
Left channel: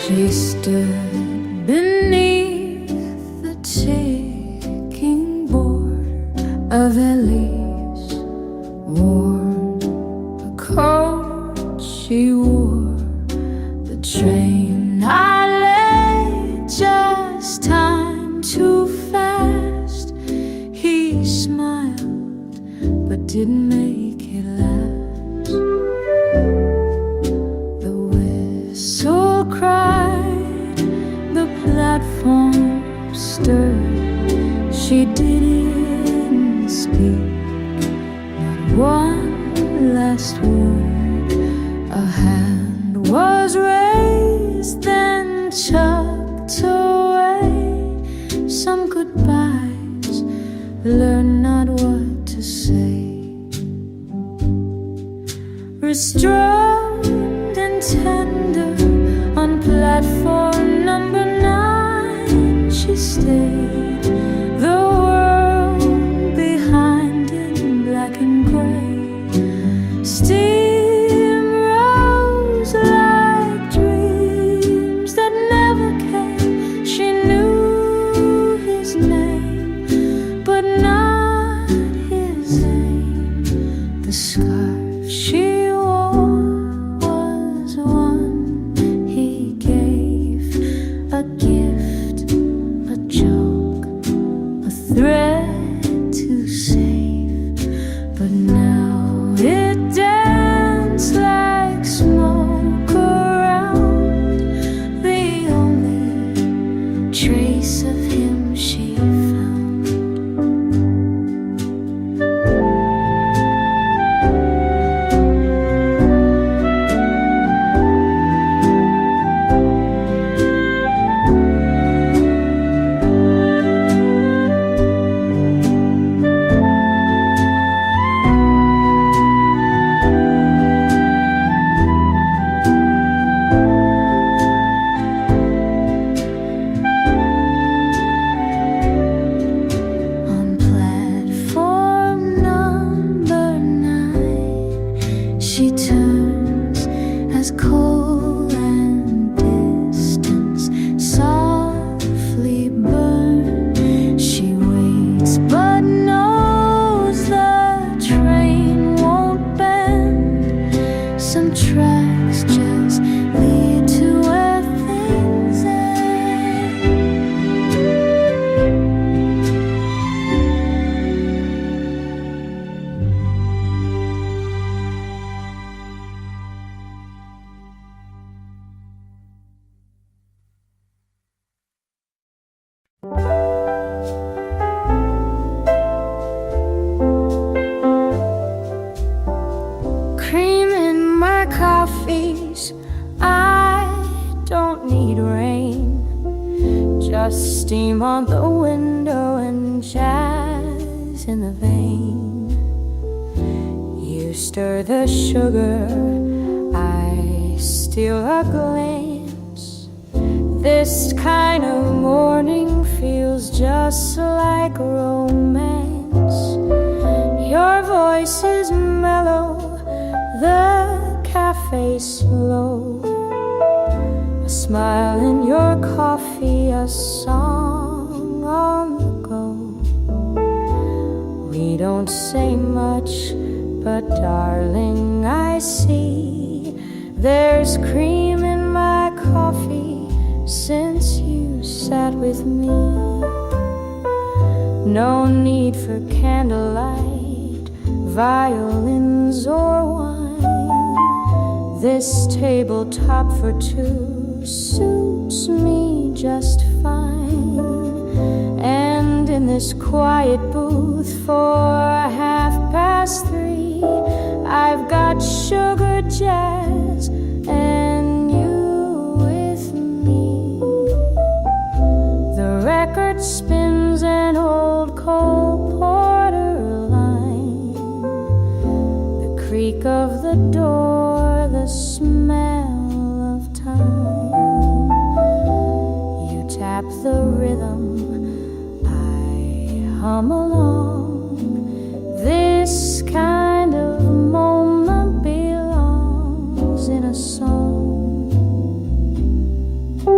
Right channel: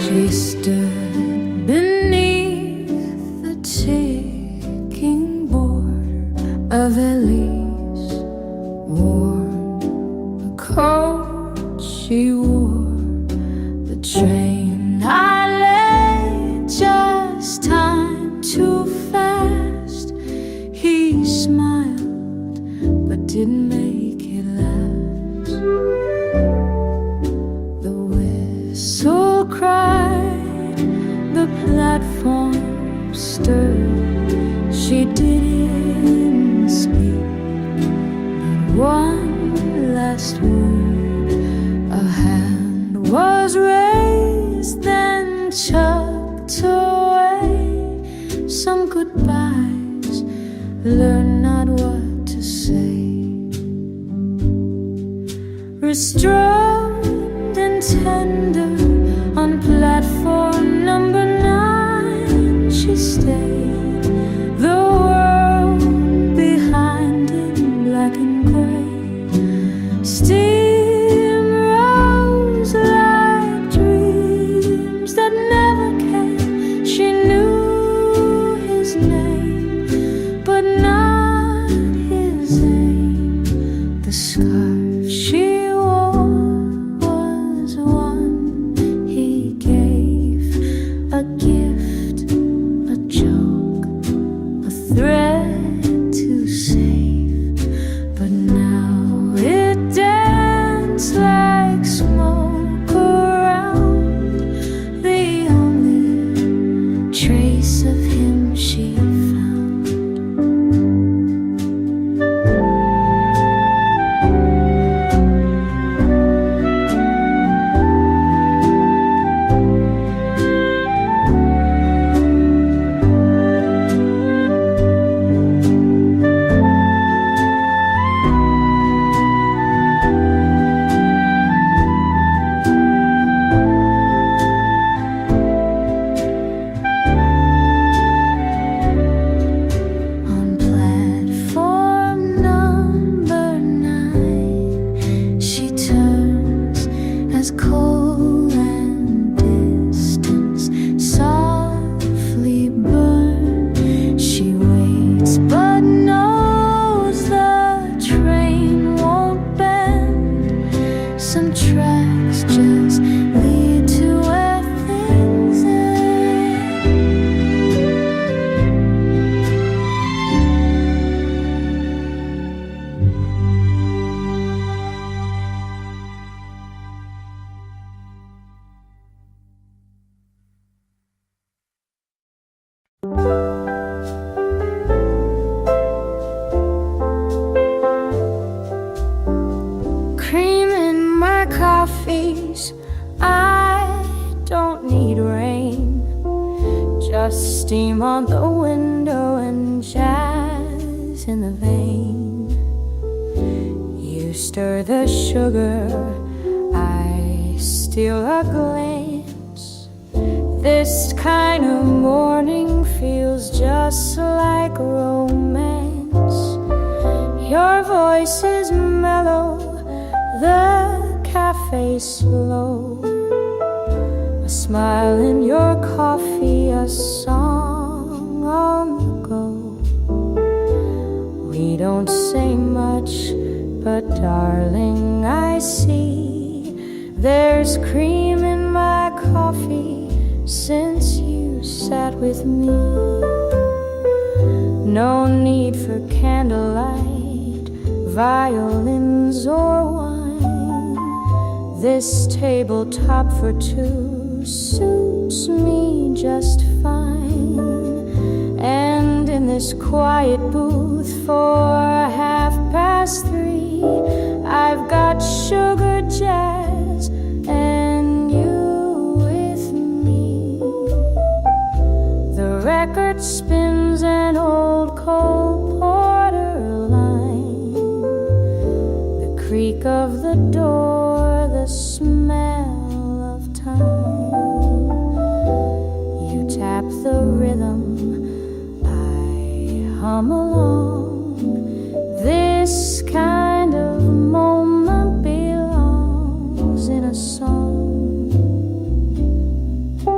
She stood beneath the ticking border of Ellie's worn the coat she wore. The train I lay, just time too fast. He smiled but didn't make it last. The whistle cried, the platform stirred. She didn't speak, not one last word. A hand was raised, then tucked away. Some goodbyes, learn not what to say. Restrained and tender, on platform number 9 she stayed. The world behind in black and gray. Steam rose like dreams that never came. She knew his name, but not his aim. The scarf she wore was one he gave, a gift, a joke, a thread to save. But now it danced like smoke around, the only trace of him she found. She turns as coal and distance softly burn. She waits but knows the train won't bend. Some tracks just lead to where things end. Cream in my coffees, I don't need rain. Just steam on the window and jazz in the vein. You stir the sugar, I steal a glance. This kind of morning feels just like romance. Your voice is mellow, the cafe slow. A smile in your coffee, a song on the go. We don't say much, but darling, I see there's cream in my coffee since you sat with me. No need for candlelight, violins or wine. This tabletop for two suits me just fine. And in this quiet booth for 3:30, I've got sugar jazz and you with me. The record spins an old Cole Porter line. The creak of the door, the smell of time. You tap the rhythm, I hum along. This kind of moment belongs in a song.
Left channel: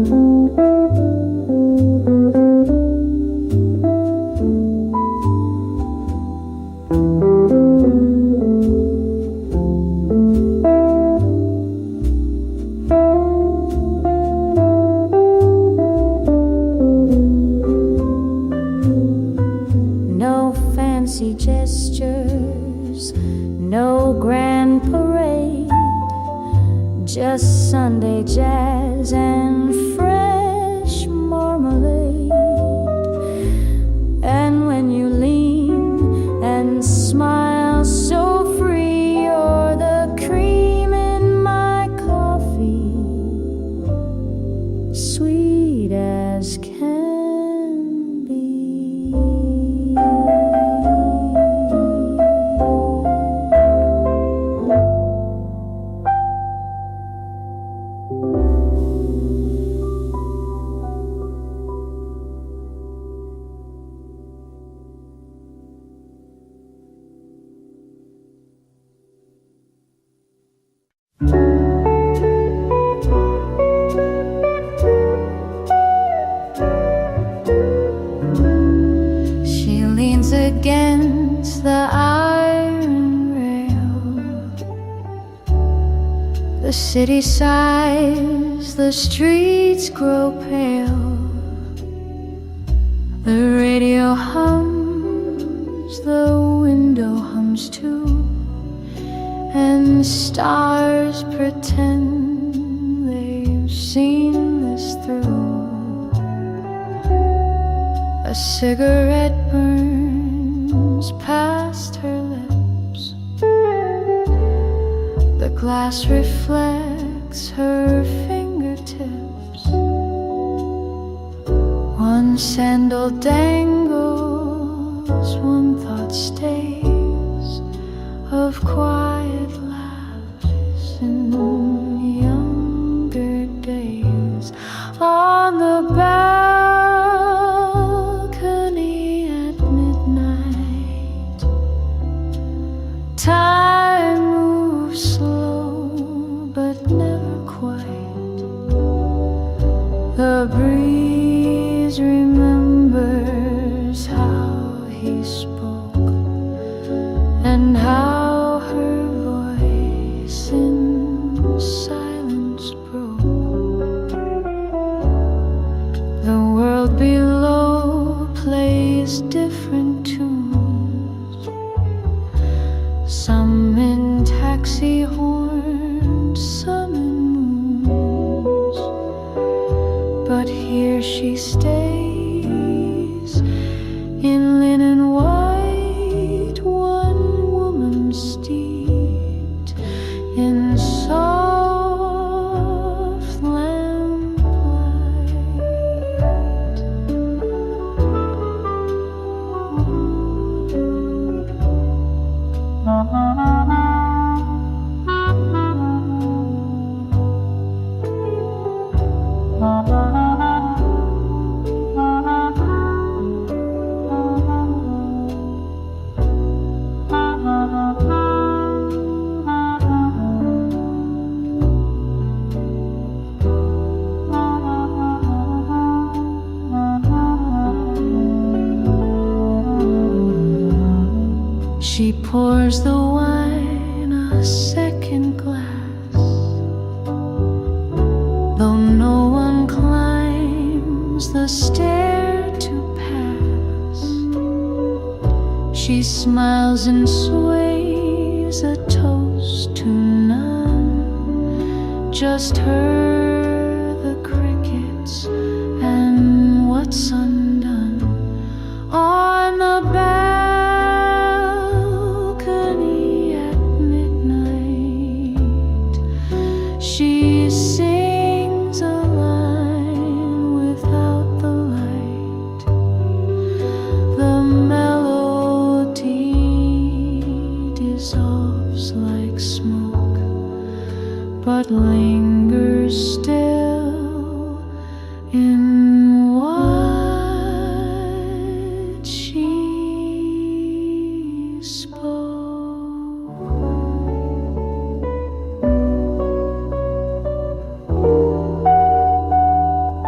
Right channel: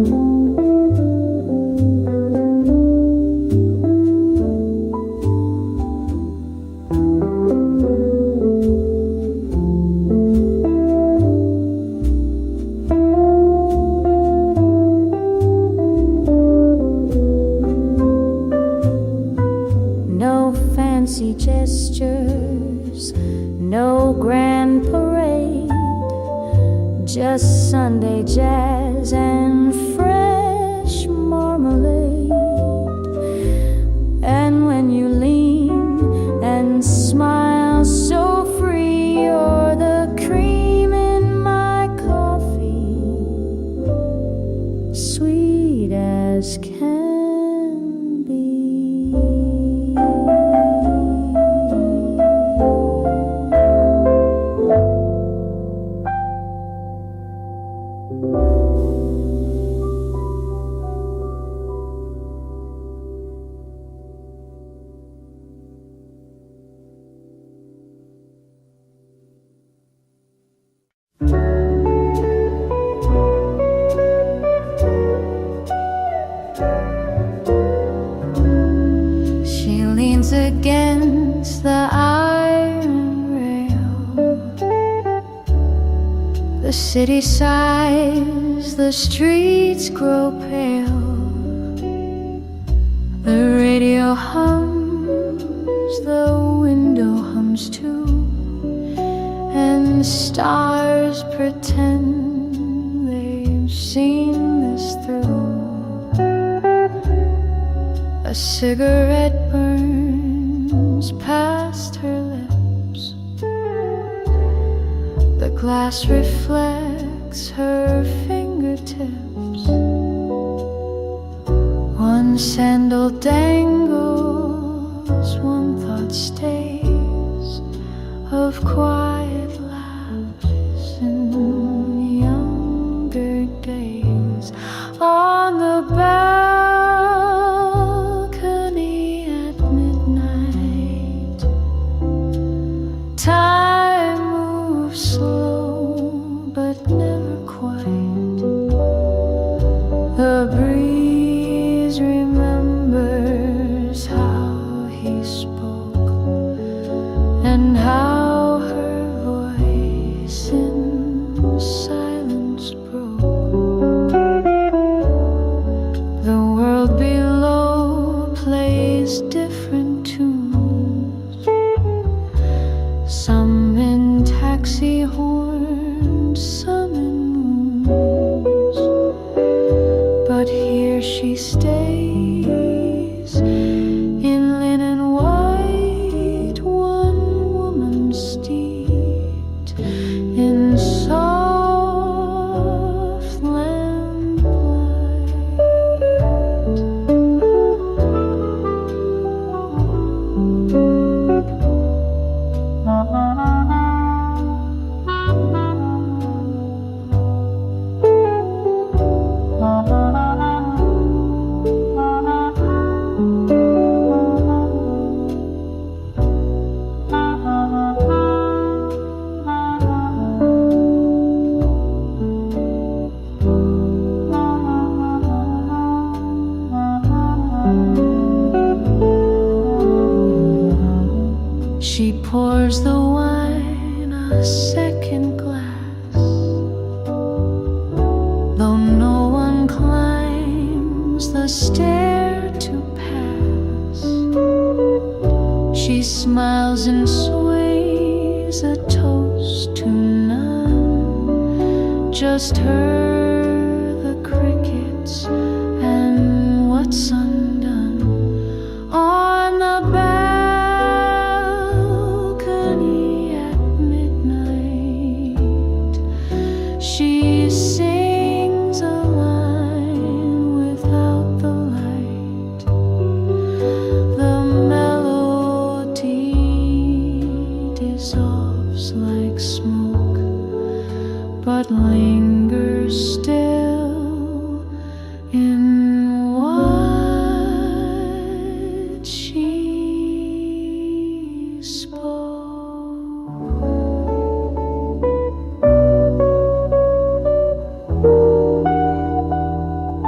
No fancy gestures, no grand parade, just Sunday jazz and fresh marmalade. And when you lean and smile so free, you're the cream in my coffee, sweet as can be. She leans against the iron rail. The city sighs, the streets grow pale. The radio hums, the window hums too, and stars pretend they've seen this through. A cigarette burns past her lips. The glass reflects her fingertips. One sandal dangles, one thought stays, of quiet laughs in younger days. On the balcony at midnight, time moves slow but never quite. The breeze remembers how he spoke and how her voice in silence broke. The world below plays different tunes, some in taxi horns, some in moons. But here she stays in linen white, one woman steeped in soft lamplight. She pours the wine a second glass, though no one climbs the stair to pass. She smiles and sways a toast to none, just her, the crickets, and what's undone. On the balcony at midnight, she sings a line without the light. The melody dissolves like smoke, but lingers still in what she spoke.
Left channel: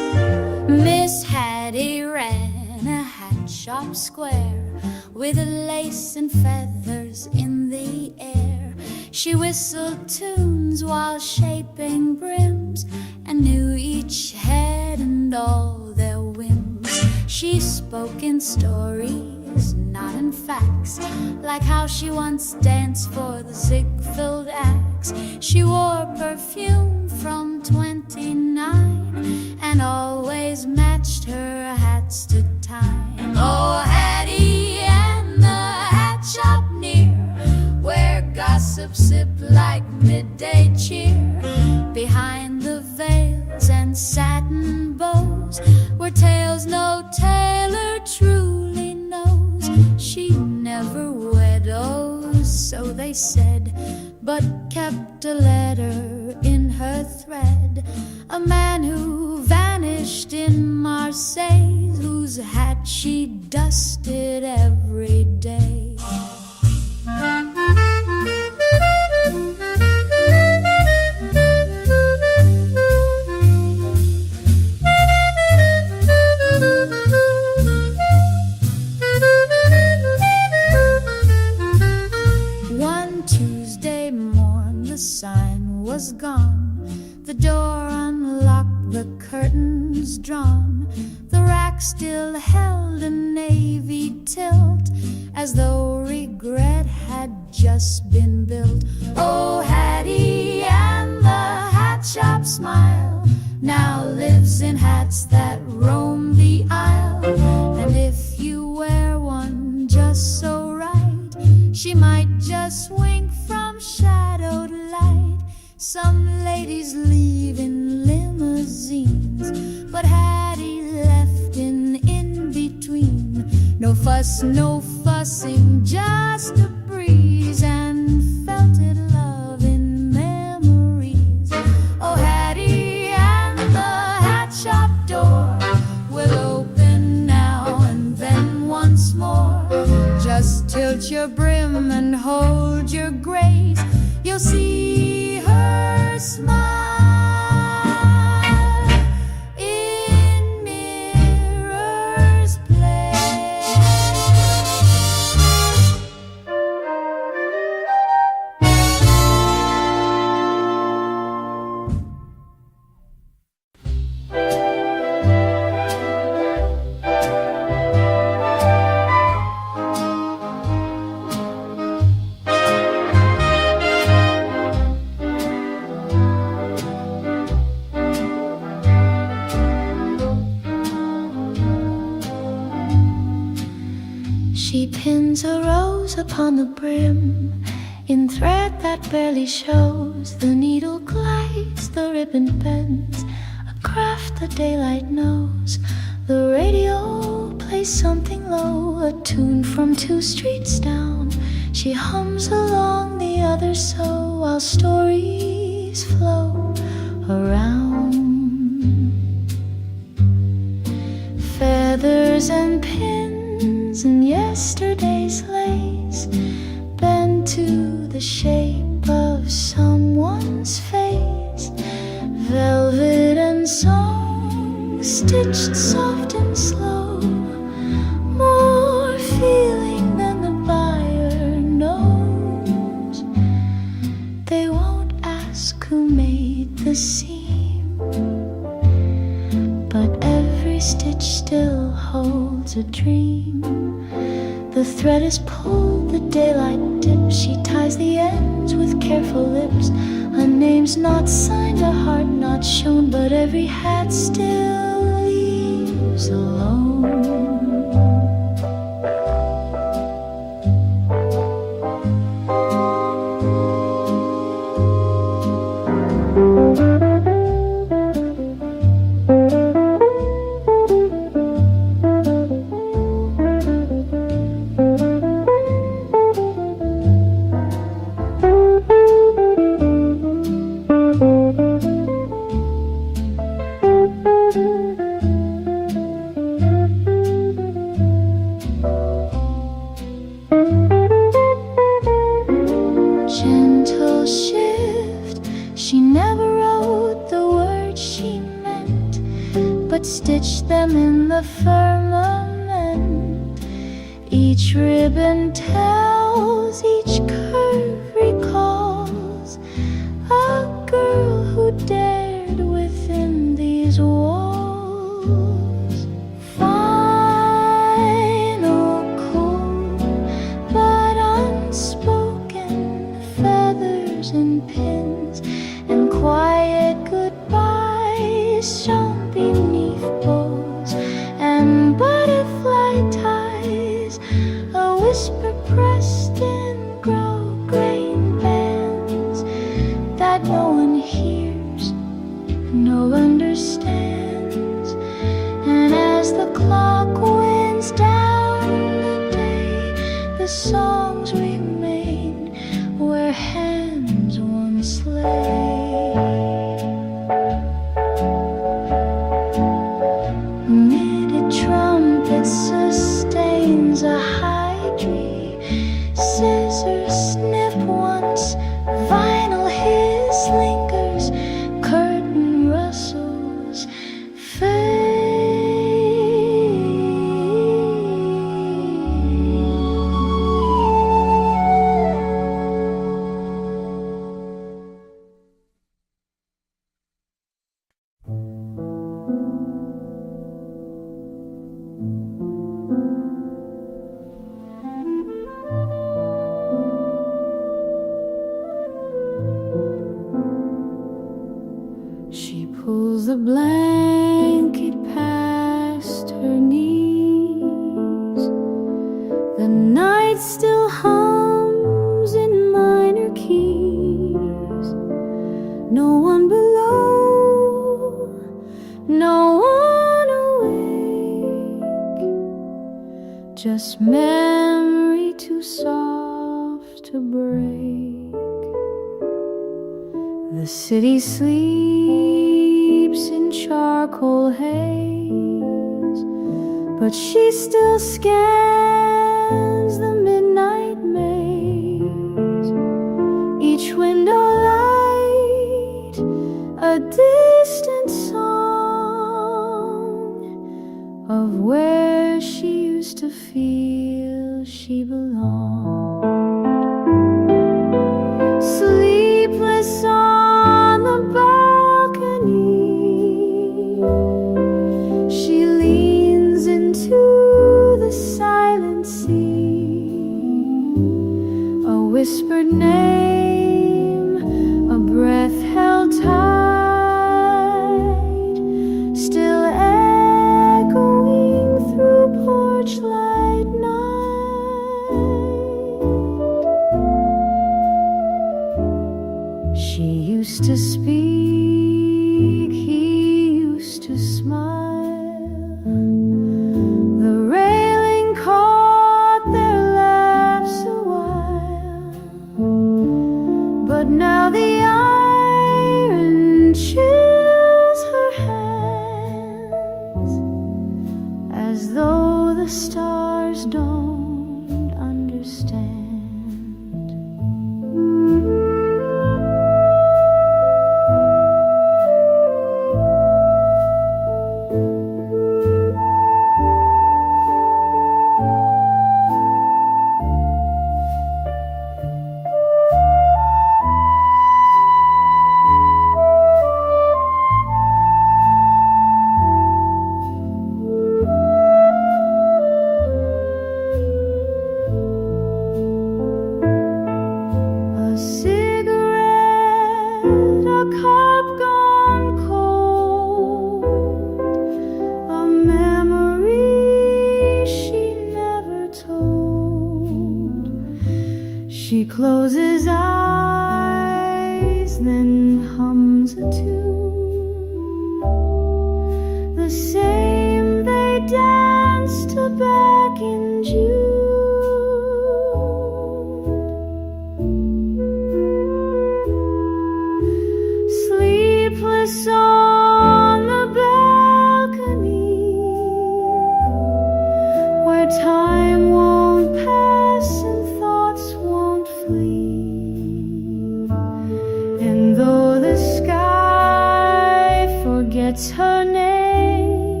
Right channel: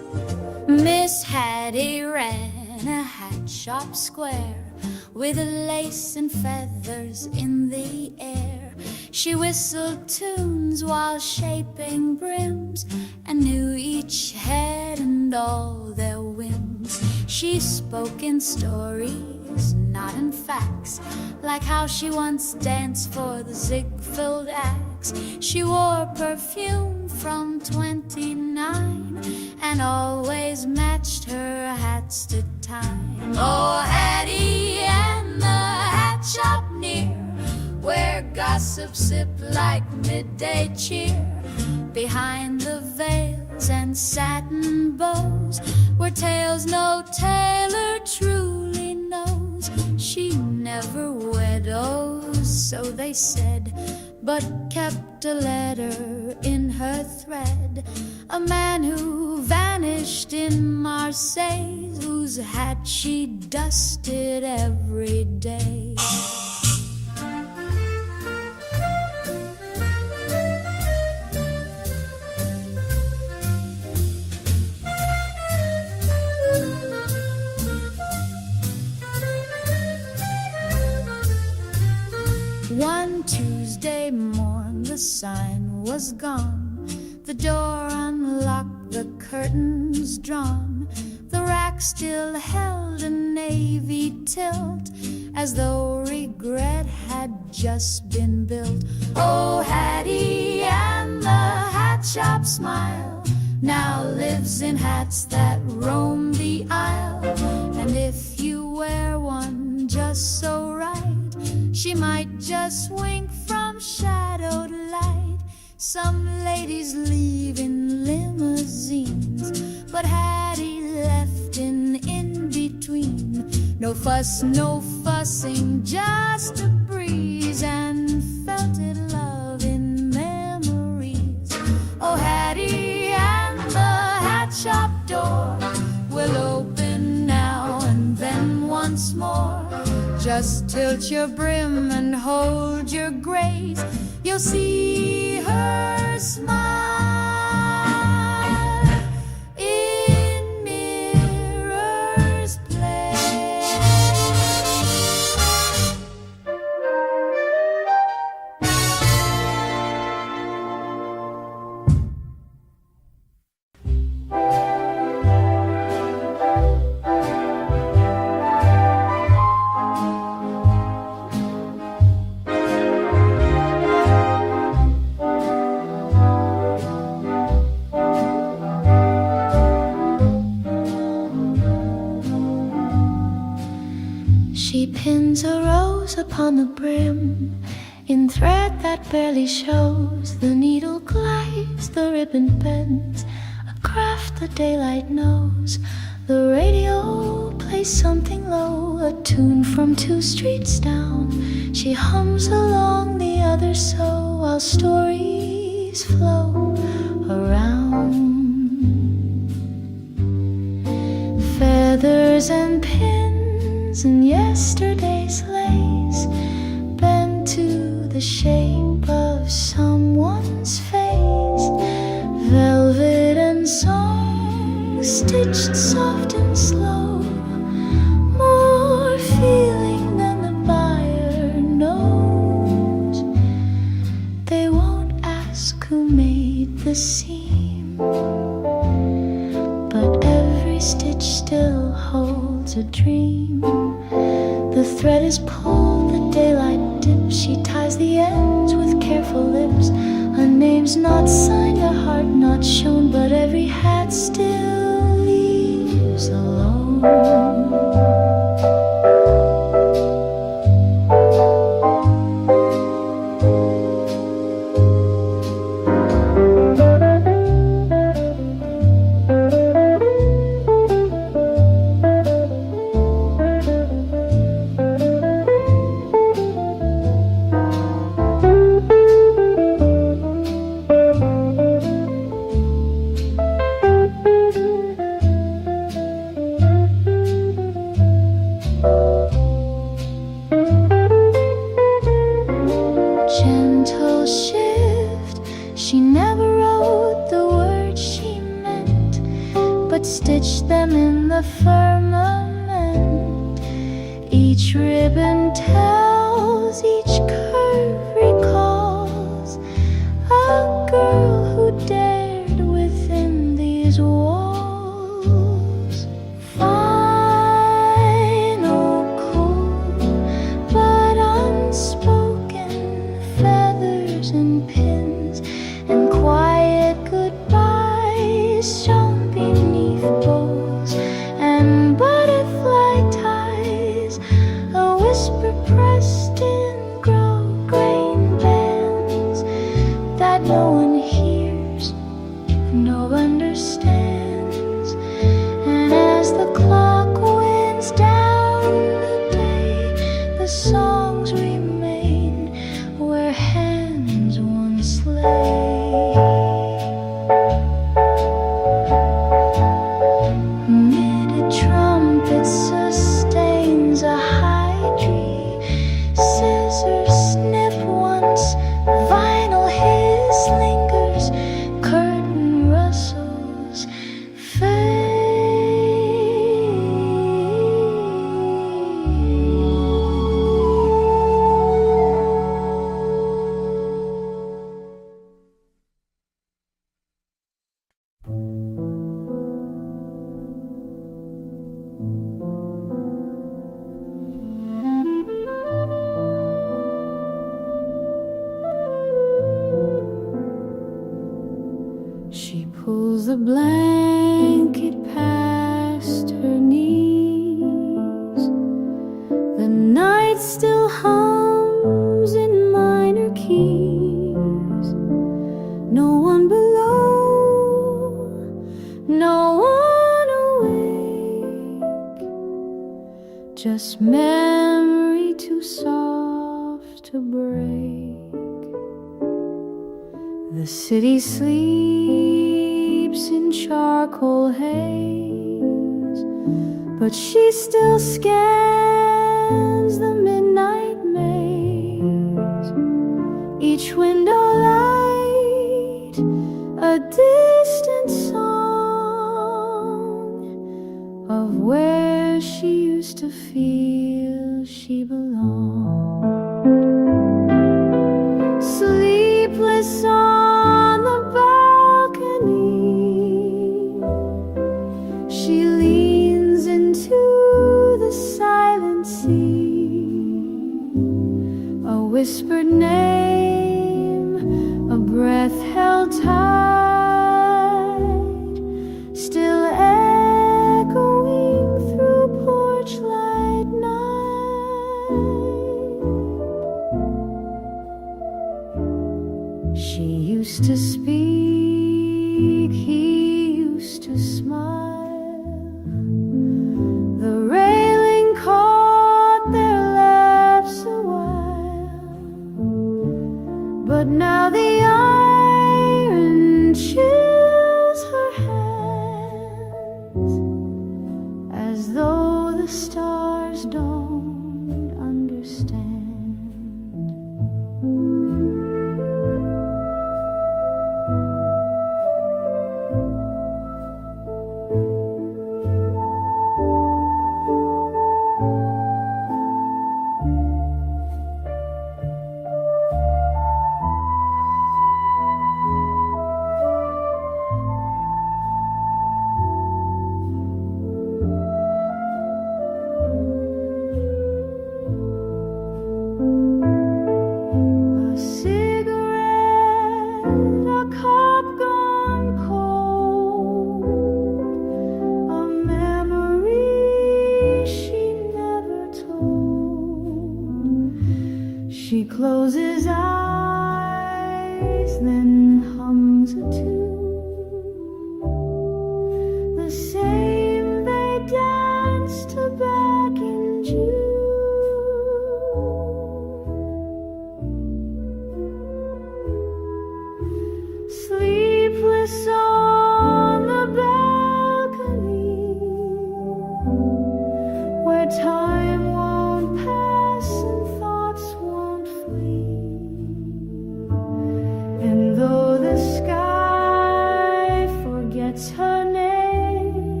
Miss Hattie ran a hat shop square with lace and feathers in the air. She whistled tunes while shaping brims and knew each head and all their whims. She spoke in stories, not in facts, like how she once danced for the Ziegfeld Axe. She wore perfume from 29 and always matched her hats to time. Oh, Hattie and the hat shop near, where gossip sipped like midday cheer. Behind the veils and satin bows were tales no tailor truly knows. She never widows, so they said, but kept a letter in her thread. A man who vanished in Marseille, whose hat she dusted every day. One Tuesday morn the sign was gone, the door unlocked, the curtains drawn. The rack still held a navy tilt, as though regret had just been built. Oh, Hattie and the hat shop smile now lives in hats that roam the aisle. And if you wear one just so right, she might just wink from shadowed light. Some ladies leave in limousines, but Hattie left in between. No fuss, no fussing, just a breeze, and felted love in memories. Oh, Hattie and the hat shop door will open now and then once more. Just tilt your brim and hold your grace, you'll see her smile in Mirror's Place. She pins a rose upon the brim in thread that barely shows. The needle glides, the ribbon bends, a craft the daylight knows. The radio plays something low, a tune from 2 streets down. She hums along the other so, while stories flow around. Feathers and pins and yesterday's lace bend to the shape of someone's face. Velvet and song stitched soft and slow, more feeling than the buyer knows. They won't ask who made the seam, but every stitch still holds a dream. The thread is pulled, the daylight dips. She ties the ends with careful lips. A name's not signed, a heart not shown, but every hat still leaves alone. Gentle shift, she never wrote the words she meant, but but stitched them in the firmament. Each ribbon tells, each curve recalls a girl who dared within these walls. Final, cool, but unspoken, feathers and pins and quiet goodbyes shone beneath bows and butterfly ties, a whisper pressed in grau-grain bands that no one hears, no understands. And as the clock winds down the day, the songs remain where hands once lay. Knitted trumpet sustains a high tree. Scissors snip once, vinyl hiss lingers, curtain rustles fade. She pulls the blanket past her knees. The night still hums in minor keys. No one below, no one awake. Just memory too soft to break. The city sleeps in charcoal haze, but she still scans the midnight maze. Each window light, a distant song of where she used to feel she belonged. Sleepless on the balcony, she leans into the silent sea. A whispered name, a breath held tight, still echoing through porch light night. She used to speak, he used to smile. The railing caught their laughs a while, but now the iron chills her hands, as though the stars don't understand. She closes eyes, then hums a tune, the same they danced to back in June. Sleepless on the balcony, where time won't pass and thoughts won't flee. And though the sky forgets her name,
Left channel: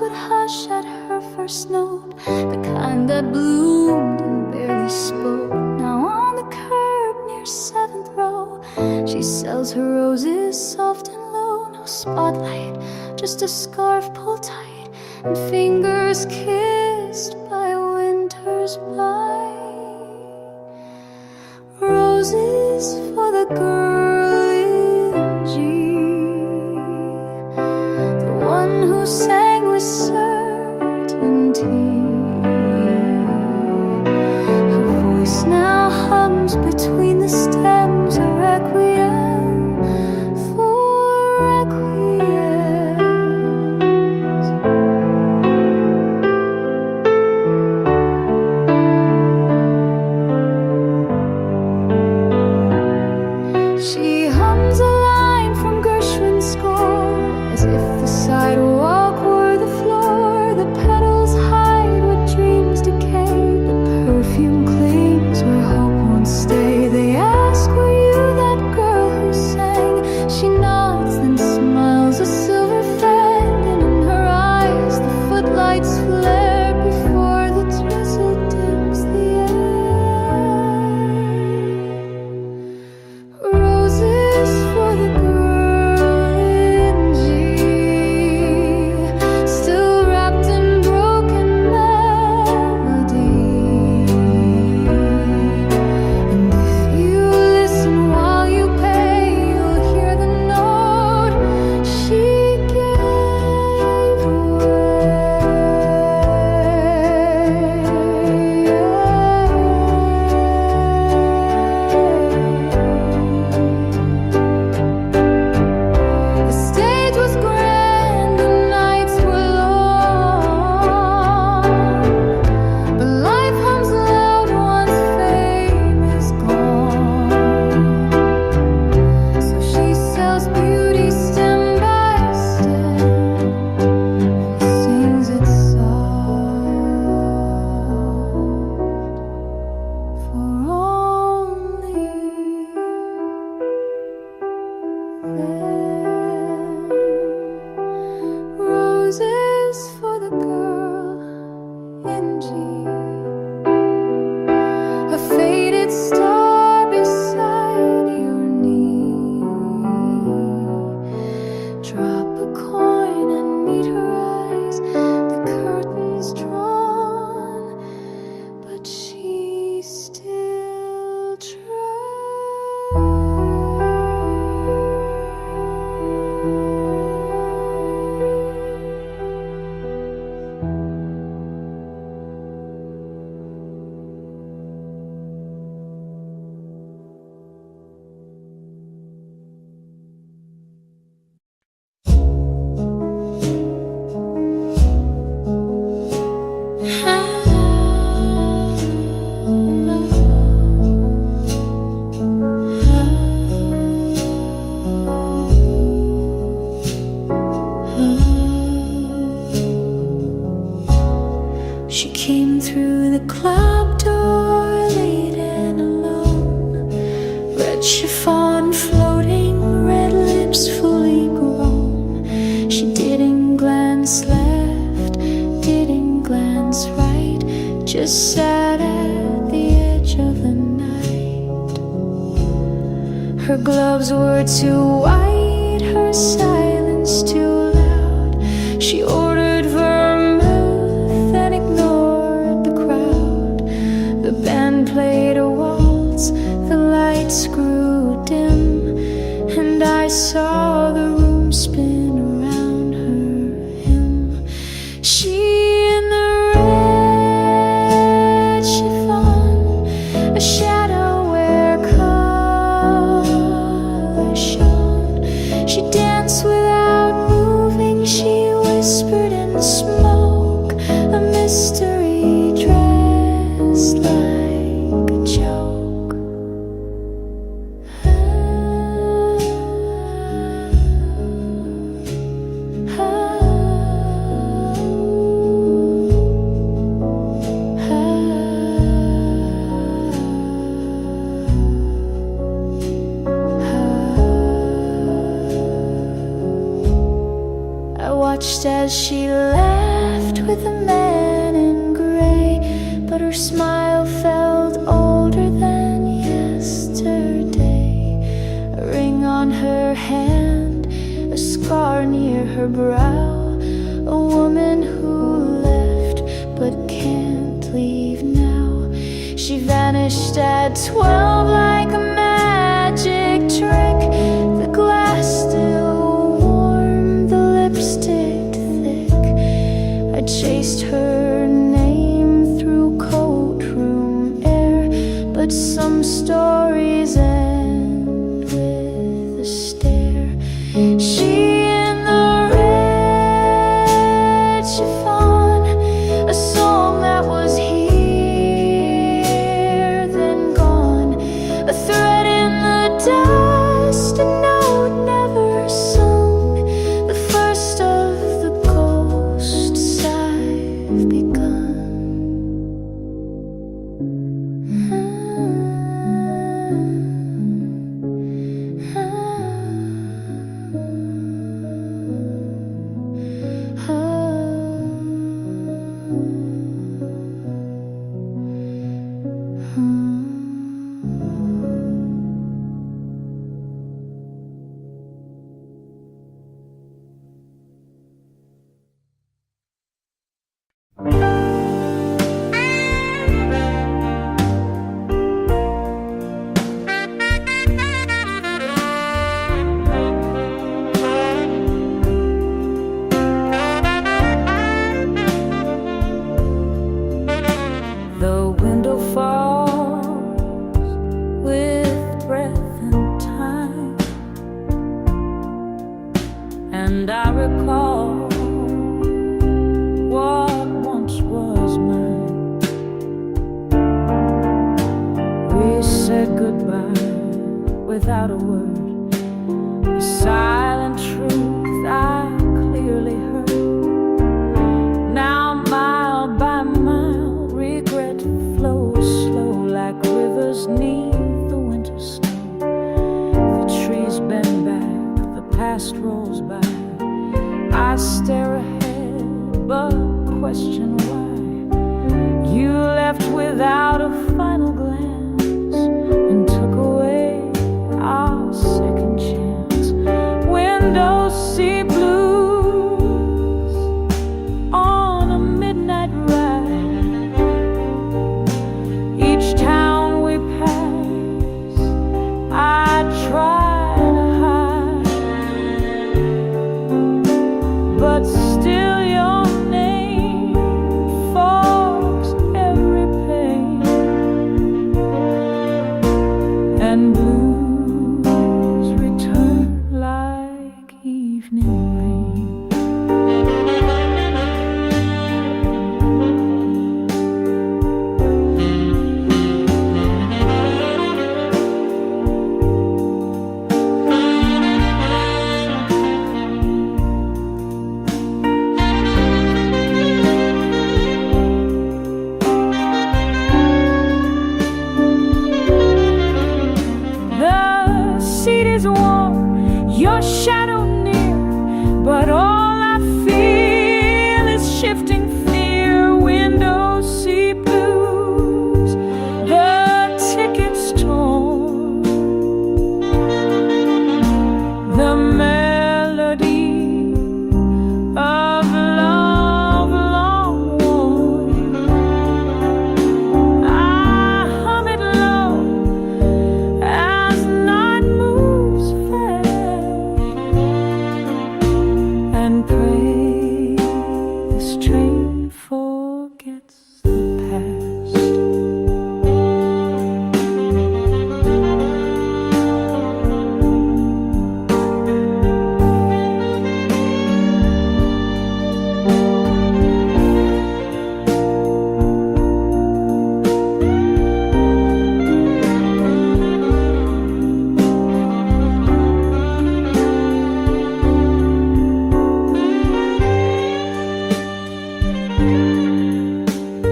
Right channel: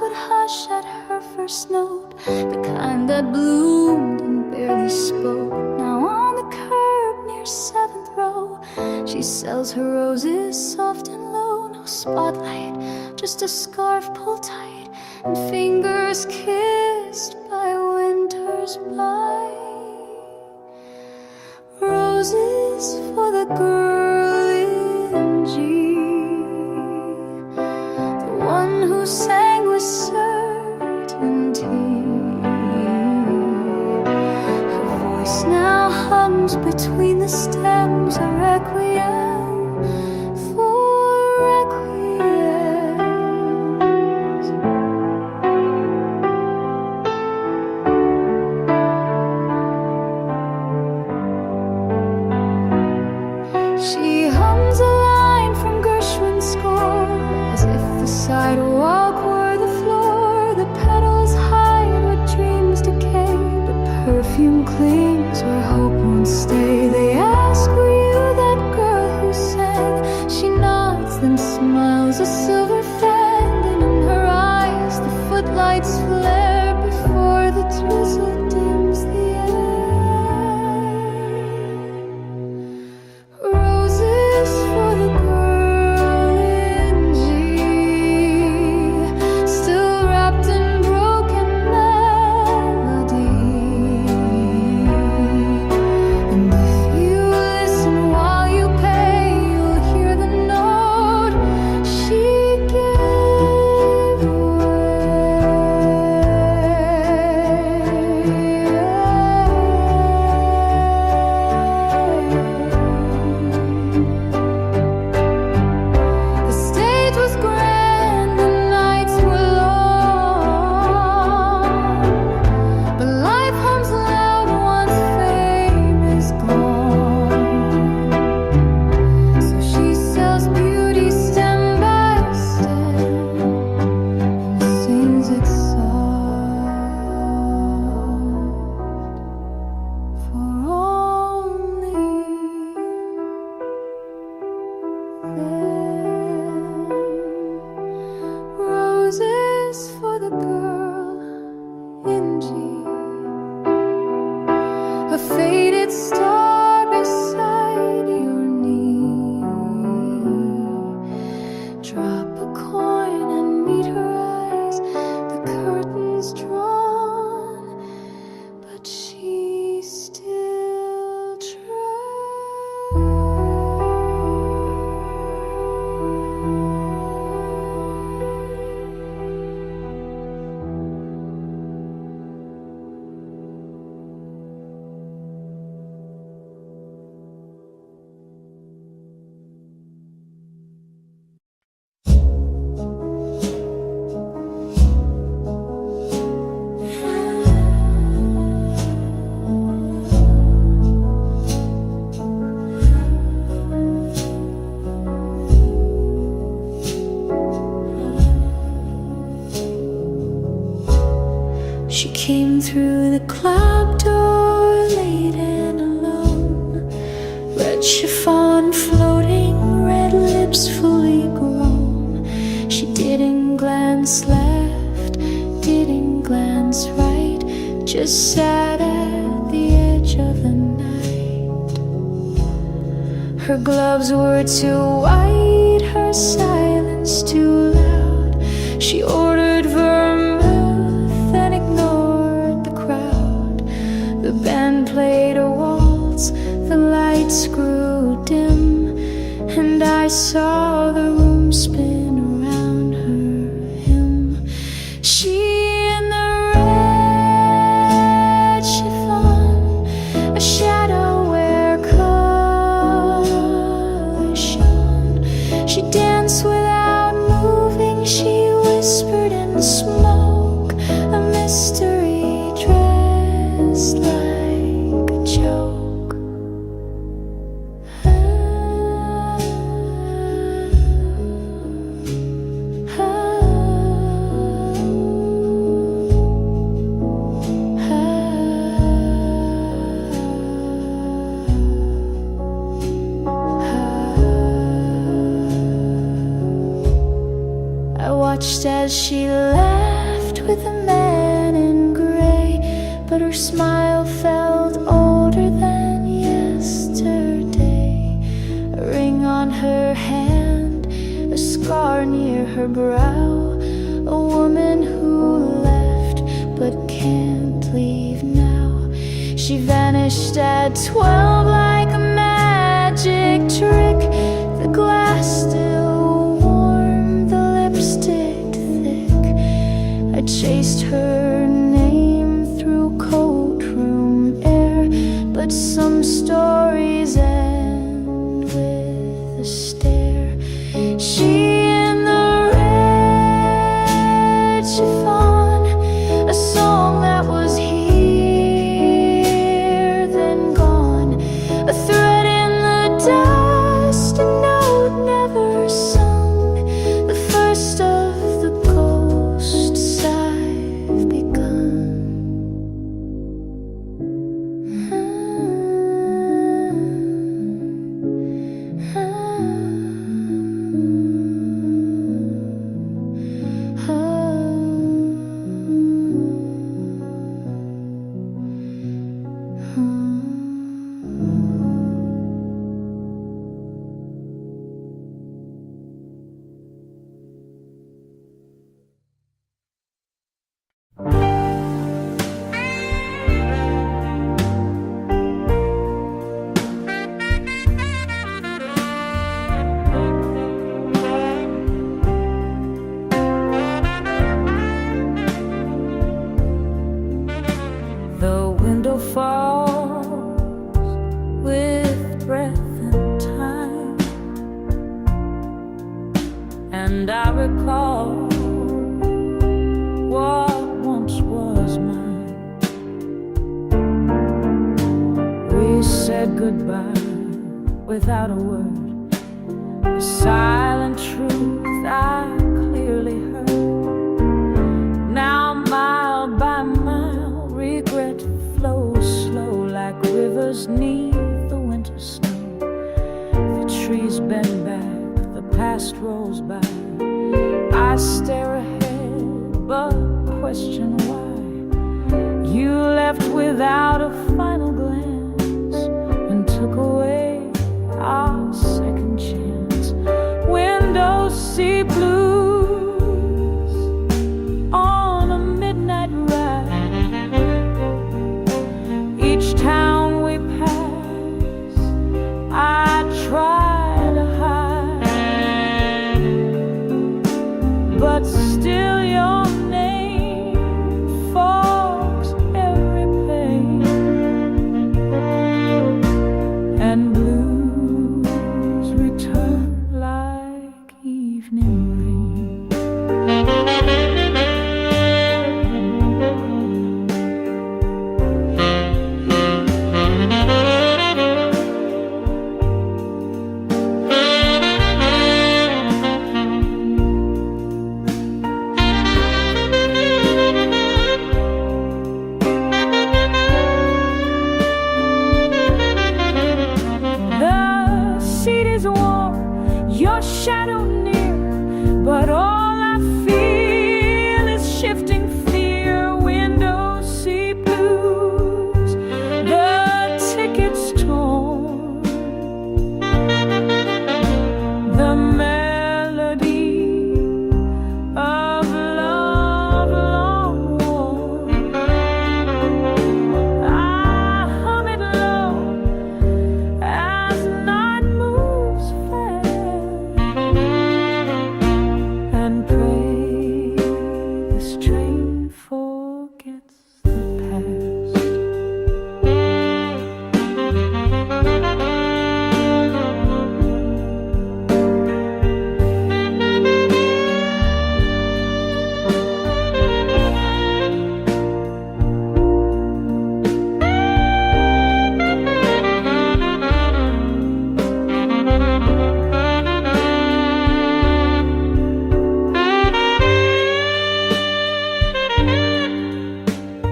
would hush at her first note, the kind that bloomed and barely spoke. Now on the curb near 7th row, she sells her roses soft and low. No spotlight, just a scarf pulled tight and fingers kissed by winter's bite. Roses for the girl in G, the one who sang with certainty. Her voice now hums between the stems, a requiem for requiems. She hums a line from Gershwin's score, as if the sidewalk were the floor. The petals hide what dreams decay, but perfume clings where hope won't stay. They ask, were you that girl who sang? She nods, then smiles a silver fang, and in her eyes the footlights flare before the drizzle dims the air. Roses for the girl in G, still wrapped in broken melody. And if you listen while you pay, you'll hear the note she gave away. The stage was grand, the nights were long, but life hums loud once fame is gone. So she sells beauty stem by stem and sings it soft for only them. Roses for the girl in G, a faded star beside your knee. Drop a coin and meet her eyes, the curtains drawn, but she still She came through the club door late and alone, red chiffon floating, red lips fully grown. She didn't glance left, didn't glance right, just sat at the edge of the night. Her gloves were too white, her silence too loud. She ordered vermouth and ignored the crowd. The band played a waltz, the lights grew dim, and I saw the room spin around her him. She in the red chiffon, a shadow where color shone. She danced without moving, she whispered in the smoke, a mystery dressed like a joke. I watched as she laughed with the man in gray, but her smile felt older than yesterday. A ring on her hand, a scar near her brow, a woman who left but can't leave now. She vanished at 12 like a magic trick. The glass still warm, the lipstick thick. I chased her name through courtroom air, but some stories end with a stare. She in the red chiffon, a song that was here then gone, a thread in the dust, a note never sung, the first of the ghosts I've begun. The window falls with breath and time, and I recall what once was mine. We said goodbye without a word, the silent truth I clearly heard. Now mile by mile regret flows slow like rivers neath the winter snow. The trees bend back, the past rolls by. I stare ahead but question why. You left without a final glance and took away our second chance. Windows see blues on a midnight ride. Each town we pass, I try to hide, but still your name fogs every pain, and blues return like evening rain. The seat is warm, your shadow near, but all I feel is shifting fear. Windows see blues, the tickets torn, the melody of love long worn. I hum it low as night moves fast, and pray this train forgets the past.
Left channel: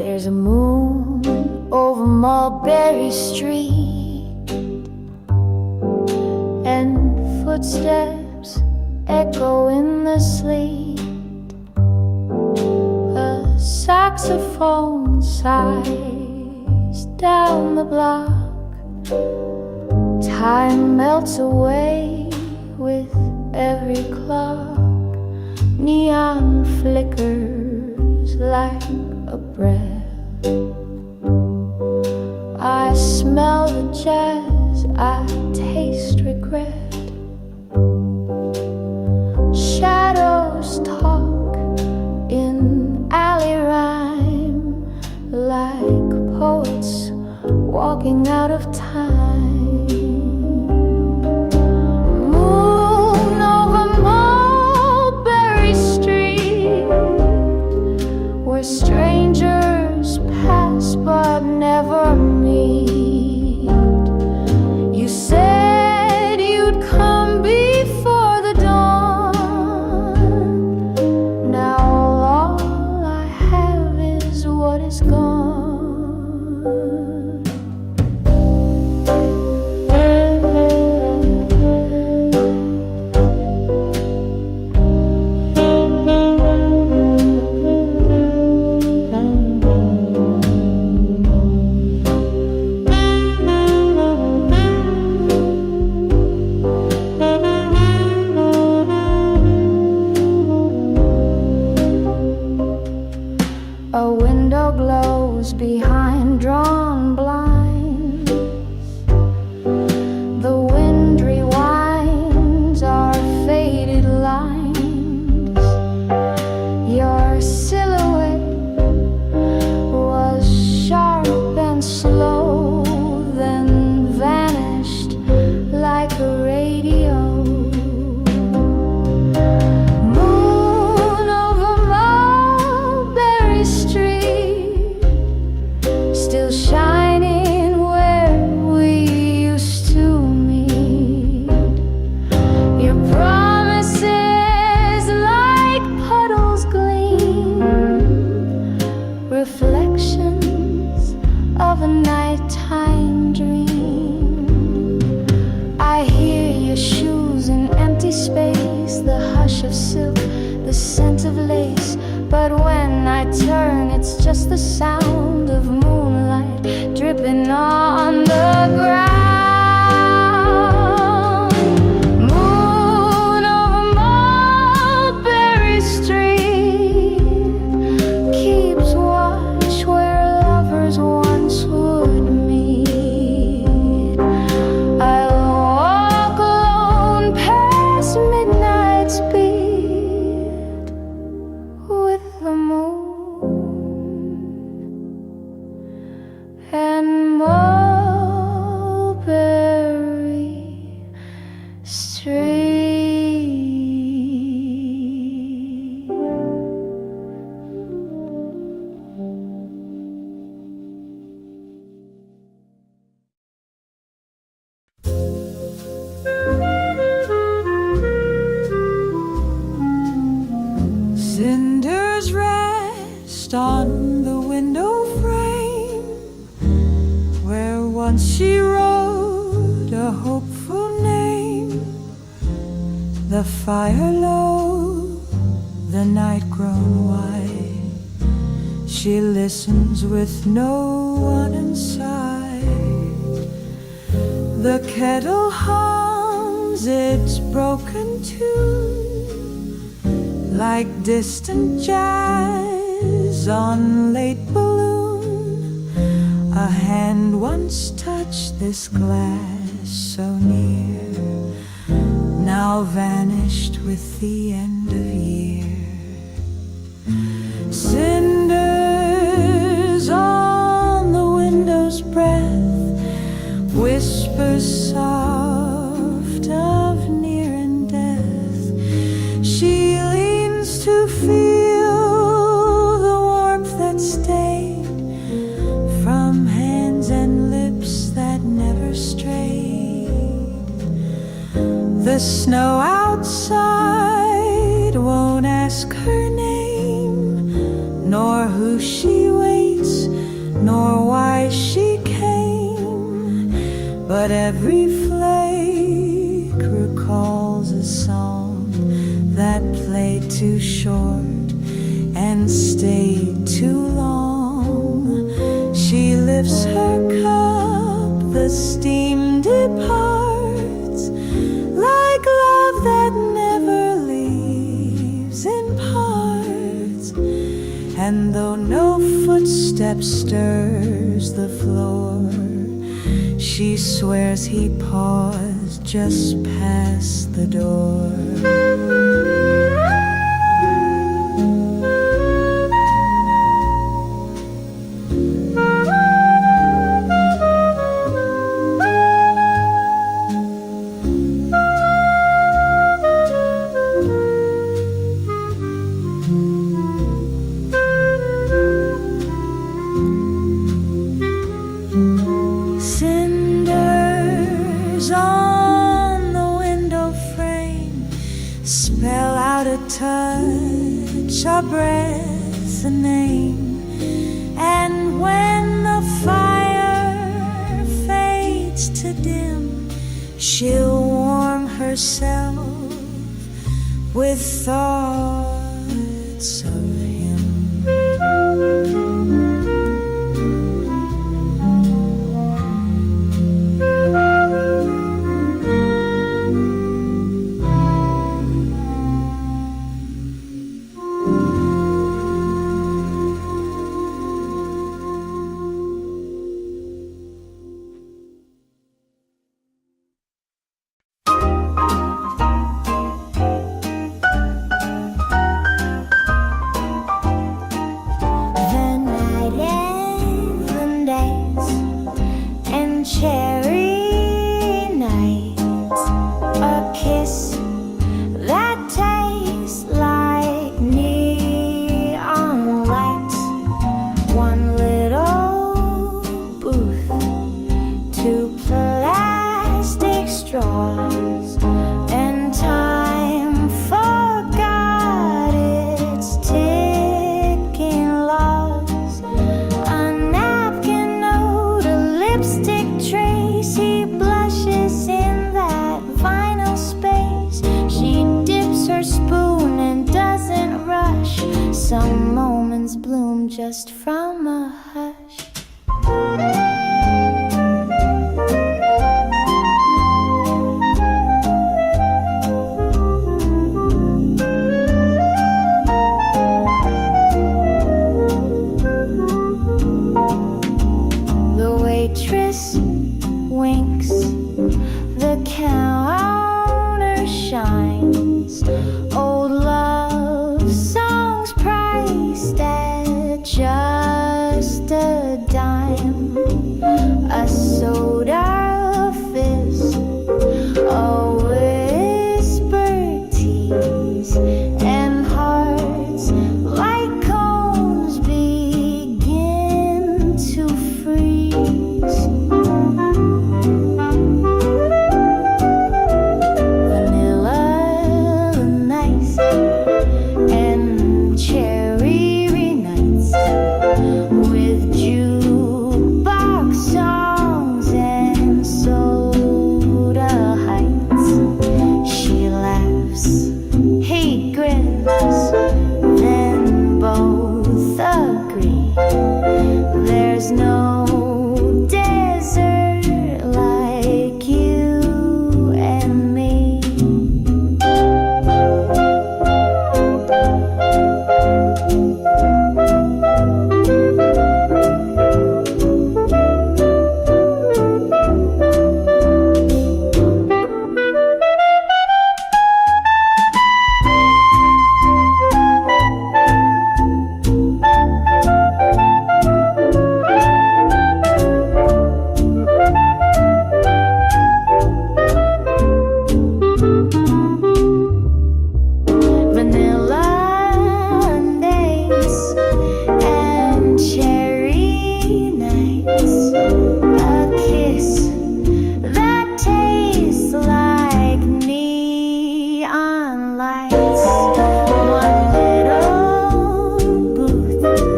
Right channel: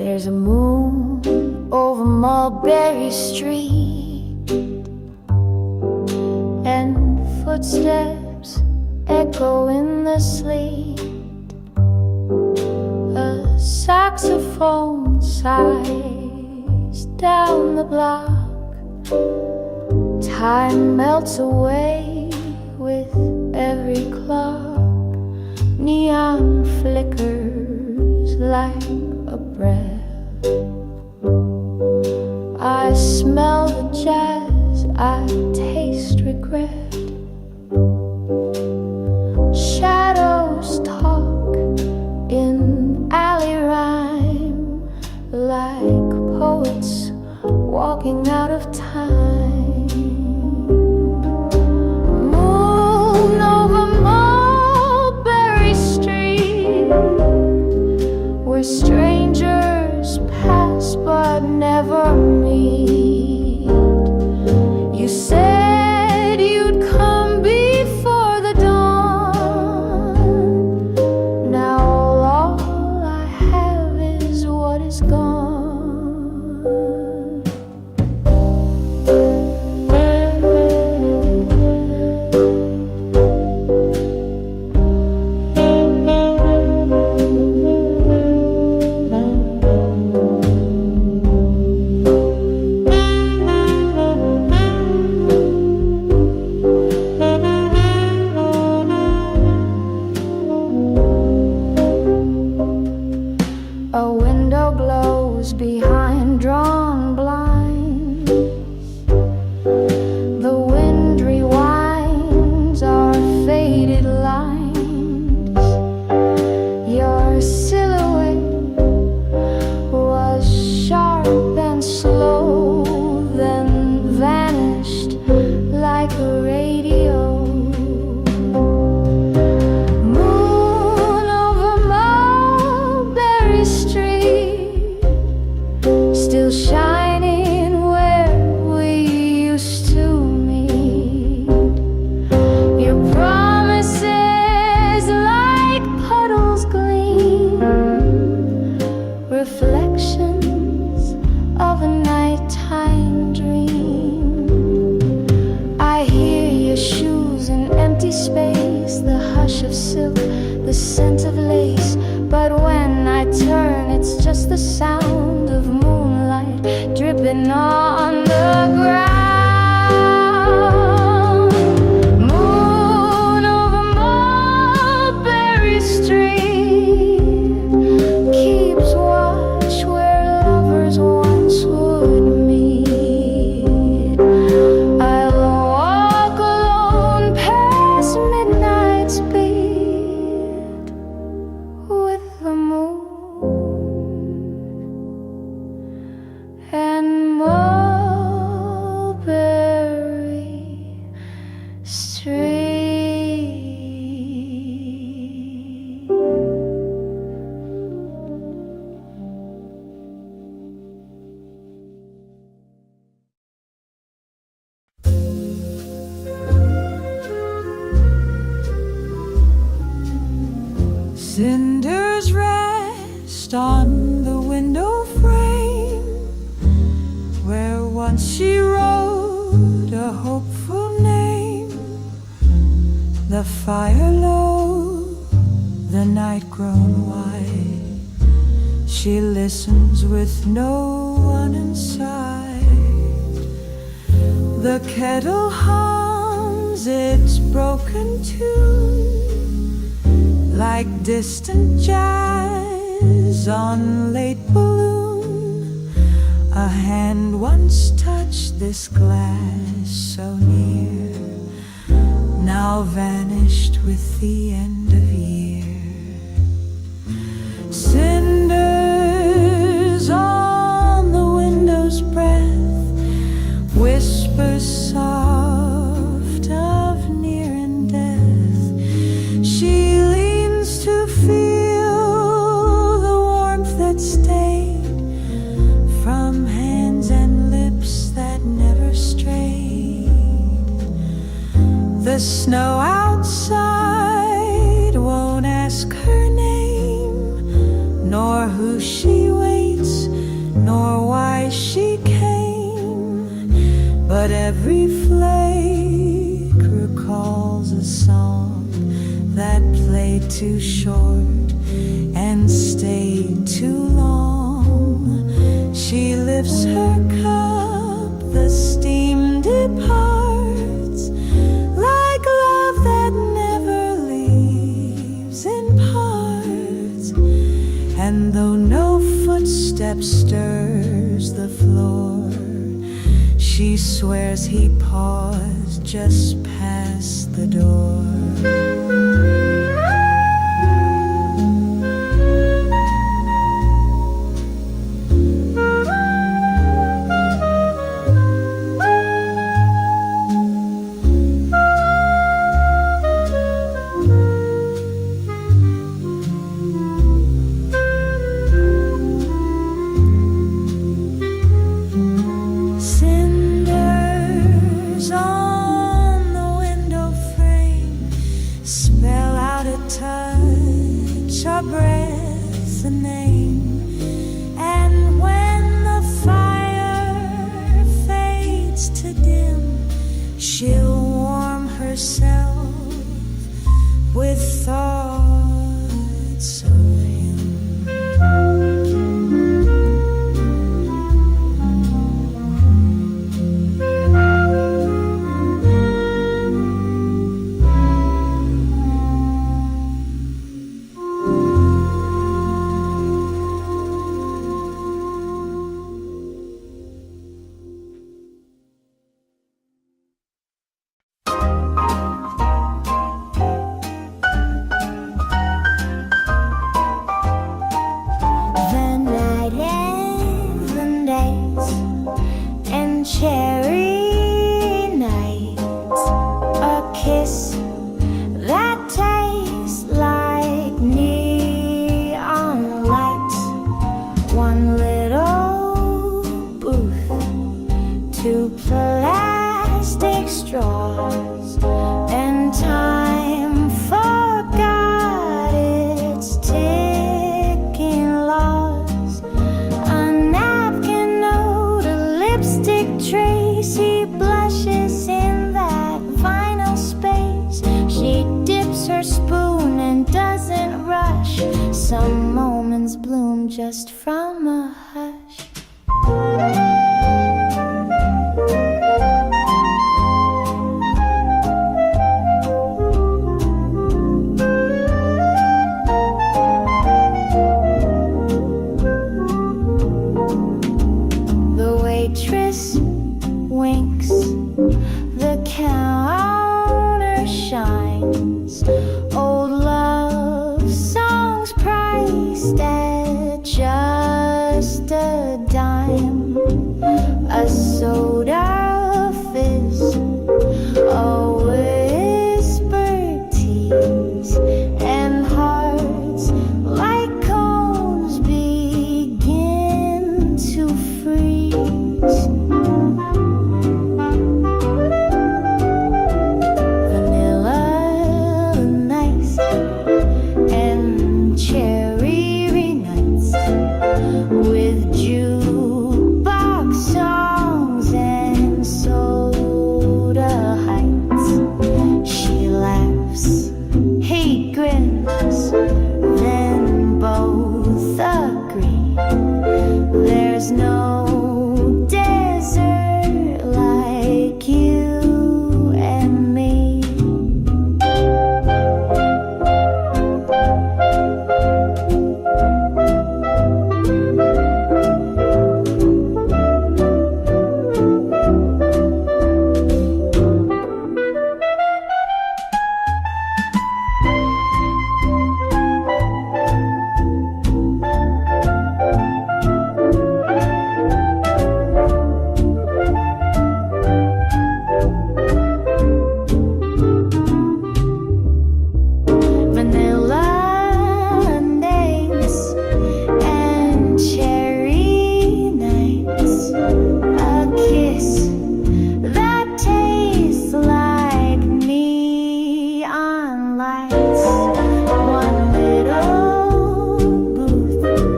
There's a moon over Mulberry Street, and footsteps echo in the sleet. A saxophone sighs down the block. Time melts away with every clock. Neon flickers like a breath. I smell the jazz, I taste regret. Shadows talk in alley rhyme, like poets walking out of time. Moon over Mulberry Street, where strangers pass but never meet. You said you'd come before the dawn. Now all I have is what is gone. A window glows behind drawn blinds. The wind rewinds our faded lines. Your silhouette was sharp and slow, then vanished like a radio. Still shining where we used to meet. Your promises like puddles gleam, reflections of a nighttime dream. I hear your shoes in empty space, the hush of silk, the scent of lace. But when I turn, it's just the sound of moonlight dripping on the ground. Moon over Mulberry Street keeps watch where lovers once would meet. I'll walk alone past midnight's beat with the moon and Mulberry Street. Cinders rest on the window frame, where once she wrote a hopeful name. The fire low, the night grown white. She listens with no one inside. The kettle hums its broken tune, like distant jazz on late balloon. A hand once touched this glass so near, now vanished with the end of year. Cinders on the window's breath, whispers soft of near and death. She to feel the warmth that stayed from hands and lips that never strayed. The snow outside won't ask her name, nor who she waits, nor why she came, but every flake recalls a song that played too short and stayed too long. She lifts her cup, the steam departs, like love that never leaves in parts. And though no footstep stirs the floor, she swears he paused just past the door. Cinders on the window frame spell out a touch, a breath, a name. And when the fire fades to dim, she'll warm herself with thoughts of him. Cherry nights, a kiss that tastes like neon lights, one little booth, two plastic straws, and time forgot its ticking laws. A napkin note, a lipstick trace, he blushes in that vinyl space. She dips her spoon and doesn't rush. Some moments bloom just from a hush. The waitress winks, the counter shines. Old love songs priced at just a dime. A soda fizz, a whispered tease, and hearts like cones begin to freeze. Vanilla nice and cherry nights with jukebox songs and soda heights. She laughs, he grins, then both agree there's no desert like you and me. Vanilla days and cherry nights, a kiss that tastes like neon lights, one little booth,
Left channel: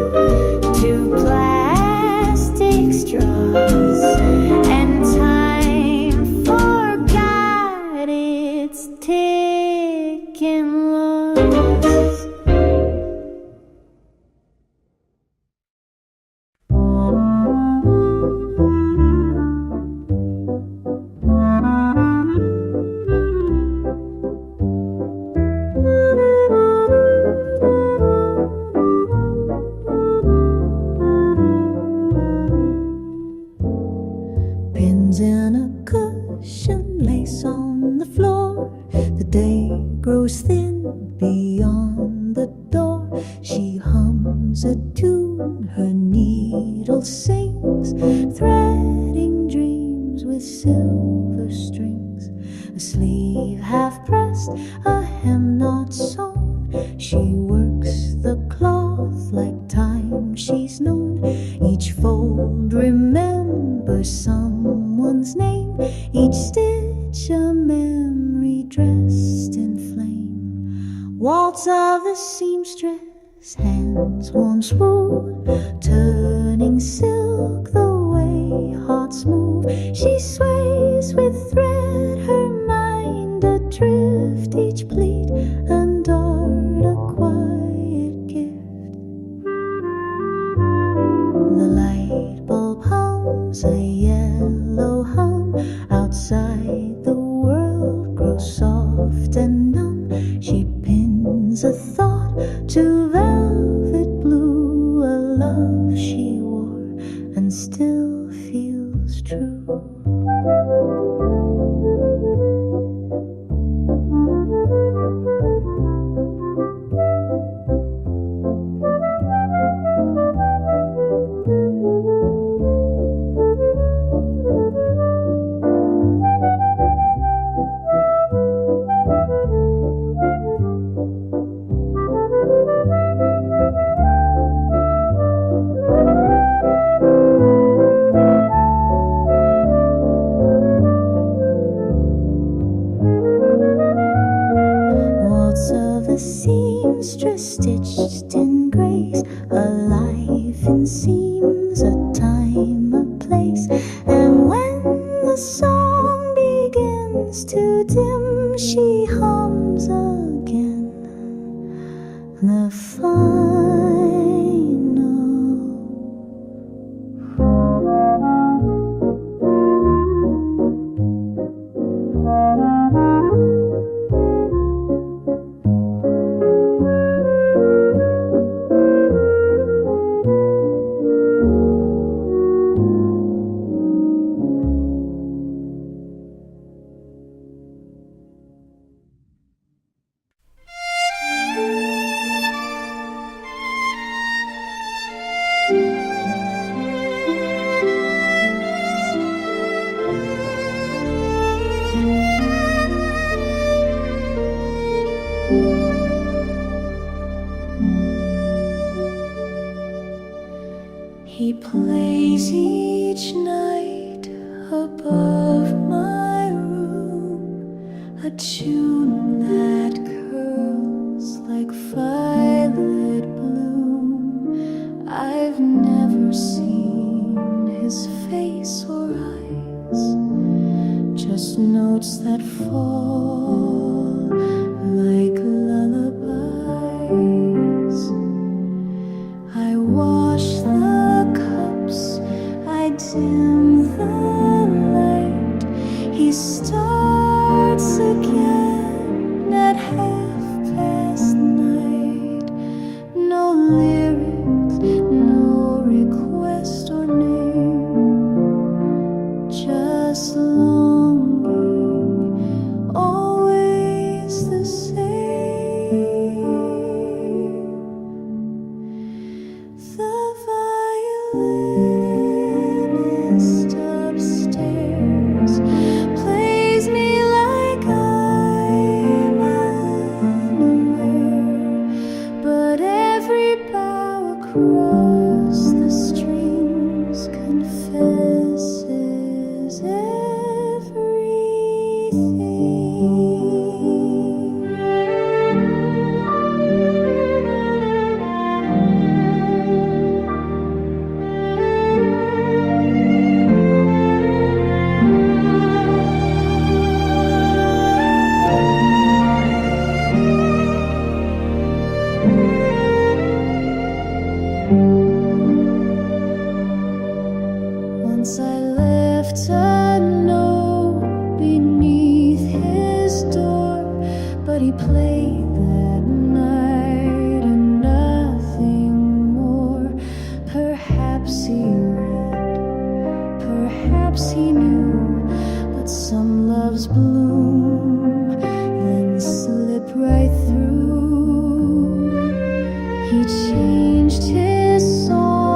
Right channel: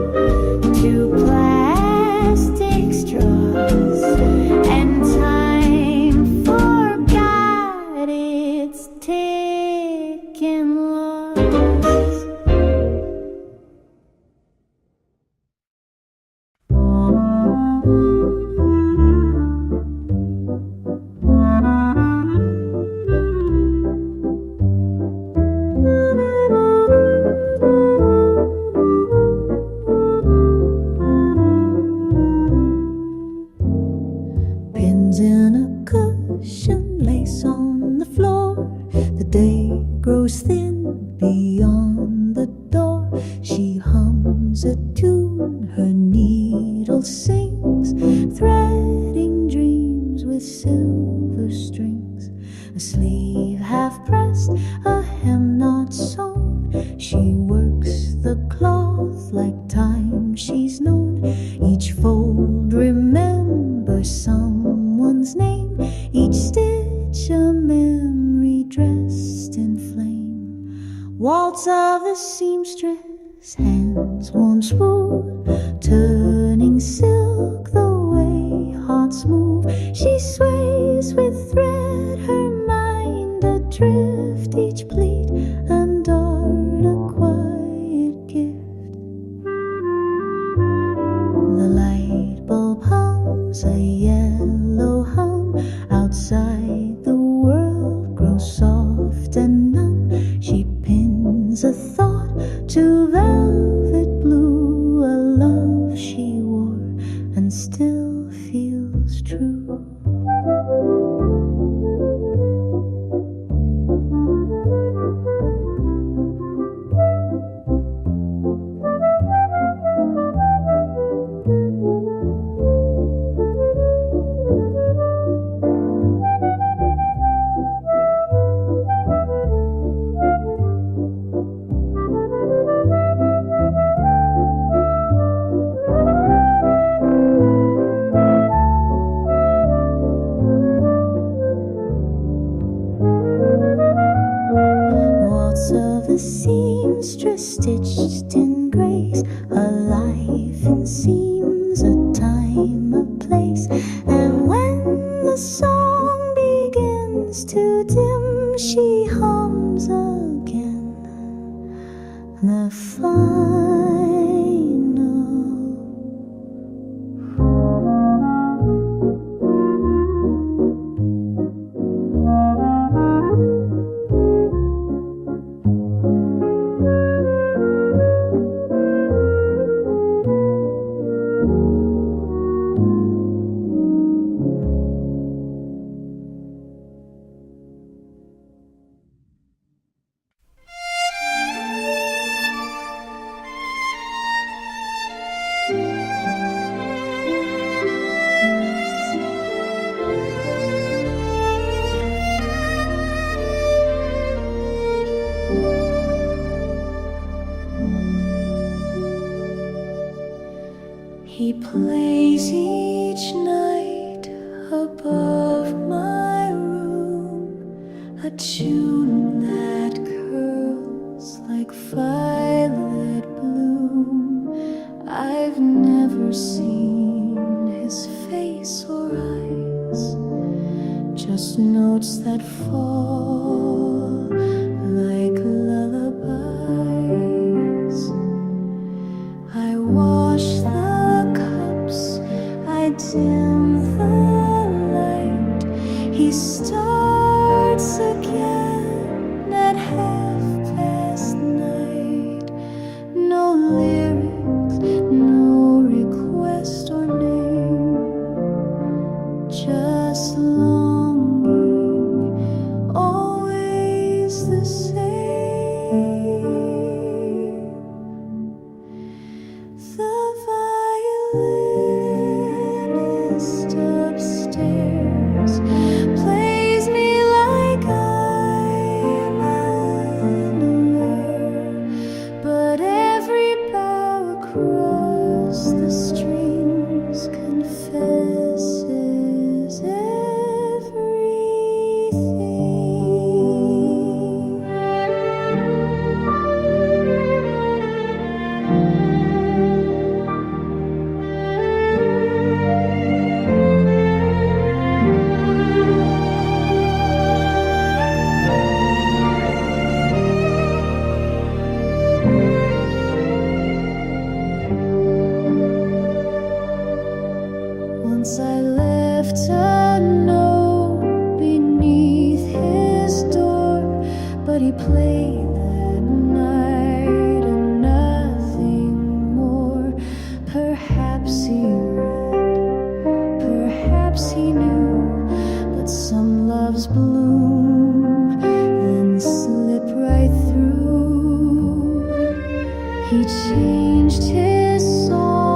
tune, her needle sings, threading dreams with silver strings. A sleeve half pressed, a hem not sewn, she works the cloth like time she's known. Each fold remembers someone's name, each stitch a memory dressed in flame. Waltz of the seamstress, hands warm smooth, turning silk the way hearts move. She sways with thread, her mind adrift, each pleat and dart a quiet gift. The light bulb hums a yellow hum, outside the world grows soft and numb. She pins a thought to velvet blue, a love she wore and still feels true. Of the seamstress stitched in grace, a life in seams, a time, a place. And when the song begins to dim, she hums again the final. He plays each night above my room, a tune that curls like violet bloom. I've never seen his face or eyes, just notes that fall like lullabies. I wash the cups, I dim the light. He starts again at midnight. No lyrics, no request or name, just longing, always the same. The violinist upstairs plays me like I'm unaware, but every bow across the strings confesses Once I left a note beneath his door, but he played that night and nothing more. Perhaps he read, perhaps he knew, but some loves bloom, then slip right through. He changed his song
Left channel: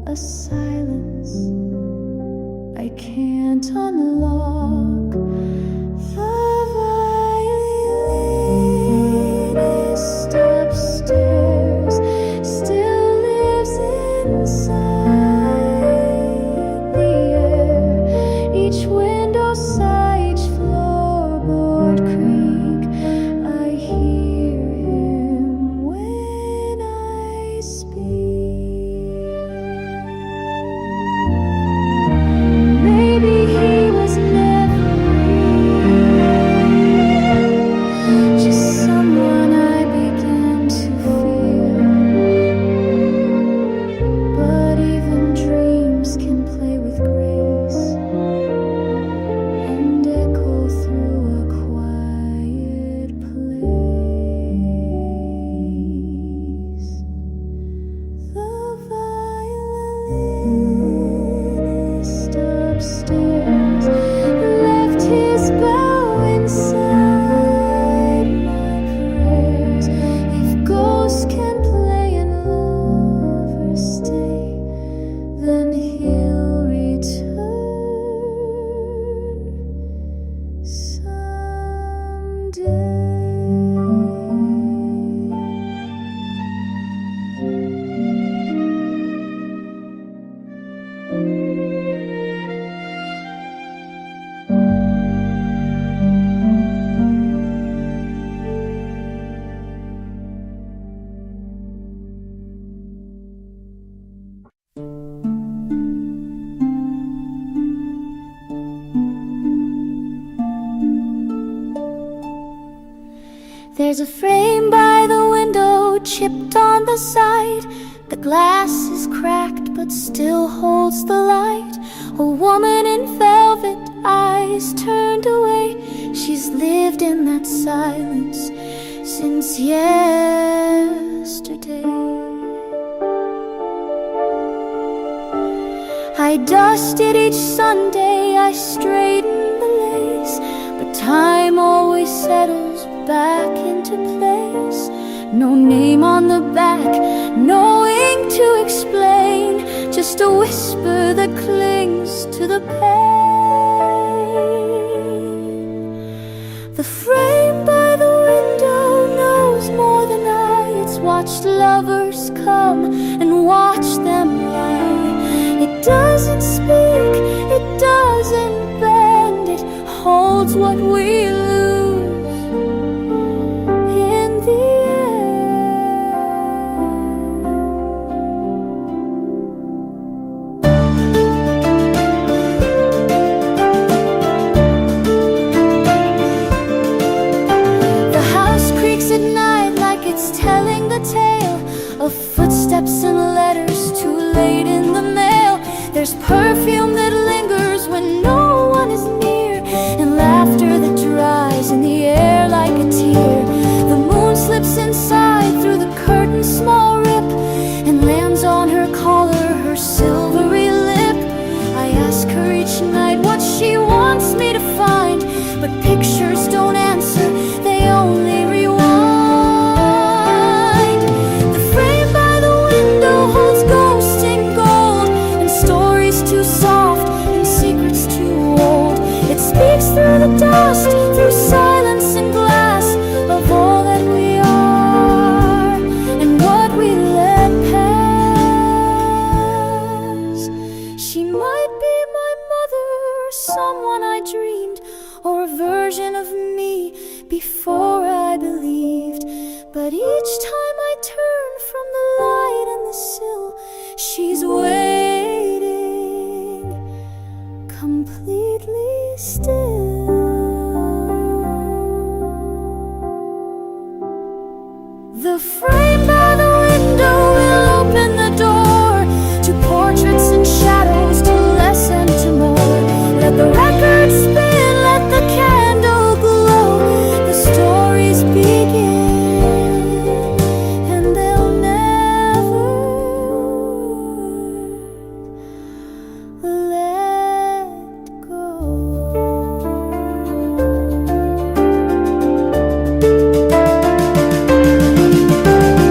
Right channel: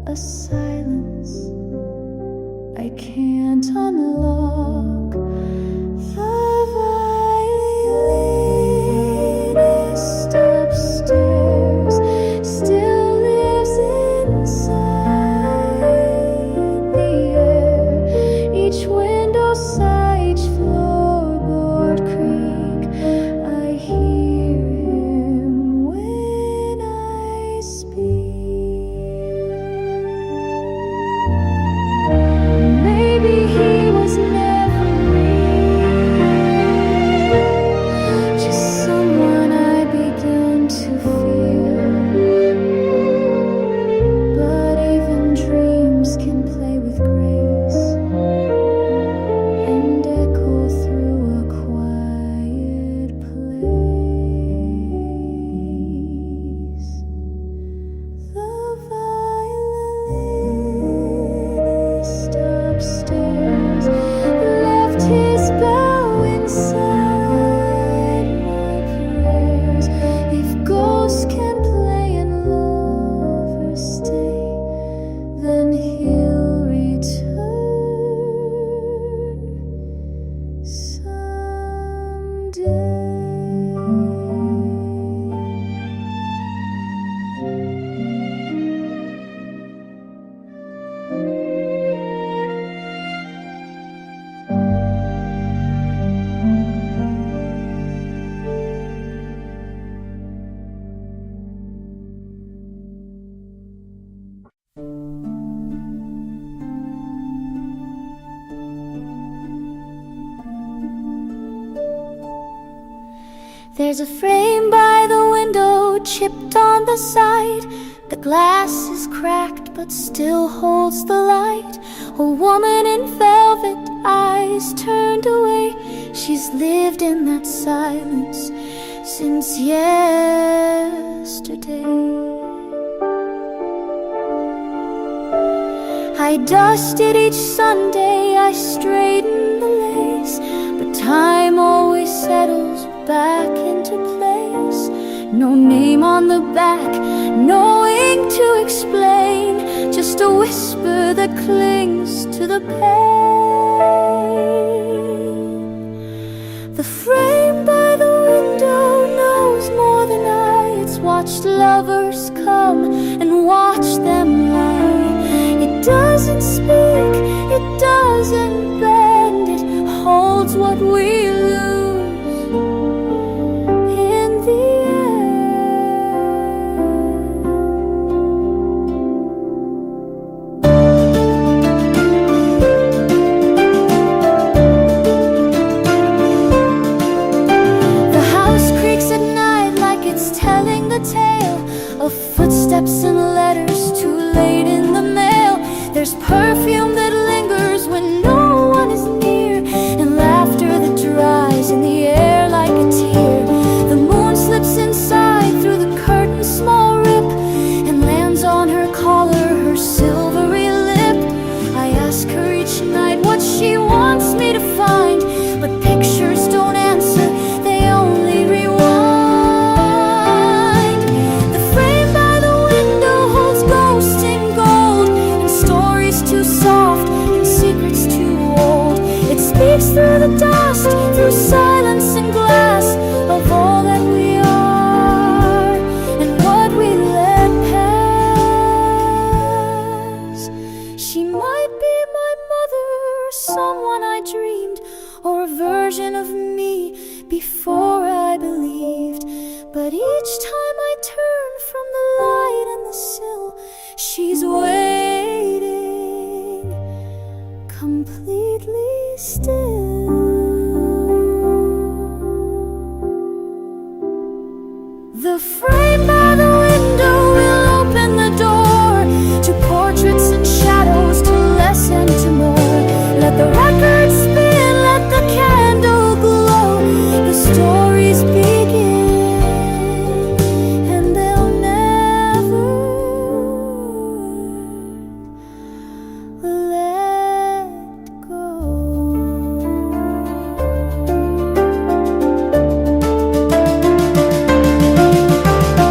a silence I can't unlock. The violinist upstairs still lives inside the air. Each window sigh, each floorboard creak. I hear him when I speak. Maybe he was never real, just someone I begin to feel. But even dreams can play with grace and echo through a quiet place. The violinist upstairs left his bow inside my prayers. If ghosts can play and lovers stay, then he'll return someday. There's a frame by the window, chipped on the side. The glass is cracked but still holds the light. A woman in velvet, eyes turned away. She's lived in that silence since yesterday. I dusted each Sunday, I straightened the lace, but time always settles back into place. No name on the back, no ink to explain, just a whisper that clings to the pain. The frame by the window knows more than I. It's watched lovers come and watch them lie. It doesn't speak, it doesn't bend, it holds what we lose in the end. The house creaks at night like it's telling the tale of footsteps and letters too late in the mail. There's perfume that lingers when no one is near, and laughter that dries in the air like a tear. The moon slips inside through the curtain's small rip and lands on her collar, her silvery lip. I ask her each night what she wants me to find, but pictures don't answer, they only rewind. The frame by the window holds ghosts in gold, and stories too soft and secrets too old. It speaks through the dust, through silence and glass, of all that we are and what we let pass. She might be my mother, or someone I dreamed, or a version of me before I believed. But each time I turn from the light and the sill, she's waiting, completely still. The frame by the window will open the door to portraits and shadows, to less and to more. Let the record spin, let the candle glow. The stories begin, and they'll never let go.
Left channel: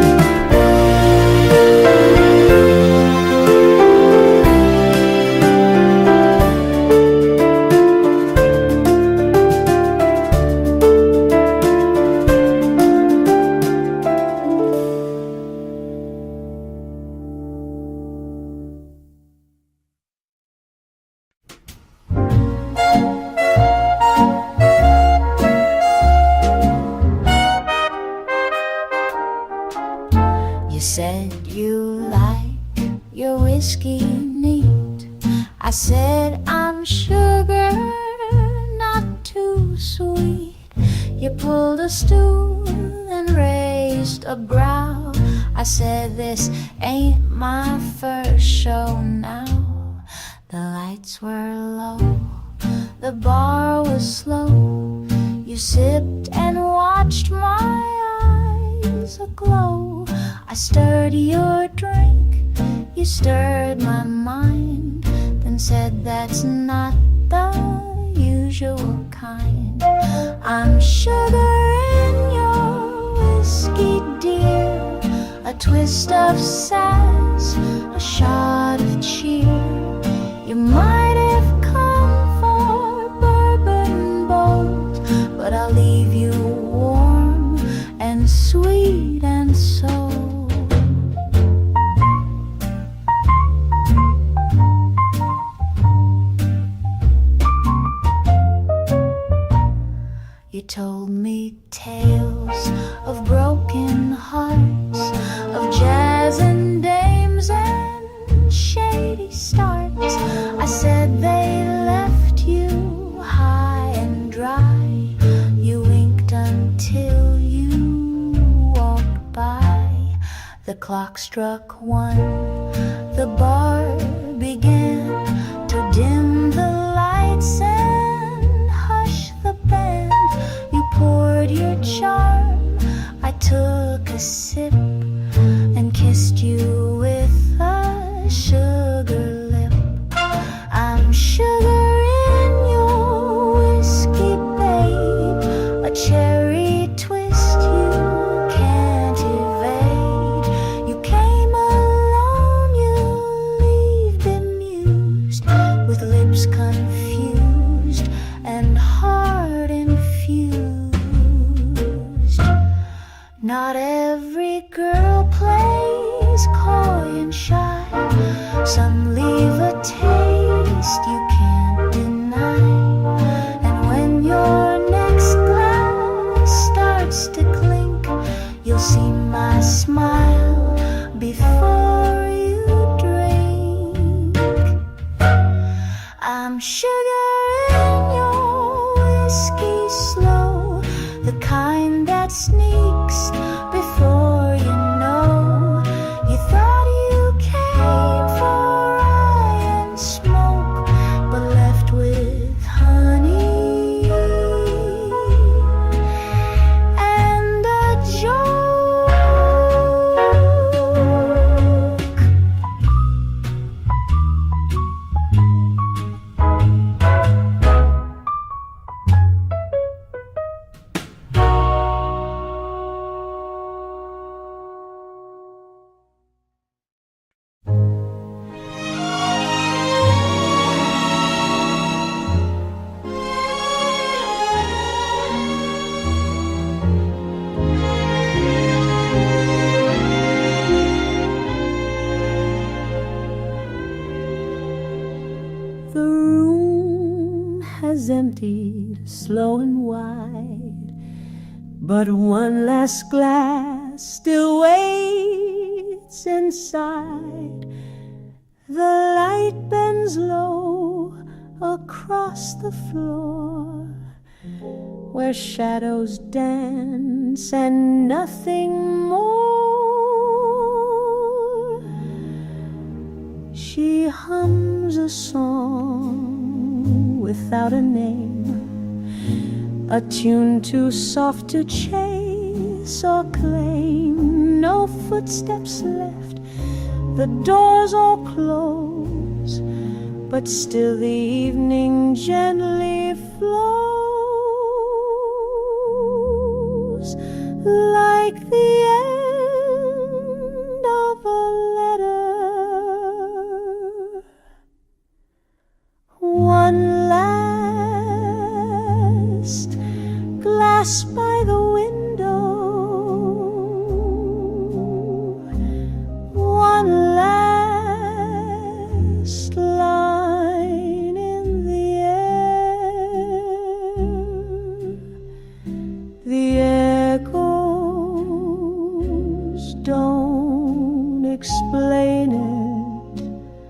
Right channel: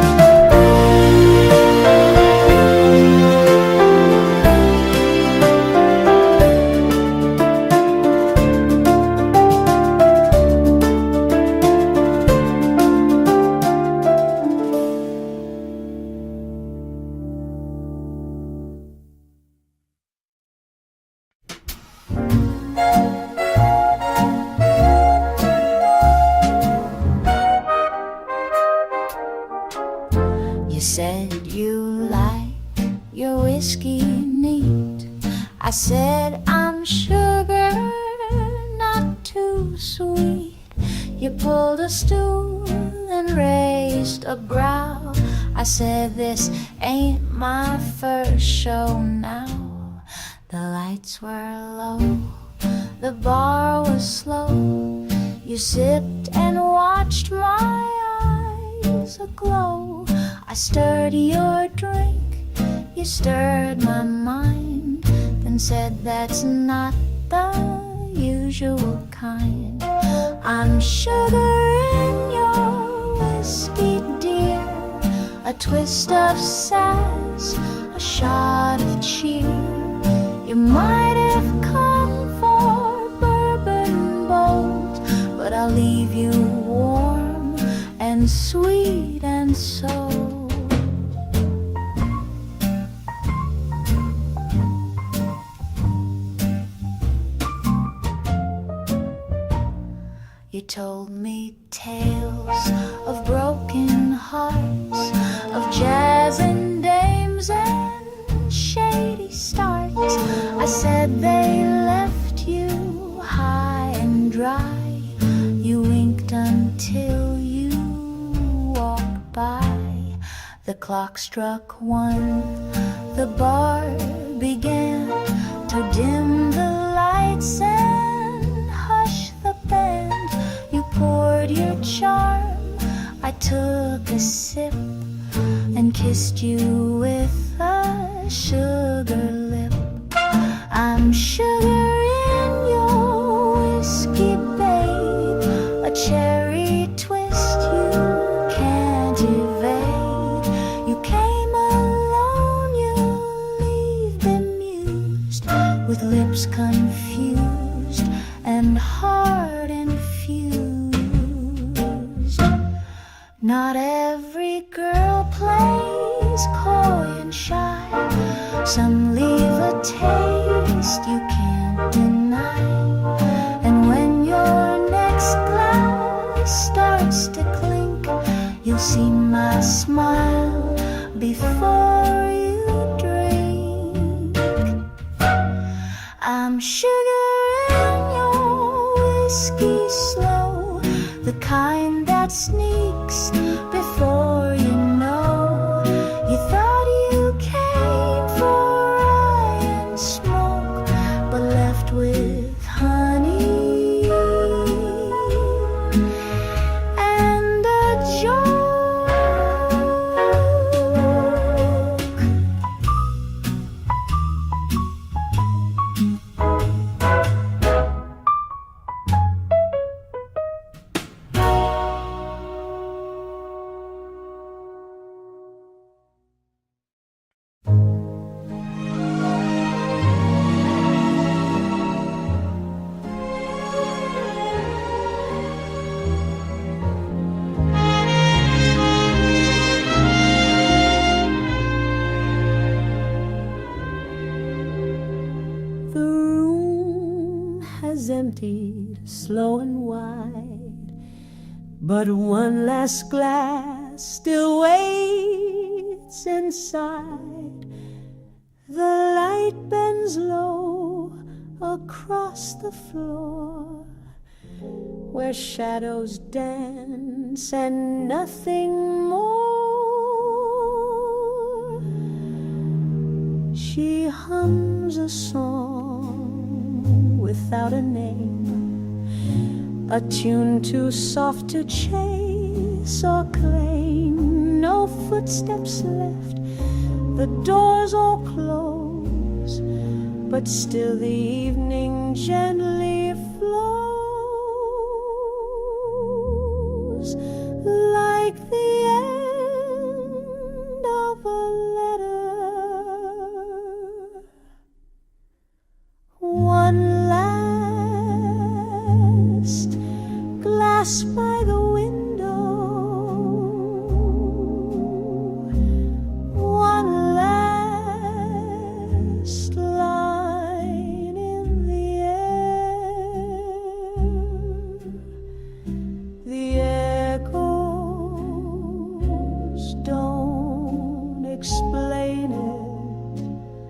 whiskey neat. I said, I'm sugar, not too sweet. You pulled a stool and raised a brow. I said, this ain't my first show now. The lights were low, the bar was slow. You sipped and watched my eyes aglow. I stirred your drink, you stirred my mind, then said that's not the usual kind. I'm sugar in your whiskey, dear, a twist of sass, a shot of cheer. You might have come for bourbon bold, but I'll leave you warm and sweet and sold. You told me tales of broken hearts, of jazz and dames and shady starts. I said they left you high and dry. You winked until you walked by. The clock struck 1, the bar began to dim the lights and hush the band. You poured your charm, I took a sip and kissed you with a sugar lip. I'm sugar in your whiskey, babe, a cherry twist you can't evade. You came alone, you leave bemused, with lips confused and heart infused. Not every girl plays coy and shy. Some leave a taste you can't deny. And when your next glass starts to clink, you'll see my smile before you drink. I'm sugar in your whiskey slow, the kind that sneaks before you know. You thought you came for rye and smoke, but left with honey and a joke. The room has emptied slow and wide, but one last glass still waits inside. The light bends low across the floor, where shadows dance and nothing more. She hums a song without a name, a tune too soft to chase or claim. No footsteps left, the doors all close, but still the evening gently flows, like the end of a letter. One last glass by the window, one last line in the air. The echoes don't explain it,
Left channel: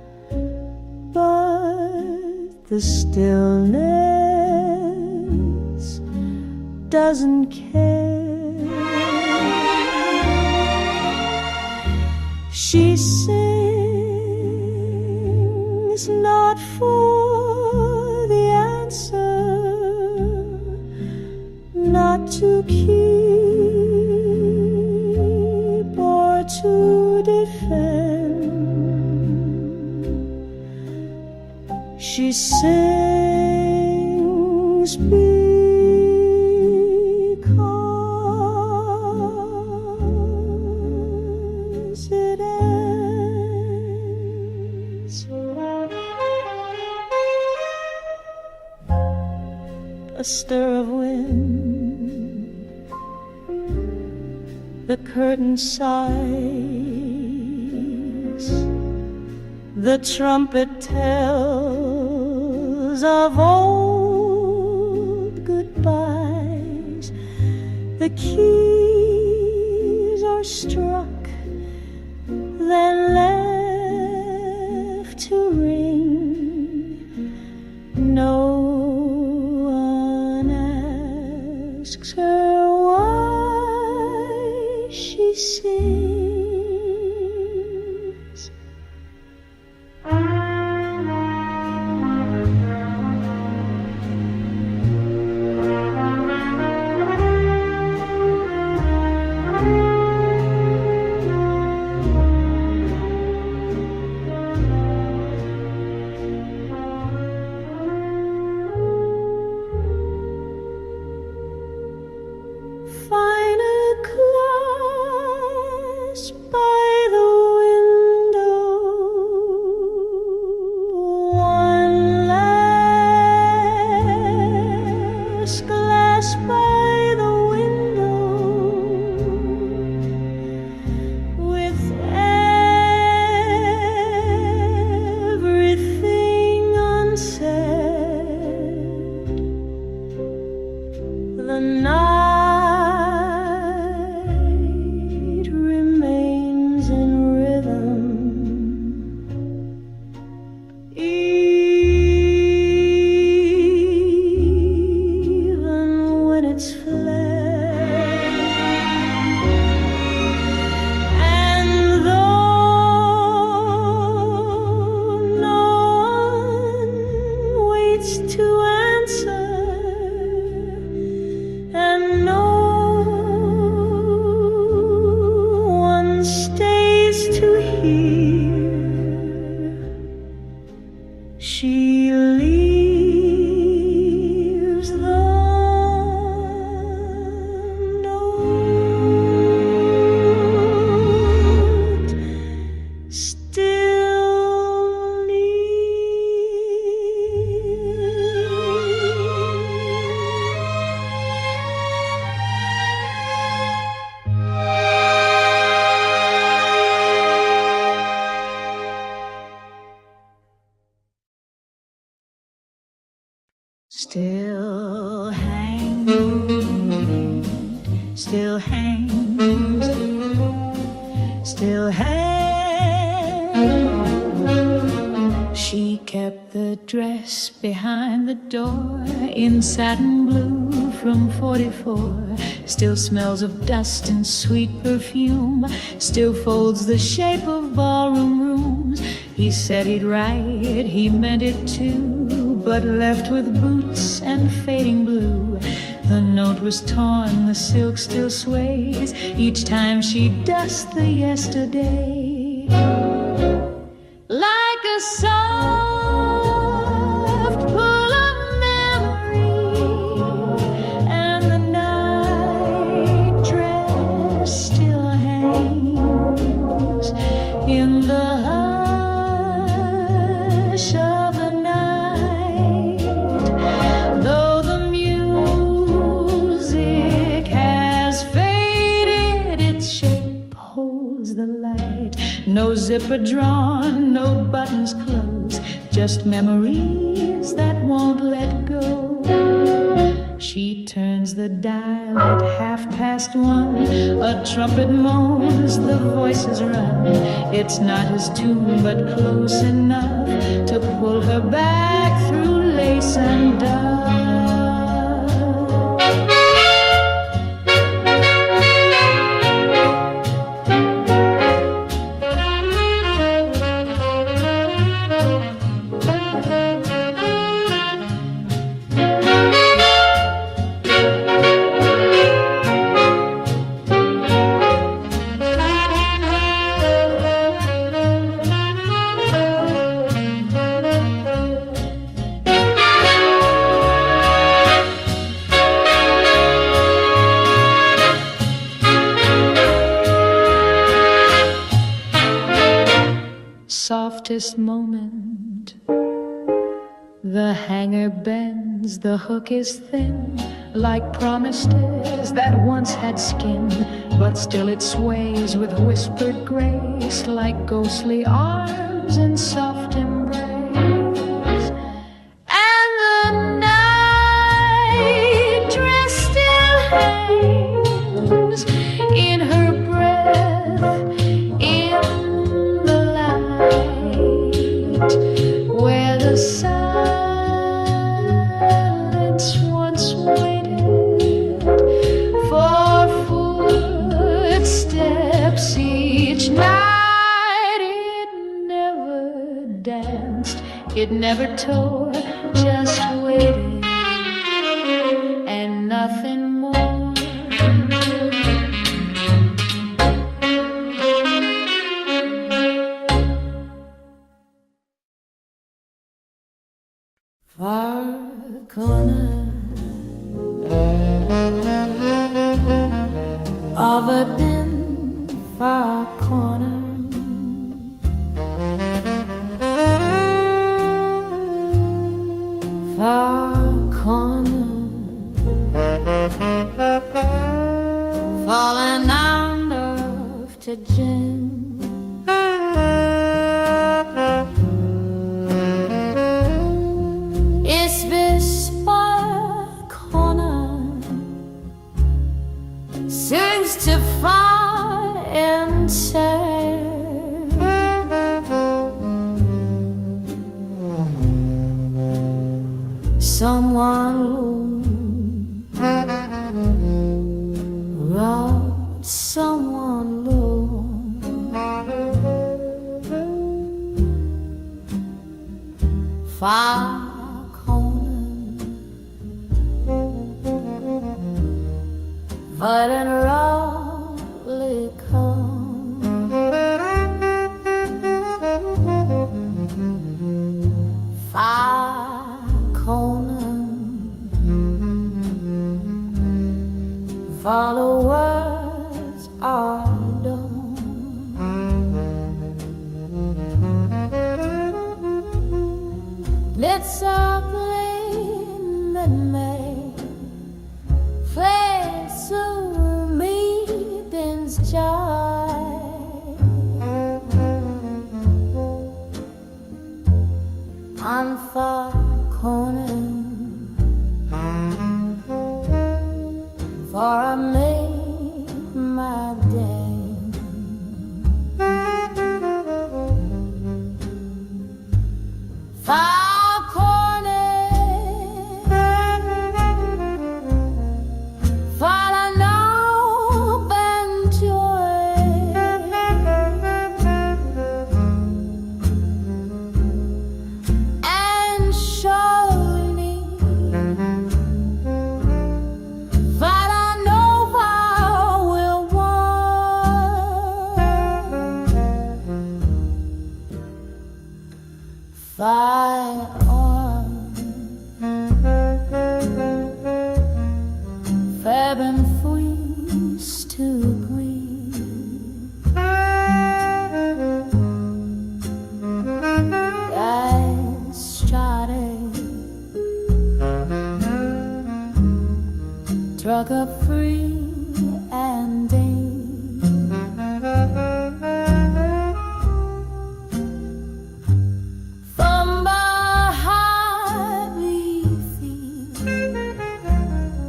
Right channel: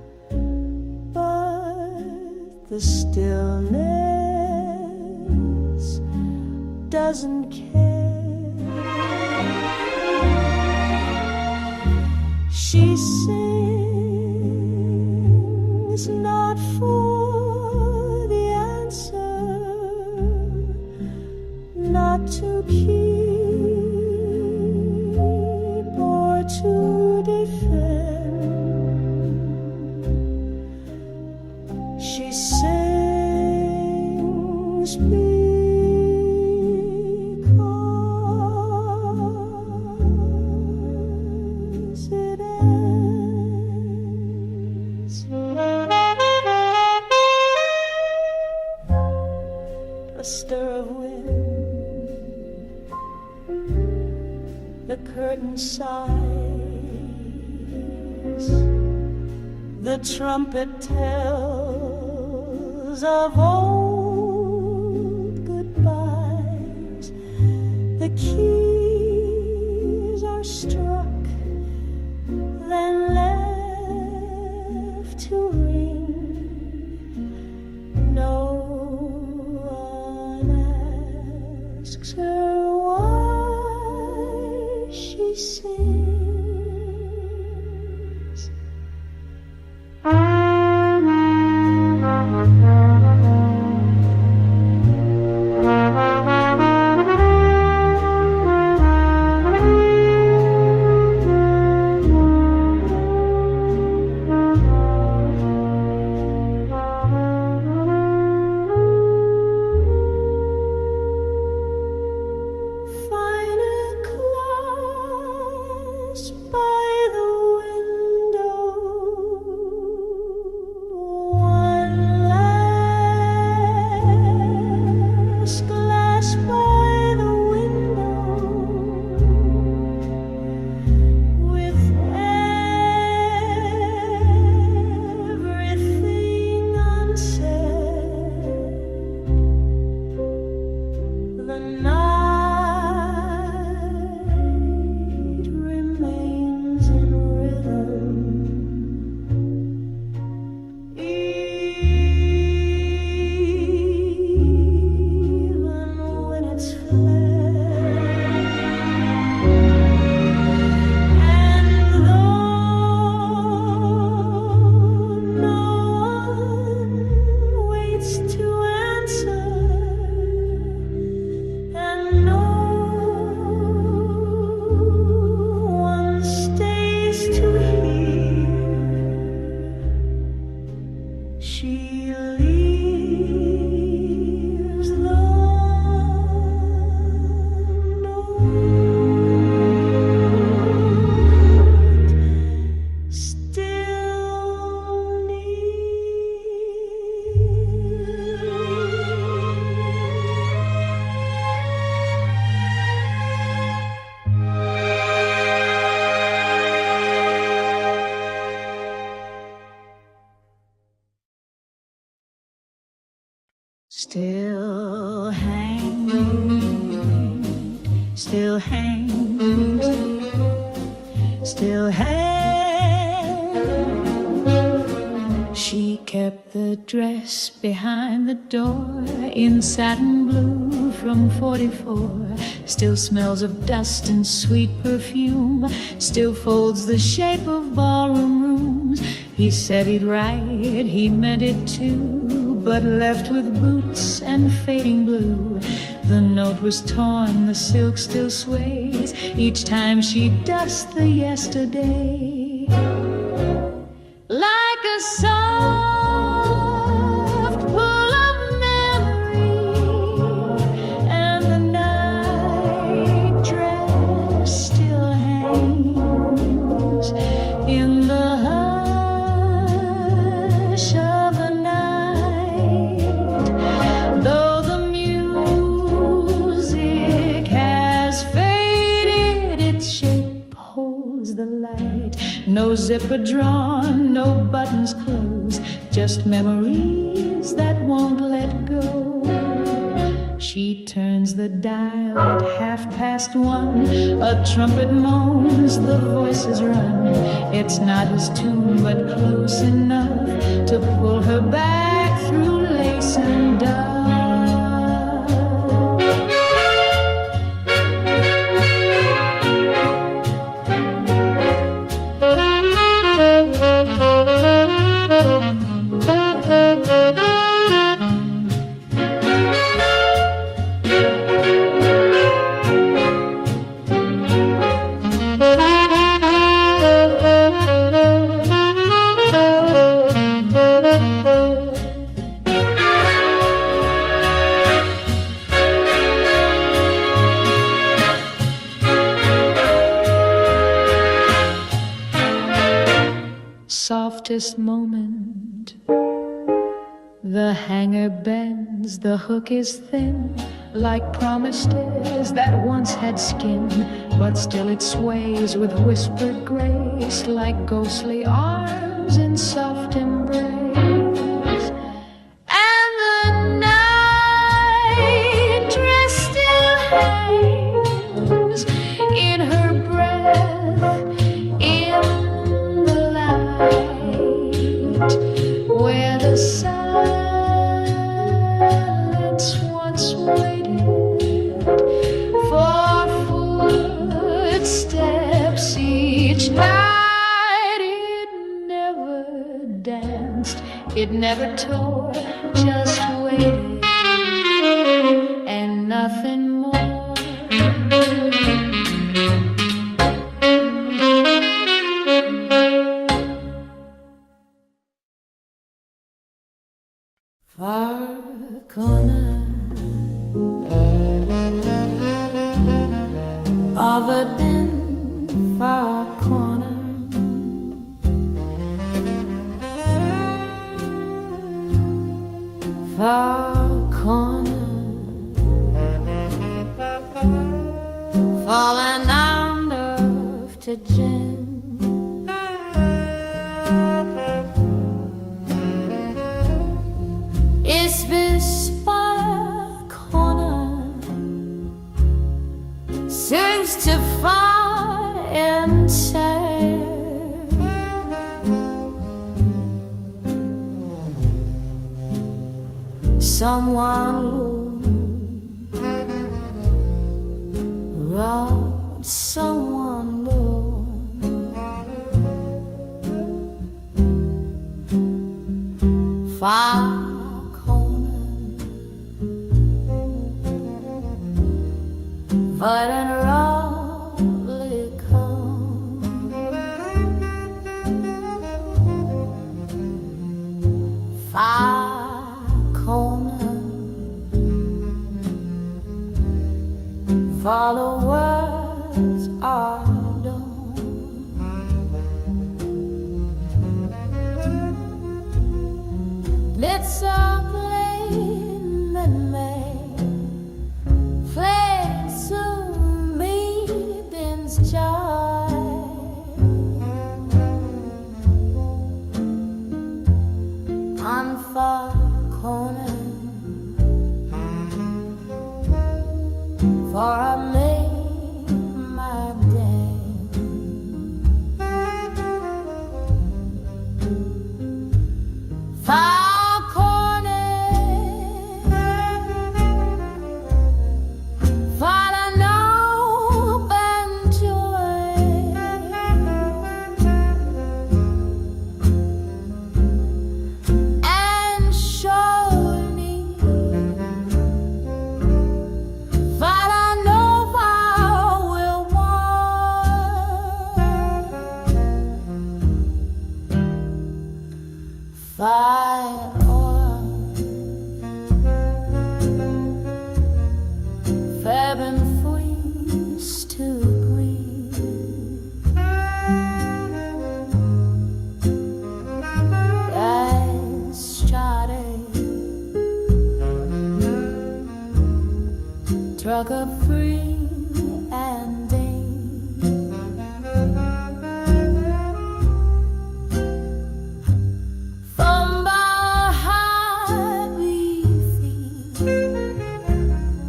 the stillness doesn't care. She sings not for the answer, not to keep or to defend. She sings because it ends. A stir of wind, the curtain sighs, the trumpet tells of old goodbyes. The keys are struck, then left to ring. No one asks her why she sings. Find a clasp by the window, one last glass by the window, with everything unsaid. The night remains in rhythm, even when it's fled. And though no one waits to answer, and no one stays to hear, she leaves the note still near. Still hangs, still hangs, still hangs. She kept the dress behind the door in satin blue from 44. Still smells of dust and sweet perfume. Still folds the shape of ballroom rooms. He said he'd write, he meant it too, but left with boots and fading blue. The note was torn, the silk still sways each time she dusts the yesterday. Like a soft pull of memory, and the night dress still hangs in the hush of the night. Though the music has faded, its shape holds the light. No zipper drawn, no buttons closed, just memories that won't let go. She turns the dial at 1:30. A trumpet moans, the voices run. It's not his tune, but close enough to pull her back through lace and dove. Softest moment, the hanger bends, the hook is thin, like promised is that once had skin, but still it sways with whispered grace, like ghostly arms in soft embrace. And the night dress still hangs in her breath, in where the silence once waited for footsteps each night. It never danced, it never tore, just waited and nothing more. Far corner of a dim far corner, far corner, falling under to gin. It's this far corner seems to find and say someone robbed someone low. Far but in roughly come far corner, followers are done. Let's all blame that may fled to meeting's joy. On far corner, for I made my day. Far corner, fire on Fab and freeze to breathe. I started struck up free and day. From behind we feel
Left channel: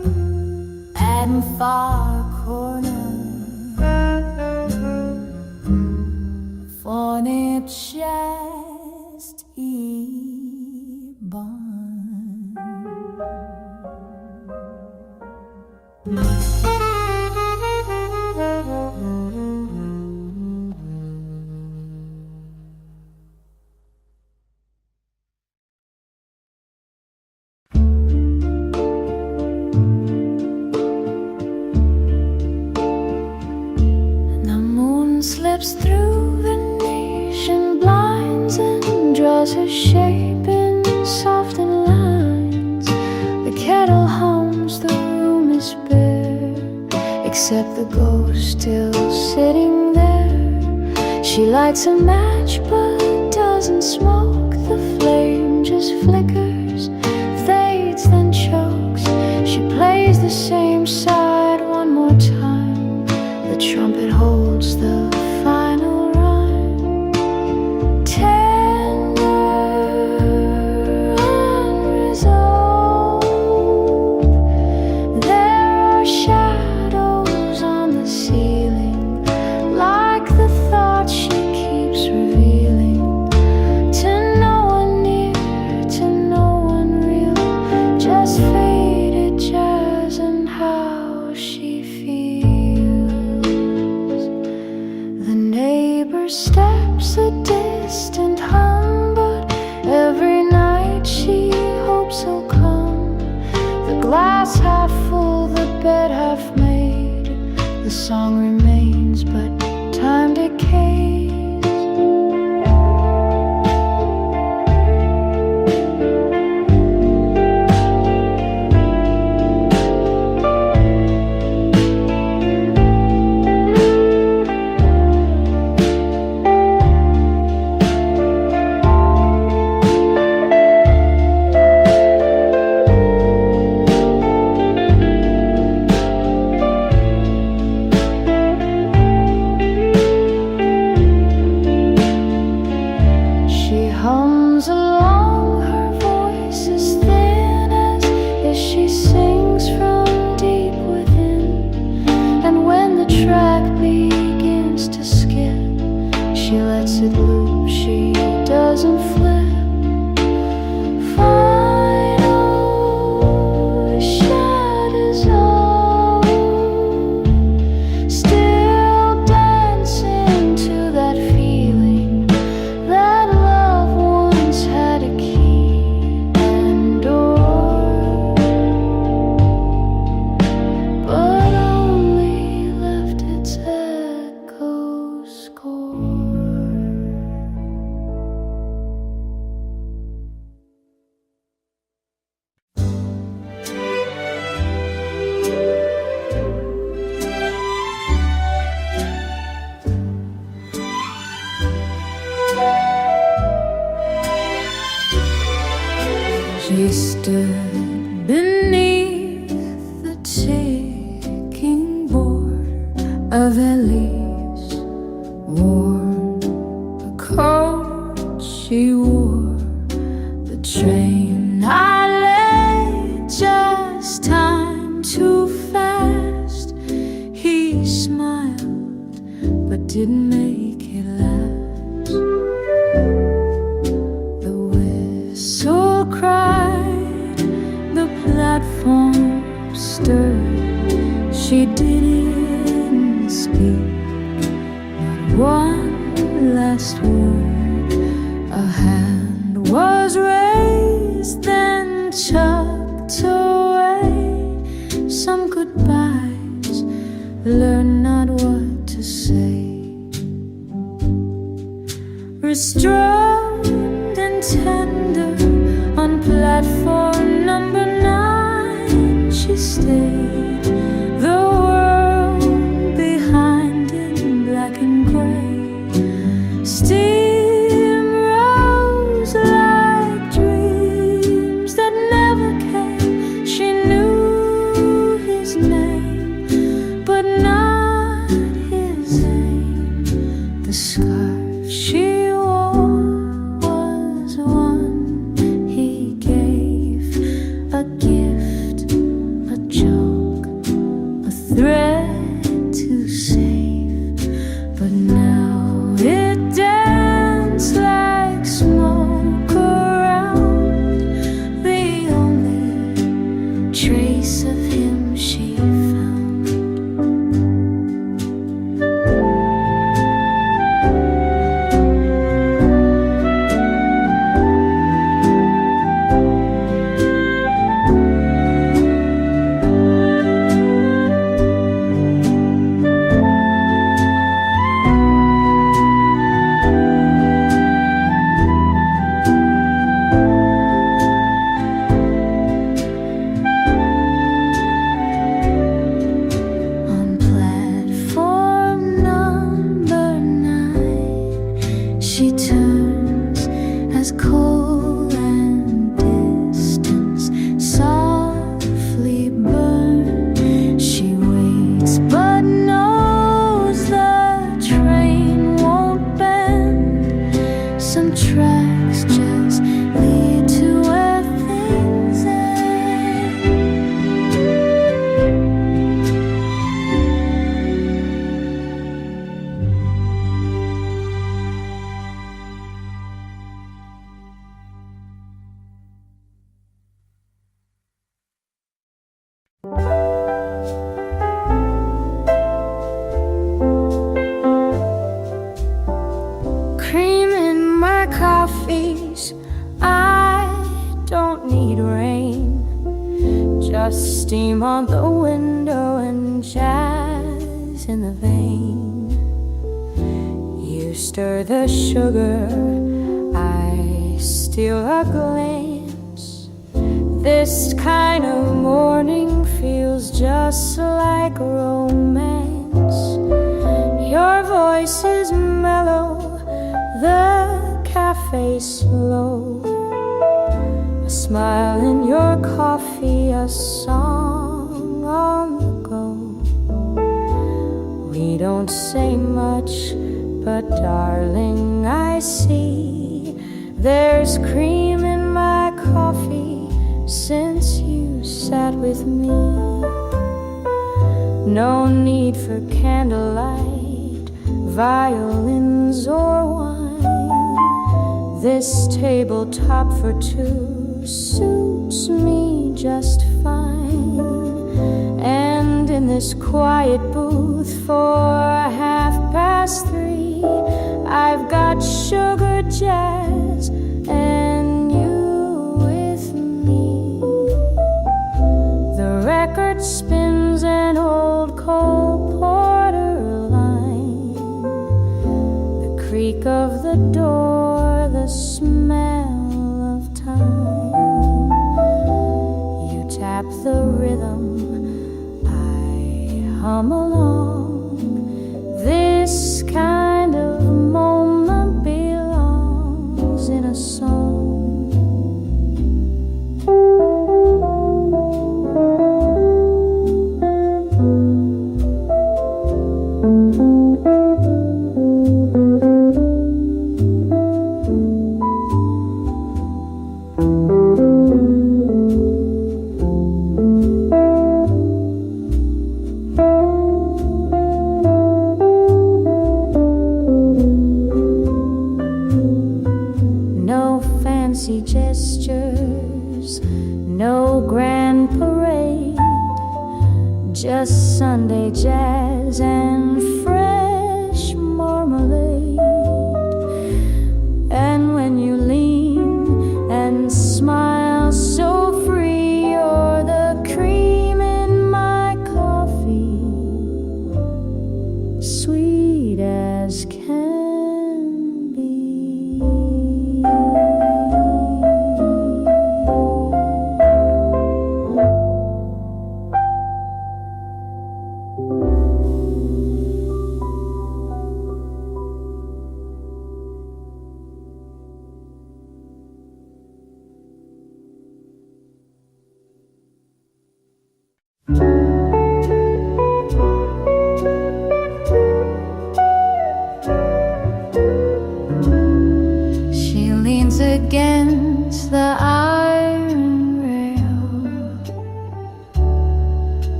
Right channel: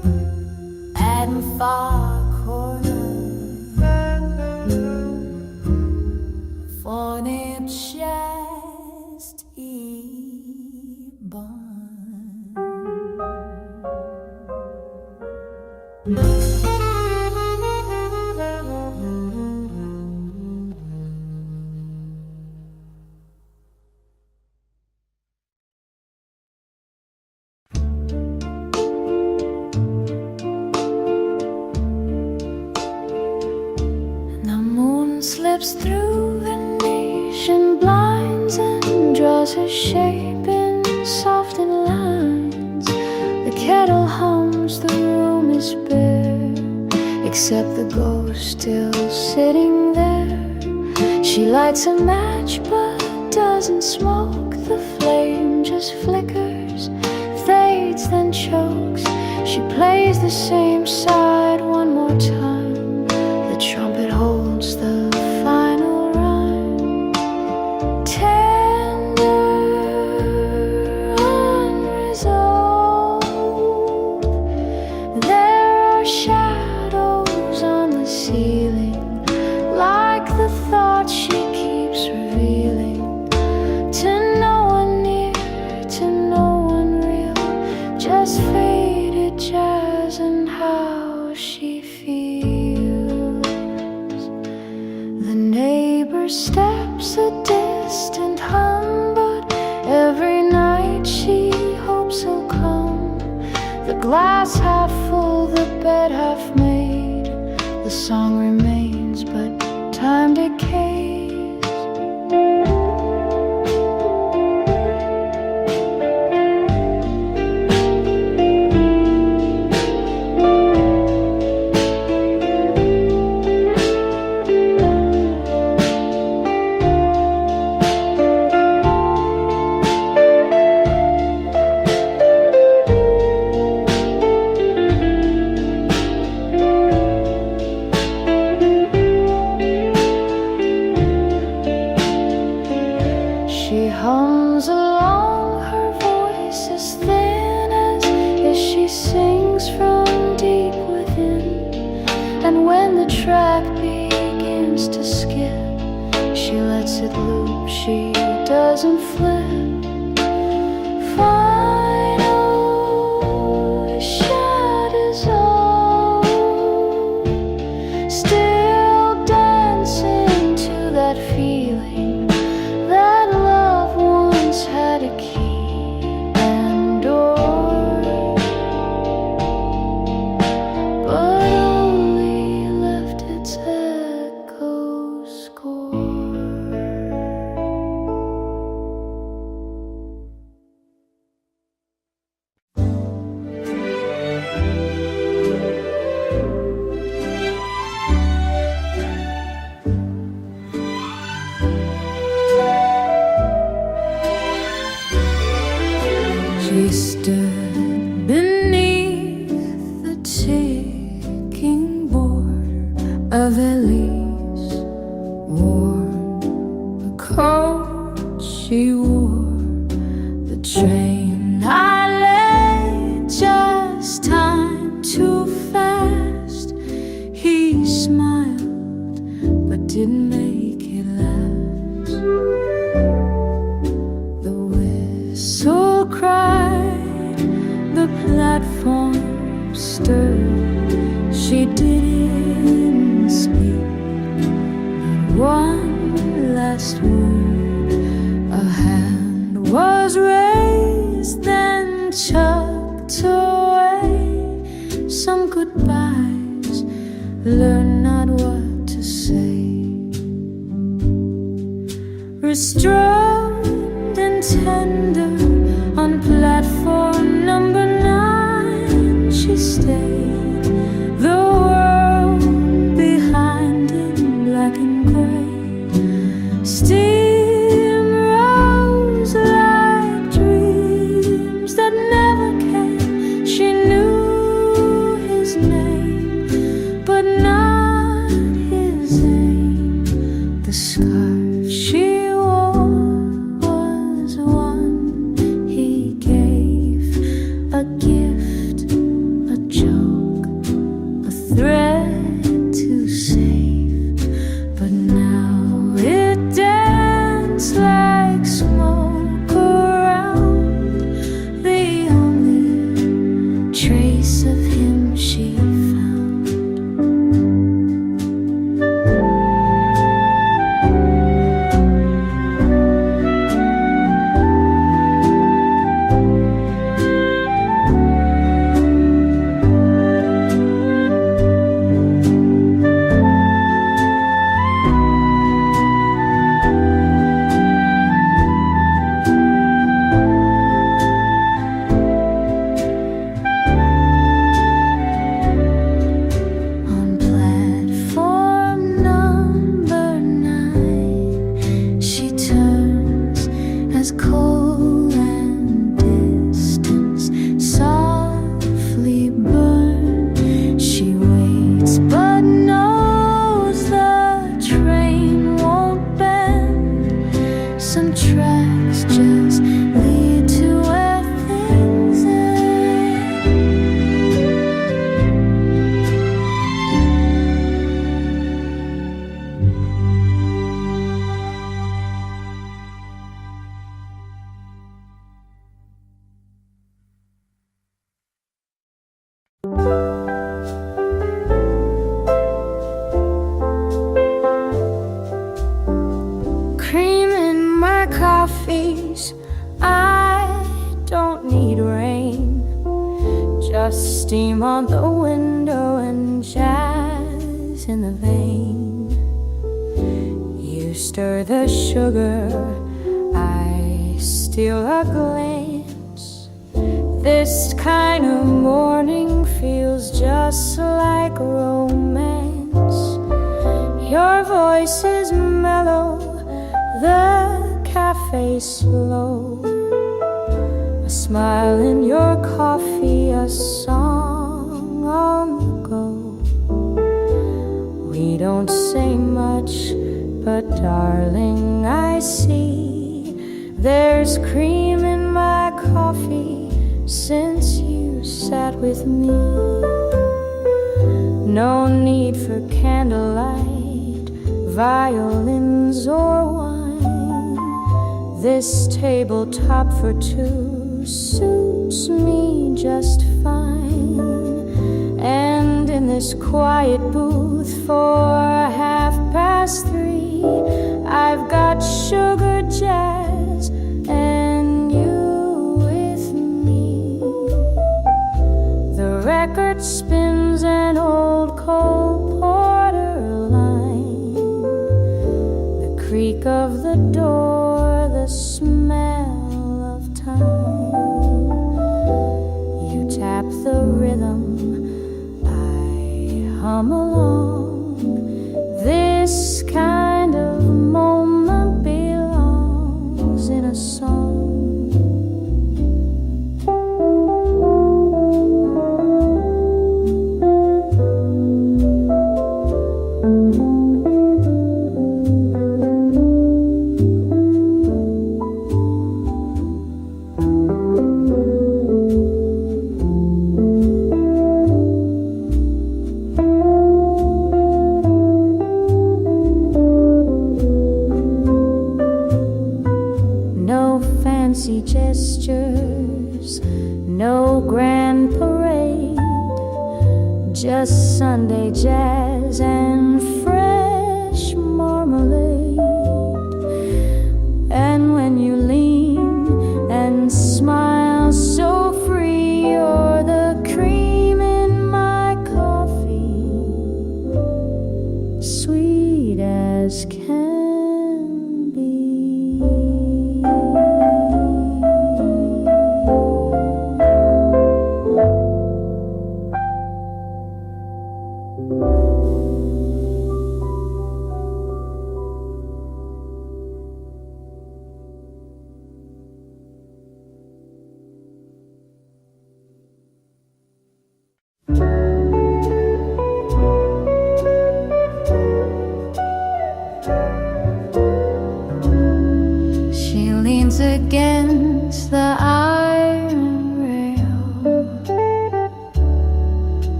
quiet and far corner, fornip chest i barn. Slips through Venetian blinds and draws her shape in softened lines. The kettle hums, the room is bare, except the ghost still sitting there. She lights a match but doesn't smoke. The flame just flickers, fades, then chokes. She plays the same side one more time. The trumpet holds the final rhyme. Tender, unresolved. There are shadows on the ceiling, like the thoughts she keeps revealing. To no one near, to no one real, just faded jazz and how she feels. The neighbor steps a distant hum, but every night she hopes he'll come. The glass half full, the bed half made. The song remains, but time decays. She hums along, her voice is thin as if she sings from deep within. And when the track begins to skip, she lets it loop, she doesn't flip. Final shadows all still dancing to that feeling that love once had a key and door, but only left its echo score. She stood beneath the ticking border of Elise, worn a coat she wore. The train I lay, just time too fast. He smiled but didn't make it last. The whistle cried, the platform stirred. She didn't speak, not one last word. A hand was raised, then tucked away. Some goodbyes, learn not what to say. Restrained and tender, on platform number 9 she stayed. The world behind in black and gray. Steam rose like dreams that never came. She knew his name, but not his aim. The scarf she wore was one he gave, a gift, a joke, a thread to save, but now it danced like smoke around the only trace of him she found. She turns as coal and distance softly burn. She waits but knows the train won't bend. Some tracks just lead to where things end. Cream in my coffees, I don't need rain. Just steam on the window and jazz in the vein. You stir the sugar, I steal a glance. This kind of morning feels just like romance. Your voice is mellow, the cafe slow. A smile in your coffee, a song on the go. We don't say much, but darling, I see there's cream in my coffee since you sat with me. No need for candlelight, violins or wine. This tabletop for two suits me just fine. And in this quiet booth for 3:30, I've got sugar jazz and you with me. The record spins an old Cole Porter line. The creak of the door, the smell of time. You tap the rhythm, I hum along. This kind of moment belongs in a song. Fancy gestures, no grand parade, just Sunday jazz and fresh marmalade. And when you lean and smile so free, you're the cream in my coffee, sweet as can be. She leans against the iron rail,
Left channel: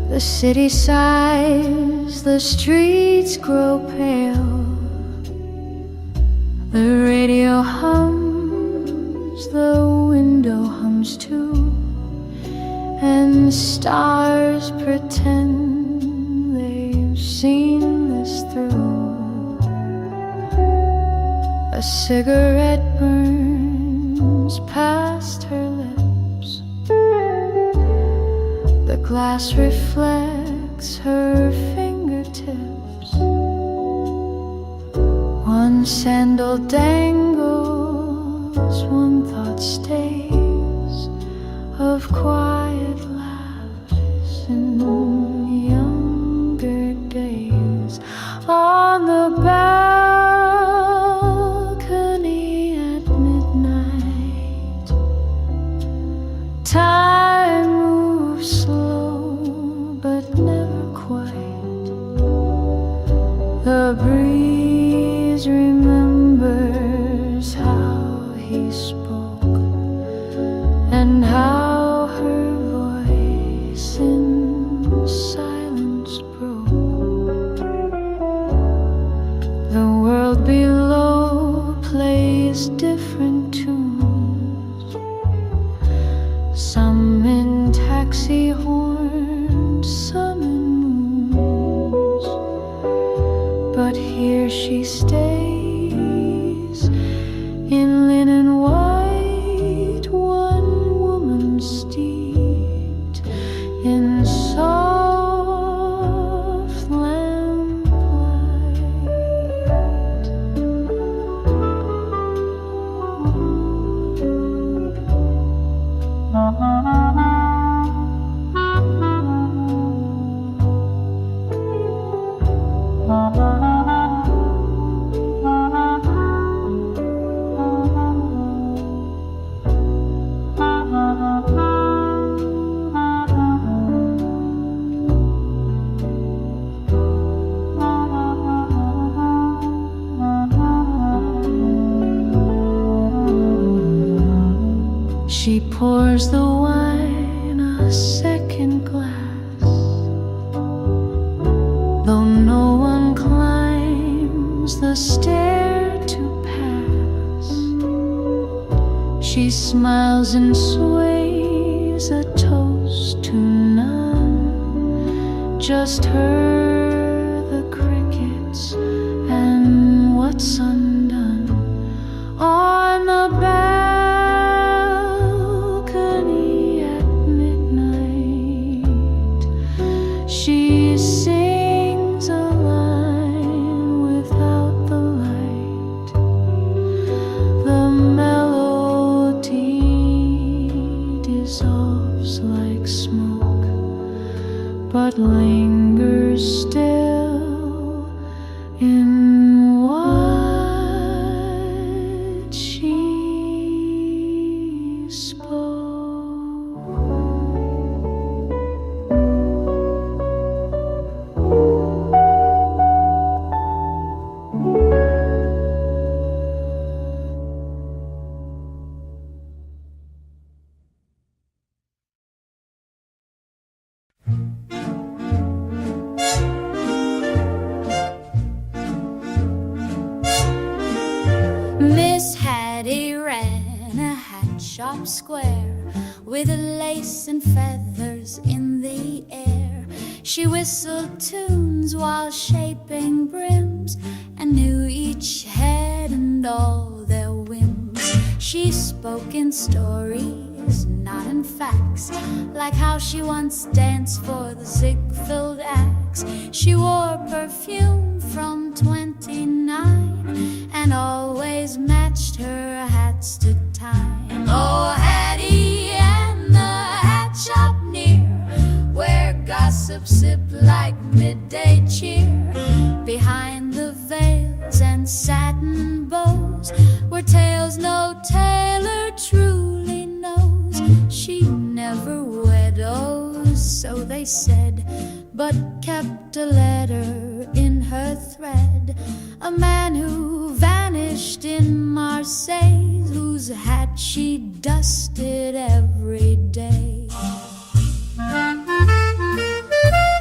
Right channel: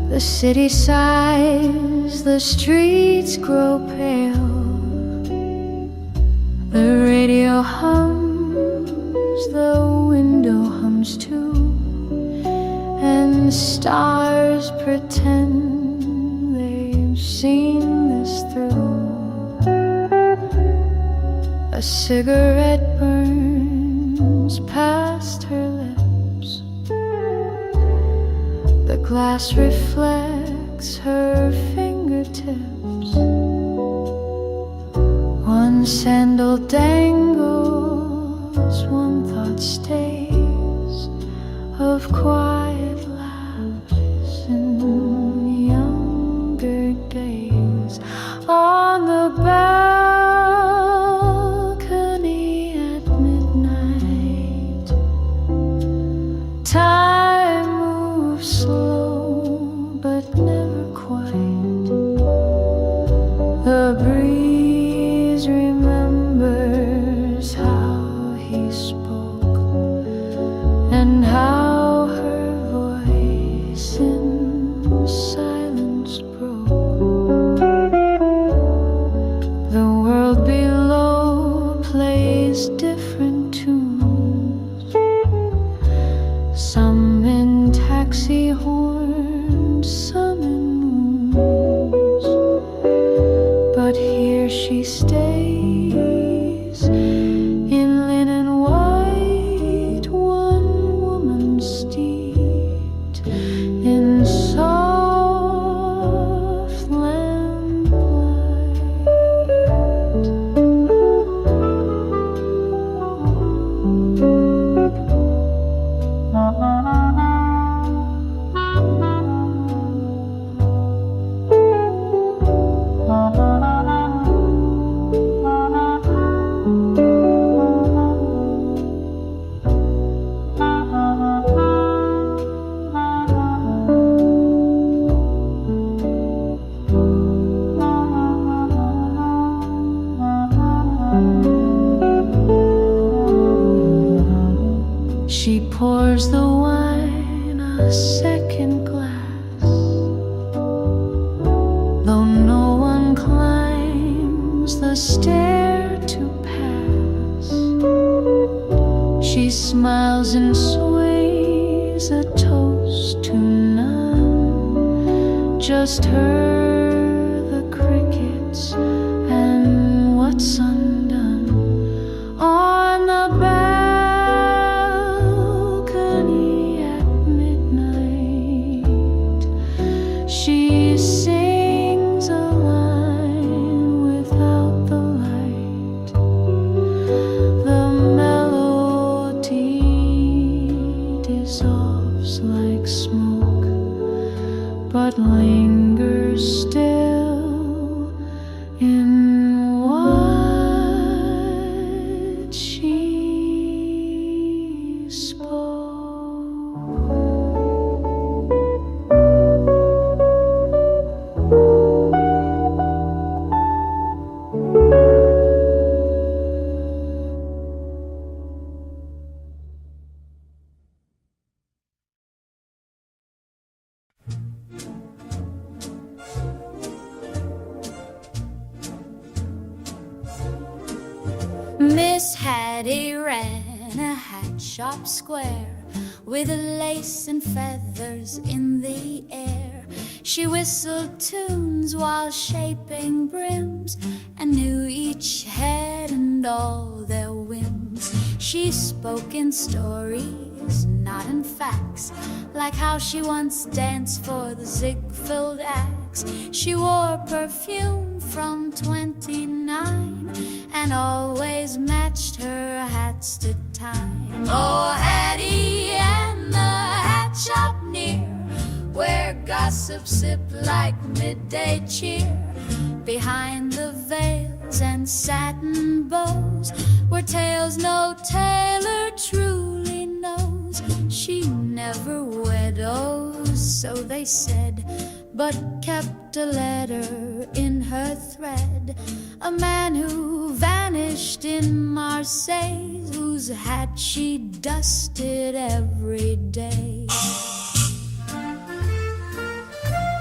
The city sighs, the streets grow pale. The radio hums, the window hums too, and stars pretend they've seen this through. A cigarette burns past her lips. The glass reflects her fingertips. One sandal dangles, one thought stays, of quiet laughs in younger days. On the balcony at midnight, time moves slow but never quite. The breeze remembers how he spoke and how her voice in silence broke. The world below plays different tunes, some in taxi horns, some in moons. But here she stays in linen white, one woman steeped in soft lamplight. She pours the wine a second glass, though no one climbs the stair to pass. She smiles and sways a toast to none, just her, the crickets, and what's undone. On the balcony at midnight, she sings a line without the light. The melody dissolves like smoke, but lingers still in what she spoke. Miss Hattie ran a hat shop square with lace and feathers in the air. She whistled tunes while shaping brims and knew each head and all their whims. She spoke in stories, not in facts, like how she once danced for the Ziegfeld Axe. She wore perfume from 29 and always matched her hats to time. Oh, Hattie and the hat shop near, where gossip sipped like midday cheer. Behind the veils and satin bows were tales no tailor truly knows. She never widows, so they said, but kept a letter in her thread. A man who vanished in Marseille, whose hat she dusted every day.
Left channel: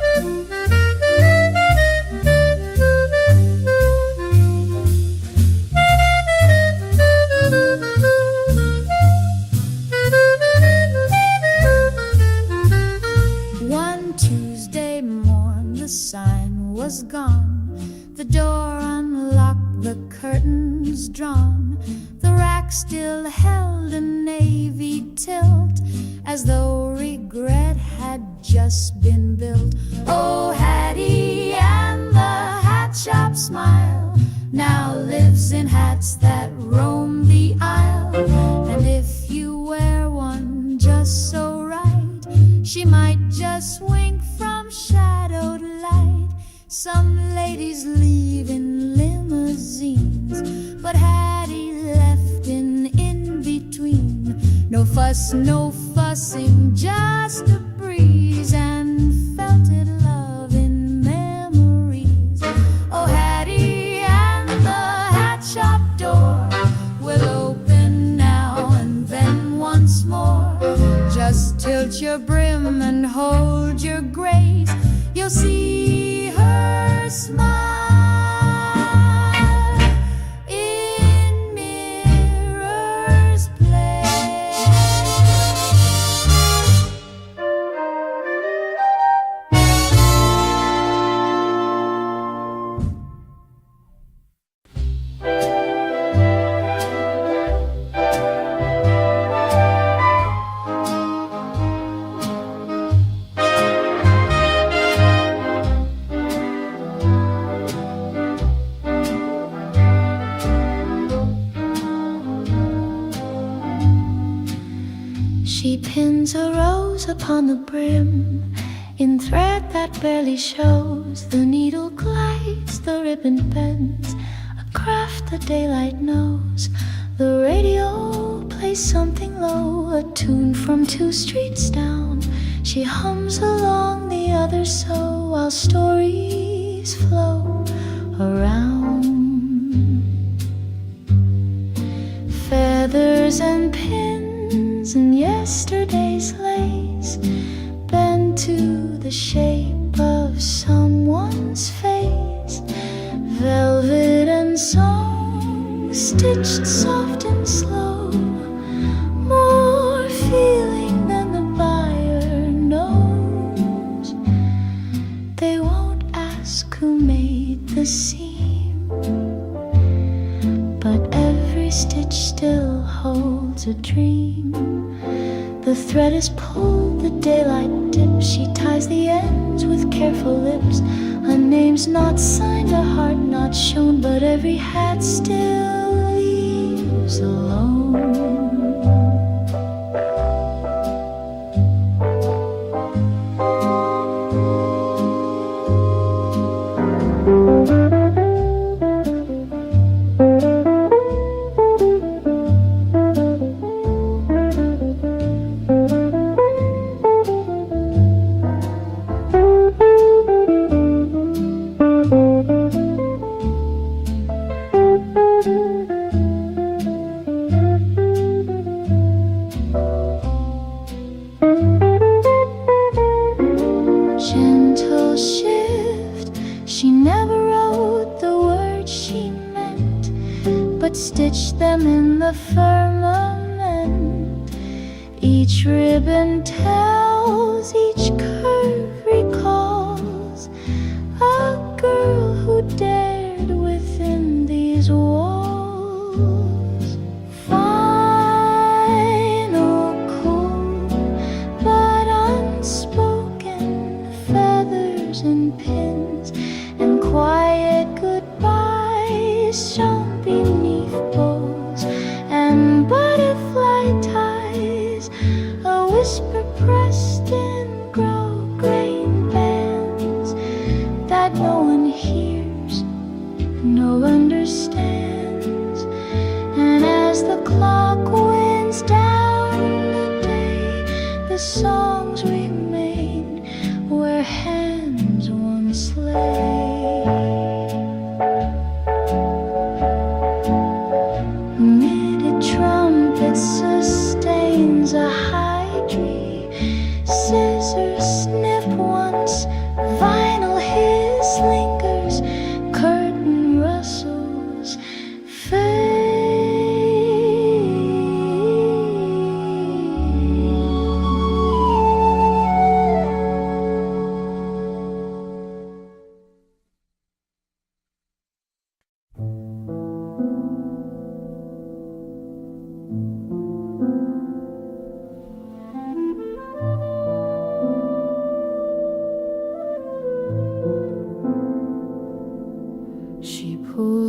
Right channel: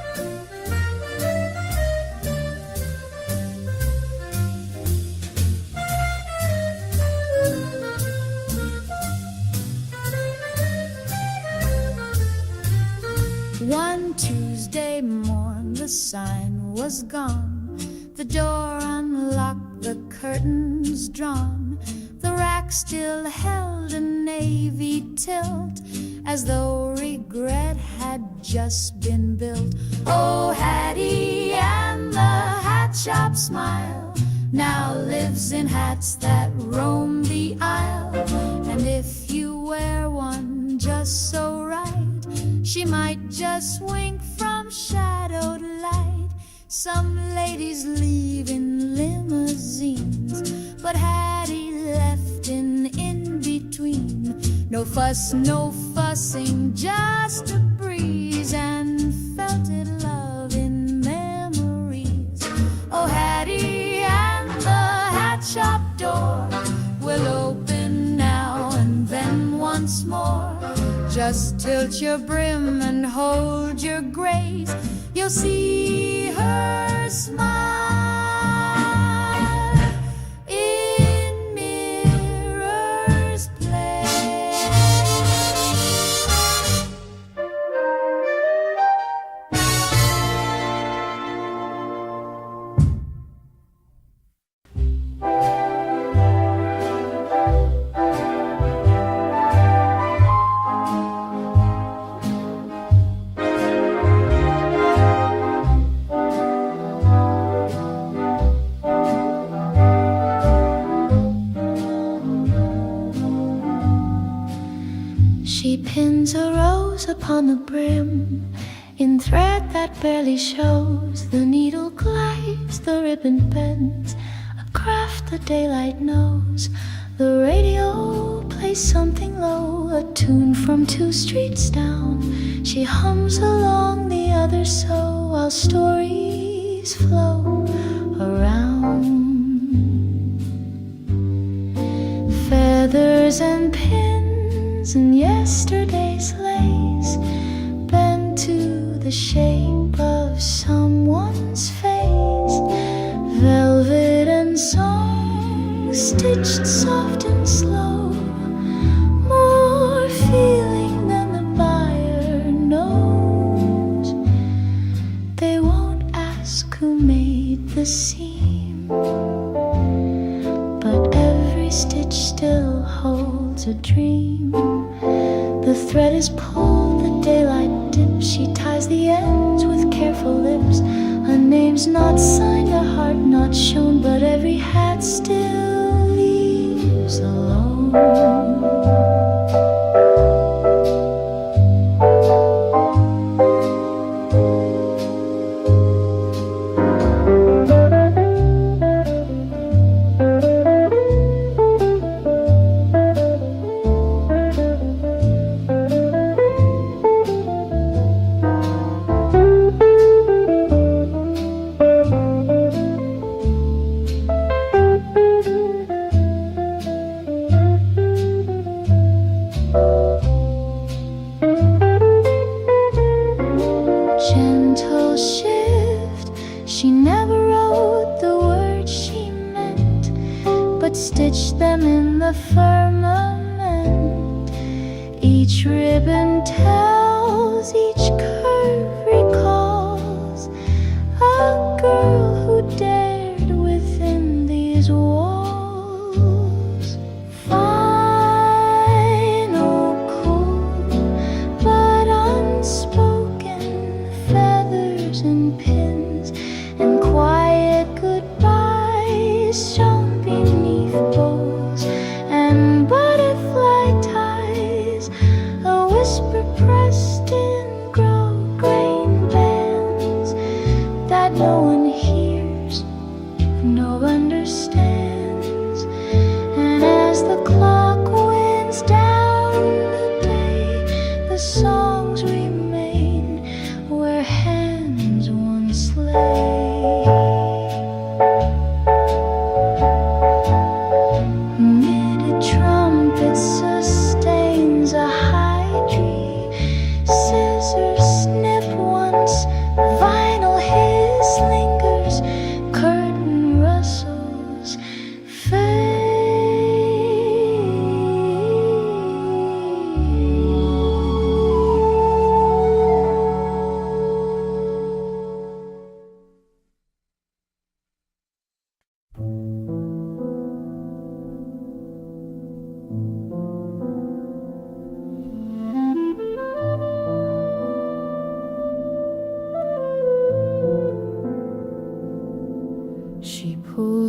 Sunday morn, the sign was gone, the door unlocked, the curtains drawn. The rack still held a navy tilt, as though regret had just been built. Oh, Hattie and the hat shop smile now lives in hats that roam the aisle. And if you wear one just so right, she might just wink from shadowed light. Some ladies leave in limousines, but Hattie left in between. No fuss, no fussing, just a breeze, and felted love in memories. Oh, Hattie and the hat shop door will open now and then once more. Just tilt your brim and hold your grace, you'll see her smile in Mirror's Place. She pins a rose upon the brim in thread that barely shows. The needle glides, the ribbon bends, a craft the daylight knows. The radio plays something low, a tune from 2 streets down. She hums along, the others sew, while stories flow around. Feathers and pins and yesterday's lace bend to the shape of someone's face. Velvet and song stitched soft and slow, more feeling than the buyer knows. They won't ask who made the seam, but every stitch still holds a dream. The thread is pulled, the daylight dips. She ties the ends with careful lips. A name's not signed, a heart not shown, but every hat still leaves alone. Gentle shift, she never wrote the words she meant, but stitched them in the firmament. Each ribbon tells, each curve recalls a girl who dared within these walls. Final, cool, but unspoken, feathers and pins and quiet goodbyes shone beneath bows and butterfly ties, a whisper pressed in grau-grain bands that no one hears, no understands. And as the clock winds down the day, the songs remain where hands once lay. Knitted trumpet sustains a high tree. Scissors snip once, vinyl hiss lingers, curtain rustles fade.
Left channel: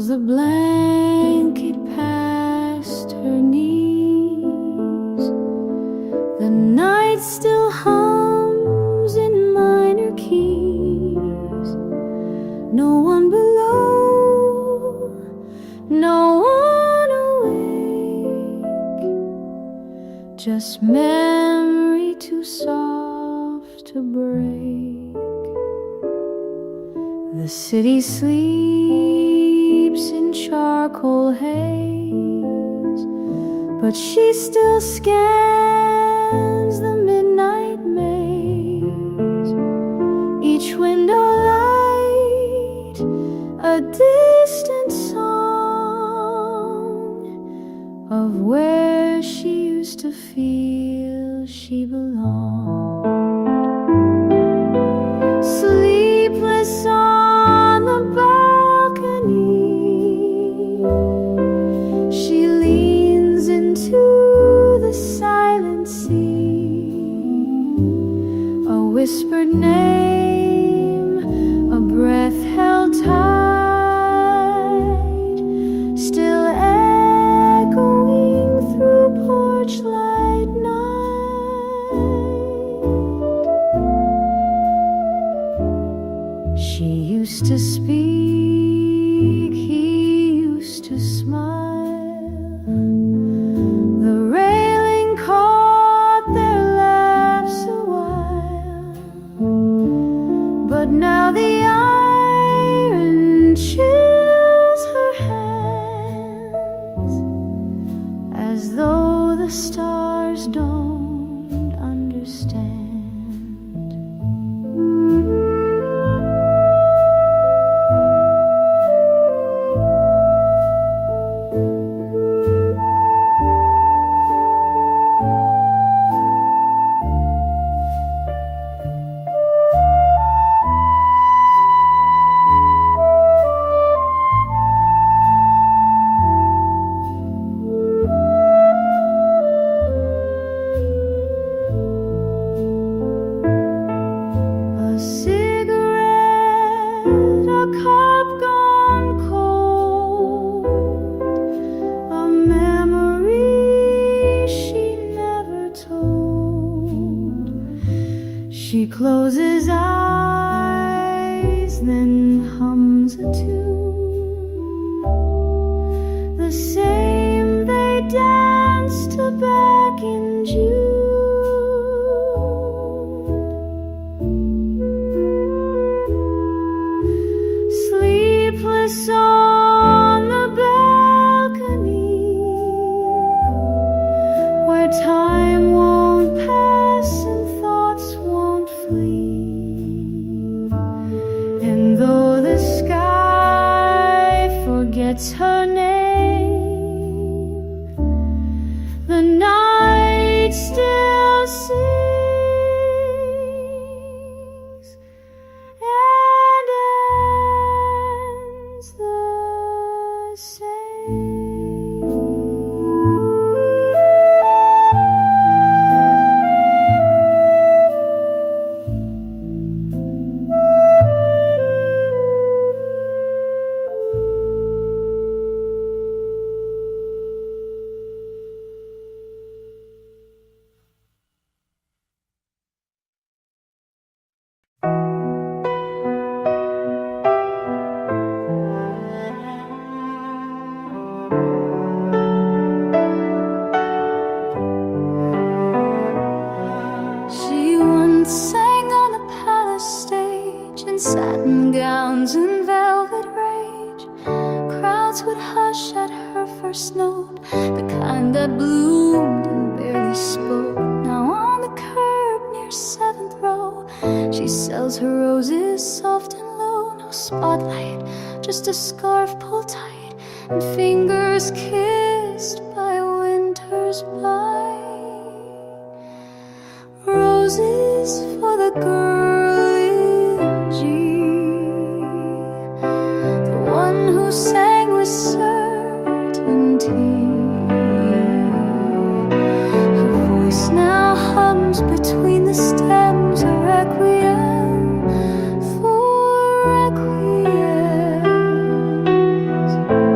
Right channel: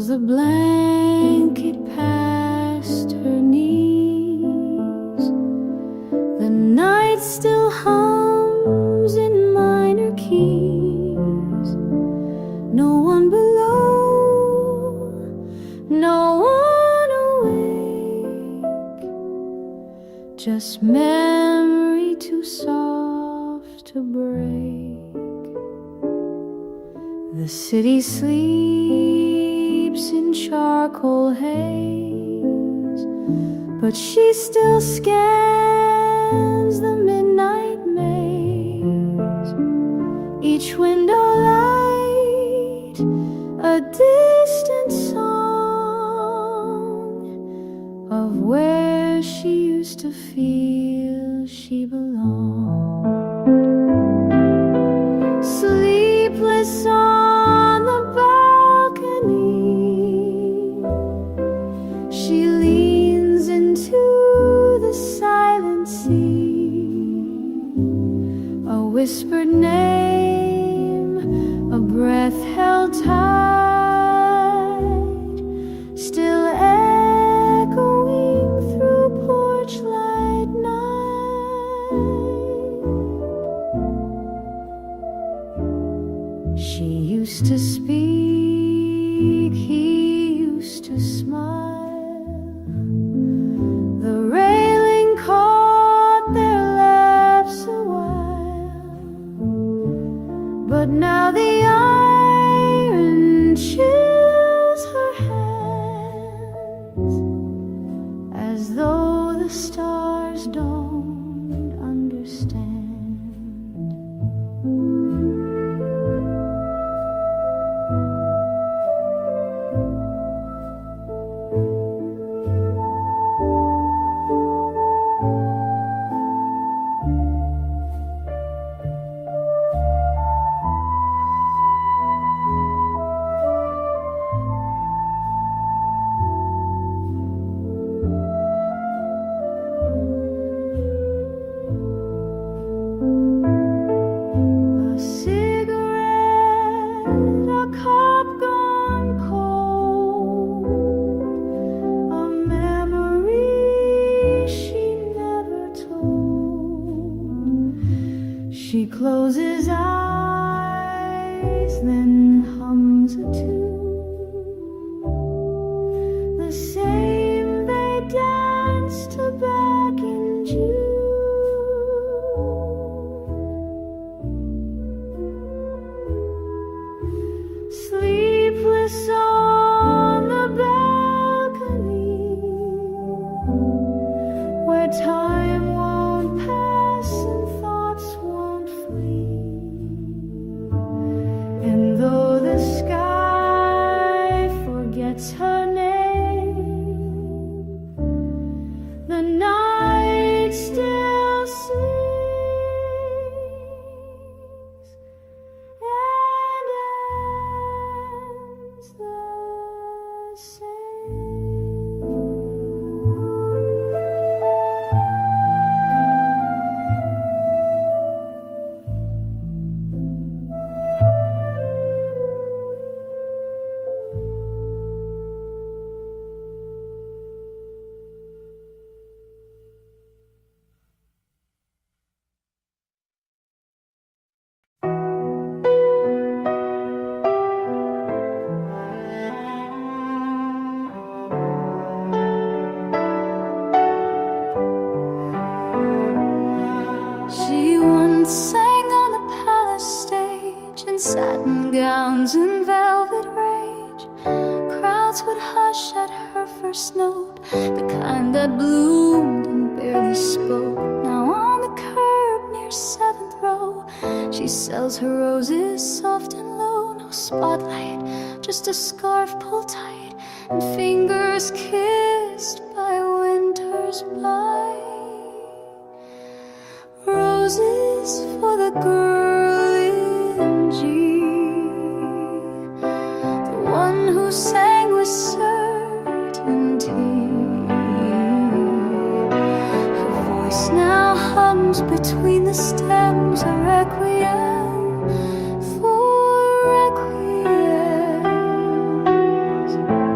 the blanket past her knees. The night still hums in minor keys. No one below, no one awake, just memory too soft to break. The city sleeps in charcoal haze, but she still scans the midnight maze. Each window light, a distant song of where she used to feel she belonged. Sleepless on the balcony, she leans into the silent sea. A whispered name, a breath held tight, still echoing through porch light night. She used to speak, he used to smile. The railing caught their laughs a while, but now the iron chills her hands, as though the stars don't understand. She closes eyes, then hums a tune, the same they danced to back in June. Sleepless on the balcony, where time won't pass and thoughts won't flee. And though the sky forgets her name, the night still sings and ends the same. She once sang on the palace stage in satin gowns and velvet rage. Crowds would hush at her first note, the kind that bloomed and barely spoke. Now on the curb near 7th row, she sells her roses soft and low. No spotlight, just a scarf pulled tight and fingers kissed by winter's bite. Roses for the girl in G, the one who sang with certainty. Her voice now hums between the stems, a requiem for requiems.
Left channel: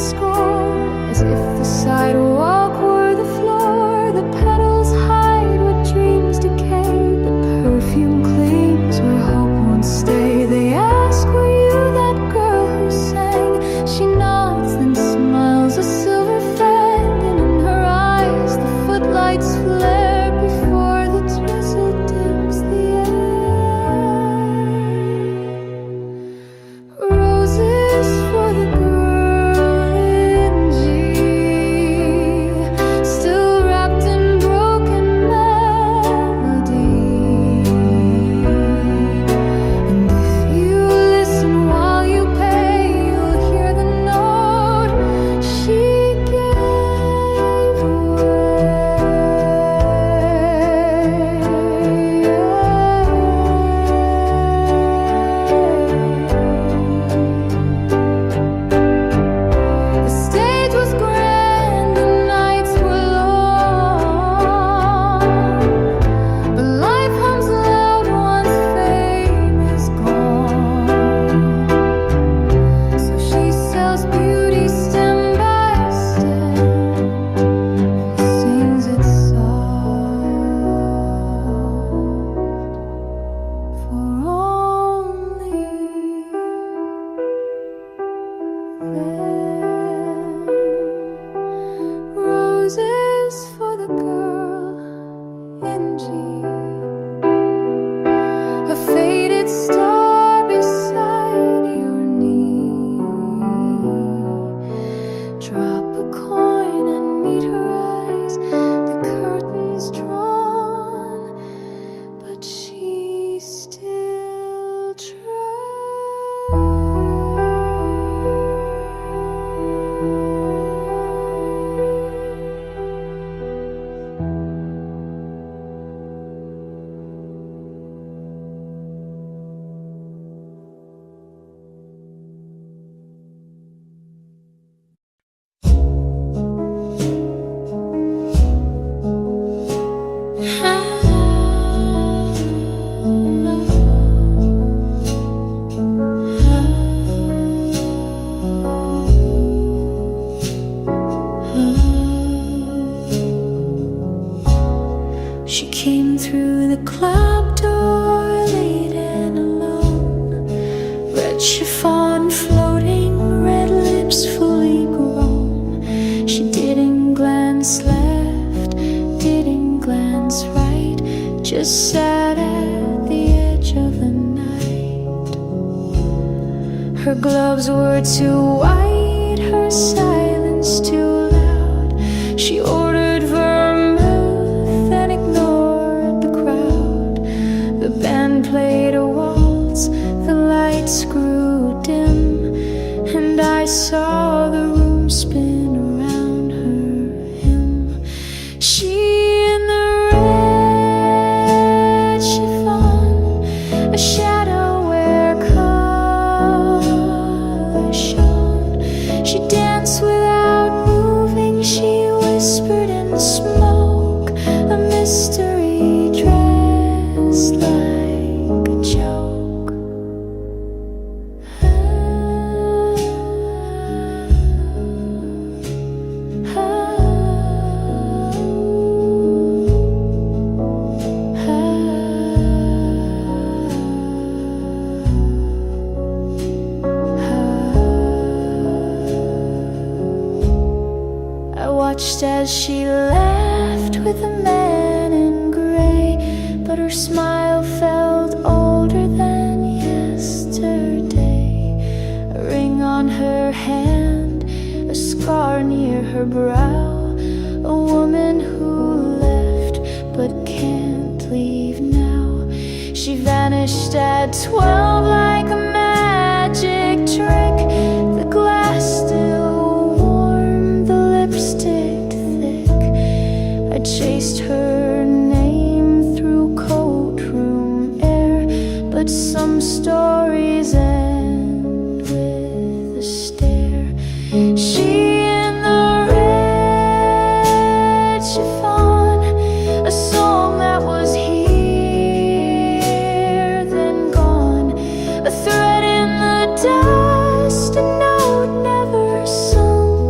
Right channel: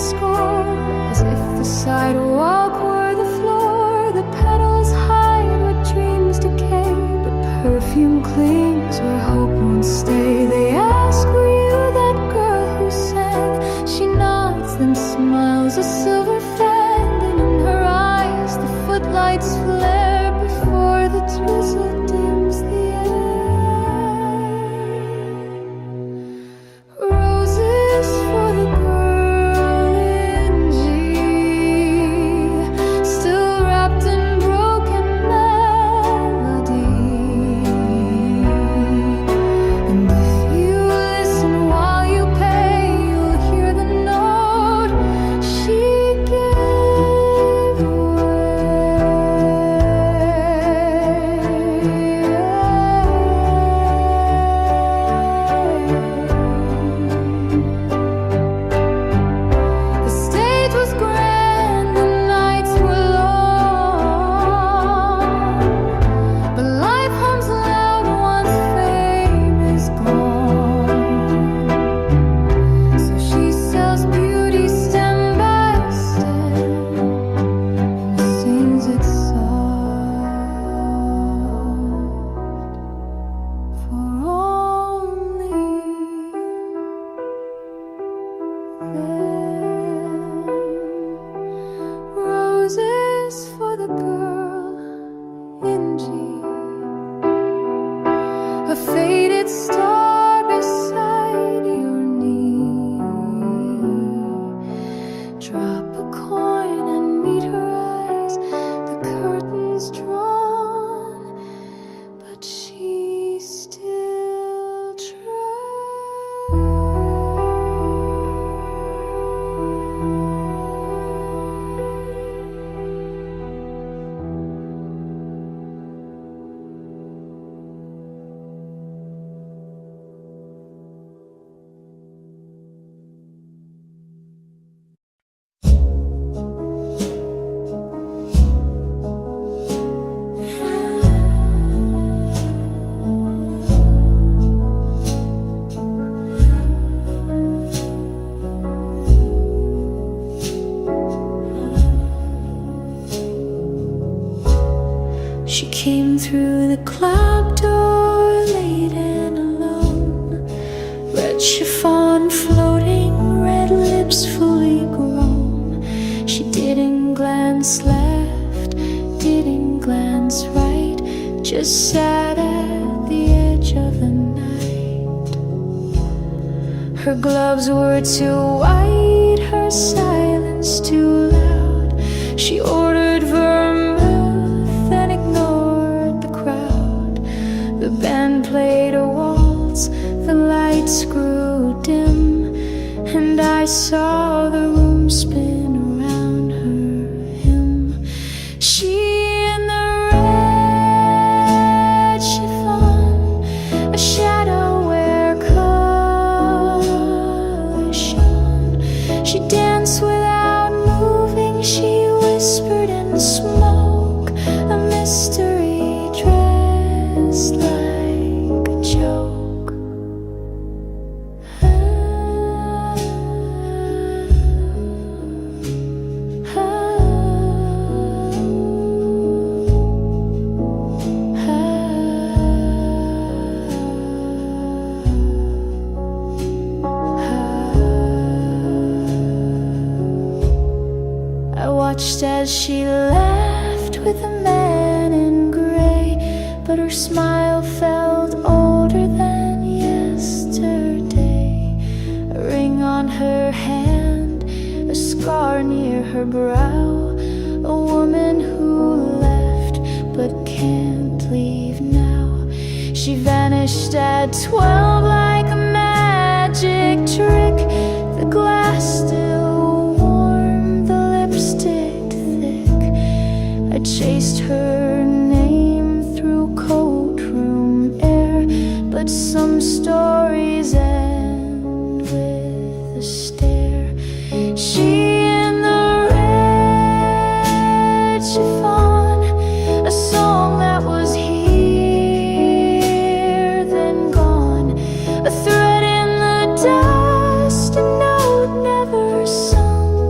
score, as if the sidewalk were the floor. The petals hide what dreams decay, but perfume clings where hope won't stay. They ask, were you that girl who sang? She nods, then smiles a silver fang, and in her eyes the footlights flare before the drizzle dims the air. Roses for the girl in G, still wrapped in broken melody. And if you listen while you pay, you'll hear the note she gave away. The stage was grand, the nights were long, but life hums loud once fame is gone. So she sells beauty stem by stem and sings it soft for only them. Roses for the girl in G, a faded star beside your knee. Drop a coin and meet her eyes, the curtains drawn, but she still She came through the club door late and alone, red chiffon floating, red lips fully grown. She didn't glance left, didn't glance right, just sat at the edge of the night. Her gloves were too white, her silence too loud. She ordered vermouth and ignored the crowd. The band played a waltz, the lights grew dim, and I saw the room spin around her hymn. She in the red chiffon, a shadow where color shone. She danced without moving, she whispered in the smoke, a mystery dressed like a joke. I watched as she laughed with a man in gray, but her smile felt older than yesterday. A ring on her hand, a scar near her brow, a woman who left but can't leave now. She vanished at 12 like a magic trick. The glass still warm, the lipstick thick. I chased her name through courtroom air, but some stories end with a stare. She in the red chiffon, a song that was here then gone, a thread in the dust, a note never sung.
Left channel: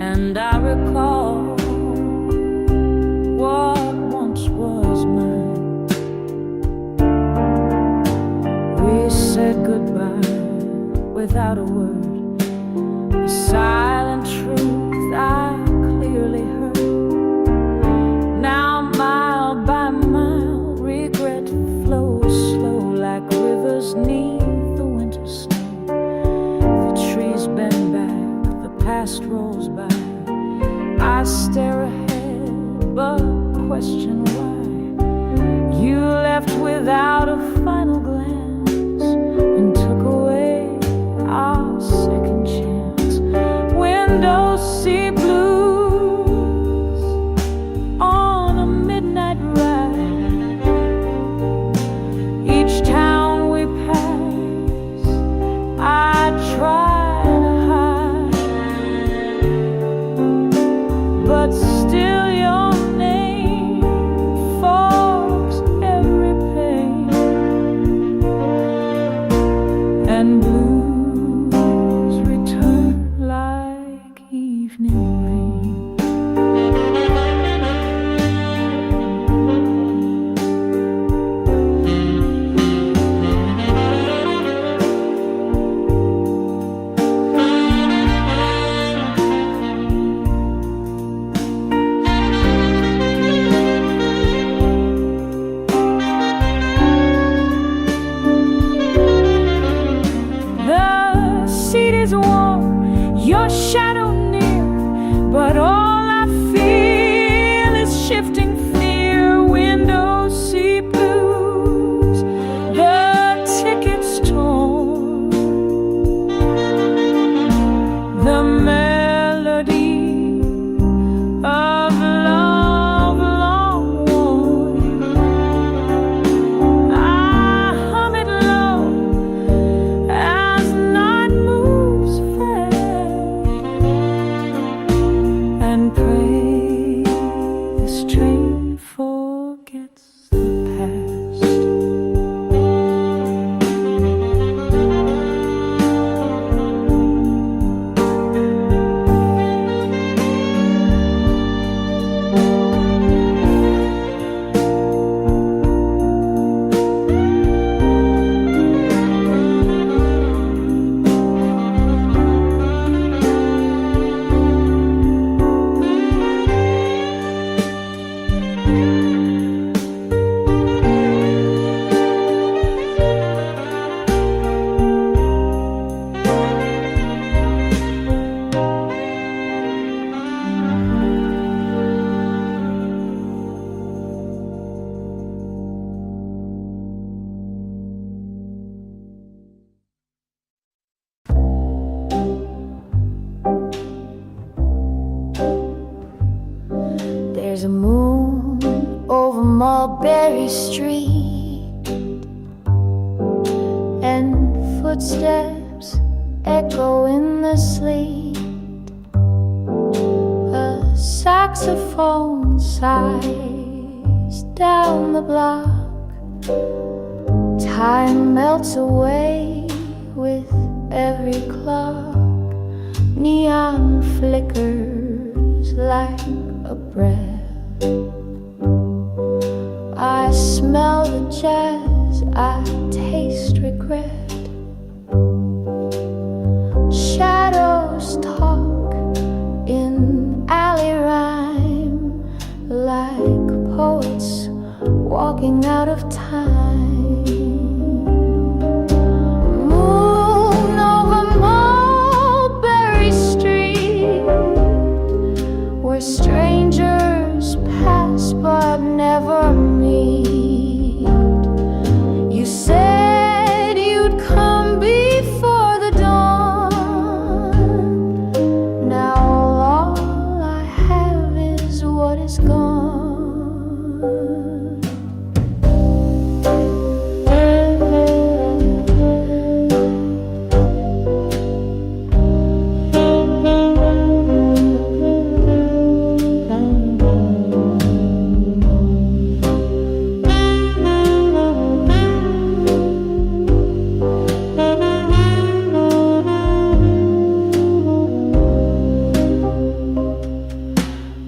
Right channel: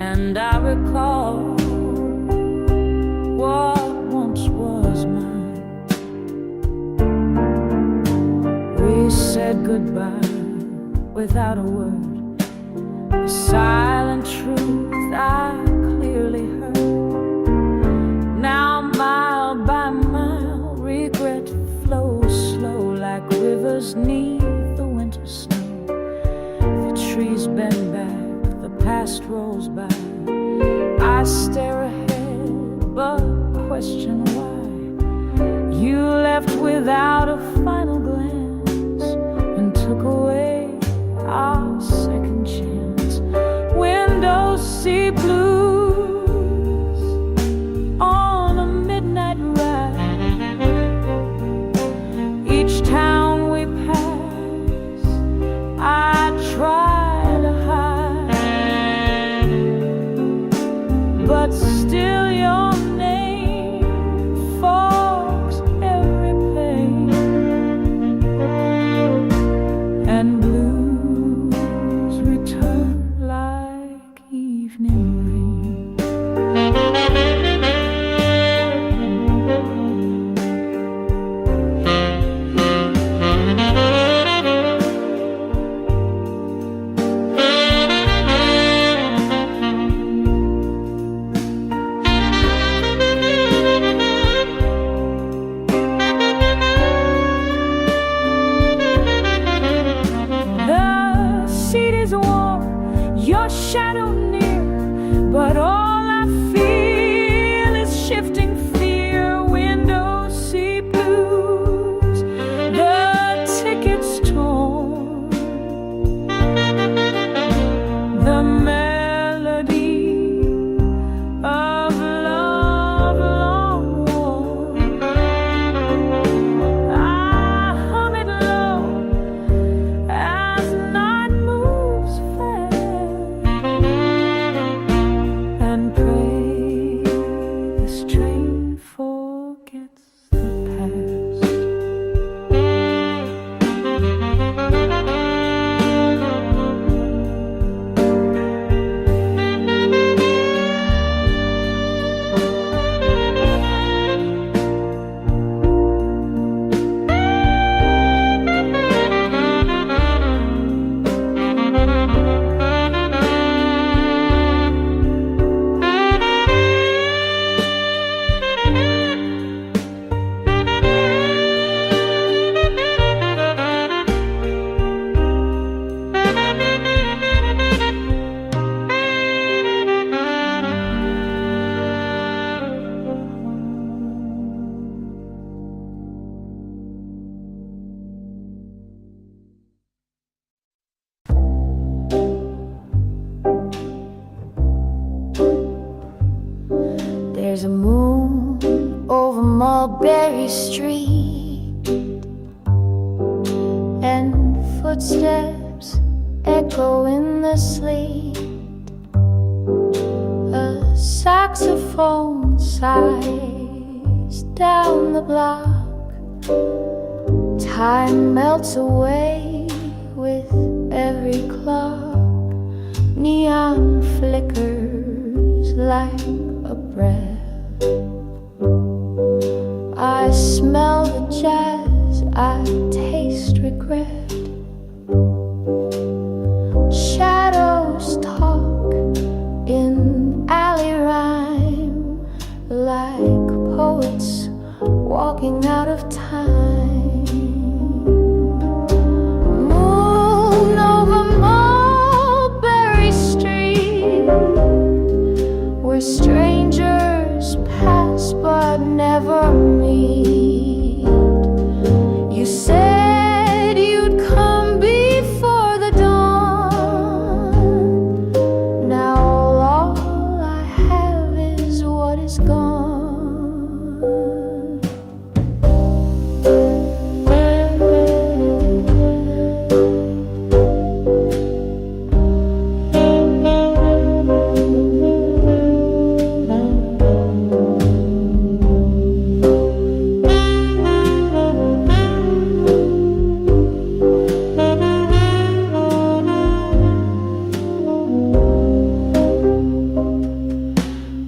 and I recall what once was mine. We said goodbye without a word, a silent truth I clearly heard. Now mile by mile regret flows slow like rivers neath the winter snow. The trees bend back, the past rolls by. I stare ahead but question why. You left without a final glance and took away our second chance. Windows see blues on a midnight ride. Each town we pass, I try to hide, but still your name fogs every pain, and blues return like evening rain. The seat is warm, your shadow near, but all I feel is shifting fear. Windows see blues, the ticket's torn. The melody of love long worn, I hum it low as night moves fast, and pray this train forgets the past. There's a moon over Mulberry Street, and footsteps echo in the sleet. A saxophone sighs down the block. Time melts away with every clock. Neon flickers like a breath. I smell the jazz, I taste regret. Shadows talk in alley rhyme, like poets walking out of time. Moon over Mulberry Street, where strangers pass but never meet. You said you'd come before the dawn. Now all I have is what is gone.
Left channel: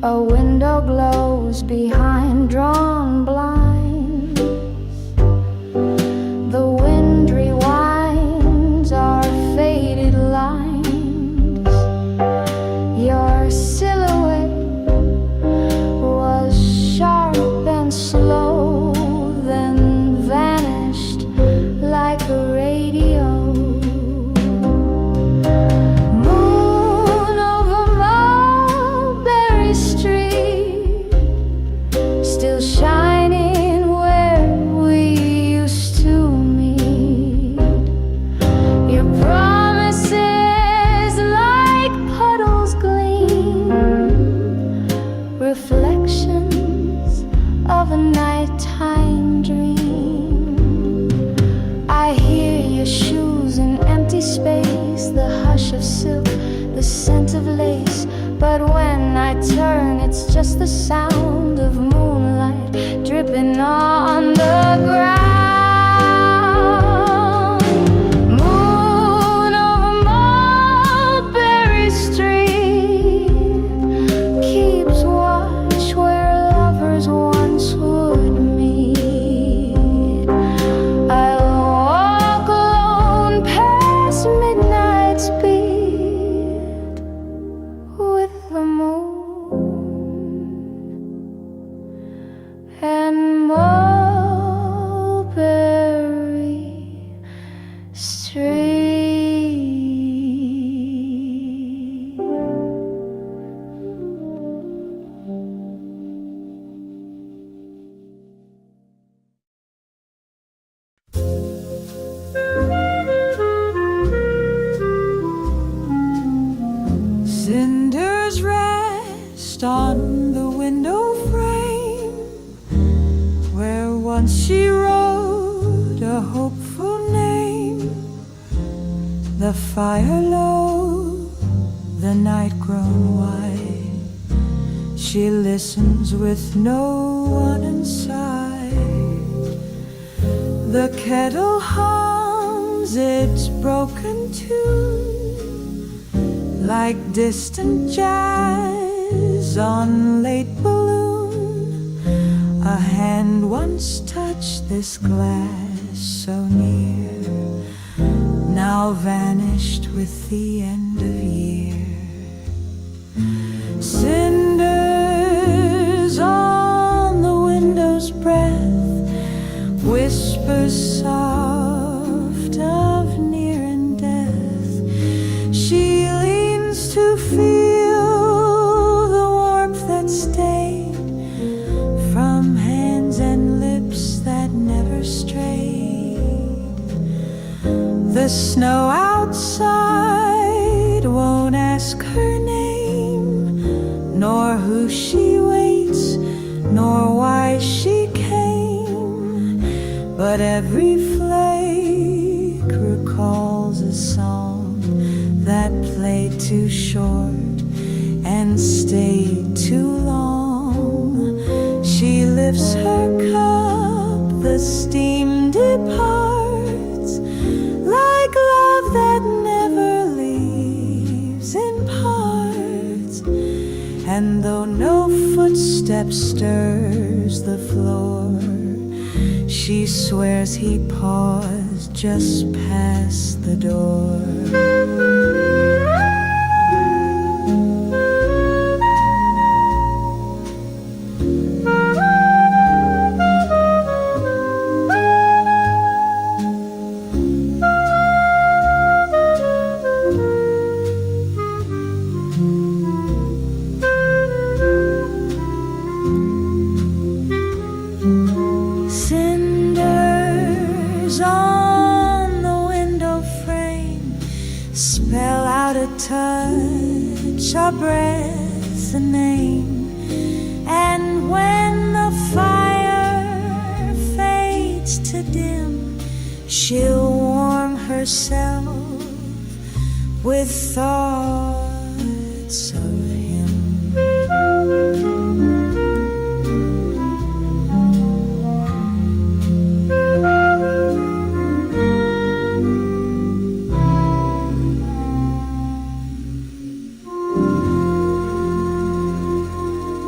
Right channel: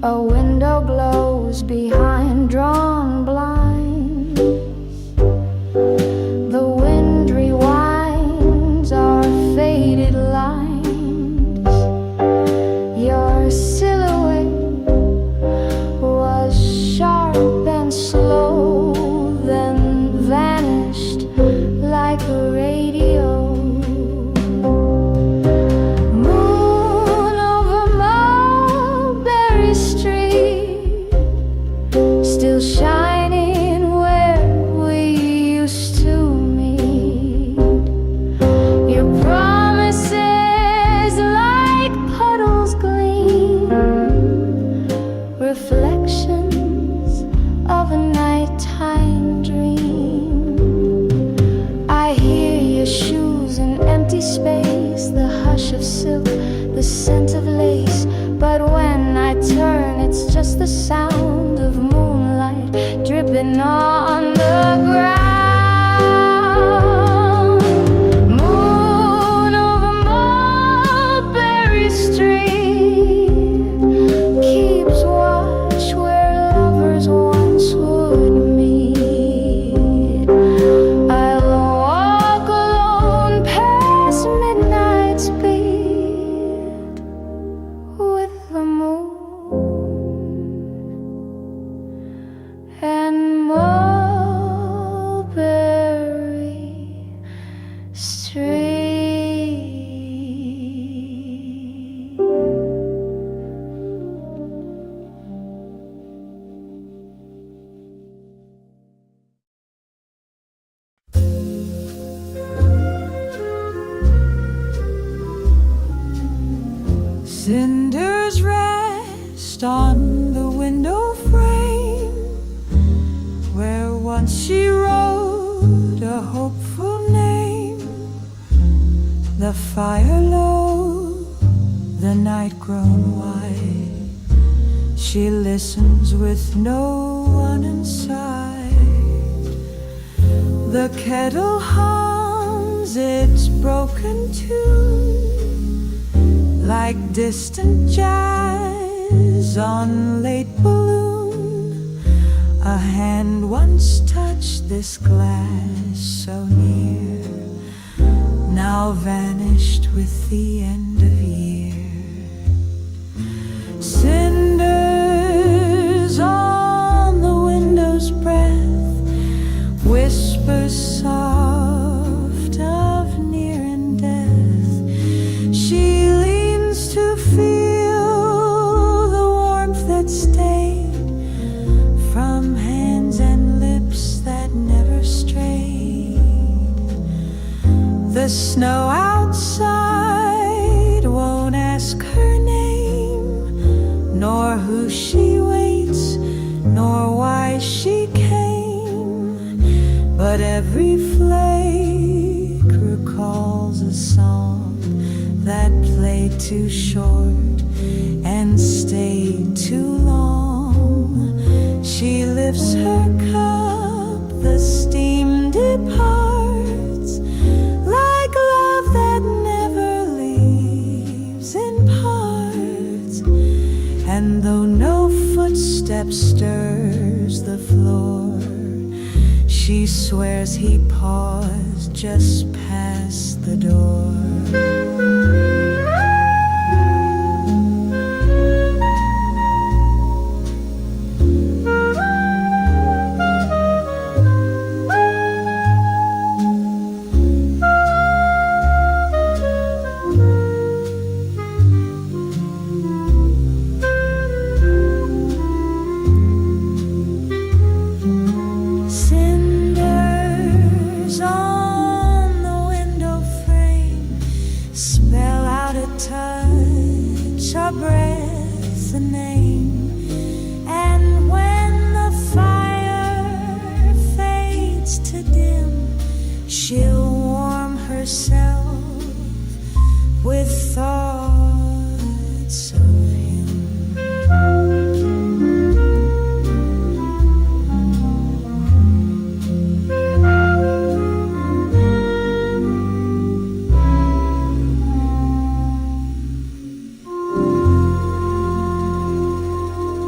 A window glows behind drawn blinds. The wind rewinds our faded lines. Your silhouette was sharp and slow, then vanished like a radio. Moon over Mulberry Street, still shining where we used to meet. Your promises like puddles gleam, reflections of a nighttime dream. I hear your shoes in empty space, the hush of silk, the scent of lace. But when I turn, it's just the sound of moonlight dripping on the ground. Moon over Mulberry Street keeps watch where lovers once would meet. I'll walk alone past midnight's beat with the moon and Mulberry Street. Cinders rest on the window frame where once she wrote a hopeful name. The fire low, the night grown white. She listens with no one inside. The kettle hums its broken tune like distant jazz on late balloon. A hand once touched this glass so near, now vanished with the end of year. Cinders on the window's breath, whispers soft of near and death. She leans to feel the warmth that stayed from hands and lips that never strayed. The snow outside won't ask her name, nor who she waits, nor why she came. But every flake recalls a song that played too short and stayed too long. She lifts her cup, the steam departs, like love that never leaves in parts. And though no footstep stirs the floor, she swears he paused just past the door. Cinders on the window frame spell out a touch, a breath, a name. And when the fire fades to dim, she'll warm herself with thoughts of him.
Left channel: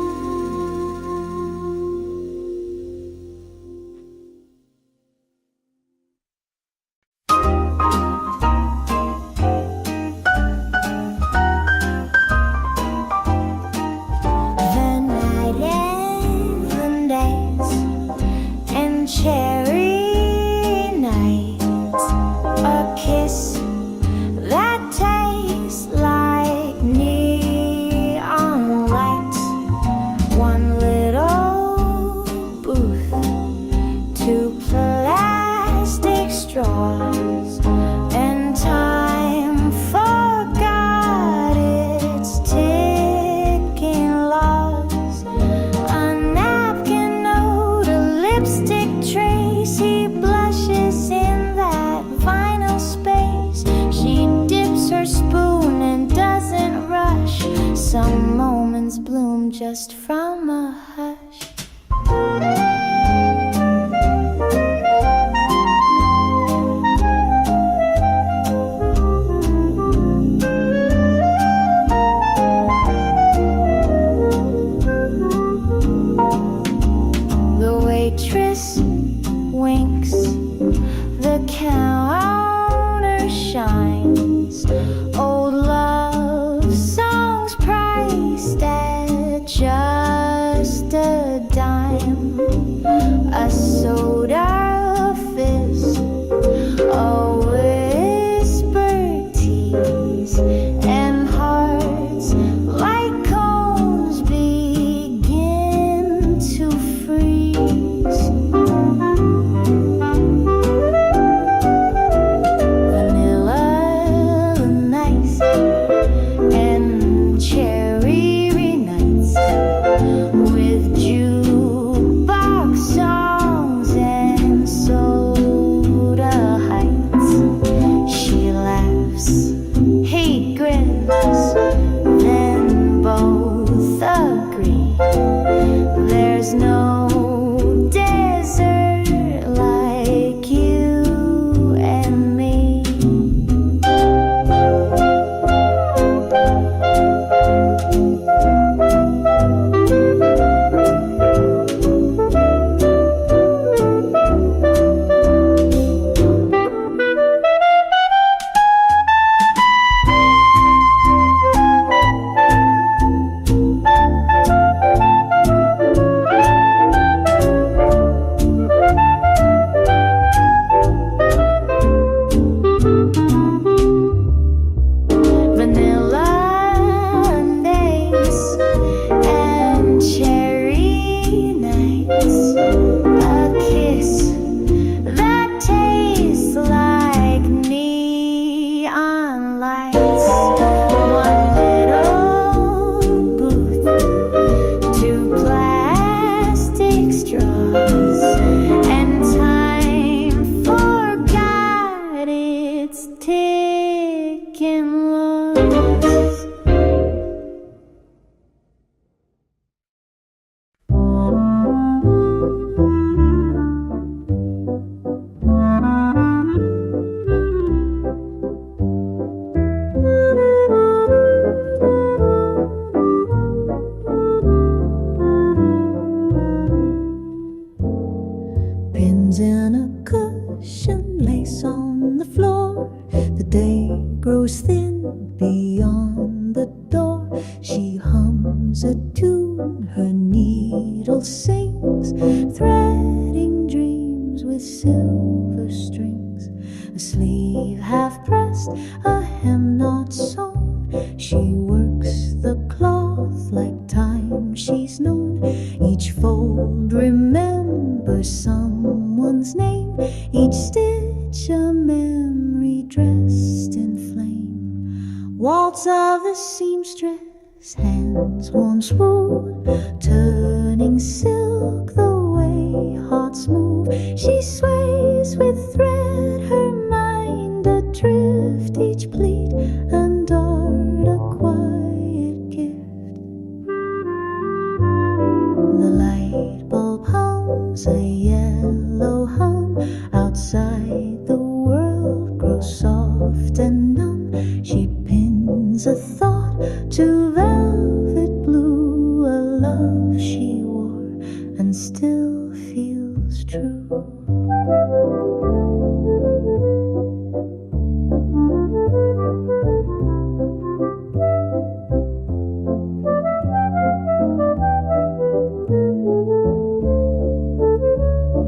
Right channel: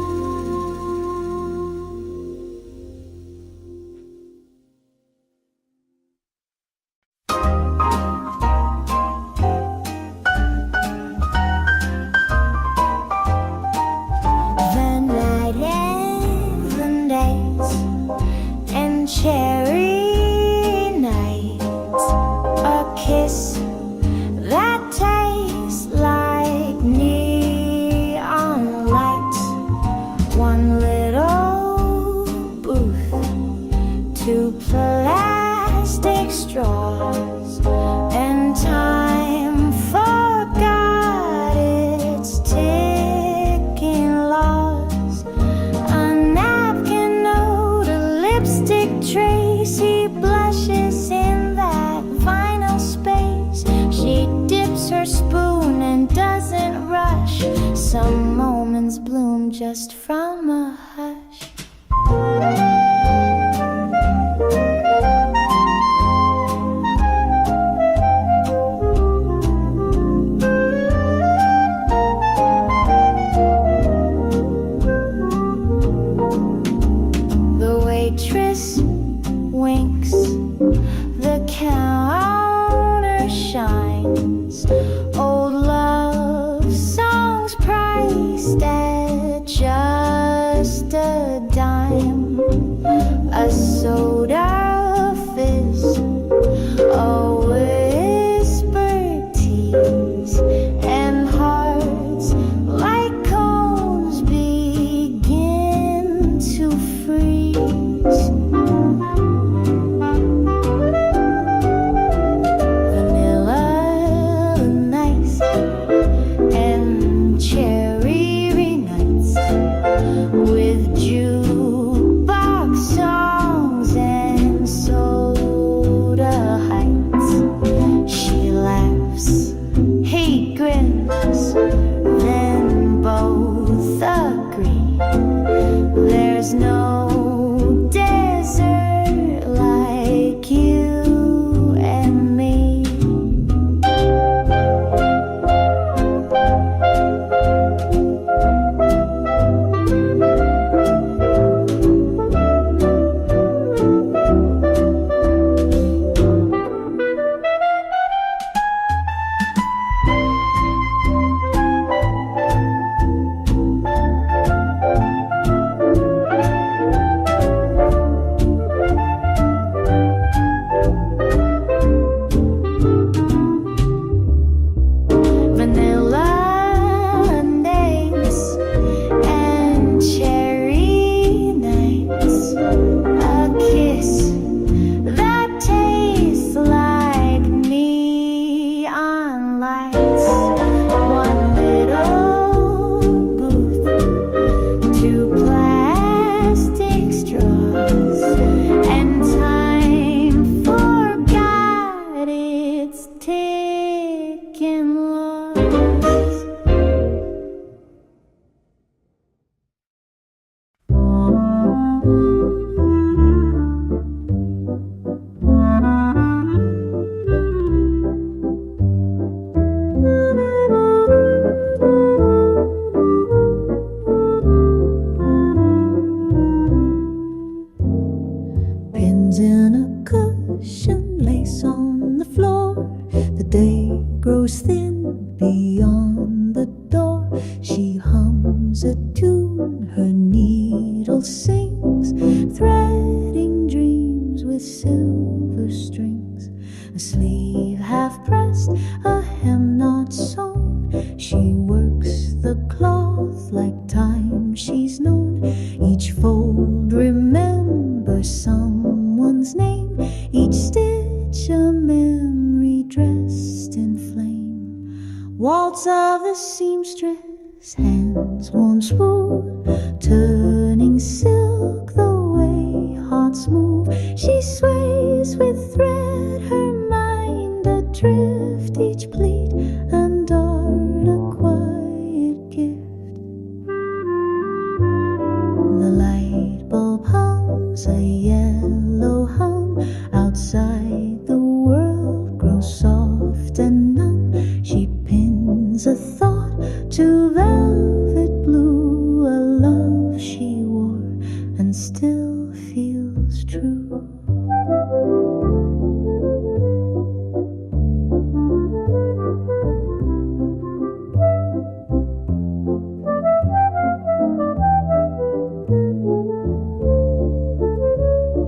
and cherry nights. A kiss that tastes like neon lights. One little booth, two plastic straws, and time forgot its ticking laws. A napkin note, a lipstick trace. He blushes in that vinyl space. She dips her spoon and doesn't rush. Some moments bloom just from a hush. The waitress winks, the counter shines. Old love songs priced at just a dime. A soda fizz, a whispered tease, and hearts like cones begin to freeze. Vanilla nice and cherry nights, with jukebox songs and soda heights. She laughs, he grins, then both agree. There's no desert like you and me. Vanilla days and cherry nights. A kiss that tastes like neon lights. One little booth, two plastic straws, and time forgot its ticking laws. Pins in a cushion, lace on the floor. The day grows thin beyond the door. She hums a tune, her needle sings, threading dreams with silver strings. A sleeve half pressed, a hem not sewn. She works the cloth like time she's known. Each fold remembers someone's name, each stitch a memory dressed in flame. Waltz of the seamstress, hands warm smooth, turning silk the way hearts move. She sways with thread, her mind adrift, each pleat and dart a quiet gift. The light bulb hums a yellow hum. Outside the world grows soft and numb. She pins a thought to velvet blue, a love she wore and still feels true.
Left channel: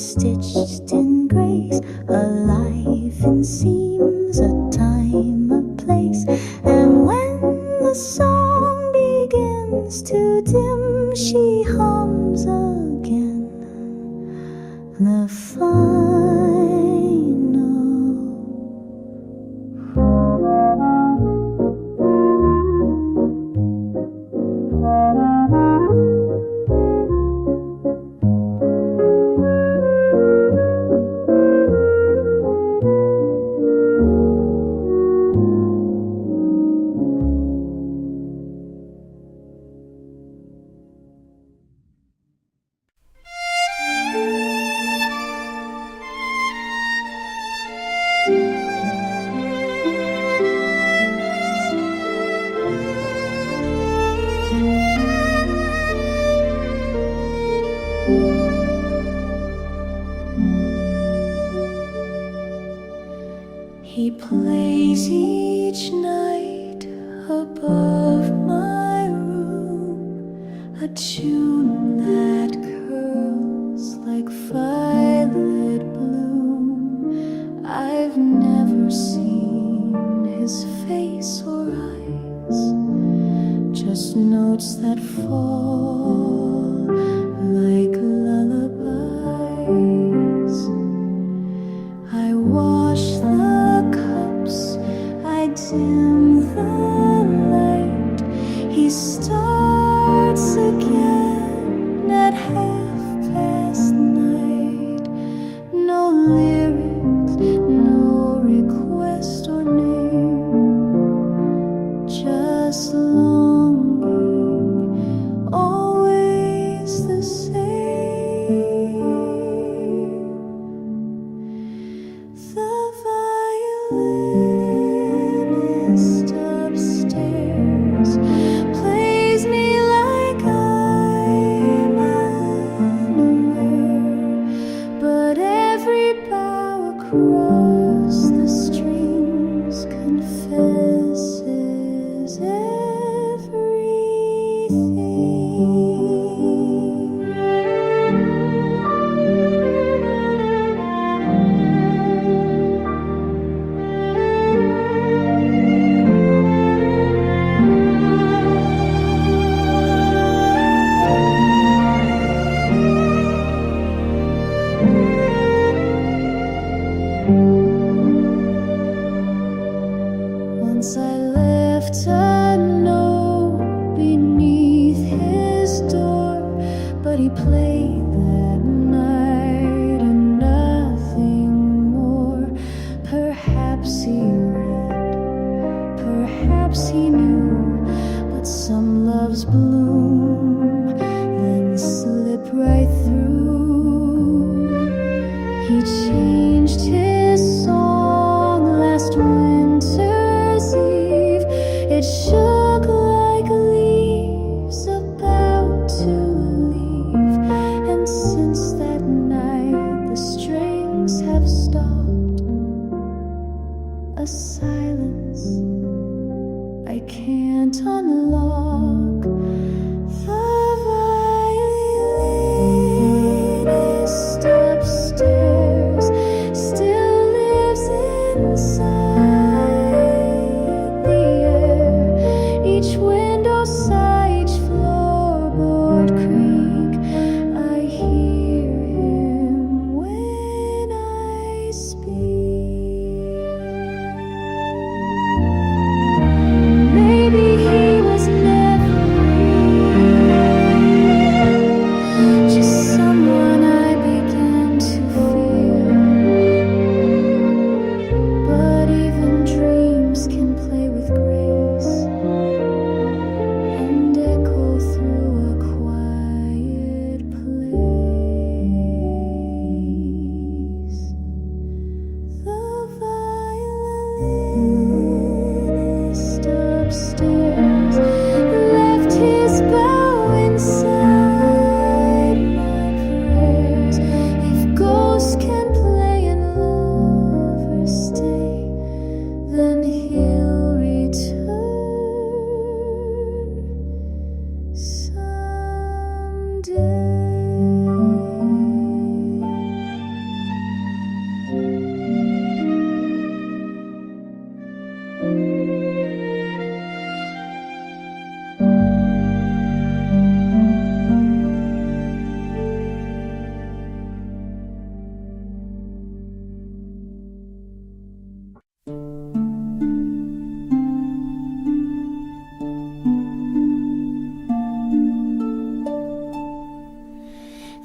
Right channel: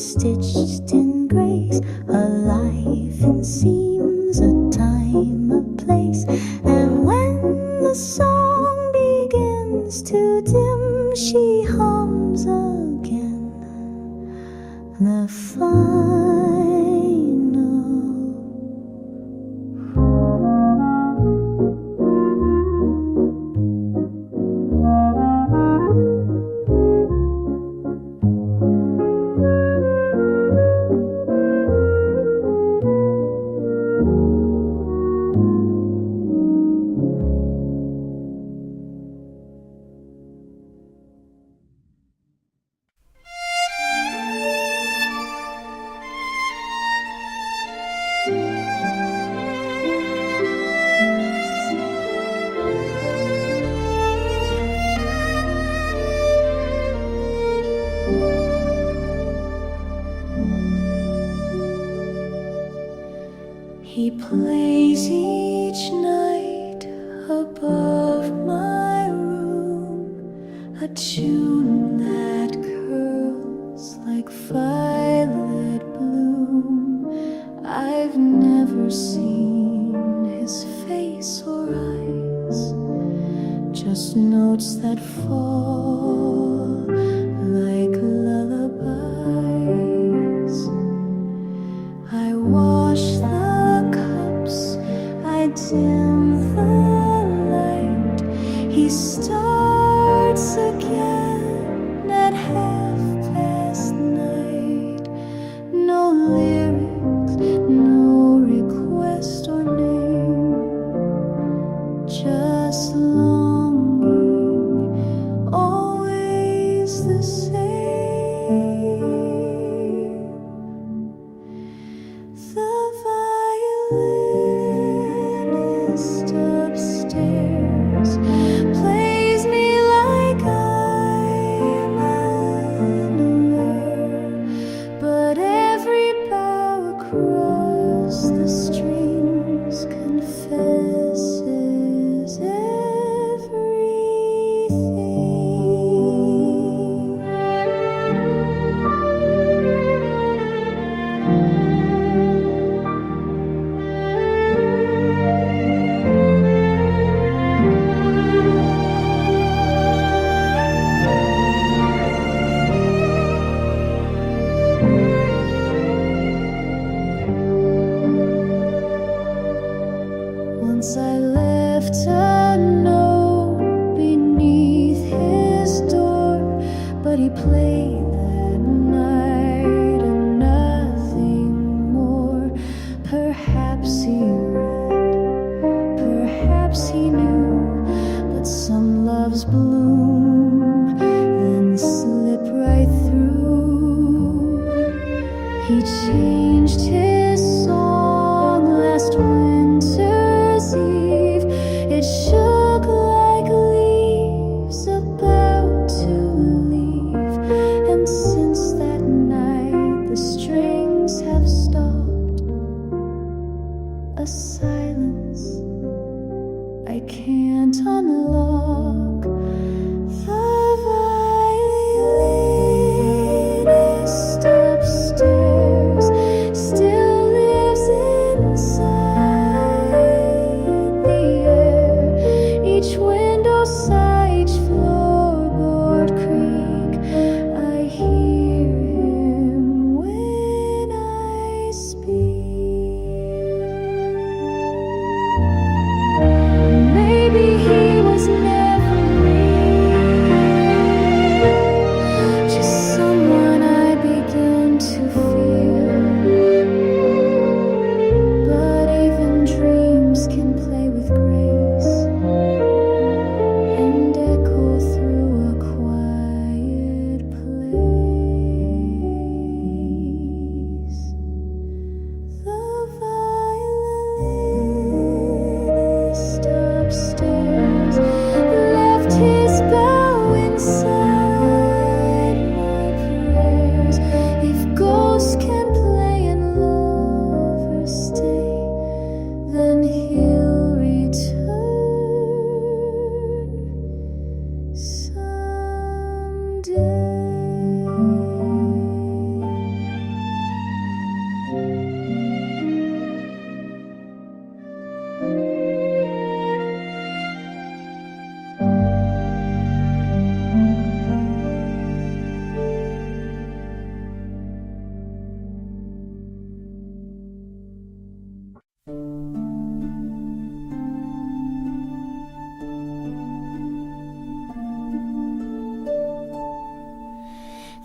stitched in grace, a life in seams, a time, a place. And when the song begins to dim, she hums again the final. He plays each night above my room, a tune that curls like violet bloom. I've never seen his face or eyes, just notes that fall like lullabies. I wash the cups, I dim the light. He starts again at midnight. No lyrics, no request or name, just longing, always the same. The violinist upstairs plays me like I'm unaware, but every bow across the strings confesses everything. Once I left a note beneath his door, but he played that night and nothing more. Perhaps he read, perhaps he knew, but some loves bloom, then slip right through. He changed his song last winter's eve. It shook like leaves about to leave, and since that night the strings have stopped. A silence I can't unlock. The violinist upstairs still lives inside the air. Each window sigh, each floorboard creak. I hear him when I speak. Maybe he was never real, just someone I begin to feel. But even dreams can play with grace and echo through a quiet place. The violinist upstairs left his bow inside my prayers. If ghosts can play and lovers stay, then he'll return someday.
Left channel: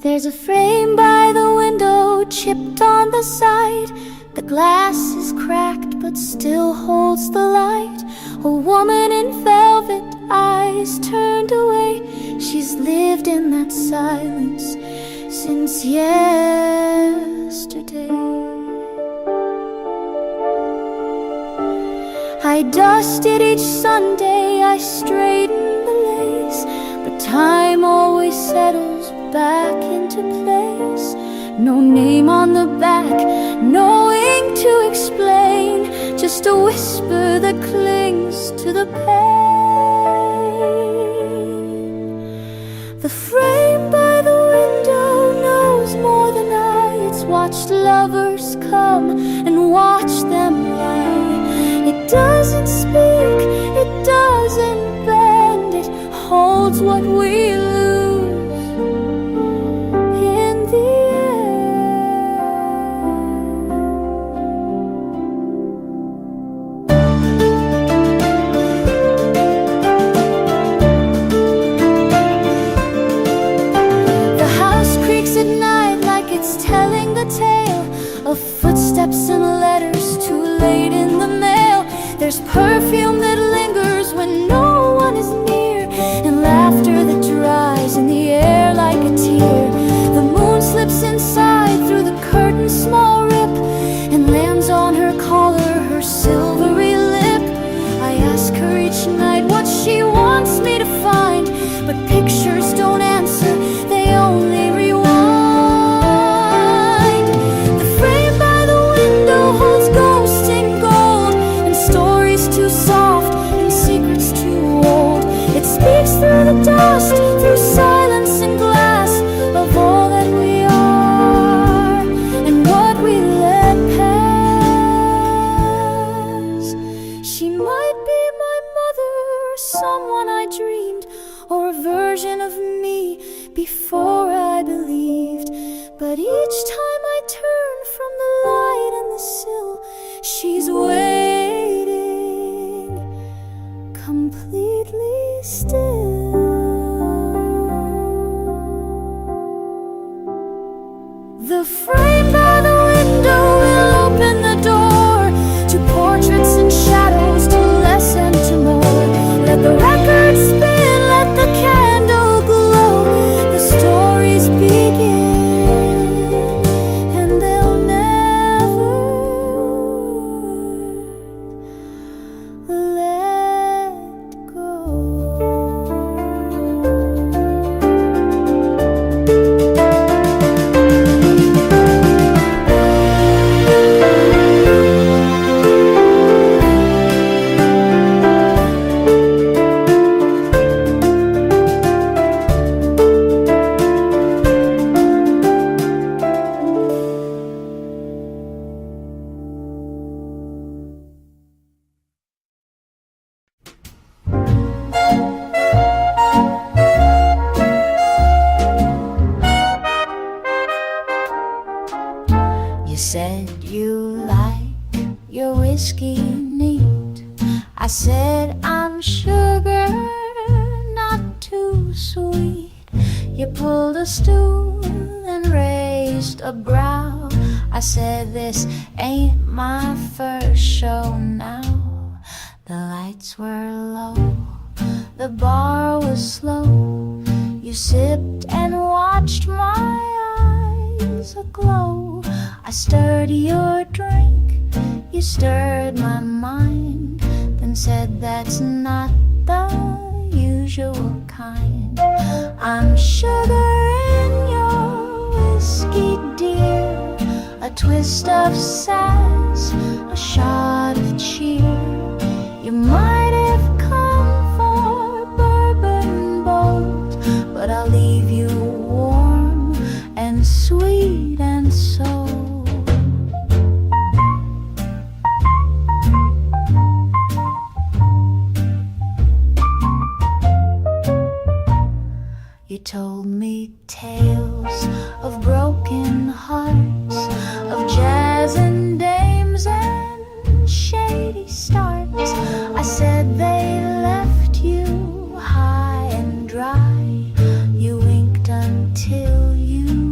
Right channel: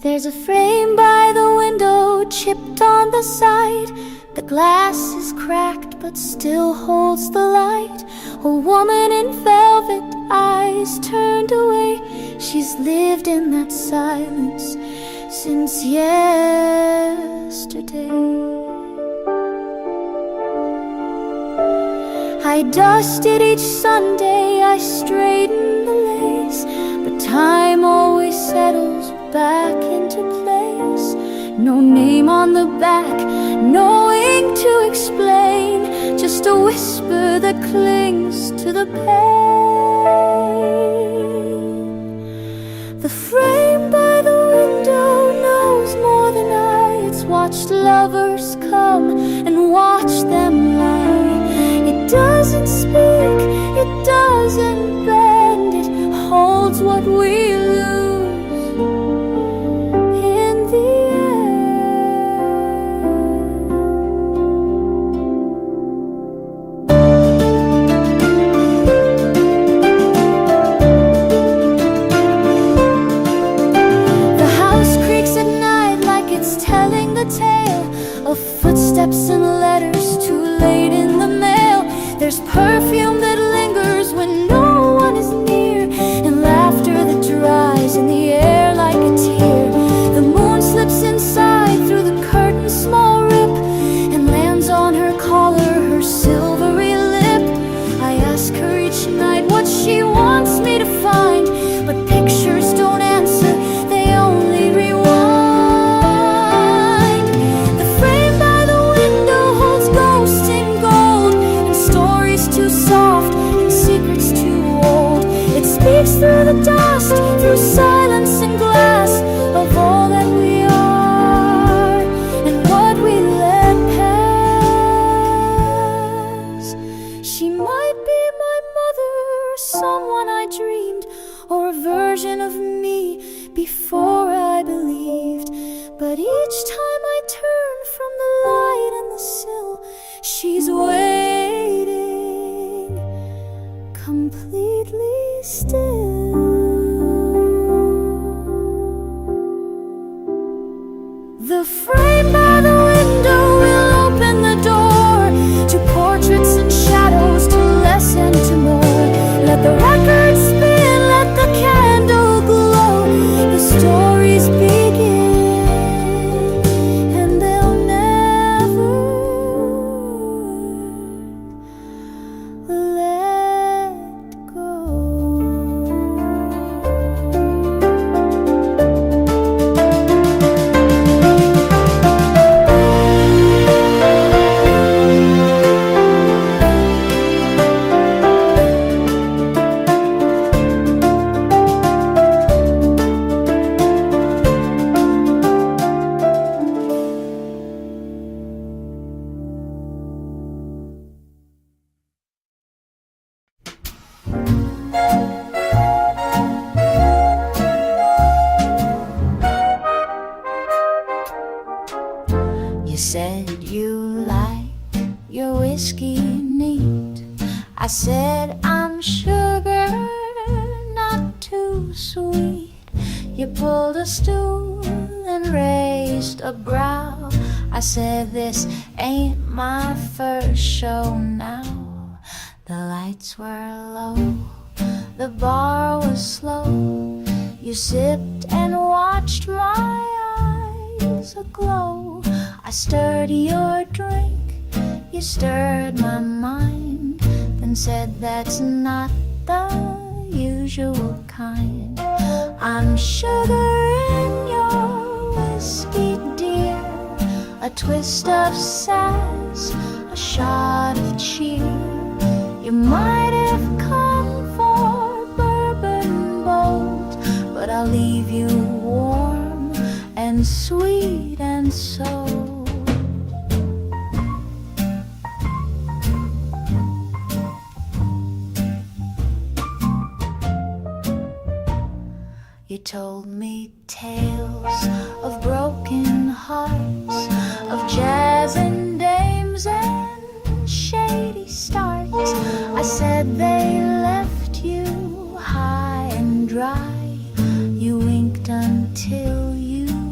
There's a frame by the window, chipped on the side. The glass is cracked but still holds the light. A woman in velvet, eyes turned away. She's lived in that silence since yesterday. I dusted each Sunday, I straightened the lace, but time always settles back into place. No name on the back, no ink to explain, just a whisper that clings to the pane. The frame by the window knows more than I. It's watched lovers come and watched them lie. It doesn't speak, it doesn't bend, it holds what we lose in the end. The house creaks at night like it's telling the tale of footsteps and letters too late in the mail. There's perfume that lingers when no one is near, and laughter that dries in the air like a tear. The moon slips inside through the curtain's small rip and lands on her collar, her silvery lip. I ask her each night what she wants me to find, but pictures don't answer, they only rewind. Too soft and secrets too old. It speaks through the dust, through silence and glass, of all that we are and what we let pass. She might be my mother, or someone I dreamed, or a version of me before I believed. But each time I turn from the light and the sill, she's waiting, completely still. The frame by the window will open the door to portraits and shadows, to less and to more. Let the record spin, let the candle glow. The stories begin, You said you like your whiskey neat. I said I'm sugar, not too sweet. You pulled a stool and raised a brow. I said this ain't my first show now. The lights were low, the bar was slow. You sipped and watched my eyes aglow. I stirred your drink, you stirred my mind, then said that's not the usual kind. I'm sugar in your whiskey, dear, a twist of sass, a shot of cheer. You might have come for bourbon bold, but I'll leave you warm and sweet and so. You told me tales of broken hearts, of jazz and dames and shady starts. I said they left you high and dry. You winked until you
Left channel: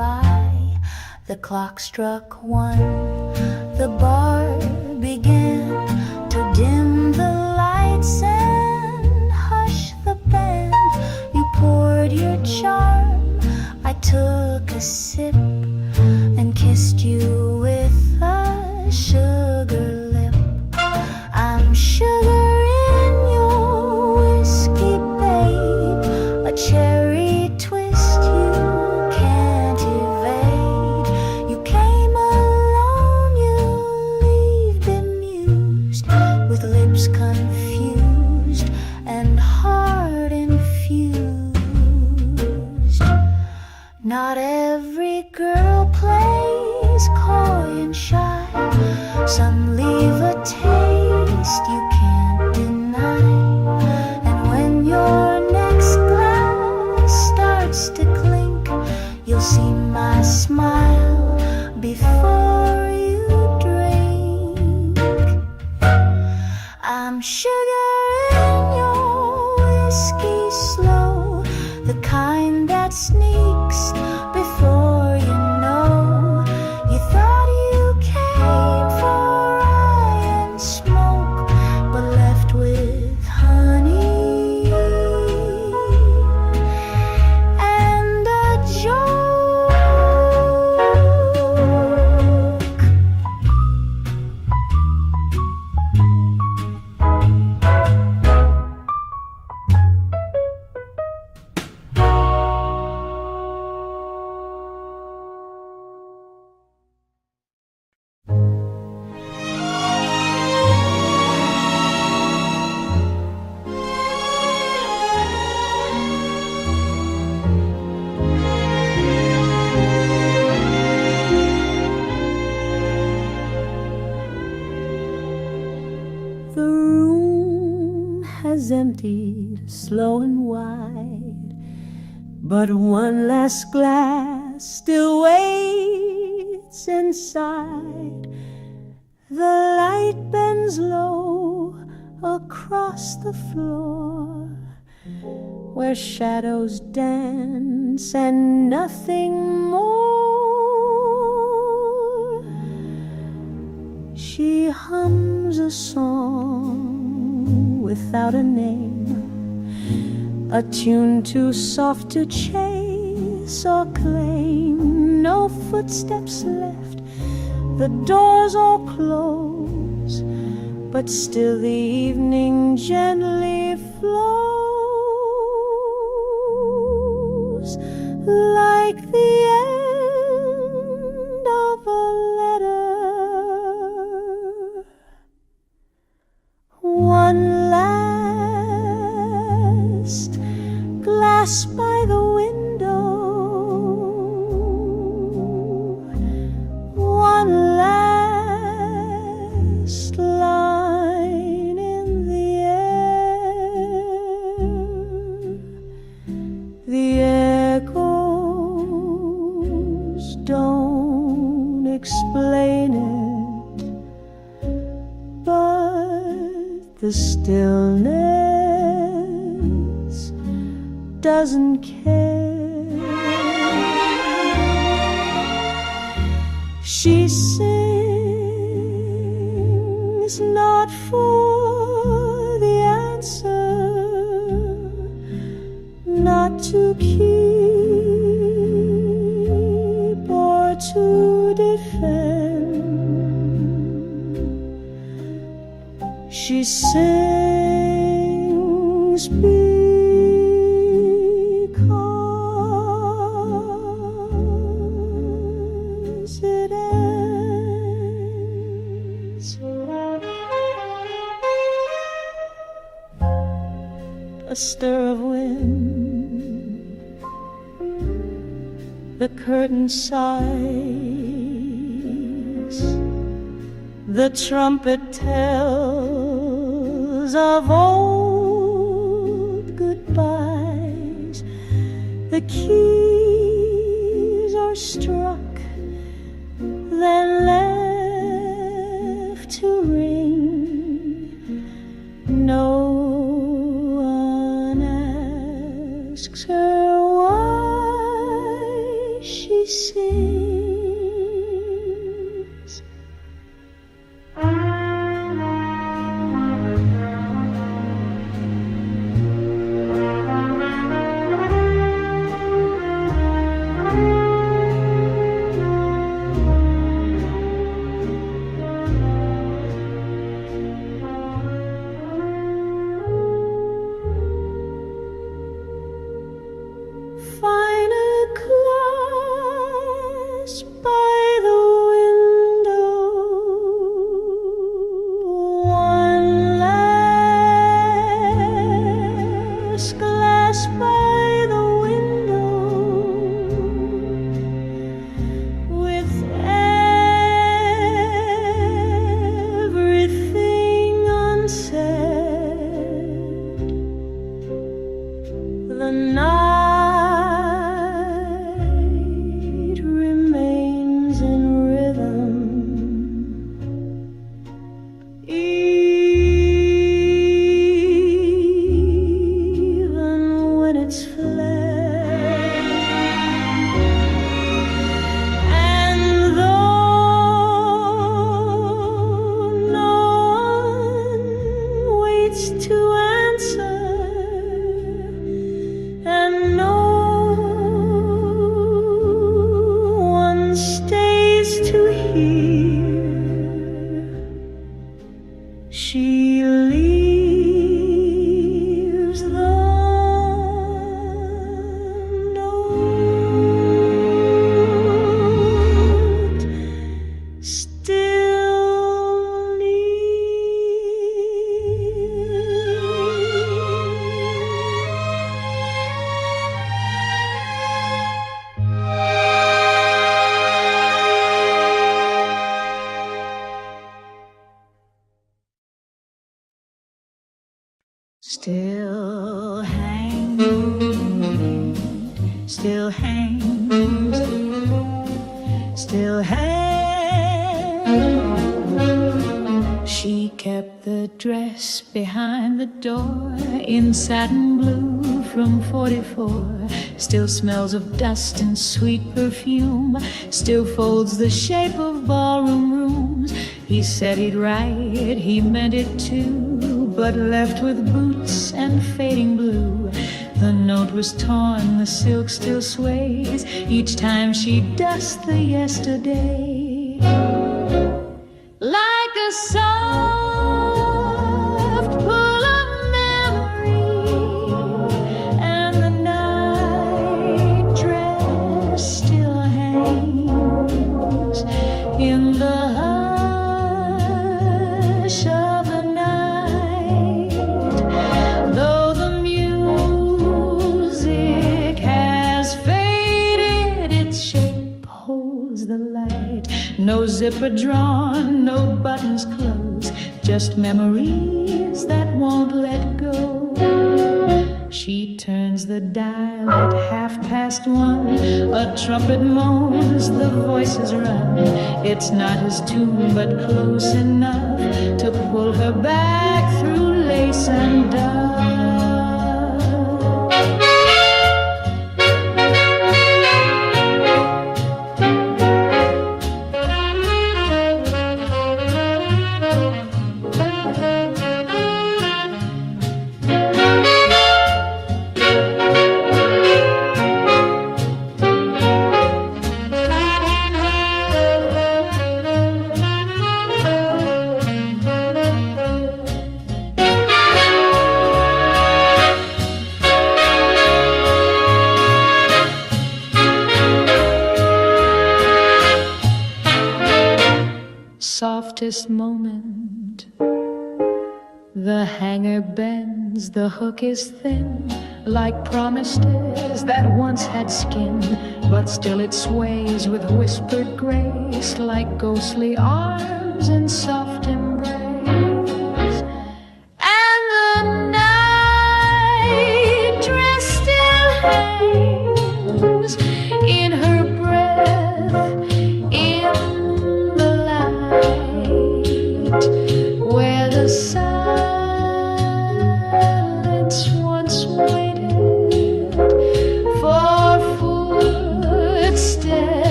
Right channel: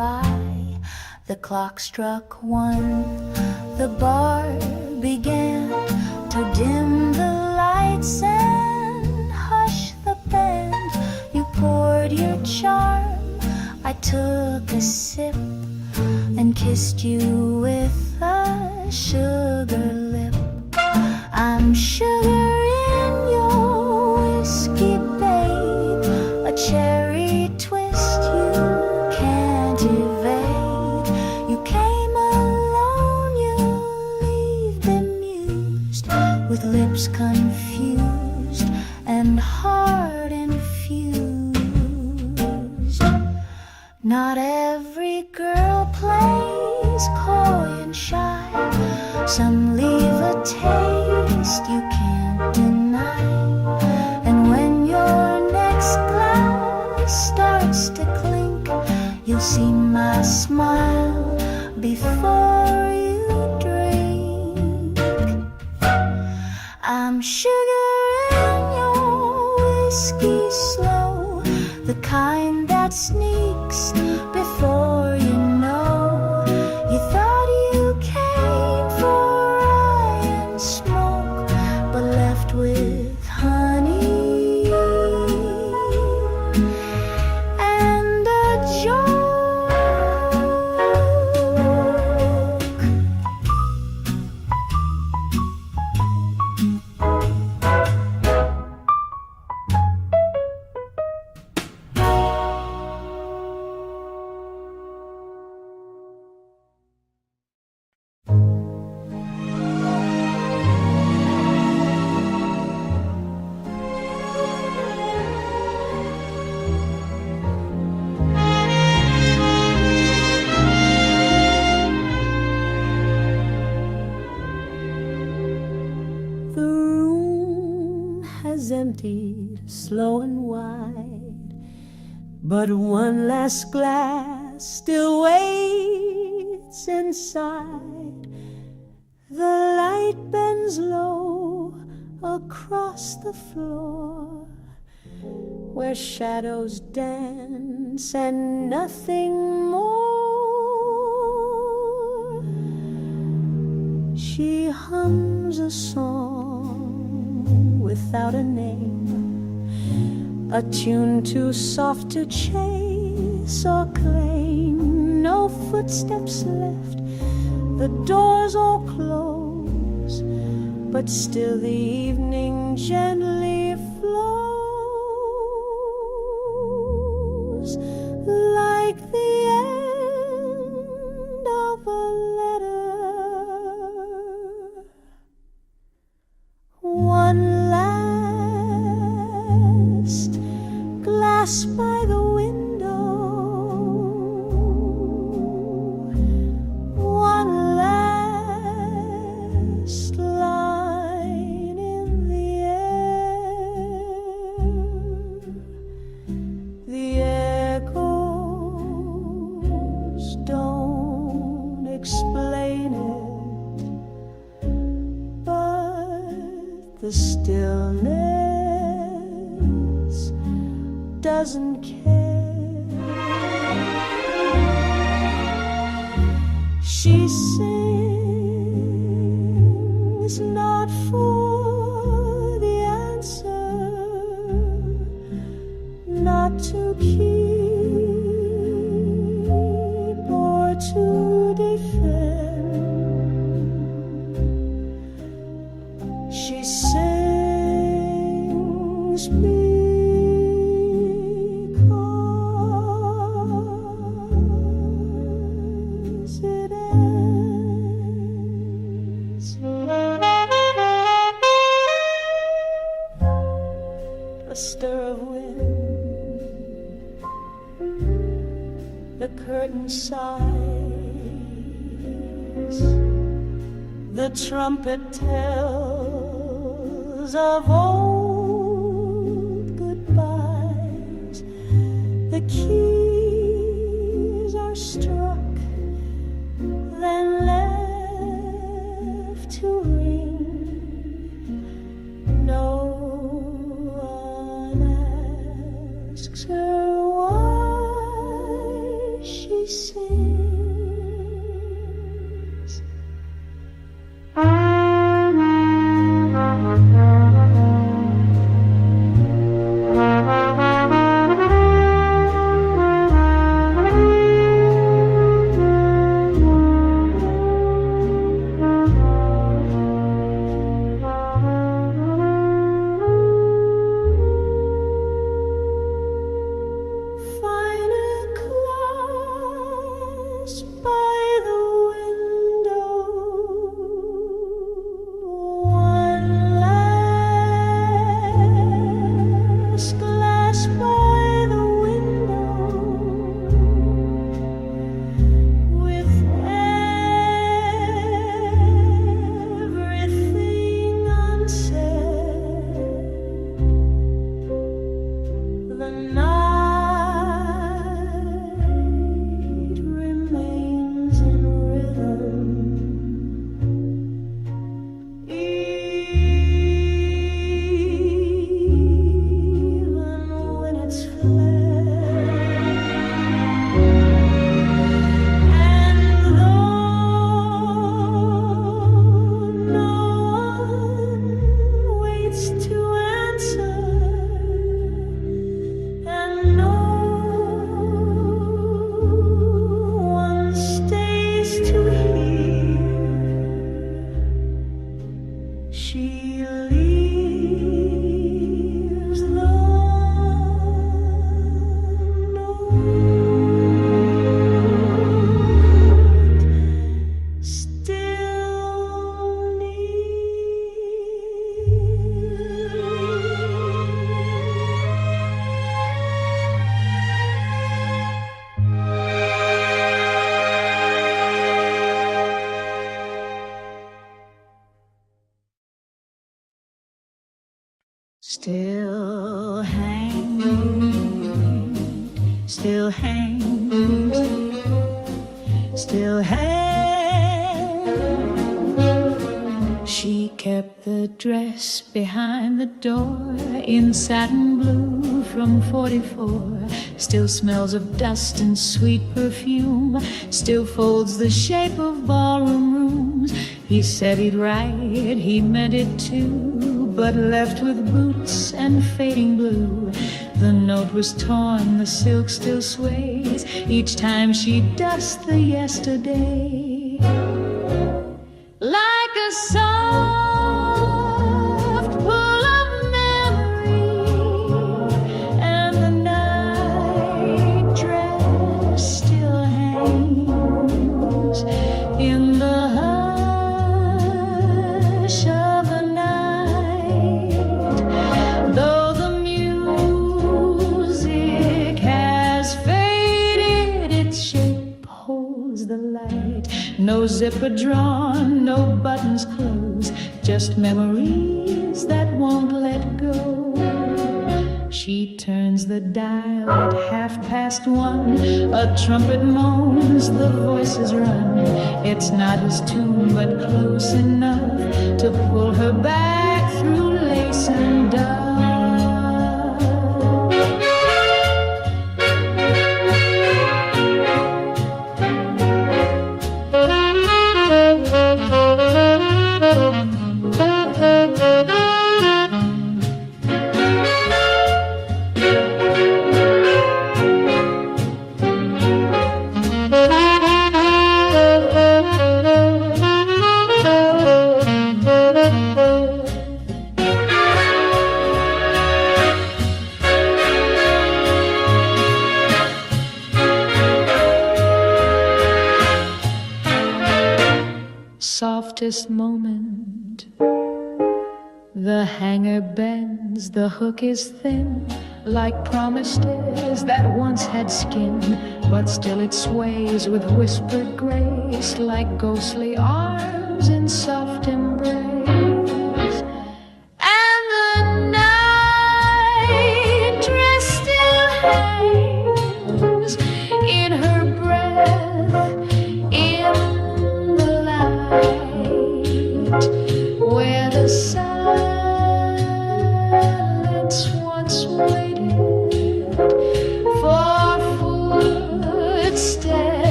by. The clock struck 1. The bar began to dim the lights and hush the band. You poured your charm, I took a sip and kissed you with a sugar lip. I'm sugar in your whiskey, babe, a cherry twist you can't evade. You came alone, you leave bemused, with lips confused and heart infused. Not every girl plays coy and shy. Some leave a taste you can't deny. And when your next glass starts to clink, you'll see my smile before you drink. I'm sugar in your whiskey slow, the kind that sneaks before you know. You thought you came for rye and smoke, but left with honey and a joke. The room has emptied slow and wide, but one last glass still waits inside. The light bends low across the floor, where shadows dance and nothing more. She hums a song without a name, a tune too soft to chase or claim. No footsteps left, the doors all close, but still the evening gently flows, like the end of a letter. One last glass by the window, one last line in the air. The echoes don't explain it, but the stillness doesn't care. She sings not for the answer, not to keep or to defend. She sings because it ends. A stir of wind, the curtain sighs, the trumpet tells of old goodbyes. The keys are struck, then left to ring. No one asks her why she sings. Find a glass by the window, one last glass by the window, with everything unsaid. The night remains in rhythm, even when it's fled. And though no one waits to answer, and no one stays to hear, she leaves the note still Still hangs, still hangs, still hangs. She kept the dress behind the door in satin blue from 44. Still smells of dust and sweet perfume. Still folds the shape of ballroom rooms. He said he'd write, he meant it too, but left with boots and fading blue. The note was torn, the silk still sways each time she dusts the yesterday. Like a soft pull of memory, and the night dress still hangs in the hush of the night. Though the music has faded, its shape holds the light. No zipper drawn, no buttons closed, just memories that won't let go. She turns the dial at 1:30. A trumpet moans, the voices run. It's not his tune, but close enough to pull her back through lace and dove. Softest moment, the hanger bends, the hook is thin, like promised is that once had skin, but still it sways with whispered grace, like ghostly arms in soft embrace. And the night dress still hangs in her breath, in the light, where the silence once waited for footsteps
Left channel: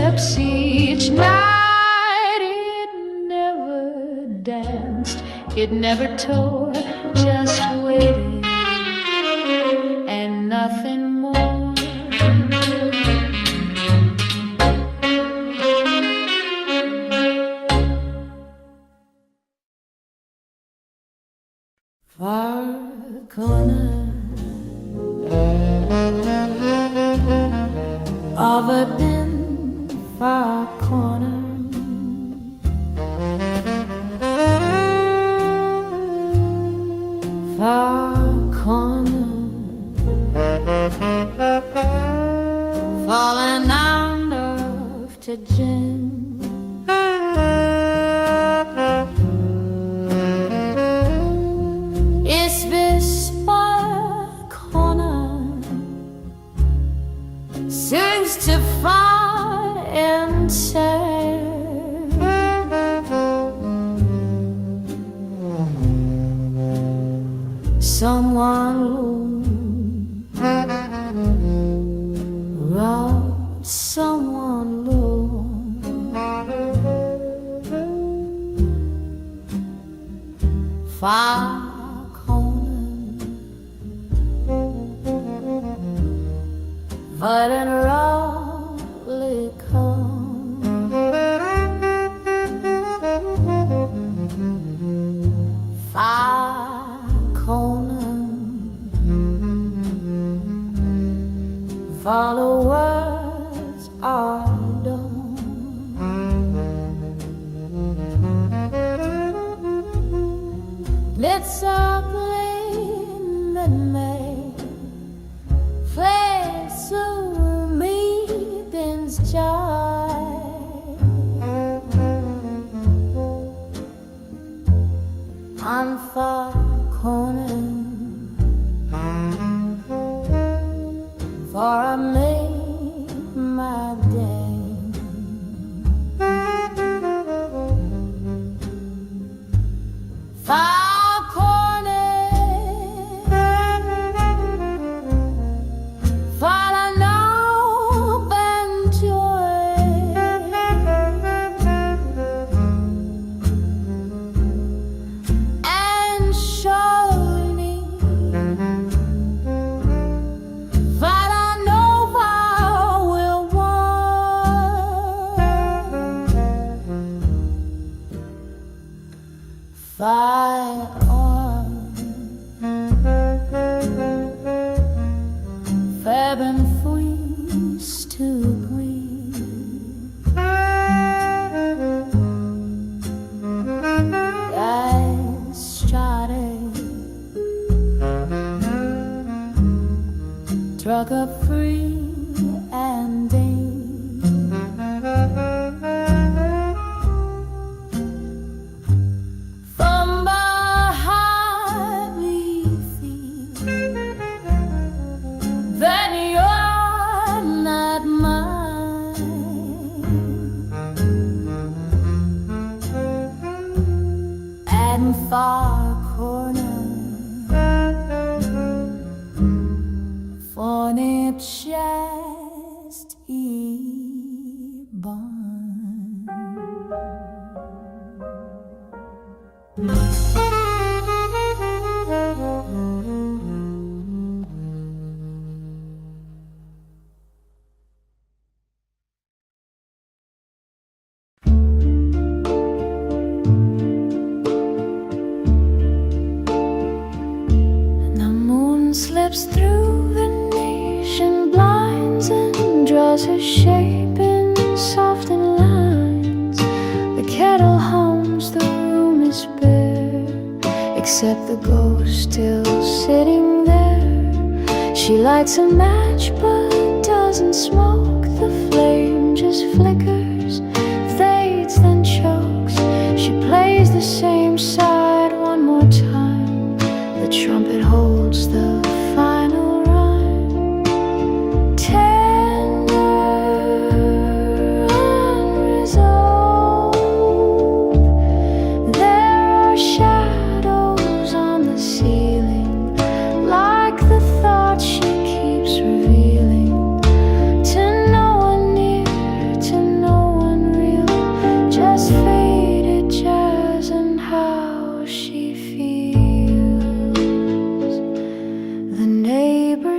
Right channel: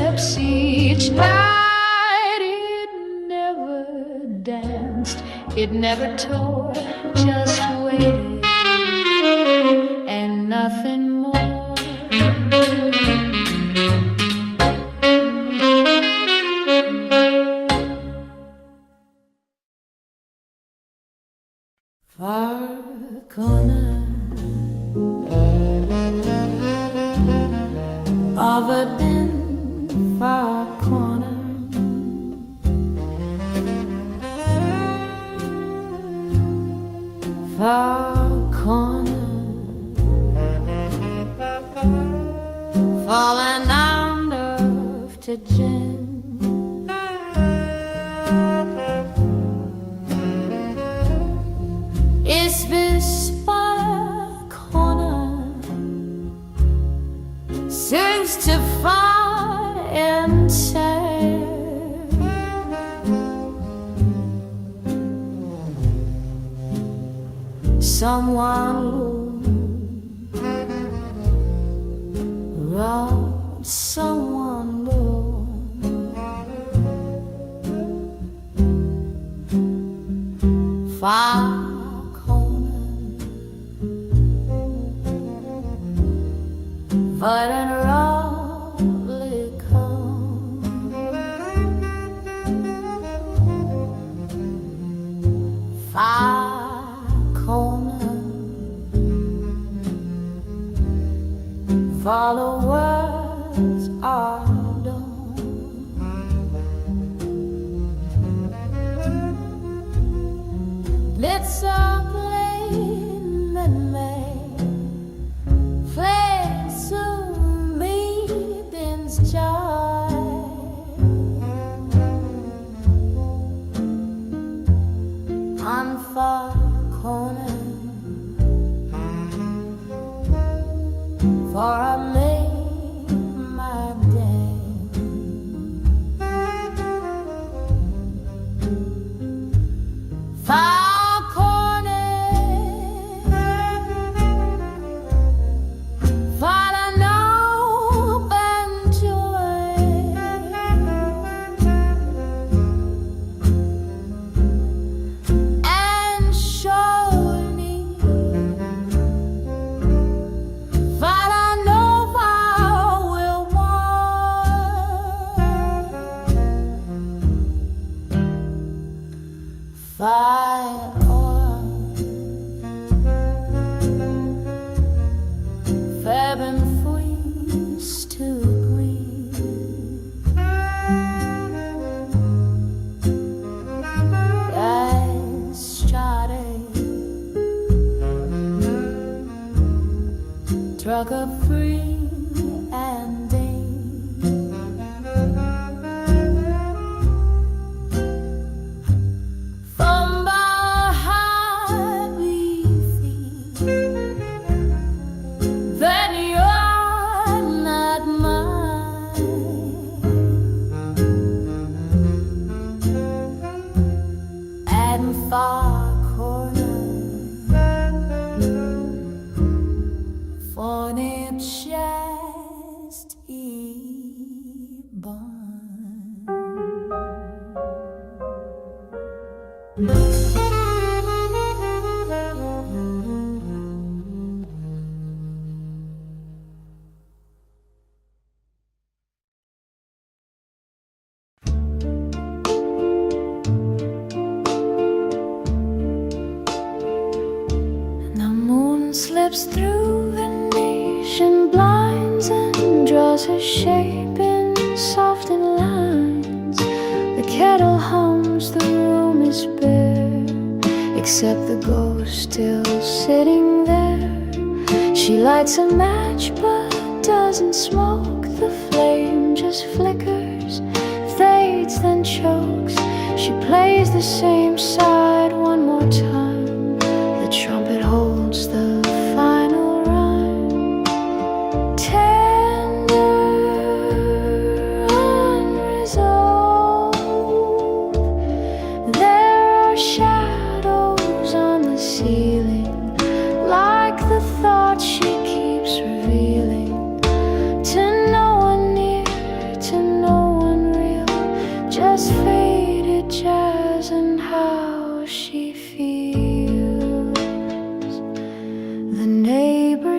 Pepsi each night. It never danced, it never tore, just waited and nothing more. Far corner of a dim far corner, far corner, falling under to gin. It's this far corner seems to find and sad. Someone robbed someone low. Far but in roughly come far corner, followers are done. Let's all blame that may fled to meeting's joy. On far corner, for I made my day. Far corner, for an open joy, and surely that I know I will want. Fire on, Fab and freeze to breathe. I started, drug up free and day. From behind we feel that you're not mine, and far corner for it just born. The moon slips through Venetian blinds and draws her shape in softened lines. The kettle hums, the room is bare, except the ghost still sitting there. She lights a match but doesn't smoke. The flame just flickers, fades, then chokes. She plays the same side one more time. The trumpet holds the final rhyme. Tender, unresolved. There are shadows on the ceiling, like the thoughts she keeps revealing to no one near, to no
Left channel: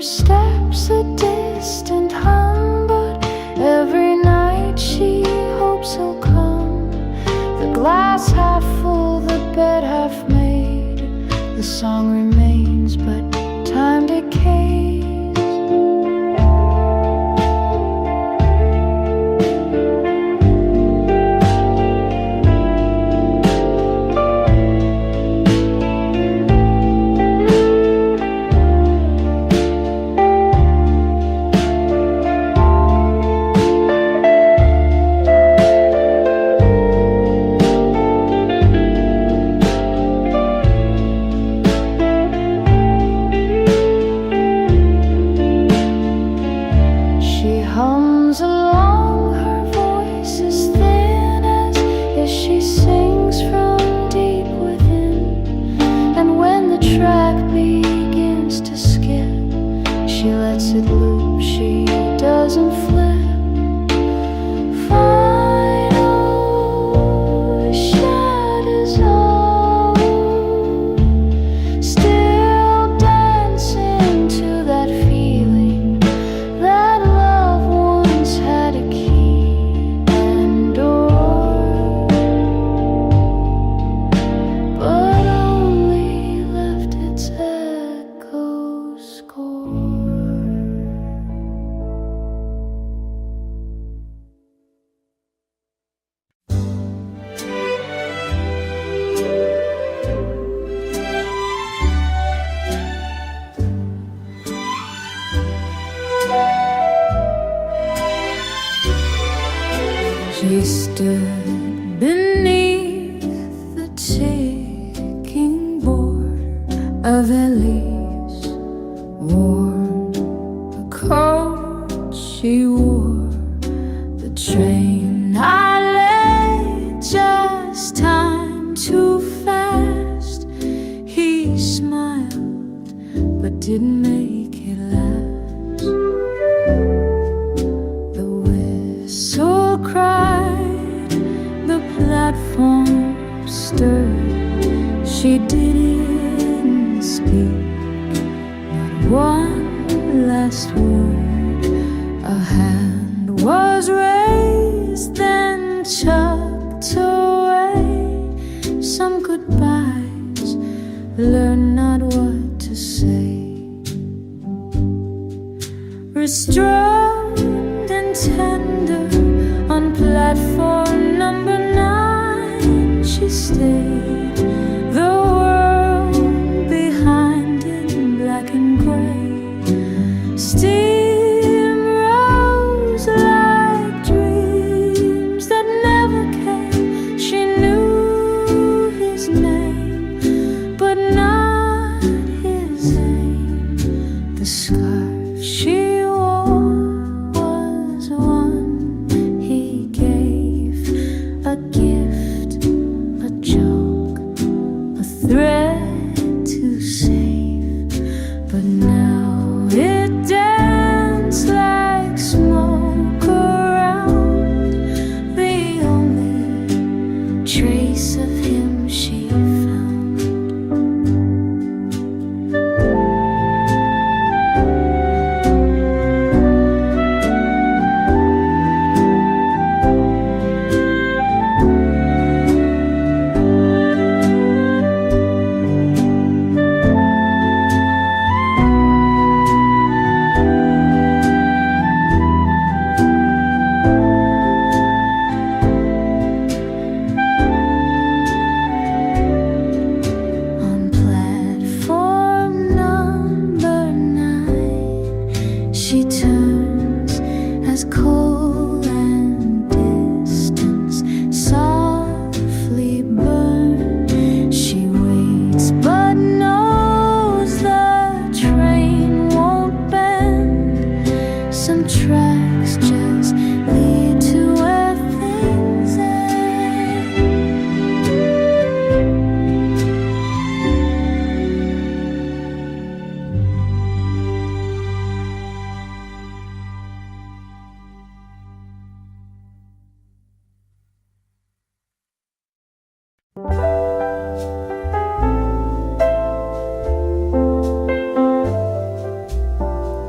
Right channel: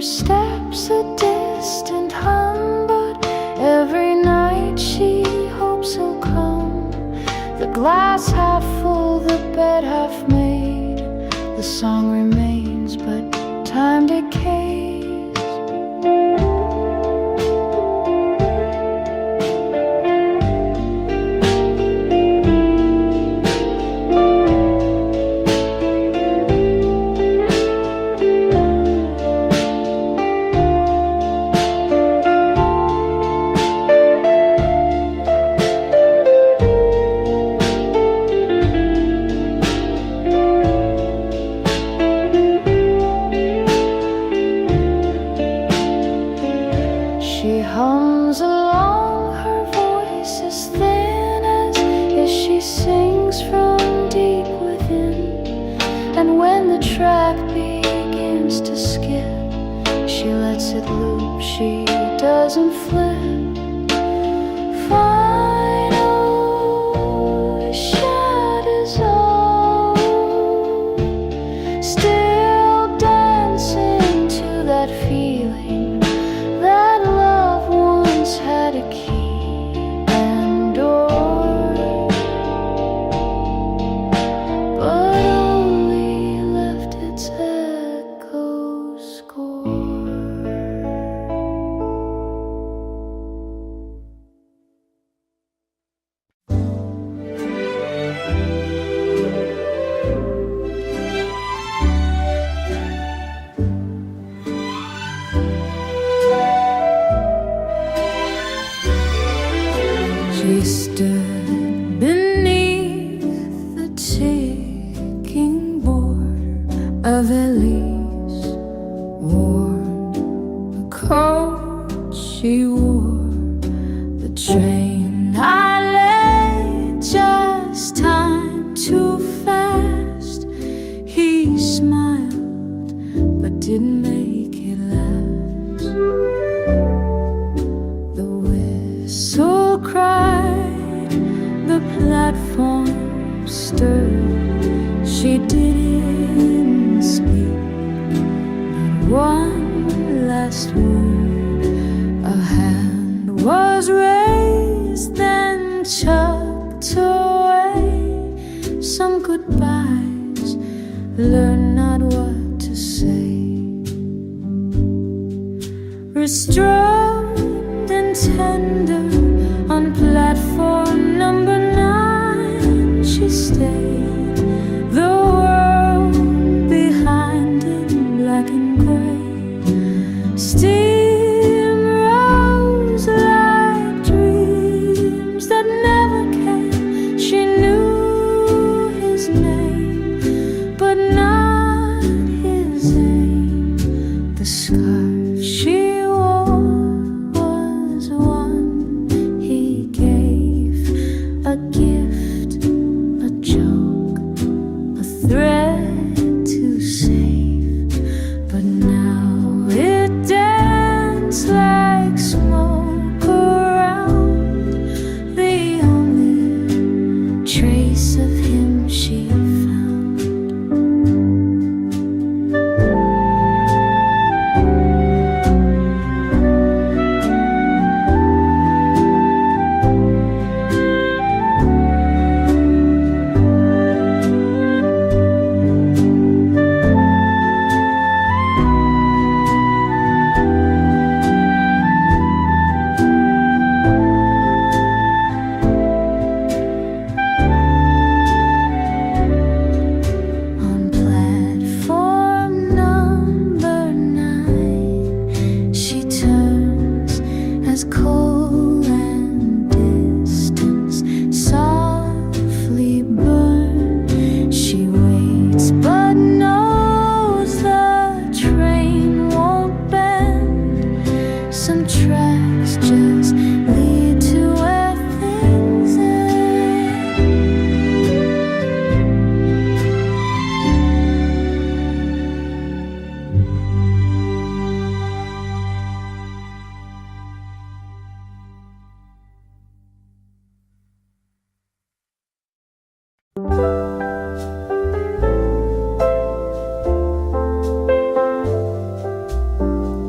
her steps a distant hum, but every night she hopes he'll come. The glass half full, the bed half made, the song remains, but time decays. She hums along, her voice is thin as if she sings from deep within. And when the track begins to skip, she lets it loop, she doesn't flip. Final shadows all still dancing to that feeling that love once had a key and door, but only left its echo score. She stood beneath the ticking border of Elise, worn a coat she wore. The train I lay, just time too fast. He smiled but didn't make it last. The whistle cried, the platform stirred. She didn't speak, not one last word. A hand was raised, then tucked away. Some goodbyes, learn not what to say. Restrained and tender, on platform number 9 she stayed. The world behind in black and gray. Steam rose like dreams that never came. She knew his name, but not his aim. The scarf she wore was one he gave, a gift, a joke, a thread to save. But now it danced like smoke around, the only trace of him she found. She turns as coal and distance softly burn. She waits but knows the train won't bend. Some tracks just lead to where things end.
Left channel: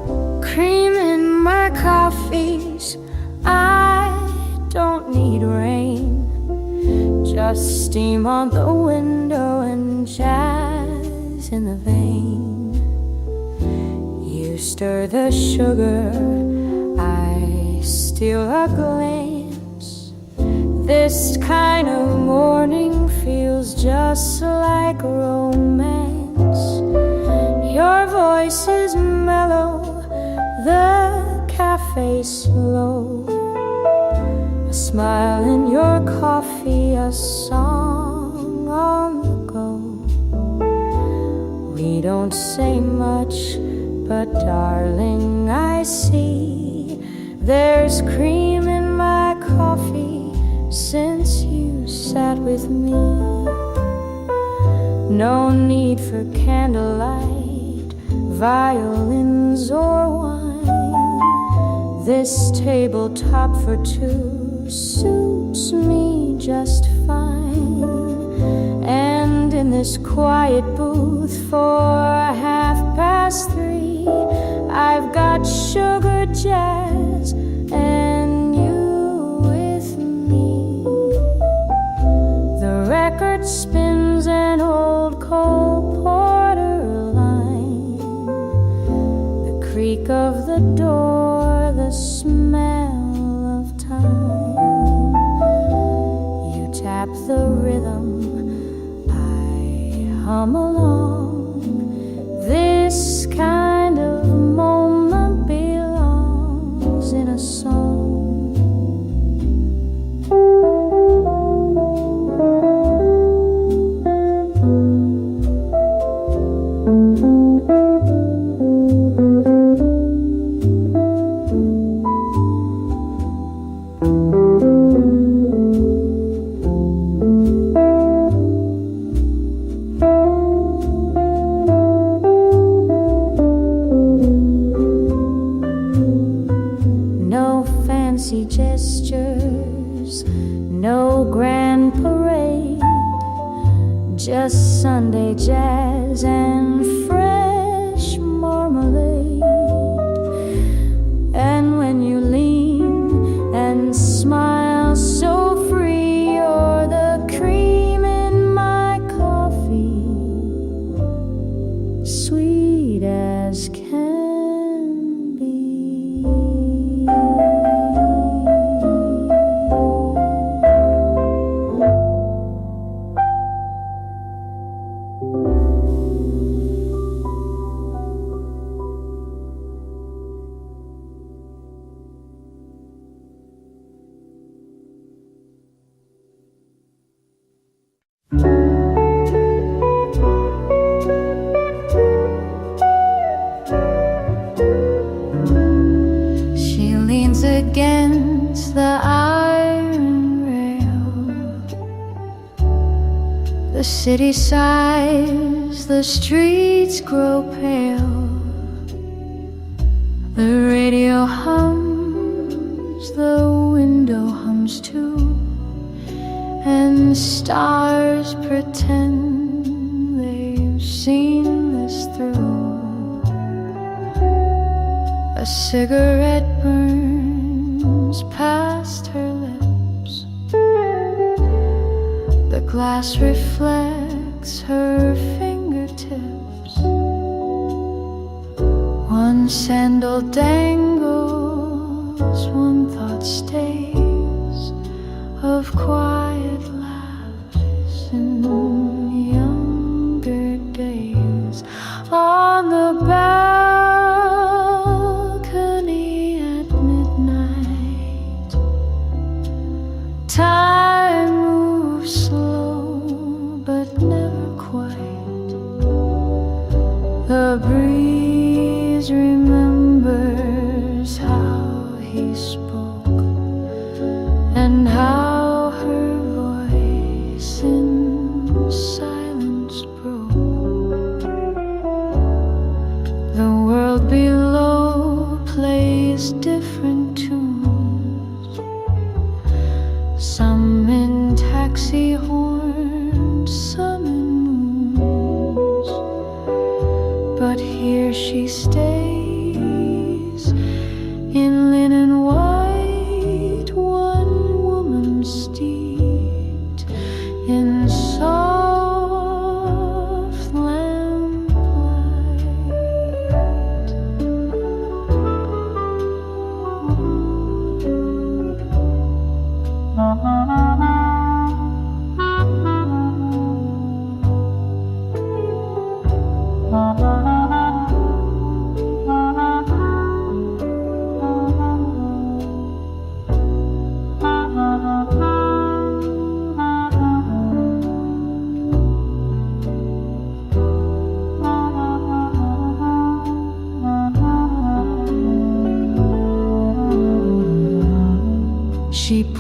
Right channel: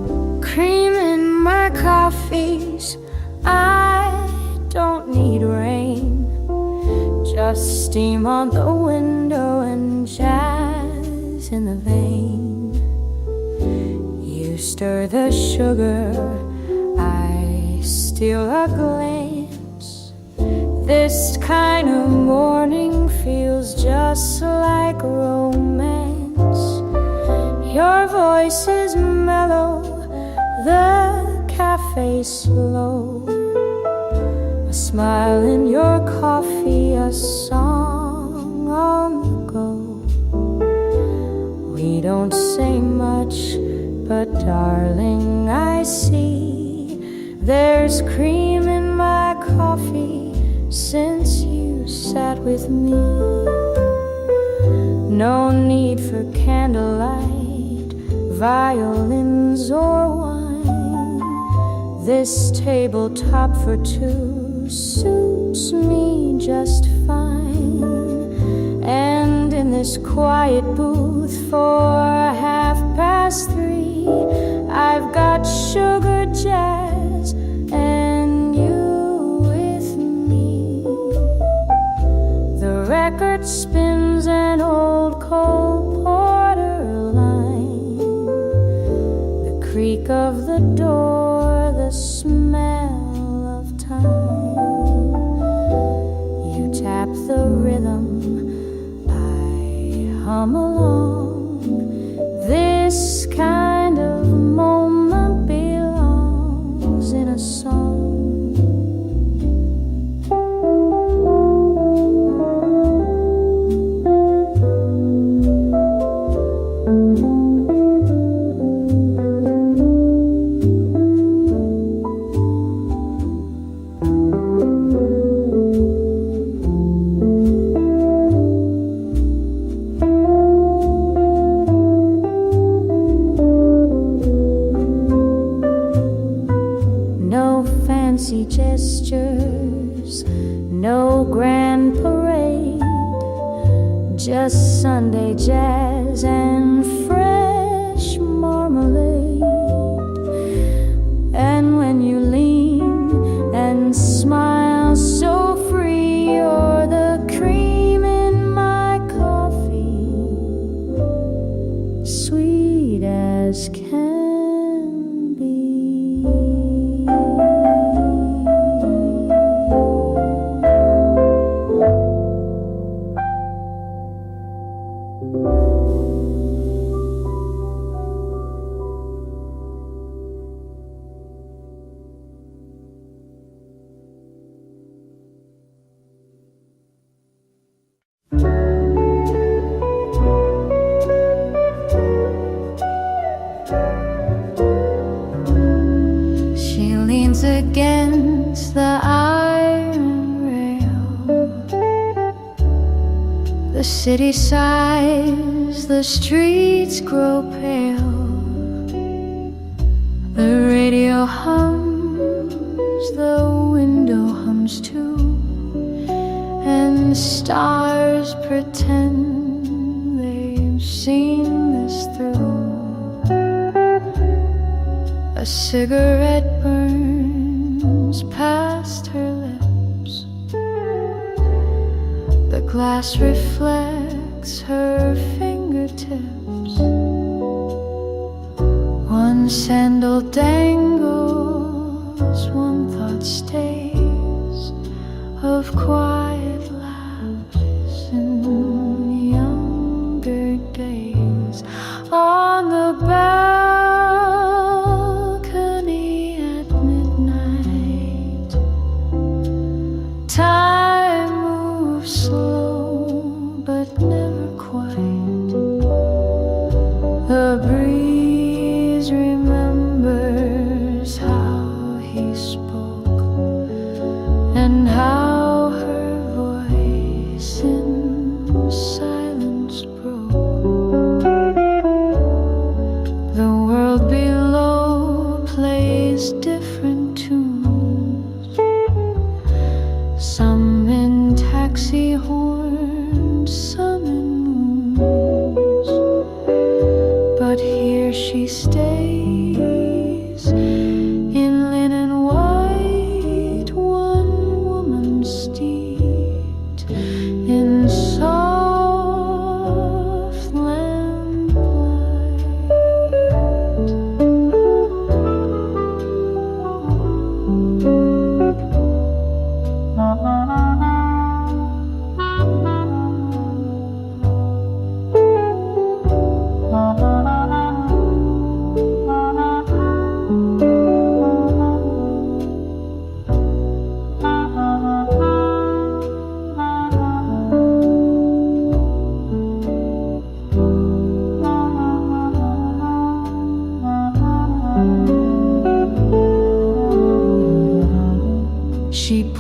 Just steam on the window and jazz in the vein. You stir the sugar, I steal a glance. This kind of morning feels just like romance. Your voice is mellow, the cafe slow. A smile in your coffee, a song on the go. We don't say much, but darling, I see there's cream in my coffee since you sat with me. No need for candlelight, violins or wine. This tabletop for two suits me just fine. And in this quiet booth for 3:30, I've got sugar jazz and you with me. The record spins an old Cole Porter line, the creak of the door, the smell of time. You tap the rhythm, I hum along. This kind of moment belongs in a song. Fancy gestures, no grand parade, just Sunday jazz and fresh marmalade. And when you lean and smile so free, you're the cream in my coffee, sweet as can be. Against the iron rail, the city sighs, the streets grow pale. The radio hums, the window hums too, and stars pretend they've seen this through. A cigarette burns past her lips, the glass reflects her fingertips. One sandal dangles, one thought stays, of quiet laughs in younger days. On the balcony at midnight, time moves slow but never quite. The breeze remembers how he spoke and how her voice in silence broke. The world below plays different tunes, some in taxi horns, some in moons. But here she stays in linen white, one woman steeped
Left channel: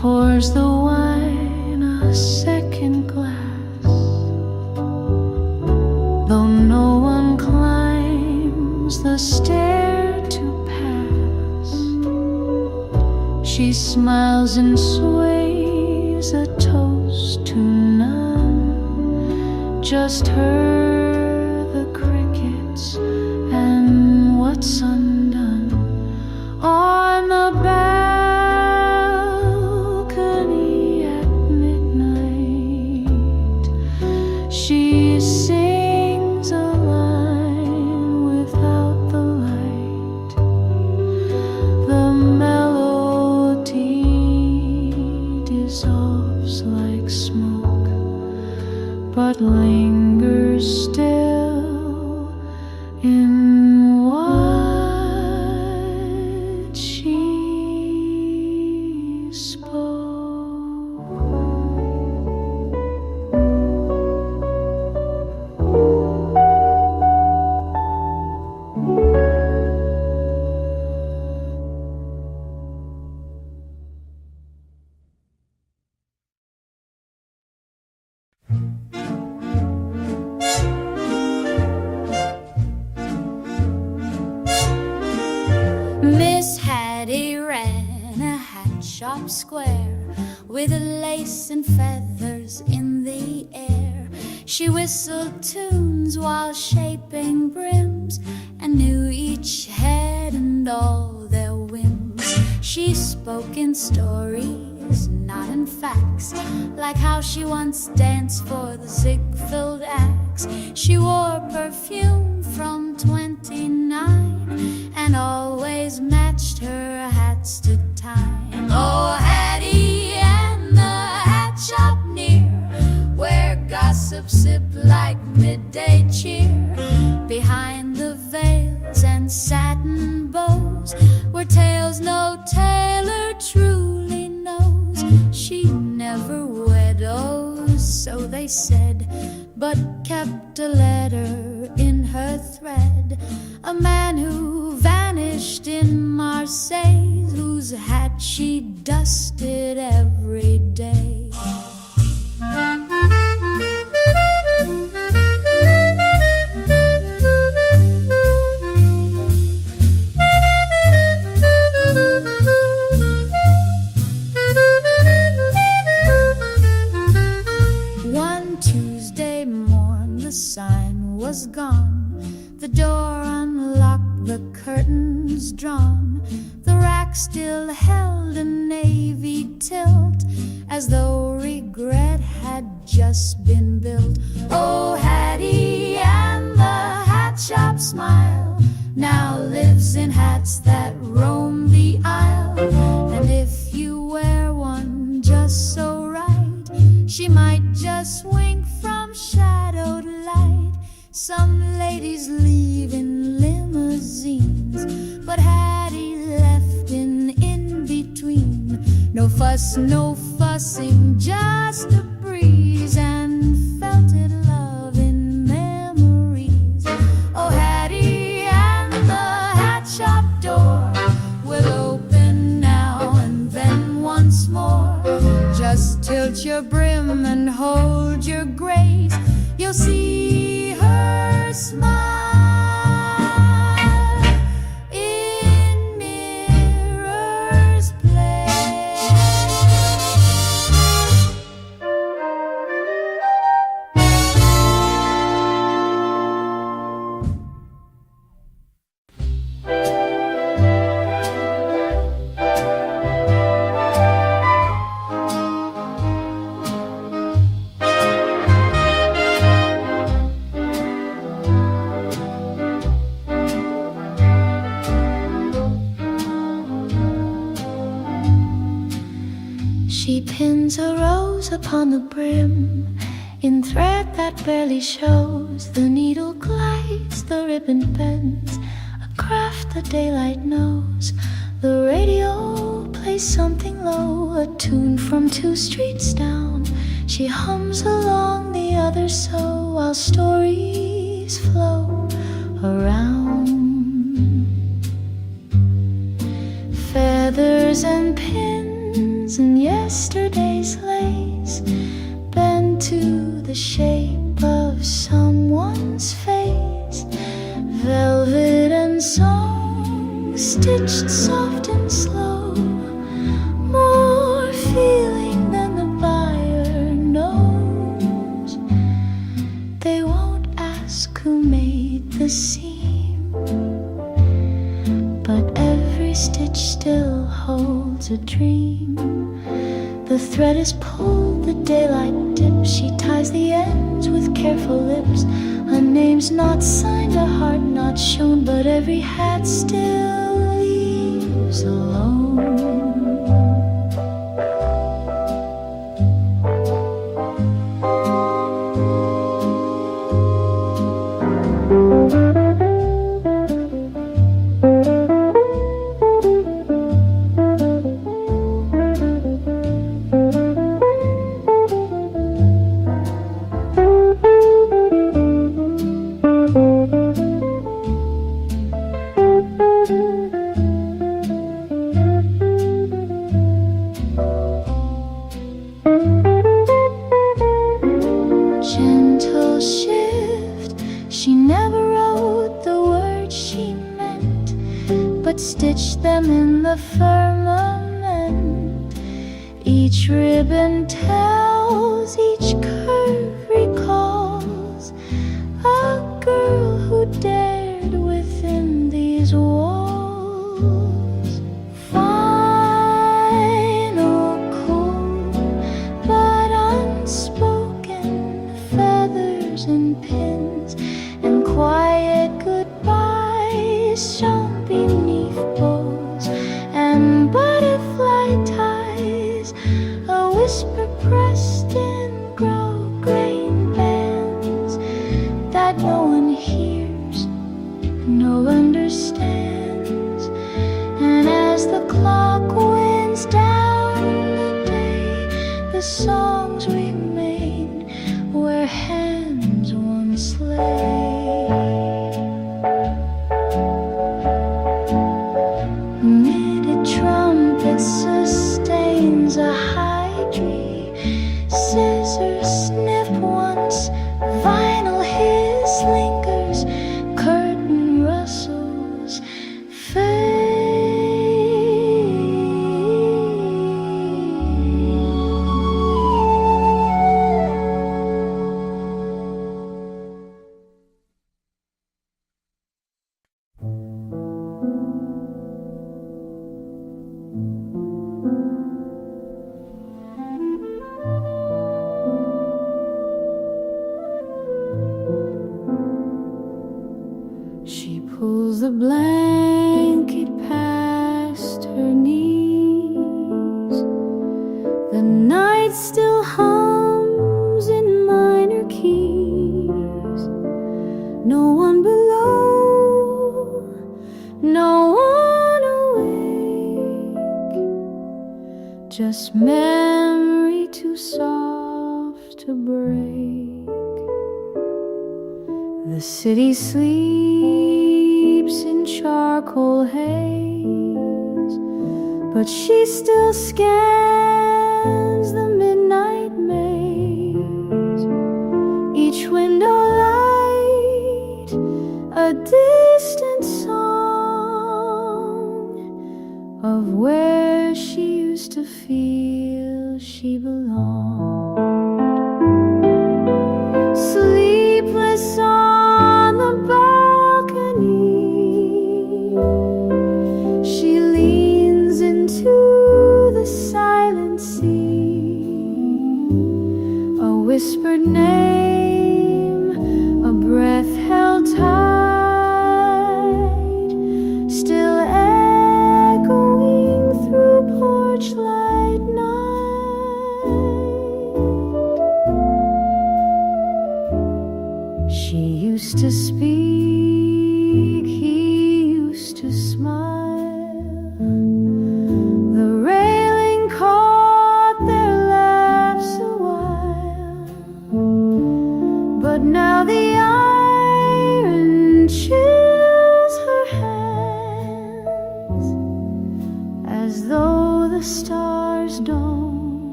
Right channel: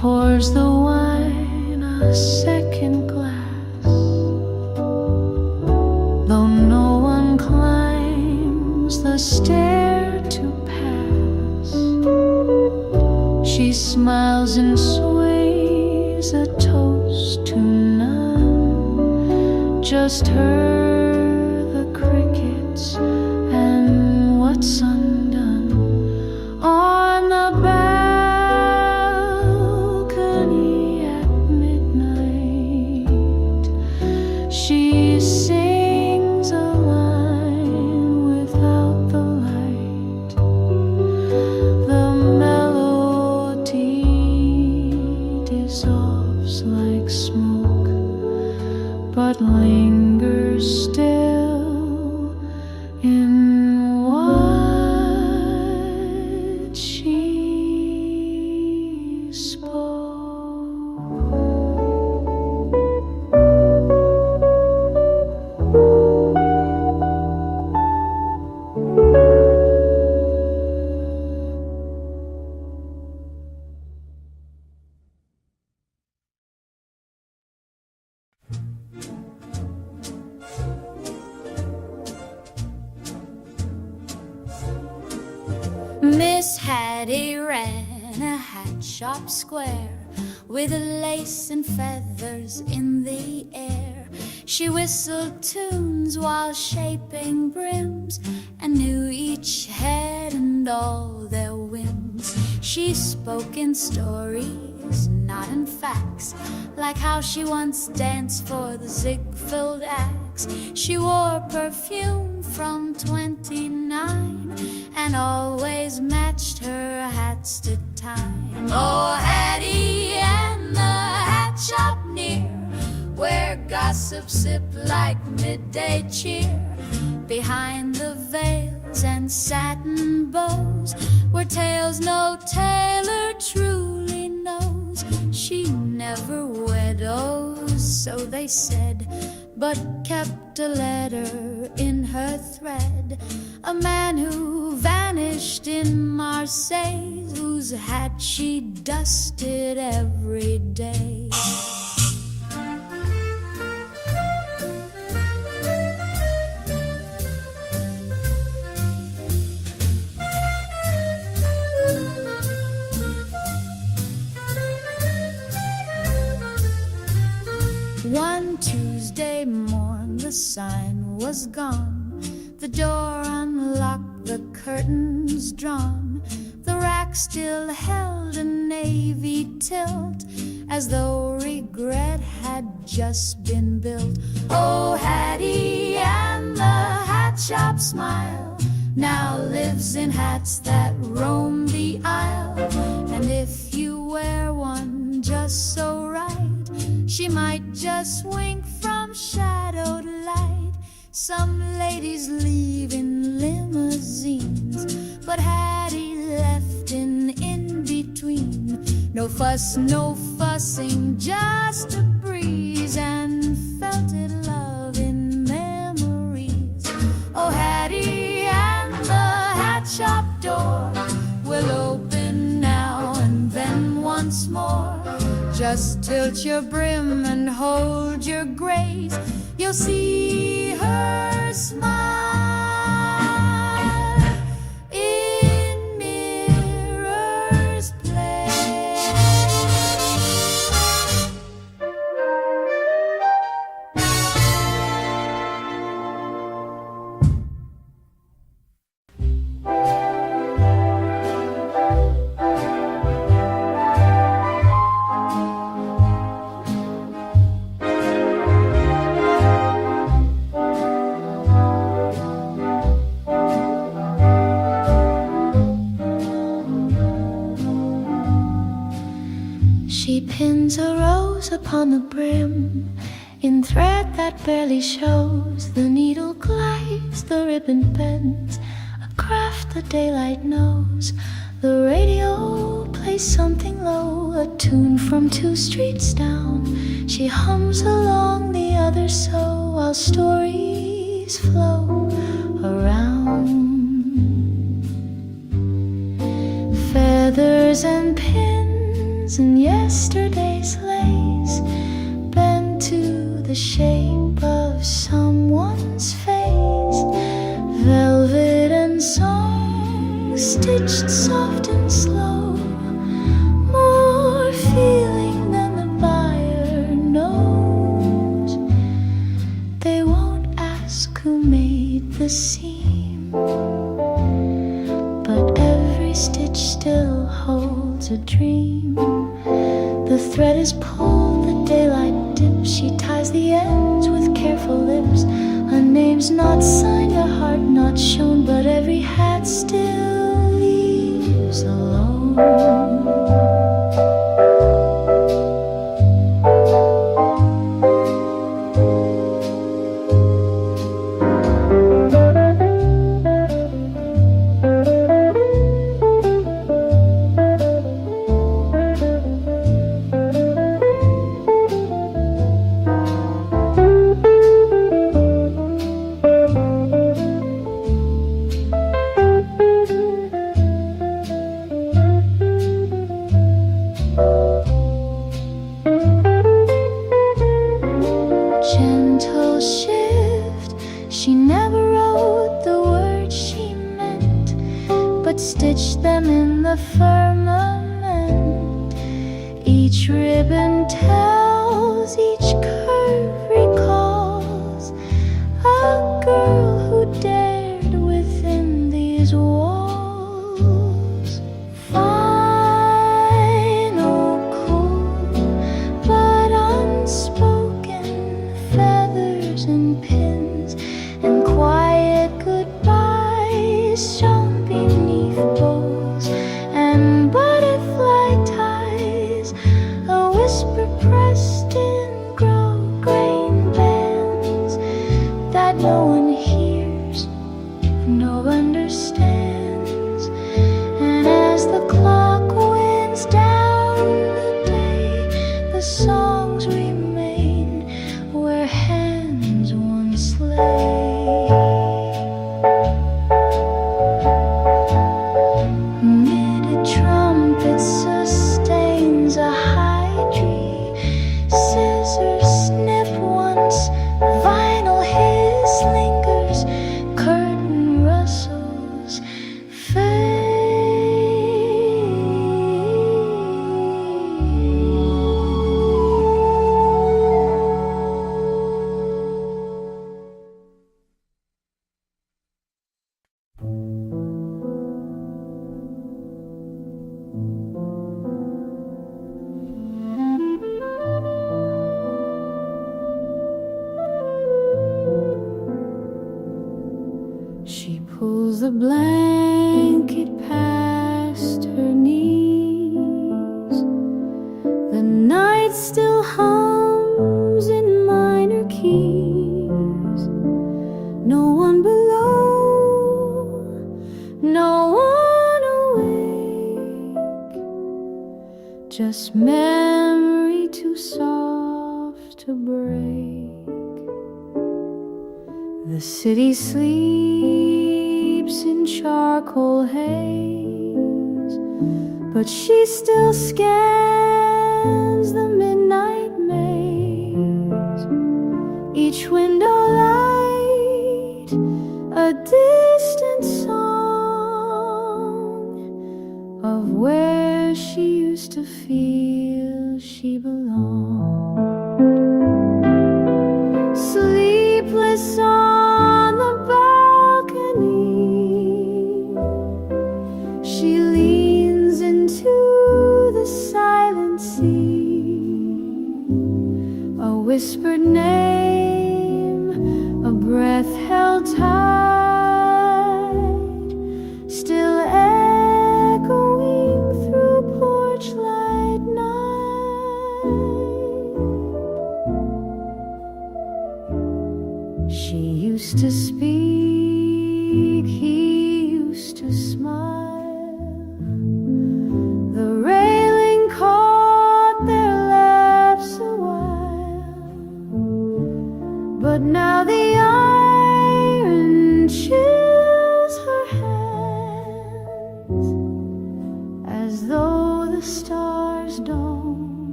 pours the wine a second glass. Though no one climbs the stair to pass, she smiles and sways a toast to none. Just her, the crickets, and what's undone. On the balcony at midnight, she sings a line without the light. The melody dissolves like smoke, but lingers still in what she spoke. Miss Hattie ran a hat shop square with lace and feathers in the air. She whistled tunes while shaping brims and knew each head and all their whims. She spoke in stories, not in facts, like how she once danced for the Ziegfeld Axe. She wore perfume from 29 and always matched her hats to time. Oh, Hattie and the hat shop near, where gossip sipped like midday cheer. Behind the veils and satin bows were tales no tailor truly knows. She never wed, oh, so they said, but kept a letter in her thread. A man who vanished in Marseille, whose hat she dusted every day. One Tuesday morn the sign was gone, the door unlocked, the curtains drawn. The rack still held a navy tilt, as though regret had just been built. Oh, Hattie and the hat shop smile now lives in hats that roam the aisle. And if you wear one just so right, she might just wink from shadowed light. Some ladies leave in limousines, but Hattie left in between. No fuss, no fussing, just a breeze, and felted love in memories. Oh, Hattie and the hat shop door will open now and then once more. Just tilt your brim and hold your grace, you'll see her smile in Mirror's Place. She pins a rose upon the brim in thread that barely shows. The needle glides, the ribbon bends, a craft the daylight knows. The radio plays something low, a tune from 2 streets down. She hums along, the others sew, while stories flow around. Feathers and pins hands in yesterday's lace, bent to the shape of someone's face. Velvet and song, stitched soft and slow, more feeling than the buyer knows. They won't ask who made the seam, but every stitch still holds a dream. The thread is pulled, the daylight dips. She ties the ends with careful lips. A name's not signed, a heart not shown, but every hat still leaves alone. Gentle shift, she never wrote the words she meant, but stitched them in the firmament. Each ribbon tells, each curve recalls a girl who dared within these walls. Final, cool, but unspoken, feathers and pins and quiet goodbyes shone beneath bows and butterfly ties, a whisper pressed in grau-grain bands that no one hears, no understands. And as the clock winds down the day, the songs remain where hands once lay. Knitted trumpet sustains a high tree. Scissors snip once, vinyl hiss lingers, curtain rustles fade. She pulls the blanket past her knees. The night still hums in minor keys. No one below, no one awake, just memory too soft to break. The city sleeps in charcoal haze, but she still scans the midnight maze. Each window light, a distant song of where she used to feel she belonged. Sleepless on the balcony, she leans into the silent sea. A whispered name, a breath held tight, still echoing through porch light night. She used to speak, he used to smile. The railing caught their laughs a while, but now the iron chills her hands, as though the stars don't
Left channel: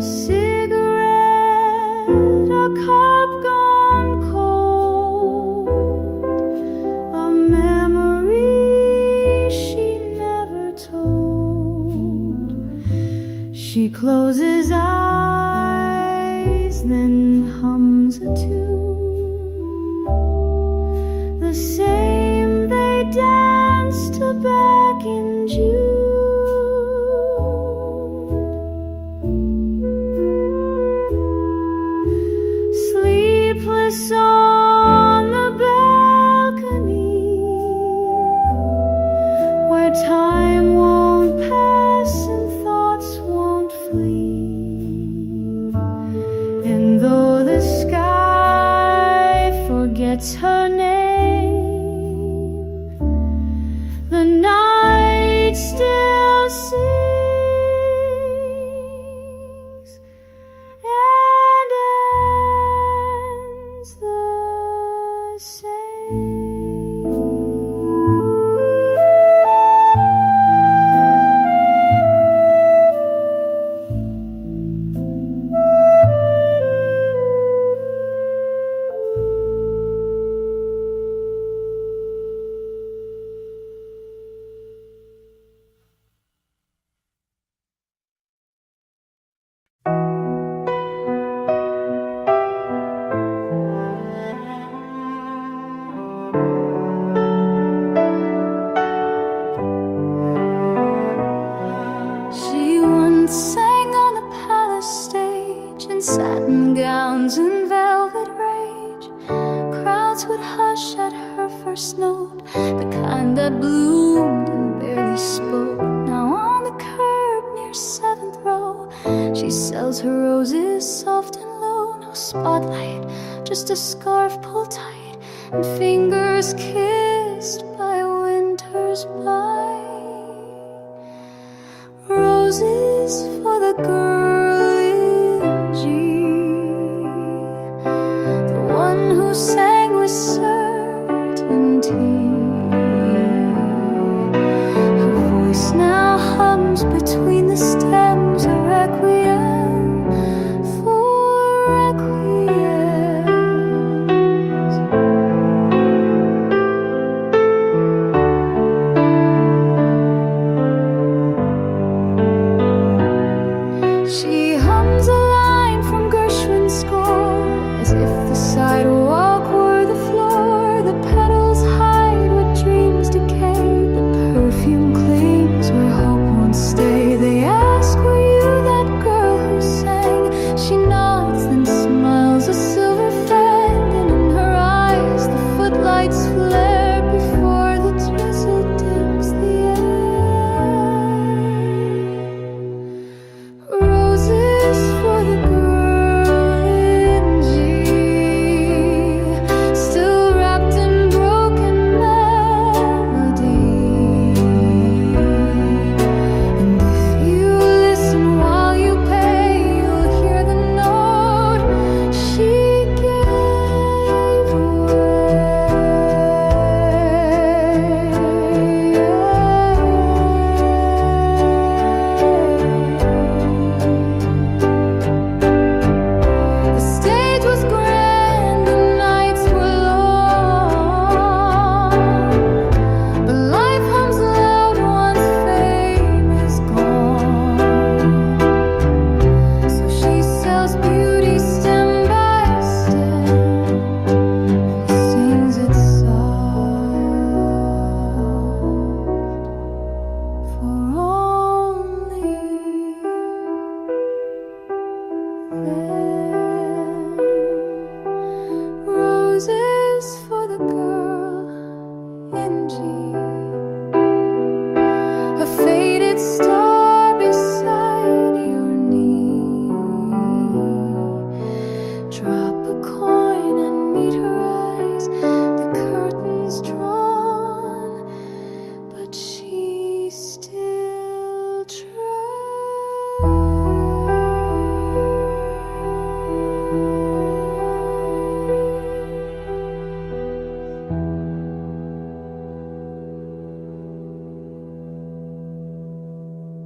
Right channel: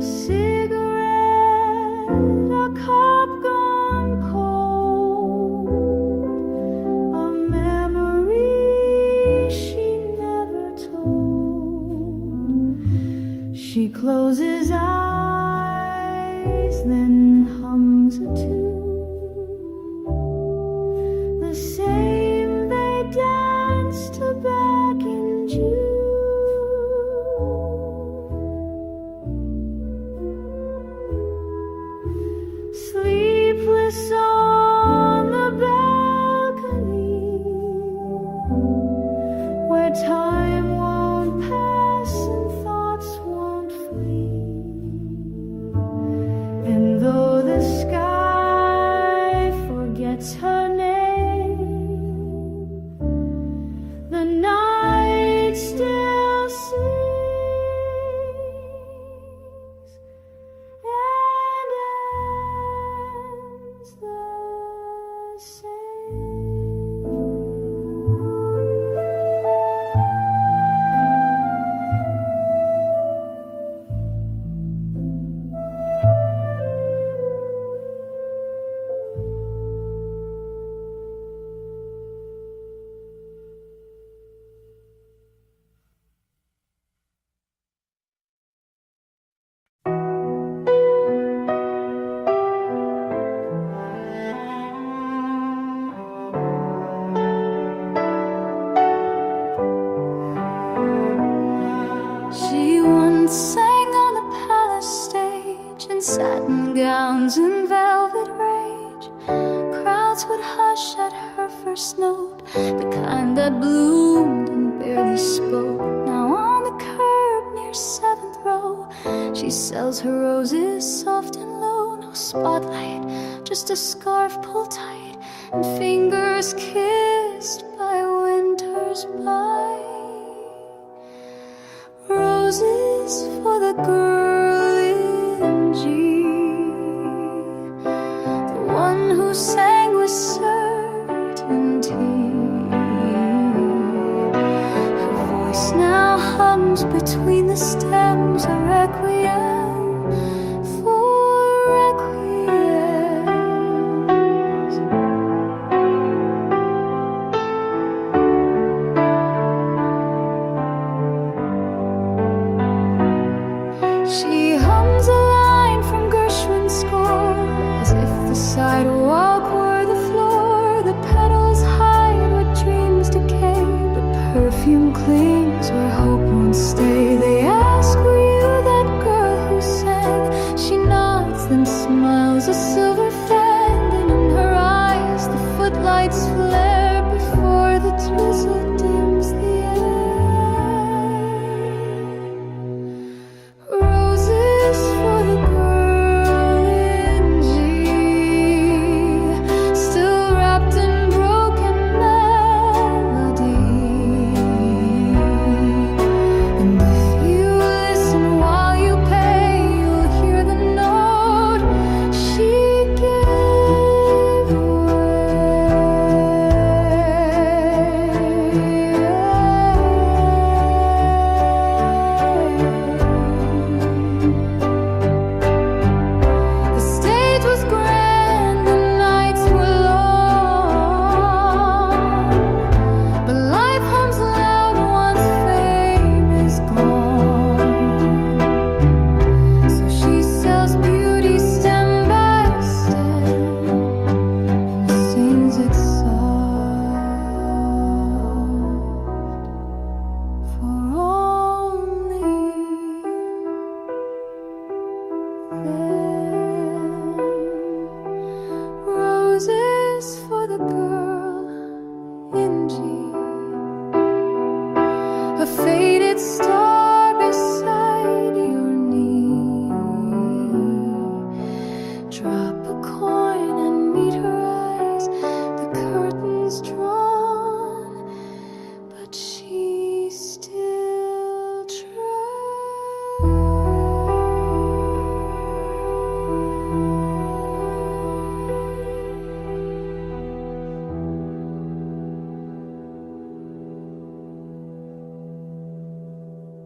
A cigarette, a cup gone cold, a memory she never told. She closes eyes, then hums a tune, the same they danced to back in June. Sleepless on the balcony, where time won't pass and thoughts won't flee. And though the sky forgets her name, the night still sings and ends the same. She once sang on the palace stage in satin gowns and velvet rage. Crowds would hush at her first note, the kind that bloomed and barely spoke. Now on the curb near 7th row, she sells her roses soft and low. No spotlight, just a scarf pulled tight and fingers kissed by winter's bite. Roses for the girl in G, the one who sang with certainty. Her voice now hums between the stems, a requiem for requiems. She hums a line from Gershwin's score, as if the sidewalk were the floor. The petals hide what dreams decay, but perfume clings where hope won't stay. They ask, were you that girl who sang? She nods, then smiles a silver fang, and in her eyes the footlights flare before the drizzle dims the air. Roses for the girl in G, still wrapped in broken melody. And if you listen while you pay, you'll hear the note she gave away. The stage was grand, the nights were long, but life hums loud once fame is gone. So she sells beauty stem by stem and sings it soft for only them. Roses for the girl in G, a faded star beside your knee. Drop a coin and meet her eyes, the curtains drawn, but she still tries.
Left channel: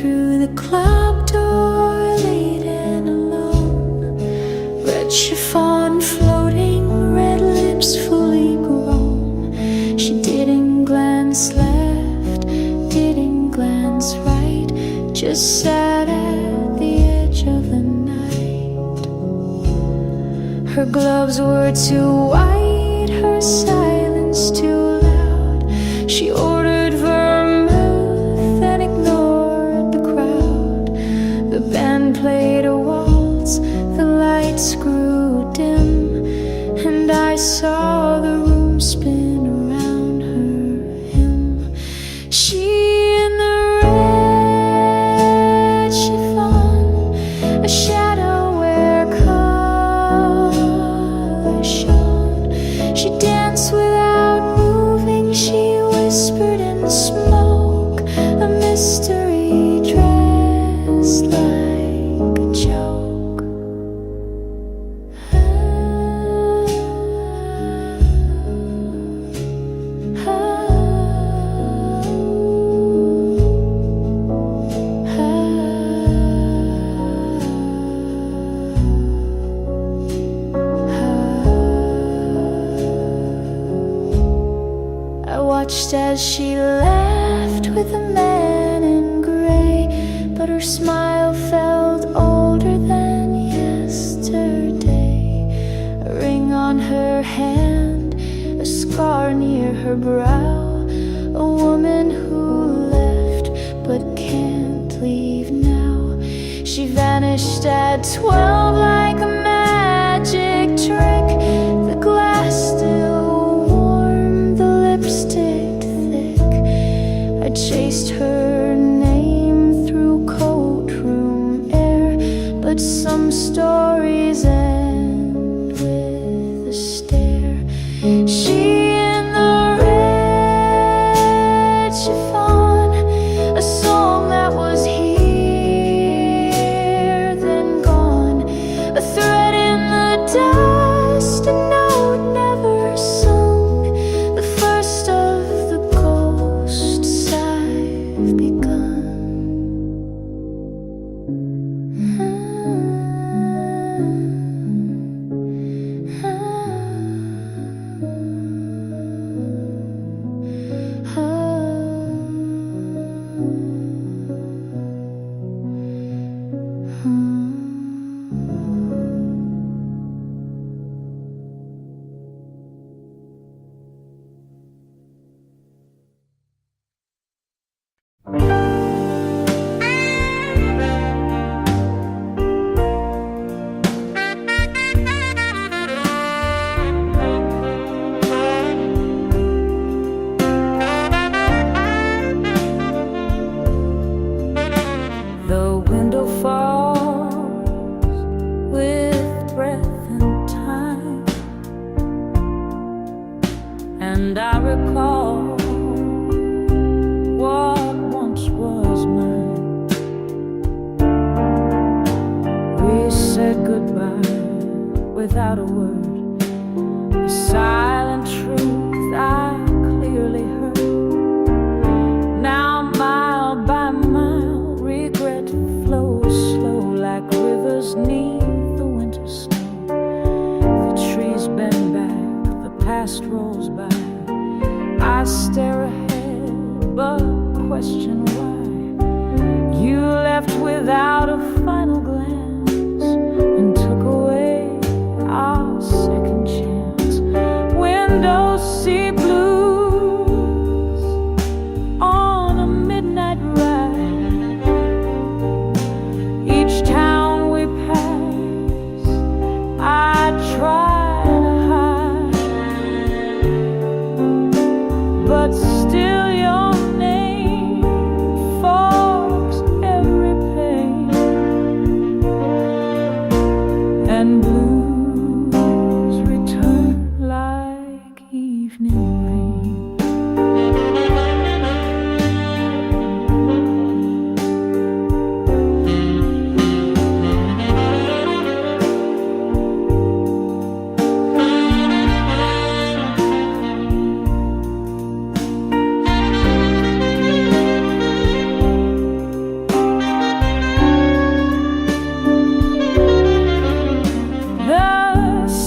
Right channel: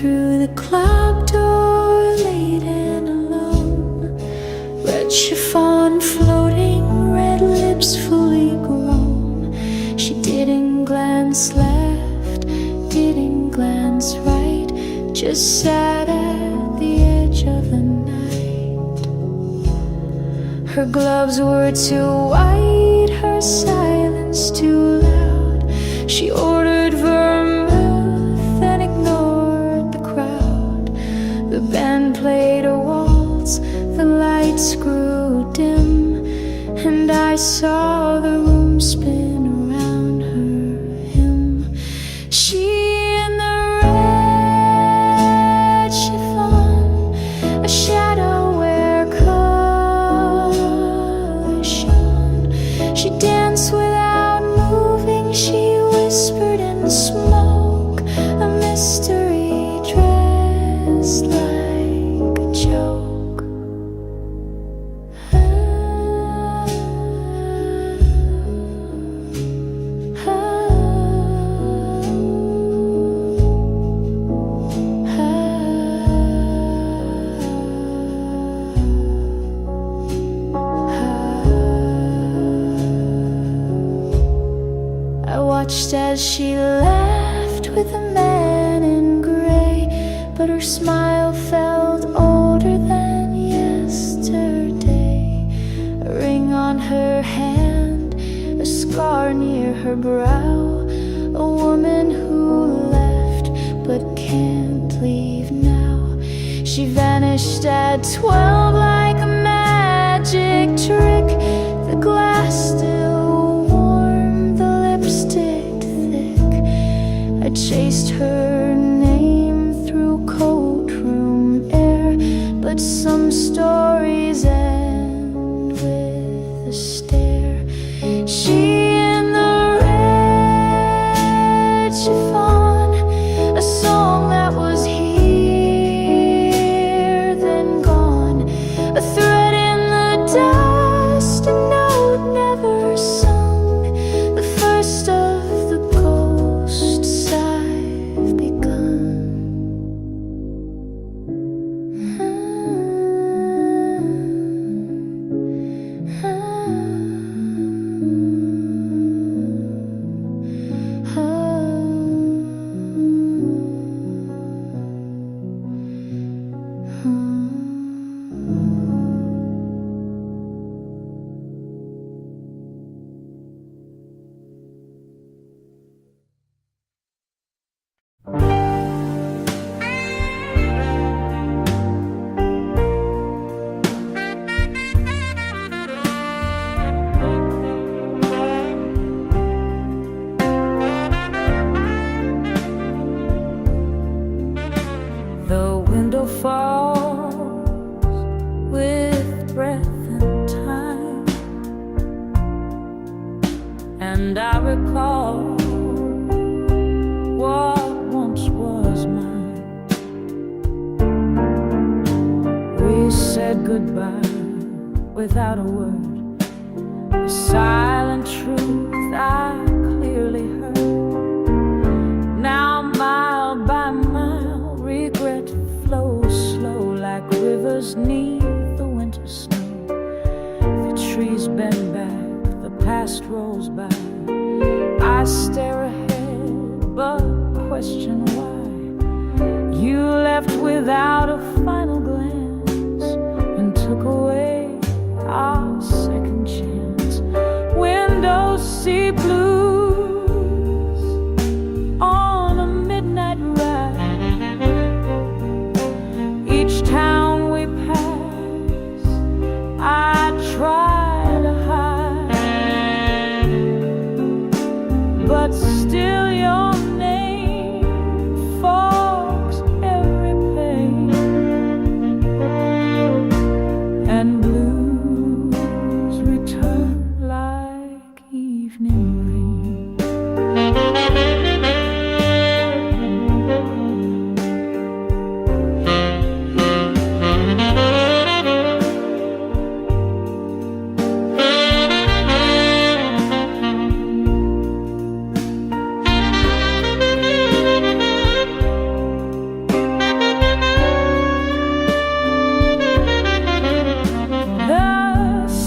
through the club door late and alone. Red chiffon floating, red lips fully grown. She didn't glance left, didn't glance right, just sat at the edge of the night. Her gloves were too white, her silence too loud. She ordered vermouth and ignored the crowd. The band played a waltz, the lights grew dim, and I saw the room spin around her him. She in the red chiffon, a shadow where color shone. She danced without moving, she whispered in the smoke, a mystery dressed like a joke. I watched as she laughed with a man in gray, but her smile felt older than yesterday. A ring on her hand, a scar near her brow, a woman who left but can't leave now. She vanished at 12 like a magic trick. The glass still warm, the lipstick thick. I chased her name through courtroom air, but some stories end with a stare. She in the red chiffon, a song that was here then gone, a thread in the dust, a note never sung, the first of the ghosts I've begun. The window falls with breath and time, and I recall what once was mine. We said goodbye without a word, a silent truth I clearly heard. Now mile by mile, regret flows slow like rivers neath the winter snow. The trees bend back, the past rolls by. I stare ahead, but question why. You left without a final glance and took away our second chance. Windows see blues on a midnight ride. Each town we pass, I try to hide, but still your name fogs every pain, and blues return like evening rain.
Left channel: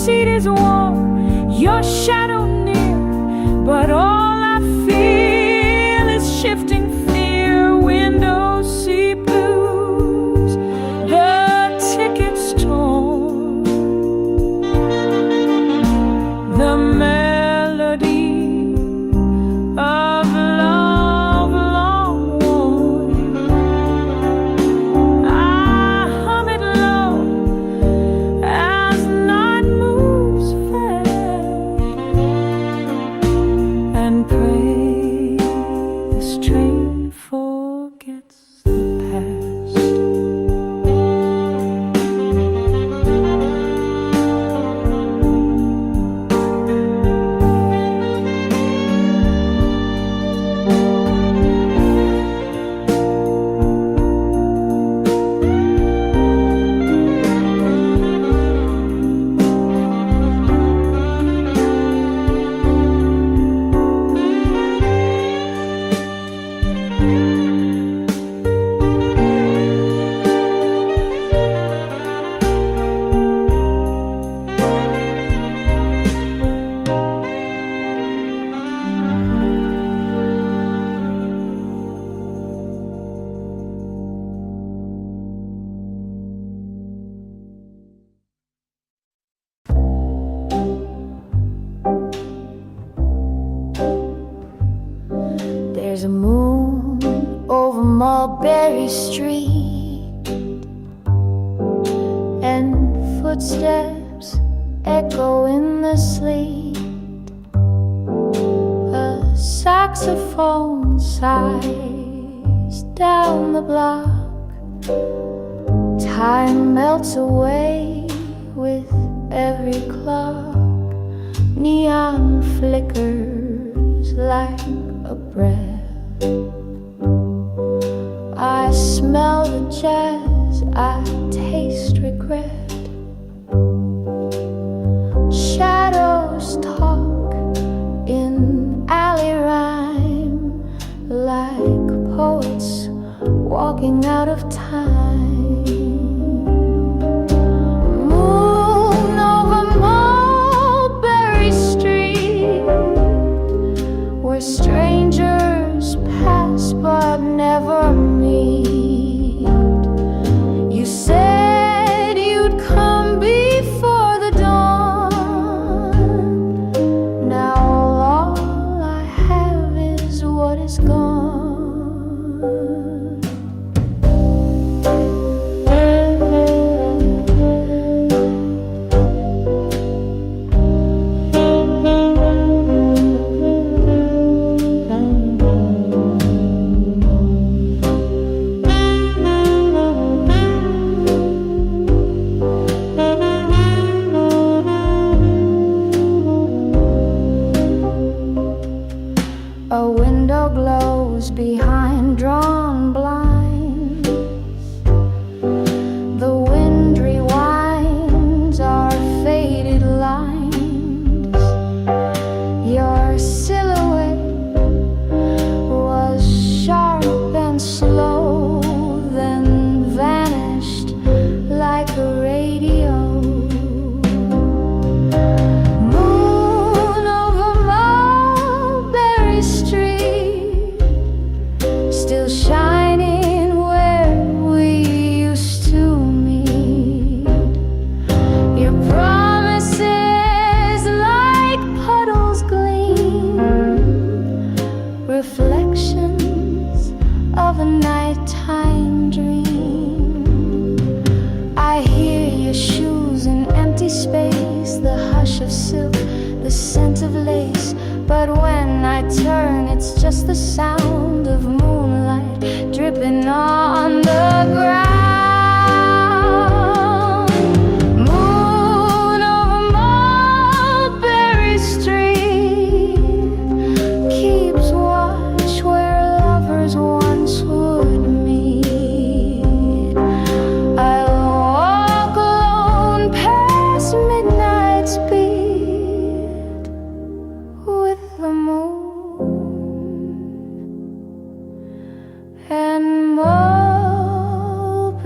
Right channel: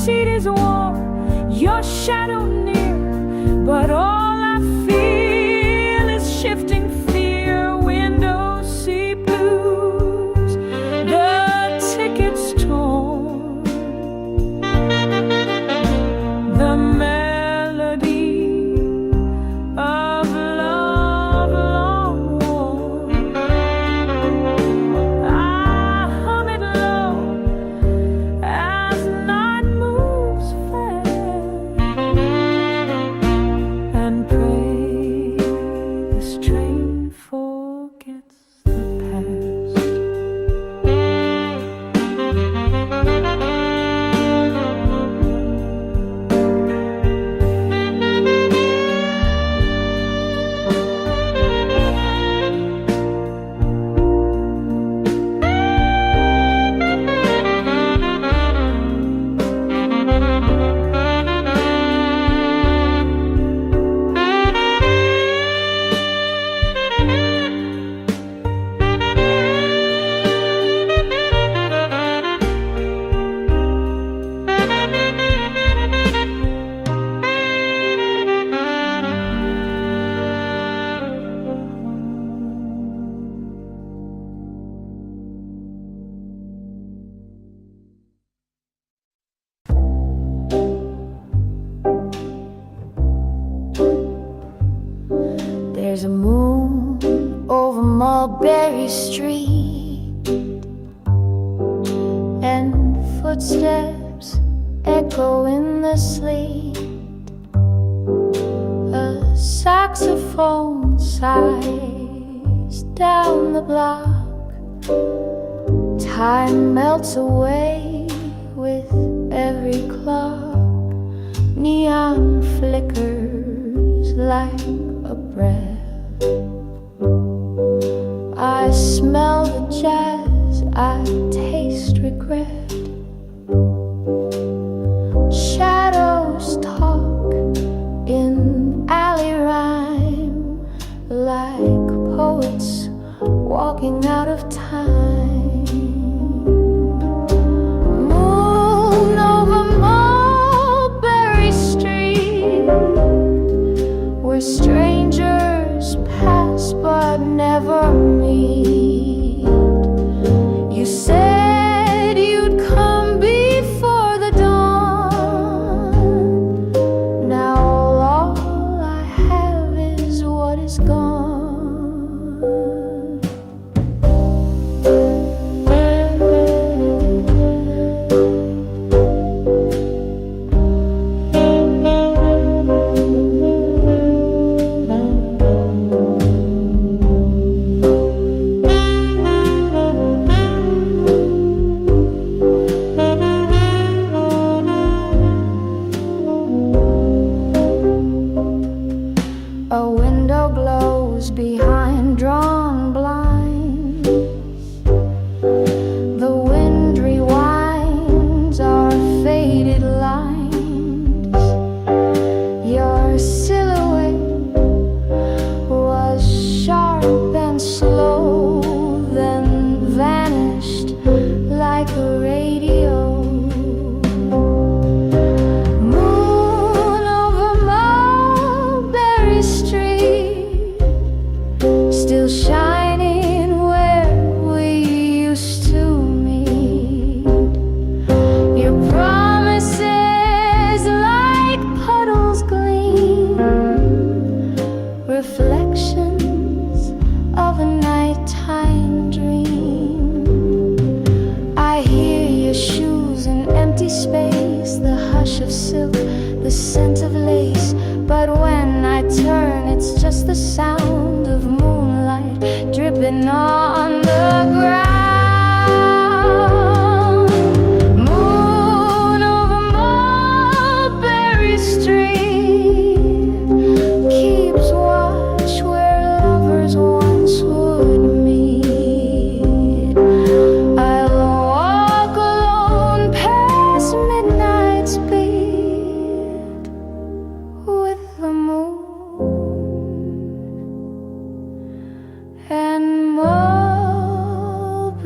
seat is warm, your shadow near, but all I feel is shifting fear. Windows see blues, the ticket's torn, the melody of love long worn. I hum it low as night moves fast, and pray this train forgets the past. There's a moon over Mulberry Street, and footsteps echo in the sleet. A saxophone sighs down the block. Time melts away with every clock. Neon flickers like a breath. I smell the jazz, I taste regret. Shadows talk in alley rhyme, like poets walking out of time. Moon over Mulberry Street, where strangers pass but never meet. You said you'd come before the dawn. Now all I have is what is gone. A window glows behind drawn blinds. The wind rewinds our faded lines. Your silhouette was sharp and slow, then vanished like a radio. Still shining where we used to meet. Your promises like puddles gleam, reflections of a nighttime dream. I hear your shoes in empty space, the hush of silk, the scent of lace. But when I turn, it's just the sound of moonlight dripping on the ground. Moon over Mulberry Street keeps watch where lovers once would meet. I'll walk alone past midnight's beat with the moon and Mulberry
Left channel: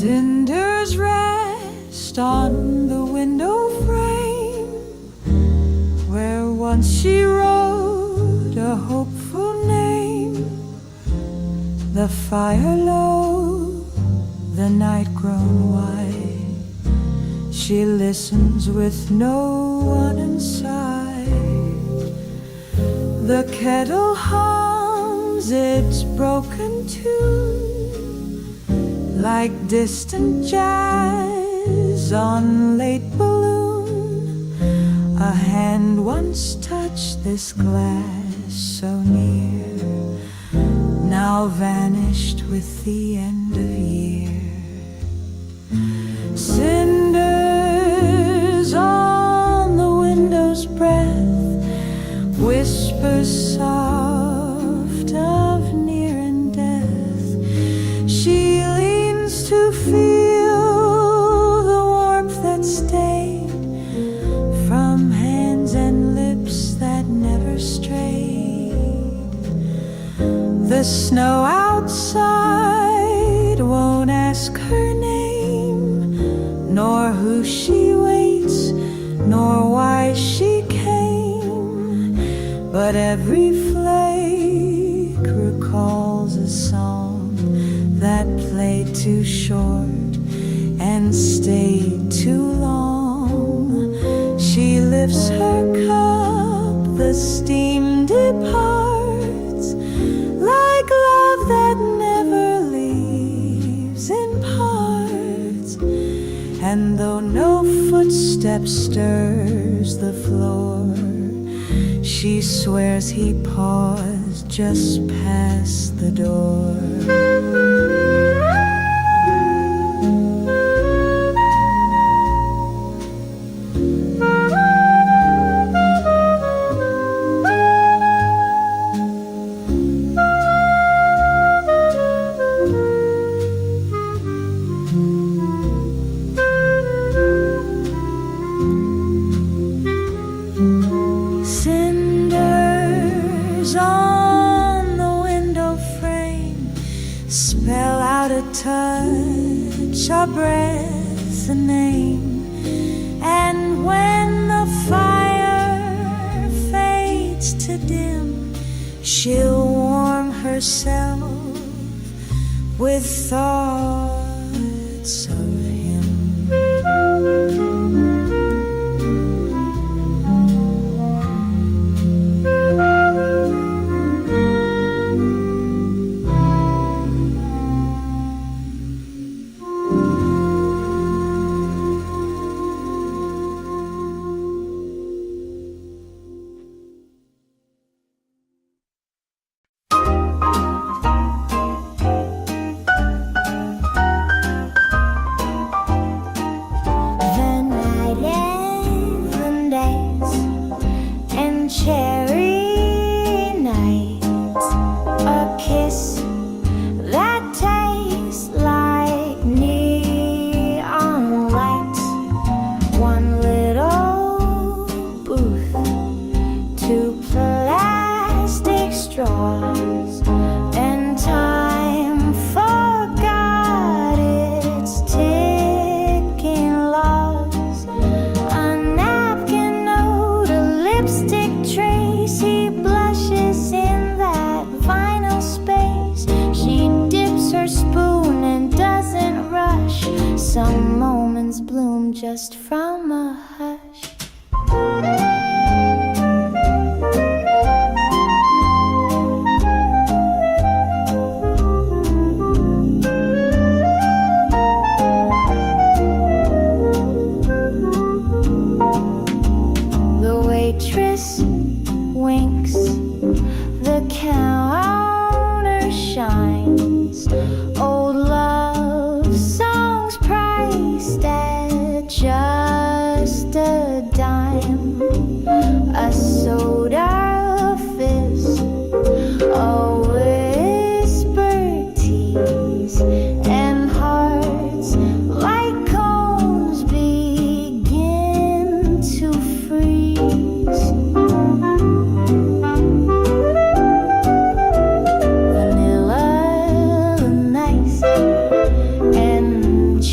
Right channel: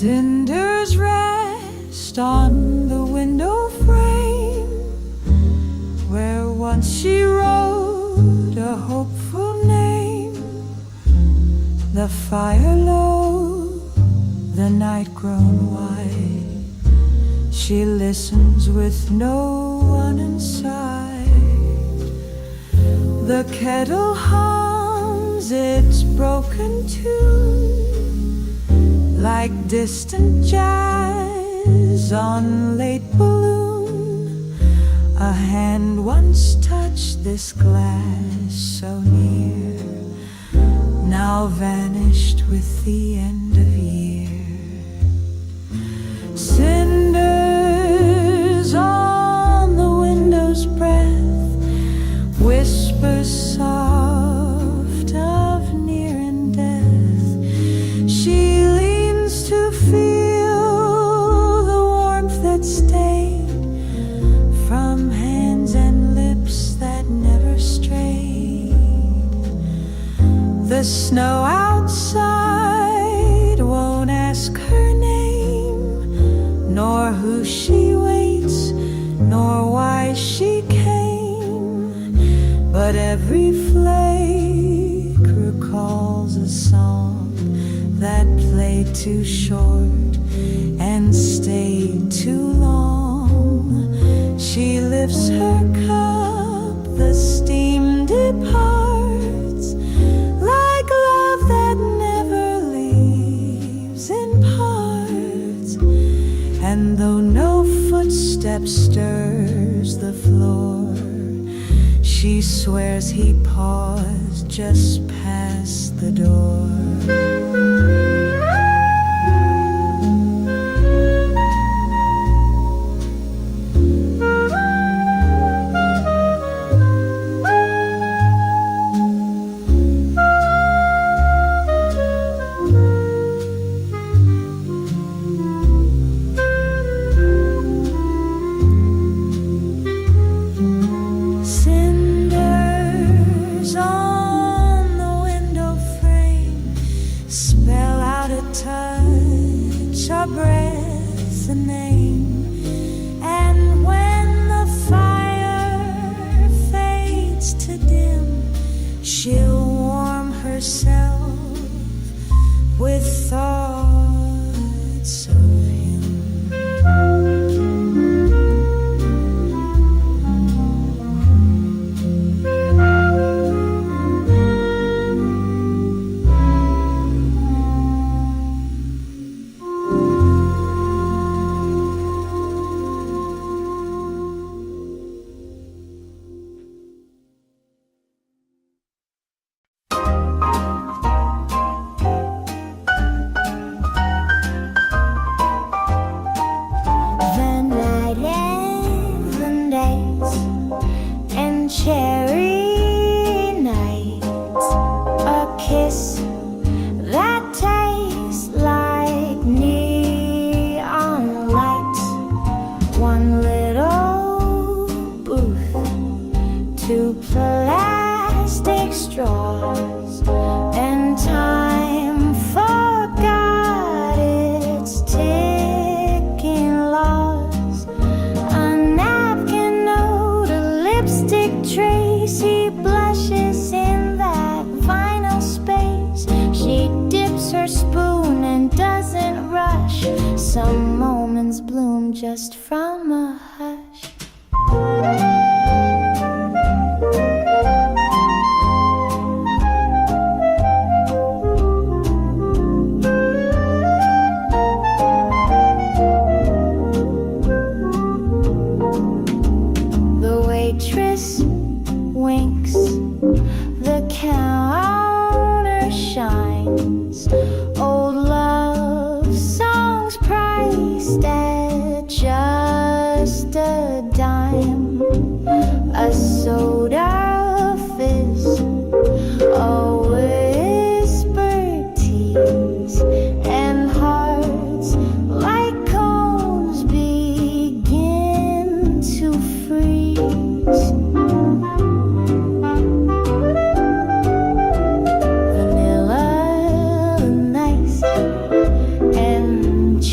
Cinders rest on the window frame where once she wrote a hopeful name. The fire low, the night grown wide, she listens with no one inside. The kettle hums its broken tune like distant jazz on late balloon. A hand once touched this glass so near, now vanished with the end of year. Cinders on the window's breath, whispers soft of near and death. She leans to feel the warmth that stayed from hands and lips that never strayed. The snow outside won't ask her name, nor who she waits, nor why she came. But every flake recalls a song that played too short and stayed too long. She lifts her cup, the steam departs, like love that never leaves in parts. And though no footstep stirs the floor, she swears he paused just past the door. Cinders on the window frame spell out a touch, a breath, a name. And when the fire fades to dim, she'll warm herself with thoughts of him. Cherry nights, a kiss that tastes like neon lights, one little booth, two plastic straws, and time forgot its ticking laws. A napkin note, a lipstick trace, he blushes in that vinyl space. She dips her spoon and doesn't rush. Some moments bloom just from a hush. The waitress winks, the counter shines. Old love songs priced at just a dime. A soda fizz, a whispered tease, and hearts like cones begin to freeze. Vanilla nice and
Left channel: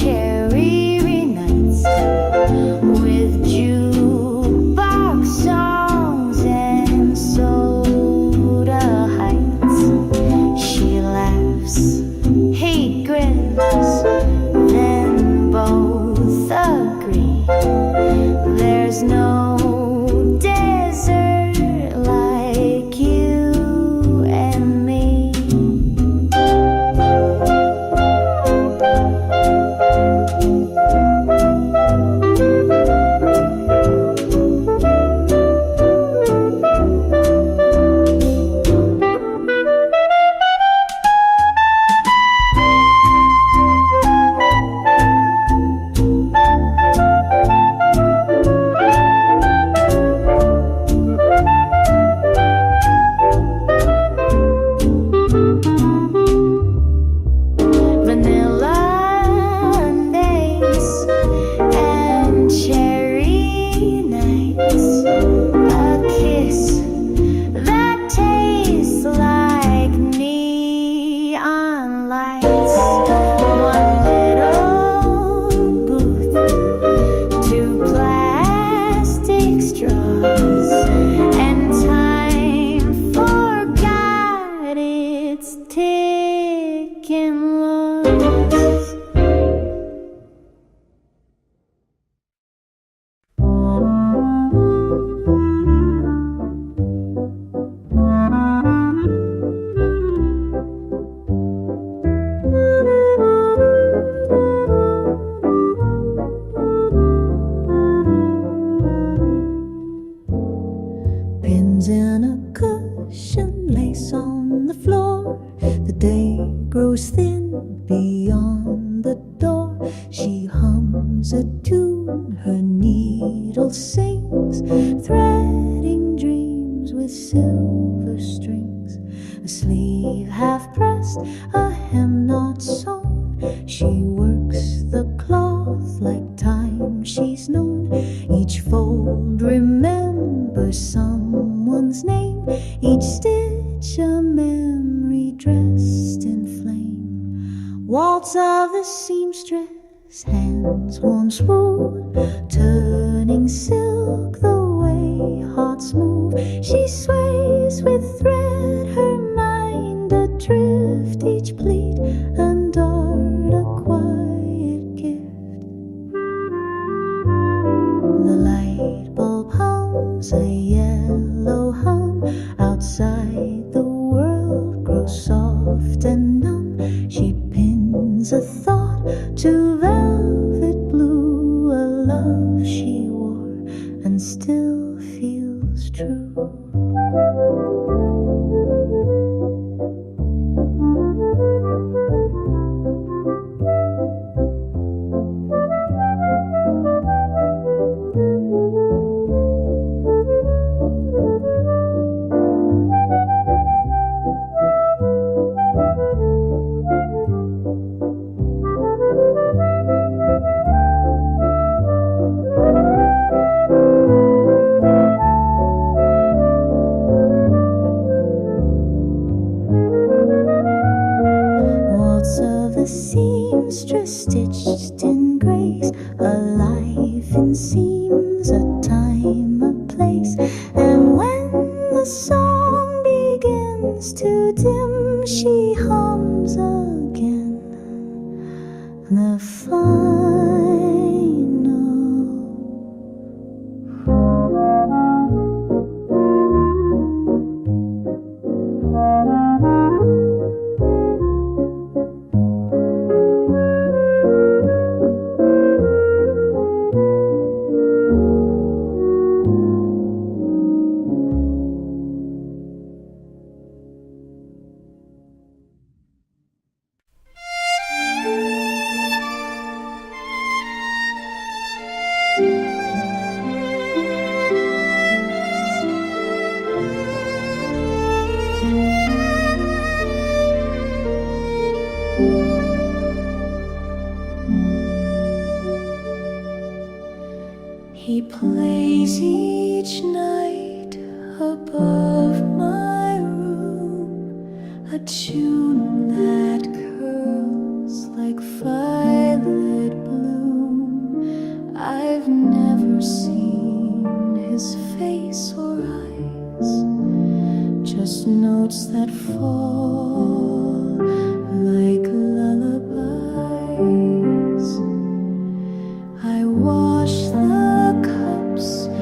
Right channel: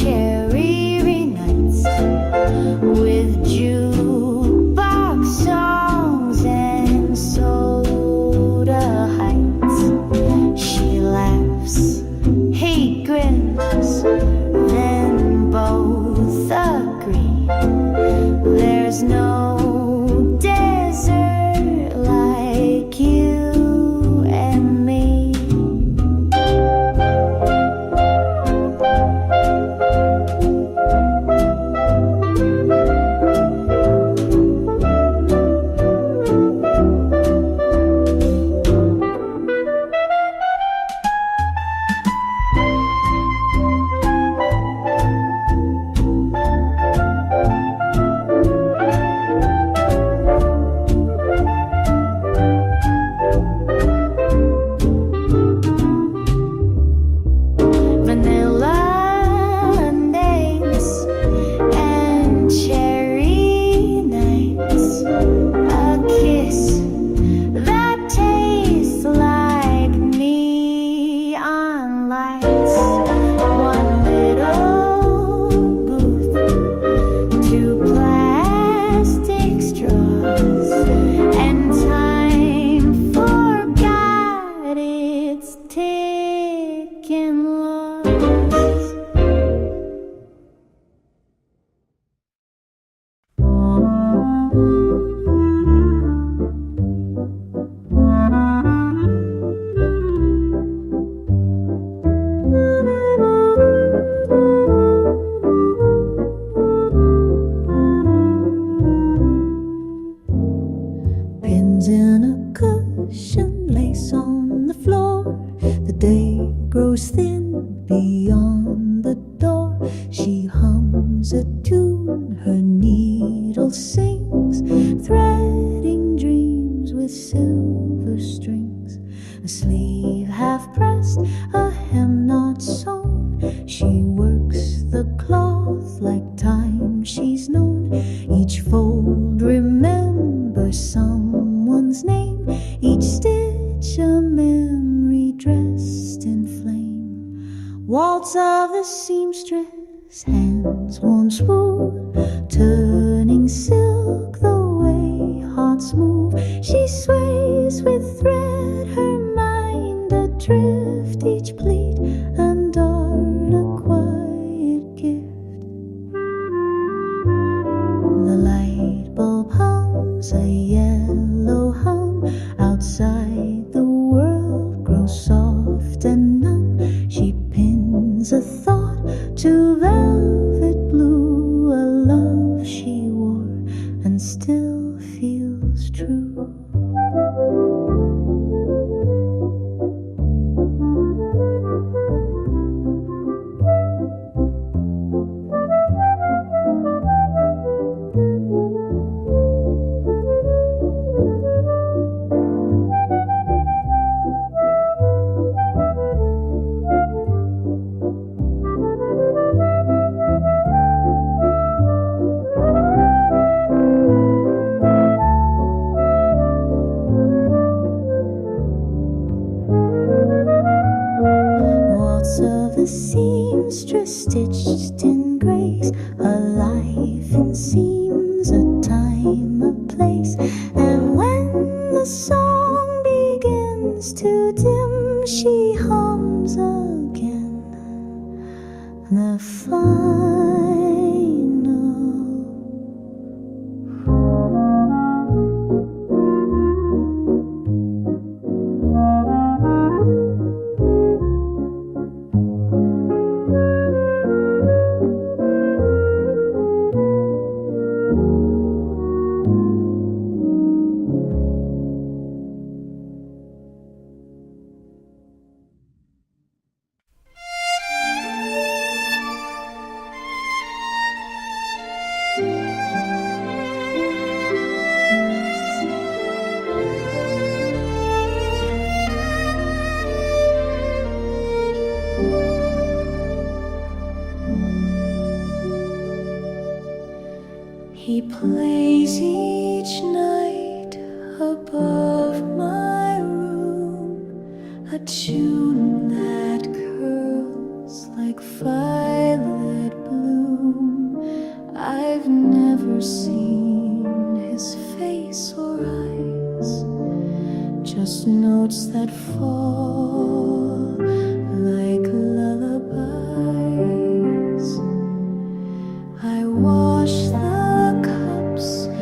There's no desert like you and me. Vanilla Mondays and cherry nights, a kiss that tastes like neon lights, one little booth, two plastic straws, and time forgot its ticking laws. Pins in a cushion, lace on the floor. The day grows thin beyond the door. She hums a tune, her needle sings, threading dreams with silver strings. A sleeve half pressed, a hem not sewn. She works the cloth like time she's known. Each fold remembers someone's name, each stitch a memory dressed in flame. Waltz of the seamstress, hands worn smooth, turning silk the way hearts move. She sways with thread, her mind adrift, each pleat and dart a quiet gift. The light bulb hums a yellow hum, outside the world grows soft and numb. She pins a thought to velvet blue, a love she wore and still feels true. Waltz of the seamstress, stitched in grace, a life in seams, a time, a place. And when the song begins to dim, she hums again the final. He plays each night above my room, a tune that curls like violet bloom. I've never seen his face or eyes, just notes that fall like lullabies. I wash the cups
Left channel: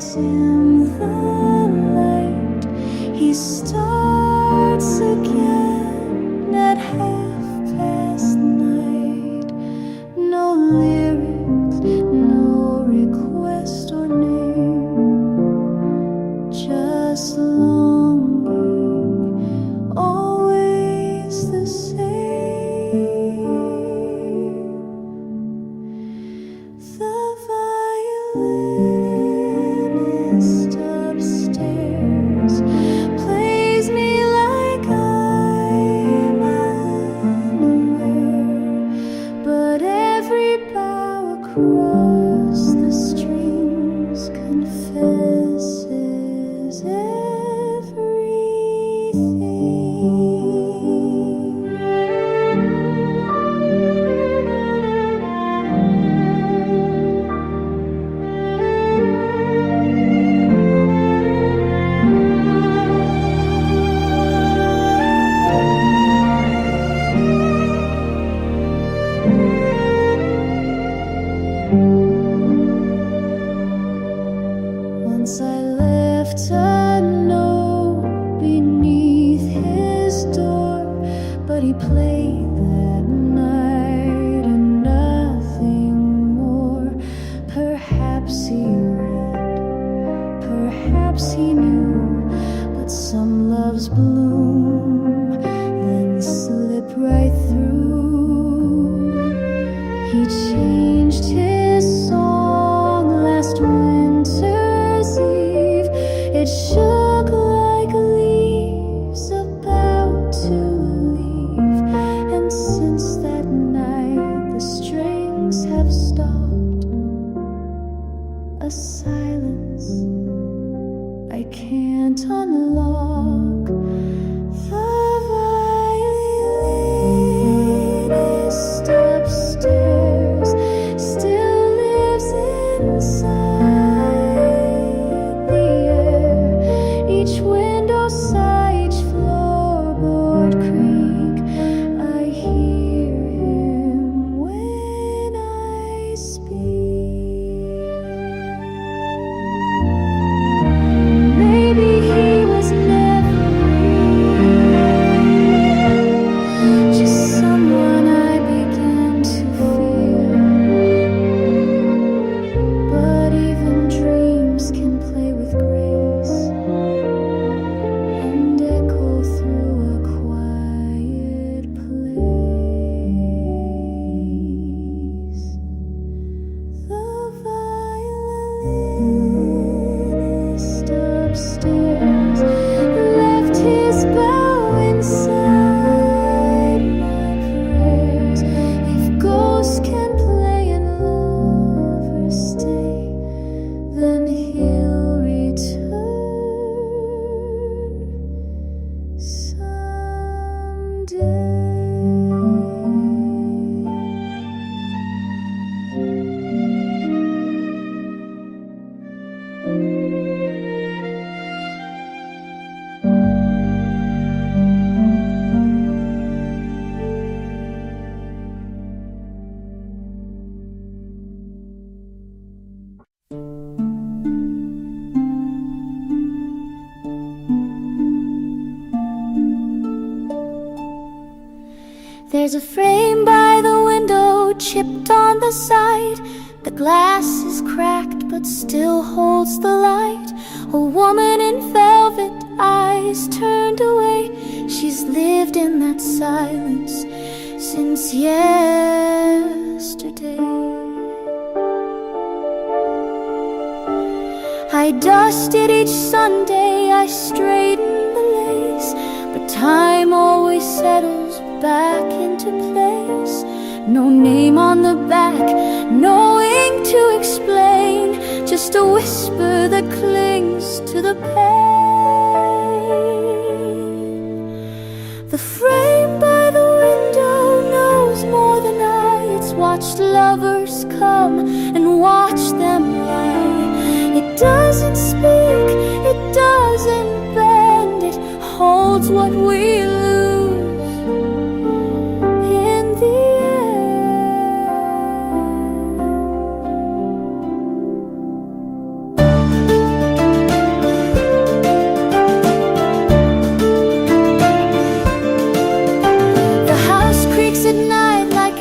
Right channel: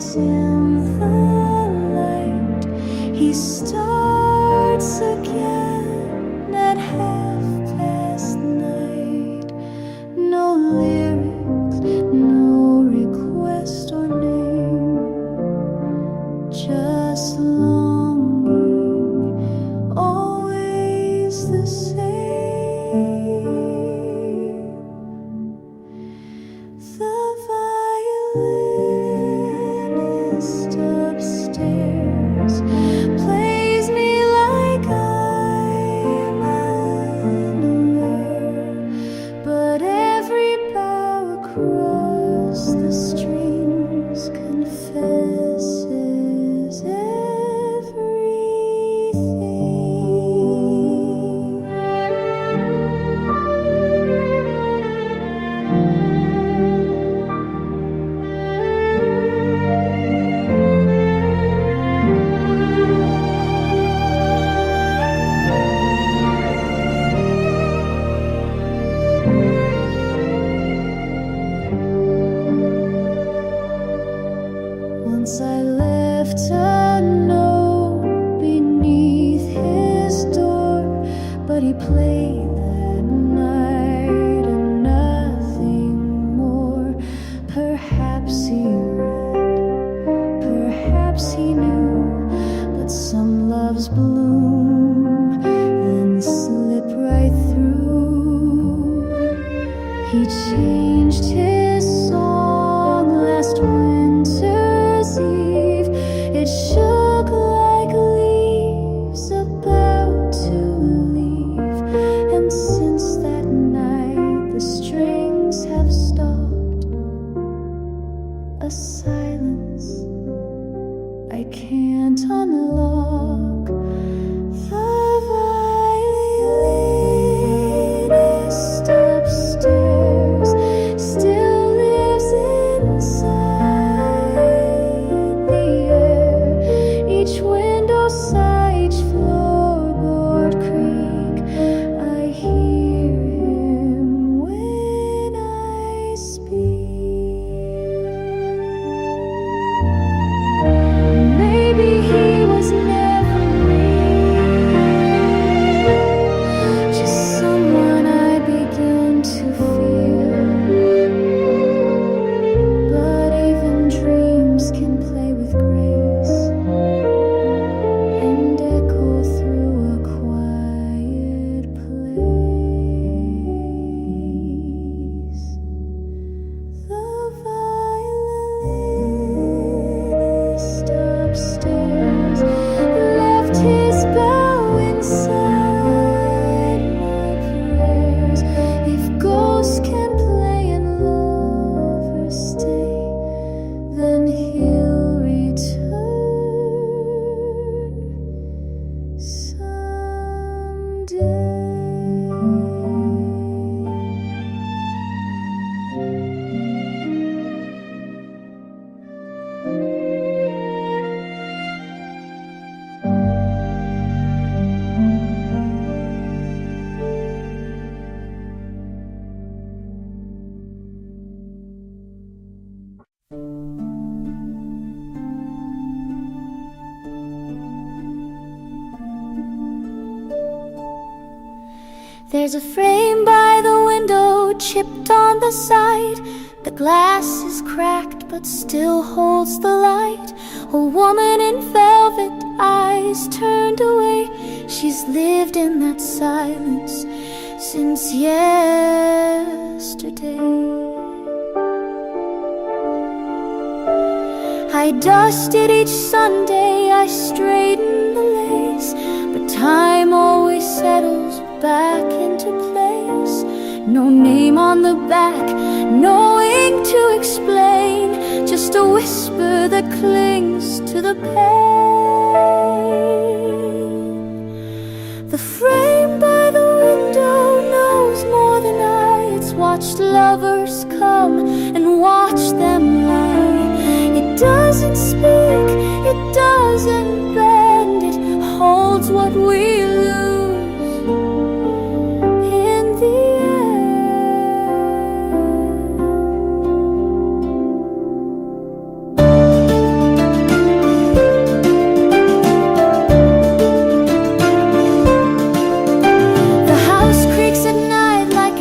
dim the light, he starts again at 9:30. No lyrics, no request or name, just longing, always the same. The violinist upstairs plays me like I'm unaware, but every bow across the strings confesses everything. Once I left a note beneath his door, but he played that night and nothing more. Perhaps he read, perhaps he knew, but some loves bloom, then slip right through. He changed his song last winter's eve. It shook like leaves about to leave, and since that night the strings have stopped. A silence I can't unlock. The violinist upstairs still lives inside the air. Each window sigh, each floorboard creak. I hear him when I speak. Maybe he was never real, just someone I begin to feel. But even dreams can play with grace and echo through a quiet place. The violinist upstairs left his bow inside my prayers. If ghosts can play and lovers stay, then he'll return someday. There's a frame by the window, chipped on the side. The glass is cracked but still holds the light. A woman in velvet, eyes turned away. She's lived in that silence since yesterday. I dusted each Sunday, I straightened the lace, but time always settles back into place. No name on the back, no ink to explain, just a whisper that clings to the pain. The frame by the window knows more than I. It's watched lovers come and watch them lie. It doesn't speak, it doesn't bend, it holds what we lose in the end.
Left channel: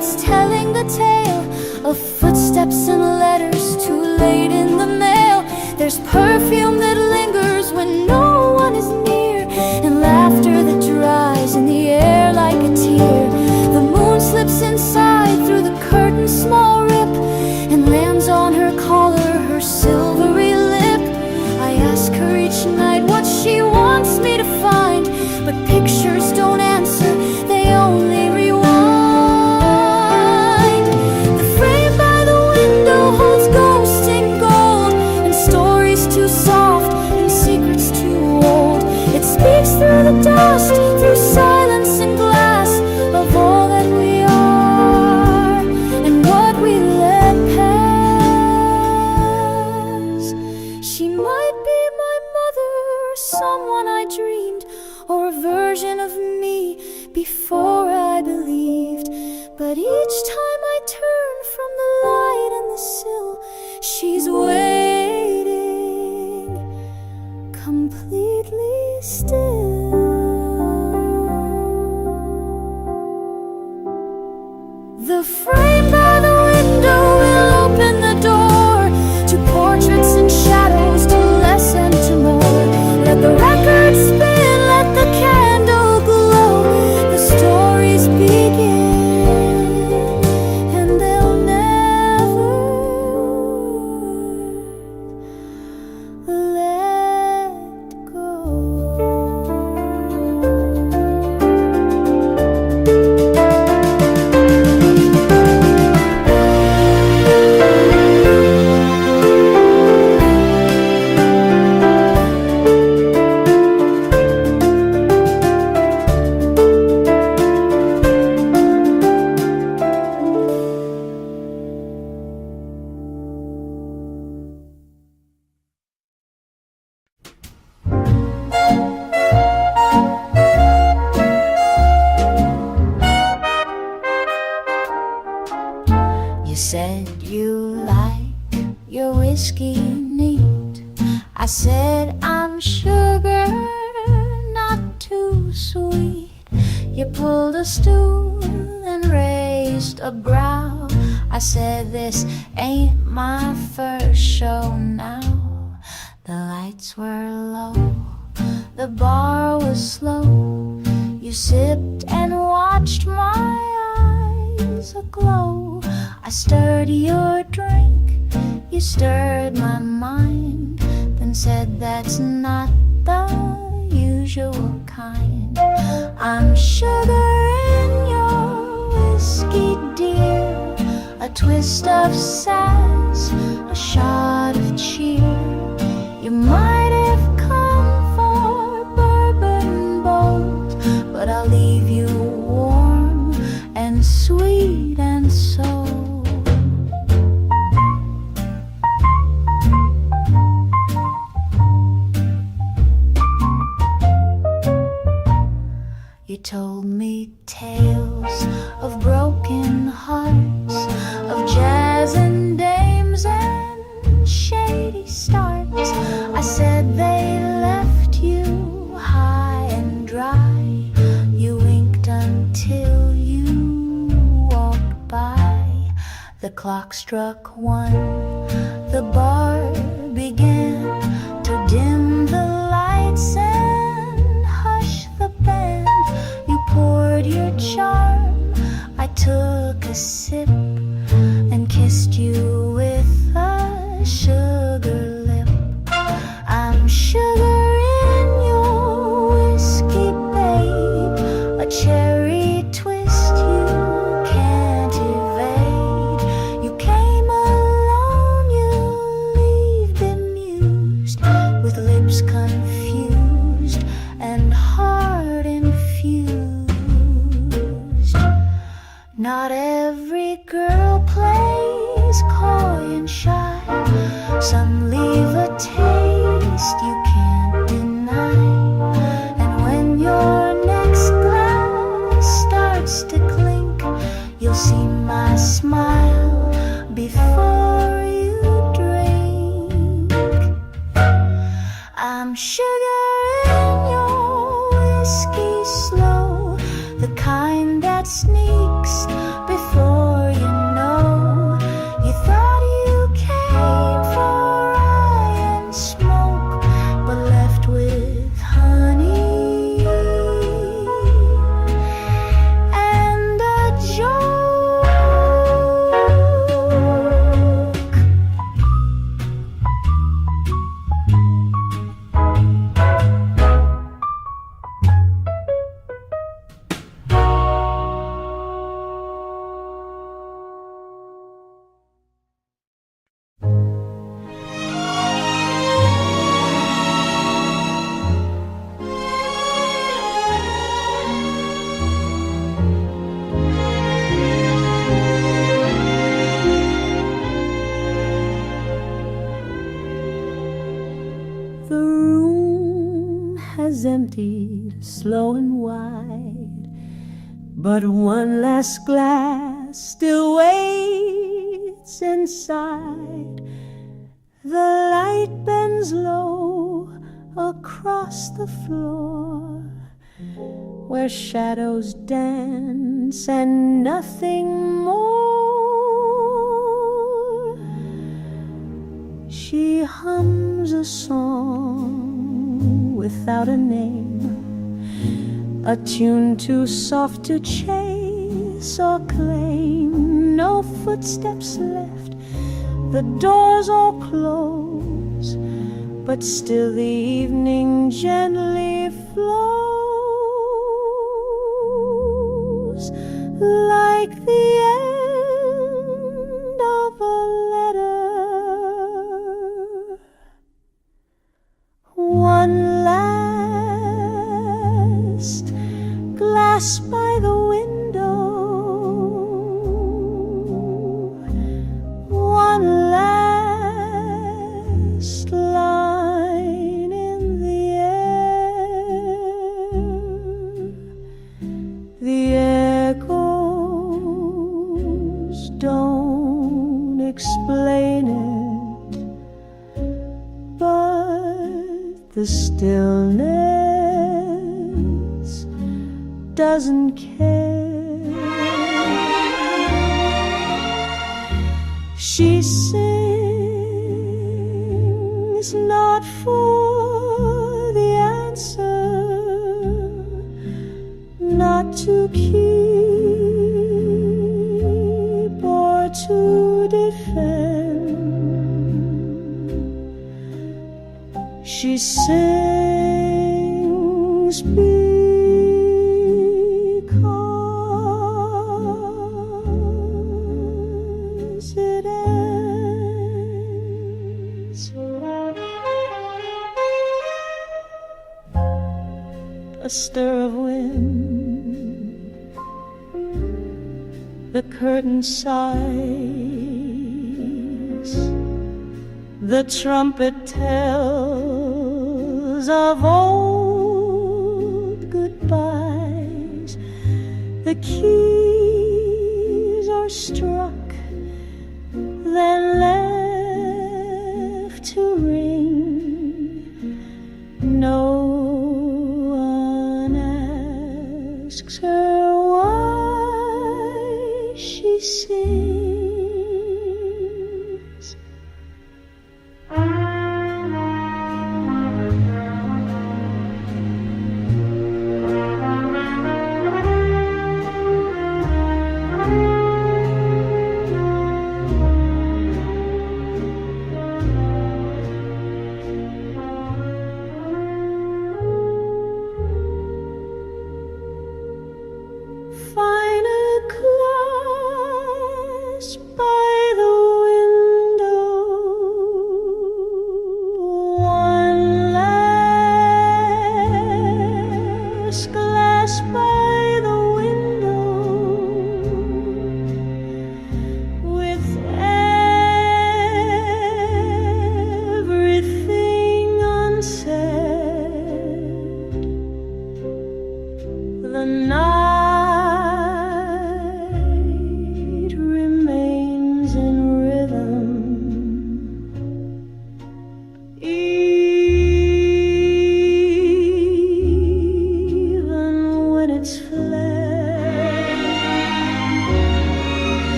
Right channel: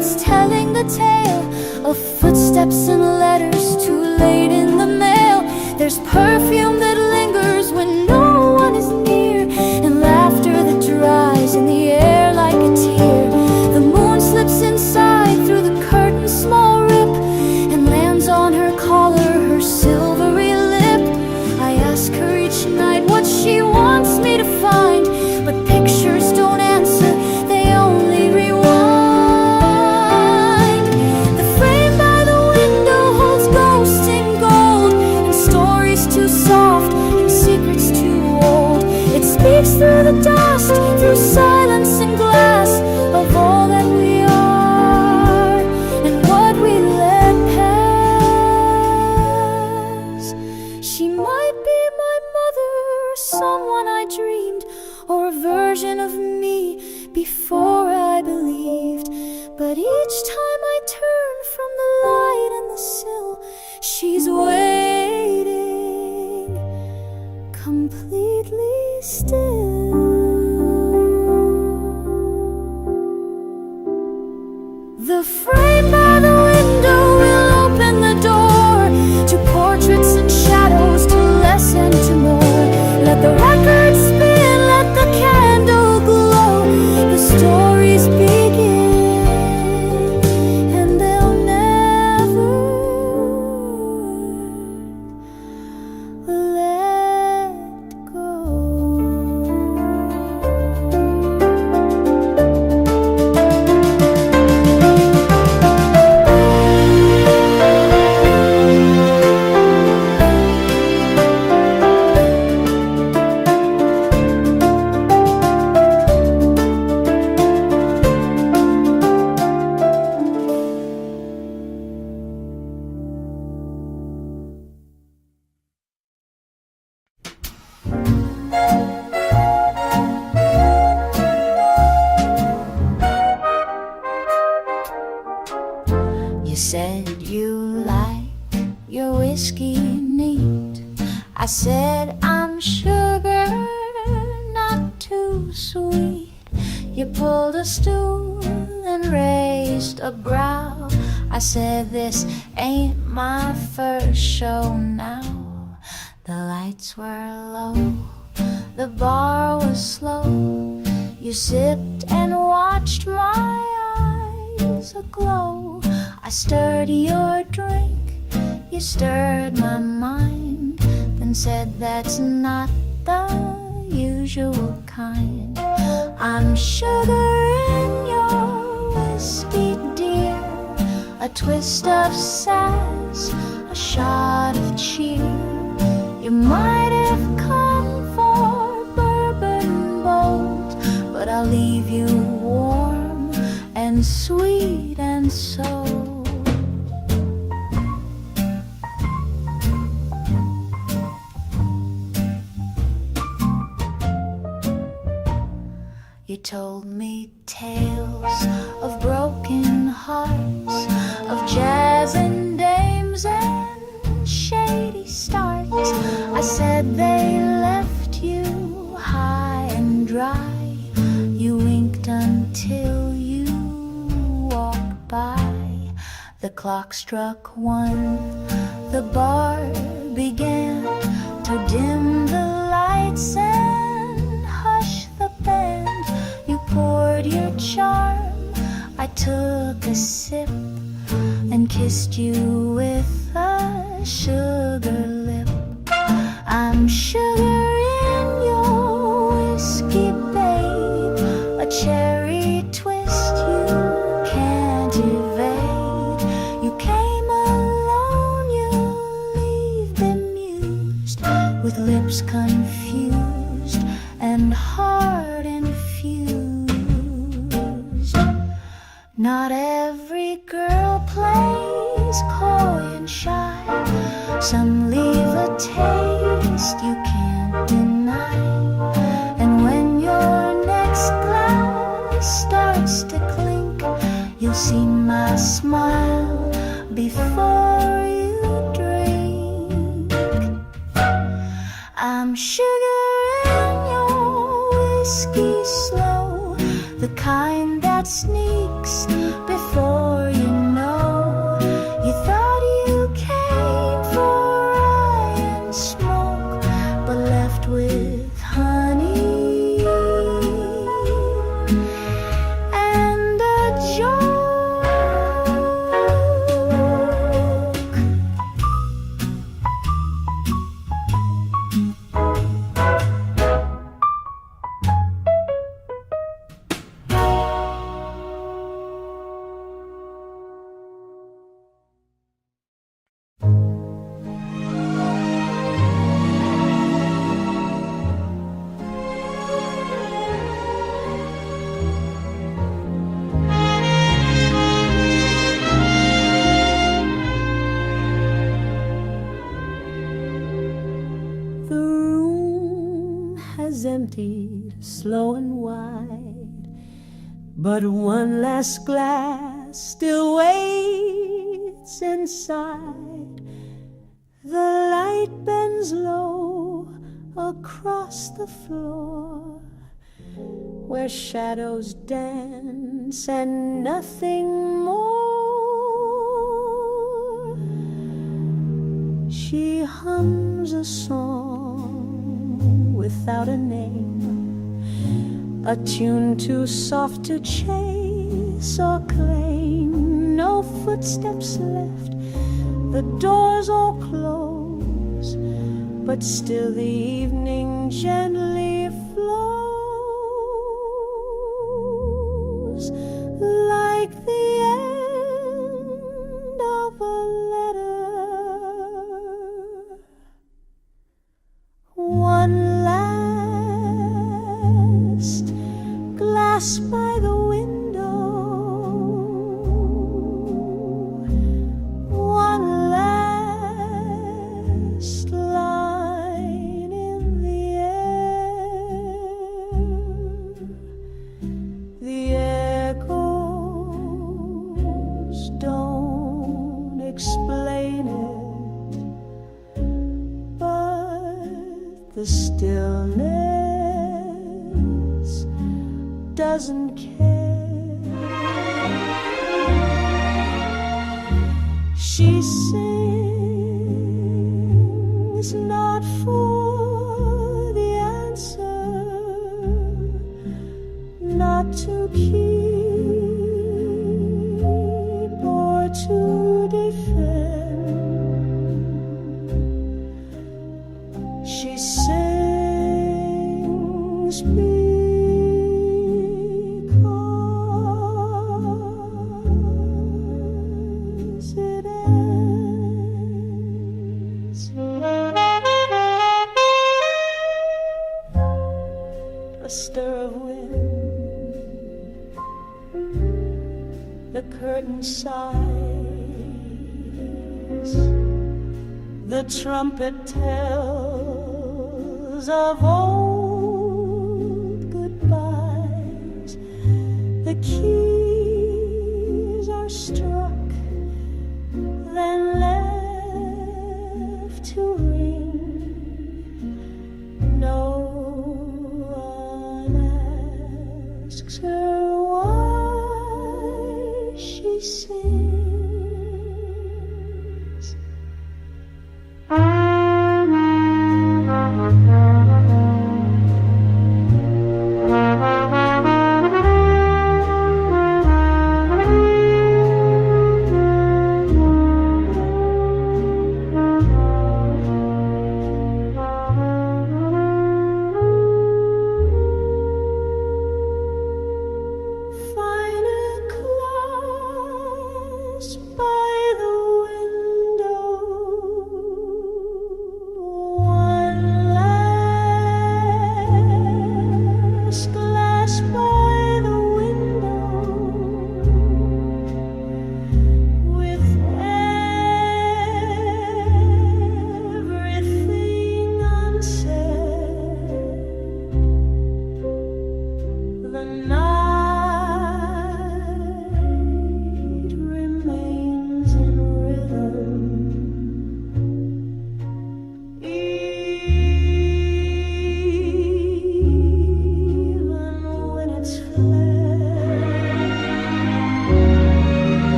it's telling the tale of footsteps and letters too late in the mail. There's perfume that lingers when no one is near, and laughter that dries in the air like a tear. The moon slips inside through the curtain's small rip and lands on her collar, her silvery lip. I ask her each night what she wants me to find, but pictures don't answer, they only rewind. The frame by the window holds ghosts in gold, and stories too soft and secrets too old. It speaks through the dust, through silence and glass, of all that we are and what we let pass. She might be my mother, or someone I dreamed, or a version of me before I believed. But each time I turn from the light and the sill, she's waiting, completely still. The frame by the window will open the door to portraits and shadows, to less and to more. Let the record spin, let the candle glow. The stories begin, and they'll never let go. You said you like your whiskey neat. I said I'm sugar, not too sweet. You pulled a stool and raised a brow. I said this ain't my first show now. The lights were low, the bar was slow. You sipped and watched my eyes aglow. I stirred your drink, you stirred my mind, then said that's not the usual kind. I'm sugar in your whiskey, dear, a twist of sass, a shot of cheer. You might have come for bourbon bold, but I'll leave you warm and sweet and sold. You told me tales of broken hearts, of jazz and dames and shady starts. I said they left you high and dry. You winked until you walked by. The clock struck 1, the bar began to dim the lights and hush the band. You poured your charm, I took a sip and kissed you with a sugar lip. I'm sugar in your whiskey, babe, a cherry twist you can't evade. You came alone, you leave bemused, with lips confused and heart infused. Not every girl plays coy and shy. Some leave a taste you can't deny. And when your next glass starts to clink, you'll see my smile before you drink. I'm sugar in your whiskey slow, the kind that sneaks before you know. You thought you came for rye and smoke, but left with honey and a joke. The room has emptied slow and wide, but one last glass still waits inside. The light bends low across the floor, where shadows dance and nothing more. She hums a song without a name, a tune too soft to chase or claim. No footsteps left, the doors all close, but still the evening gently flows, like the end of a letter. One last glass by the window, one last line in the air. The echoes don't explain it, but the stillness doesn't care. She sings not for the answer, not to keep or to defend. She sings because it ends. A stir of wind, the curtain sighs, the trumpet tells of old goodbyes. The keys are struck, then left to ring. No one asks her why she sings. Find a class by the window, one last glass by the window, with everything unsaid. The night remains in rhythm, even when it's fled.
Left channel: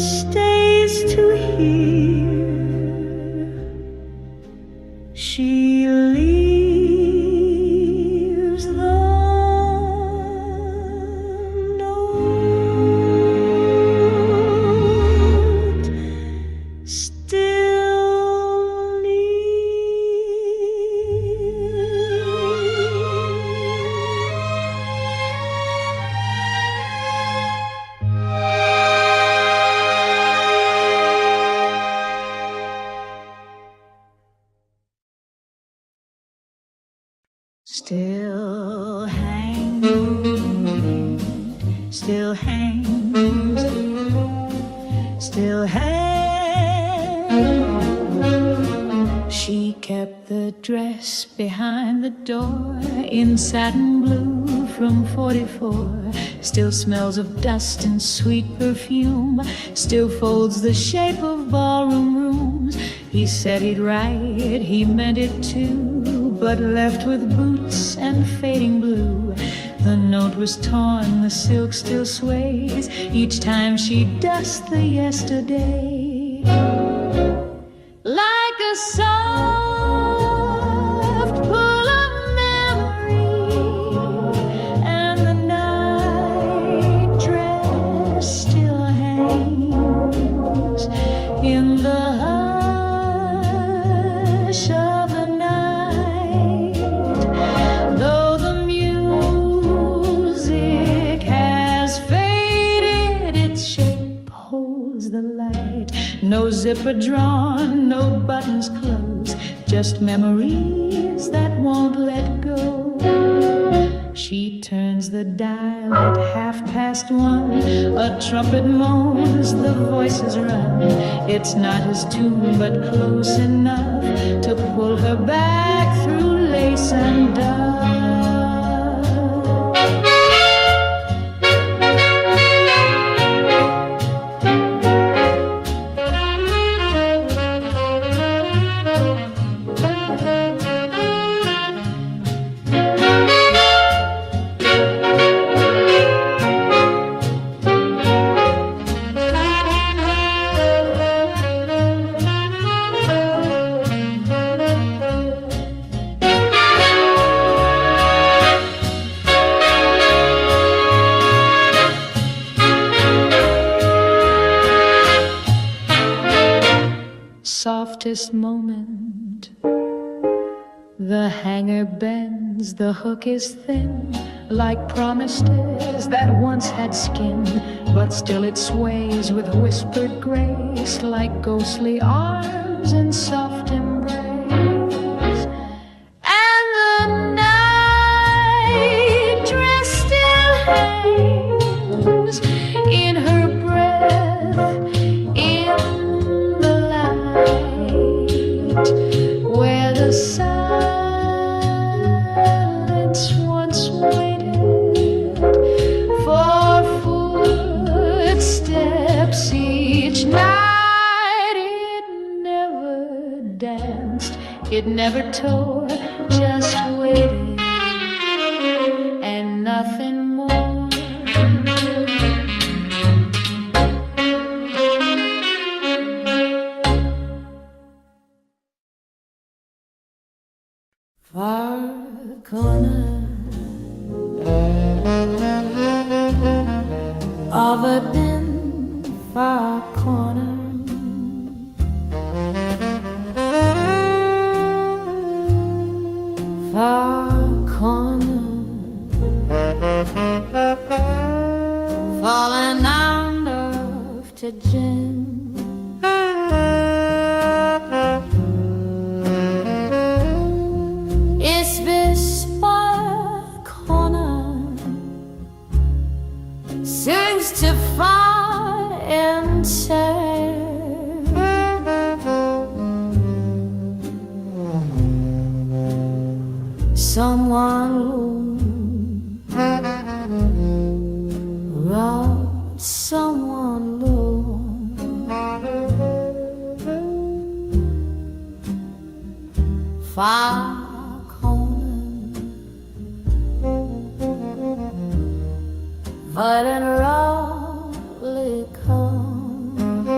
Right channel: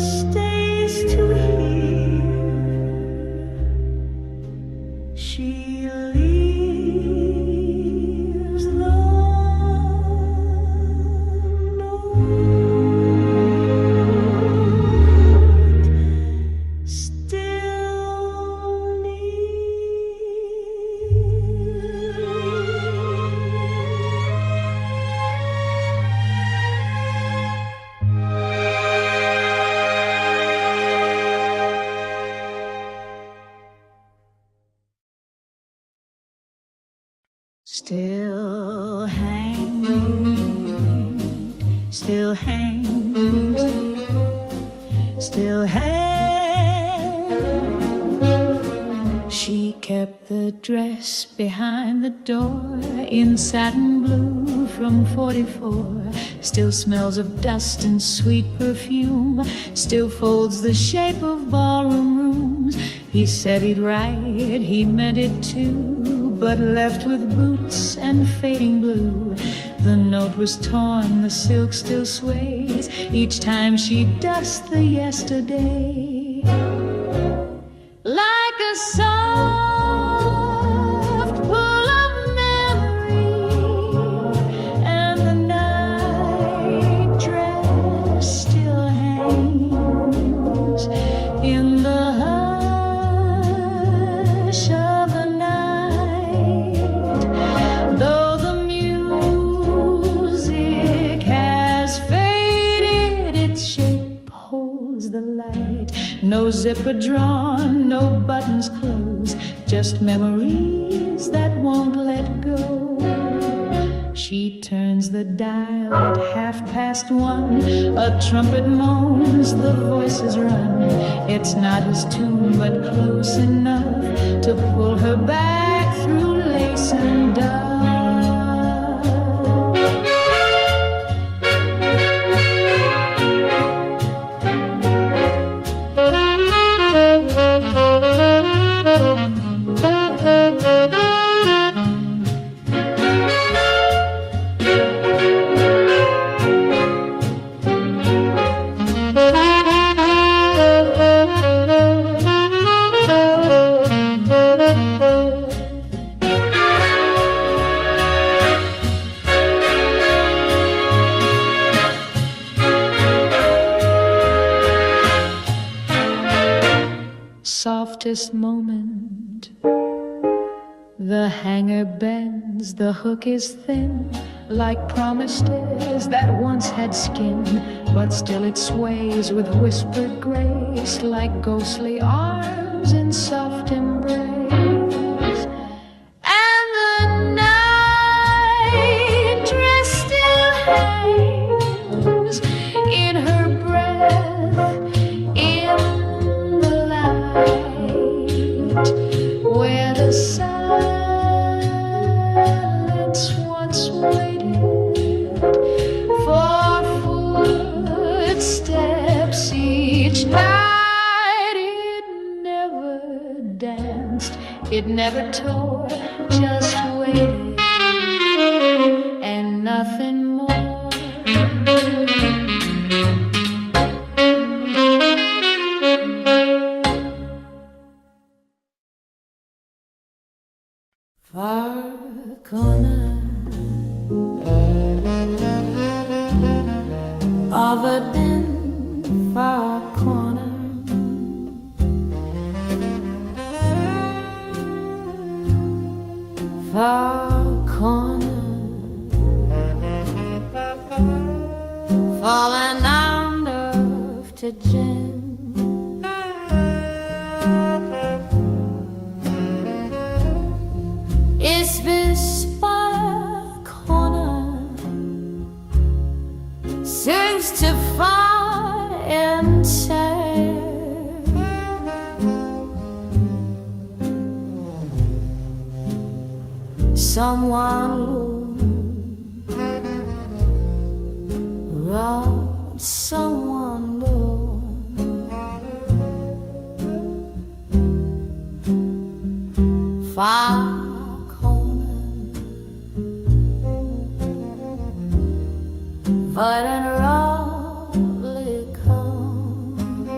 stays to hear. She leaves the note still Still hangs, still hangs, still hangs. She kept the dress behind the door in satin blue from 44. Still smells of dust and sweet perfume. Still folds the shape of ballroom rooms. He said he'd write, he meant it too, but left with boots and fading blue. The note was torn, the silk still sways each time she dusts the yesterday. Like a soft pull of memory, and the night dress still hangs in the hush of the night. Though the music has faded, its shape holds the light. No zipper drawn, no buttons closed, just memories that won't let go. She turns the dial at 1:30. A trumpet moans, the voices run. It's not his tune, but close enough to pull her back through lace and dove. Softest moment, the hanger bends, the hook is thin, like promises that once had skin, but still it sways with whispered grace, like ghostly arms in soft embrace. And the night dress still hangs in her breath, in where the silence once waited for footsteps each night. It never danced, it never tore, just waited and nothing more. Far corner of a dim far corner, far corner, falling under to gin. It's this far corner seems to find and say, someone robbed someone low. Far but an rawly come.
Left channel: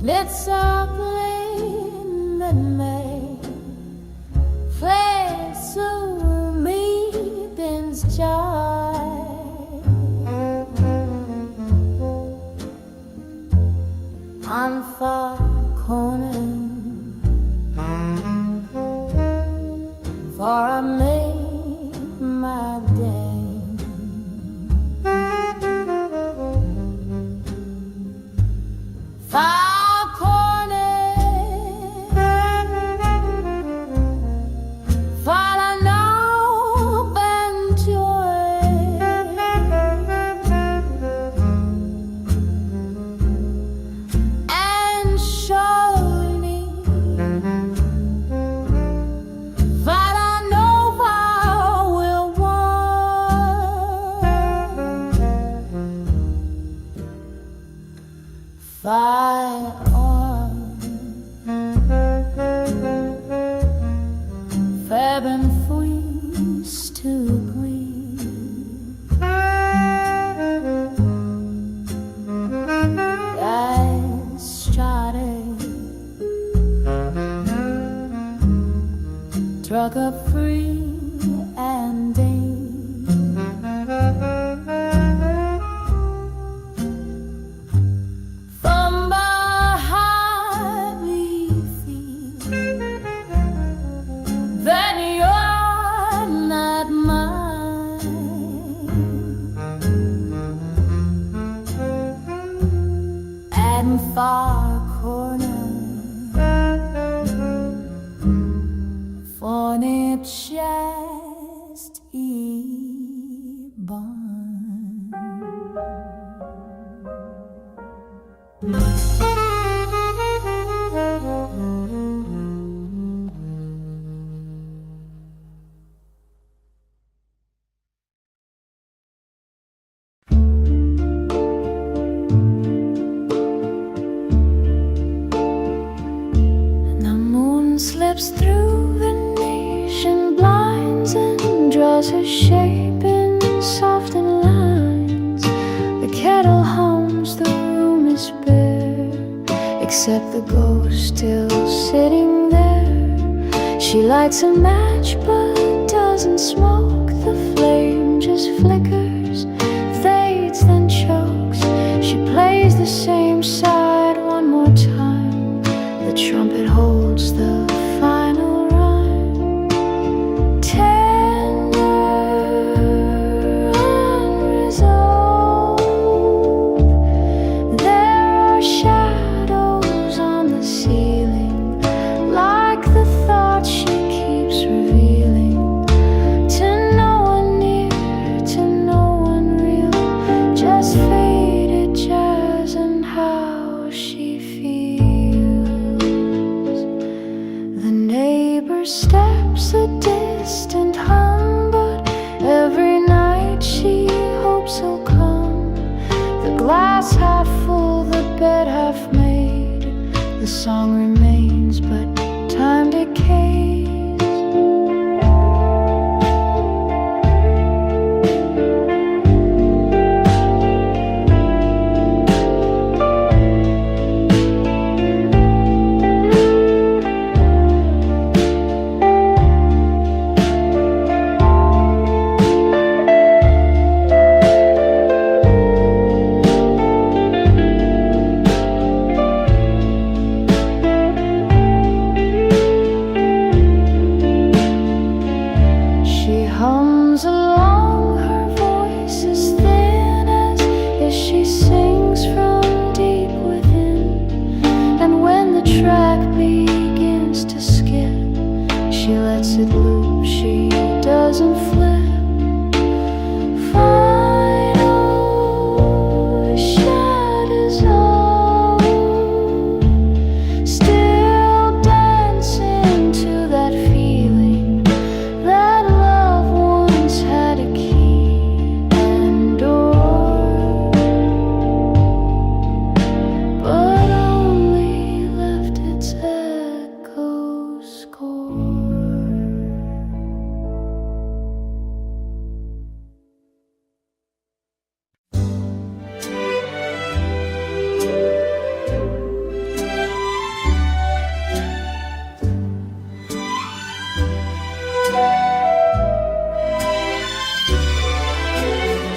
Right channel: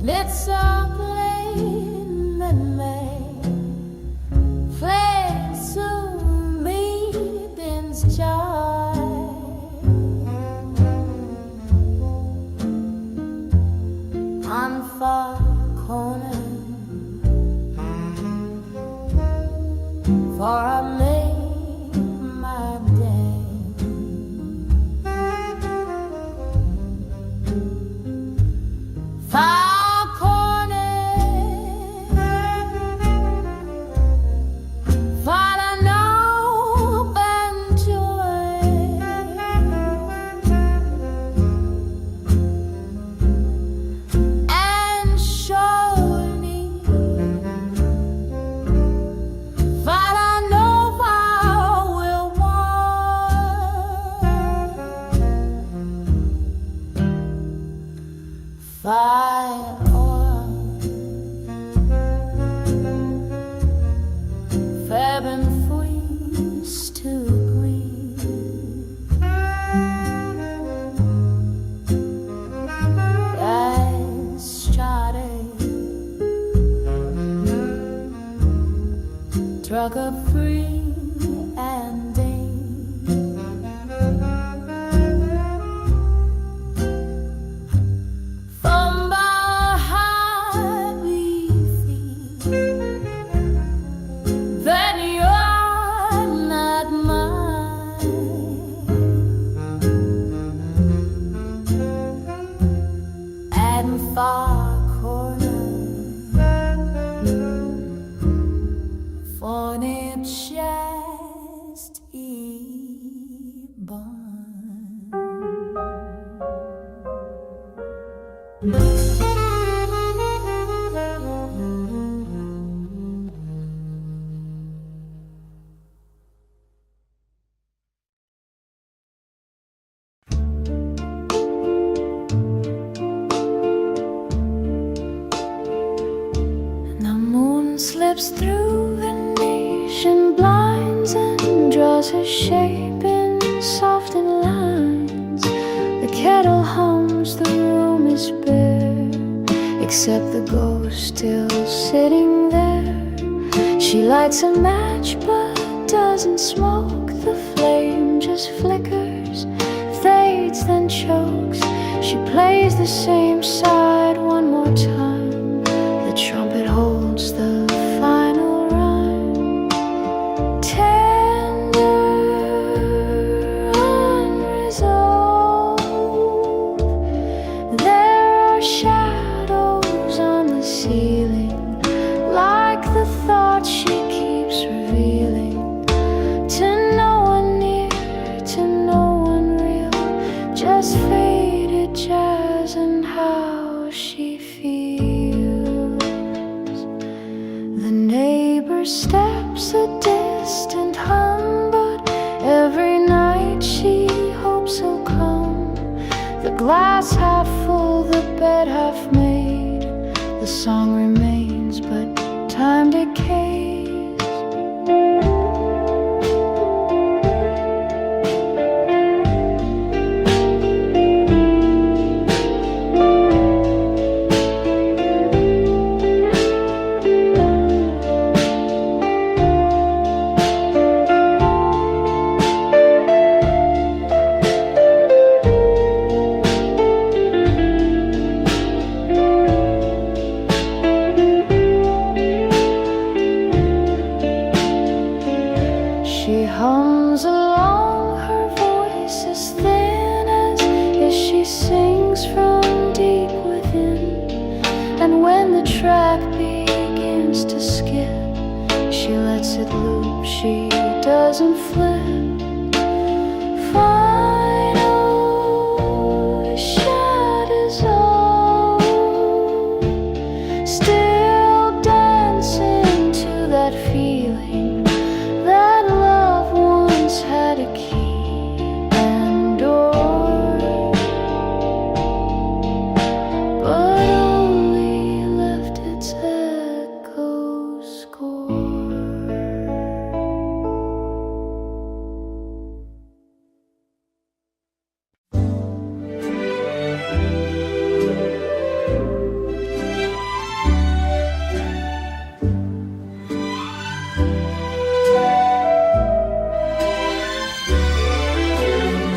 It's a plane that may fly to meet in sky. On far corner, for I made my day. Far corner, for I know and joy. And surely, but I know I will want fire on Feb and freeze to green. I started drug up free and from behind we feel that you're not mine, and far corner for it just born. The moon slips through Venetian blinds and draws her shape in softened lines. The kettle hums, the room is bare, except the ghost still sitting there. She lights a match but doesn't smoke. The flame just flickers, fades, then chokes. She plays the same side one more time. The trumpet holds the final rhyme. Tender, unresolved. There are shadows on the ceiling, like the thoughts she keeps revealing. To no one near, to no one real, just faded jazz and how she feels. The neighbor steps a distant hum, but every night she hopes he'll come. The glass half full, the bed half made. The song remains, but time decays. She hums along, her voice is thin as she sings from deep within. And when the track begins to skip, she lets it loop, she doesn't flip. Final shadows all still dancing to that feeling that love once had a key and door, but only left its echo score.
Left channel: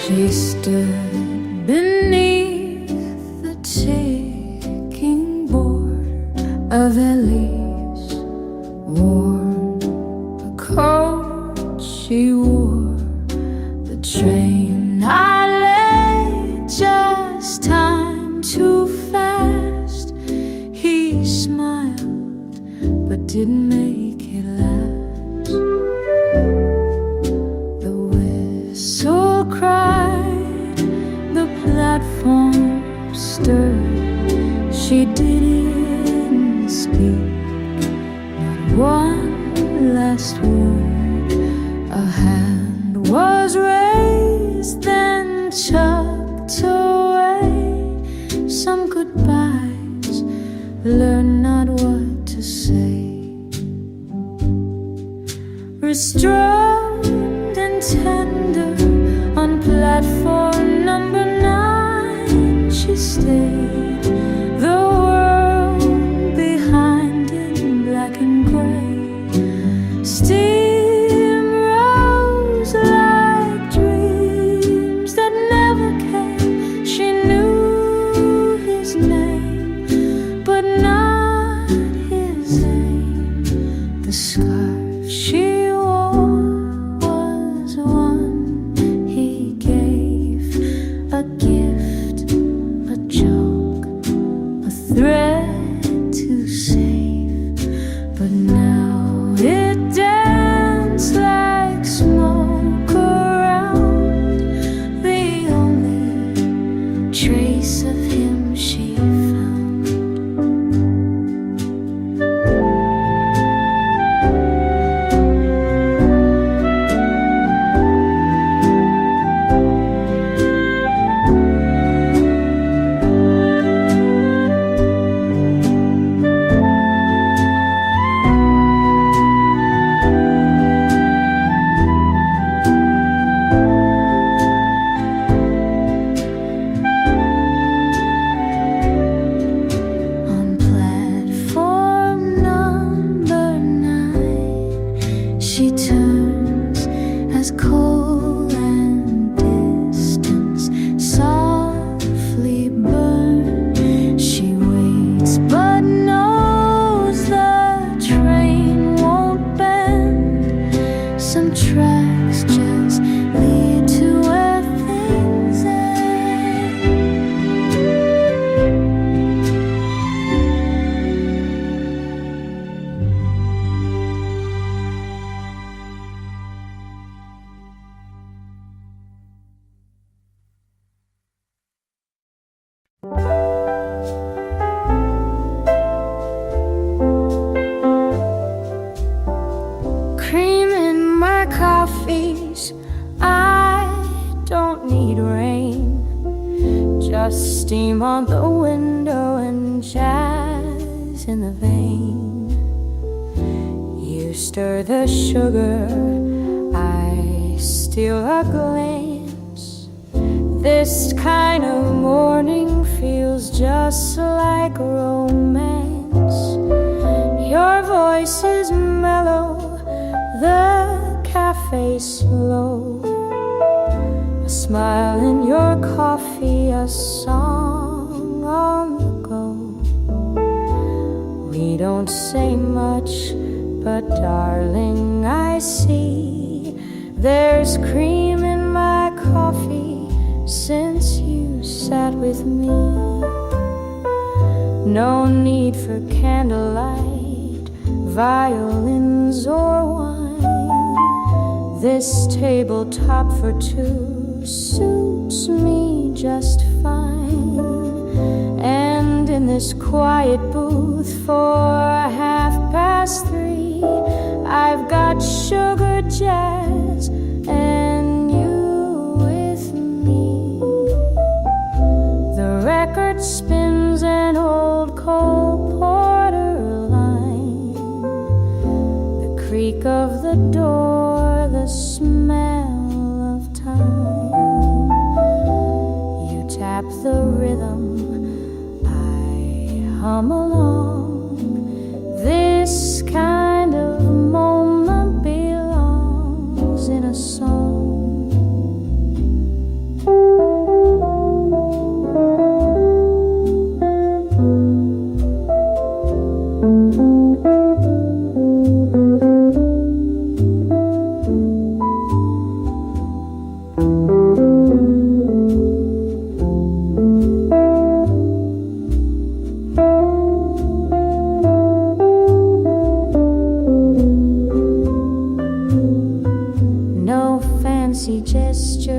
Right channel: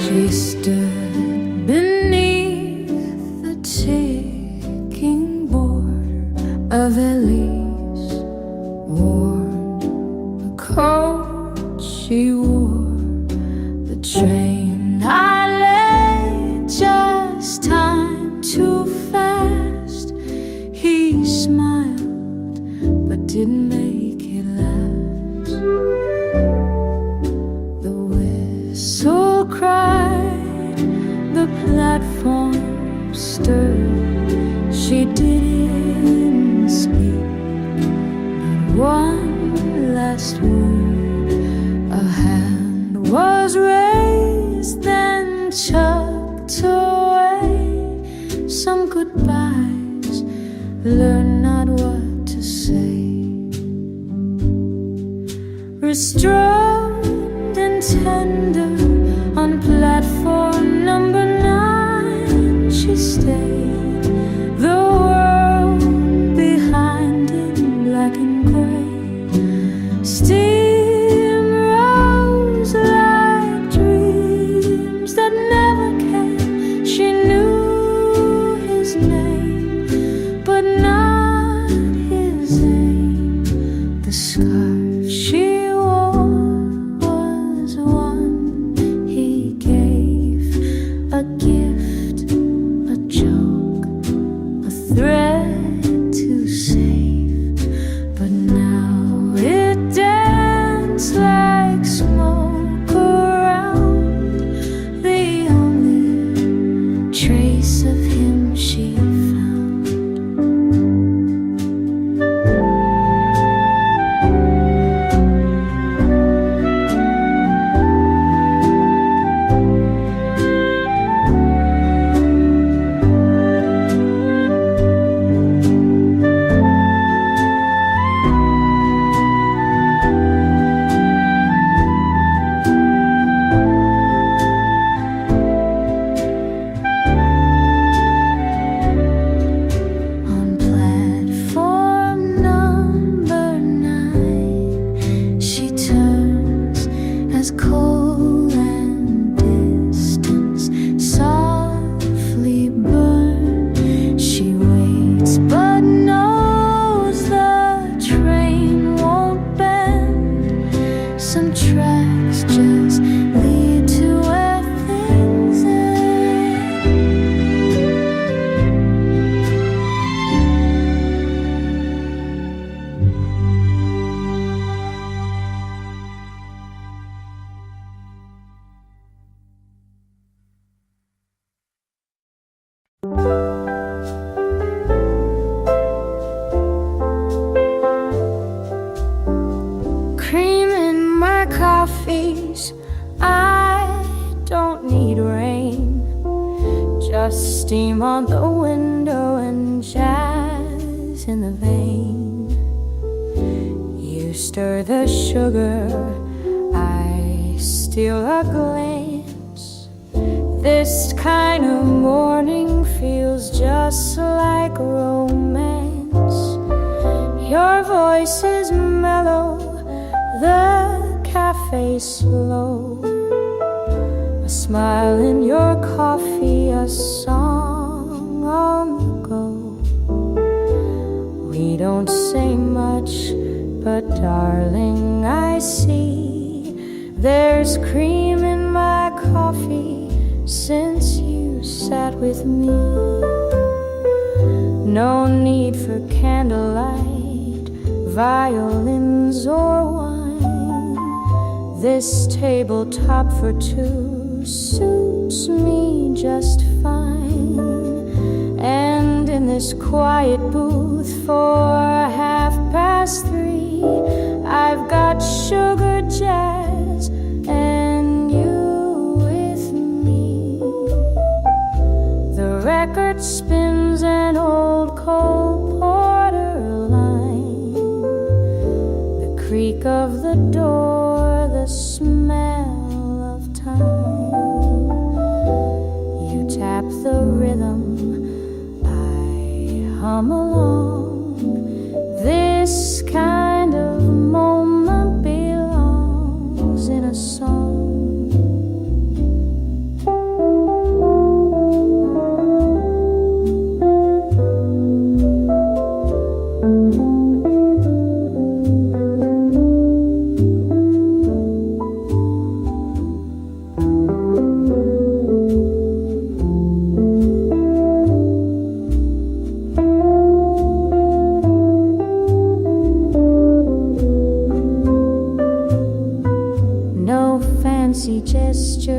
She stood beneath the ticking board of Ellie's worn the coat she wore. The train I lay just time too fast. He smiled but didn't make it last. The whistle cried, the platform stirred. She didn't speak, not one last word. A hand was raised, then chucked away. Some goodbyes, learn not what to say. Restrained and tender on platform number 9, she stayed. The world behind in black and gray. Steam rose like dreams that never came. She knew his name, but not his aim. The scarf she wore was one he gave, a gift, a joke, a thread to save. But now it danced like smoke around, the only trace of him she found. She turns as coal and distance softly burn. She waits but knows the train won't bend. Some tracks just lead to where things end. Cream in my coffees, I don't need rain. Just steam on the window and jazz in the vein. You stir the sugar, I steal a glance. This kind of morning feels just like romance. Your voice is mellow, the cafe slow. A smile in your coffee, a song on the go. We don't say much, but darling, I see there's cream in my coffee since you sat with me. No need for candlelight, violins or wine. This tabletop for two suits me just fine. And in this quiet booth for 3:30, I've got sugar jazz and you with me. The record spins an old Cole Porter line. The creak of the door, the smell of time. You tap the rhythm, I hum along. This kind of moment belongs in a song.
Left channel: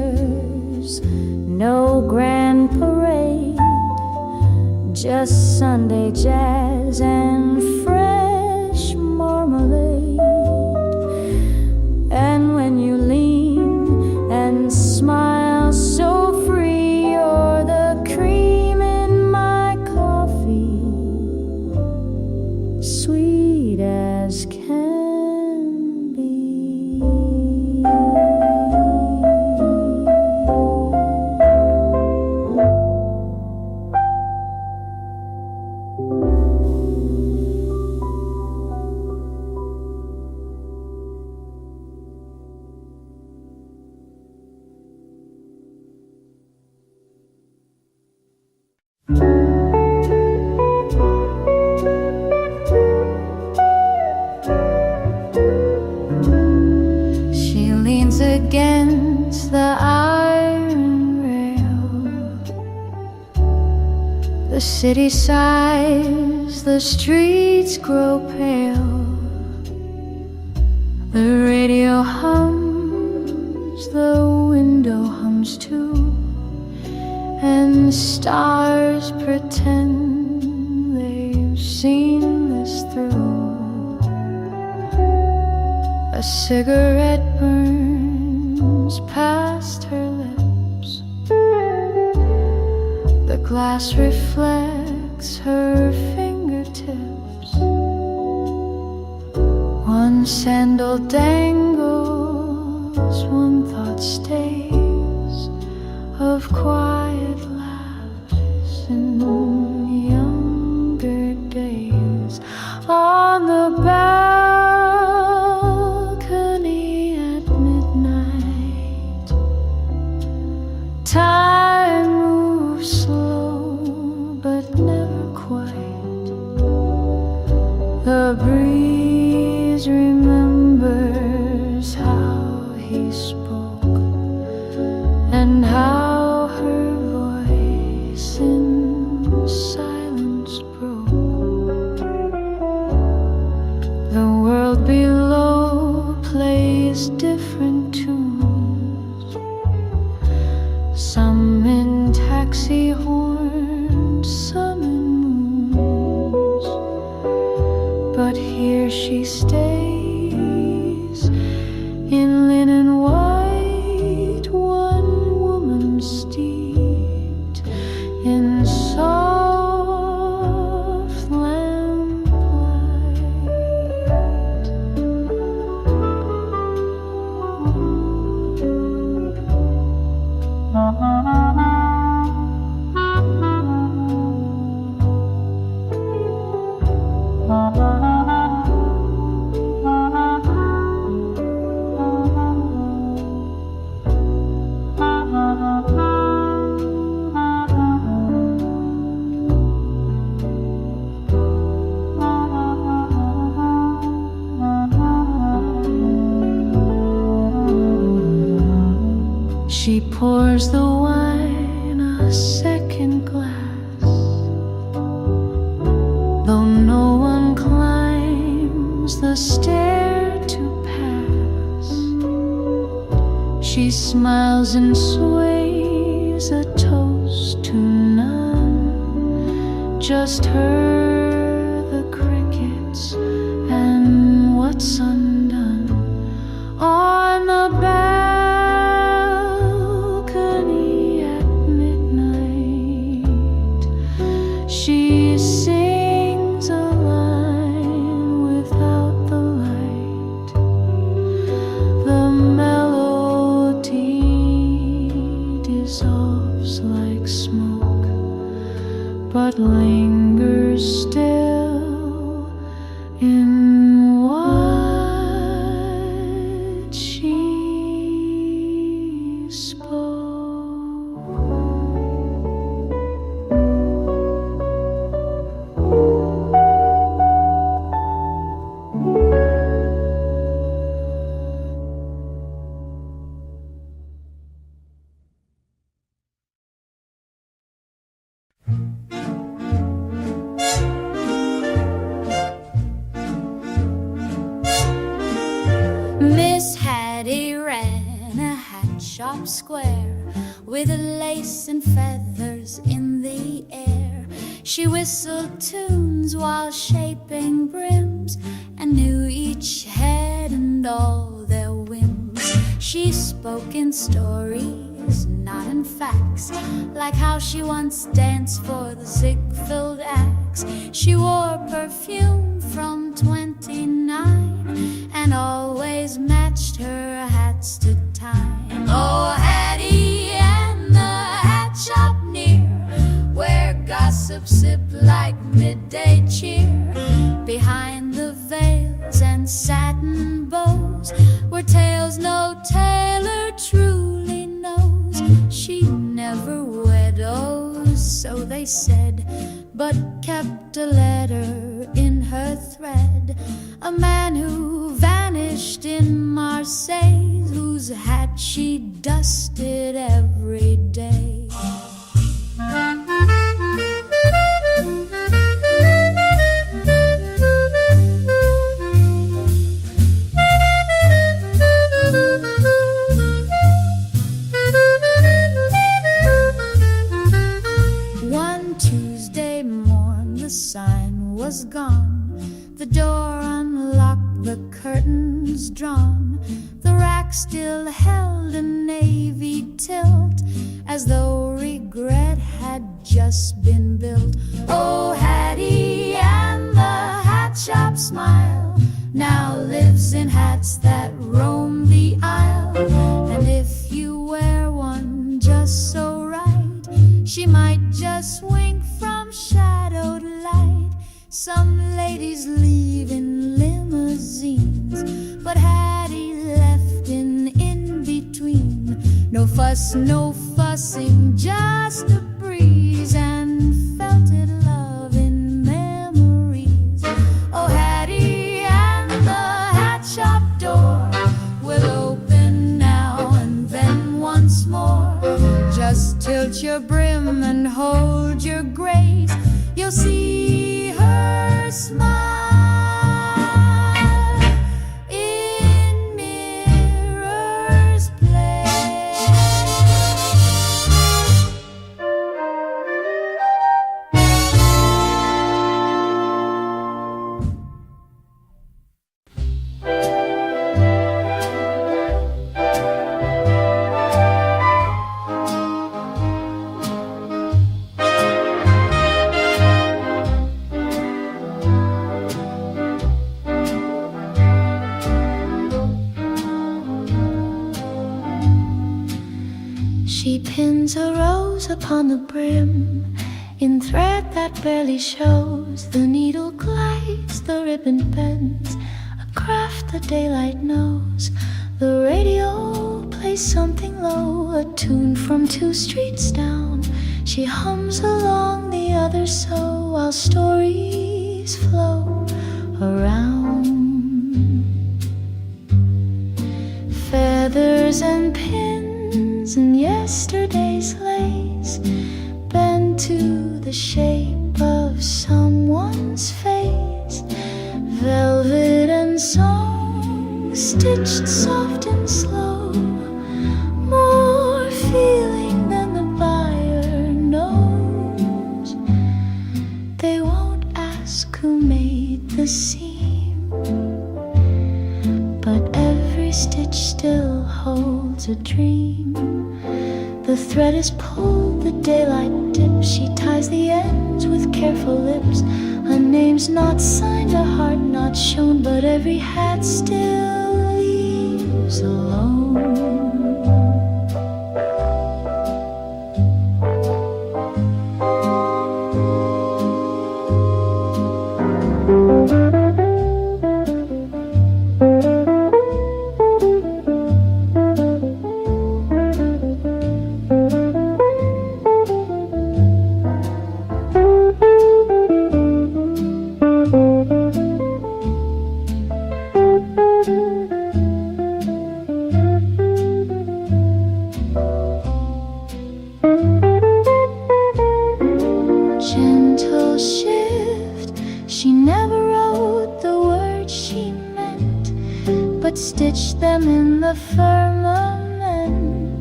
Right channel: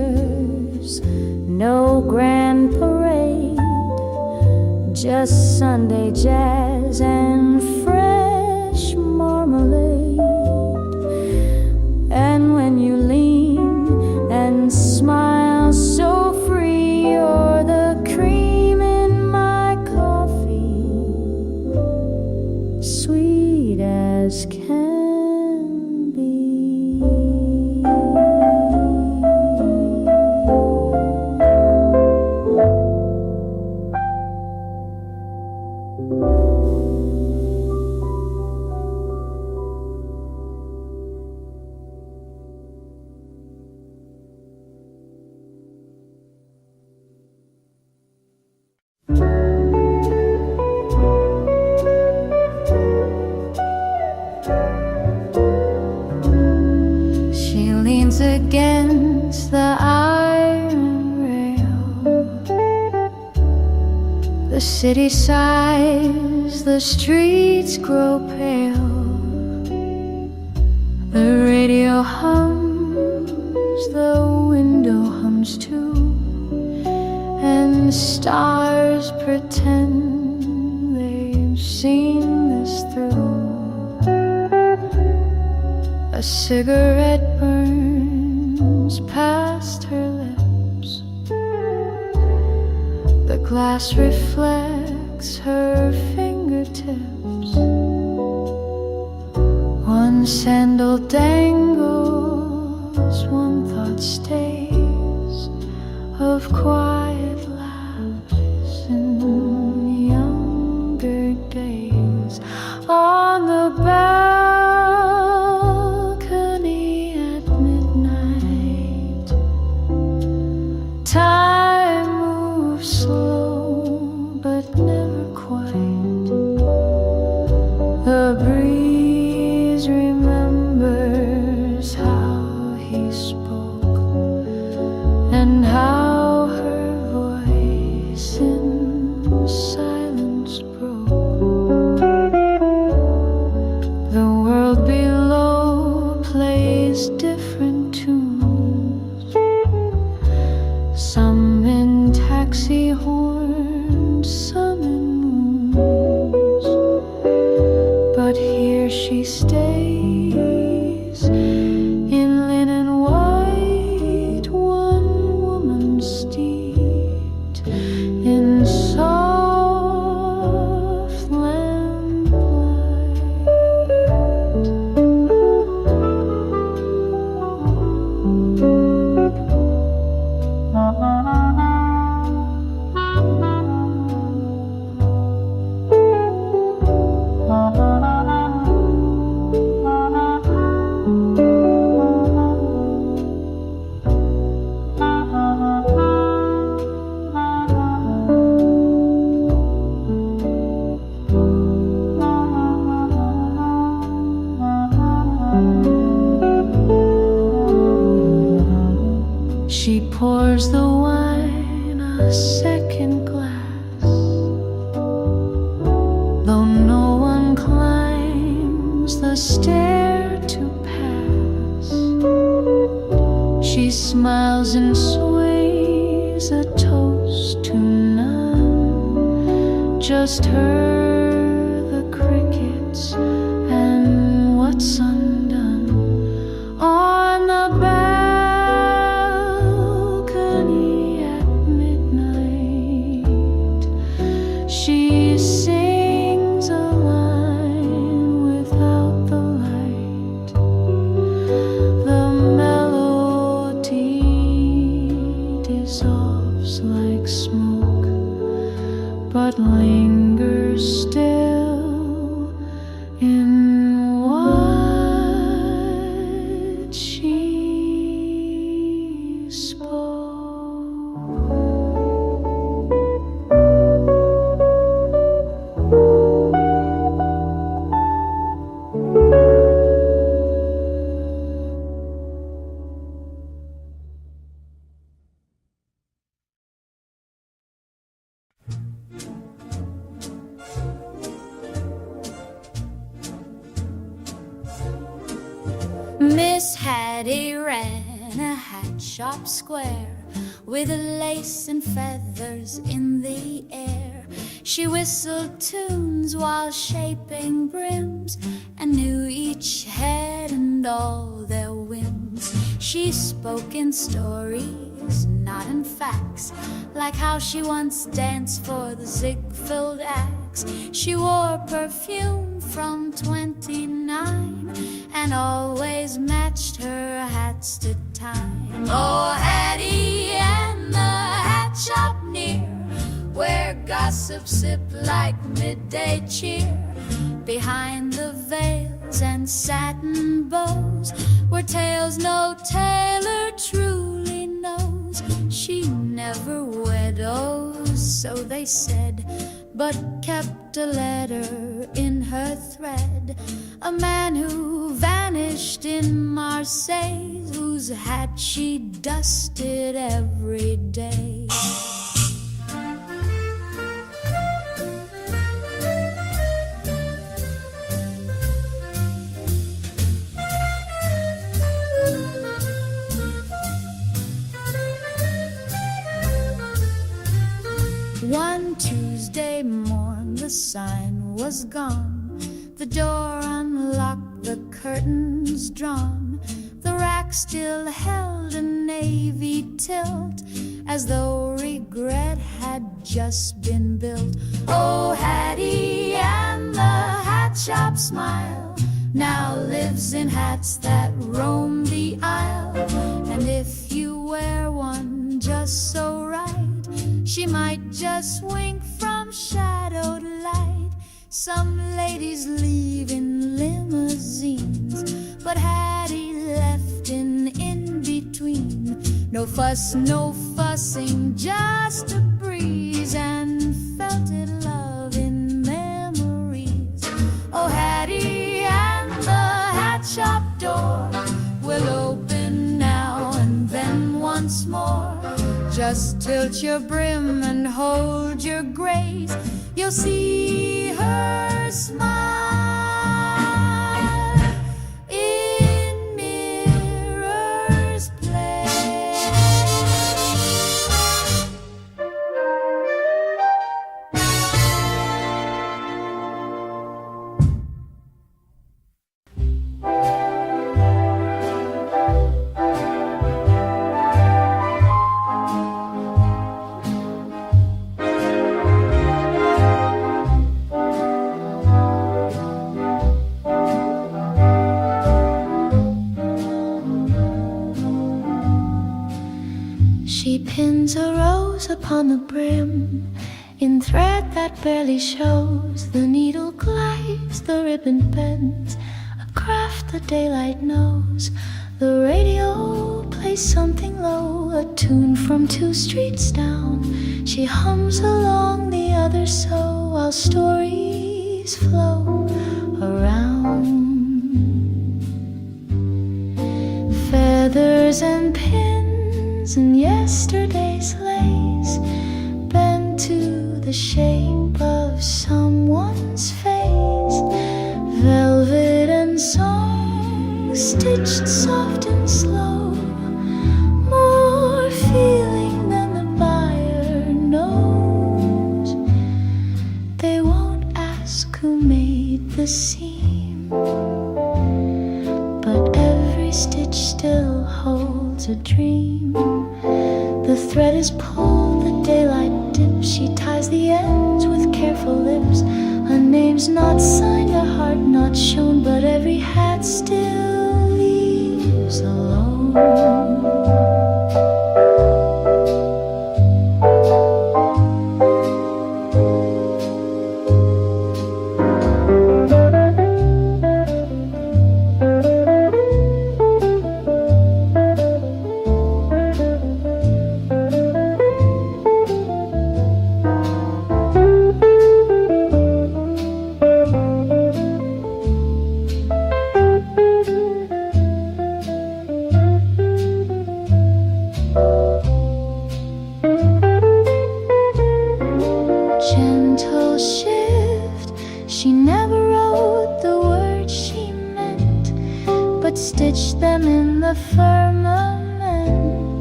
there's no grand parade, just Sunday jazz and fresh marmalade. And when you lean and smile so free, you're the cream in my coffee, sweet as can be. She leans against the iron rail. The city sighs, the streets grow pale. The radio hums, the window hums too, and stars pretend they've seen this through. A cigarette burns past her lips. The glass reflects her fingertips. One sandal dangles, one thought stays, of quiet laughs in younger days. On the balcony at midnight, time moves slow but never quite. The breeze remembers how he spoke and how her voice in silence broke. The world below plays different tunes, some in taxi horns, some in moons. But here she stays in linen white, one woman steeped in soft lamplight. She pours the wine a second glass, though no one climbs the stair to pass. She smiles and sways a toast to none, just her, the crickets, and what's undone. On the balcony at midnight, she sings a line without the light. The melody dissolves like smoke, but lingers still in what she spoke. Miss Hattie ran a hat hat shop square, with lace and feathers in the air. She whistled tunes while shaping brims, and knew each head and all their whims. She spoke in stories, not in facts, like how she once danced for the Ziegfeld Axe. She wore perfume from 29, and always matched her hats to time. Oh, Hattie and the hat shop near, where gossip sip like midday cheer. Behind the veils and satin bows were tales no tailor truly knows. She never widows, so they said, but kept a letter in her thread. A man who vanished in Marseille, whose hat she dusted every day. One Tuesday morn the sign was gone, the door unlocked, the curtains drawn. The rack still held a navy tilt, as though regret had just been built. Oh, Hattie and the hat shop smile now lives in hats that roam the aisle. And if you wear one just so right, she might just wink from shadowed light. Some ladies leave in limousines, but Hattie left in between. No fuss, no fussing, just a breeze, and felted love in memories. Oh, Hattie and the hat shop door will open now and then once more. Just tilt your brim and hold your grace, you'll see her smile in Mirror's Place. She pins a rose upon the brim, in thread that barely shows. The needle glides, the ribbon bends, a craft the daylight knows. The radio plays something low, a tune from 2 streets down. She hums along the other so, while stories flow around. Feathers and pins and yesterday's lace bend to the shape of someone's face. Velvet and song stitched soft and slow, more feeling than the buyer knows. They won't ask who made the seam, but every stitch still holds a dream. The thread is pulled, the daylight dips. She ties the ends with careful lips. A name's not signed, a heart not shown, but every hat still leaves alone. Gentle shift, she never wrote the words she meant, but stitched them in the firmament.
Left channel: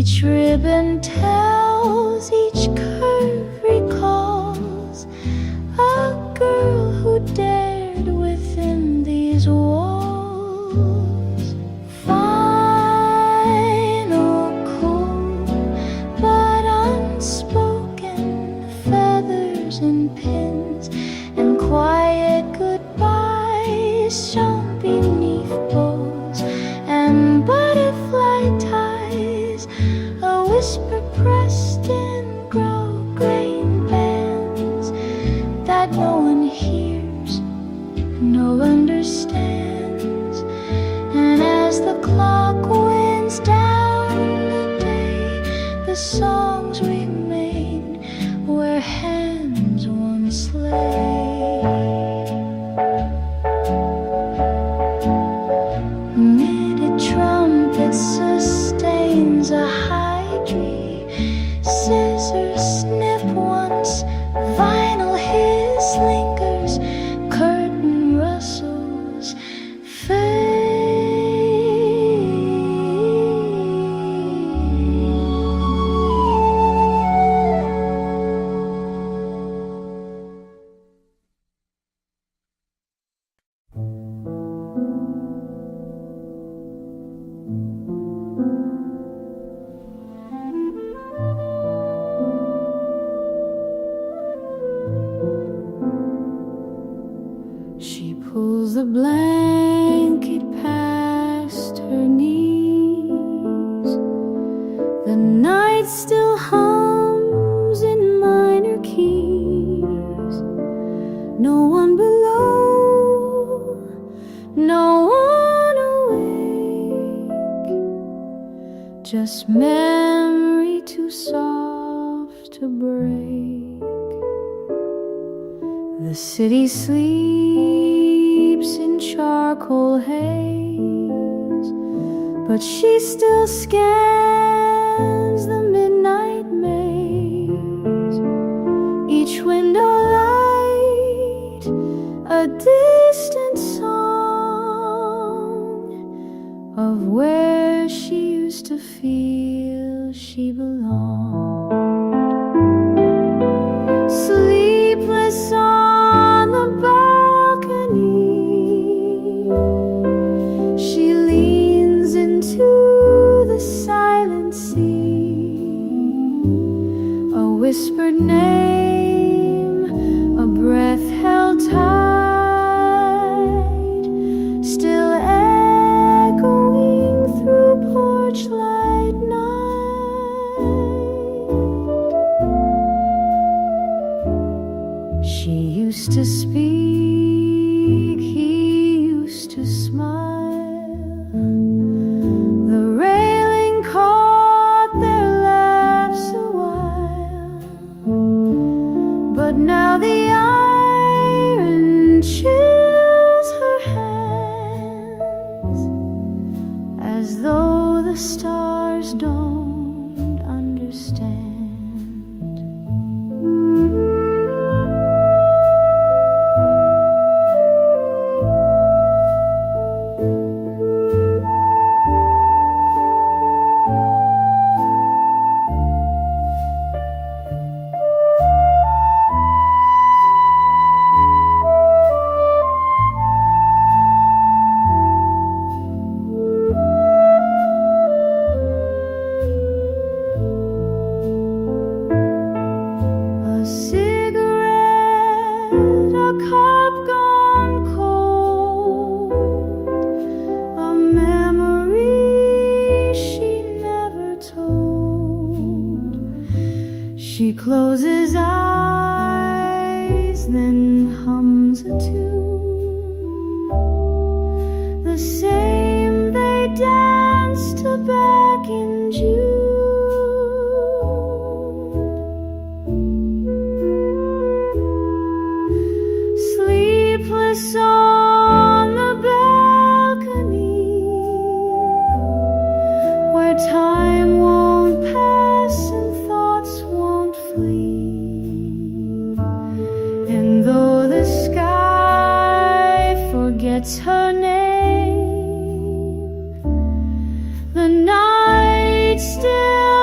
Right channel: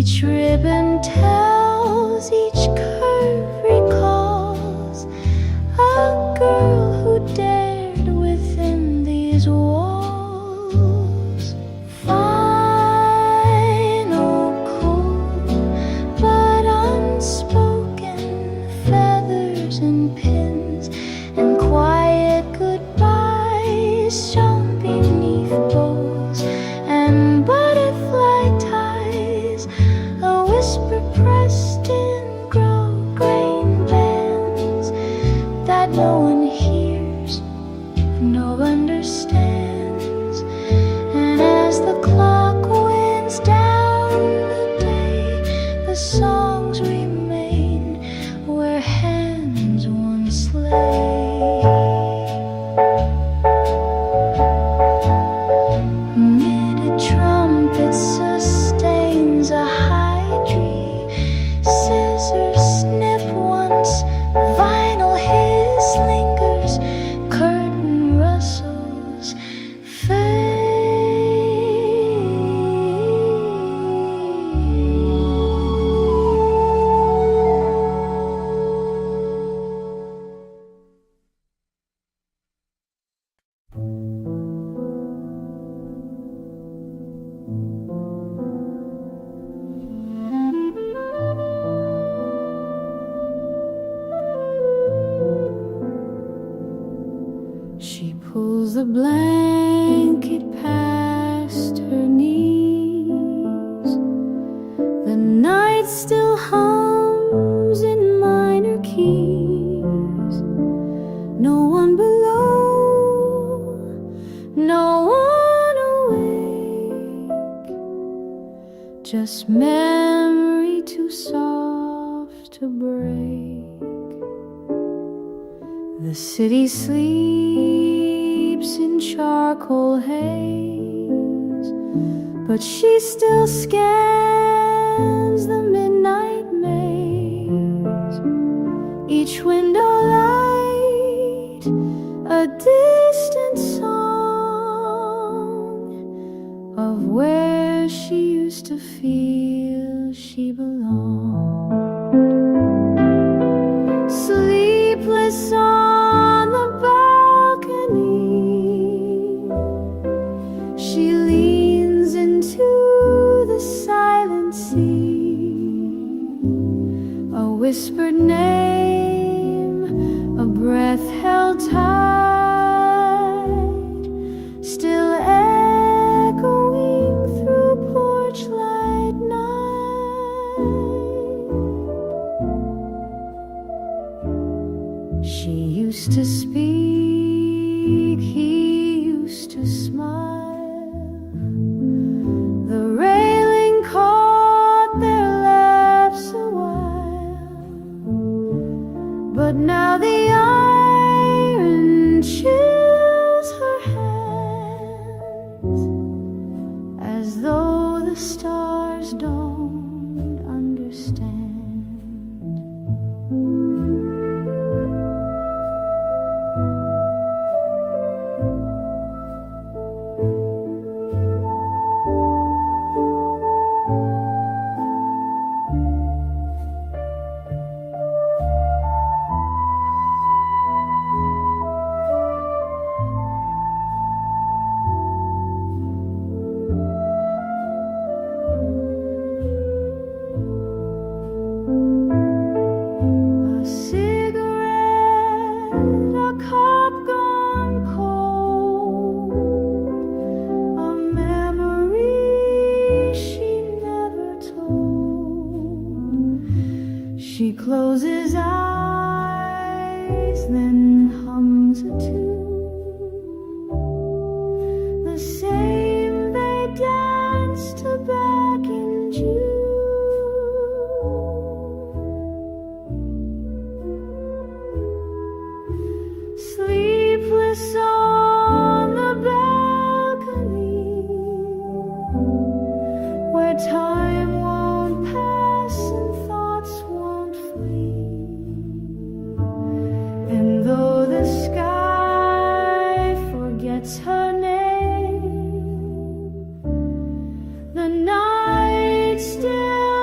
Each ribbon tells, each curve recalls a girl who dared within these walls. Final, cool, but unspoken, feathers and pins and quiet goodbyes shown beneath bows and butterfly ties, a whisper pressed in grosgrain bands that no one hears, no understands. And as the clock winds down the day, the songs remain where hands once lay. Knitted trumpet sustains a high tree. Scissors snip once, vinyl hiss lingers, curtain rustles, fade. She pulls the blanket past her knees. The night still hums in minor keys. No one below, no one awake. Just memory too soft to break. The city sleeps in charcoal haze, but she still scans the midnight maze. Each window light, a distant song of where she used to feel she belonged. Sleepless on the balcony, she leans into the silent sea. A whispered name, a breath held tight, still echoing through porch light night. She used to speak, he used to smile. The railing caught their laughs a while, but now the iron chills her hands, as though the stars don't understand. A cigarette, a cup gone cold, a memory she never told. She closes eyes, then hums a tune, the same they danced to back in June. Sleepless on the balcony, where time won't pass and thoughts won't flee. And though the sky forgets her name, the night still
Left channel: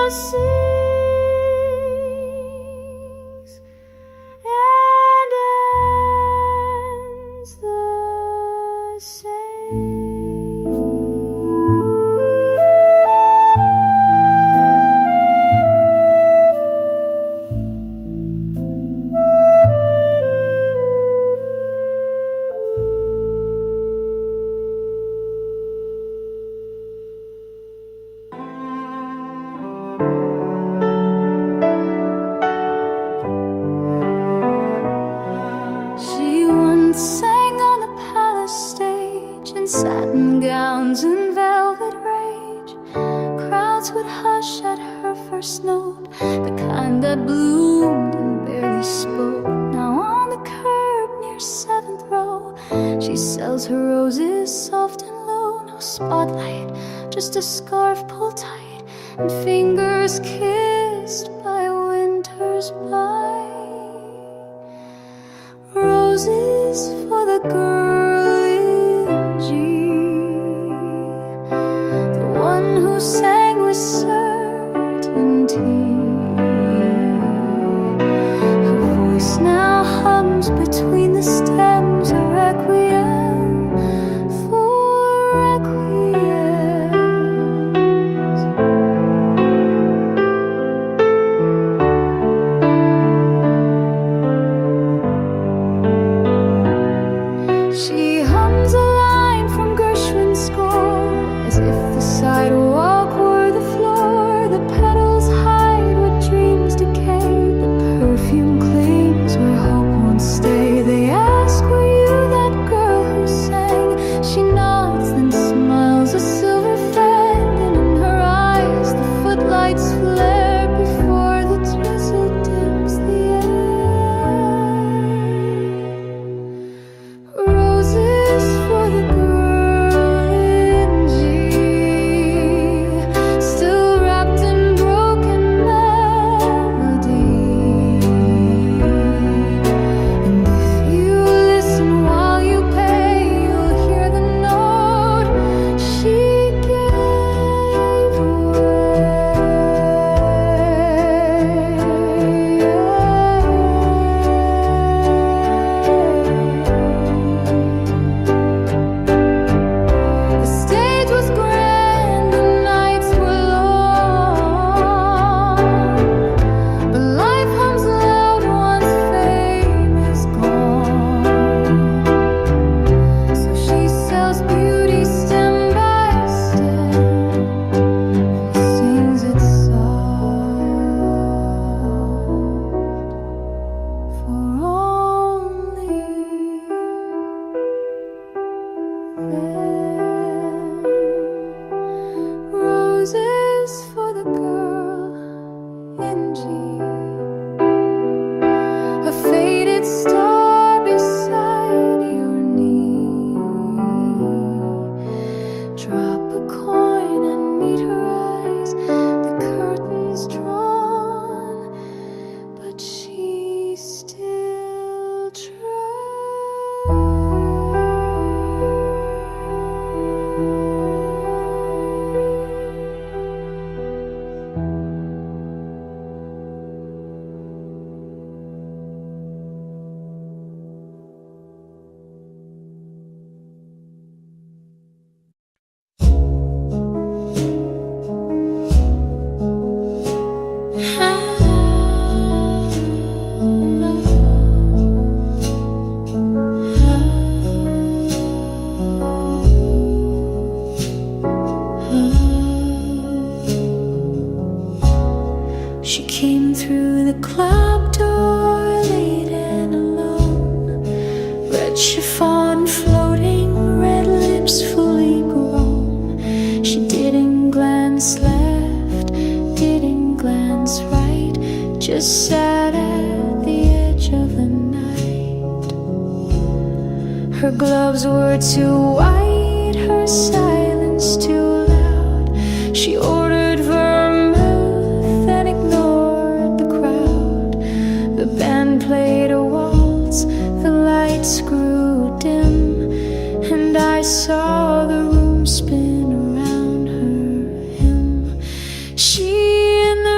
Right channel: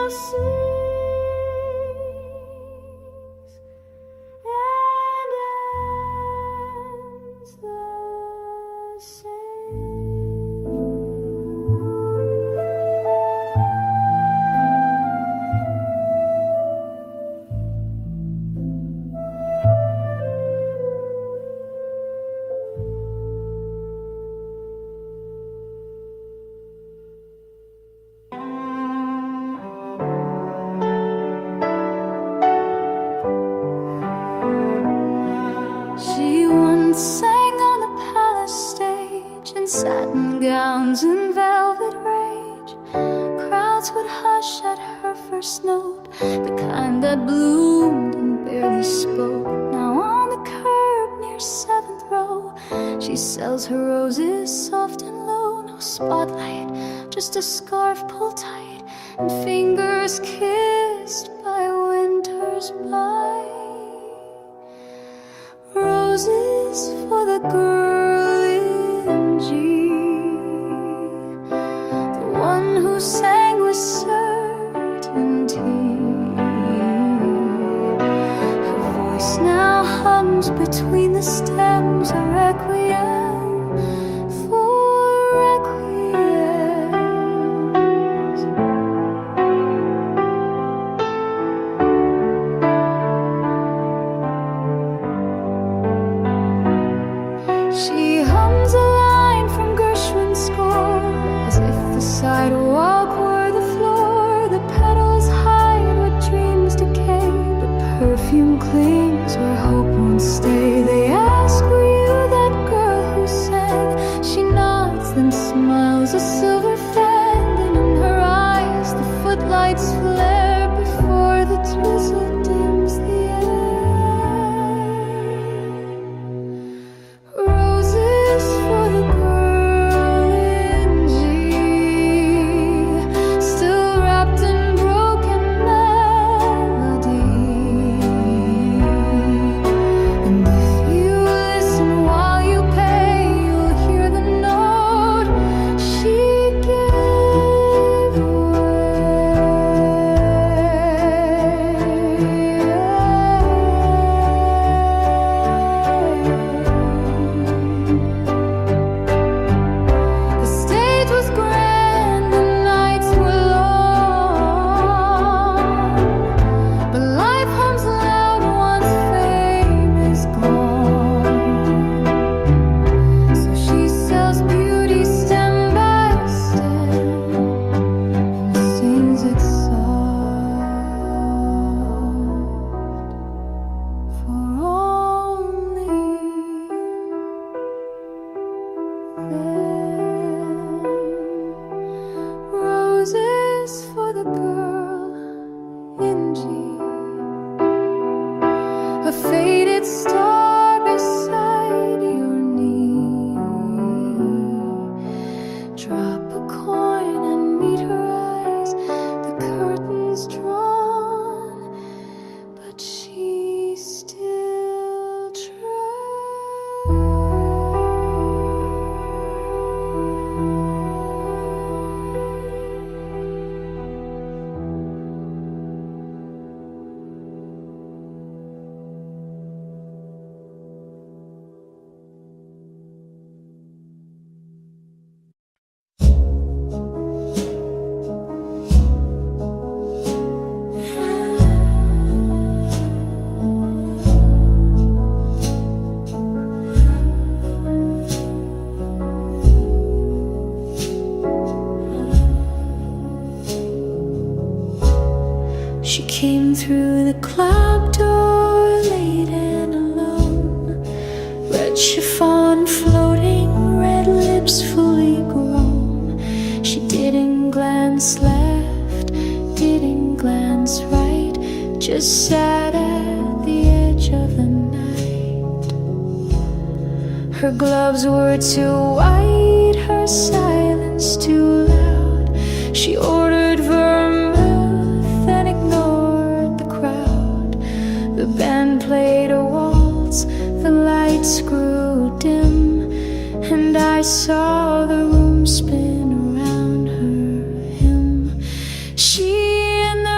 sings and ends the same. She once sang on the palace stage in satin gowns and velvet rage. Crowds would hush at her first note, the kind that bloomed and barely spoke. Now on the curb near 7th row, she sells her roses soft and low. No spotlight, just a scarf pulled tight and fingers kissed by winter's bite. Roses for the girl in G, the one who sang with certainty. Her voice now hums between the stems, a requiem for requiems. She hums a line from Gershwin's score, as if the sidewalk were the floor. The petals hide where dreams decay, but perfume clings where hope won't stay. They ask, were you that girl who sang? She nods, then smiles a silver fan, and in her eyes the footlights flare before the drizzle dims the air. Roses for the girl in G, still wrapped in broken melody. And if you listen while you pay, you'll hear the note she gave away. The stage was grand, the nights were long, but life hums loud once fame is gone. So she sells beauty stem by stem and sings it soft for only them. Roses for the girl in G, a faded star beside your knee. Drop a coin and meet her eyes, the curtains drawn, but she still She came through the club door late and alone, red chiffon floating, red lips fully grown. She didn't glance left, didn't glance right, just sat at the edge of the night. Her gloves were too white, her silence too loud. She ordered vermouth and ignored the crowd. The band played a waltz, the lights grew dim, and I saw the room spin around her hymn. She and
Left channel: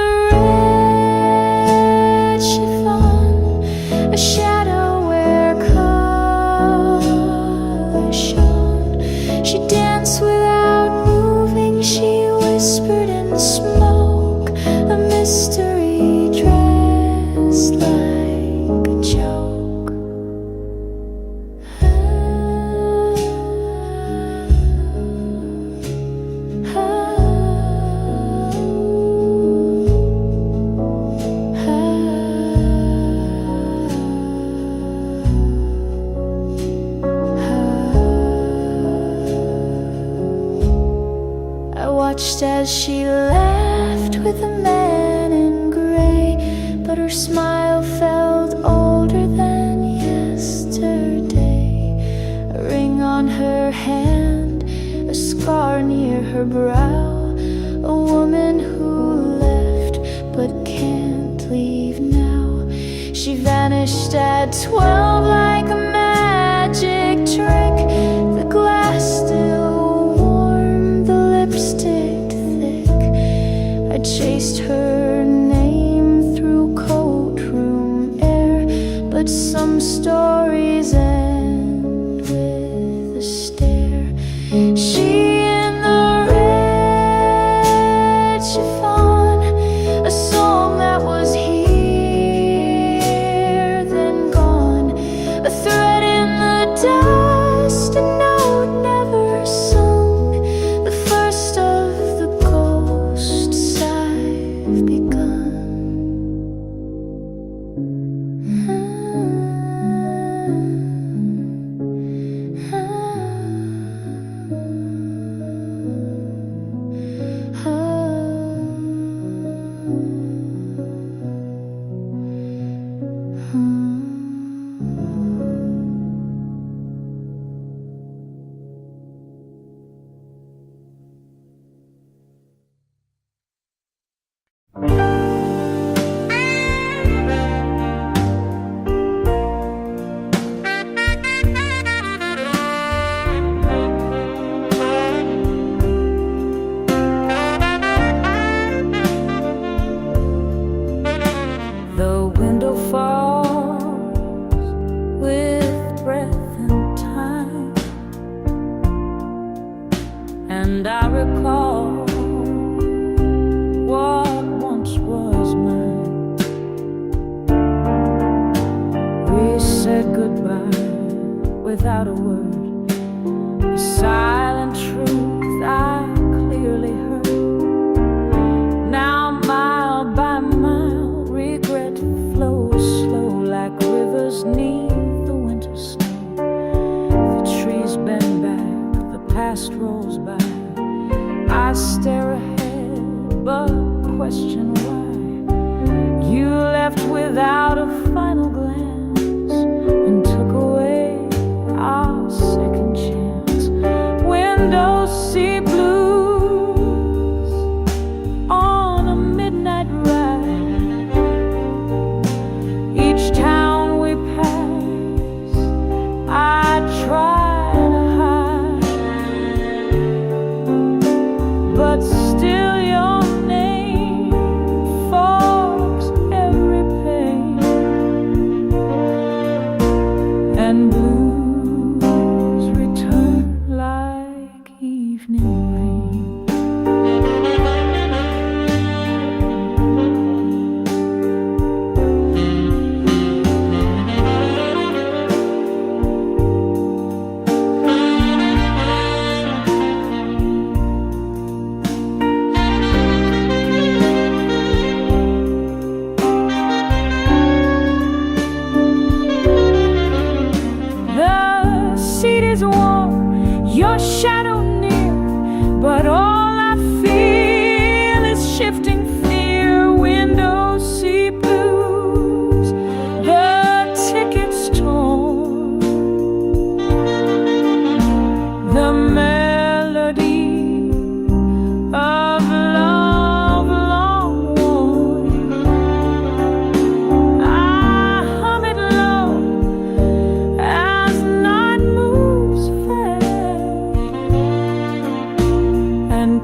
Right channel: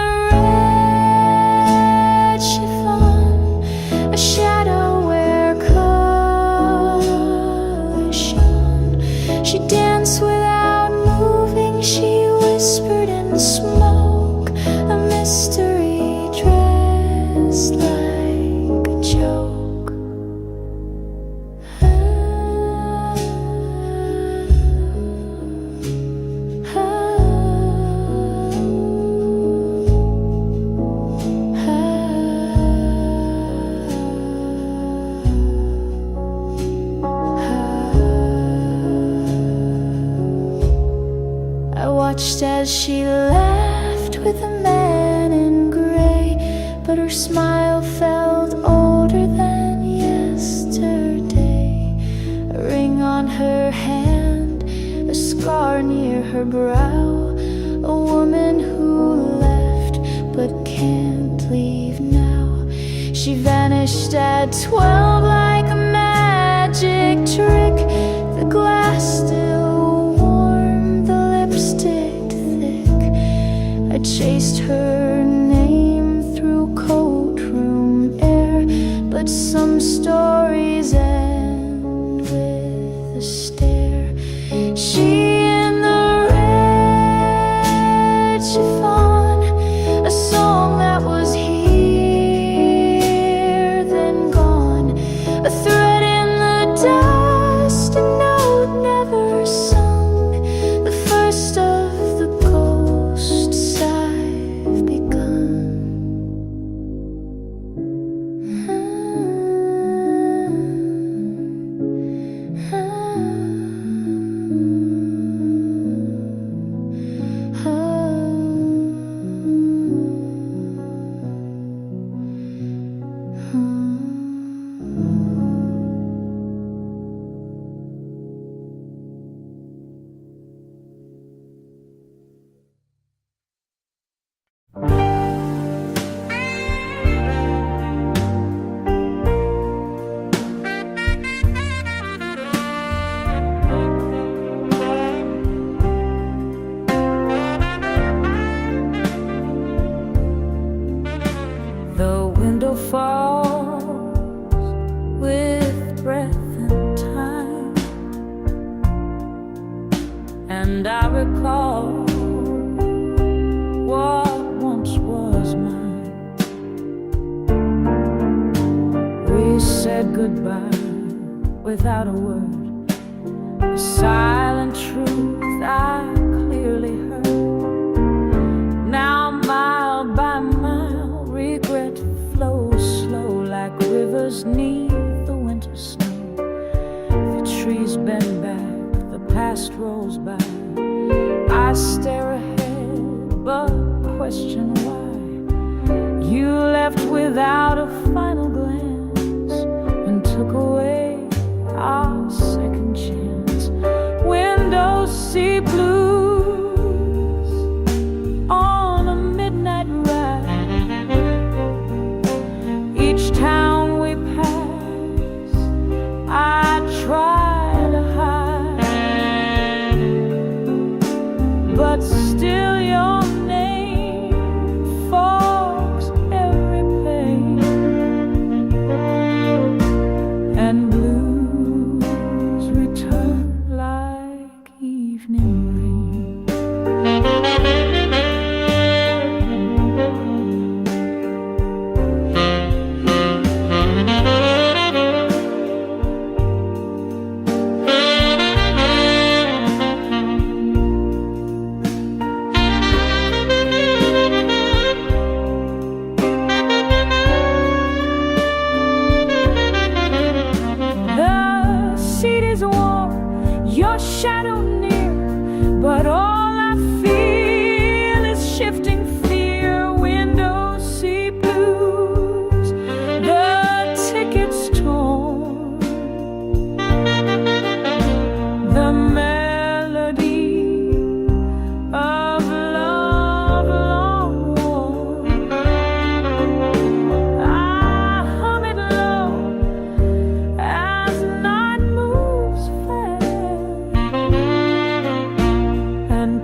mystery dressed like a joke. I watched as she laughed with a man in gray, but her smile felt older than yesterday. A ring on her hand, a scar near her brow, a woman who left but can't leave now. She vanished at 12 like a magic trick. The glass still warm, the lipstick thick. I chased her name through courtroom air, but some stories end with a stare. She in the red chiffon, a song that was here then gone, a thread in the dust, a note never sung, the first of the ghosts I've begun. The window falls with breath and time, and I recall what once was mine. We said goodbye without a word, a silent truth I clearly heard. Now mile by mile, regret flows slow like rivers neath the winter snow. The trees bend back, the past rolls by. I stare ahead, but question why. You left without a final glance and took away our second chance. Windows see blues on a midnight ride. Each town we pass, I try to hide, but still your name fogs every pain, and blues return like evening rain. The seat is warm, your shadow near, but all I feel is shifting fear. Windows see blues, the ticket's torn, the melody of love long worn. I hum it low as night moves fast, and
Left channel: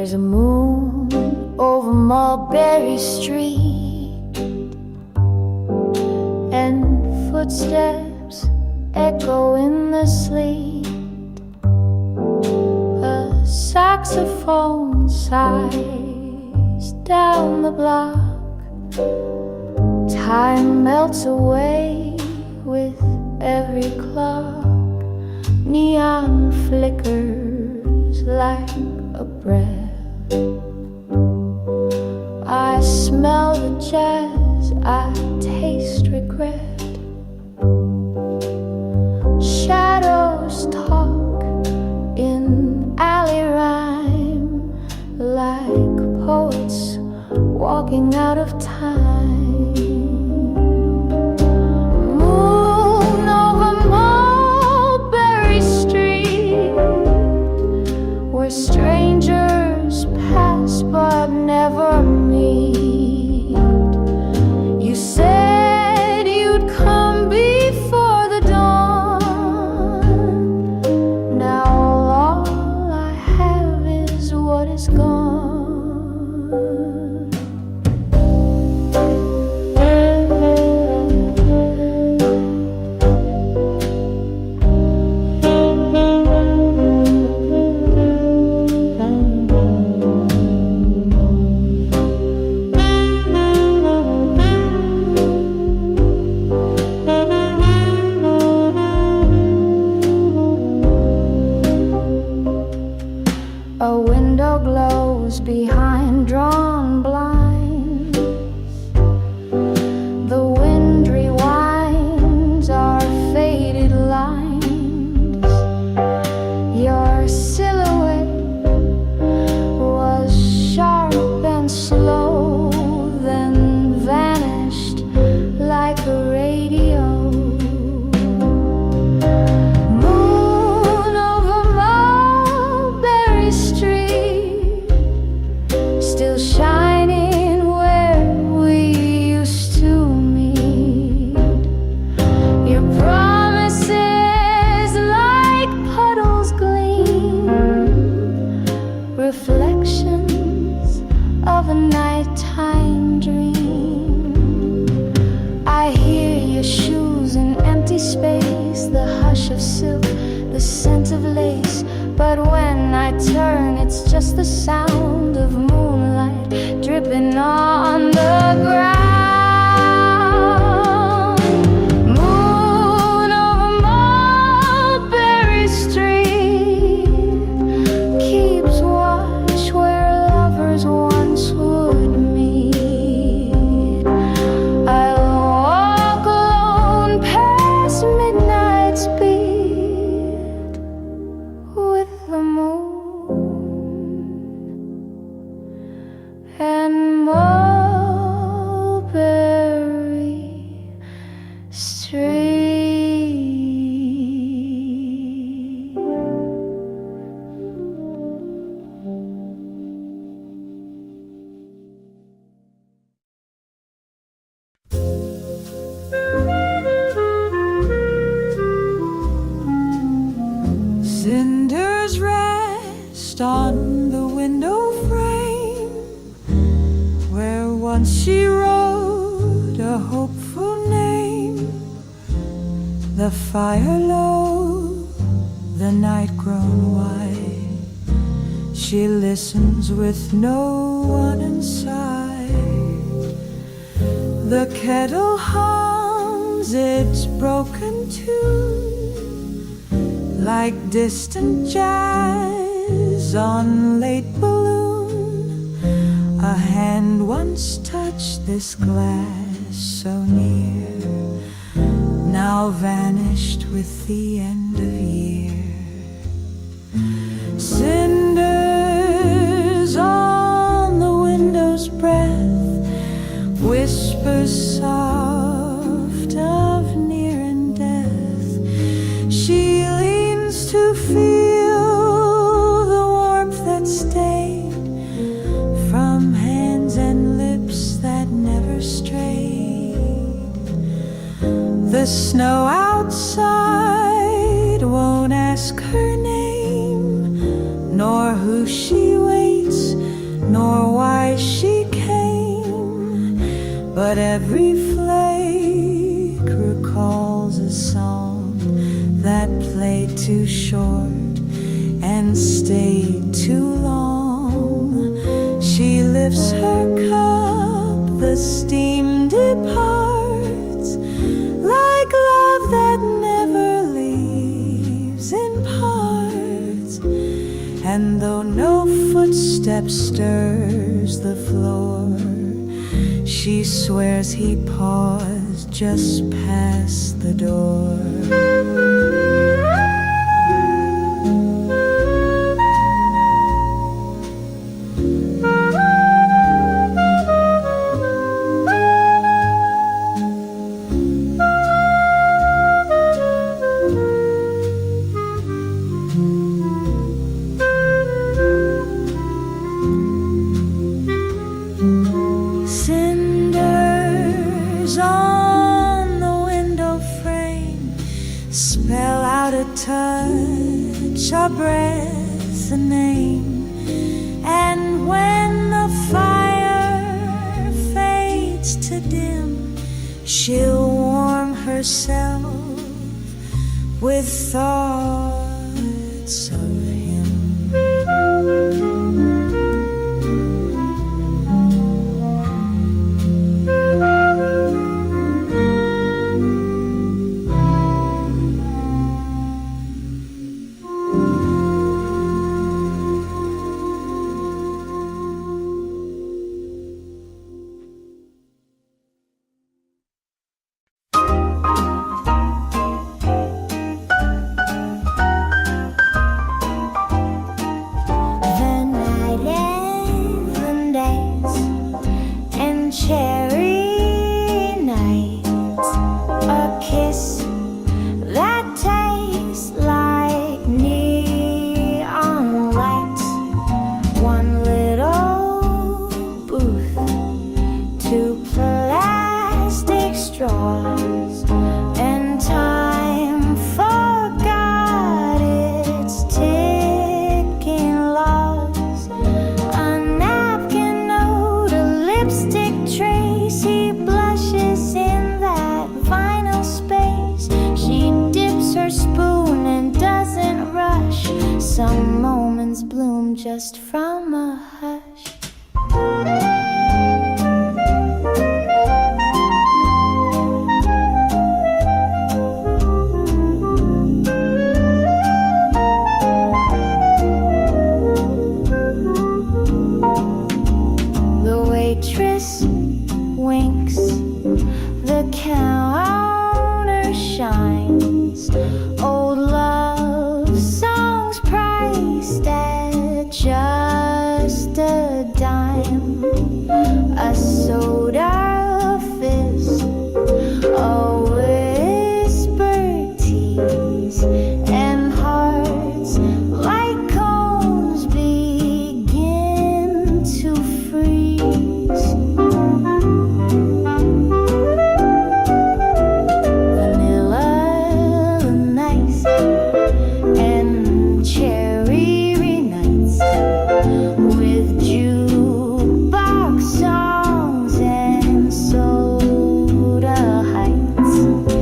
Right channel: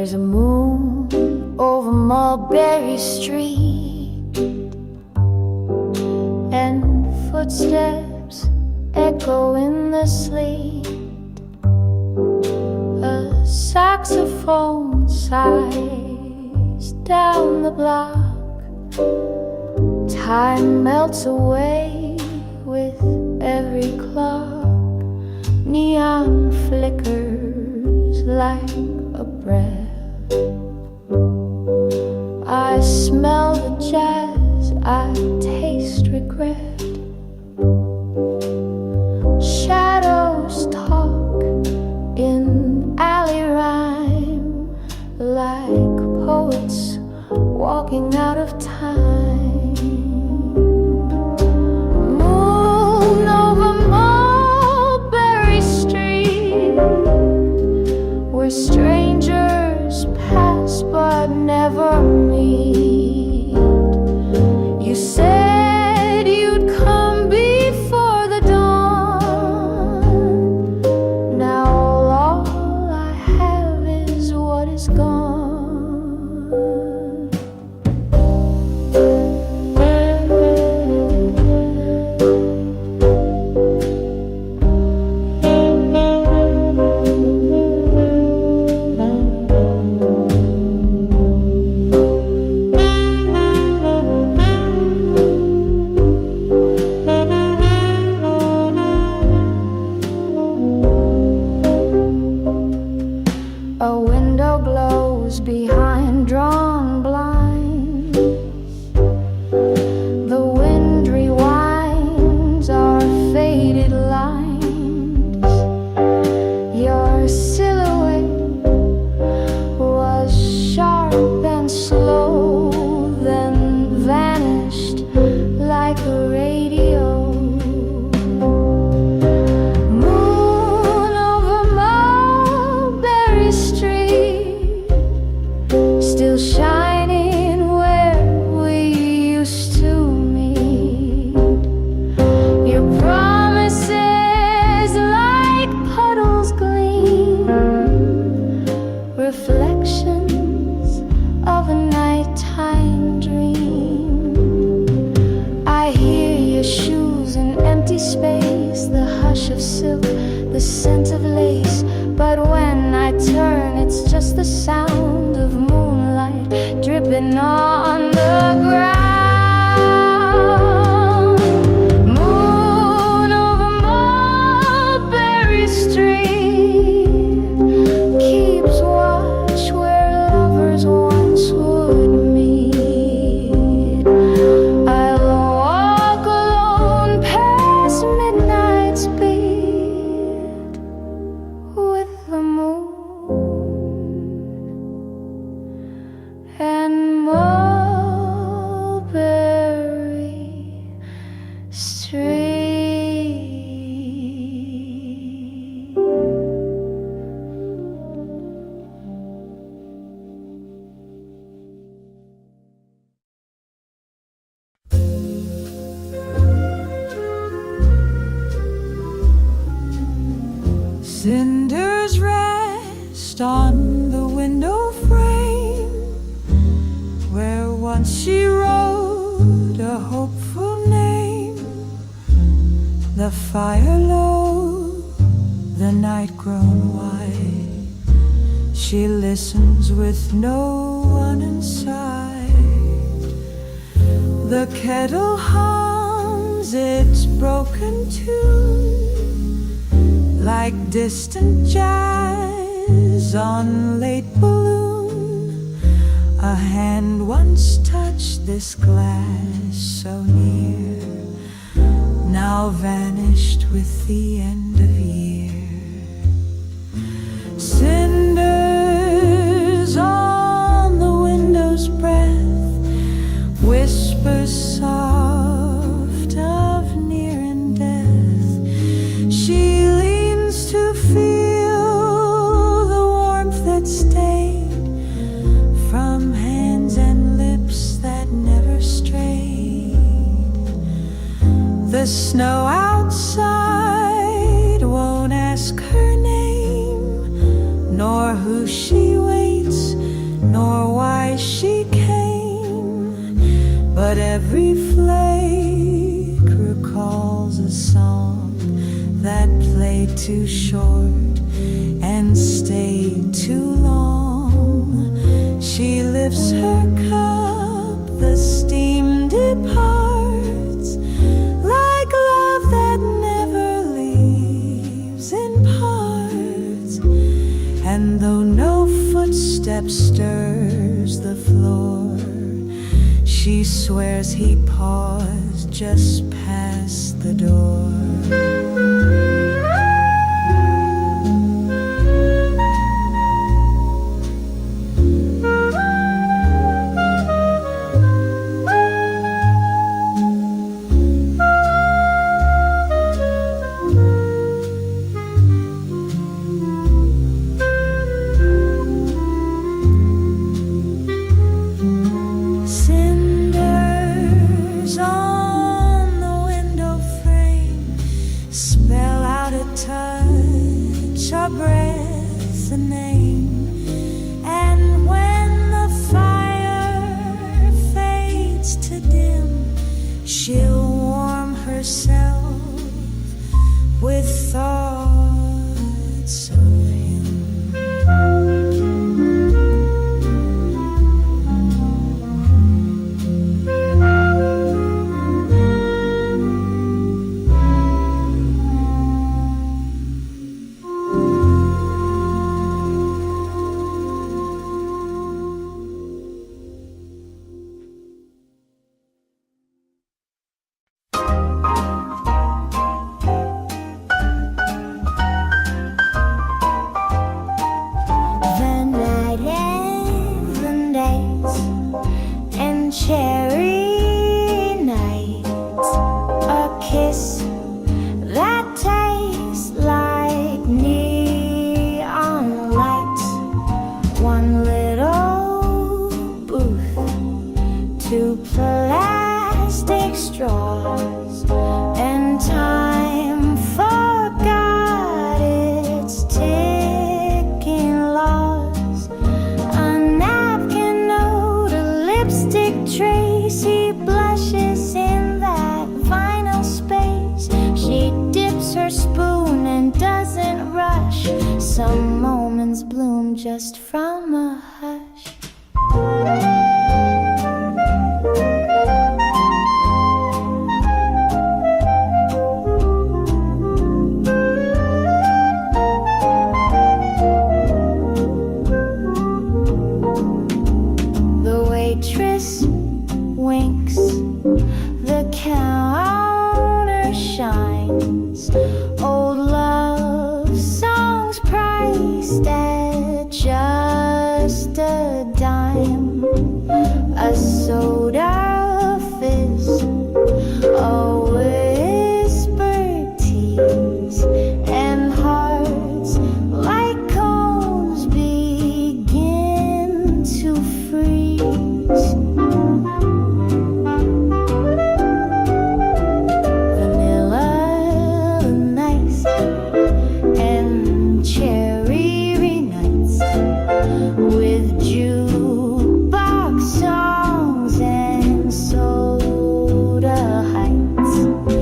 There's a moon over Mulberry Street, and footsteps echo in the sleet. A saxophone sighs down the block. Time melts away with every clock. Neon flickers like a breath. I smell the jazz, I taste regret. Shadows talk in alley rhyme, like poets walking out of time. Moon over Mulberry Street, where strangers pass but never meet. You said you'd come before the dawn. Now all I have is what is gone. A window glows behind drawn blinds. The wind rewinds our faded lines. Your silhouette was sharp and slow, then vanished like a radio. Still shining where we used to meet. Your promises like puddles gleam, reflections of a nighttime dream. I hear your shoes in empty space, the hush of silk, the scent of lace. But when I turn, it's just the sound of moonlight dripping on the ground. Moon over Mulberry Street keeps watch where lovers once would meet. I'll walk alone past midnight's beat with the moon and Mulberry Street. Cinders rest on the window frame, where once she wrote a hopeful name. The fire low, the night grown white. She listens with no one inside. The kettle hums its broken tune, like distant jazz on late balloon. A hand once touched this glass so near, now vanished with the end of year. Cinders on the window's breath, whispers soft of near and death. She to feel the warmth that stayed from hands and lips that never strayed. The snow outside won't ask her name, nor who she waits nor why she came, but every flake recalls a song that played too short and stayed too long. She lifts her cup, the steam departs, like love that never leaves in parts. And though no footstep stirs the floor, she swears he paused just past the door. Cinders on the window frame spell out a touch, a breath, a name. And when the fire fades to dim, she'll warm herself with thoughts of him. Cherry nights, a kiss that tastes like neon lights, one little booth, two plastic straws, and time forgot its ticking laws. A napkin note, a lipstick trace, he blushes in that vinyl space. She dips her spoon and doesn't rush. Some moments bloom just from a hush. The waitress winks, the counter shines, old love songs priced at just a dime, a soda fizz, a whispered tease, and hearts like cones begin to freeze.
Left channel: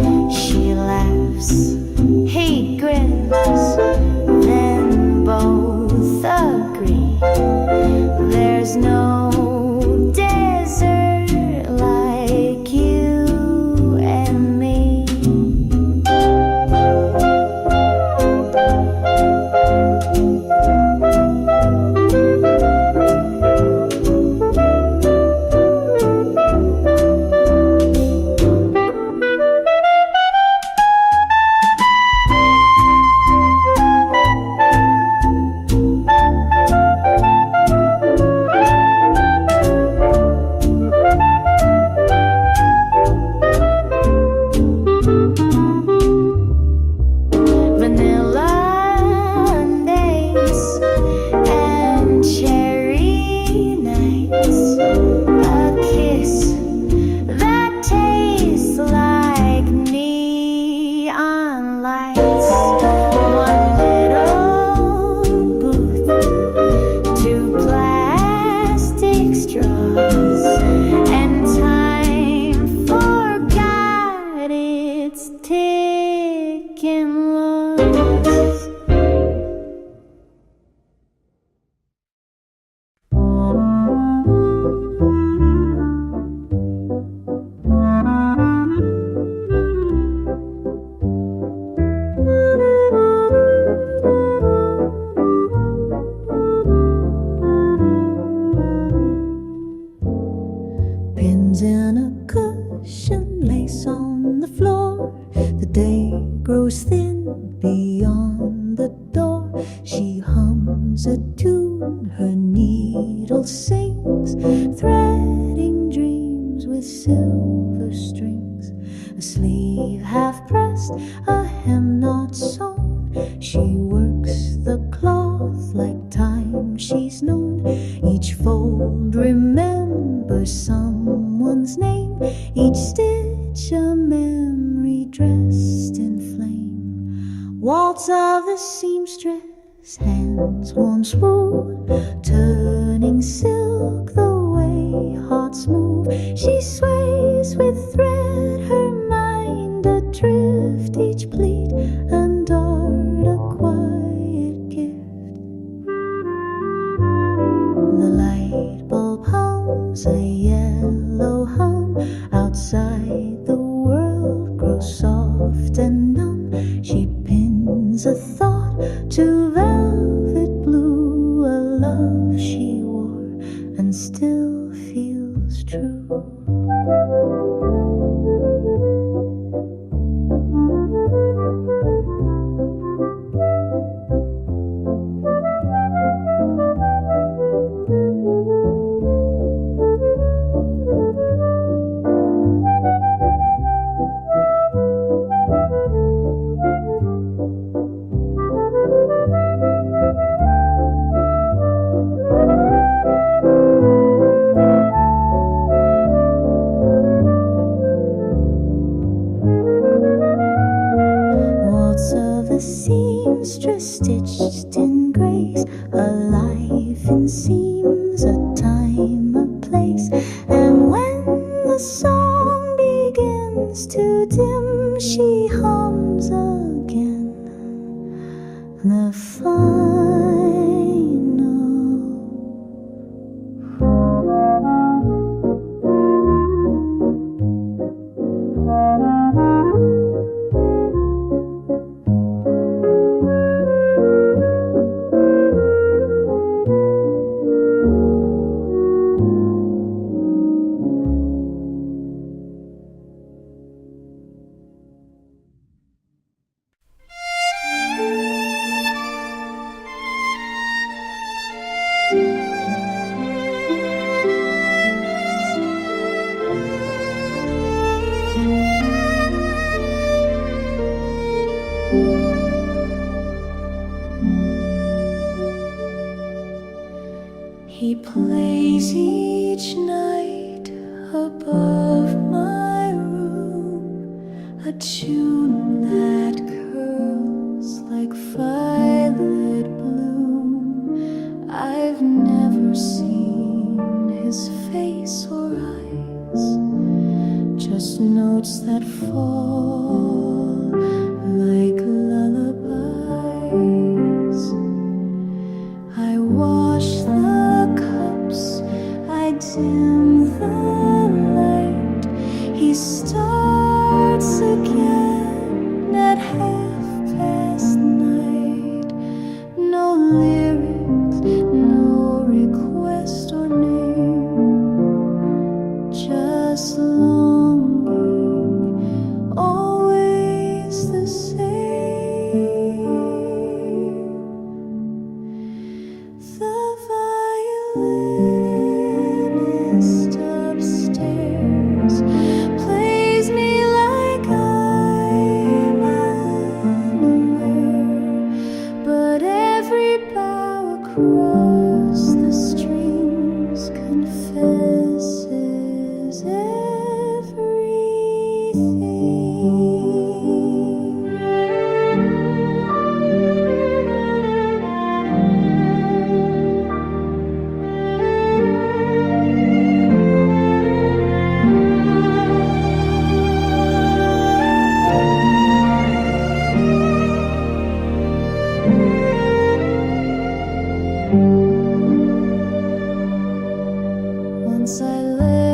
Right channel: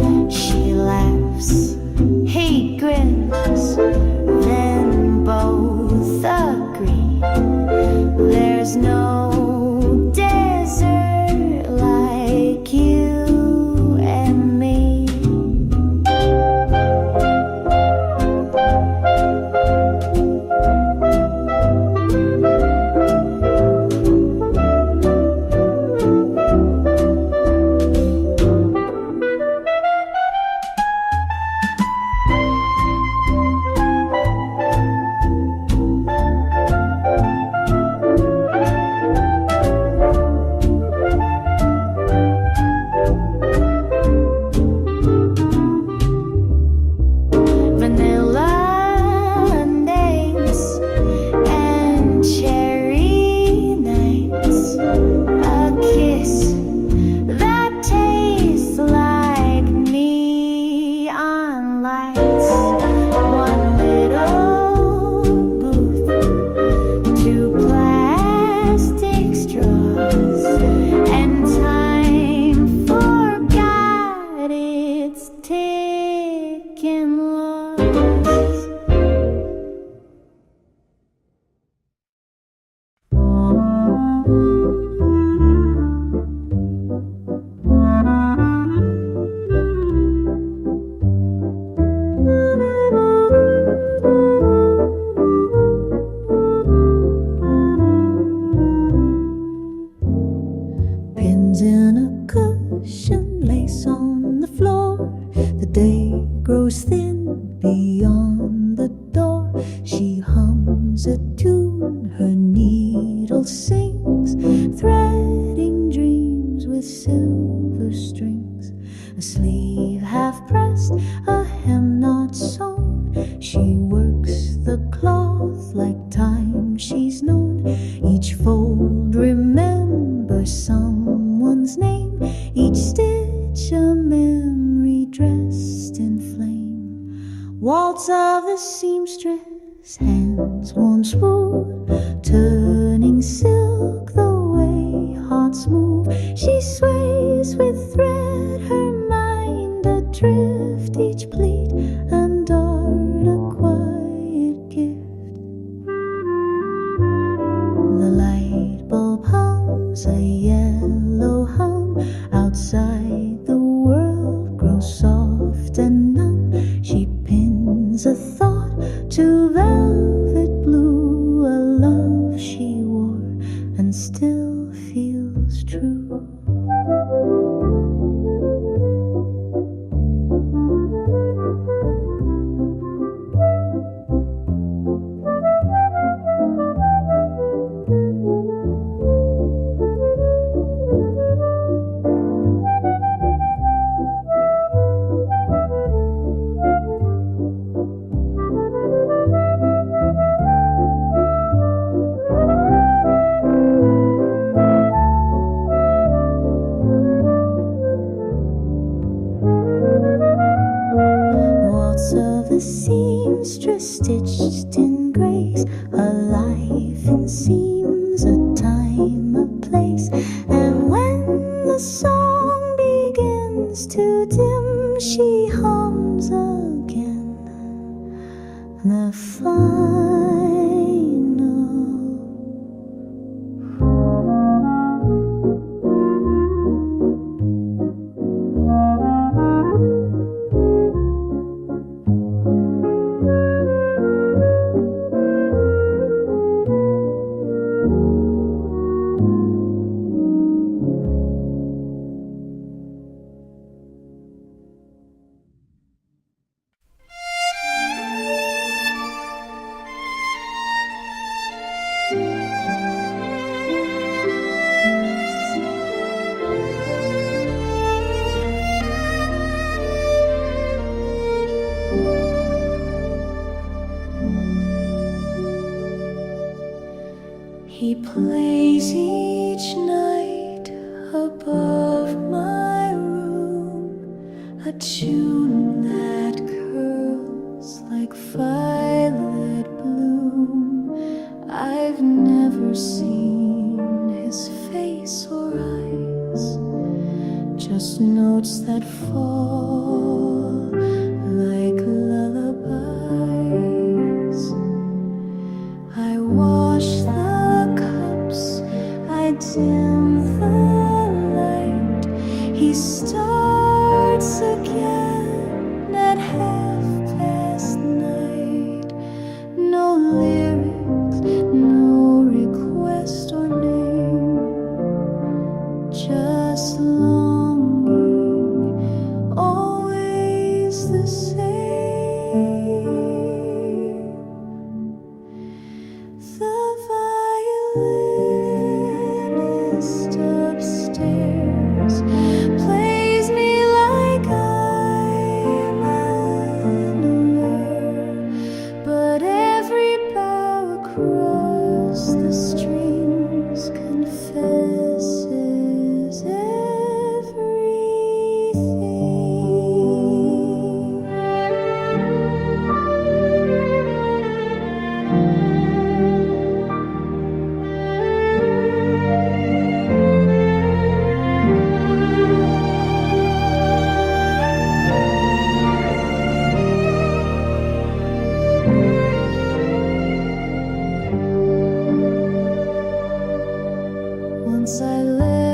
and time forgot its ticking loss. Pins in a cushion, lace on the floor. The day grows thin beyond the door. She hums a tune, her needle sings, threading dreams with silver strings. A sleeve half pressed, a hem not sewn. She works the cloth like time she's known. Each fold remembers someone's name, each stitch a memory dressed in flame. Waltz of the seamstress, hands once wooed, turning silk the way hearts move. She sways with thread, her mind adrift, each pleat and dart a quiet gift. The light bulb hums a yellow hum. Outside the world grows soft and numb. She pins a thought to velvet blue, a love she wore and still feels true. Waltz of a seamstress stitched in grace, a life in seams, a time, a place. And when the song begins to dim, she hums again the final. He plays each night above my room, a tune that curls like violet bloom. I've never seen his face or eyes, just notes that fall like lullabies. I wash the cups, I dim the light. He starts again at 9:30. No lyrics, no request or name, just longing, always the same. The violinist upstairs plays me like I'm unaware, but every bow across the strings confesses everything.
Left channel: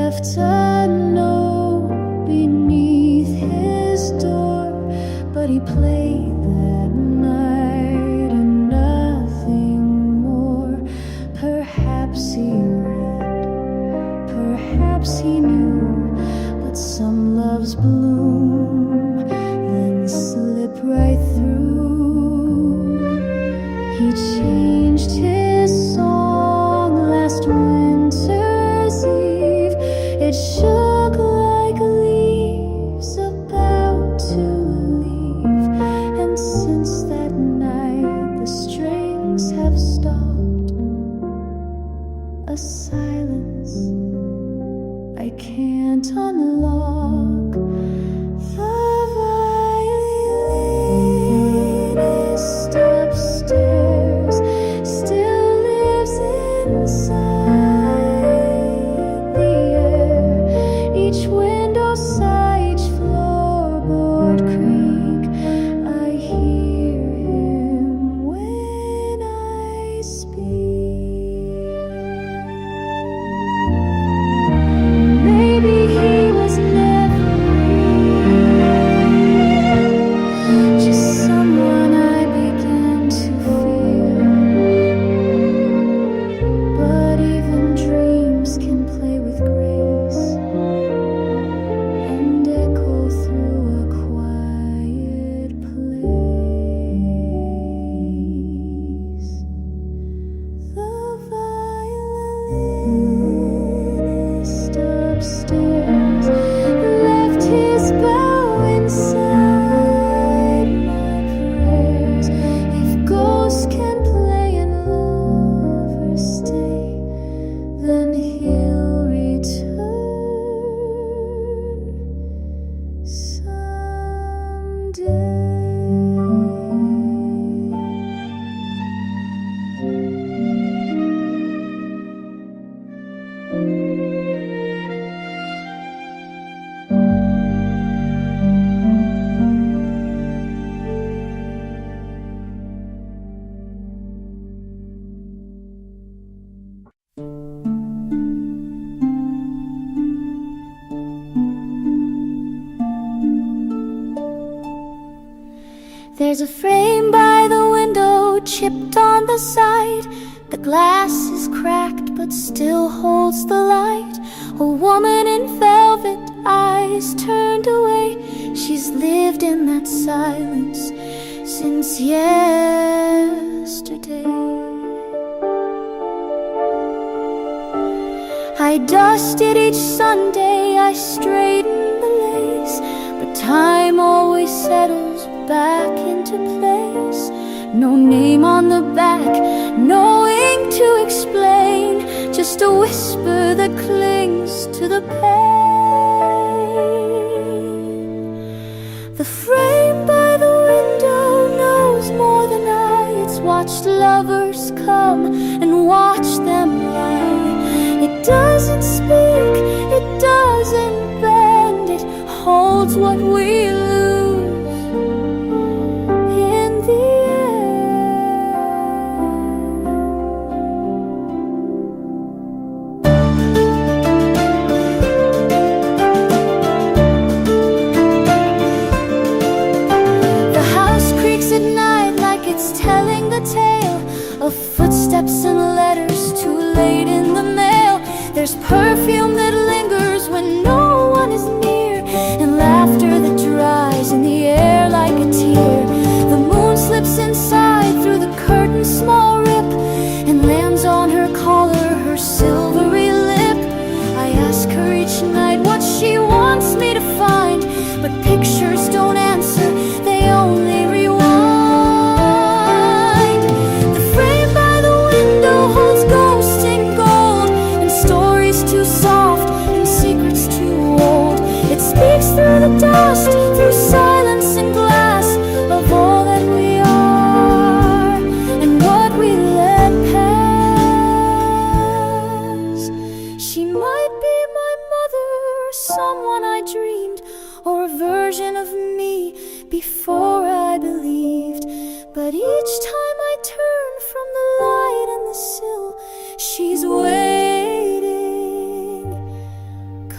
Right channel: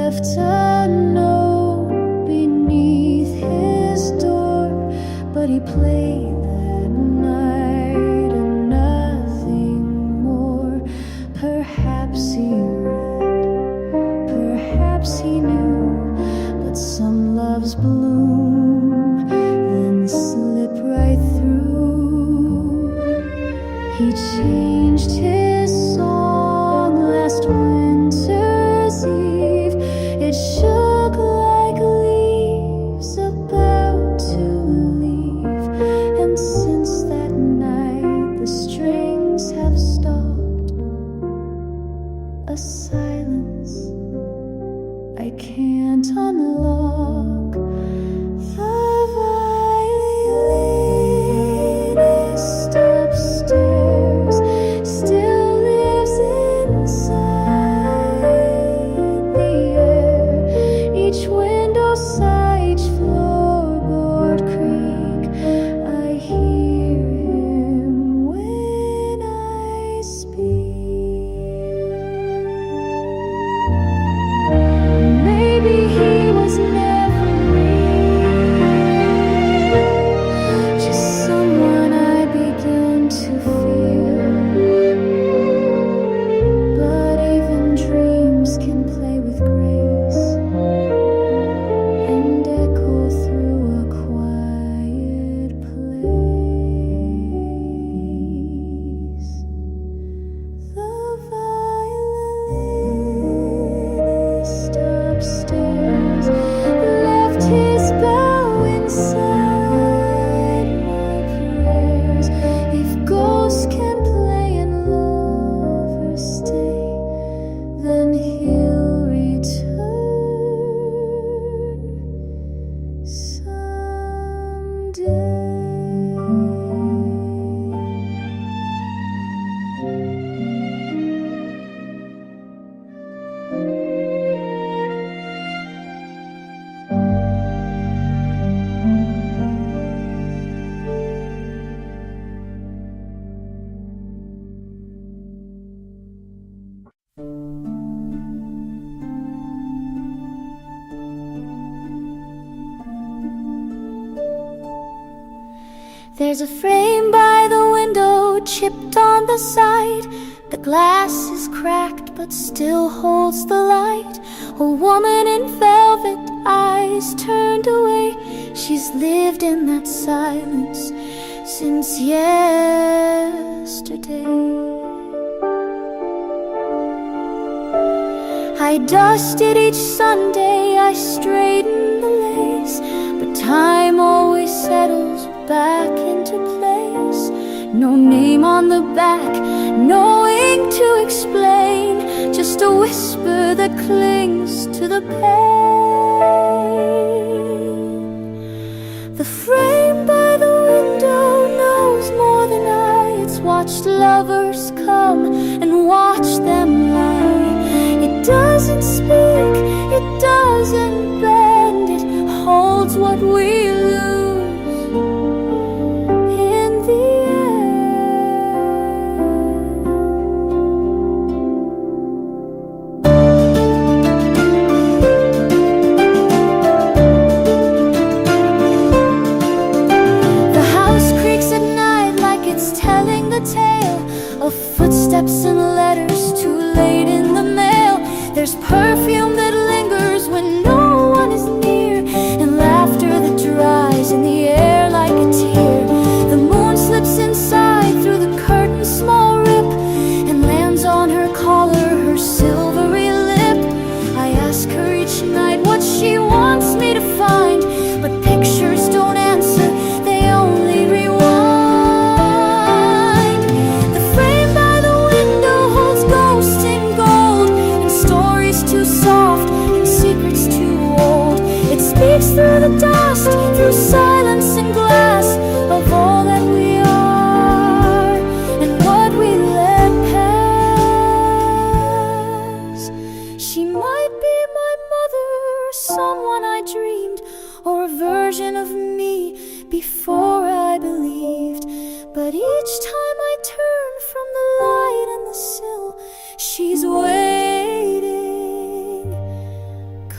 left a note beneath his door, but he played that night and nothing more. Perhaps he read, perhaps he knew, but some loves bloom, then slip right through. He changed his song last winter's eve. It shook like leaves about to leave, and since that night the strings have stopped. A silence I can't unlock. The violinist upstairs still lives inside the air. Each window sigh, each floorboard creak. I hear him when I speak. Maybe he was never real, just someone I begin to feel. But even dreams can play with grace and echo through a quiet place. The violinist upstairs left his bow inside my prayers. If ghosts can play and lovers stay, then he'll return someday. There's a frame by the window, chipped on the side. The glass is cracked but still holds the light. A woman in velvet, eyes turned away. She's lived in that silence since yesterday. I dusted each Sunday, I straightened the lace, but time always settles back into place. No name on the back, no ink to explain, just a whisper that clings to the pane. The frame by the window knows more than I. It's watched lovers come and watched them lie. It doesn't speak, it doesn't bend, it holds what we lose in the end. The house creaks at night like it's telling the tale of footsteps and letters too late in the mail. There's perfume that lingers when no one is near, and laughter that dries in the air like a tear. The moon slips inside through the curtain's small rip and lands on her collar, her silvery lip. I ask her each night what she wants me to find, but pictures don't answer, they only rewind. Too soft and secrets too old. It speaks through the dust, through silence and glass, of all that we are and what we let pass. She might be my mother, or someone I dreamed, or a version of me before I believed. But each time I turn from the light and the sill, she's waiting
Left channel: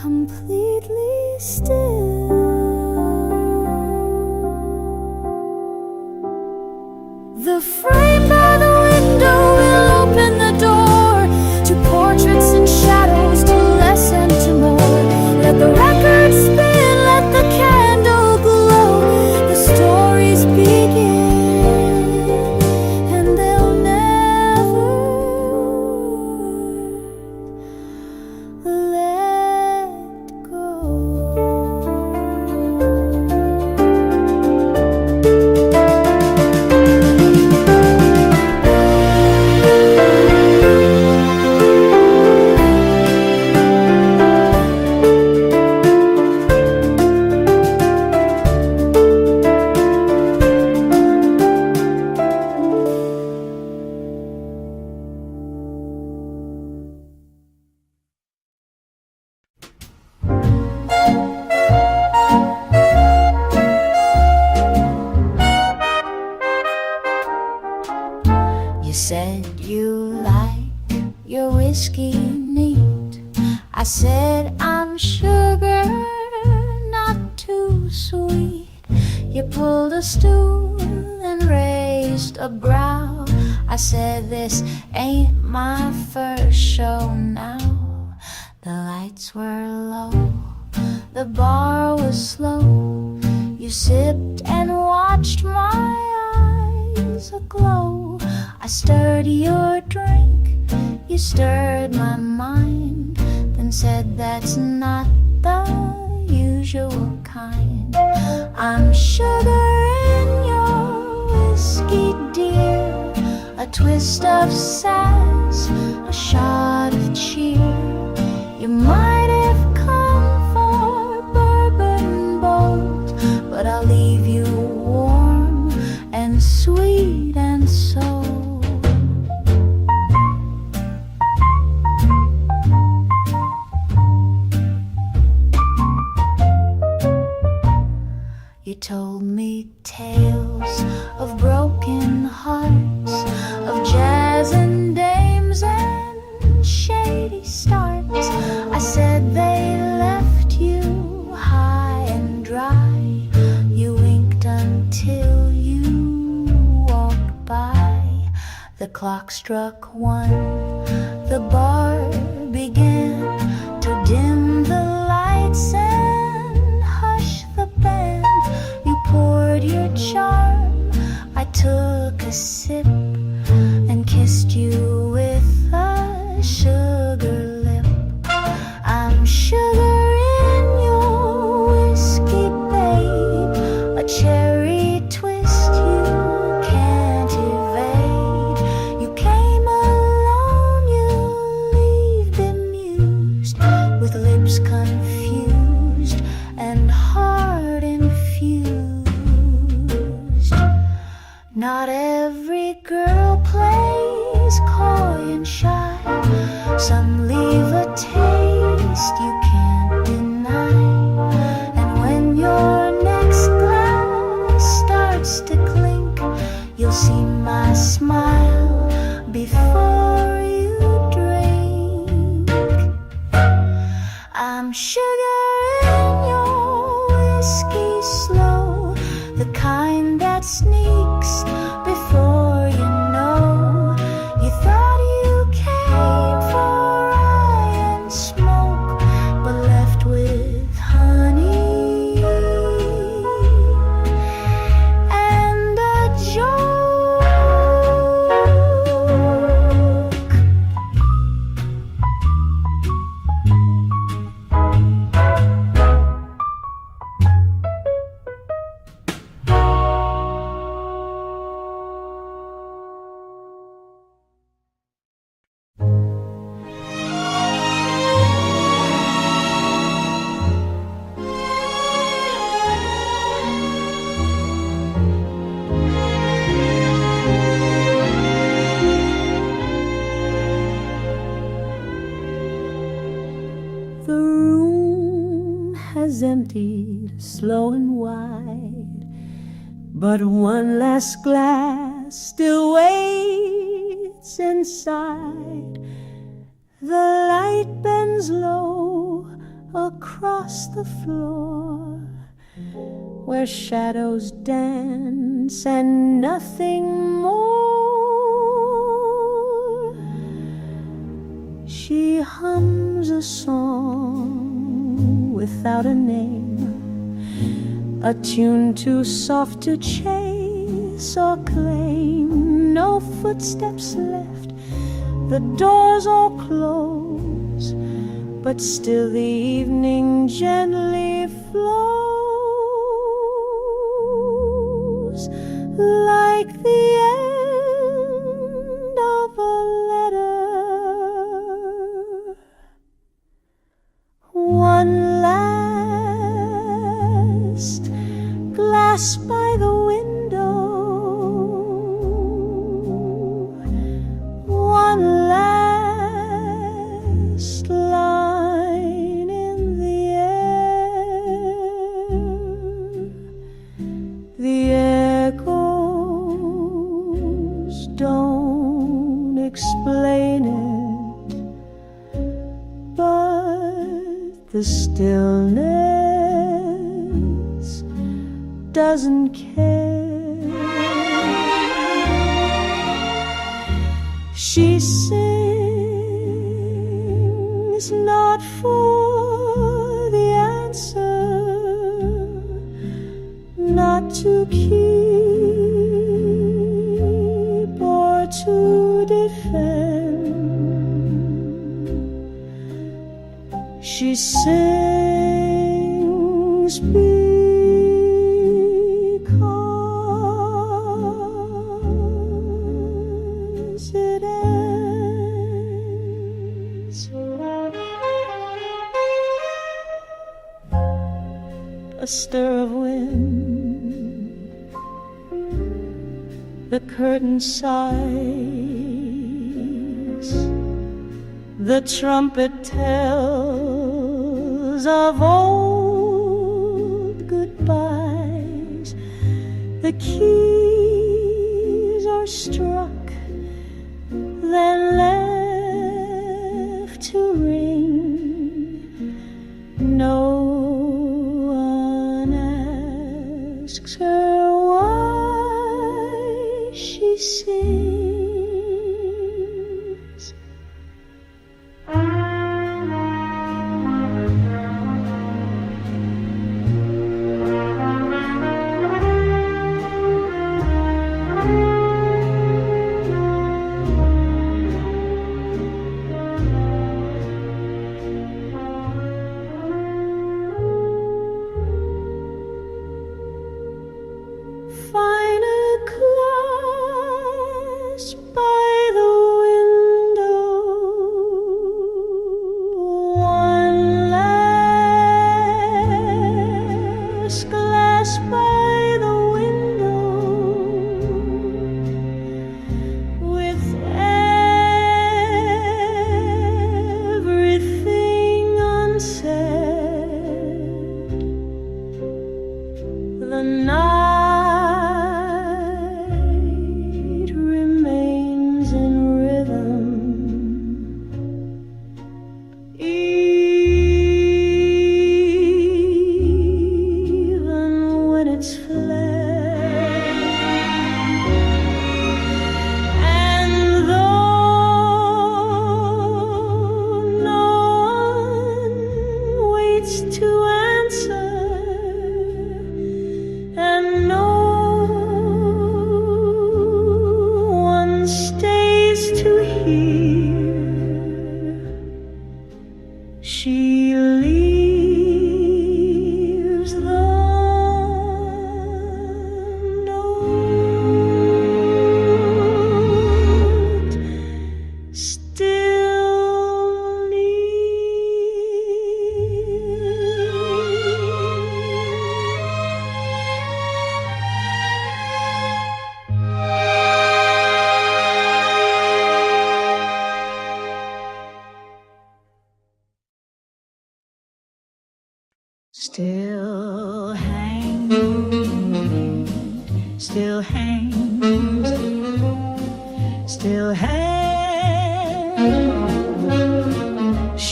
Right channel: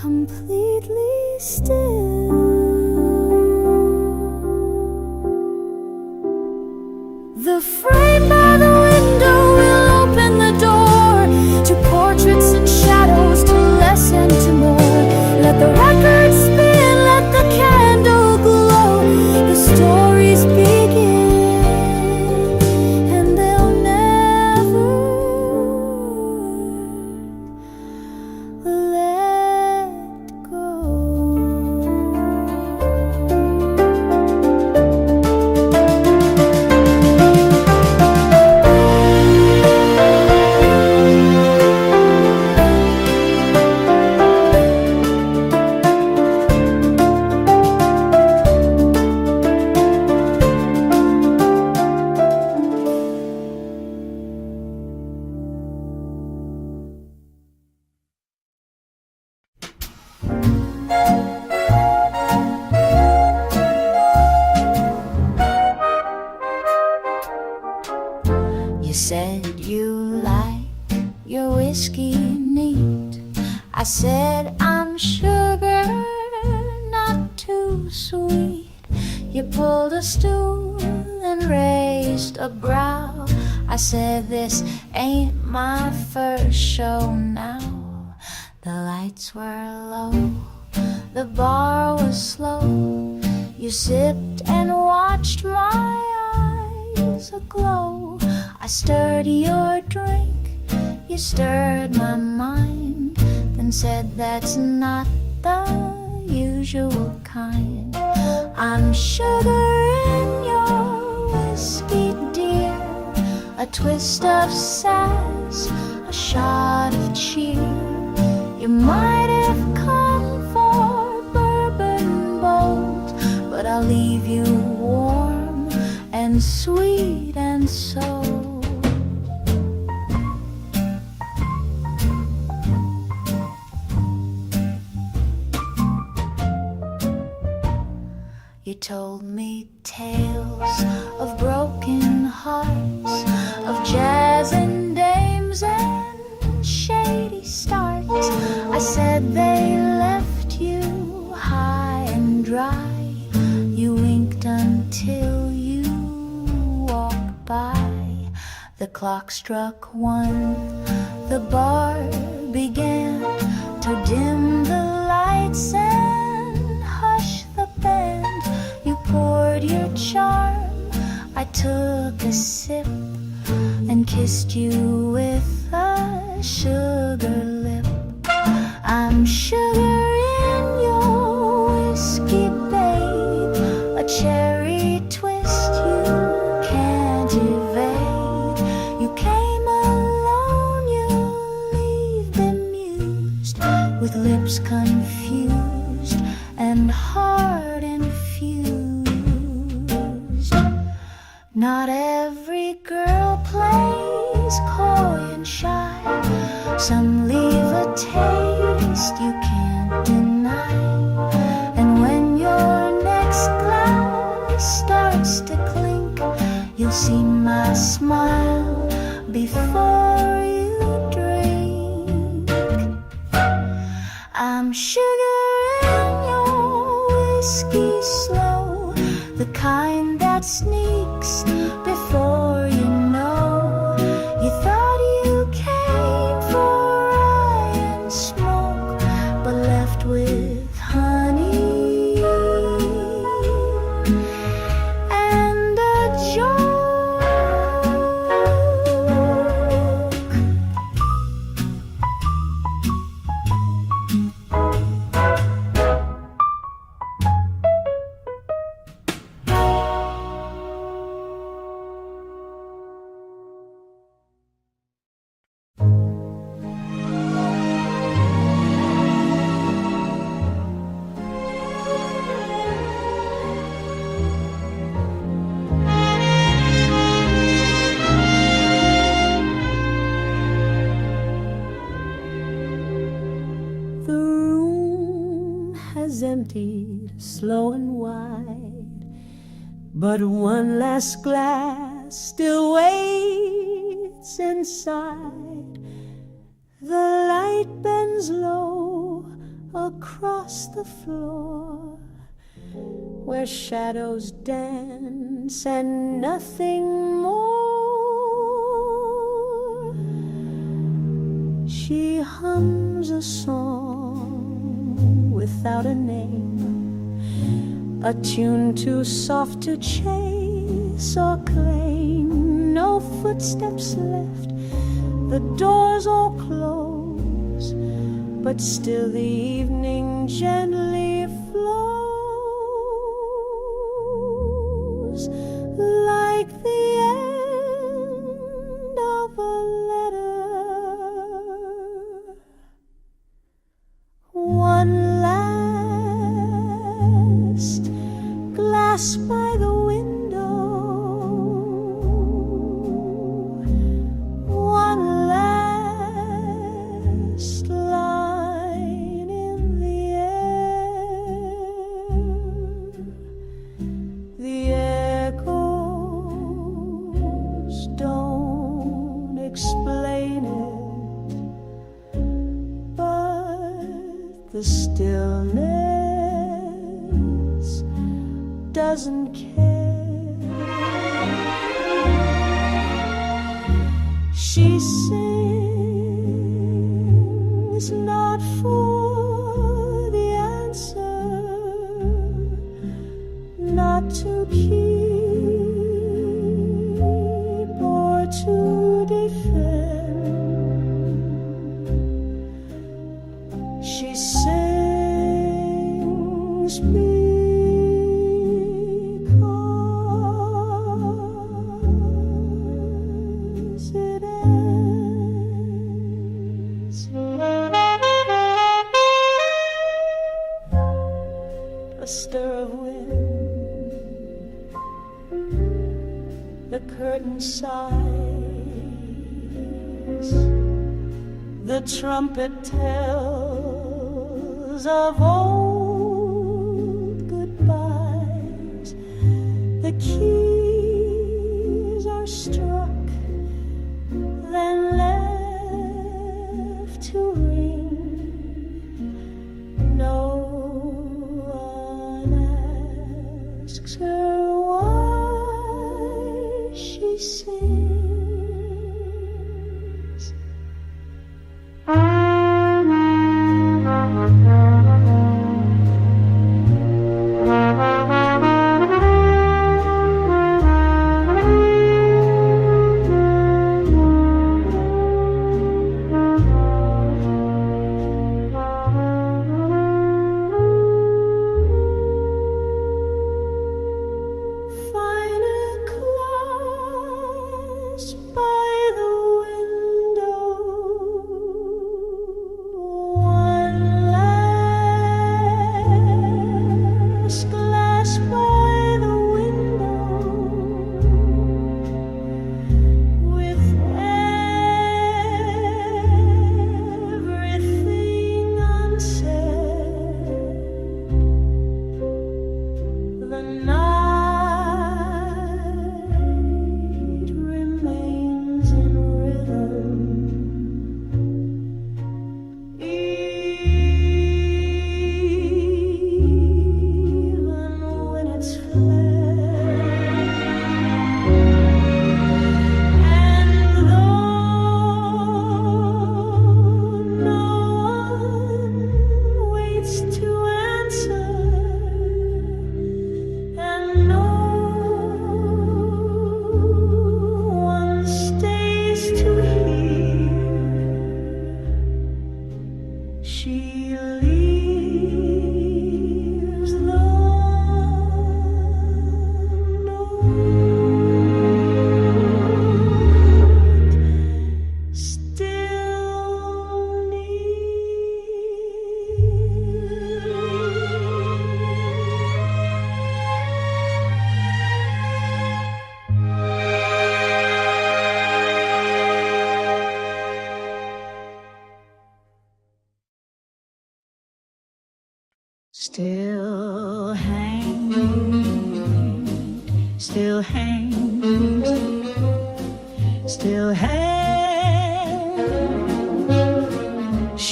completely still. The frame by the window will open the door to portraits and shadows, to less and to more. Let the record spin, let the candle glow. The stories begin, and they'll never let go. You said you like your whiskey neat. I said I'm sugar, not too sweet. You pulled a stool and raised a brow. I said this ain't my first show now. The lights were low, the bar was slow. You sipped and watched my eyes aglow. I stirred your drink, you stirred my mind, then said that's not the usual kind. I'm sugar in your whiskey, dear, a twist of sass, a shot of cheer. You might have come for bourbon bold, but I'll leave you warm and sweet and so. You told me tales of broken hearts, of jazz and dames and shady starts. I said they left you high and dry. You winked until you walked by. The clock struck 1, the bar began to dim the lights and hush the band. You poured your charm, I took a sip and kissed you with a sugar lip. I'm sugar in your whiskey, babe, a cherry twist you can't evade. You came alone, you leave bemused, with lips confused and heart infused. Not every girl plays coy and shy. Some leave a taste you can't deny. And when your next glass starts to clink, you'll see my smile before you drink. I'm sugar in your whiskey slow, the kind that sneaks before you know. You thought you came for rye and smoke, but left with honey and a joke. The room has emptied slow and wide, but one last glass still waits inside. The light bends low, a across the floor where shadows dance and nothing more. She hums a song without a name, a tune too soft to chase or claim. No footsteps left, the doors all close, but still the evening gently flows like the end of a letter. One last glass by the window, one last line in the air. The echoes don't explain it, but the stillness doesn't care. She sings not for the answer, not to keep or to defend. She sings because it ends. A stir of wind, the curtain sighs, the trumpet tells of old goodbyes. The keys are struck, then left to ring. No one asks her why she sings. Find a clasp by the window, one last glass by the window, with everything unsaid. The night remains in rhythm, even when it's fled. And though no one waits to answer, and no one stays to hear, she leaves the note still Still hangs, still hangs, still hangs.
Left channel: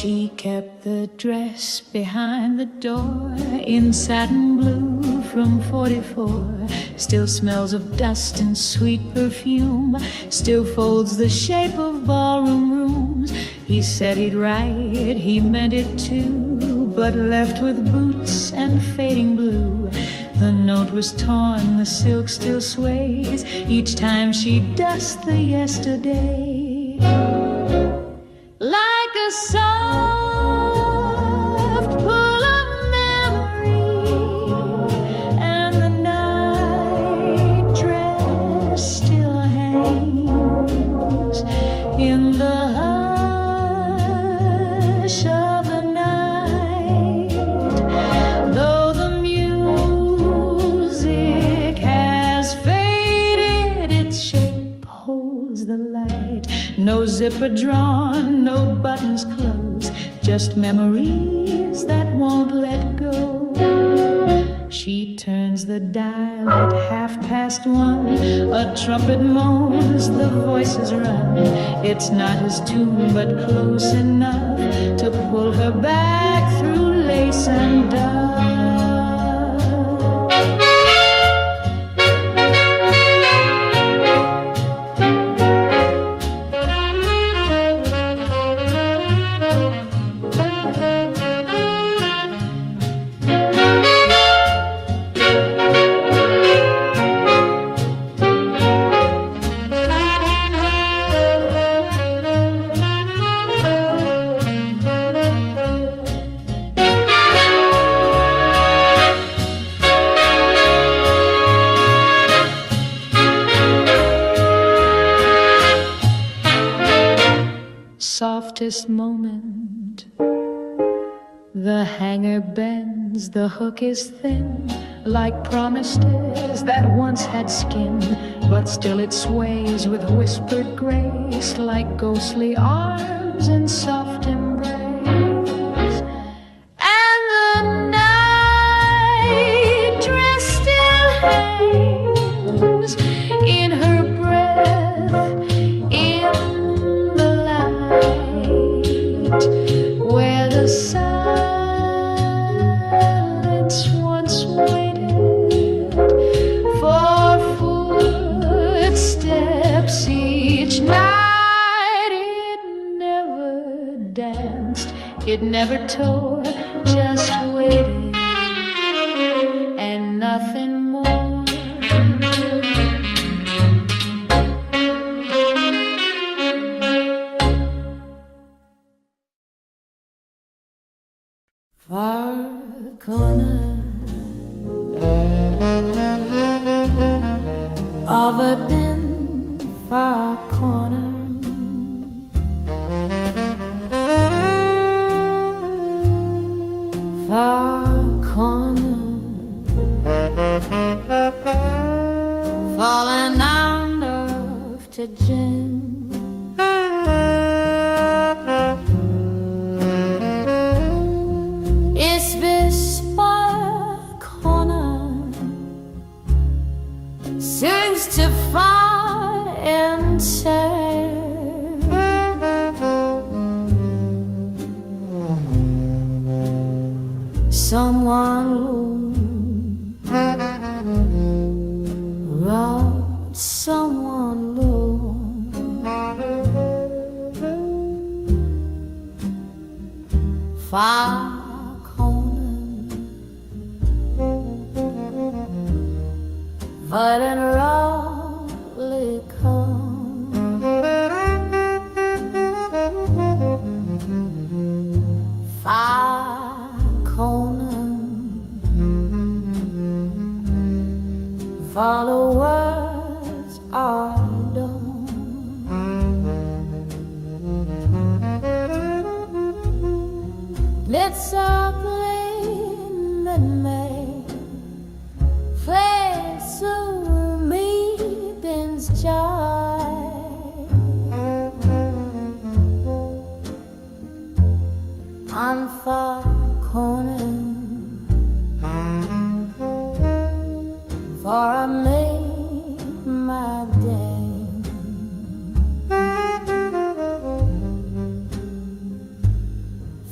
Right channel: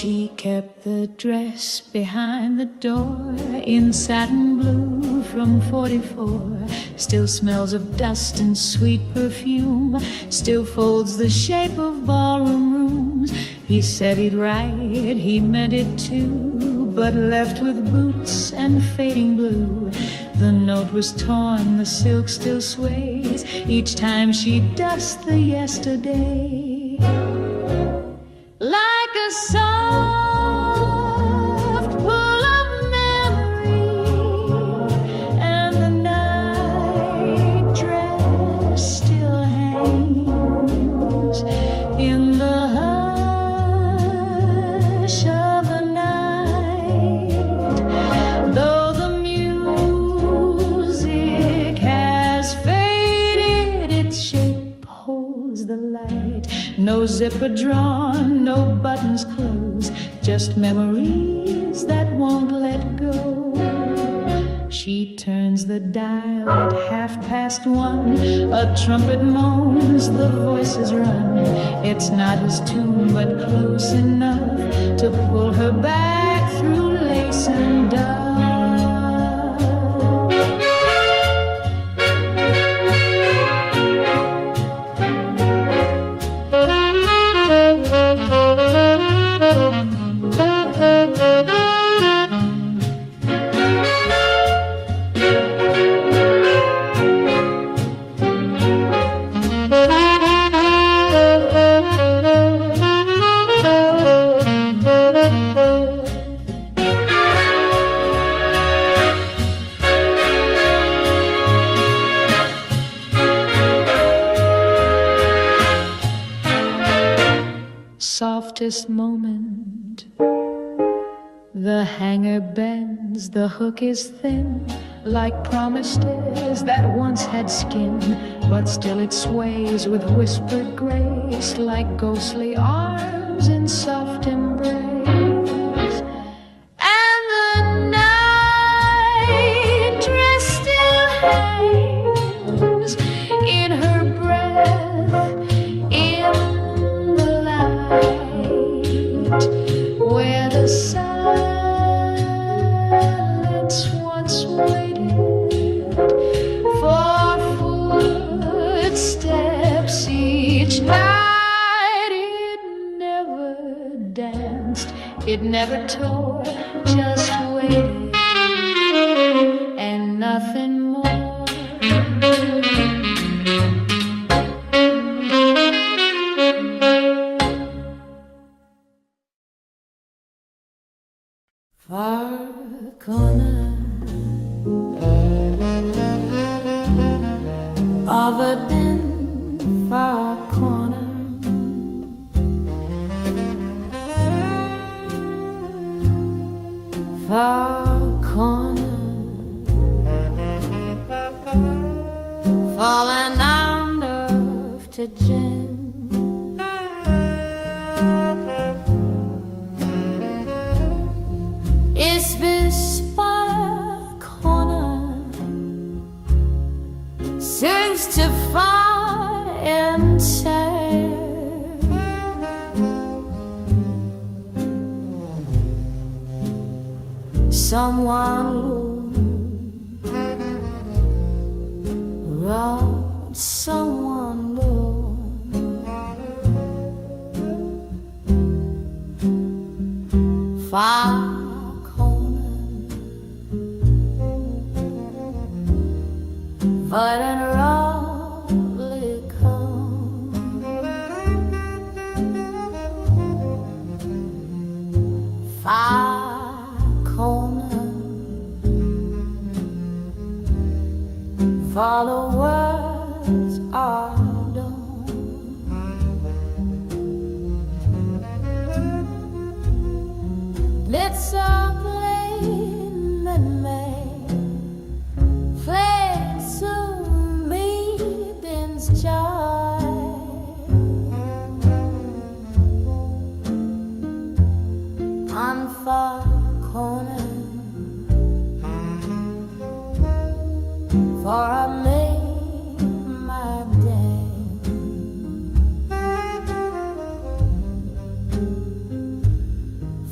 She kept the dress behind the door in satin blue from 44. Still smells of dust and sweet perfume. Still folds the shape of ballroom rooms. He said he'd write, he meant it too, but left with boots and fading blue. The note was torn, the silk still sways each time she dusts the yesterday. Like a soft pull of memory, and the night dress still hangs in the hush of the night. Though the music has faded, its shape holds the light. No zipper drawn, no buttons closed, just memories that won't let go. She turns the dial at 1:30. A trumpet moans, the voices run. It's not his tune, but close enough to pull her back through lace and dove. Softest moment, the hanger bends, the hook is thin, like promises that once had skin, but still it sways with whispered grace, like ghostly arms in soft embrace. And the night dress still hangs in her breath, in where the silence once waited for footsteps each night. It never danced, it never tore, just waited and nothing more. Far corner of a dim far corner, far corner, falling under to gin. It's this far corner seems to find and say someone robbed someone low. Far but in roughly come far corner, followers are done. Let's all play that may play so meeting's joy. On far corner, for I made my day.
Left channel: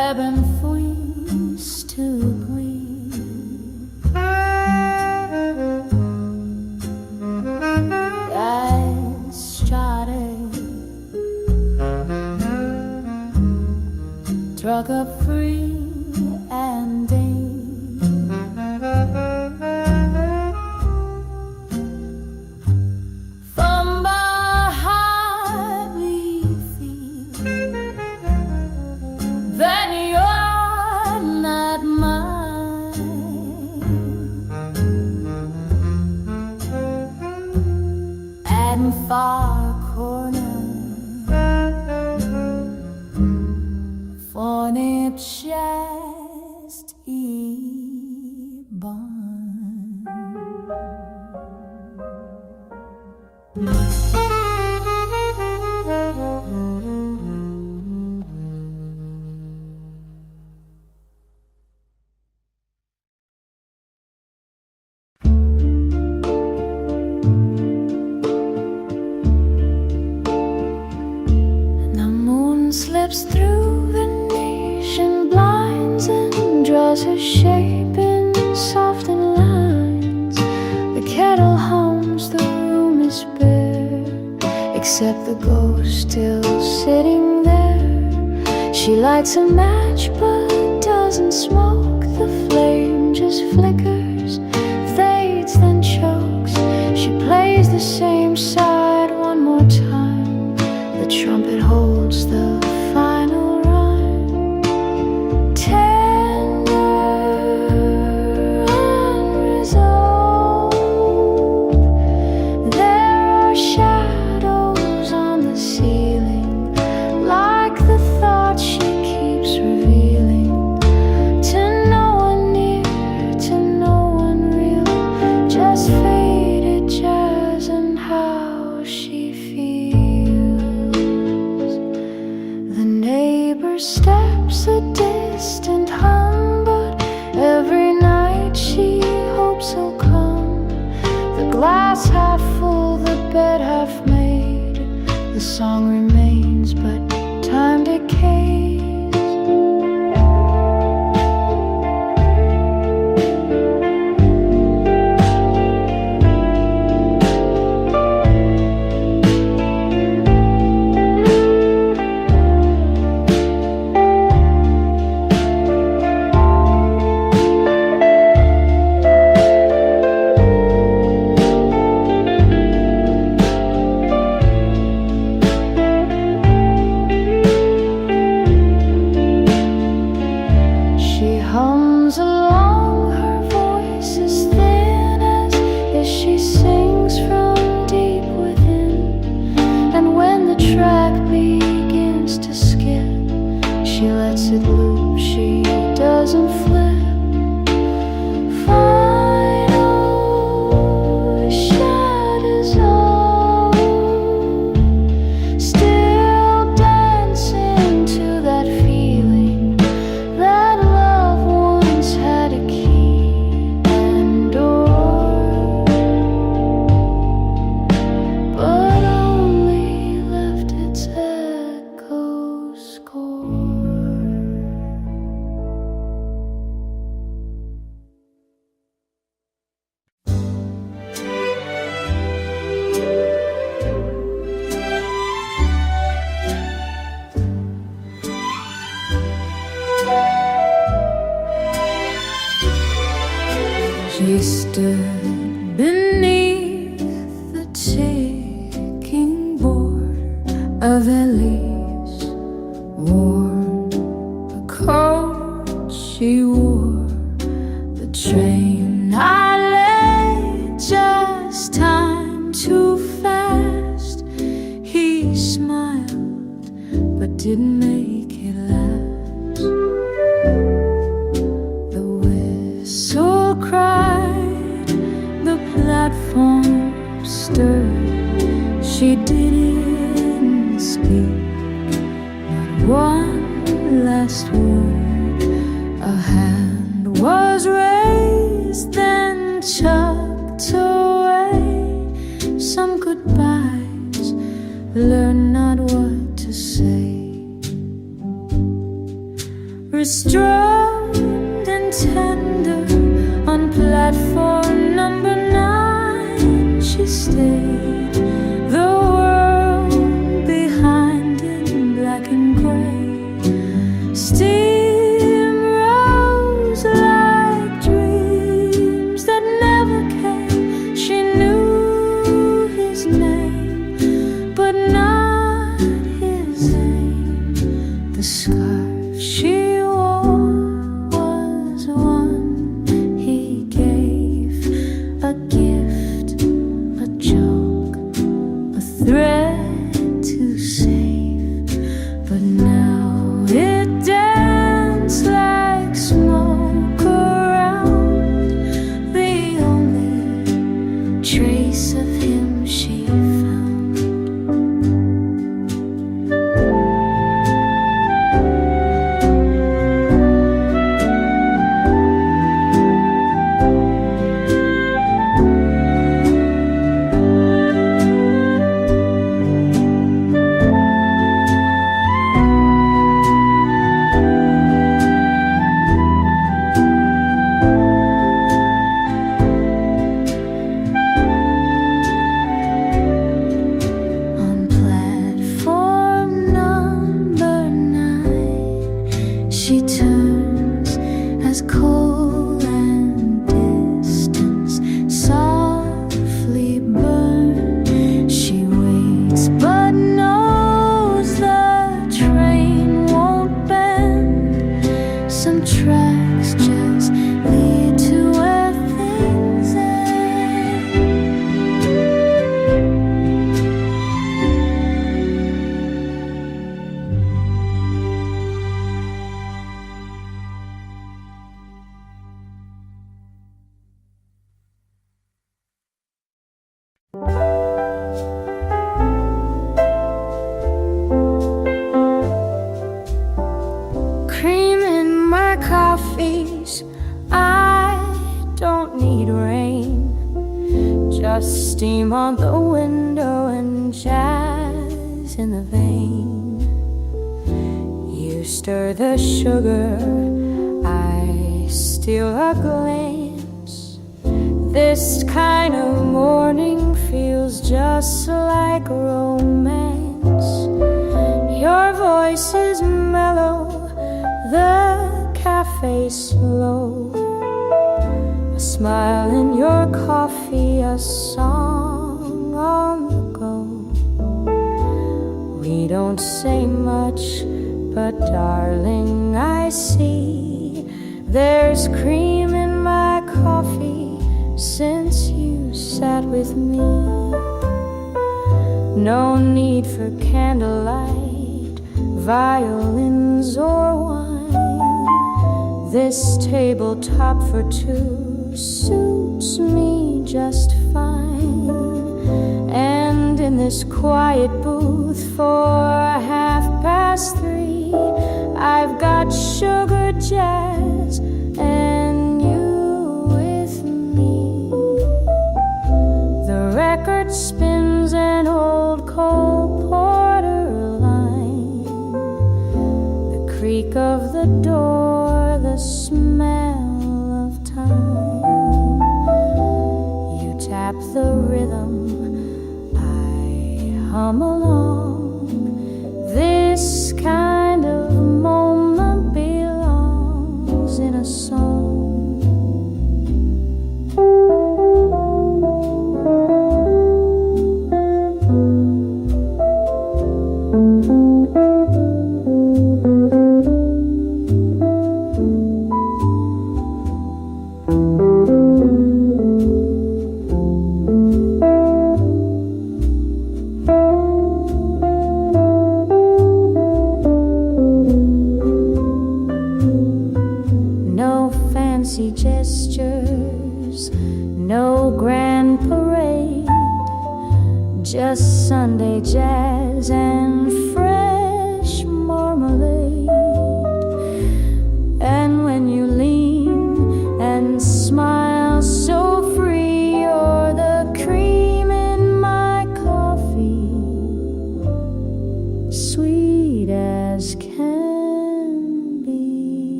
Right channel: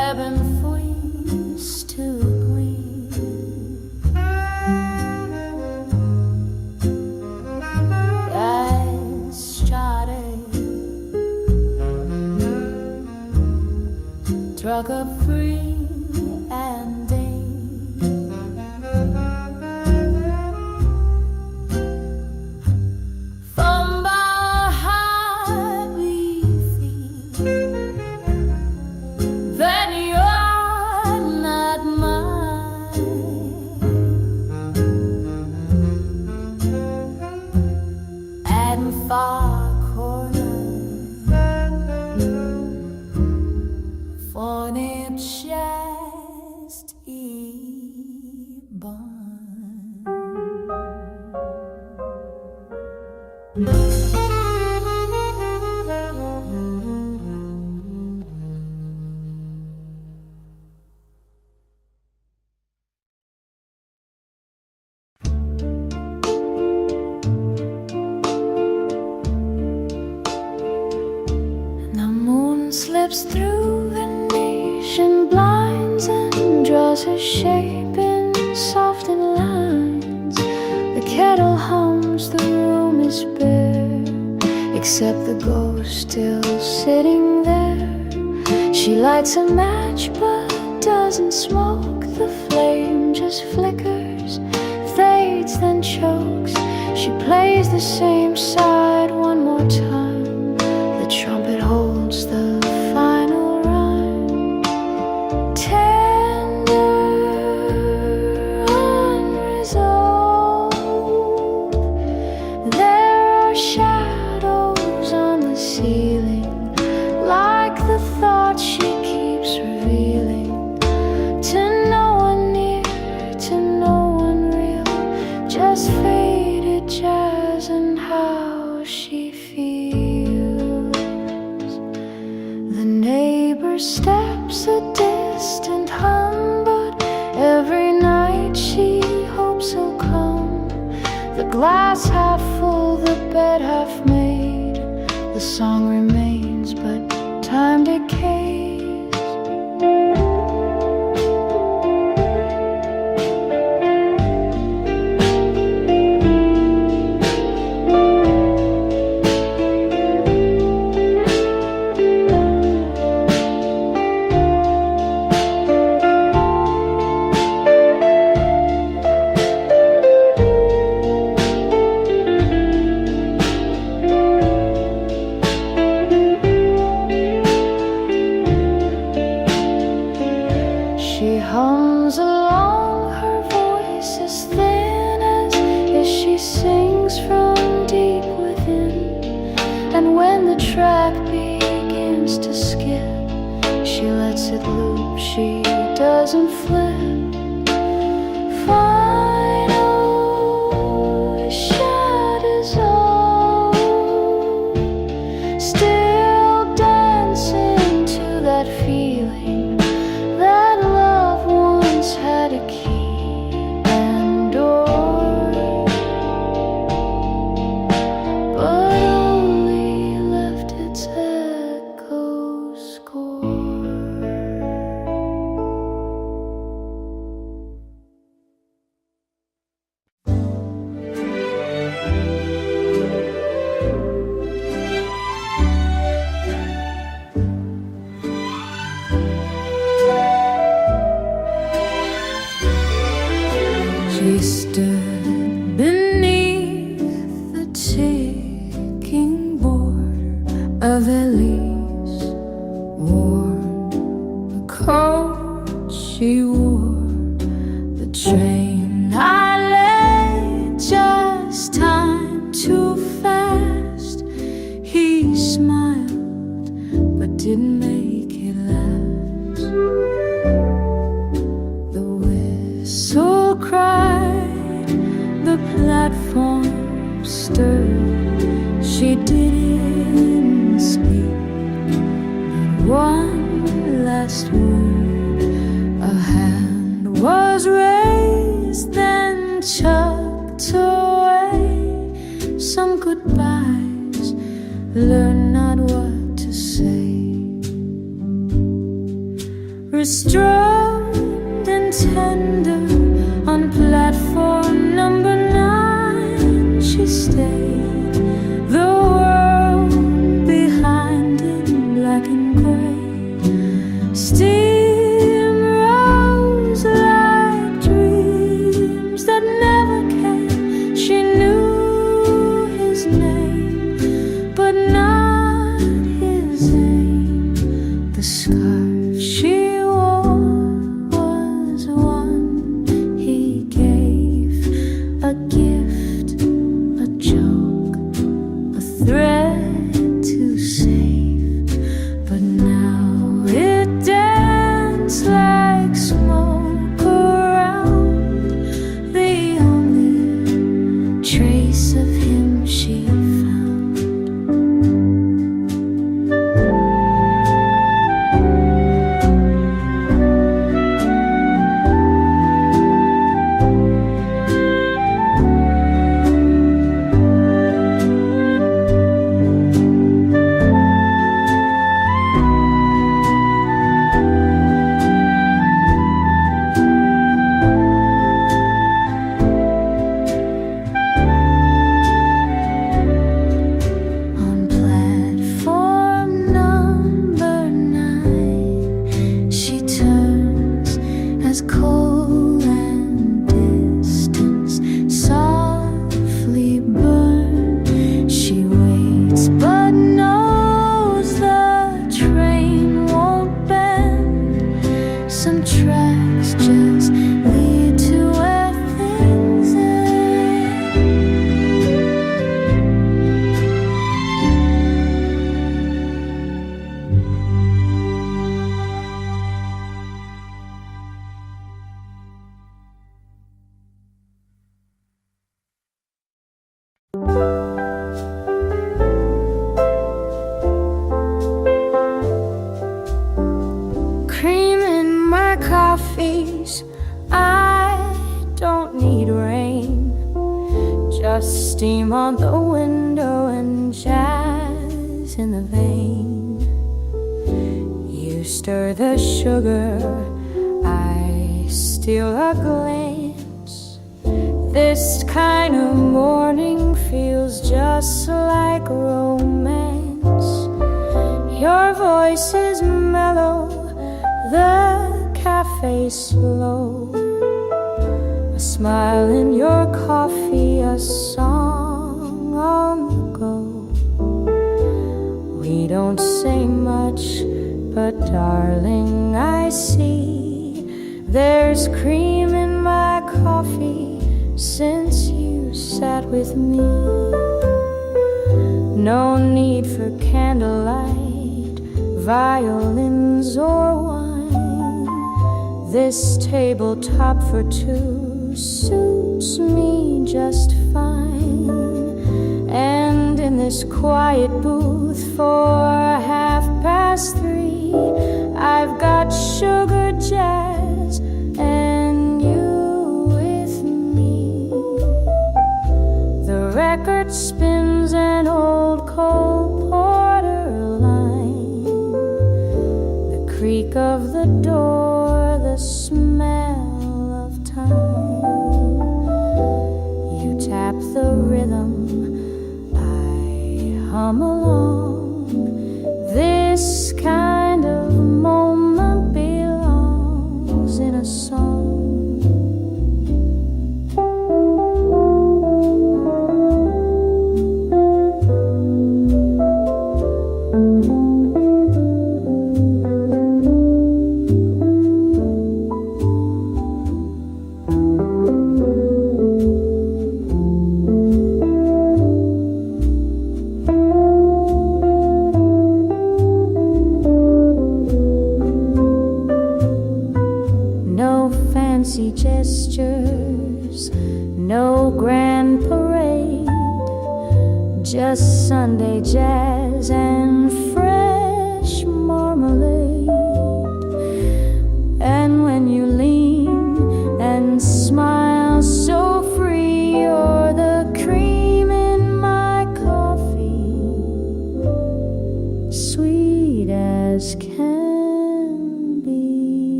ebb and freeze to breathe. I started, struck up free and from behind we feel that you're not mine, and far corner for nip chest e-bond. The moon slips through Venetian blinds and draws her shape in softened lines. The kettle hums, the room is bare, except the ghost still sitting there. She lights a match but doesn't smoke. The flame just flickers, fades, then chokes. She plays the same side one more time. The trumpet holds the final rhyme. Tender, unresolved. There are shadows on the ceiling, like the thoughts she keeps revealing. To no one near, to no one real, just faded jazz and how she feels. The neighbor steps a distant hum, but every night she hopes he'll come. The glass half full, the bed half made. The song remains, but time decays. She hums along, her voice is thin as if she sings from deep within. And when the track begins to skip, she lets it loop, she doesn't flip. Final shadows all still dancing to that feeling that love once had a key and door, but only left its echo score. She stood beneath the ticking border of Elise, worn the coat she wore. The train I lay, just time too fast. He smiled but didn't make it last. The whistle cried, the platform stirred. She didn't speak, not one last word. A hand was raised, then tucked away. Some goodbyes, learn not what to say. restrained and tender. On platform number 9 she stayed, the world behind in black and gray. Steam rose like dreams that never came. She knew his name, but not his aim. The scarf she wore was one he gave, a gift, a joke, a thread to save. But now it danced like smoke around, the only trace of him she found. She turns as cold and distance softly burn. She waits but knows the train won't bend. Some tracks just lead to where things end. Cream in my coffees, I don't need rain. Just steam on the window and jazz in the vein. You stir the sugar, I steal a glance. This kind of morning feels just like romance. Your voice is mellow, the cafe's slow. A smile in your coffee, a song on the go. We don't say much, but darling, I see there's cream in my coffee since you sat with me. No need for candlelight, violins or wine. This tabletop for two suits me just fine. And in this quiet booth for 3:30, I've got sugar jazz and you with me. The record spins an old Cole Porter line, the creak of the door, the smell of time. You tap the rhythm, I hum along. This kind of moment belongs in a song. Fancy gestures, no grand parade, just Sunday jazz and fresh marmalade. And when you lean and smile so free, you're the cream in my coffee, sweet as can be.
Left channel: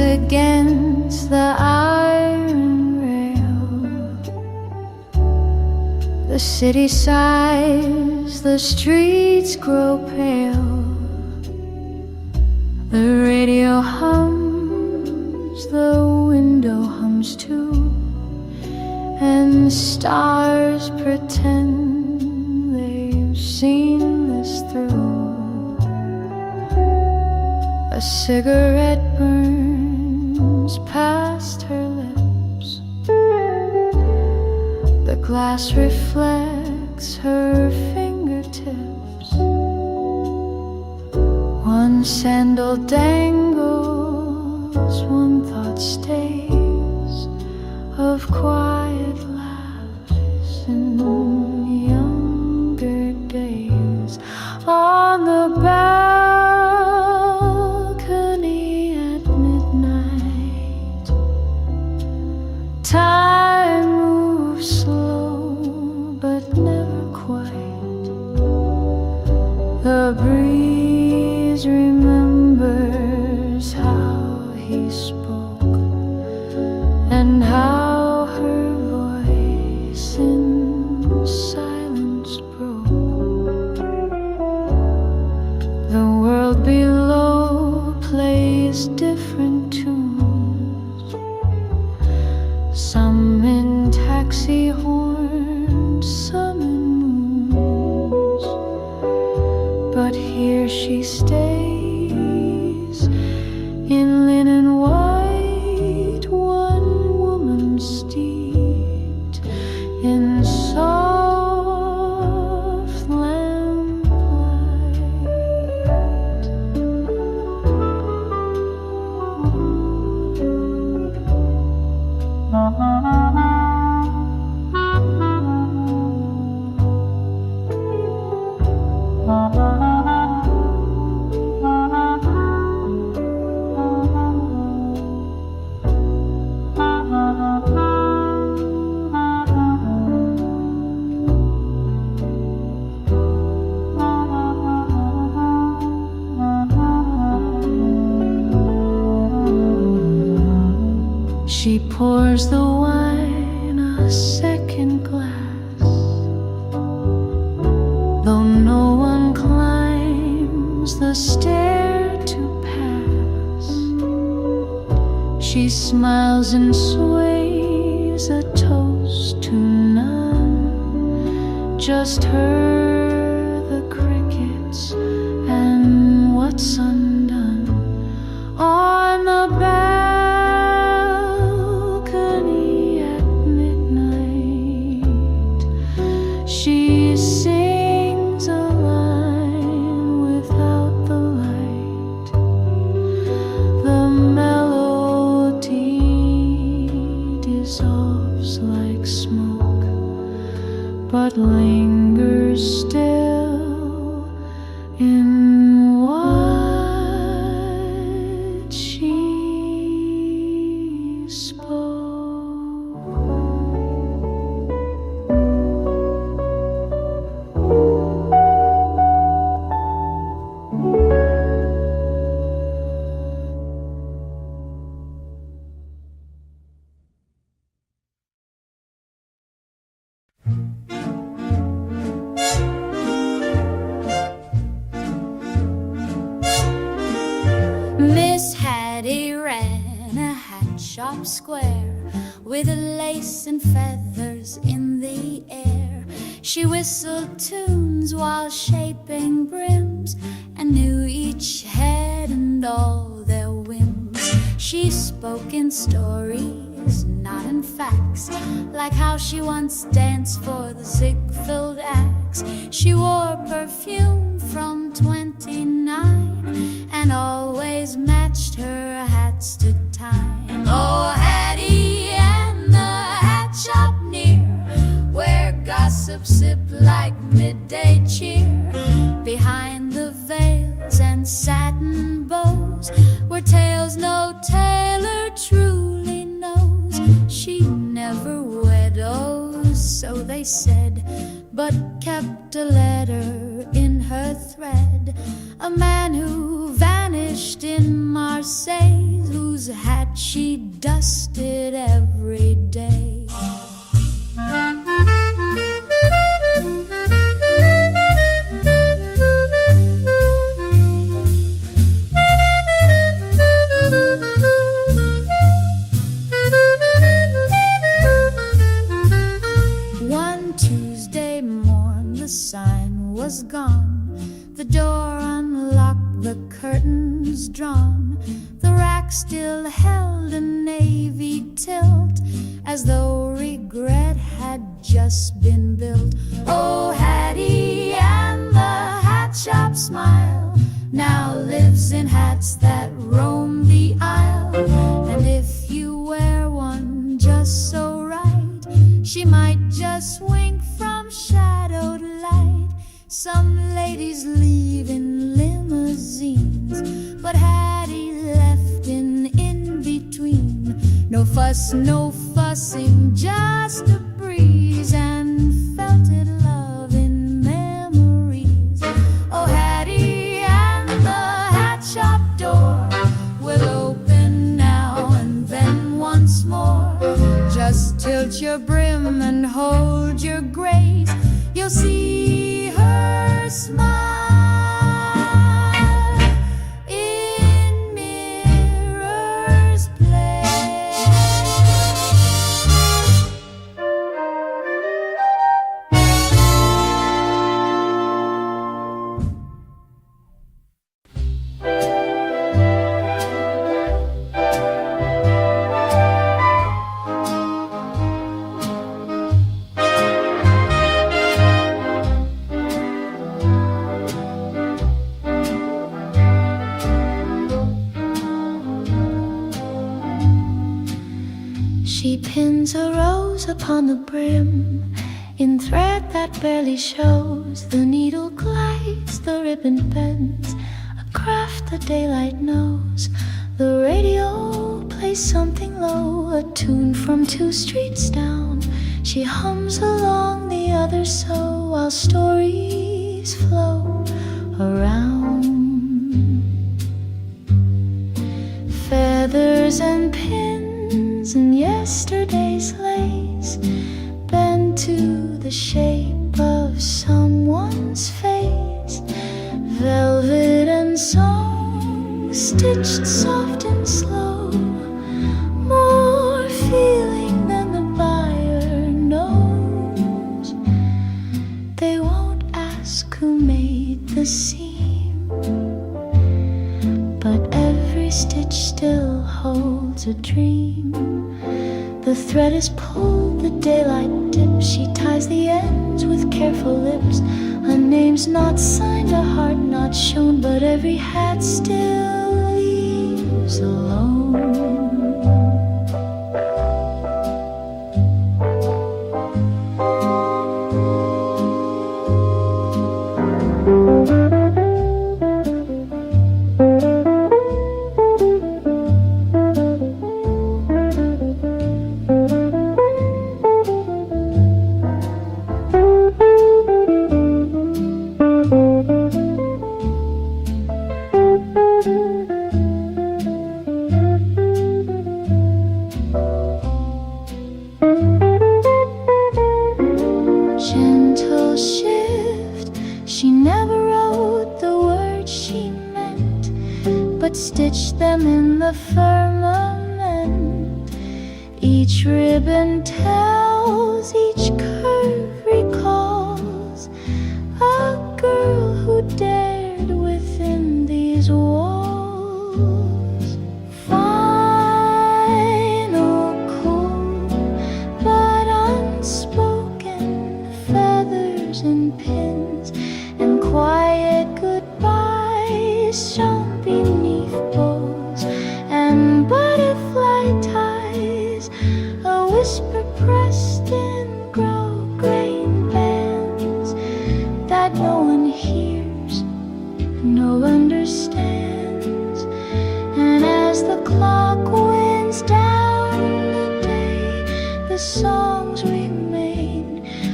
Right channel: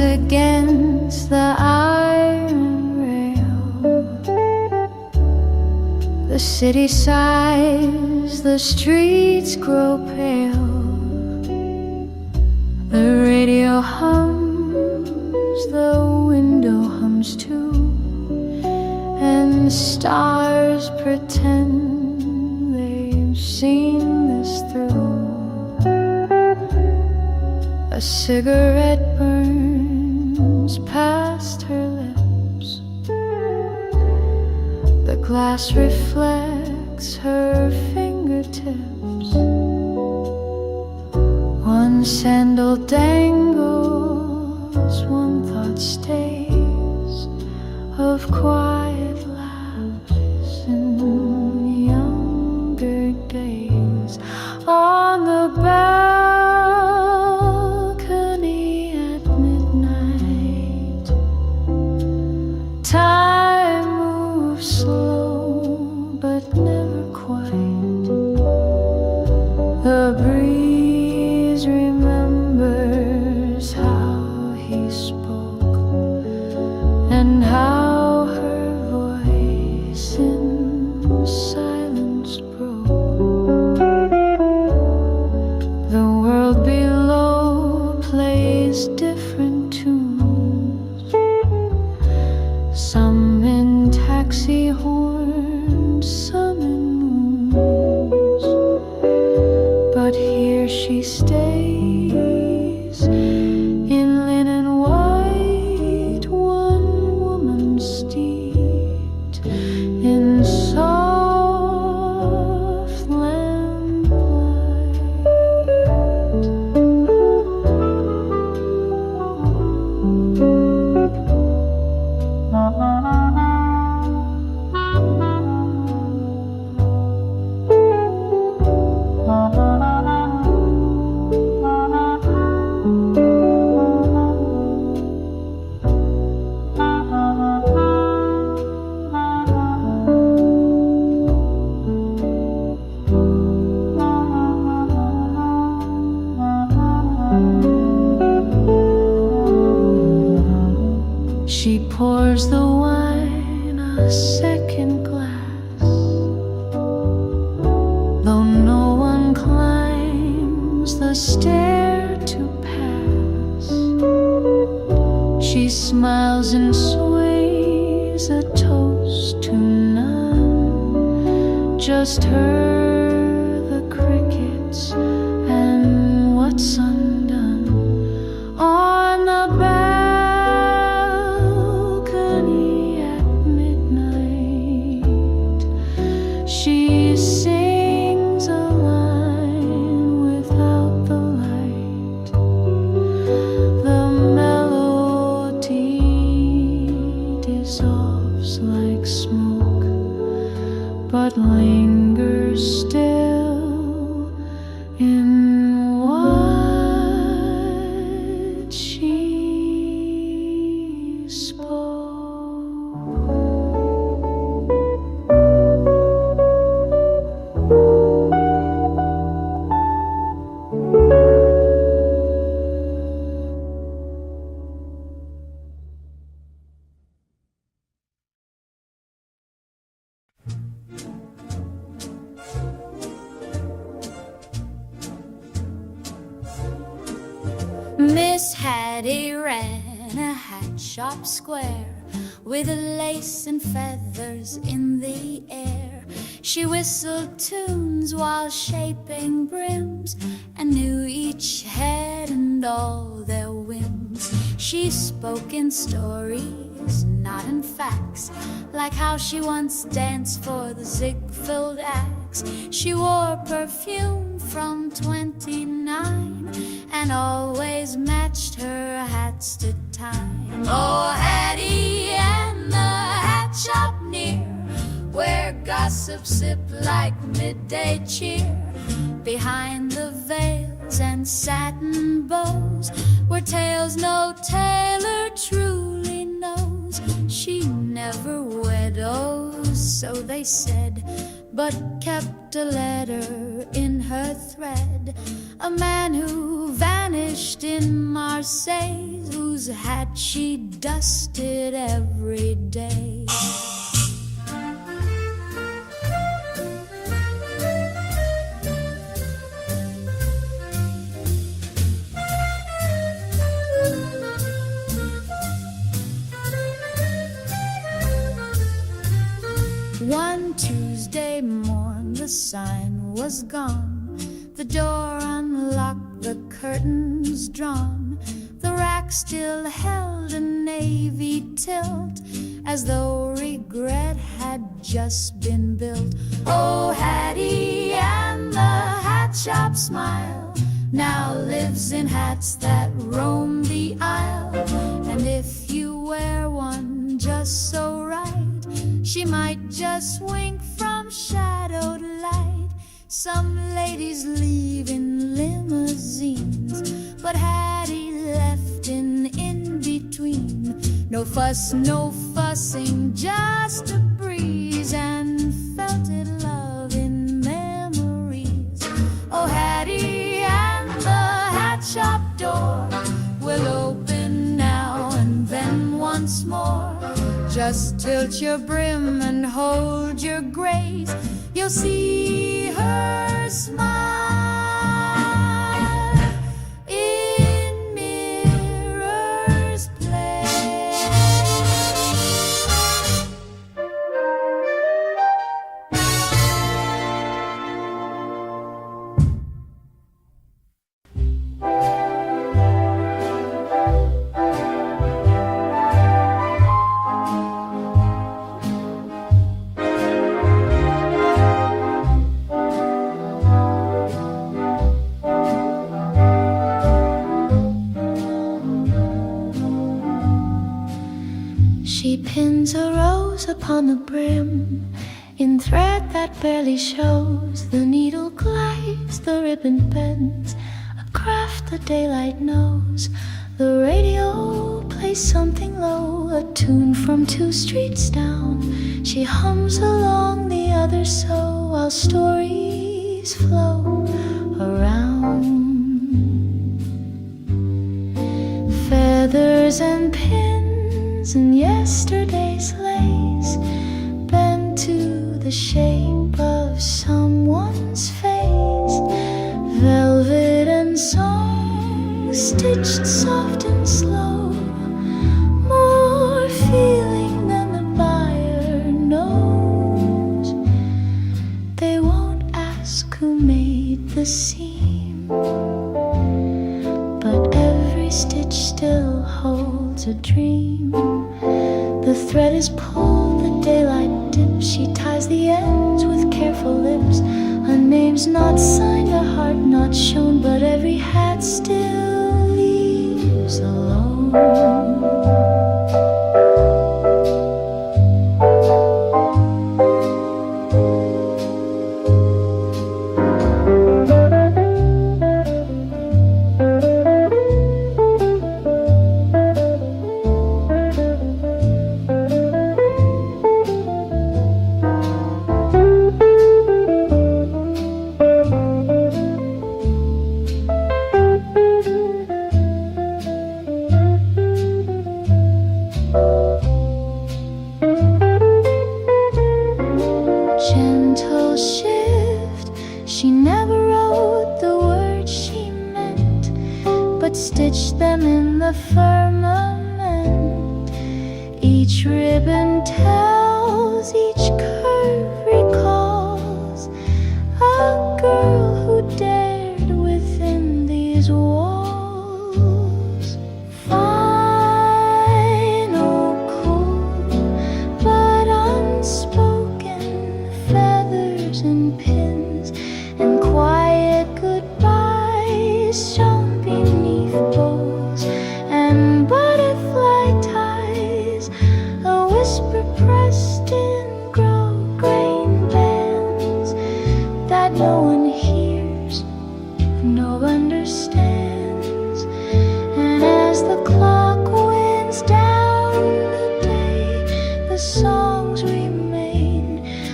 against the iron rail. The city sighs, the streets grow pale. The radio hums, the window hums too, and stars pretend they've seen this through. A cigarette burns past her lips. The glass reflects her fingertips. One sandal dangles, one thought stays, of quiet laughs in younger days. On the balcony at midnight, time moves slow but never quite. The breeze remembers how he spoke and how her voice in silence broke. The world below plays different tunes, some in taxi horns, some in moons. But here she stays in linen white, one woman steeped in soft lamplight. She pours the wine a second glass, though no one climbs the stair to pass. She smiles and sways a toast to none, just her, the crickets, and what's undone. On the balcony at midnight, she sings a line without the light. The melody dissolves like smoke, but lingers still in what she spoke. Miss Hattie ran a hat shop square with lace and feathers in the air. She whistled tunes while shaping brims and knew each head and all their whims. She spoke in stories, not in facts, like how she once danced for the Ziegfeld Axe. She wore perfume from 29 and always matched her hats to time. Oh, Hattie and the hat shop near, where gossip sipped like midday cheer. Behind the veils and satin bows were tales no tailor truly knows. She never widows so they said, but kept a letter in her thread. A man who vanished in Marseille, whose hat she dusted every day. One Tuesday morn the sign was gone, the door unlocked, the curtains drawn. The rack still held a navy tilt, as though regret had just been built. Oh, Hattie and the hat shop smile now lives in hats that roam the aisle. And if you wear one just so right, she might just wink from shadowed light. Some ladies leave in limousines, but Hattie left in between. No fuss, no fussing, just a breeze, and felted love in memories. Oh, Hattie and the hat shop door will open now and then once more. Just tilt your brim and hold your grace, you'll see her smile in Mirror's Place. She pins a rose upon the brim in thread that barely shows. The needle glides, the ribbon bends, a craft the daylight knows. The radio plays something low, a tune from 2 streets down. She hums along the other so, while stories flow around. Feathers and pins and yesterday's lace bend to the shape of someone's face. Velvet and song stitched soft and slow, more feeling than the buyer knows. They won't ask who made the seam, but every stitch still holds a dream. The thread is pulled, the daylight dips. She ties the ends with careful lips. A name's not signed, a heart not shown, but every hat still leaves alone. Gentle shift, she never wrote the words she meant, but stitched them in the firmament. Each ribbon tells, each curve recalls a girl who dared within these walls. Final, cool, but unspoken, feathers and pins and quiet goodbyes shone beneath bows and butterfly ties, a whisper pressed in grosgrain bands that no one hears, no understands. And as the clock winds down the day, the songs remain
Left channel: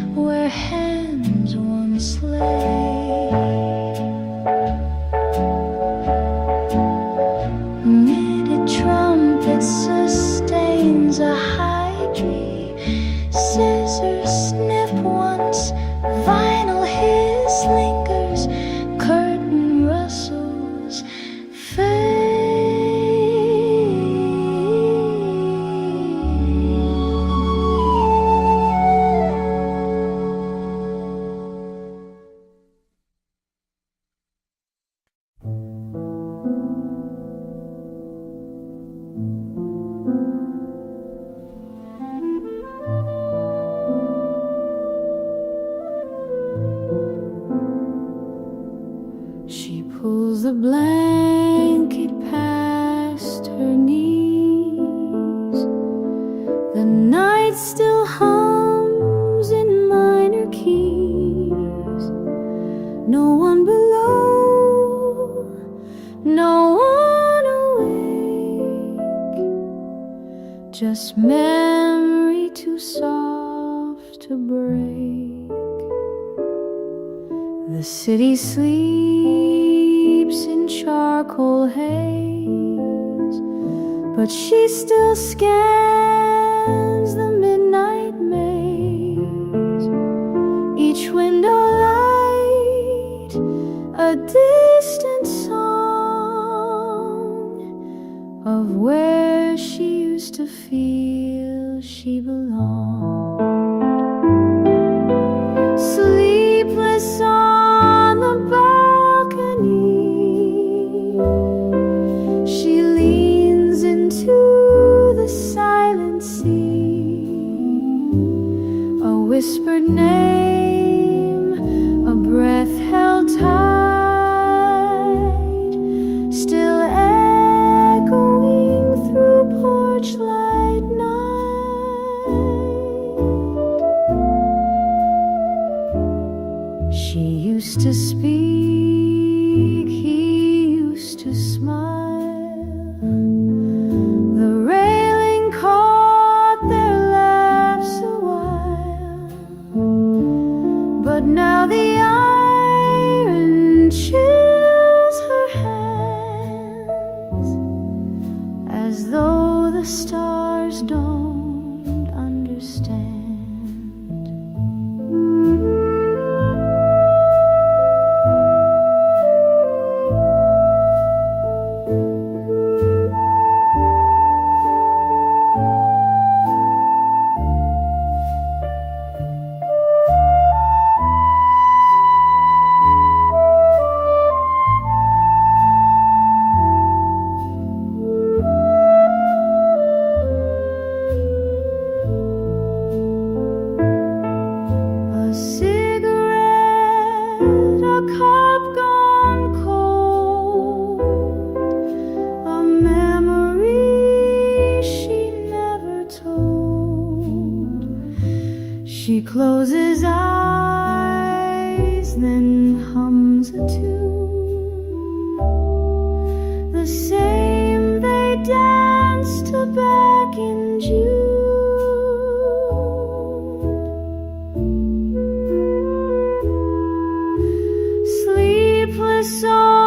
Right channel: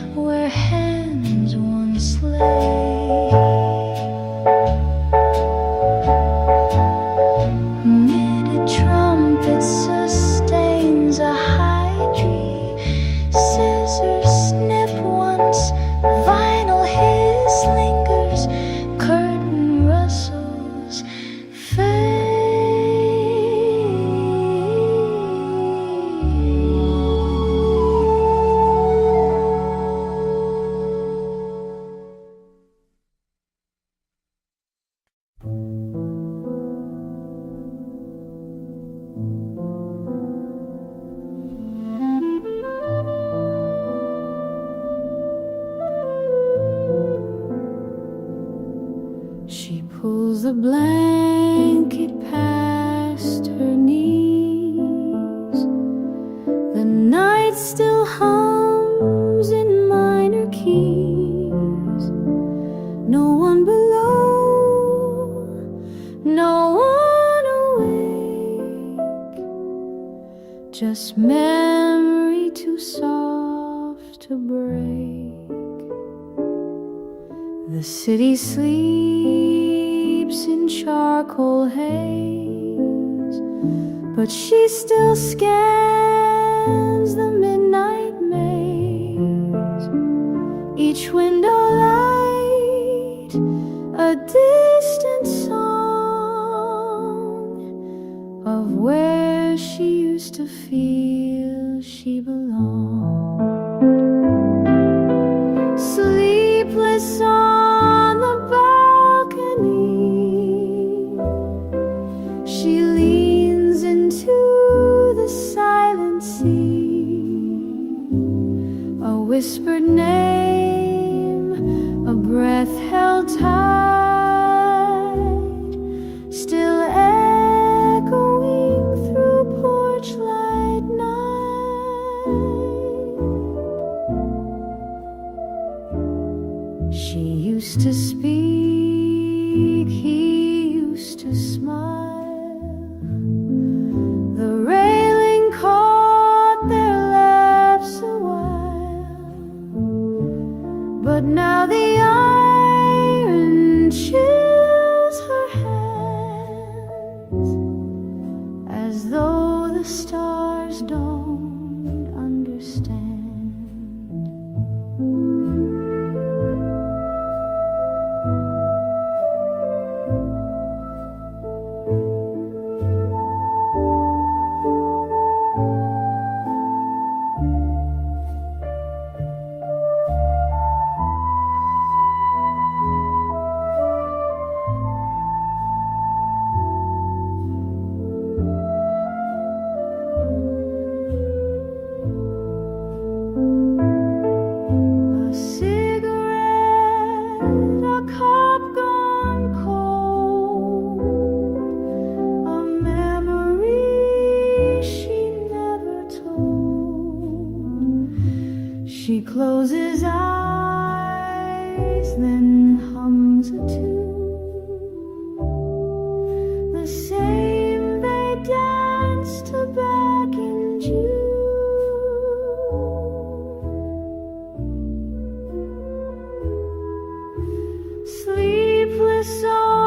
where hands once lay. Knitted trumpet sustains a high tree. Scissors snip once, vinyl hiss lingers, curtain rustles fade. She pulls the blanket past her knees. The night still hums in minor keys. No one below, no one awake. Just memory too soft to break. The city sleeps in charcoal haze, but she still scans the midnight maze. Each window light, a distant song of where she used to feel she belonged. Sleepless on the balcony, she leans into the silent sea. A whispered name, a breath held tight, still echoing through porch light night. She used to speak, he used to smile. The railing caught their laughs a while, but now the iron chills her hands, as though the stars don't understand. A cigarette, a cup gone cold, a memory she never told. She closes eyes, then hums a tune, the same they danced to back in June. Sleepless